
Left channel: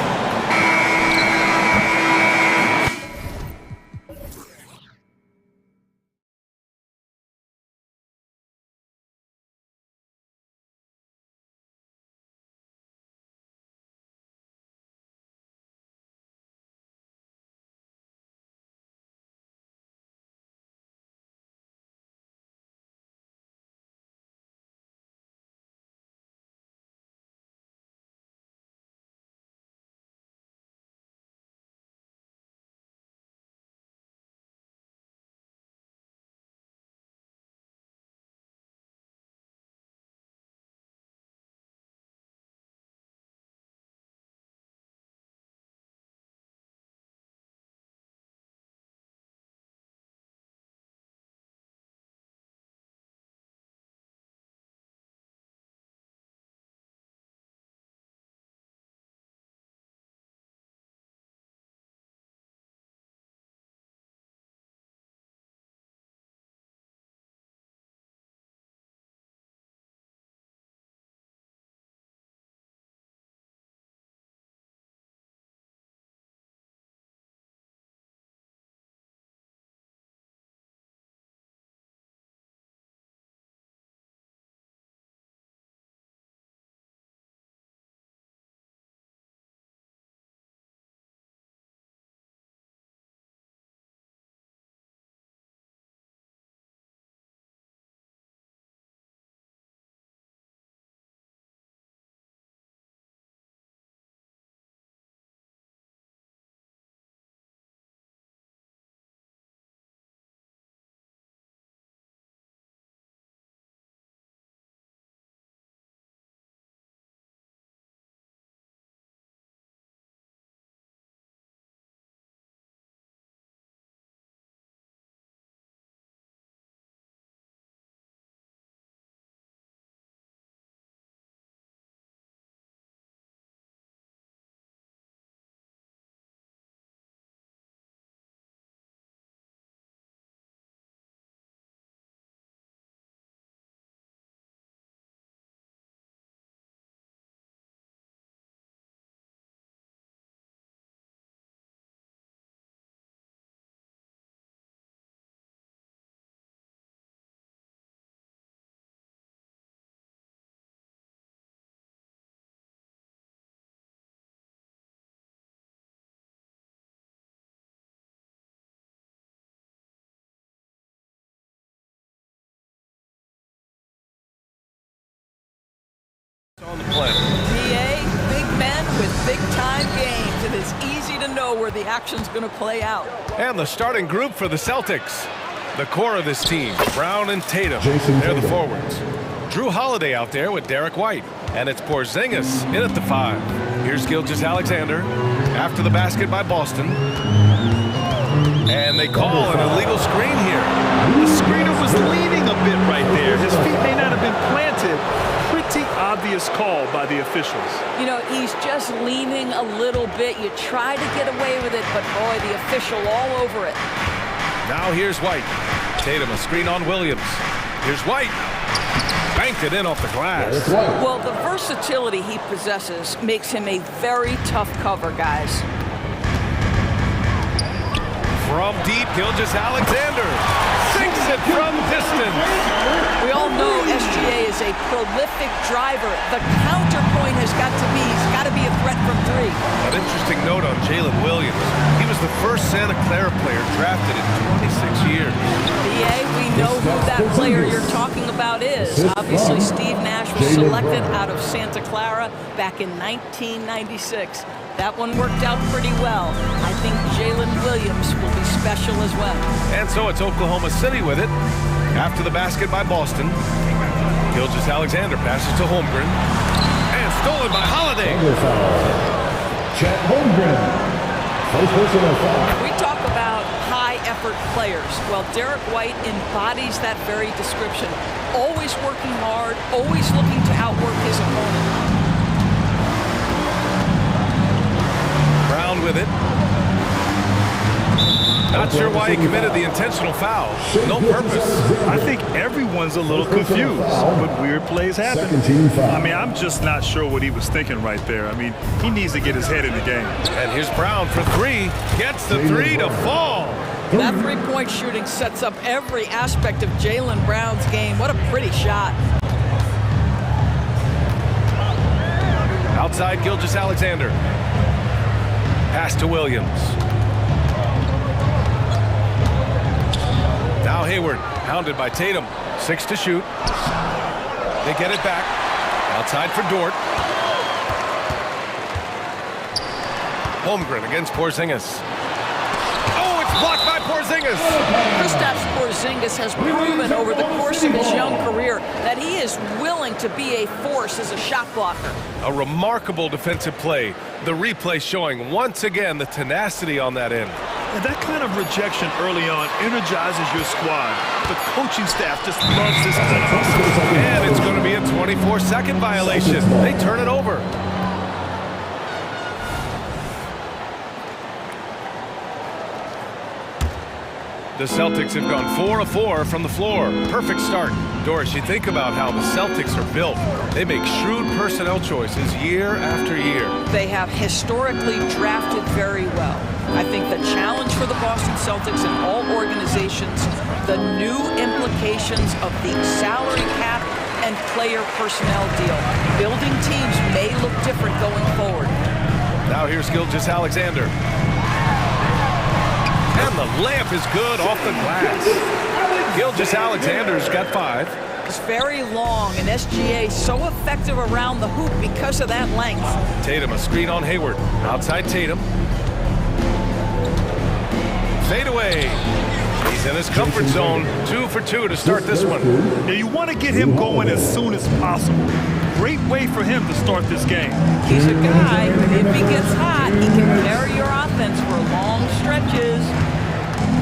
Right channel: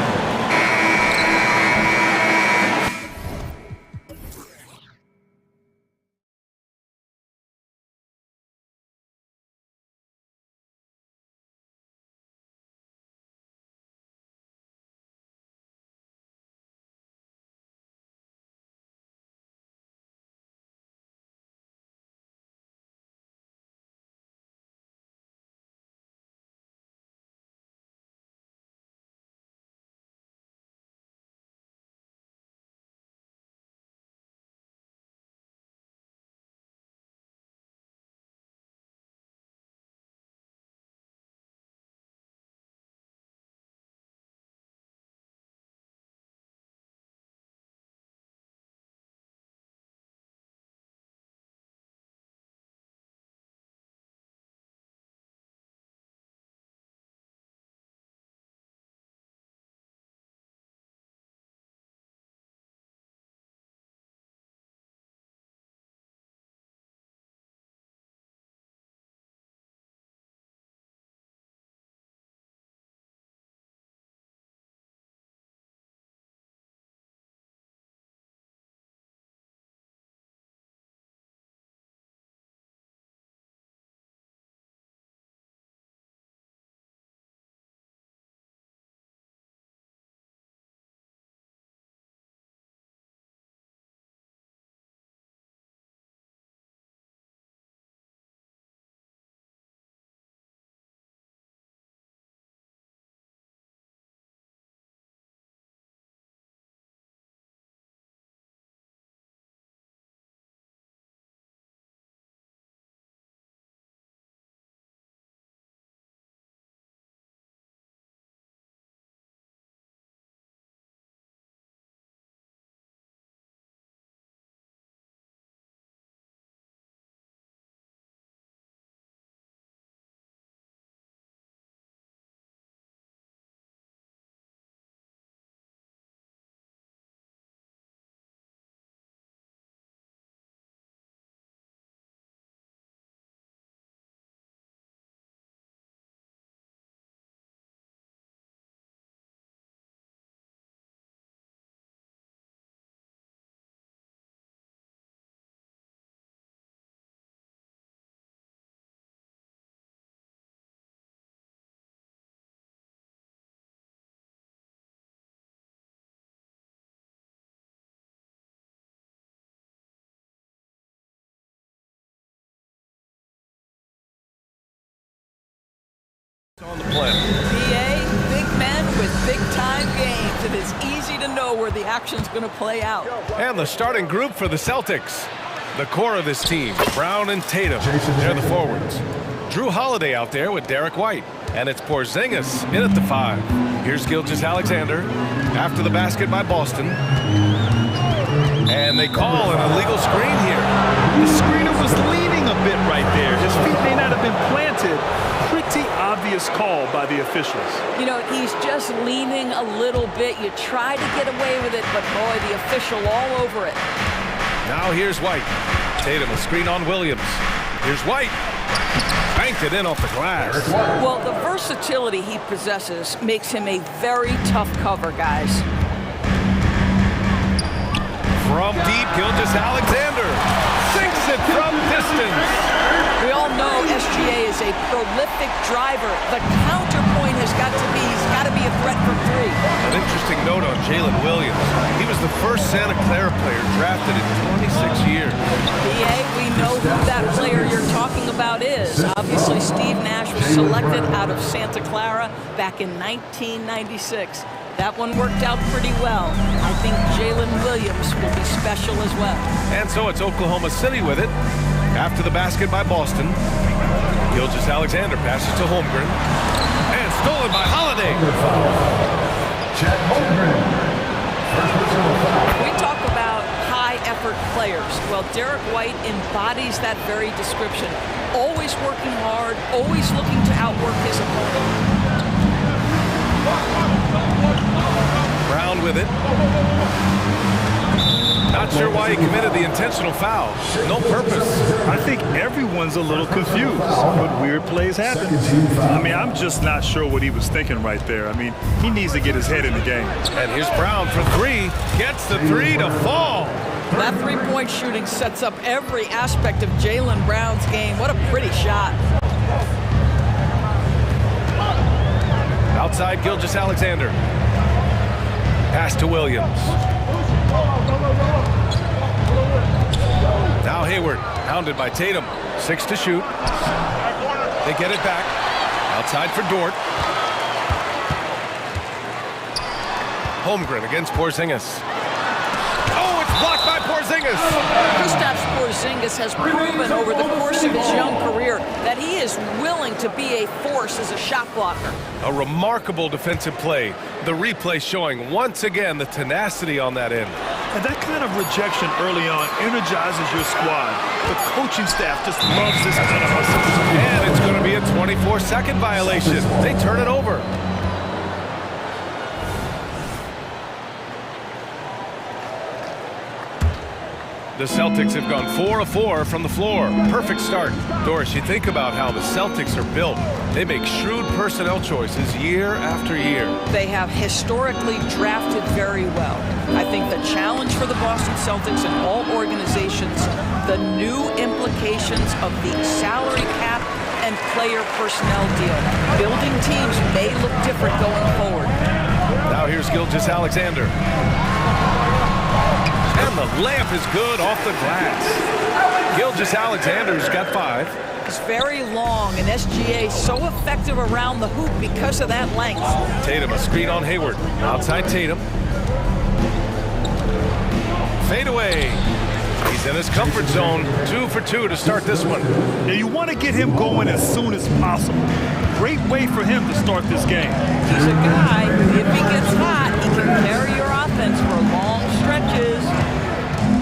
On the play. PA, big men with big-time games. It is easy to know where the action's going to play out. And the starting group for the Celtics. The core of this team, Brown and Tatum. They're the forwards. Drew Holiday out there with Derek White. And it's Porzingis in at the 5. Here's Gilgeous-Alexander after the basket by Boston. And they call an illegal screen here. The screener was leaning a bit right there. His feet may not have been planted. Pretty obvious call by the officials. You know, he's just leaning a little bit. You try to get away with it, but boy, the official all over it. Now here's White. Tatum, a screen on Williams. Here's White. Banked it in off the glass. Well, the versatility he possesses makes him a very tough cover, guys. From deep, Gilgeous-Alexander sinks it from distance. We all know SGA is a prolific driver. The counterpoint has got to be, he's got to be a threat from 3. An interesting note on Jalen Williams. He was the first Santa Clara player drafted in 26 years. BA, we know who that player you're talking about is. Obviously, Steve Nash was selected out of Santa Clara back in 1996. That one worked out pretty well. I think Jalen Williams will be special as well. And so it's Oklahoma City with it. After the basket by Boston, Gilgeous-Alexander passes to Holmgren. And stolen by Holiday. Chet Holmgren. First personal foul. We talk about high-effort players. Well, Derek White embodies that very description. Always working hard, always looking to outwork his opponent. Brown with it. Not sure why he committed the intentional foul. No purpose. I think everyone's a little confused, but weird plays happen. I mean, I'm just not sure what he was thinking right there. I mean, he needs to get his head in the game. And here's Brown for 3. Gets the 3 to fall. That three-point shooting sets up every aspect of Jaylen Brown's game. What a pretty shot. Outside Gilgeous-Alexander. Pass to Williams. Now Hayward, hounded by Tatum. 6 to shoot. They get it back. Outside for Dort. Holmgren against Porzingis. Oh, it's blocked by Porzingis. Kristaps Porzingis has proven over the course of his young career that he is willing to be a force as a shot blocker. A remarkable defensive play. The replay showing once again the tenacity on that end. And that kind of rejection early on energizes your squad. The coaching staff just loves this kind of hustle. And it's going to be a 24-second violation. They turn it over. The Celtics have gone 4 of 4 from the floor. Perfect start. Doris, you think about how the Celtics are built. They make shrewd personnel choices year after year. They have historically drafted very well. I think the challenge for the Boston Celtics and all organizations, the new implications of the salary cap and player personnel deal. Building teams may look different going forward. Now here's Gilgeous-Alexander. And the layup is good off the glass. Gilgeous-Alexander's got 5. He's very long, and SGA so effective around the hoop because of that length. Tatum, a screen on Hayward. Outside Tatum. Fade away. He's in his comfort zone. 2 for 2 to start this one. Now you want to get him going as soon as possible. Great way for him to start this game. He's a guy who, if he gets hot, he can carry your offense for long stretches.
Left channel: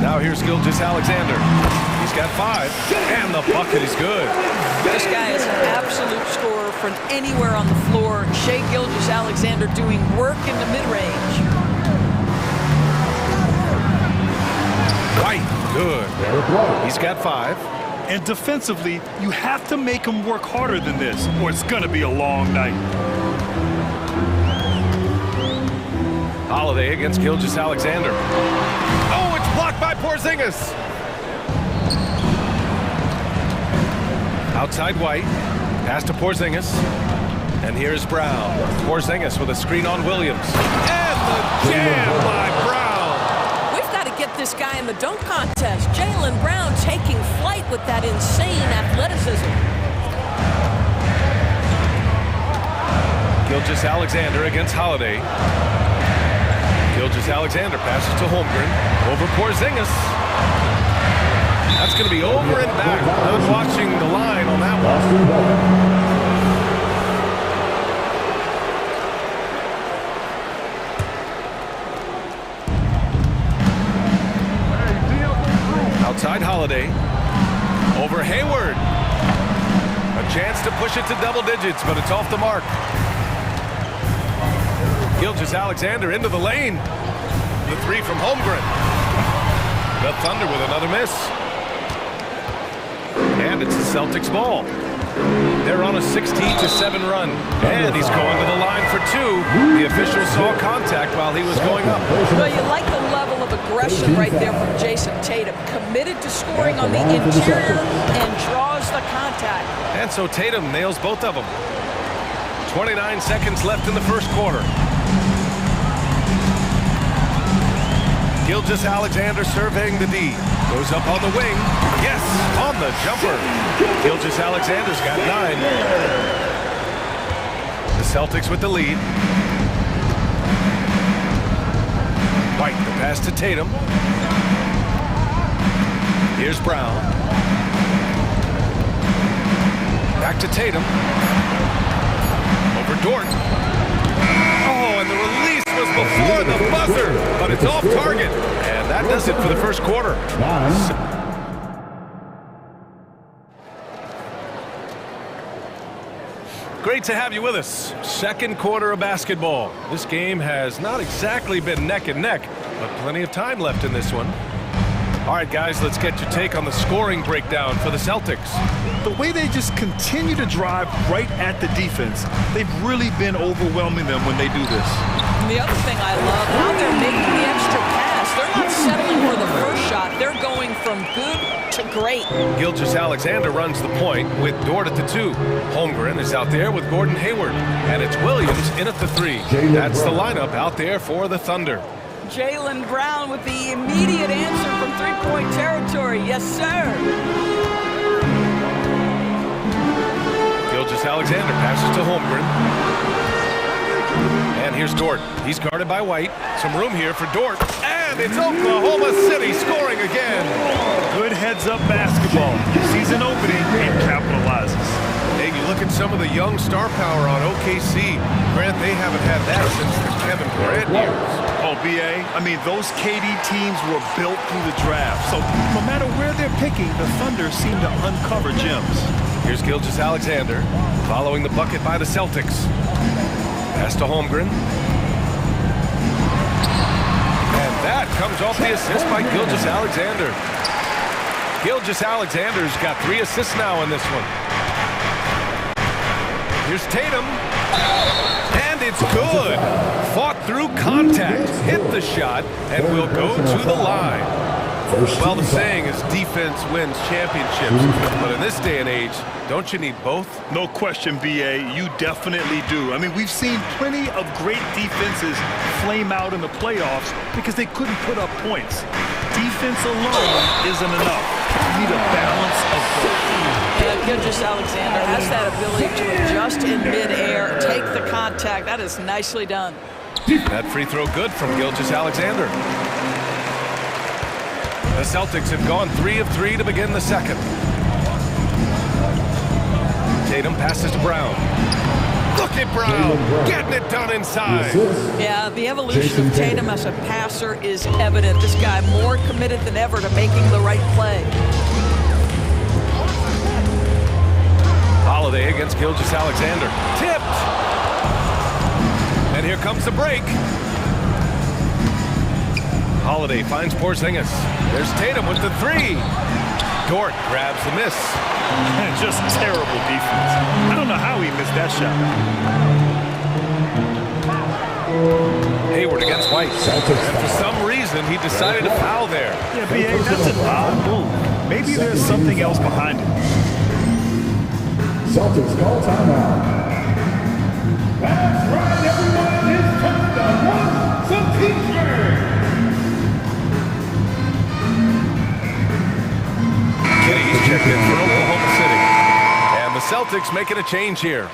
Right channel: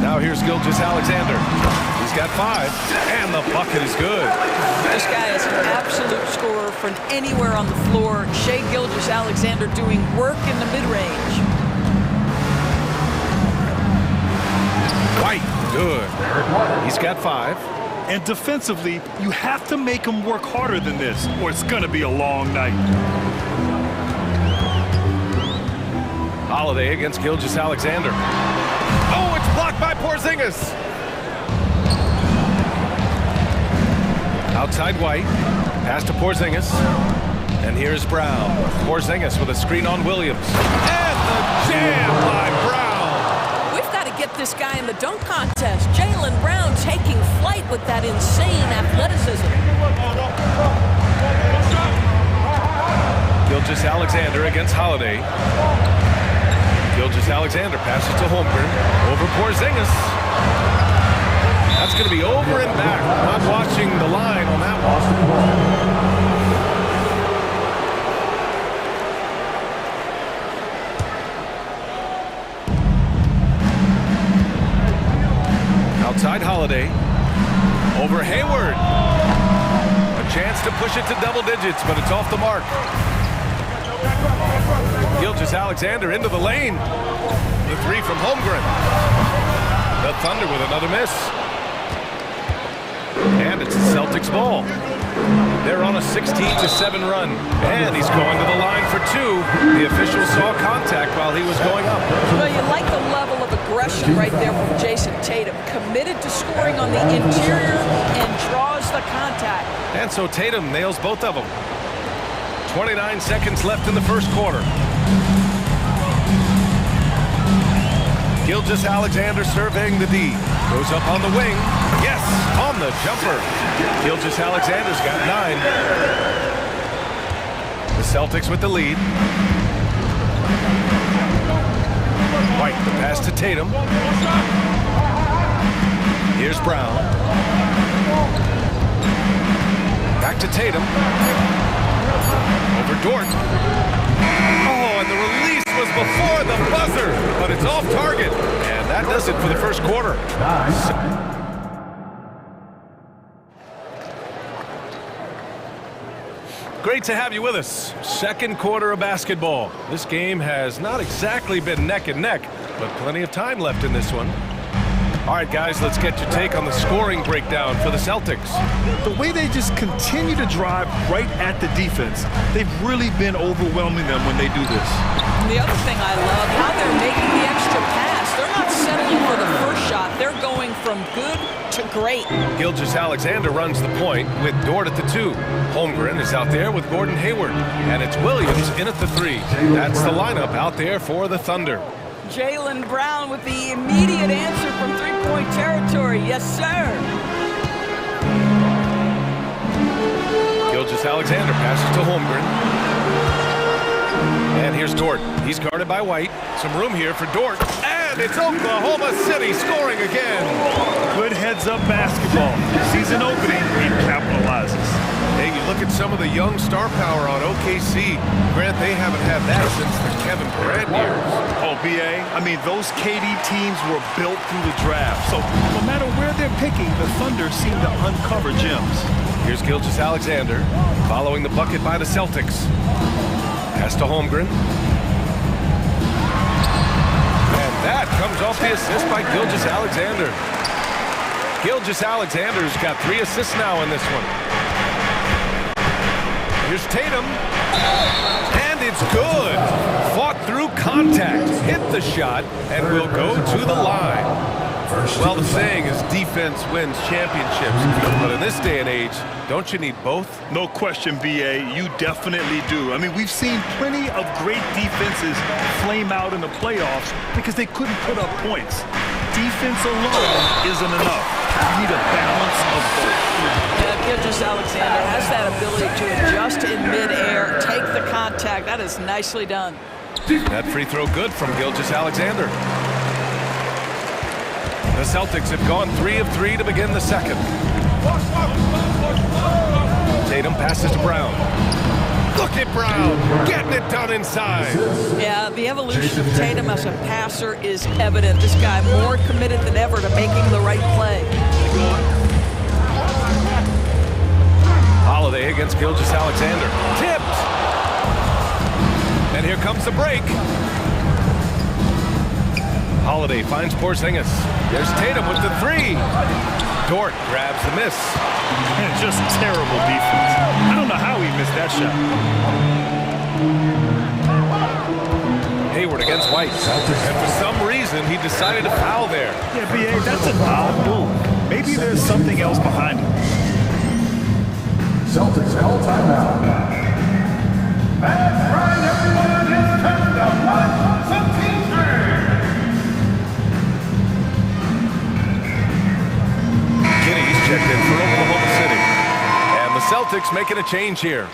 Now here's Gilgeous-Alexander. He's got 5, and the bucket is good. This guy is an absolute scorer from anywhere on the floor. Shai Gilgeous-Alexander doing work in the mid-range. White, good. He's got 5. And defensively, you have to make him work harder than this, or it's going to be a long night. Holiday against Gilgeous-Alexander. Oh, it's blocked by Porzingis. Outside White. Pass to Porzingis. And here's Brown. Porzingis with a screen on Williams. And the jam by Brown. We've got to get this guy in the dunk contest. Jaylen Brown taking flight with that insane athleticism. Gilgeous-Alexander against Holiday. Gilgeous-Alexander passes to Holmgren. Over Porzingis. That's going to be over and back. Not watching the line on that one. Outside Holiday. Over Hayward. A chance to push it to double digits, but it's off the mark. Gilgeous-Alexander into the lane. The three from Holmgren. The Thunder with another miss. And it's the Celtics ball. They're on a 16-7 run. And he's going to the line for two. The official saw contact while he was going up. Well, you like the level of aggression right there from Jason Tatum. Committed to scoring on the interior and draws the contact. And so Tatum nails both of them. 29 seconds left in the first quarter. Gilgeous-Alexander surveying the D. Goes up on the wing. Yes, on the jumper. Gilgeous-Alexander's got 9. The Celtics with the lead. White, the pass to Tatum. Here's Brown. Back to Tatum. Over Dort. Oh, and the release was before the buzzer, but it's off target. And that does it for the first quarter. Great to have you with us. Second quarter of basketball. This game has not exactly been neck and neck, but plenty of time left in this one. All right, guys, let's get your take on the scoring breakdown for the Celtics. The way they just continue to drive right at the defense, they've really been overwhelming them when they do this. And the other thing I love, how they're making the extra pass. They're not settling for the first shot. They're going from good to great. Gilgeous-Alexander runs the point with Dort at the 2. Holmgren is out there with Gordon Hayward. And it's Williams in at the 3. That's the lineup out there for the Thunder. Jaylen Brown with the immediate answer from three-point territory. Yes, sir. Gilgeous-Alexander passes to Holmgren. And here's Dort. He's guarded by White. Some room here for Dort. And it's Oklahoma City scoring again. Good heads-up basketball. Season opening and capitalizes. Hey, you look at some of the young star power on OKC. Grant, they haven't had that since the Kevin Durant years. Oh, B.A., I mean, those KD teams were built through the draft. So no matter where they're picking, the Thunder seem to uncover gems. Here's Gilgeous-Alexander following the bucket by the Celtics. Pass to Holmgren. And that comes off the assist by Gilgeous-Alexander. Gilgeous-Alexander's got 3 assists now in this one. Here's Tatum. And it's good. Fought through contact, hit the shot, and will go to the line. Well, the saying is defense wins championships. But in this day and age, don't you need both? No question, B.A., you definitely do. I mean, we've seen plenty of great defenses flame out in the playoffs because they couldn't put up points. Defense alone isn't enough. You need a balance of both. Yeah, Gilgeous-Alexander has that ability to adjust in midair, take the contact. That is nicely done. That free throw good from Gilgeous-Alexander. The Celtics have gone 3 of 3 to begin the second. Tatum passes to Brown. Look at Brown getting it done inside. Yeah, the evolution of Tatum as a passer is evident. This guy more committed than ever to making the right play. Holiday against Gilgeous-Alexander. Tipped. And here comes the break. Holiday finds Porzingis. There's Tatum with the 3. Dort grabs the miss. And just terrible defense. I don't know how he missed that shot. Hayward against White. And for some reason, he decided to foul there. Yeah, B.A., that's an odd move. Maybe there's something else behind it. Celtics call timeout. That's right, everyone. It's time to watch some t-shirts. Giddy's checked in for Oklahoma City. And the Celtics making a change here.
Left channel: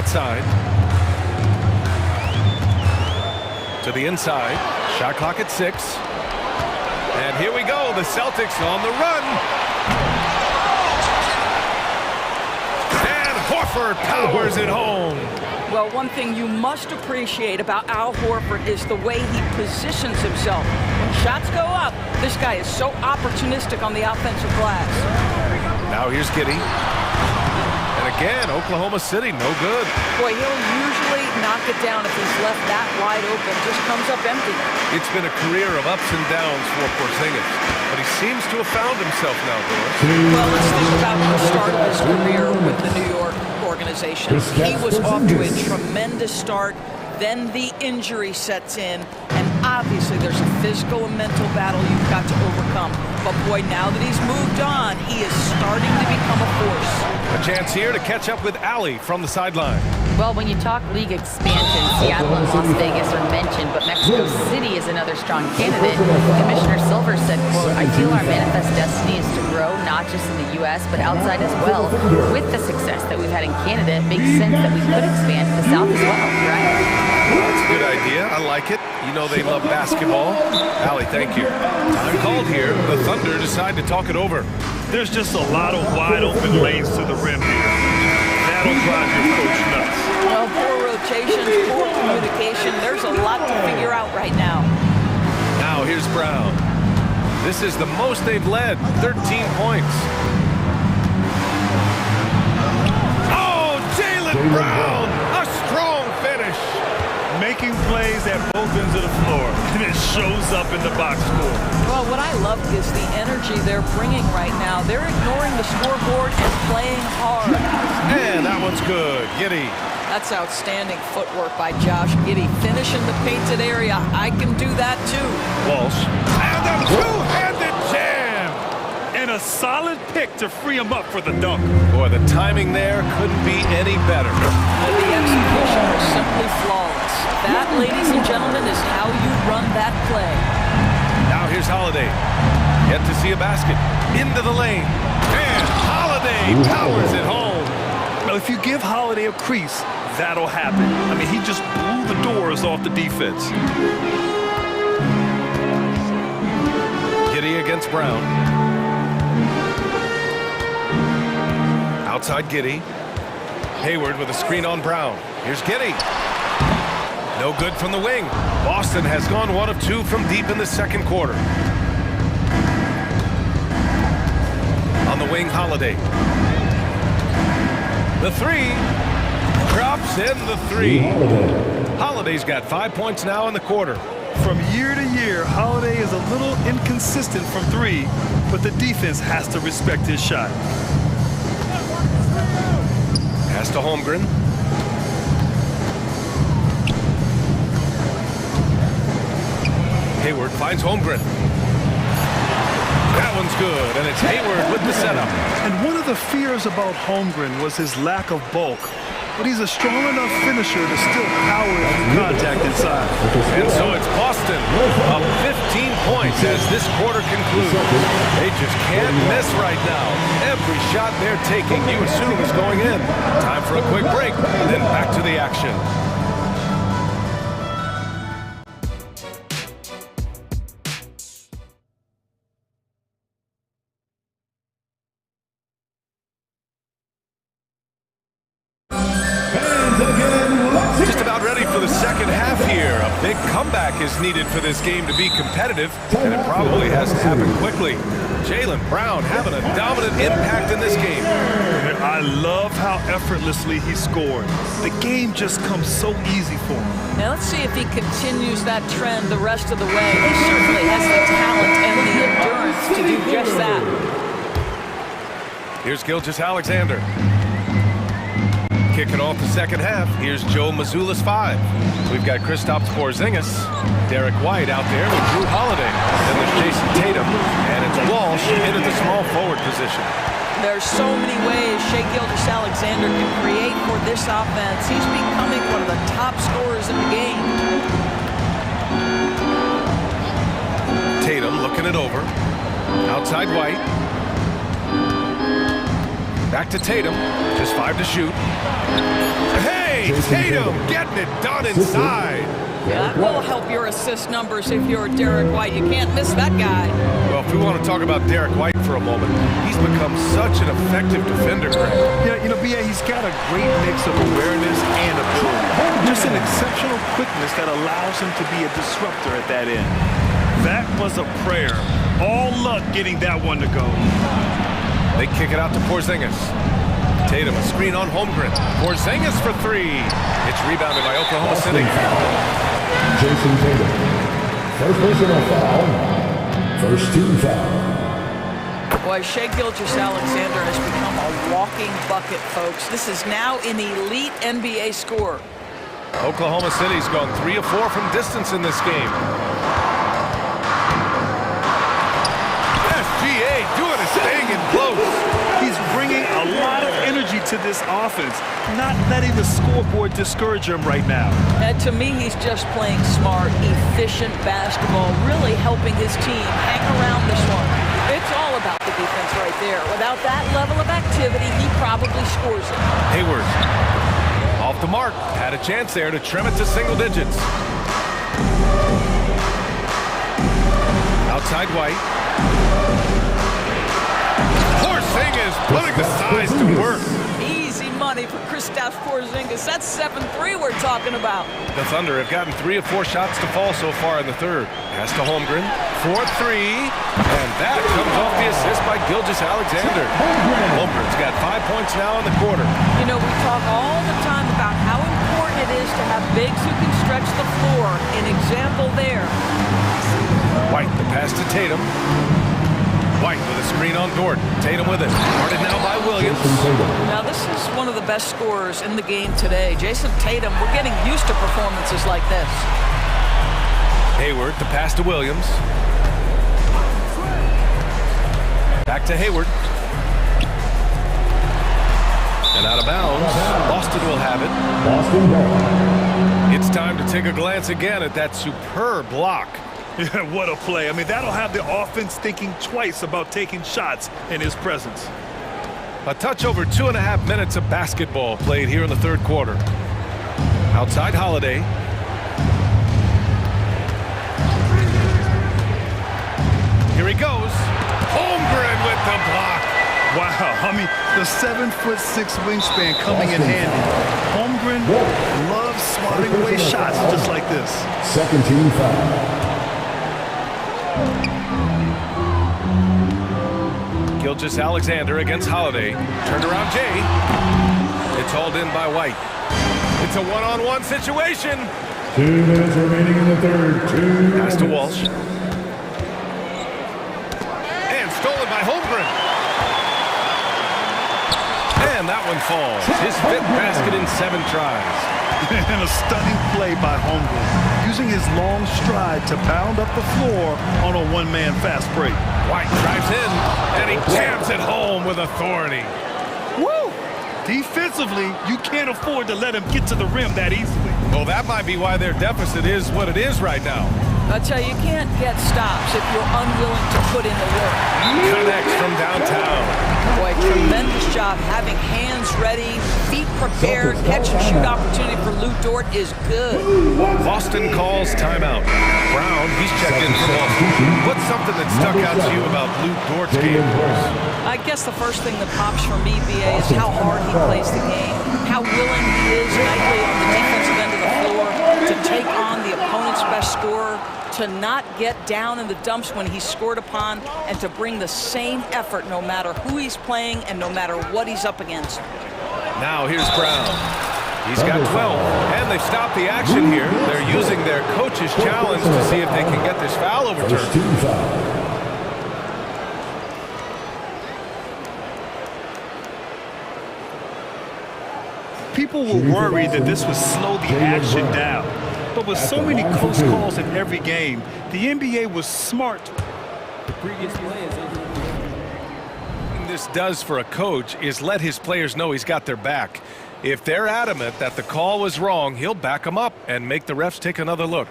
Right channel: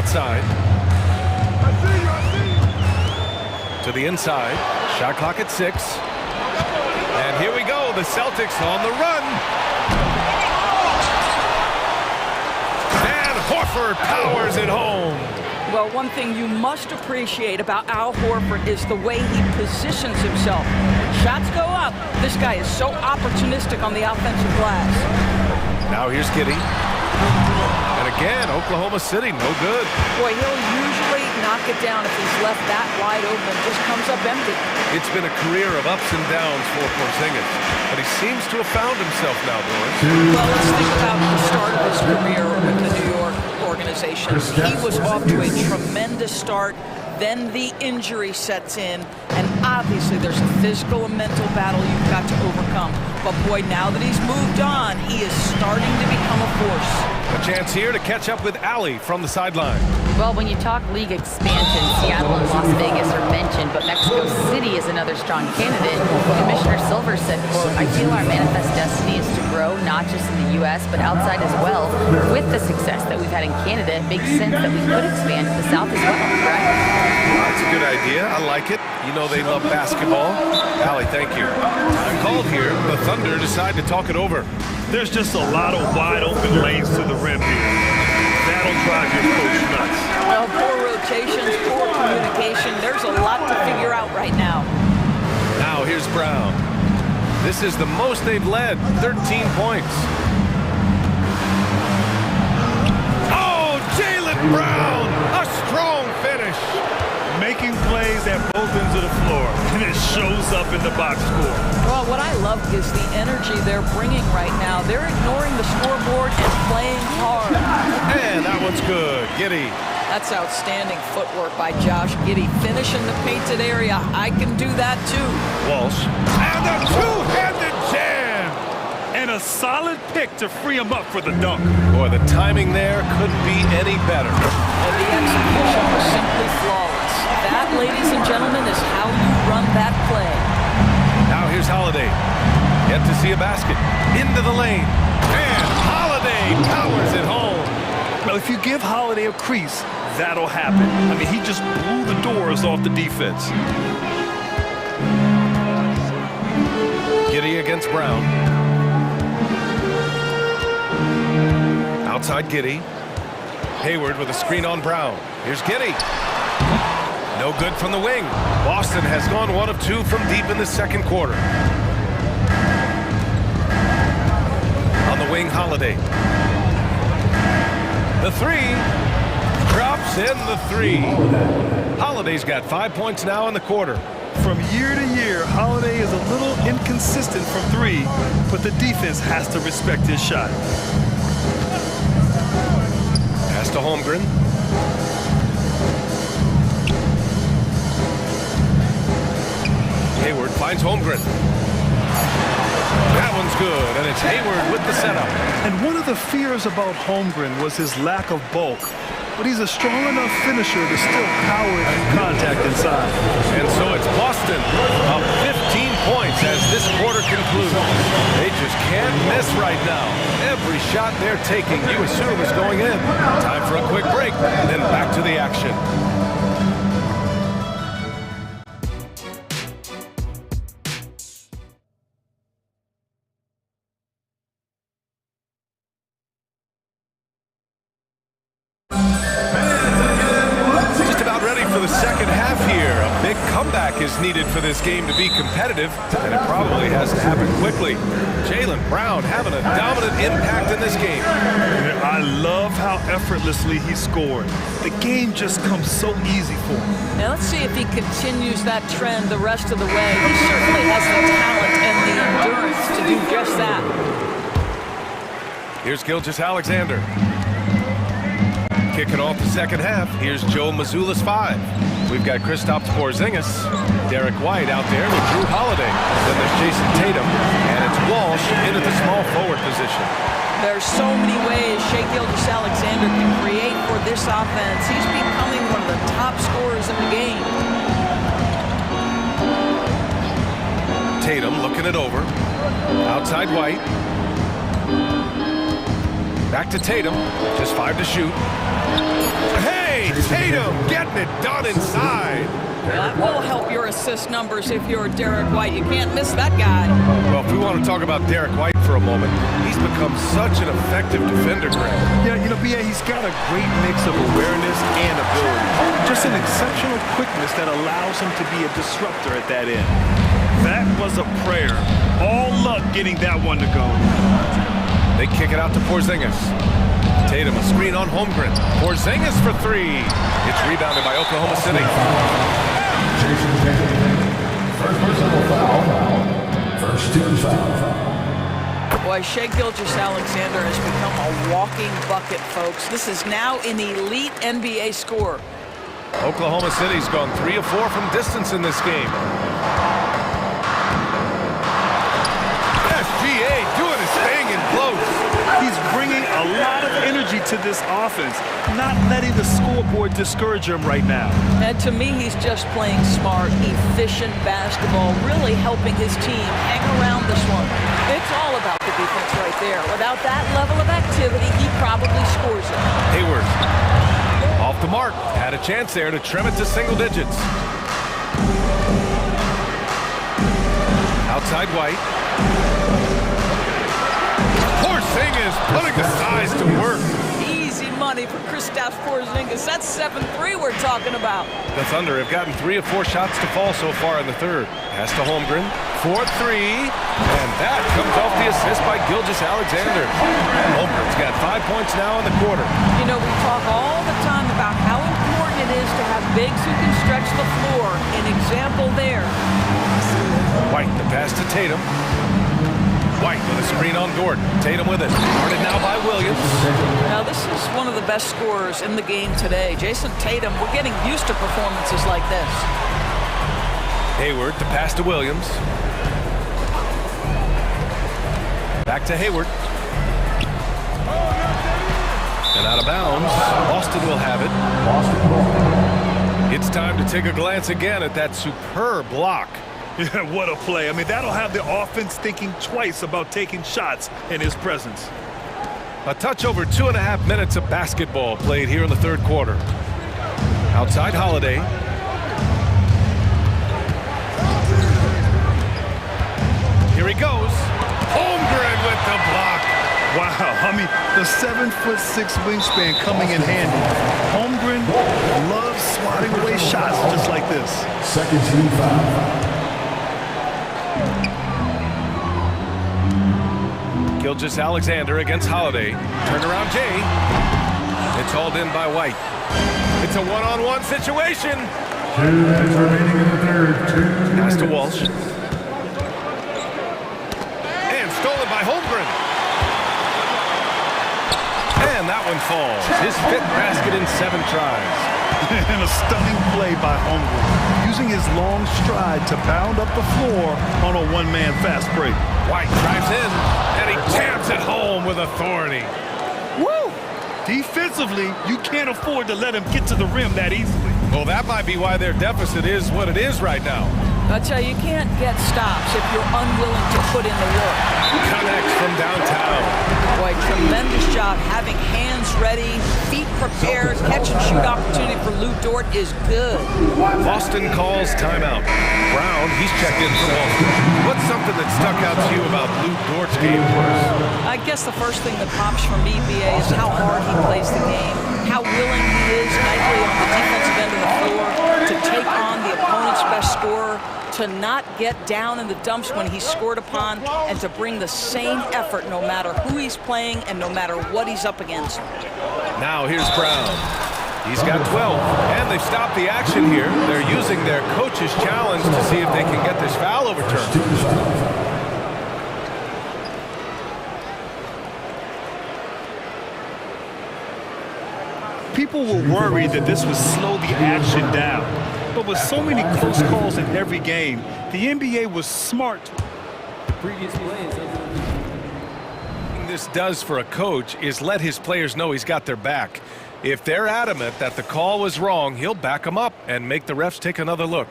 outside. To the inside. Shot clock at 6. And here we go. The Celtics on the run. And Horford powers it home. Well, one thing you must appreciate about Al Horford is the way he positions himself. When shots go up, this guy is so opportunistic on the offensive glass. Now here's Giddey. And again, Oklahoma City, no good. Boy, he'll usually knock it down if he's left that wide open. Just comes up empty. It's been a career of ups and downs for Porzingis, but he seems to have found himself now, Doris. Well, let's think about the start of his career with the New York organization. He was off to a tremendous start. Then the injury sets in, and obviously there's a physical and mental battle you've got to overcome. But boy, now that he's moved on, he is starting to become a force. A chance here to catch up with Allie from the sideline. Well, when you talk league expansion, Seattle and Las Vegas are mentioned, but Mexico City is another strong candidate. Commissioner Silver said, quote, "I feel our manifest destiny is to grow not just in the U.S., but outside as well. With the success that we've had in Canada, it makes sense that we could expand to the South as well," correct? That's a good idea. I like it. You know they love basketball. Allie, thank you. Time called here. The Thunder decide to talk it over. There's just a lot of wide open lanes to the rim here. That'll drive your coach nuts. Well, poor rotations, poor communication. There's a lot to figure out right now. Now here's Brown. This is the most they've led, 13 points. Oh, Jaylen Brown, a strong finish. Making plays at both ends of the floor, and it shows up in the box score. Well, what I love is the energy they're bringing right now. They're ignoring the scoreboard and playing hard. And that one's good. Giddey. That's outstanding footwork by Josh Giddey. Finish in the painted area. I can do that too. Walsh. And a two-handed jam. And a solid pick to free him up for the dunk. Boy, the timing there couldn't be any better. The execution was simply flawless. That, ladies and gentlemen, is how you run that play. Now here's Holiday. Yet to see a basket. Into the lane. And Holiday powers it home. Well, if you give Holiday a crease, that'll happen. I mean, he just blew the doors off the defense. Giddey against Brown. Outside Giddey. Hayward with a screen on Brown. Here's Giddey. No good from the wing. Boston has gone 1 of 2 from deep in the second quarter. On the wing, Holiday. The three. Drops in the three. Holiday's got 5 points now in the quarter. From year to year, Holiday is a little inconsistent from three, but the defense has to respect his shot. Pass to Holmgren. Hayward finds Holmgren. That one's good, and it's Hayward with the setup. And one of the fears about Holmgren was his lack of bulk, but he's a strong enough finisher to still power through contact inside. And so it's Boston up 15 points as this quarter concludes. They just can't miss right now. Every shot they're taking, you assume, is going in. Time for a quick break, then back to the action. Ready for the second half here. A big comeback is needed for this game to be competitive, and it probably has to happen quickly. Jaylen Brown having a dominant impact in this game. I love how effortlessly he scored. The game just comes so easy for him. Now let's see if he continues that trend the rest of the way. He certainly has the talent and the endurance to do just that. Here's Gilgeous-Alexander. Kicking off the second half, here's Joe Mazzulla's 5. We've got Kristaps Porzingis, Derek White out there with Drew Holiday. Then there's Jason Tatum, and it's Walsh in at the small forward position. There's so many ways Shai Gilgeous-Alexander can create for this offense. He's becoming one of the top scorers in the game. Tatum looking it over. Outside White. Back to Tatum, just 5 to shoot. Hey, Jay Tatum getting it done inside. That will help your assist numbers if you're Derek White. You can't miss that guy. Well, if we want to talk about Derek White for a moment, he's become such an effective defender, Greg. Yeah, you know, B.A., he's got a great mix of awareness and ability. Just an exceptional quickness that allows him to be a disruptor at that end. That was a prayer. All luck getting that one to go. They kick it out to Porzingis. Tatum, a screen on Holmgren. Porzingis for three. It's rebounded by Oklahoma City. Jason Tatum. First personal foul. First team foul. Boy, Shai Gilgeous-Alexander has become a walking bucket, folks. This is now an elite NBA scorer. Oklahoma City's gone 3 of 4 from distance in this game. SGA doing his thing in close. He's bringing a lot of energy to this offense, not letting the scoreboard discourage him right now. And to me, he's just playing smart, efficient basketball, really helping his team hang around this one. It's all about the defense right there. Without that level of activity, he probably scores it. Hayward, off the mark, had a chance there to trim it to single digits. Outside White. Porzingis putting the size to work. Easy money for Kristaps Porzingis. That's 7-3 we're talking about. The Thunder have gotten 3 of 4 shots to fall so far in the third. Pass to Holmgren. 4-3. And that comes off the assist by Gilgeous-Alexander. Holmgren's got 5 points now in the quarter. You know, we talk all the time about how important it is to have bigs who can stretch the floor. An example there. White, the pass to Tatum. White with a screen on Dort. Tatum with it. Guarded now by Williams. Now, this is one of the best scorers in the game today. Jason Tatum, we're getting used to performances like this. Hayward, the pass to Williams. Back to Hayward. And out of bounds. Boston will have it. It's time to take a glance again at that superb block. Yeah, what a play. I mean, that'll have the offense thinking twice about taking shots in his presence. A touch over 2.5 minutes of basketball played here in the third quarter. Outside Holiday. Here he goes. Holmgren with the block. Wow, I mean, the 7'6" wingspan coming in handy. Holmgren loves swatting away shots just like this. Second team foul. Gilgeous-Alexander against Holiday. Turned around Jay. It's hauled in by White. It's a one-on-one situation. 2 minutes remaining in the third. Pass to Walsh. And stolen by Holmgren. And that one falls. His 5th basket in 7 tries. And a stunning play by Holmgren, using his long stride to pound up the floor on a one-man fast break. White drives in, and he jams it home with authority. Woo! Defensively, you can't afford to let him get to the rim that easily. Well, that might be why their deficit is what it is right now. I tell you can't get stops if you're unwilling to put in the work. Connects from downtown. Boy, tremendous job having hands ready, feet prepared. Catch and shoot opportunity for Lou Dort is good. Boston calls timeout. Brown, he's checked in from Boston. What's something that stuck out to you about Lou Dort's game, Boris? I guess the first thing that pops for me, BA, is how hard he plays the game, how willing he is nightly on the defensive end of the floor to take on the opponent's best scorer, to not get down in the dumps when he's scored upon, and to bring the same effort no matter who he's playing and no matter what he's up against. Now here's Brown. He's got 12, and they've stopped the action here. They're using their coach's challenge to see if they can get this foul overturned. People were worried that this would slow the action down. But with so many close calls in every game, the NBA was smart. The previous play is under review. What this does for a coach is let his players know he's got their back. If they're adamant that the call was wrong, he'll back them up and make the refs take another look.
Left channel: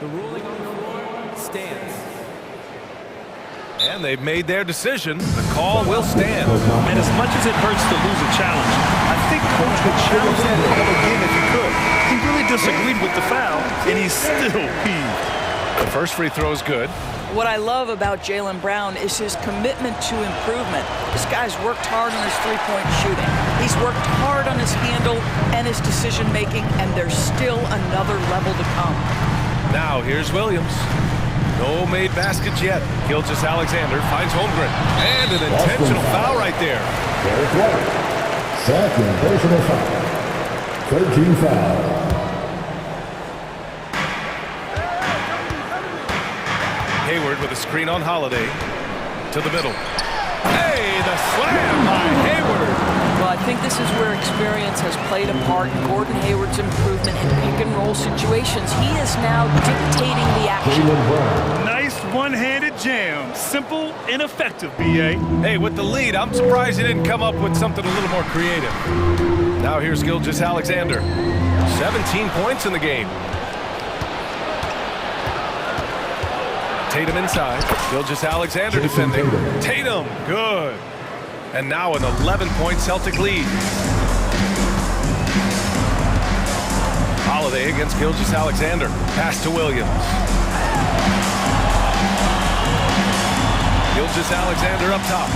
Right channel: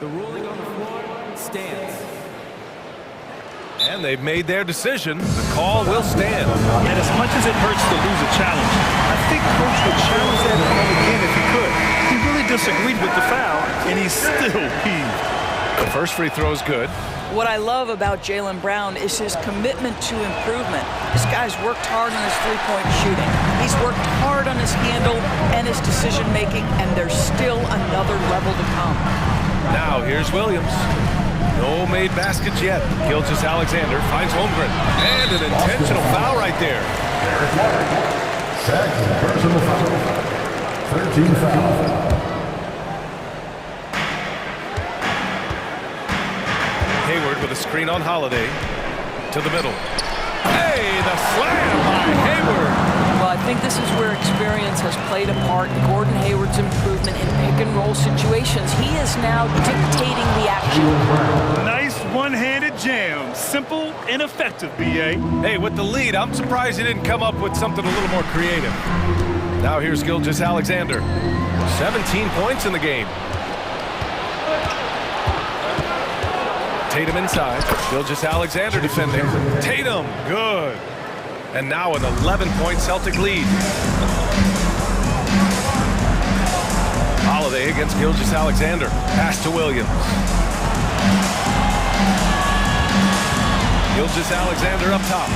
The ruling on the floor stands. And they've made their decision. The call will stand. And as much as it hurts to lose a challenge, I think Coach would challenge that call again if he could. He really disagreed with the foul, and he's still peeved. The first free throw is good. What I love about Jaylen Brown is his commitment to improvement. This guy's worked hard on his three-point shooting. He's worked hard on his handle and his decision-making, and there's still another level to come. Now here's Williams. No made baskets yet. Gilgeous-Alexander finds Holmgren. And an intentional foul right there. Derek White. Second personal foul. 13 foul. Hayward with a screen on Holiday. To the middle. Hey, the slam by Hayward. Well, I think this is where experience has played a part in Gordon Hayward's improvement in pick-and-roll situations. He is now dictating the action. Nice one-handed jam. Simple and effective, B.A. Hey, with the lead, I'm surprised he didn't come up with something a little more creative. Now here's Gilgeous-Alexander. 17 points in the game. Tatum inside. Gilgeous-Alexander defending. Tatum, good. And now an 11-point Celtic lead. Holiday against Gilgeous-Alexander. Pass to Williams. Gilgeous-Alexander up top.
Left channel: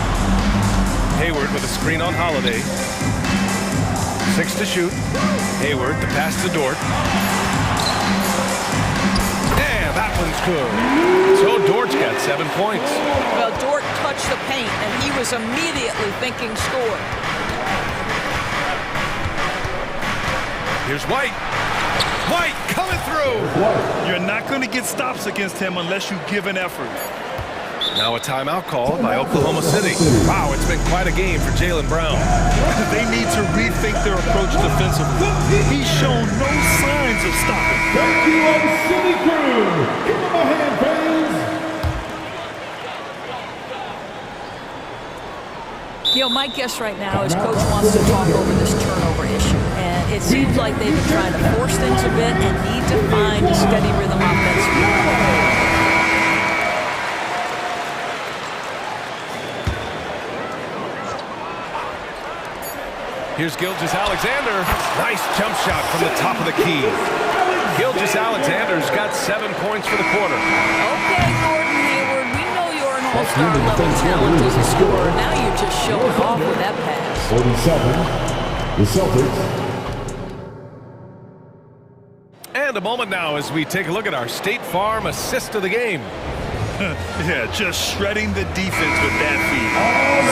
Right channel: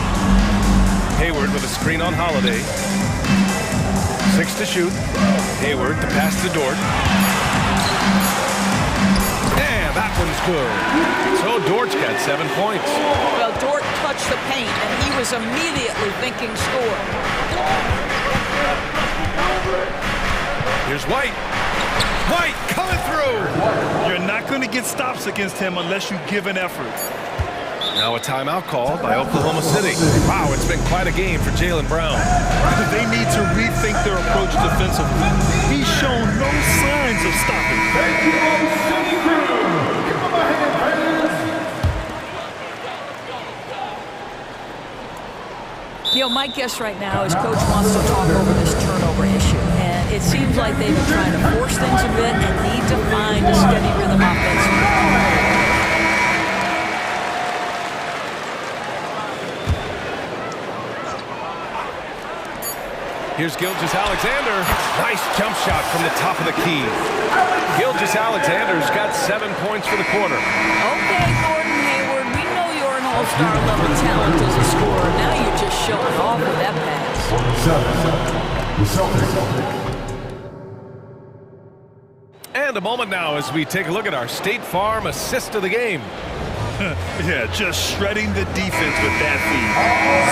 Hayward with a screen on Holiday. 6 to shoot. Hayward to pass to Dort. And that one's good. So Dort's got 7 points. Well, Dort touched the paint, and he was immediately thinking score. Here's White. White coming through. You're not going to get stops against him unless you give an effort. Now a timeout called by Oklahoma City. Wow, it's been quite a game for Jaylen Brown. They need to rethink their approach defensively. He's shown no signs of stopping. Thank you, City crew. Give him a hand, fans. You know, my guess right now is Coach wants to talk over this turnover issue. And it seems like they've been trying to force things a bit and need to find a steady rhythm offensively. Here's Gilgeous-Alexander. Nice jump shot from the top of the key. Gilgeous-Alexander's got 7 points for the quarter. Okay, Gordon Hayward, we know you're an all-star level talent as a scorer. Now you're just showing off with that pass. 47, the Celtics. And a moment now as we take a look at our State Farm assist of the game. Yeah, just shredding the defense with that feed.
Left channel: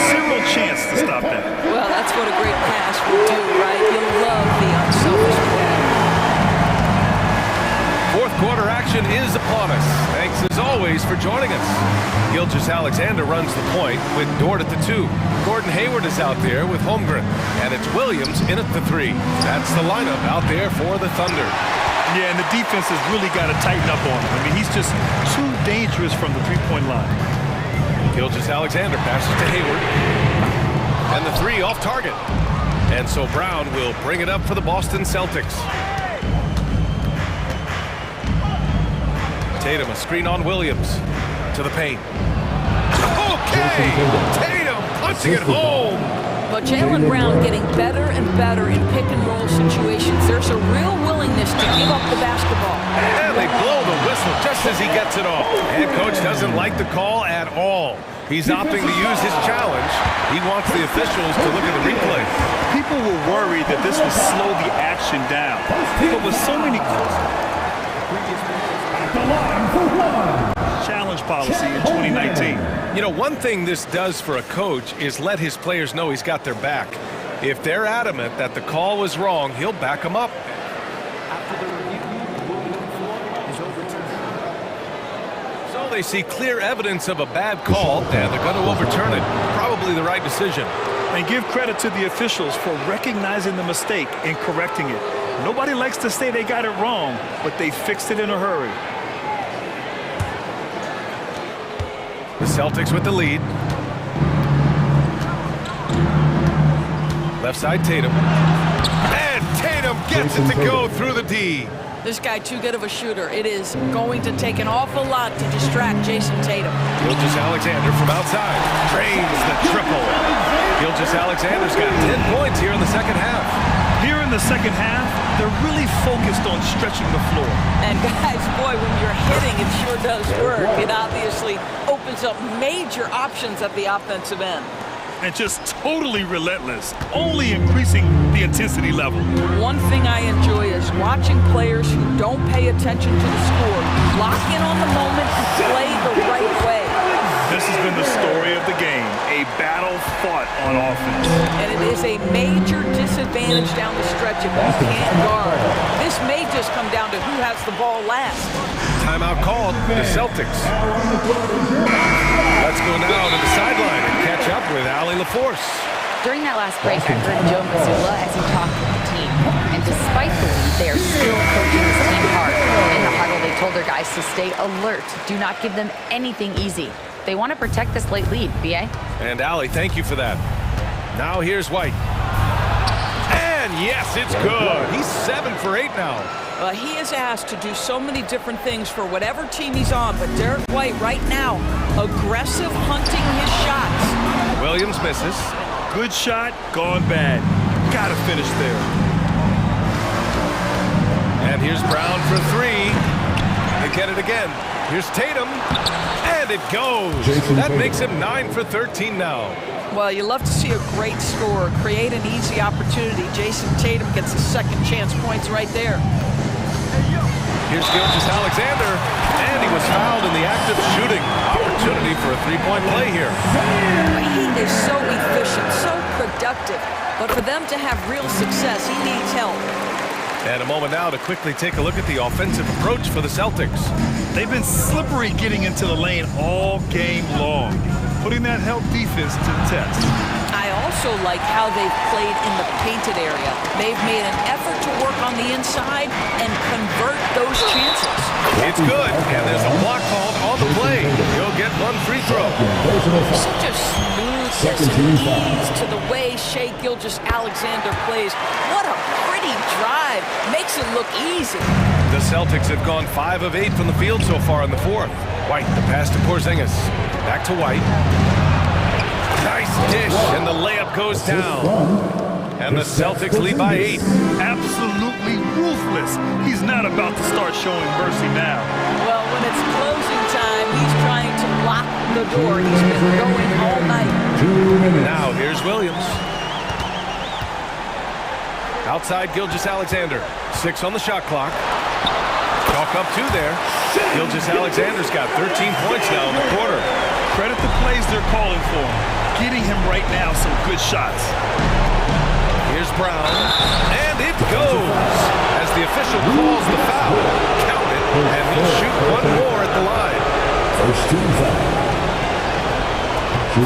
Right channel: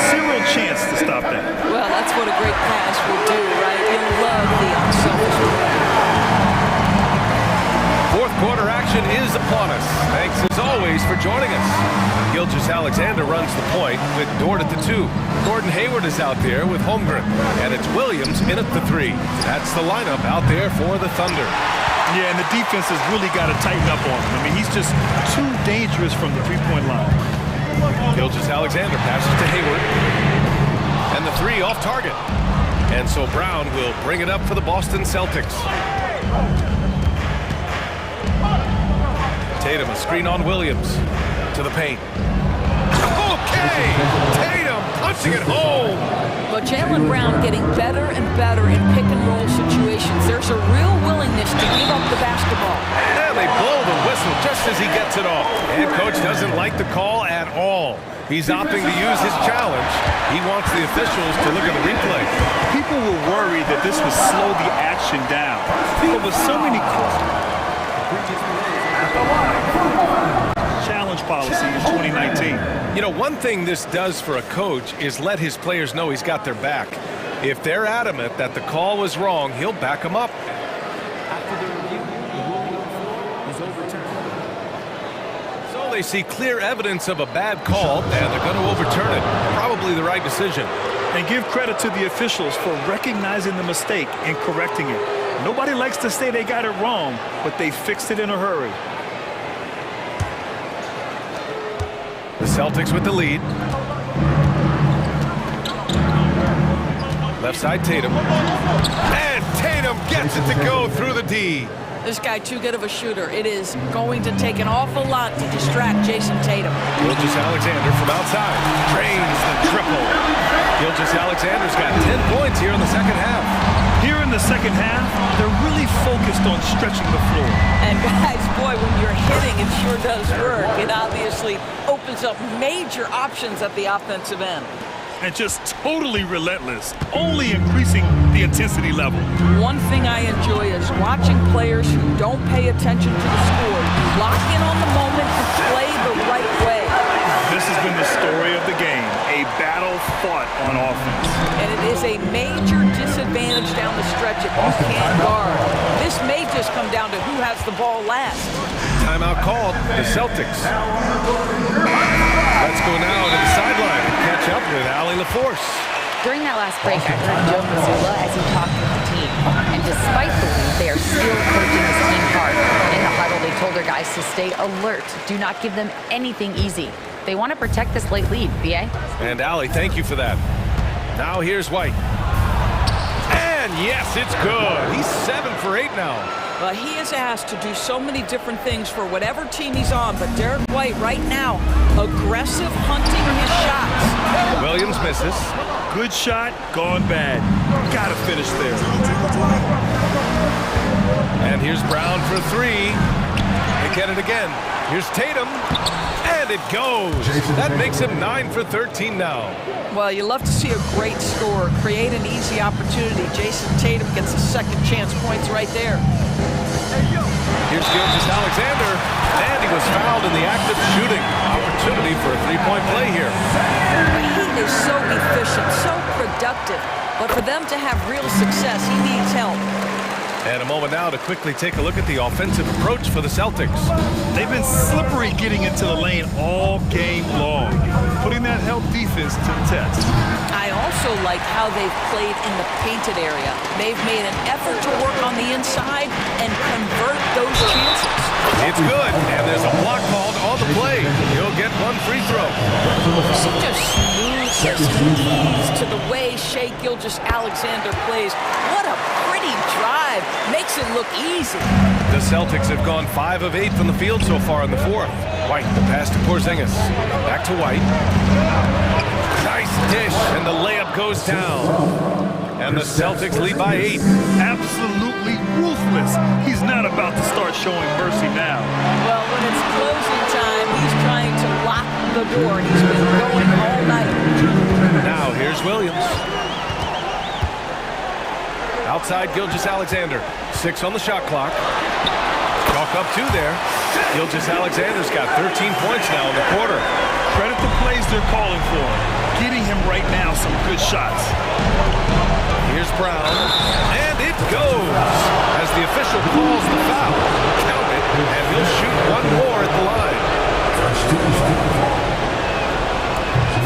Zero chance to stop that. Well, that's what a great pass will do, right? You'll love the unselfish play. Fourth quarter action is upon us. Thanks as always for joining us. Gilgeous-Alexander runs the point with Dort at the 2. Gordon Hayward is out there with Holmgren. And it's Williams in at the 3. That's the lineup out there for the Thunder. Yeah, and the defense has really got to tighten up on him. I mean, he's just too dangerous from the three-point line. Gilgeous-Alexander passes to Hayward. And the 3 off target. And so Brown will bring it up for the Boston Celtics. Tatum, a screen on Williams. To the paint. Okay! Tatum punching it home! But Jaylen Brown getting better and better in pick-and-roll situations. There's a real willingness to give up the basketball. And they blow the whistle just as he gets it off. And coach doesn't like the call at all. He's opting to use his challenge. He wants the officials to look at the replay. People were worried that this would slow the action down. But with so many challenge policy in 2019. You know, one thing this does for a coach is let his players know he's got their back. If they're adamant that the call was wrong, he'll back them up. After the review, the ruling on the floor is overturned. So they see clear evidence of a bad call, and they're going to overturn it. Probably the right decision. And give credit to the officials for recognizing the mistake and correcting it. Nobody likes to say they got it wrong, but they fixed it in a hurry. The Celtics with the lead. Left side Tatum. And Tatum gets it to go through the D. This guy too good of a shooter. It is going to take an awful lot to distract Jason Tatum. Gilgeous-Alexander from outside drains the triple. Gilgeous-Alexander's got 10 points here in the second half. Here in the second half, they're really focused on stretching the floor. And guys, boy, when you're hitting, it sure does work. It obviously opens up major options at the offensive end. And just totally relentless, only increasing the intensity level. One thing I enjoy is watching players who don't pay attention to the score lock in on the moment and play the right way. This has been the story of the game, a battle fought on offense. And it is a major disadvantage down the stretch if you can't guard. This may just come down to who has the ball last. Timeout called, the Celtics. Let's go now to the sideline and catch up with Allie LaForce. During that last break, I heard Joe Mazzulla as he talked with the team. And despite the lead, they are still coaching this team hard. In the huddle, they told their guys to stay alert. Do not give them anything easy. They want to protect this late lead, B.A. And Allie, thank you for that. Now here's White. And yes, it's good. He's 7 for 8 now. Well, he is asked to do so many different things for whatever team he's on, but Derek White right now, aggressive hunting his shots. Williams misses. Good shot, gone bad. Gotta finish there. And here's Brown for 3. They get it again. Here's Tatum. And it goes. That makes him 9 for 13 now. Well, you love to see a great scorer create an easy opportunity. Jason Tatum gets a second chance points right there. Here's Gilgeous-Alexander, and he was fouled in the act of shooting. Opportunity for a three-point play here. But he is so efficient, so productive. But for them to have real success, he needs help. And a moment now to quickly take a look at the offensive approach for the Celtics. They've been slippery getting into the lane all game long, putting that help defense to the test. I also like how they've played in the painted area. They've made an effort to work on the inside and convert those chances. It's good, and there's a block called on the play. He'll get one free throw. Such a smoothness and ease to the way Shai Gilgeous-Alexander plays. What a pretty drive. Makes it look easy. The Celtics have gone 5 of 8 from the field so far in the fourth. White, the pass to Porzingis. Back to White. Nice dish, and the layup goes down. And the Celtics lead by 8. Absolutely ruthless. He's not about to start showing mercy now. Well, when it's closing time, he's trying to lock the door. He's been going all night. Now here's Williams. Outside Gilgeous-Alexander. 6 on the shot clock. Chalk up 2 there. Gilgeous-Alexander's got 13 points now in the quarter. Credit the plays they're calling for him. Getting him right now some good shots. Here's Brown, and it goes as the official calls the foul. Count it, and he'll shoot one more at the line.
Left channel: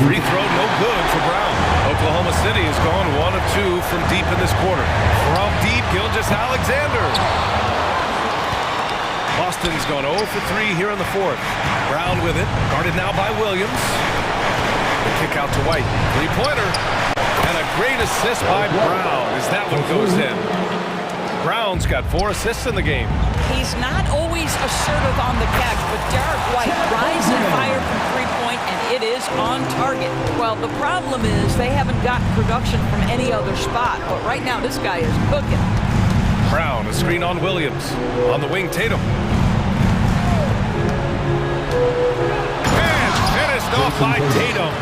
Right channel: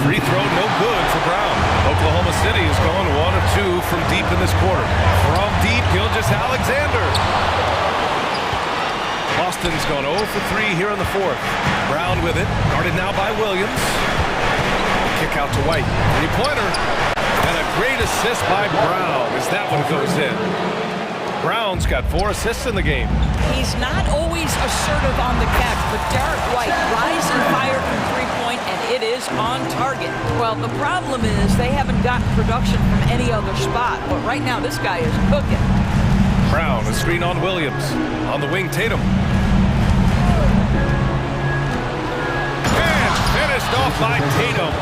Free throw no good for Brown. Oklahoma City has gone 1 of 2 from deep in this quarter. From deep, Gilgeous-Alexander. Boston's gone 0 for 3 here in the fourth. Brown with it, guarded now by Williams. The kick out to White. Three-pointer. And a great assist by Brown as that one goes in. Brown's got 4 assists in the game. He's not always assertive on the catch, but Derek White rise and fire from three-point, and it is on target. Well, the problem is they haven't gotten production from any other spot, but right now this guy is cooking. Brown, a screen on Williams. On the wing, Tatum. And finished off by Tatum.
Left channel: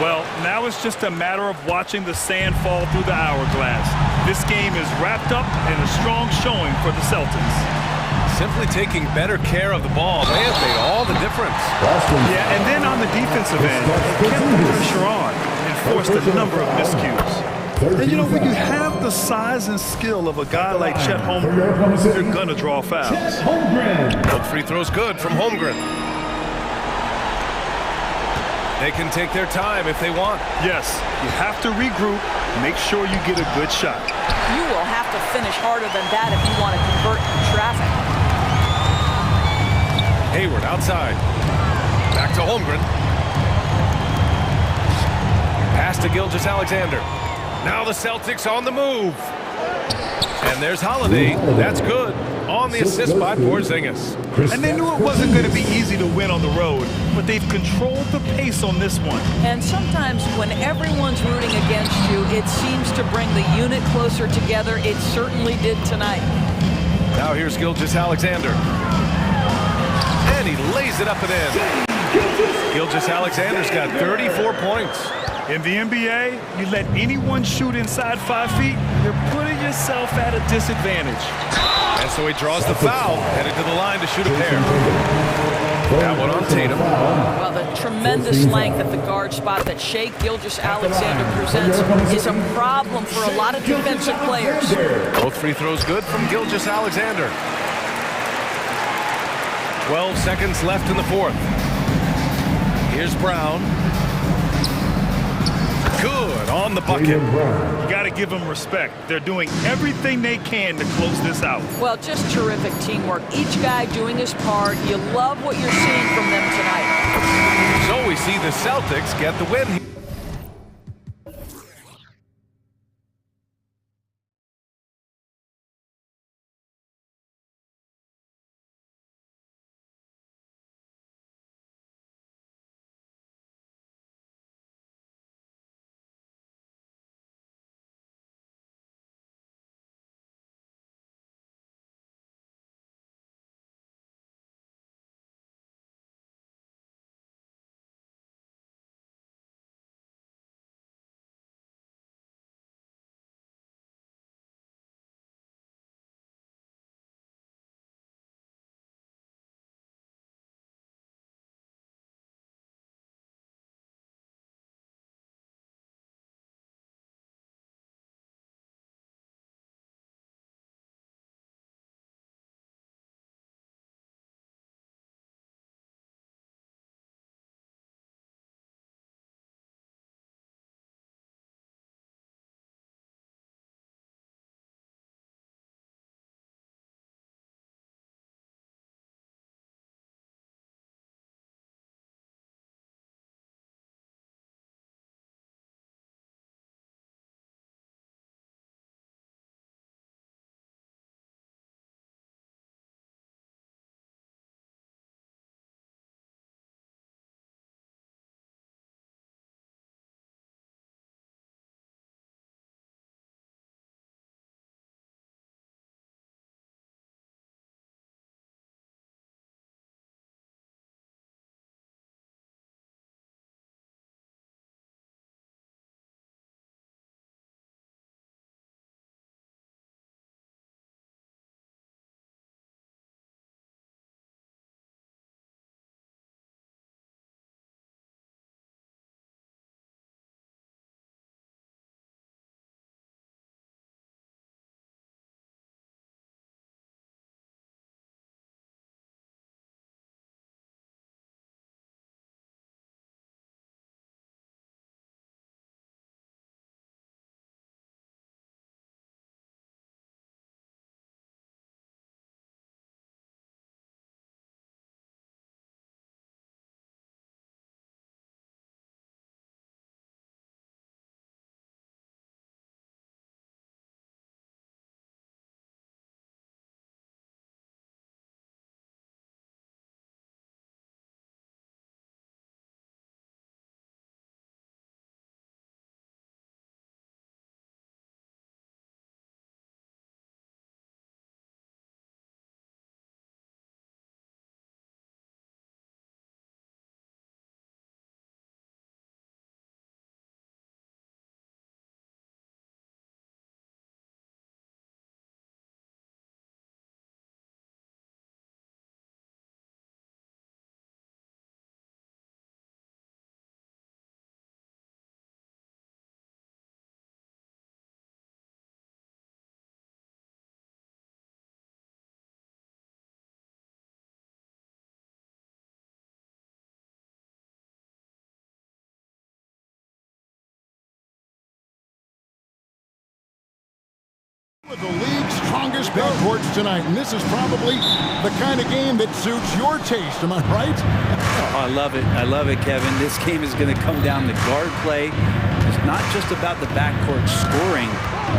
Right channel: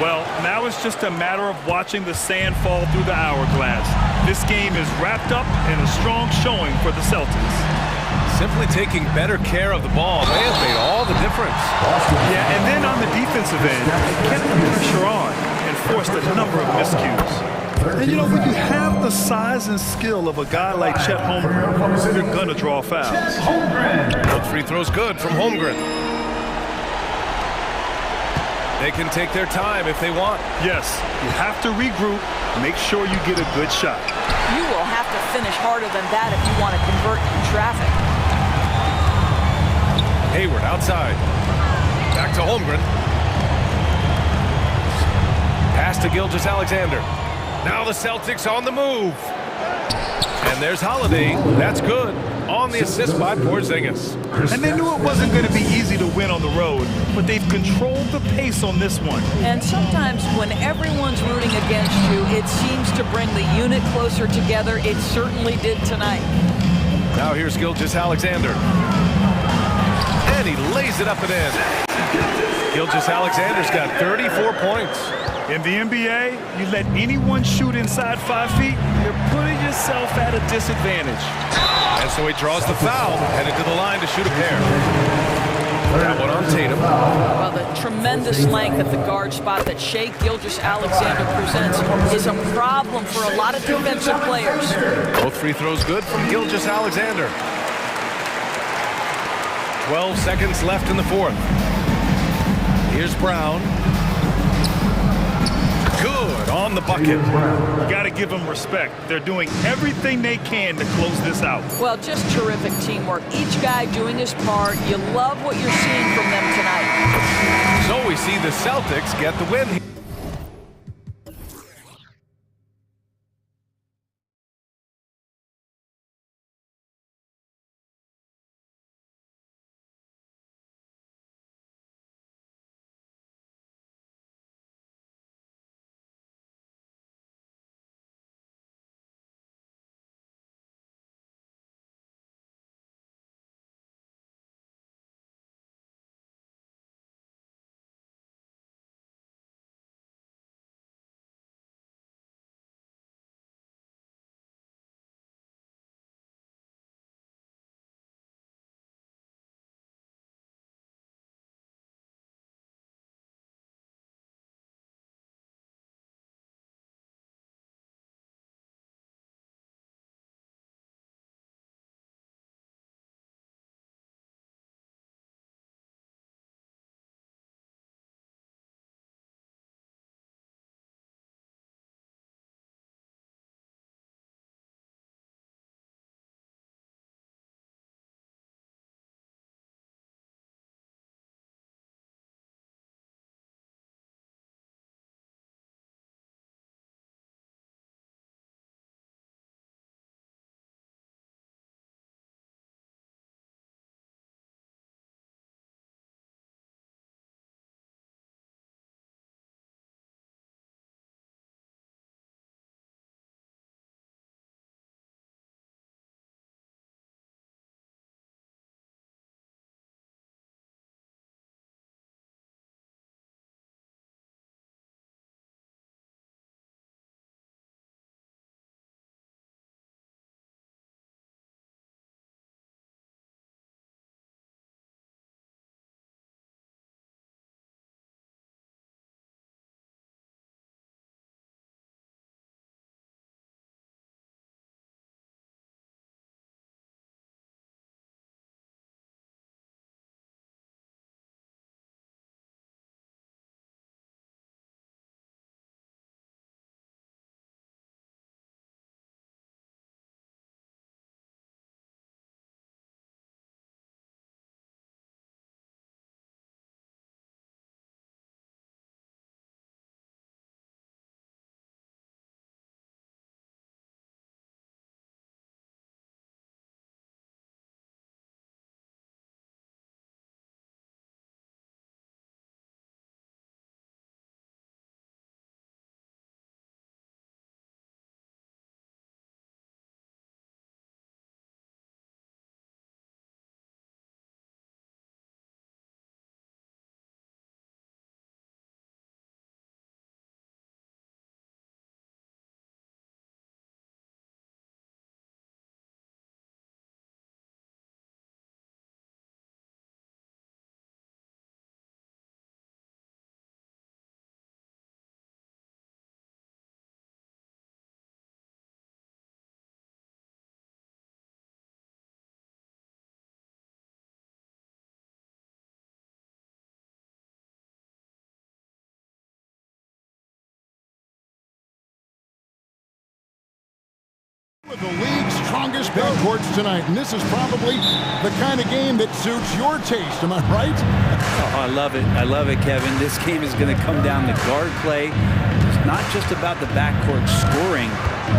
Well, now it's just a matter of watching the sand fall through the hourglass. This game is wrapped up in a strong showing for the Celtics. Simply taking better care of the ball may have made all the difference. Yeah, and then on the defensive end, they kept the pressure on and forced a number of miscues. And you know, when you have the size and skill of a guy like Chet Holmgren, you're gonna draw fouls. Both free throws good from Holmgren. They can take their time if they want. Yes, you have to regroup, make sure you get a good shot. You will have to finish harder than that if you want to convert in traffic. Hayward outside. Back to Holmgren. Pass to Gilgeous-Alexander. Now the Celtics on the move. And there's Holiday. That's good. On the assist by Porzingis. And they knew it wasn't going to be easy to win on the road, but they've controlled the pace on this one. And sometimes when everyone's rooting against you, it seems to bring the unit closer together. It certainly did tonight. Now here's Gilgeous-Alexander. And he lays it up and in. Gilgeous-Alexander's got 34 points. In the NBA, you let anyone shoot inside 5 feet, you're putting yourself at a disadvantage. And so he draws the foul, headed to the line to shoot a pair. That one on Tatum. Well, the tremendous length at the guard spot that Shai Gilgeous-Alexander presents is a problem for a lot of defensive players. Both free throws good from Gilgeous-Alexander. 12 seconds left in the fourth. Here's Brown. Good on the bucket. You got to give them respect. They're doing everything they can to close this out. Well, just terrific teamwork. Each guy doing his part. You love what you're seeing from them tonight. So we see the Celtics get the win. With the league's strongest backcourts tonight, and this is probably the kind of game that suits your taste. Am I right? Oh, I love it. I love it, Kevin. This game is going to come down to guard play. It's not just about the backcourt scoring.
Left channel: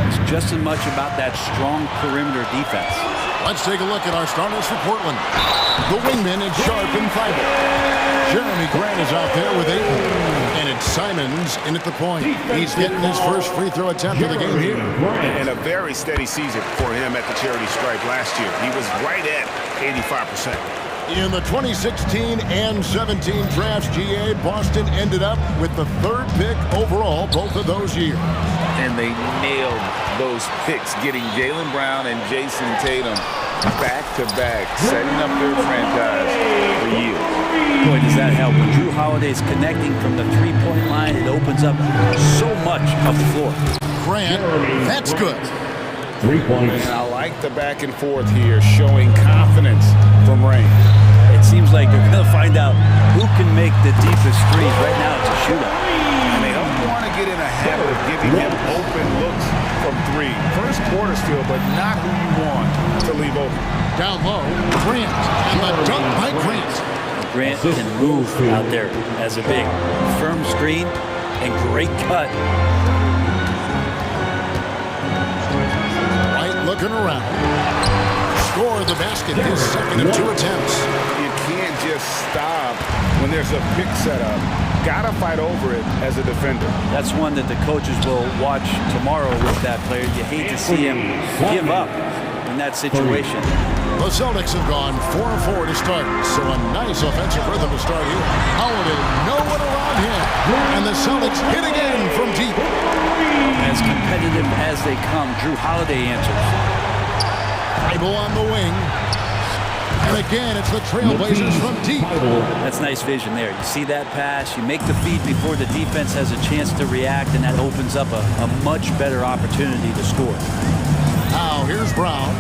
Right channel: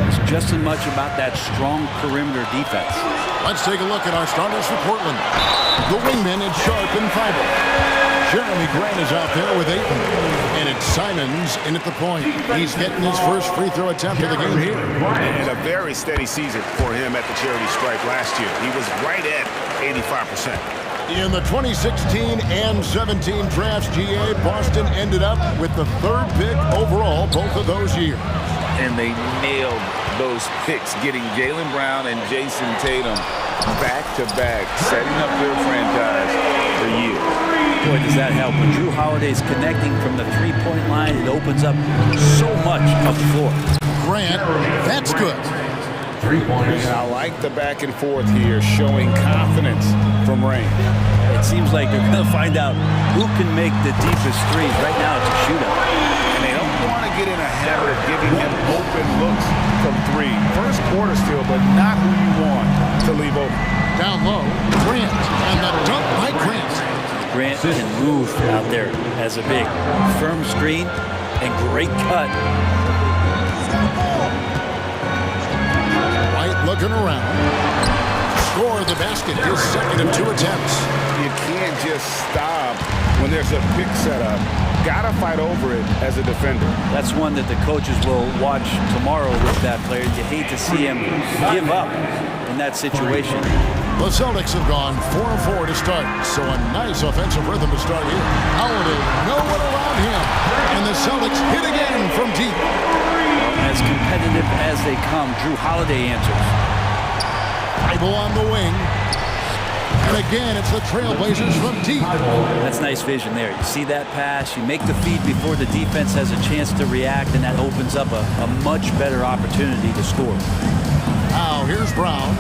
It's just as much about that strong perimeter defense. Let's take a look at our starters for Portland. The wingmen, it's Sharp and Thibault. Jeremy Grant is out there with Ayton. And it's Simons in at the point. He's getting his first free throw attempt of the game here. And a very steady season for him at the charity stripe last year. He was right at 85%. In the 2016 and 17 drafts, GA, Boston ended up with the 3rd pick overall both of those years. And they nailed those picks, getting Jaylen Brown and Jason Tatum back-to-back, setting up their franchise for years. Boy, does that help. When Drew Holiday's connecting from the three-point line, it opens up so much of the floor. Grant, that's good. 3 points. And I like the back and forth here, showing confidence from range. It seems like they're going to find out who can make the deepest threes. Right now, it's a shootout. And they don't want to get in a habit of giving him open looks from 3. First quarter still, but not who you want to leave open. Down low, Grant, and the dunk by Grant. Grant can move out there as a big. Firm screen and great cut. White looking around. Score the basket, his second of 2 attempts. You can't just stop when there's a pick set up. Gotta fight over it as a defender. That's one that the coaches will watch tomorrow with that player. You hate to see him give up in that situation. The Celtics have gone 4-4 to start, so a nice offensive rhythm to start here. Holiday, no one around him, and the Celtics hit again from deep. Well, as competitive as they come, Drew Holiday answers. Thibault on the wing. And again, it's the Trailblazers from deep. That's nice vision there. You see that pass, you make the feed before the defense has a chance to react, and that opens up a much better opportunity to score. Now, here's Brown.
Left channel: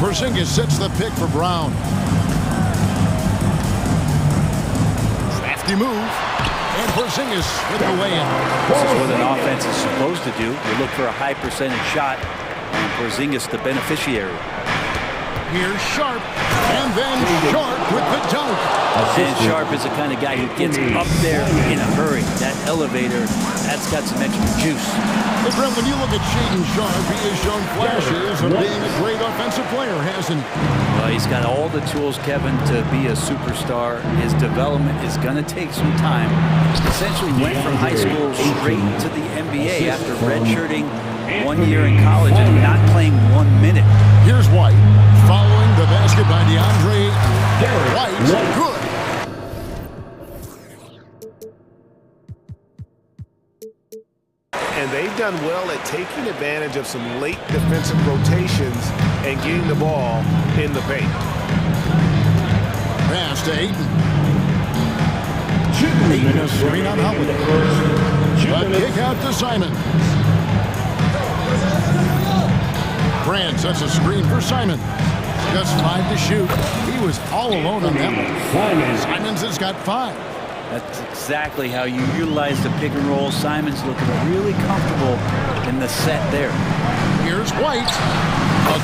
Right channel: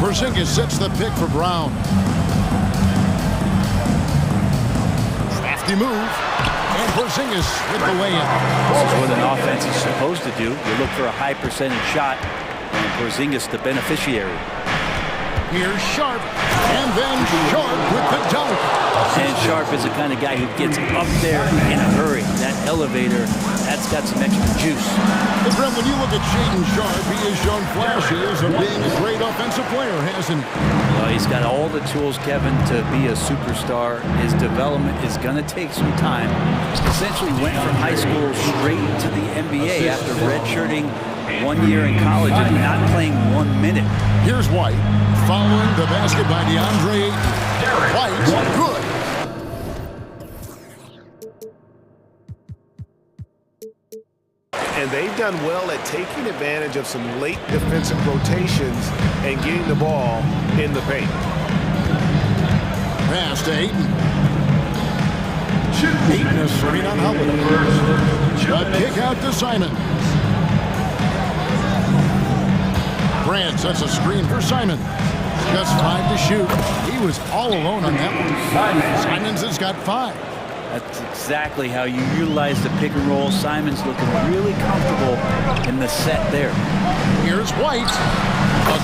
Porzingis sets the pick for Brown. Crafty move. And Porzingis with the lay-in. This is what an offense is supposed to do. You look for a high percentage shot, and Porzingis the beneficiary. Here's Sharp, and then Sharp with the dunk. And Sharp is the kind of guy who gets up there in a hurry. That elevator, that's got some extra juice. Hey, Brent, when you look at Shaedon Sharp, he has shown flashes of being a great offensive player, hasn't he? Well, he's got all the tools, Kevin, to be a superstar. His development is going to take some time. Essentially went from high school straight to the NBA after redshirting 1 year in college and not playing 1 minute. Here's White, following the basket by DeAndre Ayton. White, good. And they've done well at taking advantage of some late defensive rotations and getting the ball in the paint. Pass to Ayton. Ayton a screen on Holiday. A kick out to Simon. Grant sets a screen for Simon. Just 5 to shoot. He was all alone on that one. Simons has got 5. That's exactly how you utilize the pick and roll. Simon's looking really comfortable in the set there. Here's White.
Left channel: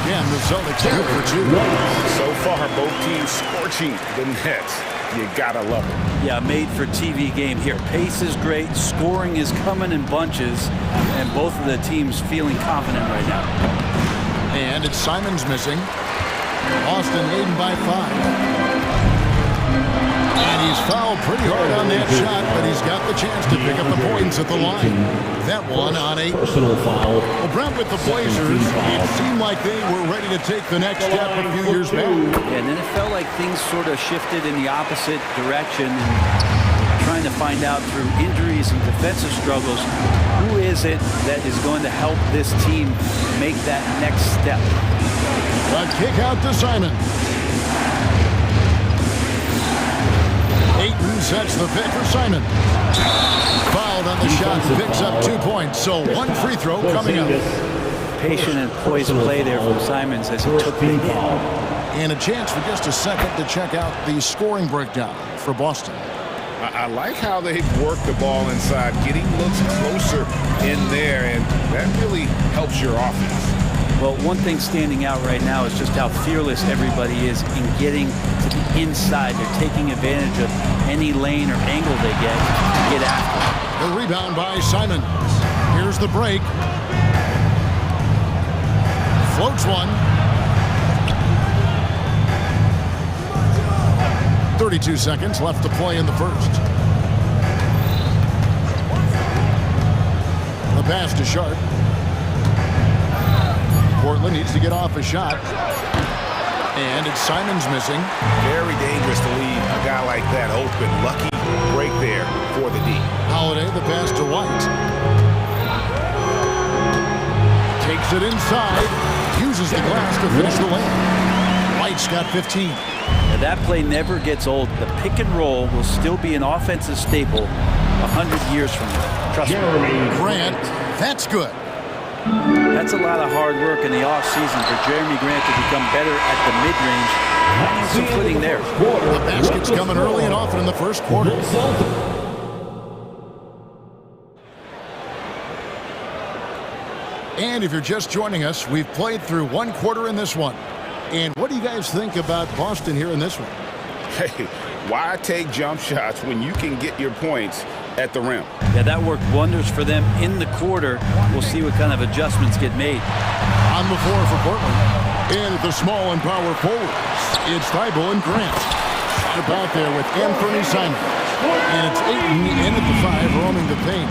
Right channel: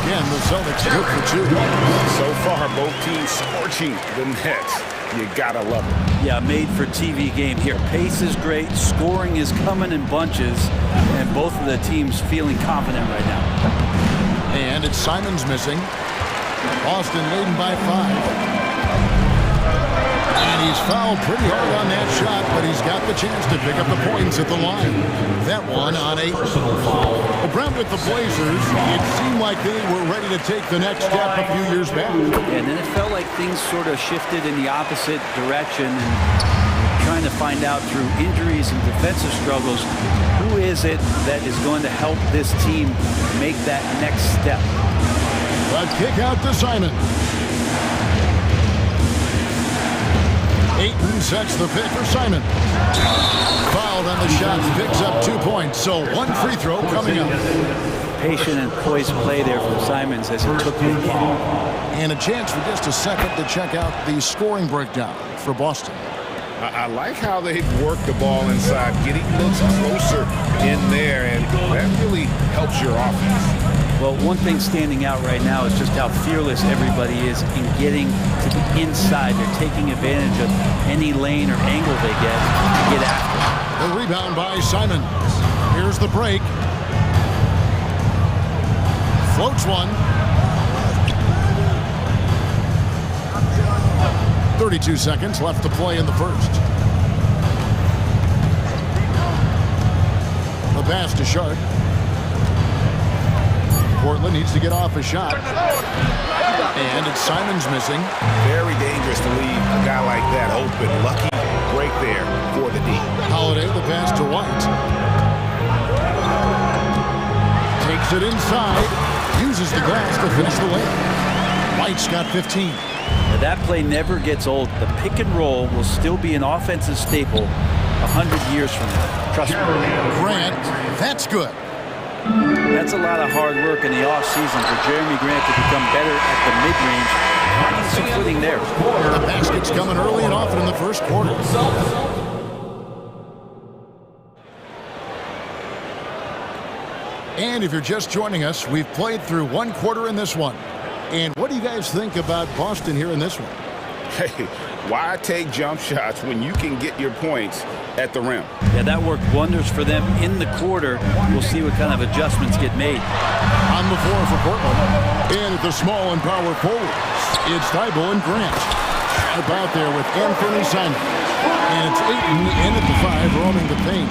Again, the Celtics good for 2. So far, both teams scorching the Nets. You gotta love it. Yeah, made for TV game here. Pace is great. Scoring is coming in bunches. And both of the teams feeling confident right now. And it's Simons missing. Boston leading by 5. And he's fouled pretty hard on that shot, but he's got the chance to pick up the points at the line. That one on 8. Personal foul. Well, Brent, with the Blazers, it seemed like they were ready to take the next step a few years back. Yeah, and then it felt like things sort of shifted in the opposite direction, and trying to find out through injuries and defensive struggles, who is it that is going to help this team make that next step? A kick out to Simon. Ayton sets the pick for Simon. Fouled on the shot, picks up 2 points. So 1 free throw coming up. Patient and poised play there from Simons as he took the hit. And a chance for just a second to check out the scoring breakdown for Boston. I like how they've worked the ball inside, getting looks closer in there, and that really helps your offense. Well, one thing standing out right now is just how fearless everybody is in getting to the inside. They're taking advantage of any lane or angle they get to get after. The rebound by Simons. Here's the break. Floats one. 32 seconds left to play in the first. The pass to Sharp. Portland needs to get off a shot. And it's Simons missing. Very dangerous to leave a guy like that open. Lucky break there for the D. Holiday, the pass to White. Takes it inside. Uses the glass to finish the lane. White's got 15. Now that play never gets old. The pick and roll will still be an offensive staple 100 years from now. Trust me. Grant, that's good. That's a lot of hard work in the offseason for Jeremy Grant to become better at the mid-range, finding some footing there. The basket's coming early and often in the first quarter. And if you're just joining us, we've played through one quarter in this one. And what do you guys think about Boston here in this one? Hey, why take jump shots when you can get your points at the rim? Yeah, that worked wonders for them in the quarter. We'll see what kind of adjustments get made. On the floor for Portland. And at the small and power forwards, it's Thibault and Grant. Sharp out there with Anthony Simons. And it's Ayton in at the 5, roaming the paint.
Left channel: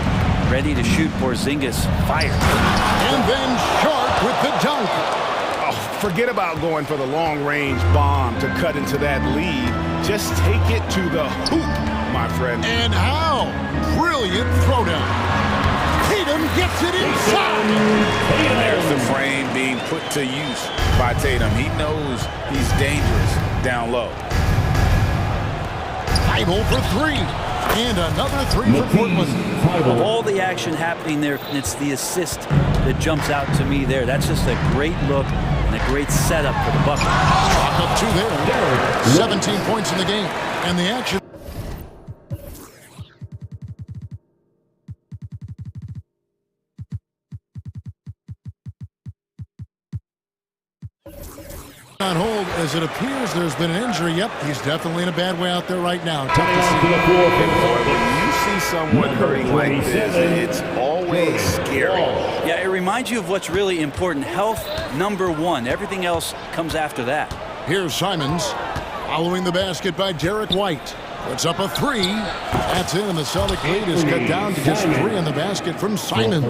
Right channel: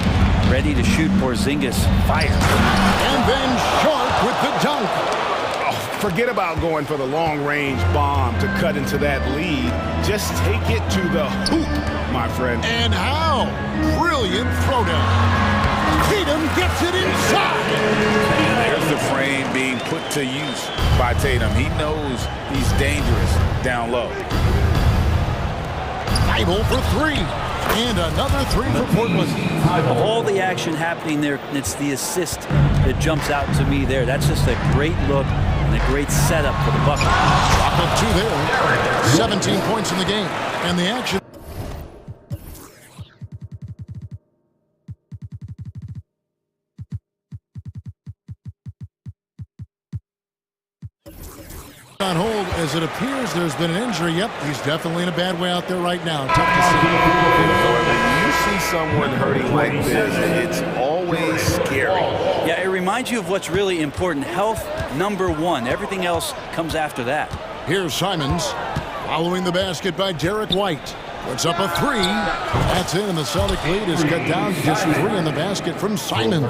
Ready to shoot Porzingis. Fire. And then Sharp with the dunk. Oh, forget about going for the long-range bomb to cut into that lead. Just take it to the hoop, my friend. And how? Brilliant throwdown. Tatum gets it inside. And there's the frame being put to use by Tatum. He knows he's dangerous down low. Thibault for 3. And another 3 for Portland. Of all the action happening there, it's the assist that jumps out to me there. That's just a great look and a great setup for the bucket. Chalk up 2 there. 17 points in the game. And the action. On hold as it appears there's been an injury. Yep, he's definitely in a bad way out there right now. Tough to see. And boy, when you see someone hurting like this, it's always scary. Yeah, it reminds you of what's really important. Health, #1. Everything else comes after that. Here's Simons following the basket by Derek White. Puts up a 3. That's in, and the Celtic lead is cut down to just 3 in the basket from Simons.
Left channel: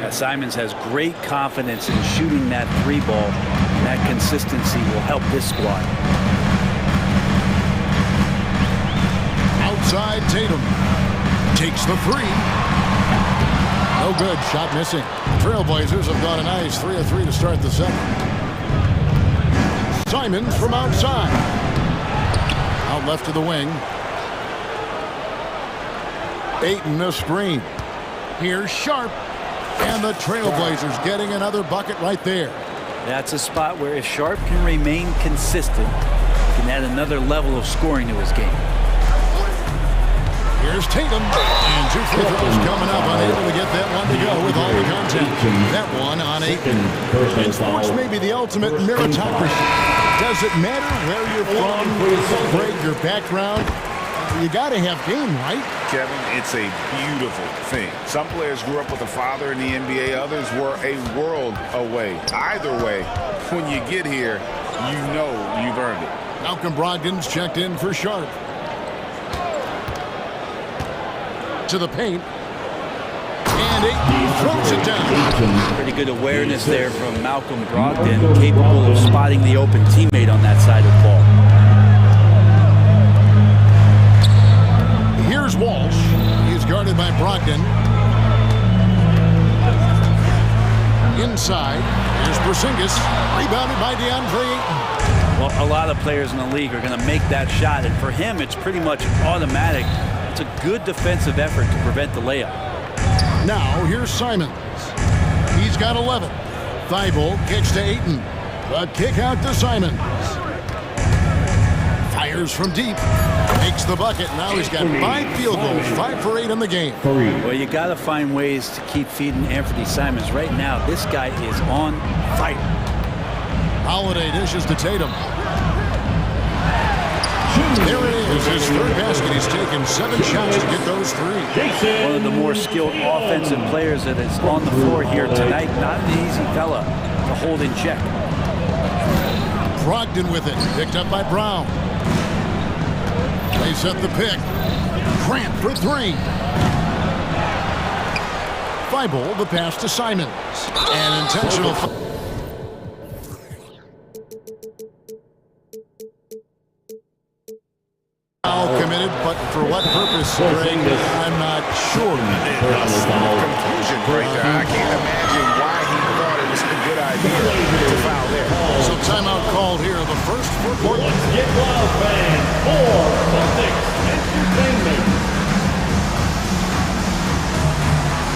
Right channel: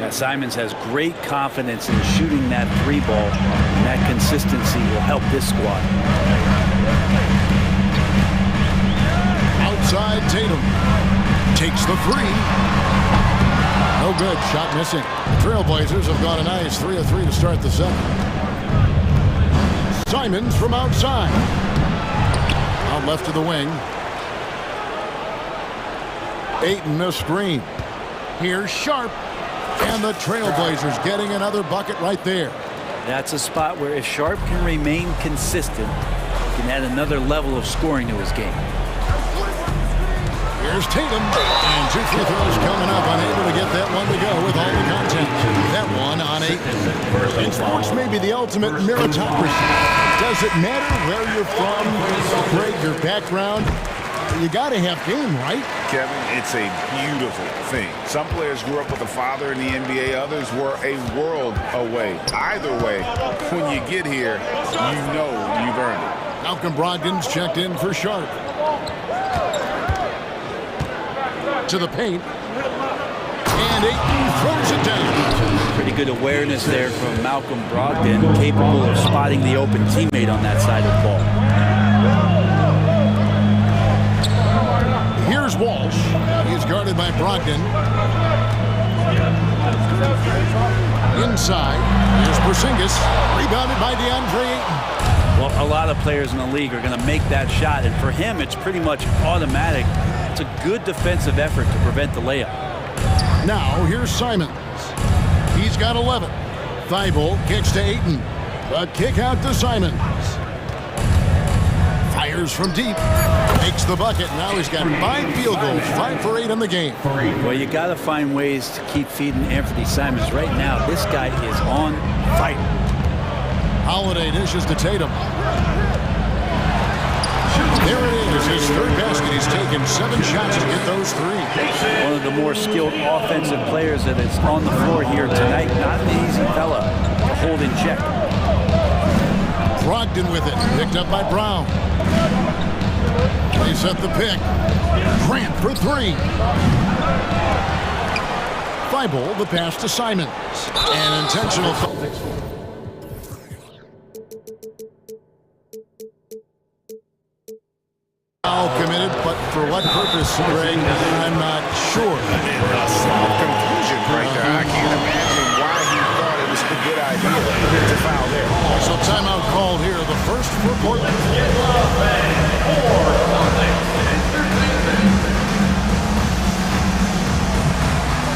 Yeah, Simons has great confidence in shooting that 3 ball, and that consistency will help this squad. Outside Tatum. Takes the 3. No good. Shot missing. The Trailblazers have gone a nice 3 of 3 to start the second. Simons from outside. Out left to the wing. Ayton a screen. Here's Sharp. And the Trailblazers getting another bucket right there. That's a spot where if Sharp can remain consistent, he can add another level of scoring to his game. Here's Tatum. And 2 free throws coming up. Unable to get that one to go with all the contact. That one on Ayton. And sports may be the ultimate meritocracy. Does it matter where you're from, Greg, your background? You got to have game, right? Kevin, it's a beautiful thing. Some players grew up with a father in the NBA. Others were a world away. Either way, when you get here, you know you've earned it. Malcolm Brogdon's checked in for Sharp. To the paint. And Ayton throws it down. Pretty good awareness there from Malcolm Brogdon, capable of spotting the open teammate on that side of the ball. Here's Walsh. He's guarded by Brogdon. Inside. Here's Porzingis. Rebounded by DeAndre Ayton. Well, a lot of players in the league are going to make that shot, and for him, it's pretty much automatic. It's a good defensive effort to prevent the layup. Now, here's Simons. He's got 11. Thibault kicks to Ayton. The kick out to Simons. Fires from deep. Makes the bucket. Now he's got 5 field goals. 5 for 8 in the game. Well, you got to find ways to keep feeding Anthony Simons. Right now, this guy is on fire. Holiday dishes to Tatum. There it is, his 3rd basket. He's taken 7 shots to get those 3. One of the more skilled offensive players that is on the floor here tonight. Not an easy fella to hold in check. Brogdon with it, picked up by Brown. They set the pick. Grant for three. Thibault, the pass to Simons. An intentional foul committed, but for what purpose, Greg, I'm not sure. A lot of confusion right there. I can't imagine why he thought it was a good idea to foul there. So timeout called here, the first for Portland.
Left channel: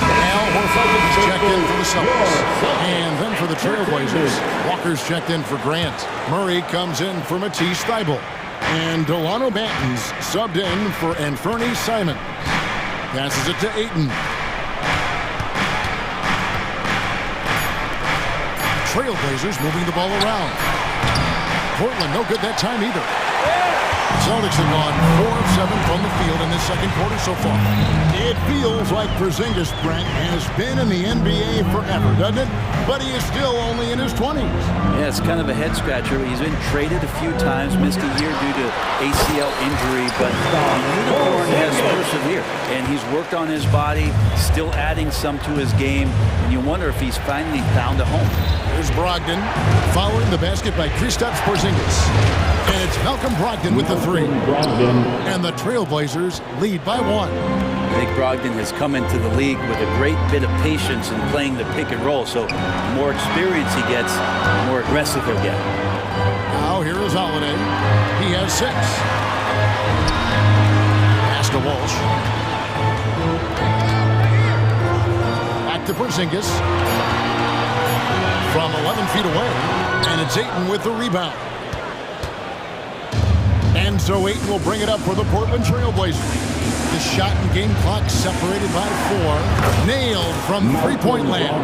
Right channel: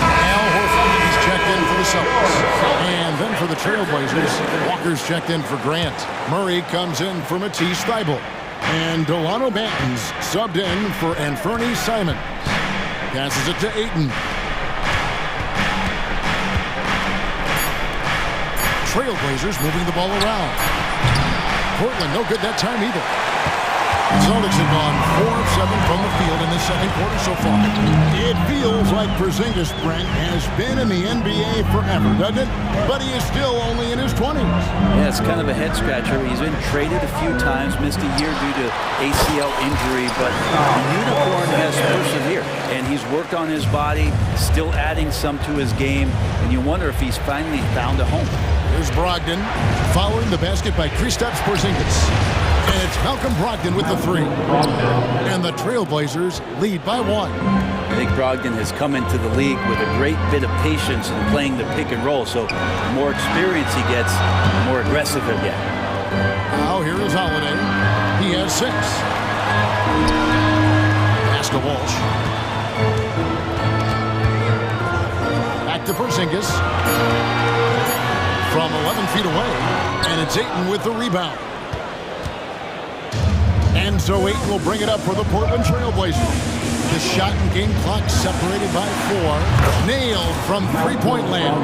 Al Horford, he's checked in for the Celtics. And then for the Trailblazers, Walker's checked in for Grant. Murray comes in for Matisse Thibault. And Delano Banton's subbed in for Anferny Simons. Passes it to Ayton. Trailblazers moving the ball around. Portland no good that time either. The Celtics have gone 4 of 7 from the field in this second quarter so far. It feels like Porzingis, Brent, has been in the NBA forever, doesn't it? But he is still only in his 20s. Yeah, it's kind of a head scratcher. He's been traded a few times, missed a year due to ACL injury, but the unicorn has persevered, and he's worked on his body, still adding some to his game, and you wonder if he's finally found a home. Here's Brogdon, following the basket by Kristaps Porzingis. And it's Malcolm Brogdon with the three. And the Trailblazers lead by 1. I think Brogdon has come into the league with a great bit of patience in playing the pick and roll. So the more experience he gets, the more aggressive he'll get. Now here is Holiday. He has 6. Pass to Walsh. Back to Porzingis. From 11 feet away. And it's Ayton with the rebound. And so Ayton will bring it up for the Portland Trailblazers. The shot and game clock separated by 4. Nailed from three-point land.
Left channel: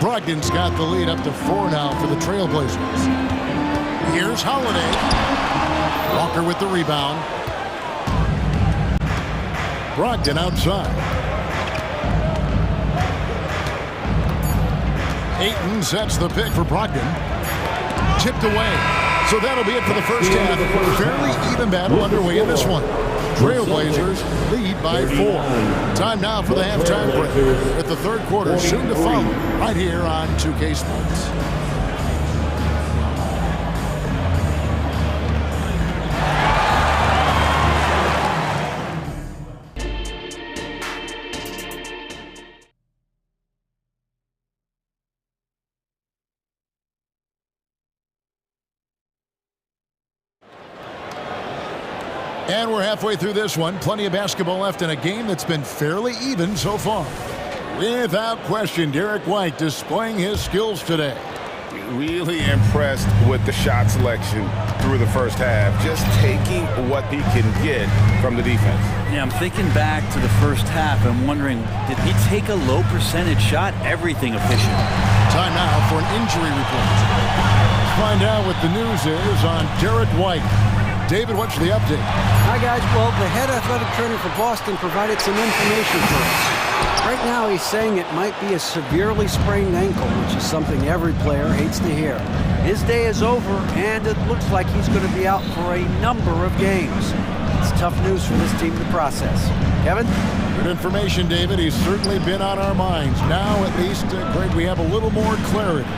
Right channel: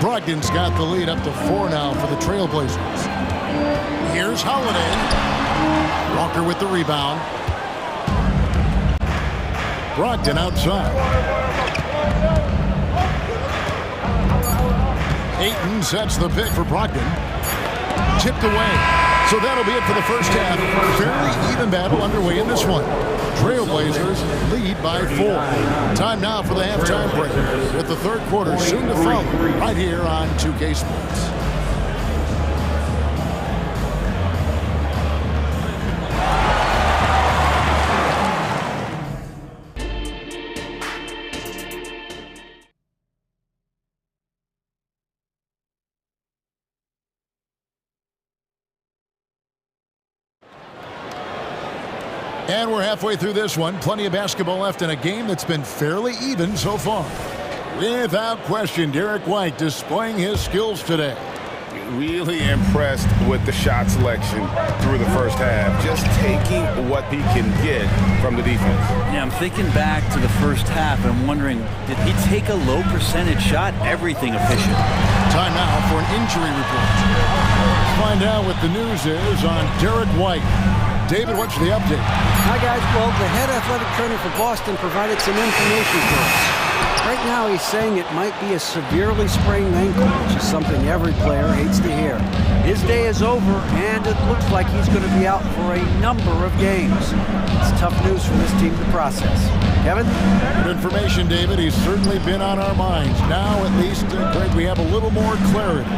Brogdon's got the lead up to 4 now for the Trailblazers. Here's Holiday. Walker with the rebound. Brogdon outside. Ayton sets the pick for Brogdon. Tipped away. So that'll be it for the first half. Fairly even battle underway in this one. Trailblazers lead by 4. Time now for the halftime break, with the third quarter soon to follow, right here on 2K Sports. And we're halfway through this one. Plenty of basketball left in a game that's been fairly even so far. Without question, Derek White displaying his skills today. Really impressed with the shot selection through the first half. Just taking what he can get from the defense. Yeah, I'm thinking back to the first half and wondering, did he take a low percentage shot? Everything efficient. Time now for an injury report. Let's find out what the news is on Derek White. David, what's the update? Hi, guys. Well, the head athletic trainer for Boston provided some information for us. Right now, he's saying it might be a severely sprained ankle, which is something every player hates to hear. His day is over, and it looks like he's going to be out for a number of games. It's tough news for this team to process. Kevin? Good information, David. He's certainly been on our minds. Now, at least, Greg, we have a little more clarity.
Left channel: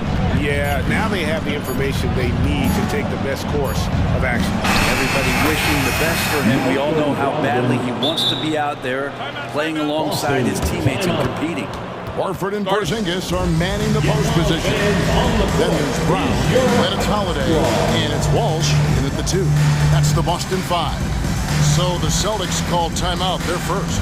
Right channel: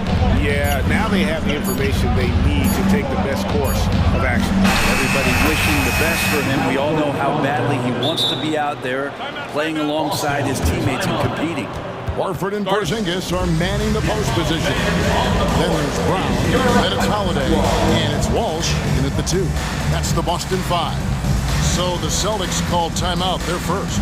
Yeah, now they have the information they need to take the best course of action. Everybody wishing the best for him. We all know how badly he wants to be out there playing alongside his teammates and competing. Horford and Porzingis are manning the post position. Then there's Brown, then it's Holiday, and it's Walsh in at the 2. That's the Boston 5. So the Celtics called timeout. They're first.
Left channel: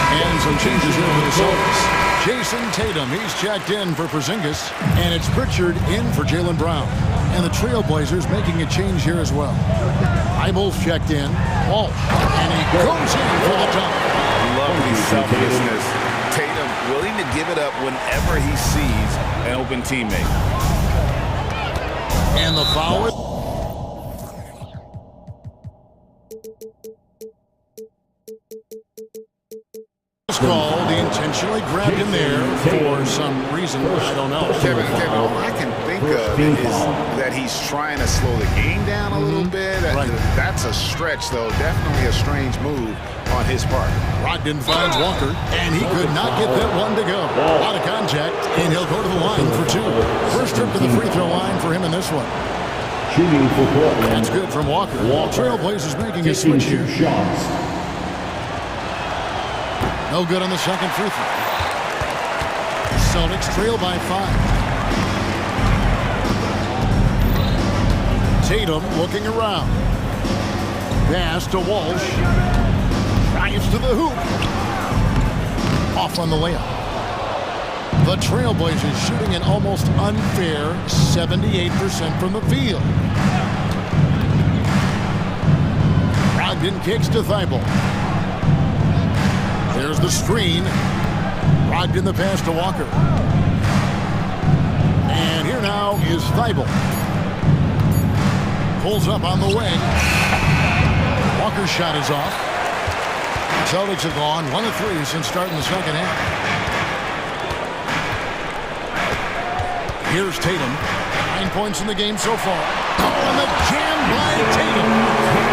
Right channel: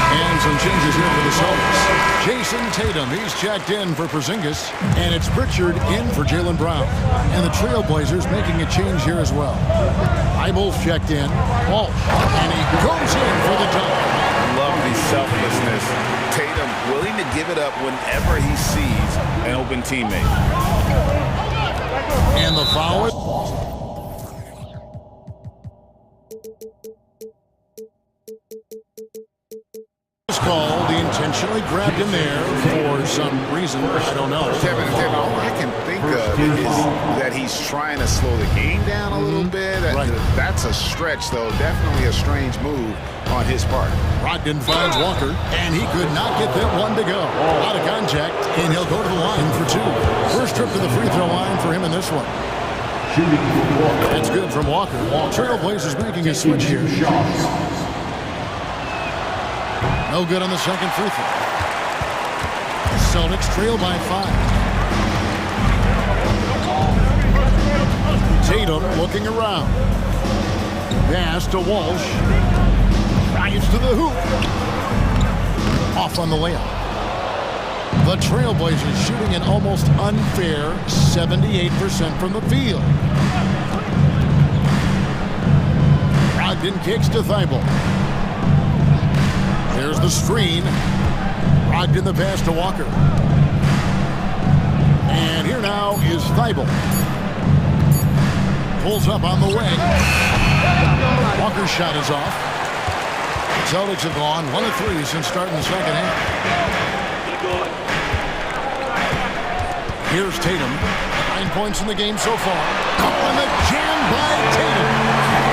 And some changes here for the Celtics. Jason Tatum, he's checked in for Porzingis. And it's Pritchard in for Jaylen Brown. And the Trailblazers making a change here as well. Thibault's checked in. Walsh. And he goes in for the dunk. Love the selflessness. Tatum willing to give it up whenever he sees an open teammate. And the foul is called. The Intentionally grabbed in there for some reason. I don't know. Kevin, all I can think of is that he's trying to slow the game down a little bit. Right. That's a stretch, though. Definitely a strange move on his part. Brogdon finds Walker, and he could not get that one to go. Out of contact, and he'll go to the line for two. First trip to the free throw line for him in this one. That's good from Walker. Trailblazers making a switch here. No good on the second free throw. Celtics trail by 5. Tatum looking around. Pass to Walsh. Drives to the hoop. Off on the layup. The Trailblazers shooting an almost unfair 78% from the field. Brogdon kicks to Thibault. There's the screen. Brogdon the pass to Walker. And here now is Thibault. Pulls up on the wing. Walker's shot is off. The Celtics have gone 1 of 3 since starting the second half. Here's Tatum. 9 points in the game so far. Oh, and the jam by Tatum.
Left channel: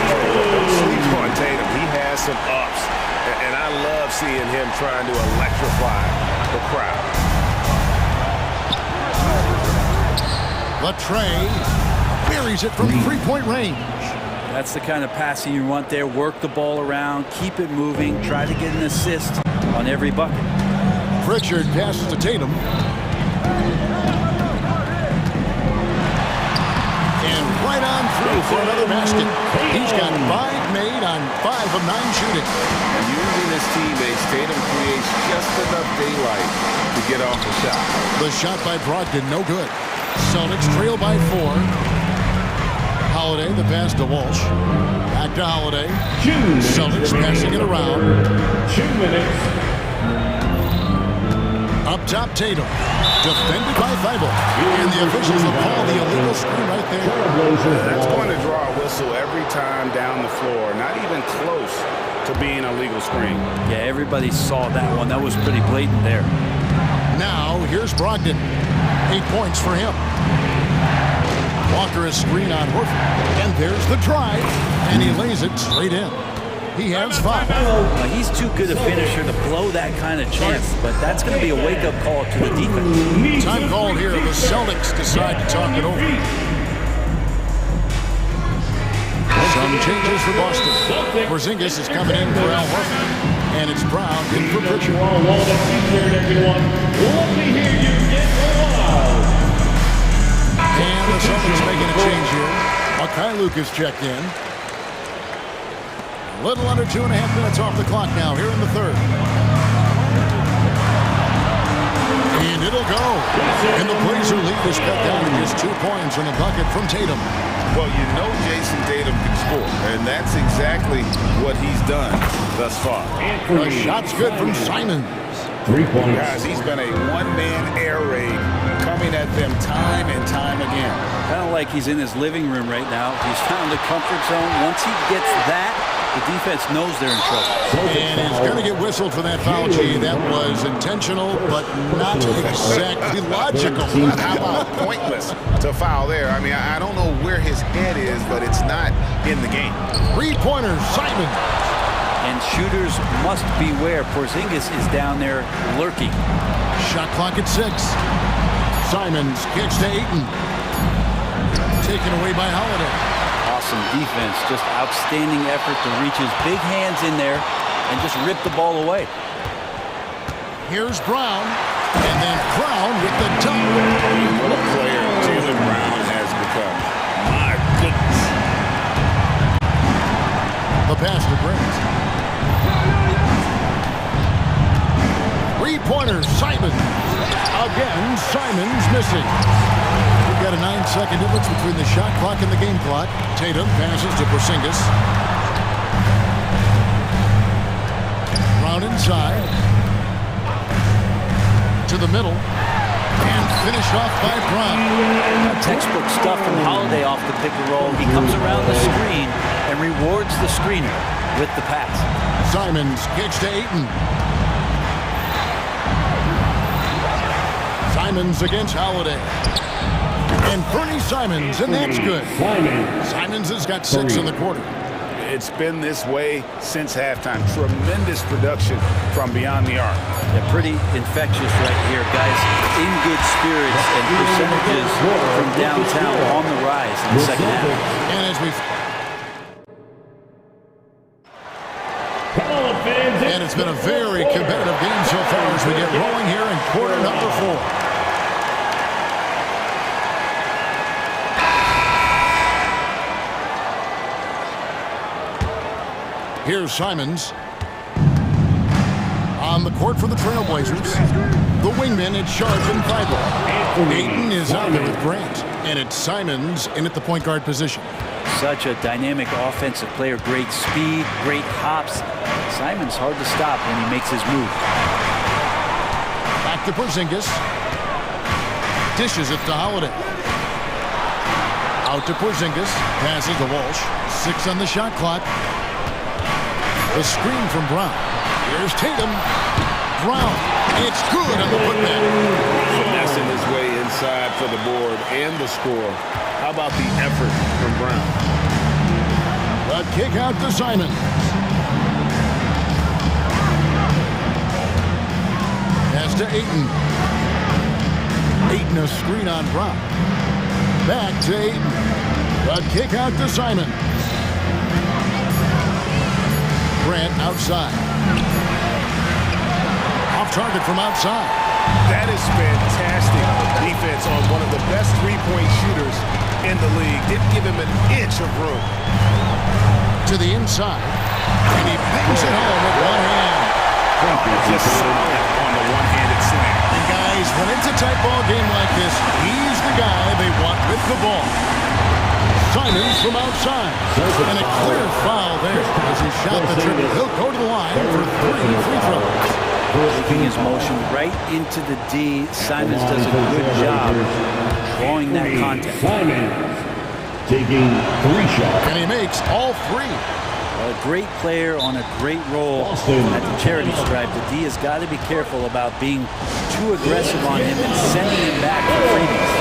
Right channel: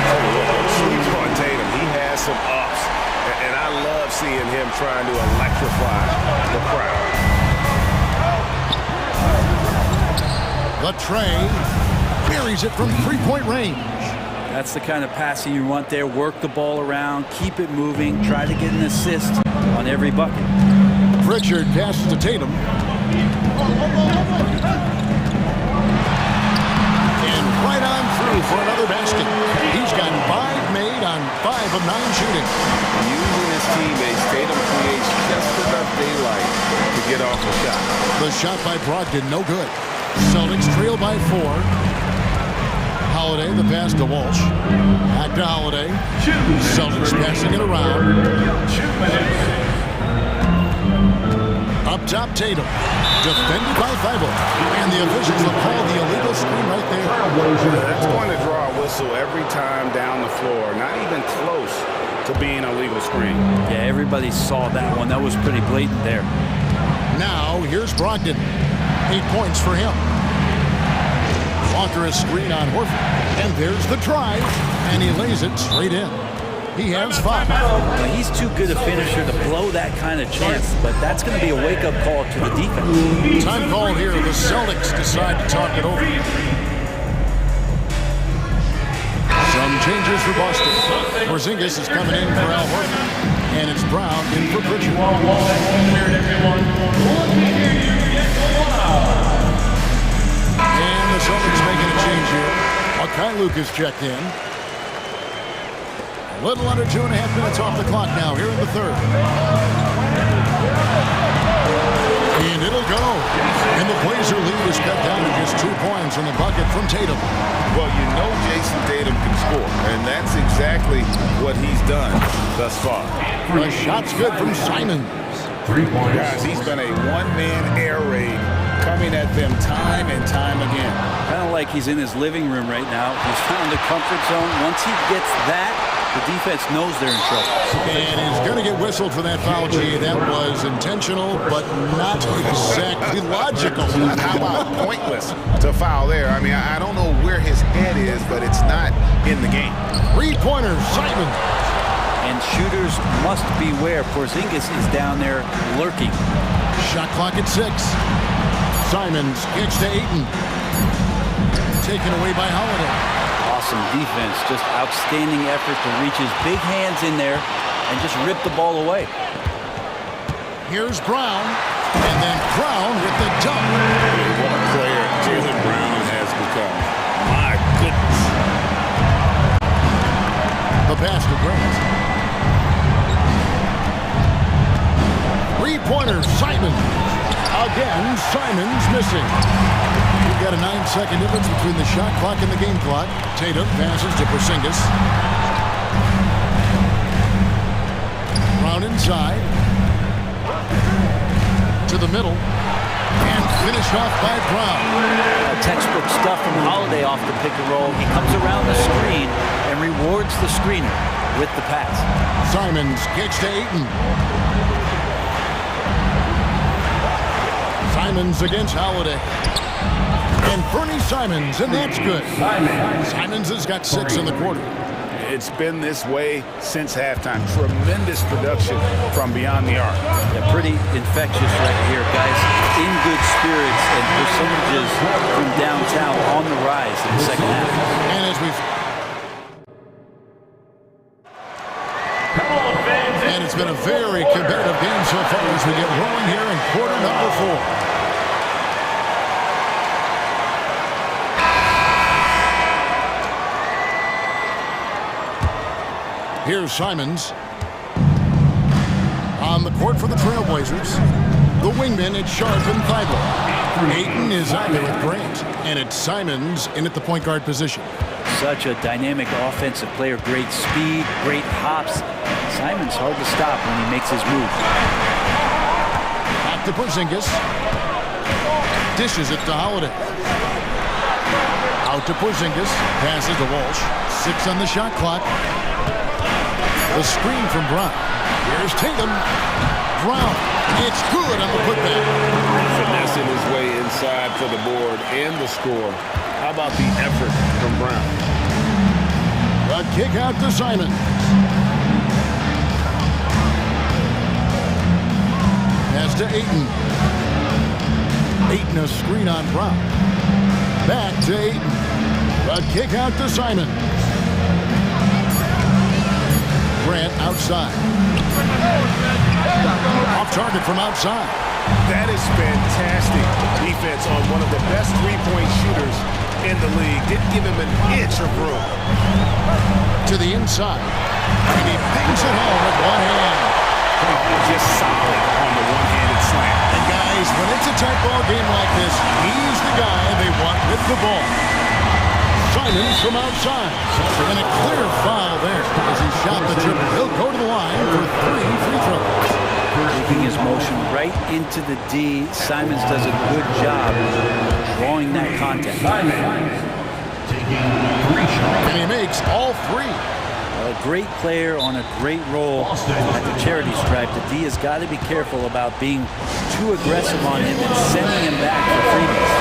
Don't sleep on Tatum. He has some ups. And I love seeing him trying to electrify the crowd. Latrey buries it from three-point range. That's the kind of passing you want there. Work the ball around, keep it moving, try to get an assist on every bucket. Pritchard passes to Tatum. And right on through for another basket. He's got 5 made on 5 of 9 shooting. Using his teammates, Tatum creates just enough daylight to get off the shot. The shot by Brogdon, no good. Celtics trail by 4. Holiday, the pass to Walsh. Back to Holiday. Celtics passing it around. 2 minutes. Up top, Tatum. Defended by Thibault. And the officials have called the illegal screen right there. That's going to draw a whistle every time down the floor. Not even close to being a legal screen. Yeah, everybody saw that one. That was pretty blatant there. Now, here's Brogdon. 8 points for him. Walker a screen on Horford. And there's the drive. And he lays it straight in. He has 5. Now, he's too good a finisher to blow that kind of chance, but that's going to be a wake-up call to the defense. Time called here. The Celtics decide to talk it over. Some changes for Boston. Porzingis is coming in for Al Horford. And it's Brown in for Pritchard. And the Celtics making a change here. Makai Lucas checked in. A little under 2.5 minutes off the clock now here in the third. And it'll go. And the Blazer lead is cut down to just 2 points on the bucket from Tatum. Well, you know Jason Tatum can score, and that's exactly what he's done thus far. The shot's good from Simons. 3 points. Guys, he's been a one-man air raid coming at them time and time again. Kind of like he's in his living room right now. He's found the comfort zone. Once he gets that, the defense knows they're in trouble. And he's going to get whistled for that foul, G. That was intentional, but not exactly logical. How about pointless to foul there? I mean, I don't know where his head is, but it's not in the game. 3-pointer, Simons. And shooters must beware. Porzingis is down there lurking. Shot clock at 6. Simons kicks to Ayton. Taken away by Holiday. Awesome defense. Just outstanding effort to reach his big hands in there and just rip the ball away. Here's Brown. And then Brown with the dunk. I mean, what a player Jaylen Brown has become. My goodness. The pass to Grant. 3-pointer, Simons. Again, Simons missing. We've got a 9-second difference between the shot clock and the game clock. Tatum passes to Porzingis. Brown inside. To the middle. And finished off by Brown. Textbook stuff from Holiday off the pick and roll. He comes around the screen and rewards the screener with the pass. Simons kicks to Ayton. Simons against Holiday. And Bernie Simons, and that's good. Simons has got 6 in the quarter. It's been this way since halftime. Tremendous production from beyond the arc. Yeah, pretty infectious right here, guys. In good spirits and percentages from downtown on the rise in the second half. And as we've... And it's been a very competitive game so far as we get rolling here in quarter number 4. Here's Simons. On the court for the Trailblazers. The wingman, it's Sharp and Thibault. Ayton is out there with Grant. And it's Simons in at the point guard position. Such a dynamic offensive player. Great speed, great hops. Simons hard to stop when he makes his move. Back to Porzingis. Dishes it to Holiday. Out to Porzingis. Passes to Walsh. 6 on the shot clock. The screen from Brown. Here's Tatum. Brown. It's good on the putback. Finessing his way inside for the board and the score. How about the effort from Brown? The kick out to Simons. Pass to Ayton. Ayton a screen on Brown. Back to Ayton. The kick out to Simons. Grant outside. Off target from outside. That is fantastic defense on one of the best three-point shooters in the league. Didn't give him an inch of room. To the inside. And he bangs it home with one hand. Just solid on the one-handed slam. And guys, when it's a tight ball game like this, he's the guy they want with the ball. Simons from outside. And a clear foul there as he shot the triple. He'll go to the line for 3 free throws. Taking his motion right into the D. Simons does a good job drawing that contact. Simons taking 3 shots. And he makes all 3. A great player on a great role at the charity stripe. The D has got to be careful about being too aggressive on him and sending him back for freebies.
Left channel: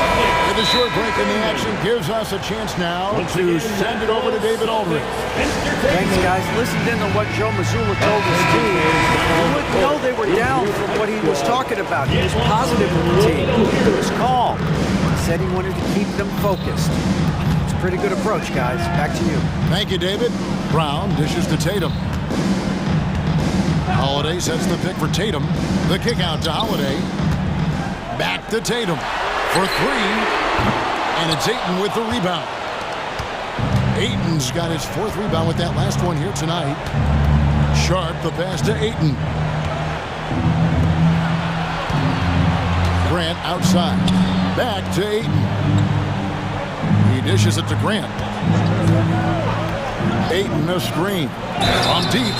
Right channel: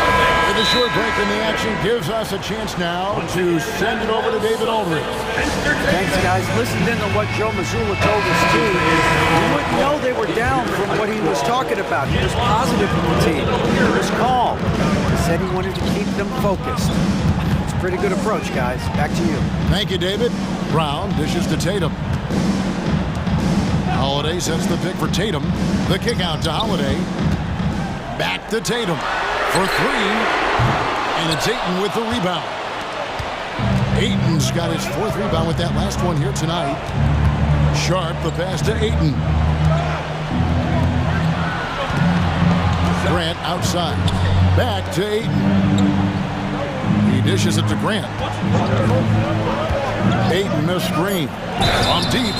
With a short break in the action gives us a chance now to send it over to David Aldridge. Thanks, guys. Listened in to what Joe Mazzulla told his team. You wouldn't know they were down from what he was talking about. He was positive with the team. He was calm. He said he wanted to keep them focused. It's a pretty good approach, guys. Back to you. Thank you, David. Brown dishes to Tatum. Holiday sets the pick for Tatum. The kick out to Holiday. Back to Tatum for 3. And it's Ayton with the rebound. Ayton's got his 4th rebound with that last one here tonight. Sharp, the pass to Ayton. Grant outside. Back to Ayton. He dishes it to Grant. Ayton a screen. From deep.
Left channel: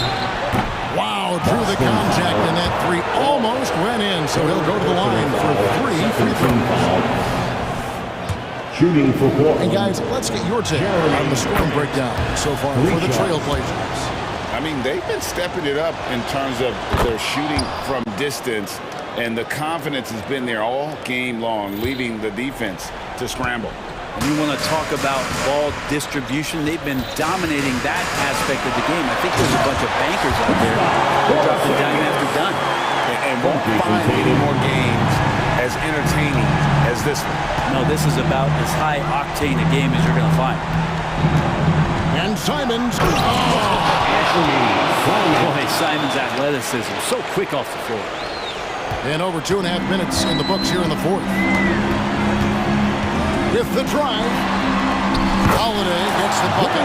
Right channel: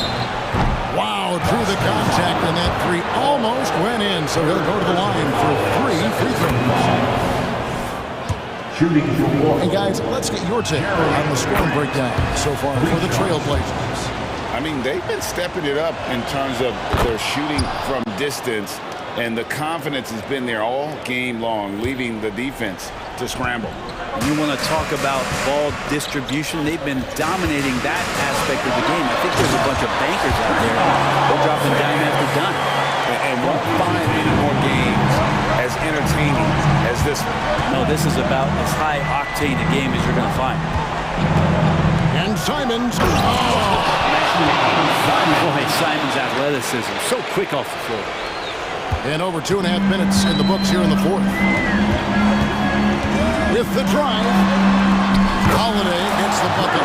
Wow, drew the contact, and that 3 almost went in, so he'll go to the line for 3 free throws. Shooting for 4. And guys, let's get your take on the scoring breakdown so far for the Trailblazers. I mean, they've been stepping it up in terms of their shooting from distance, and the confidence has been there all game long, leaving the defense to scramble. And you want to talk about ball distribution. They've been dominating that aspect of the game. I think there's a bunch of bankers out there who are dropping dime after dime. And won't find any more games as entertaining as this one. No, this is about as high octane a game as you're going to find. And Simons. Boy, Simons' athleticism, so quick off the floor. And over 2.5 minutes in the books here in the 4th. With the drive, Holiday gets the bucket.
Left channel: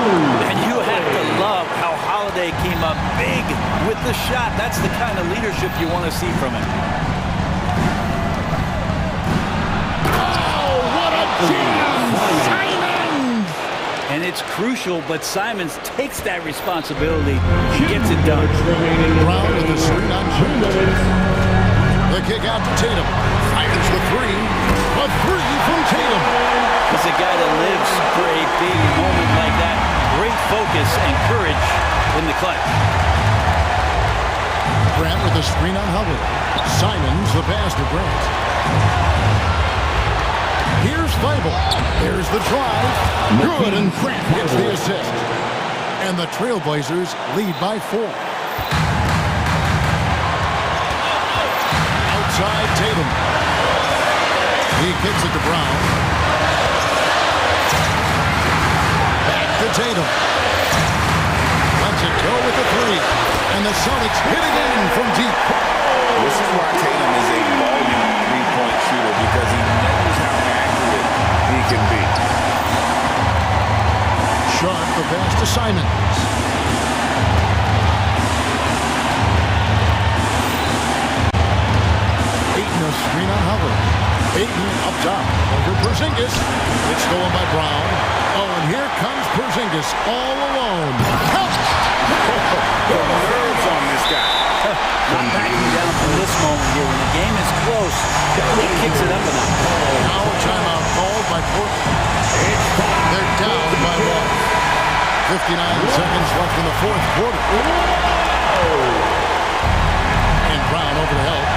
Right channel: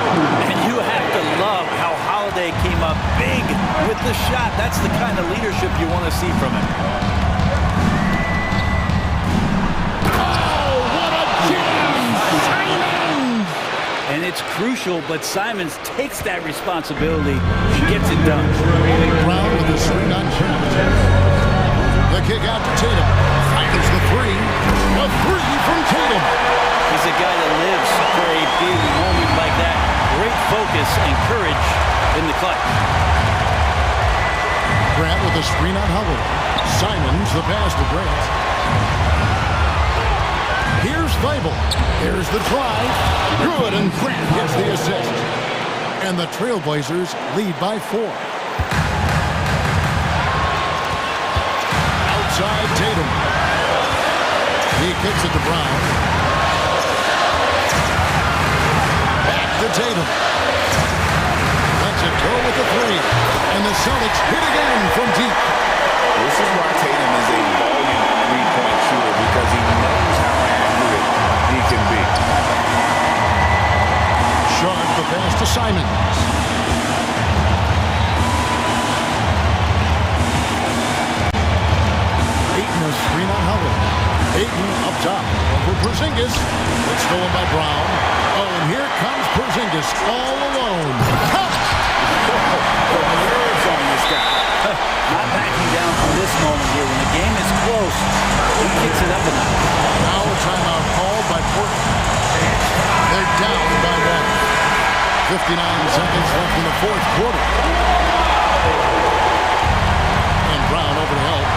And you have to love how Holiday came up big with the shot. That's the kind of leadership you want to see from him. Oh, what a jam! Simons! And it's crucial, but Simons takes that responsibility and gets it done. Brown with the screen on Grant. The kick out to Tatum. Fires the 3. A 3 from Tatum. He's a guy that lives for a big moment like that. Great focus and courage in the clutch. Grant with a screen on Holiday. Simons, the pass to Grant. Here's Thibault. There's the drive. Good, and Grant gets the assist. And the Trailblazers lead by 4. Outside Tatum. He kicks it to Brown. Back to Tatum. Lets it go with the 3. And the Celtics hit again from deep. This is why Tatum is a volume three-point shooter, because he knows how accurate he can be. Sharp the pass to Simons. Ayton a screen on Holiday. Ayton up top over Porzingis. It's stolen by Brown. Oh, and here comes Porzingis all alone. The nerves on this guy. Not backing down from this moment here. When the game is close, he kicks it up a notch. Now a timeout called by Portland. They're down by 1. 59 seconds left in the fourth quarter. And Brown over to help.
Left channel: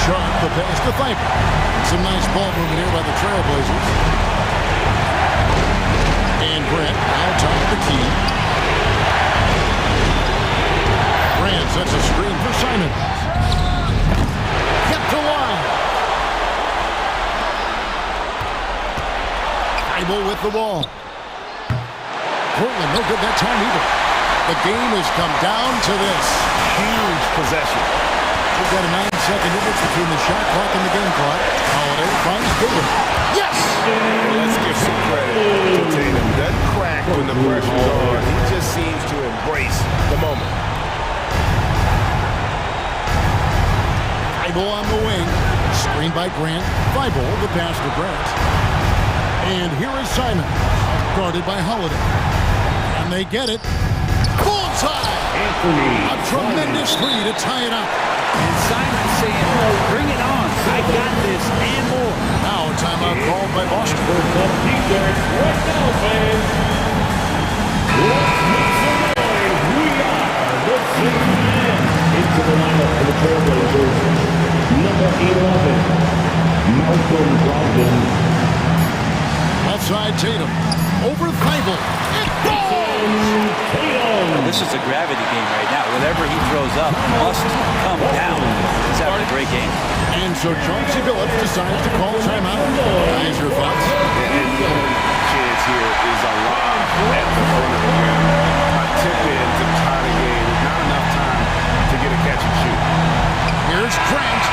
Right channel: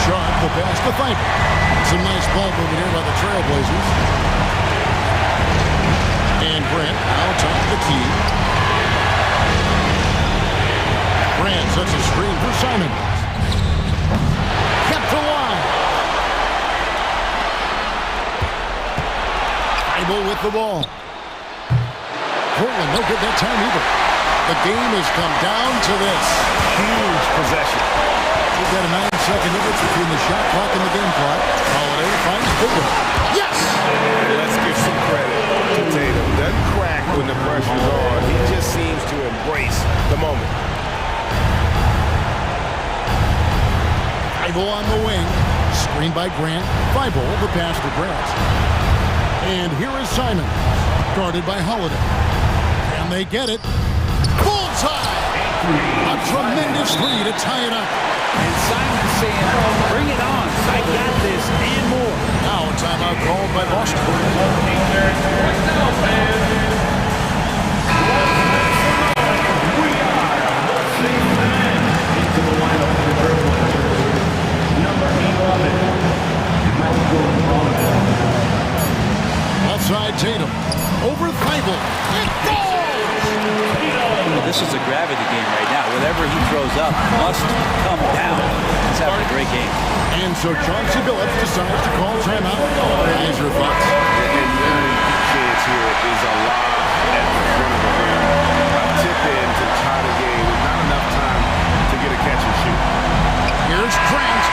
Sharp the pass to Thibault. Some nice ball movement here by the Trailblazers. And Grant now top of the key. Grant sets a screen for Simons. Kept alive. Thibault with the ball. Portland no good that time either. The game has come down to this. Huge possession. We've got a 9-second difference between the shot clock and the game clock. Holiday finds Tatum. Yes! And let's give some credit to Tatum. Doesn't crack when the pressure's on. He just seems to embrace the moment. Thibault on the wing. Screened by Grant. Thibault, the pass to Grant. And here is Simon. Guarded by Holiday. And they get it. Bullseye! A tremendous 3 to tie it up. And Simon saying, bring it on. I got this and more. Now a timeout called by Boston. Into the lineup for the Trailblazers, number 11, Malcolm Brogdon. Left side Tatum. Over Thibault. It falls! Well, this is a gravity game right now. Whatever he throws up must come down. He's having a great game. And so Chauncey Billups decides to call timeout. Guys, your thoughts? And the only chance here is a lob at the front of the rim. A tip in to tie the game. There's not enough time to get a catch and shoot. Here's Grant.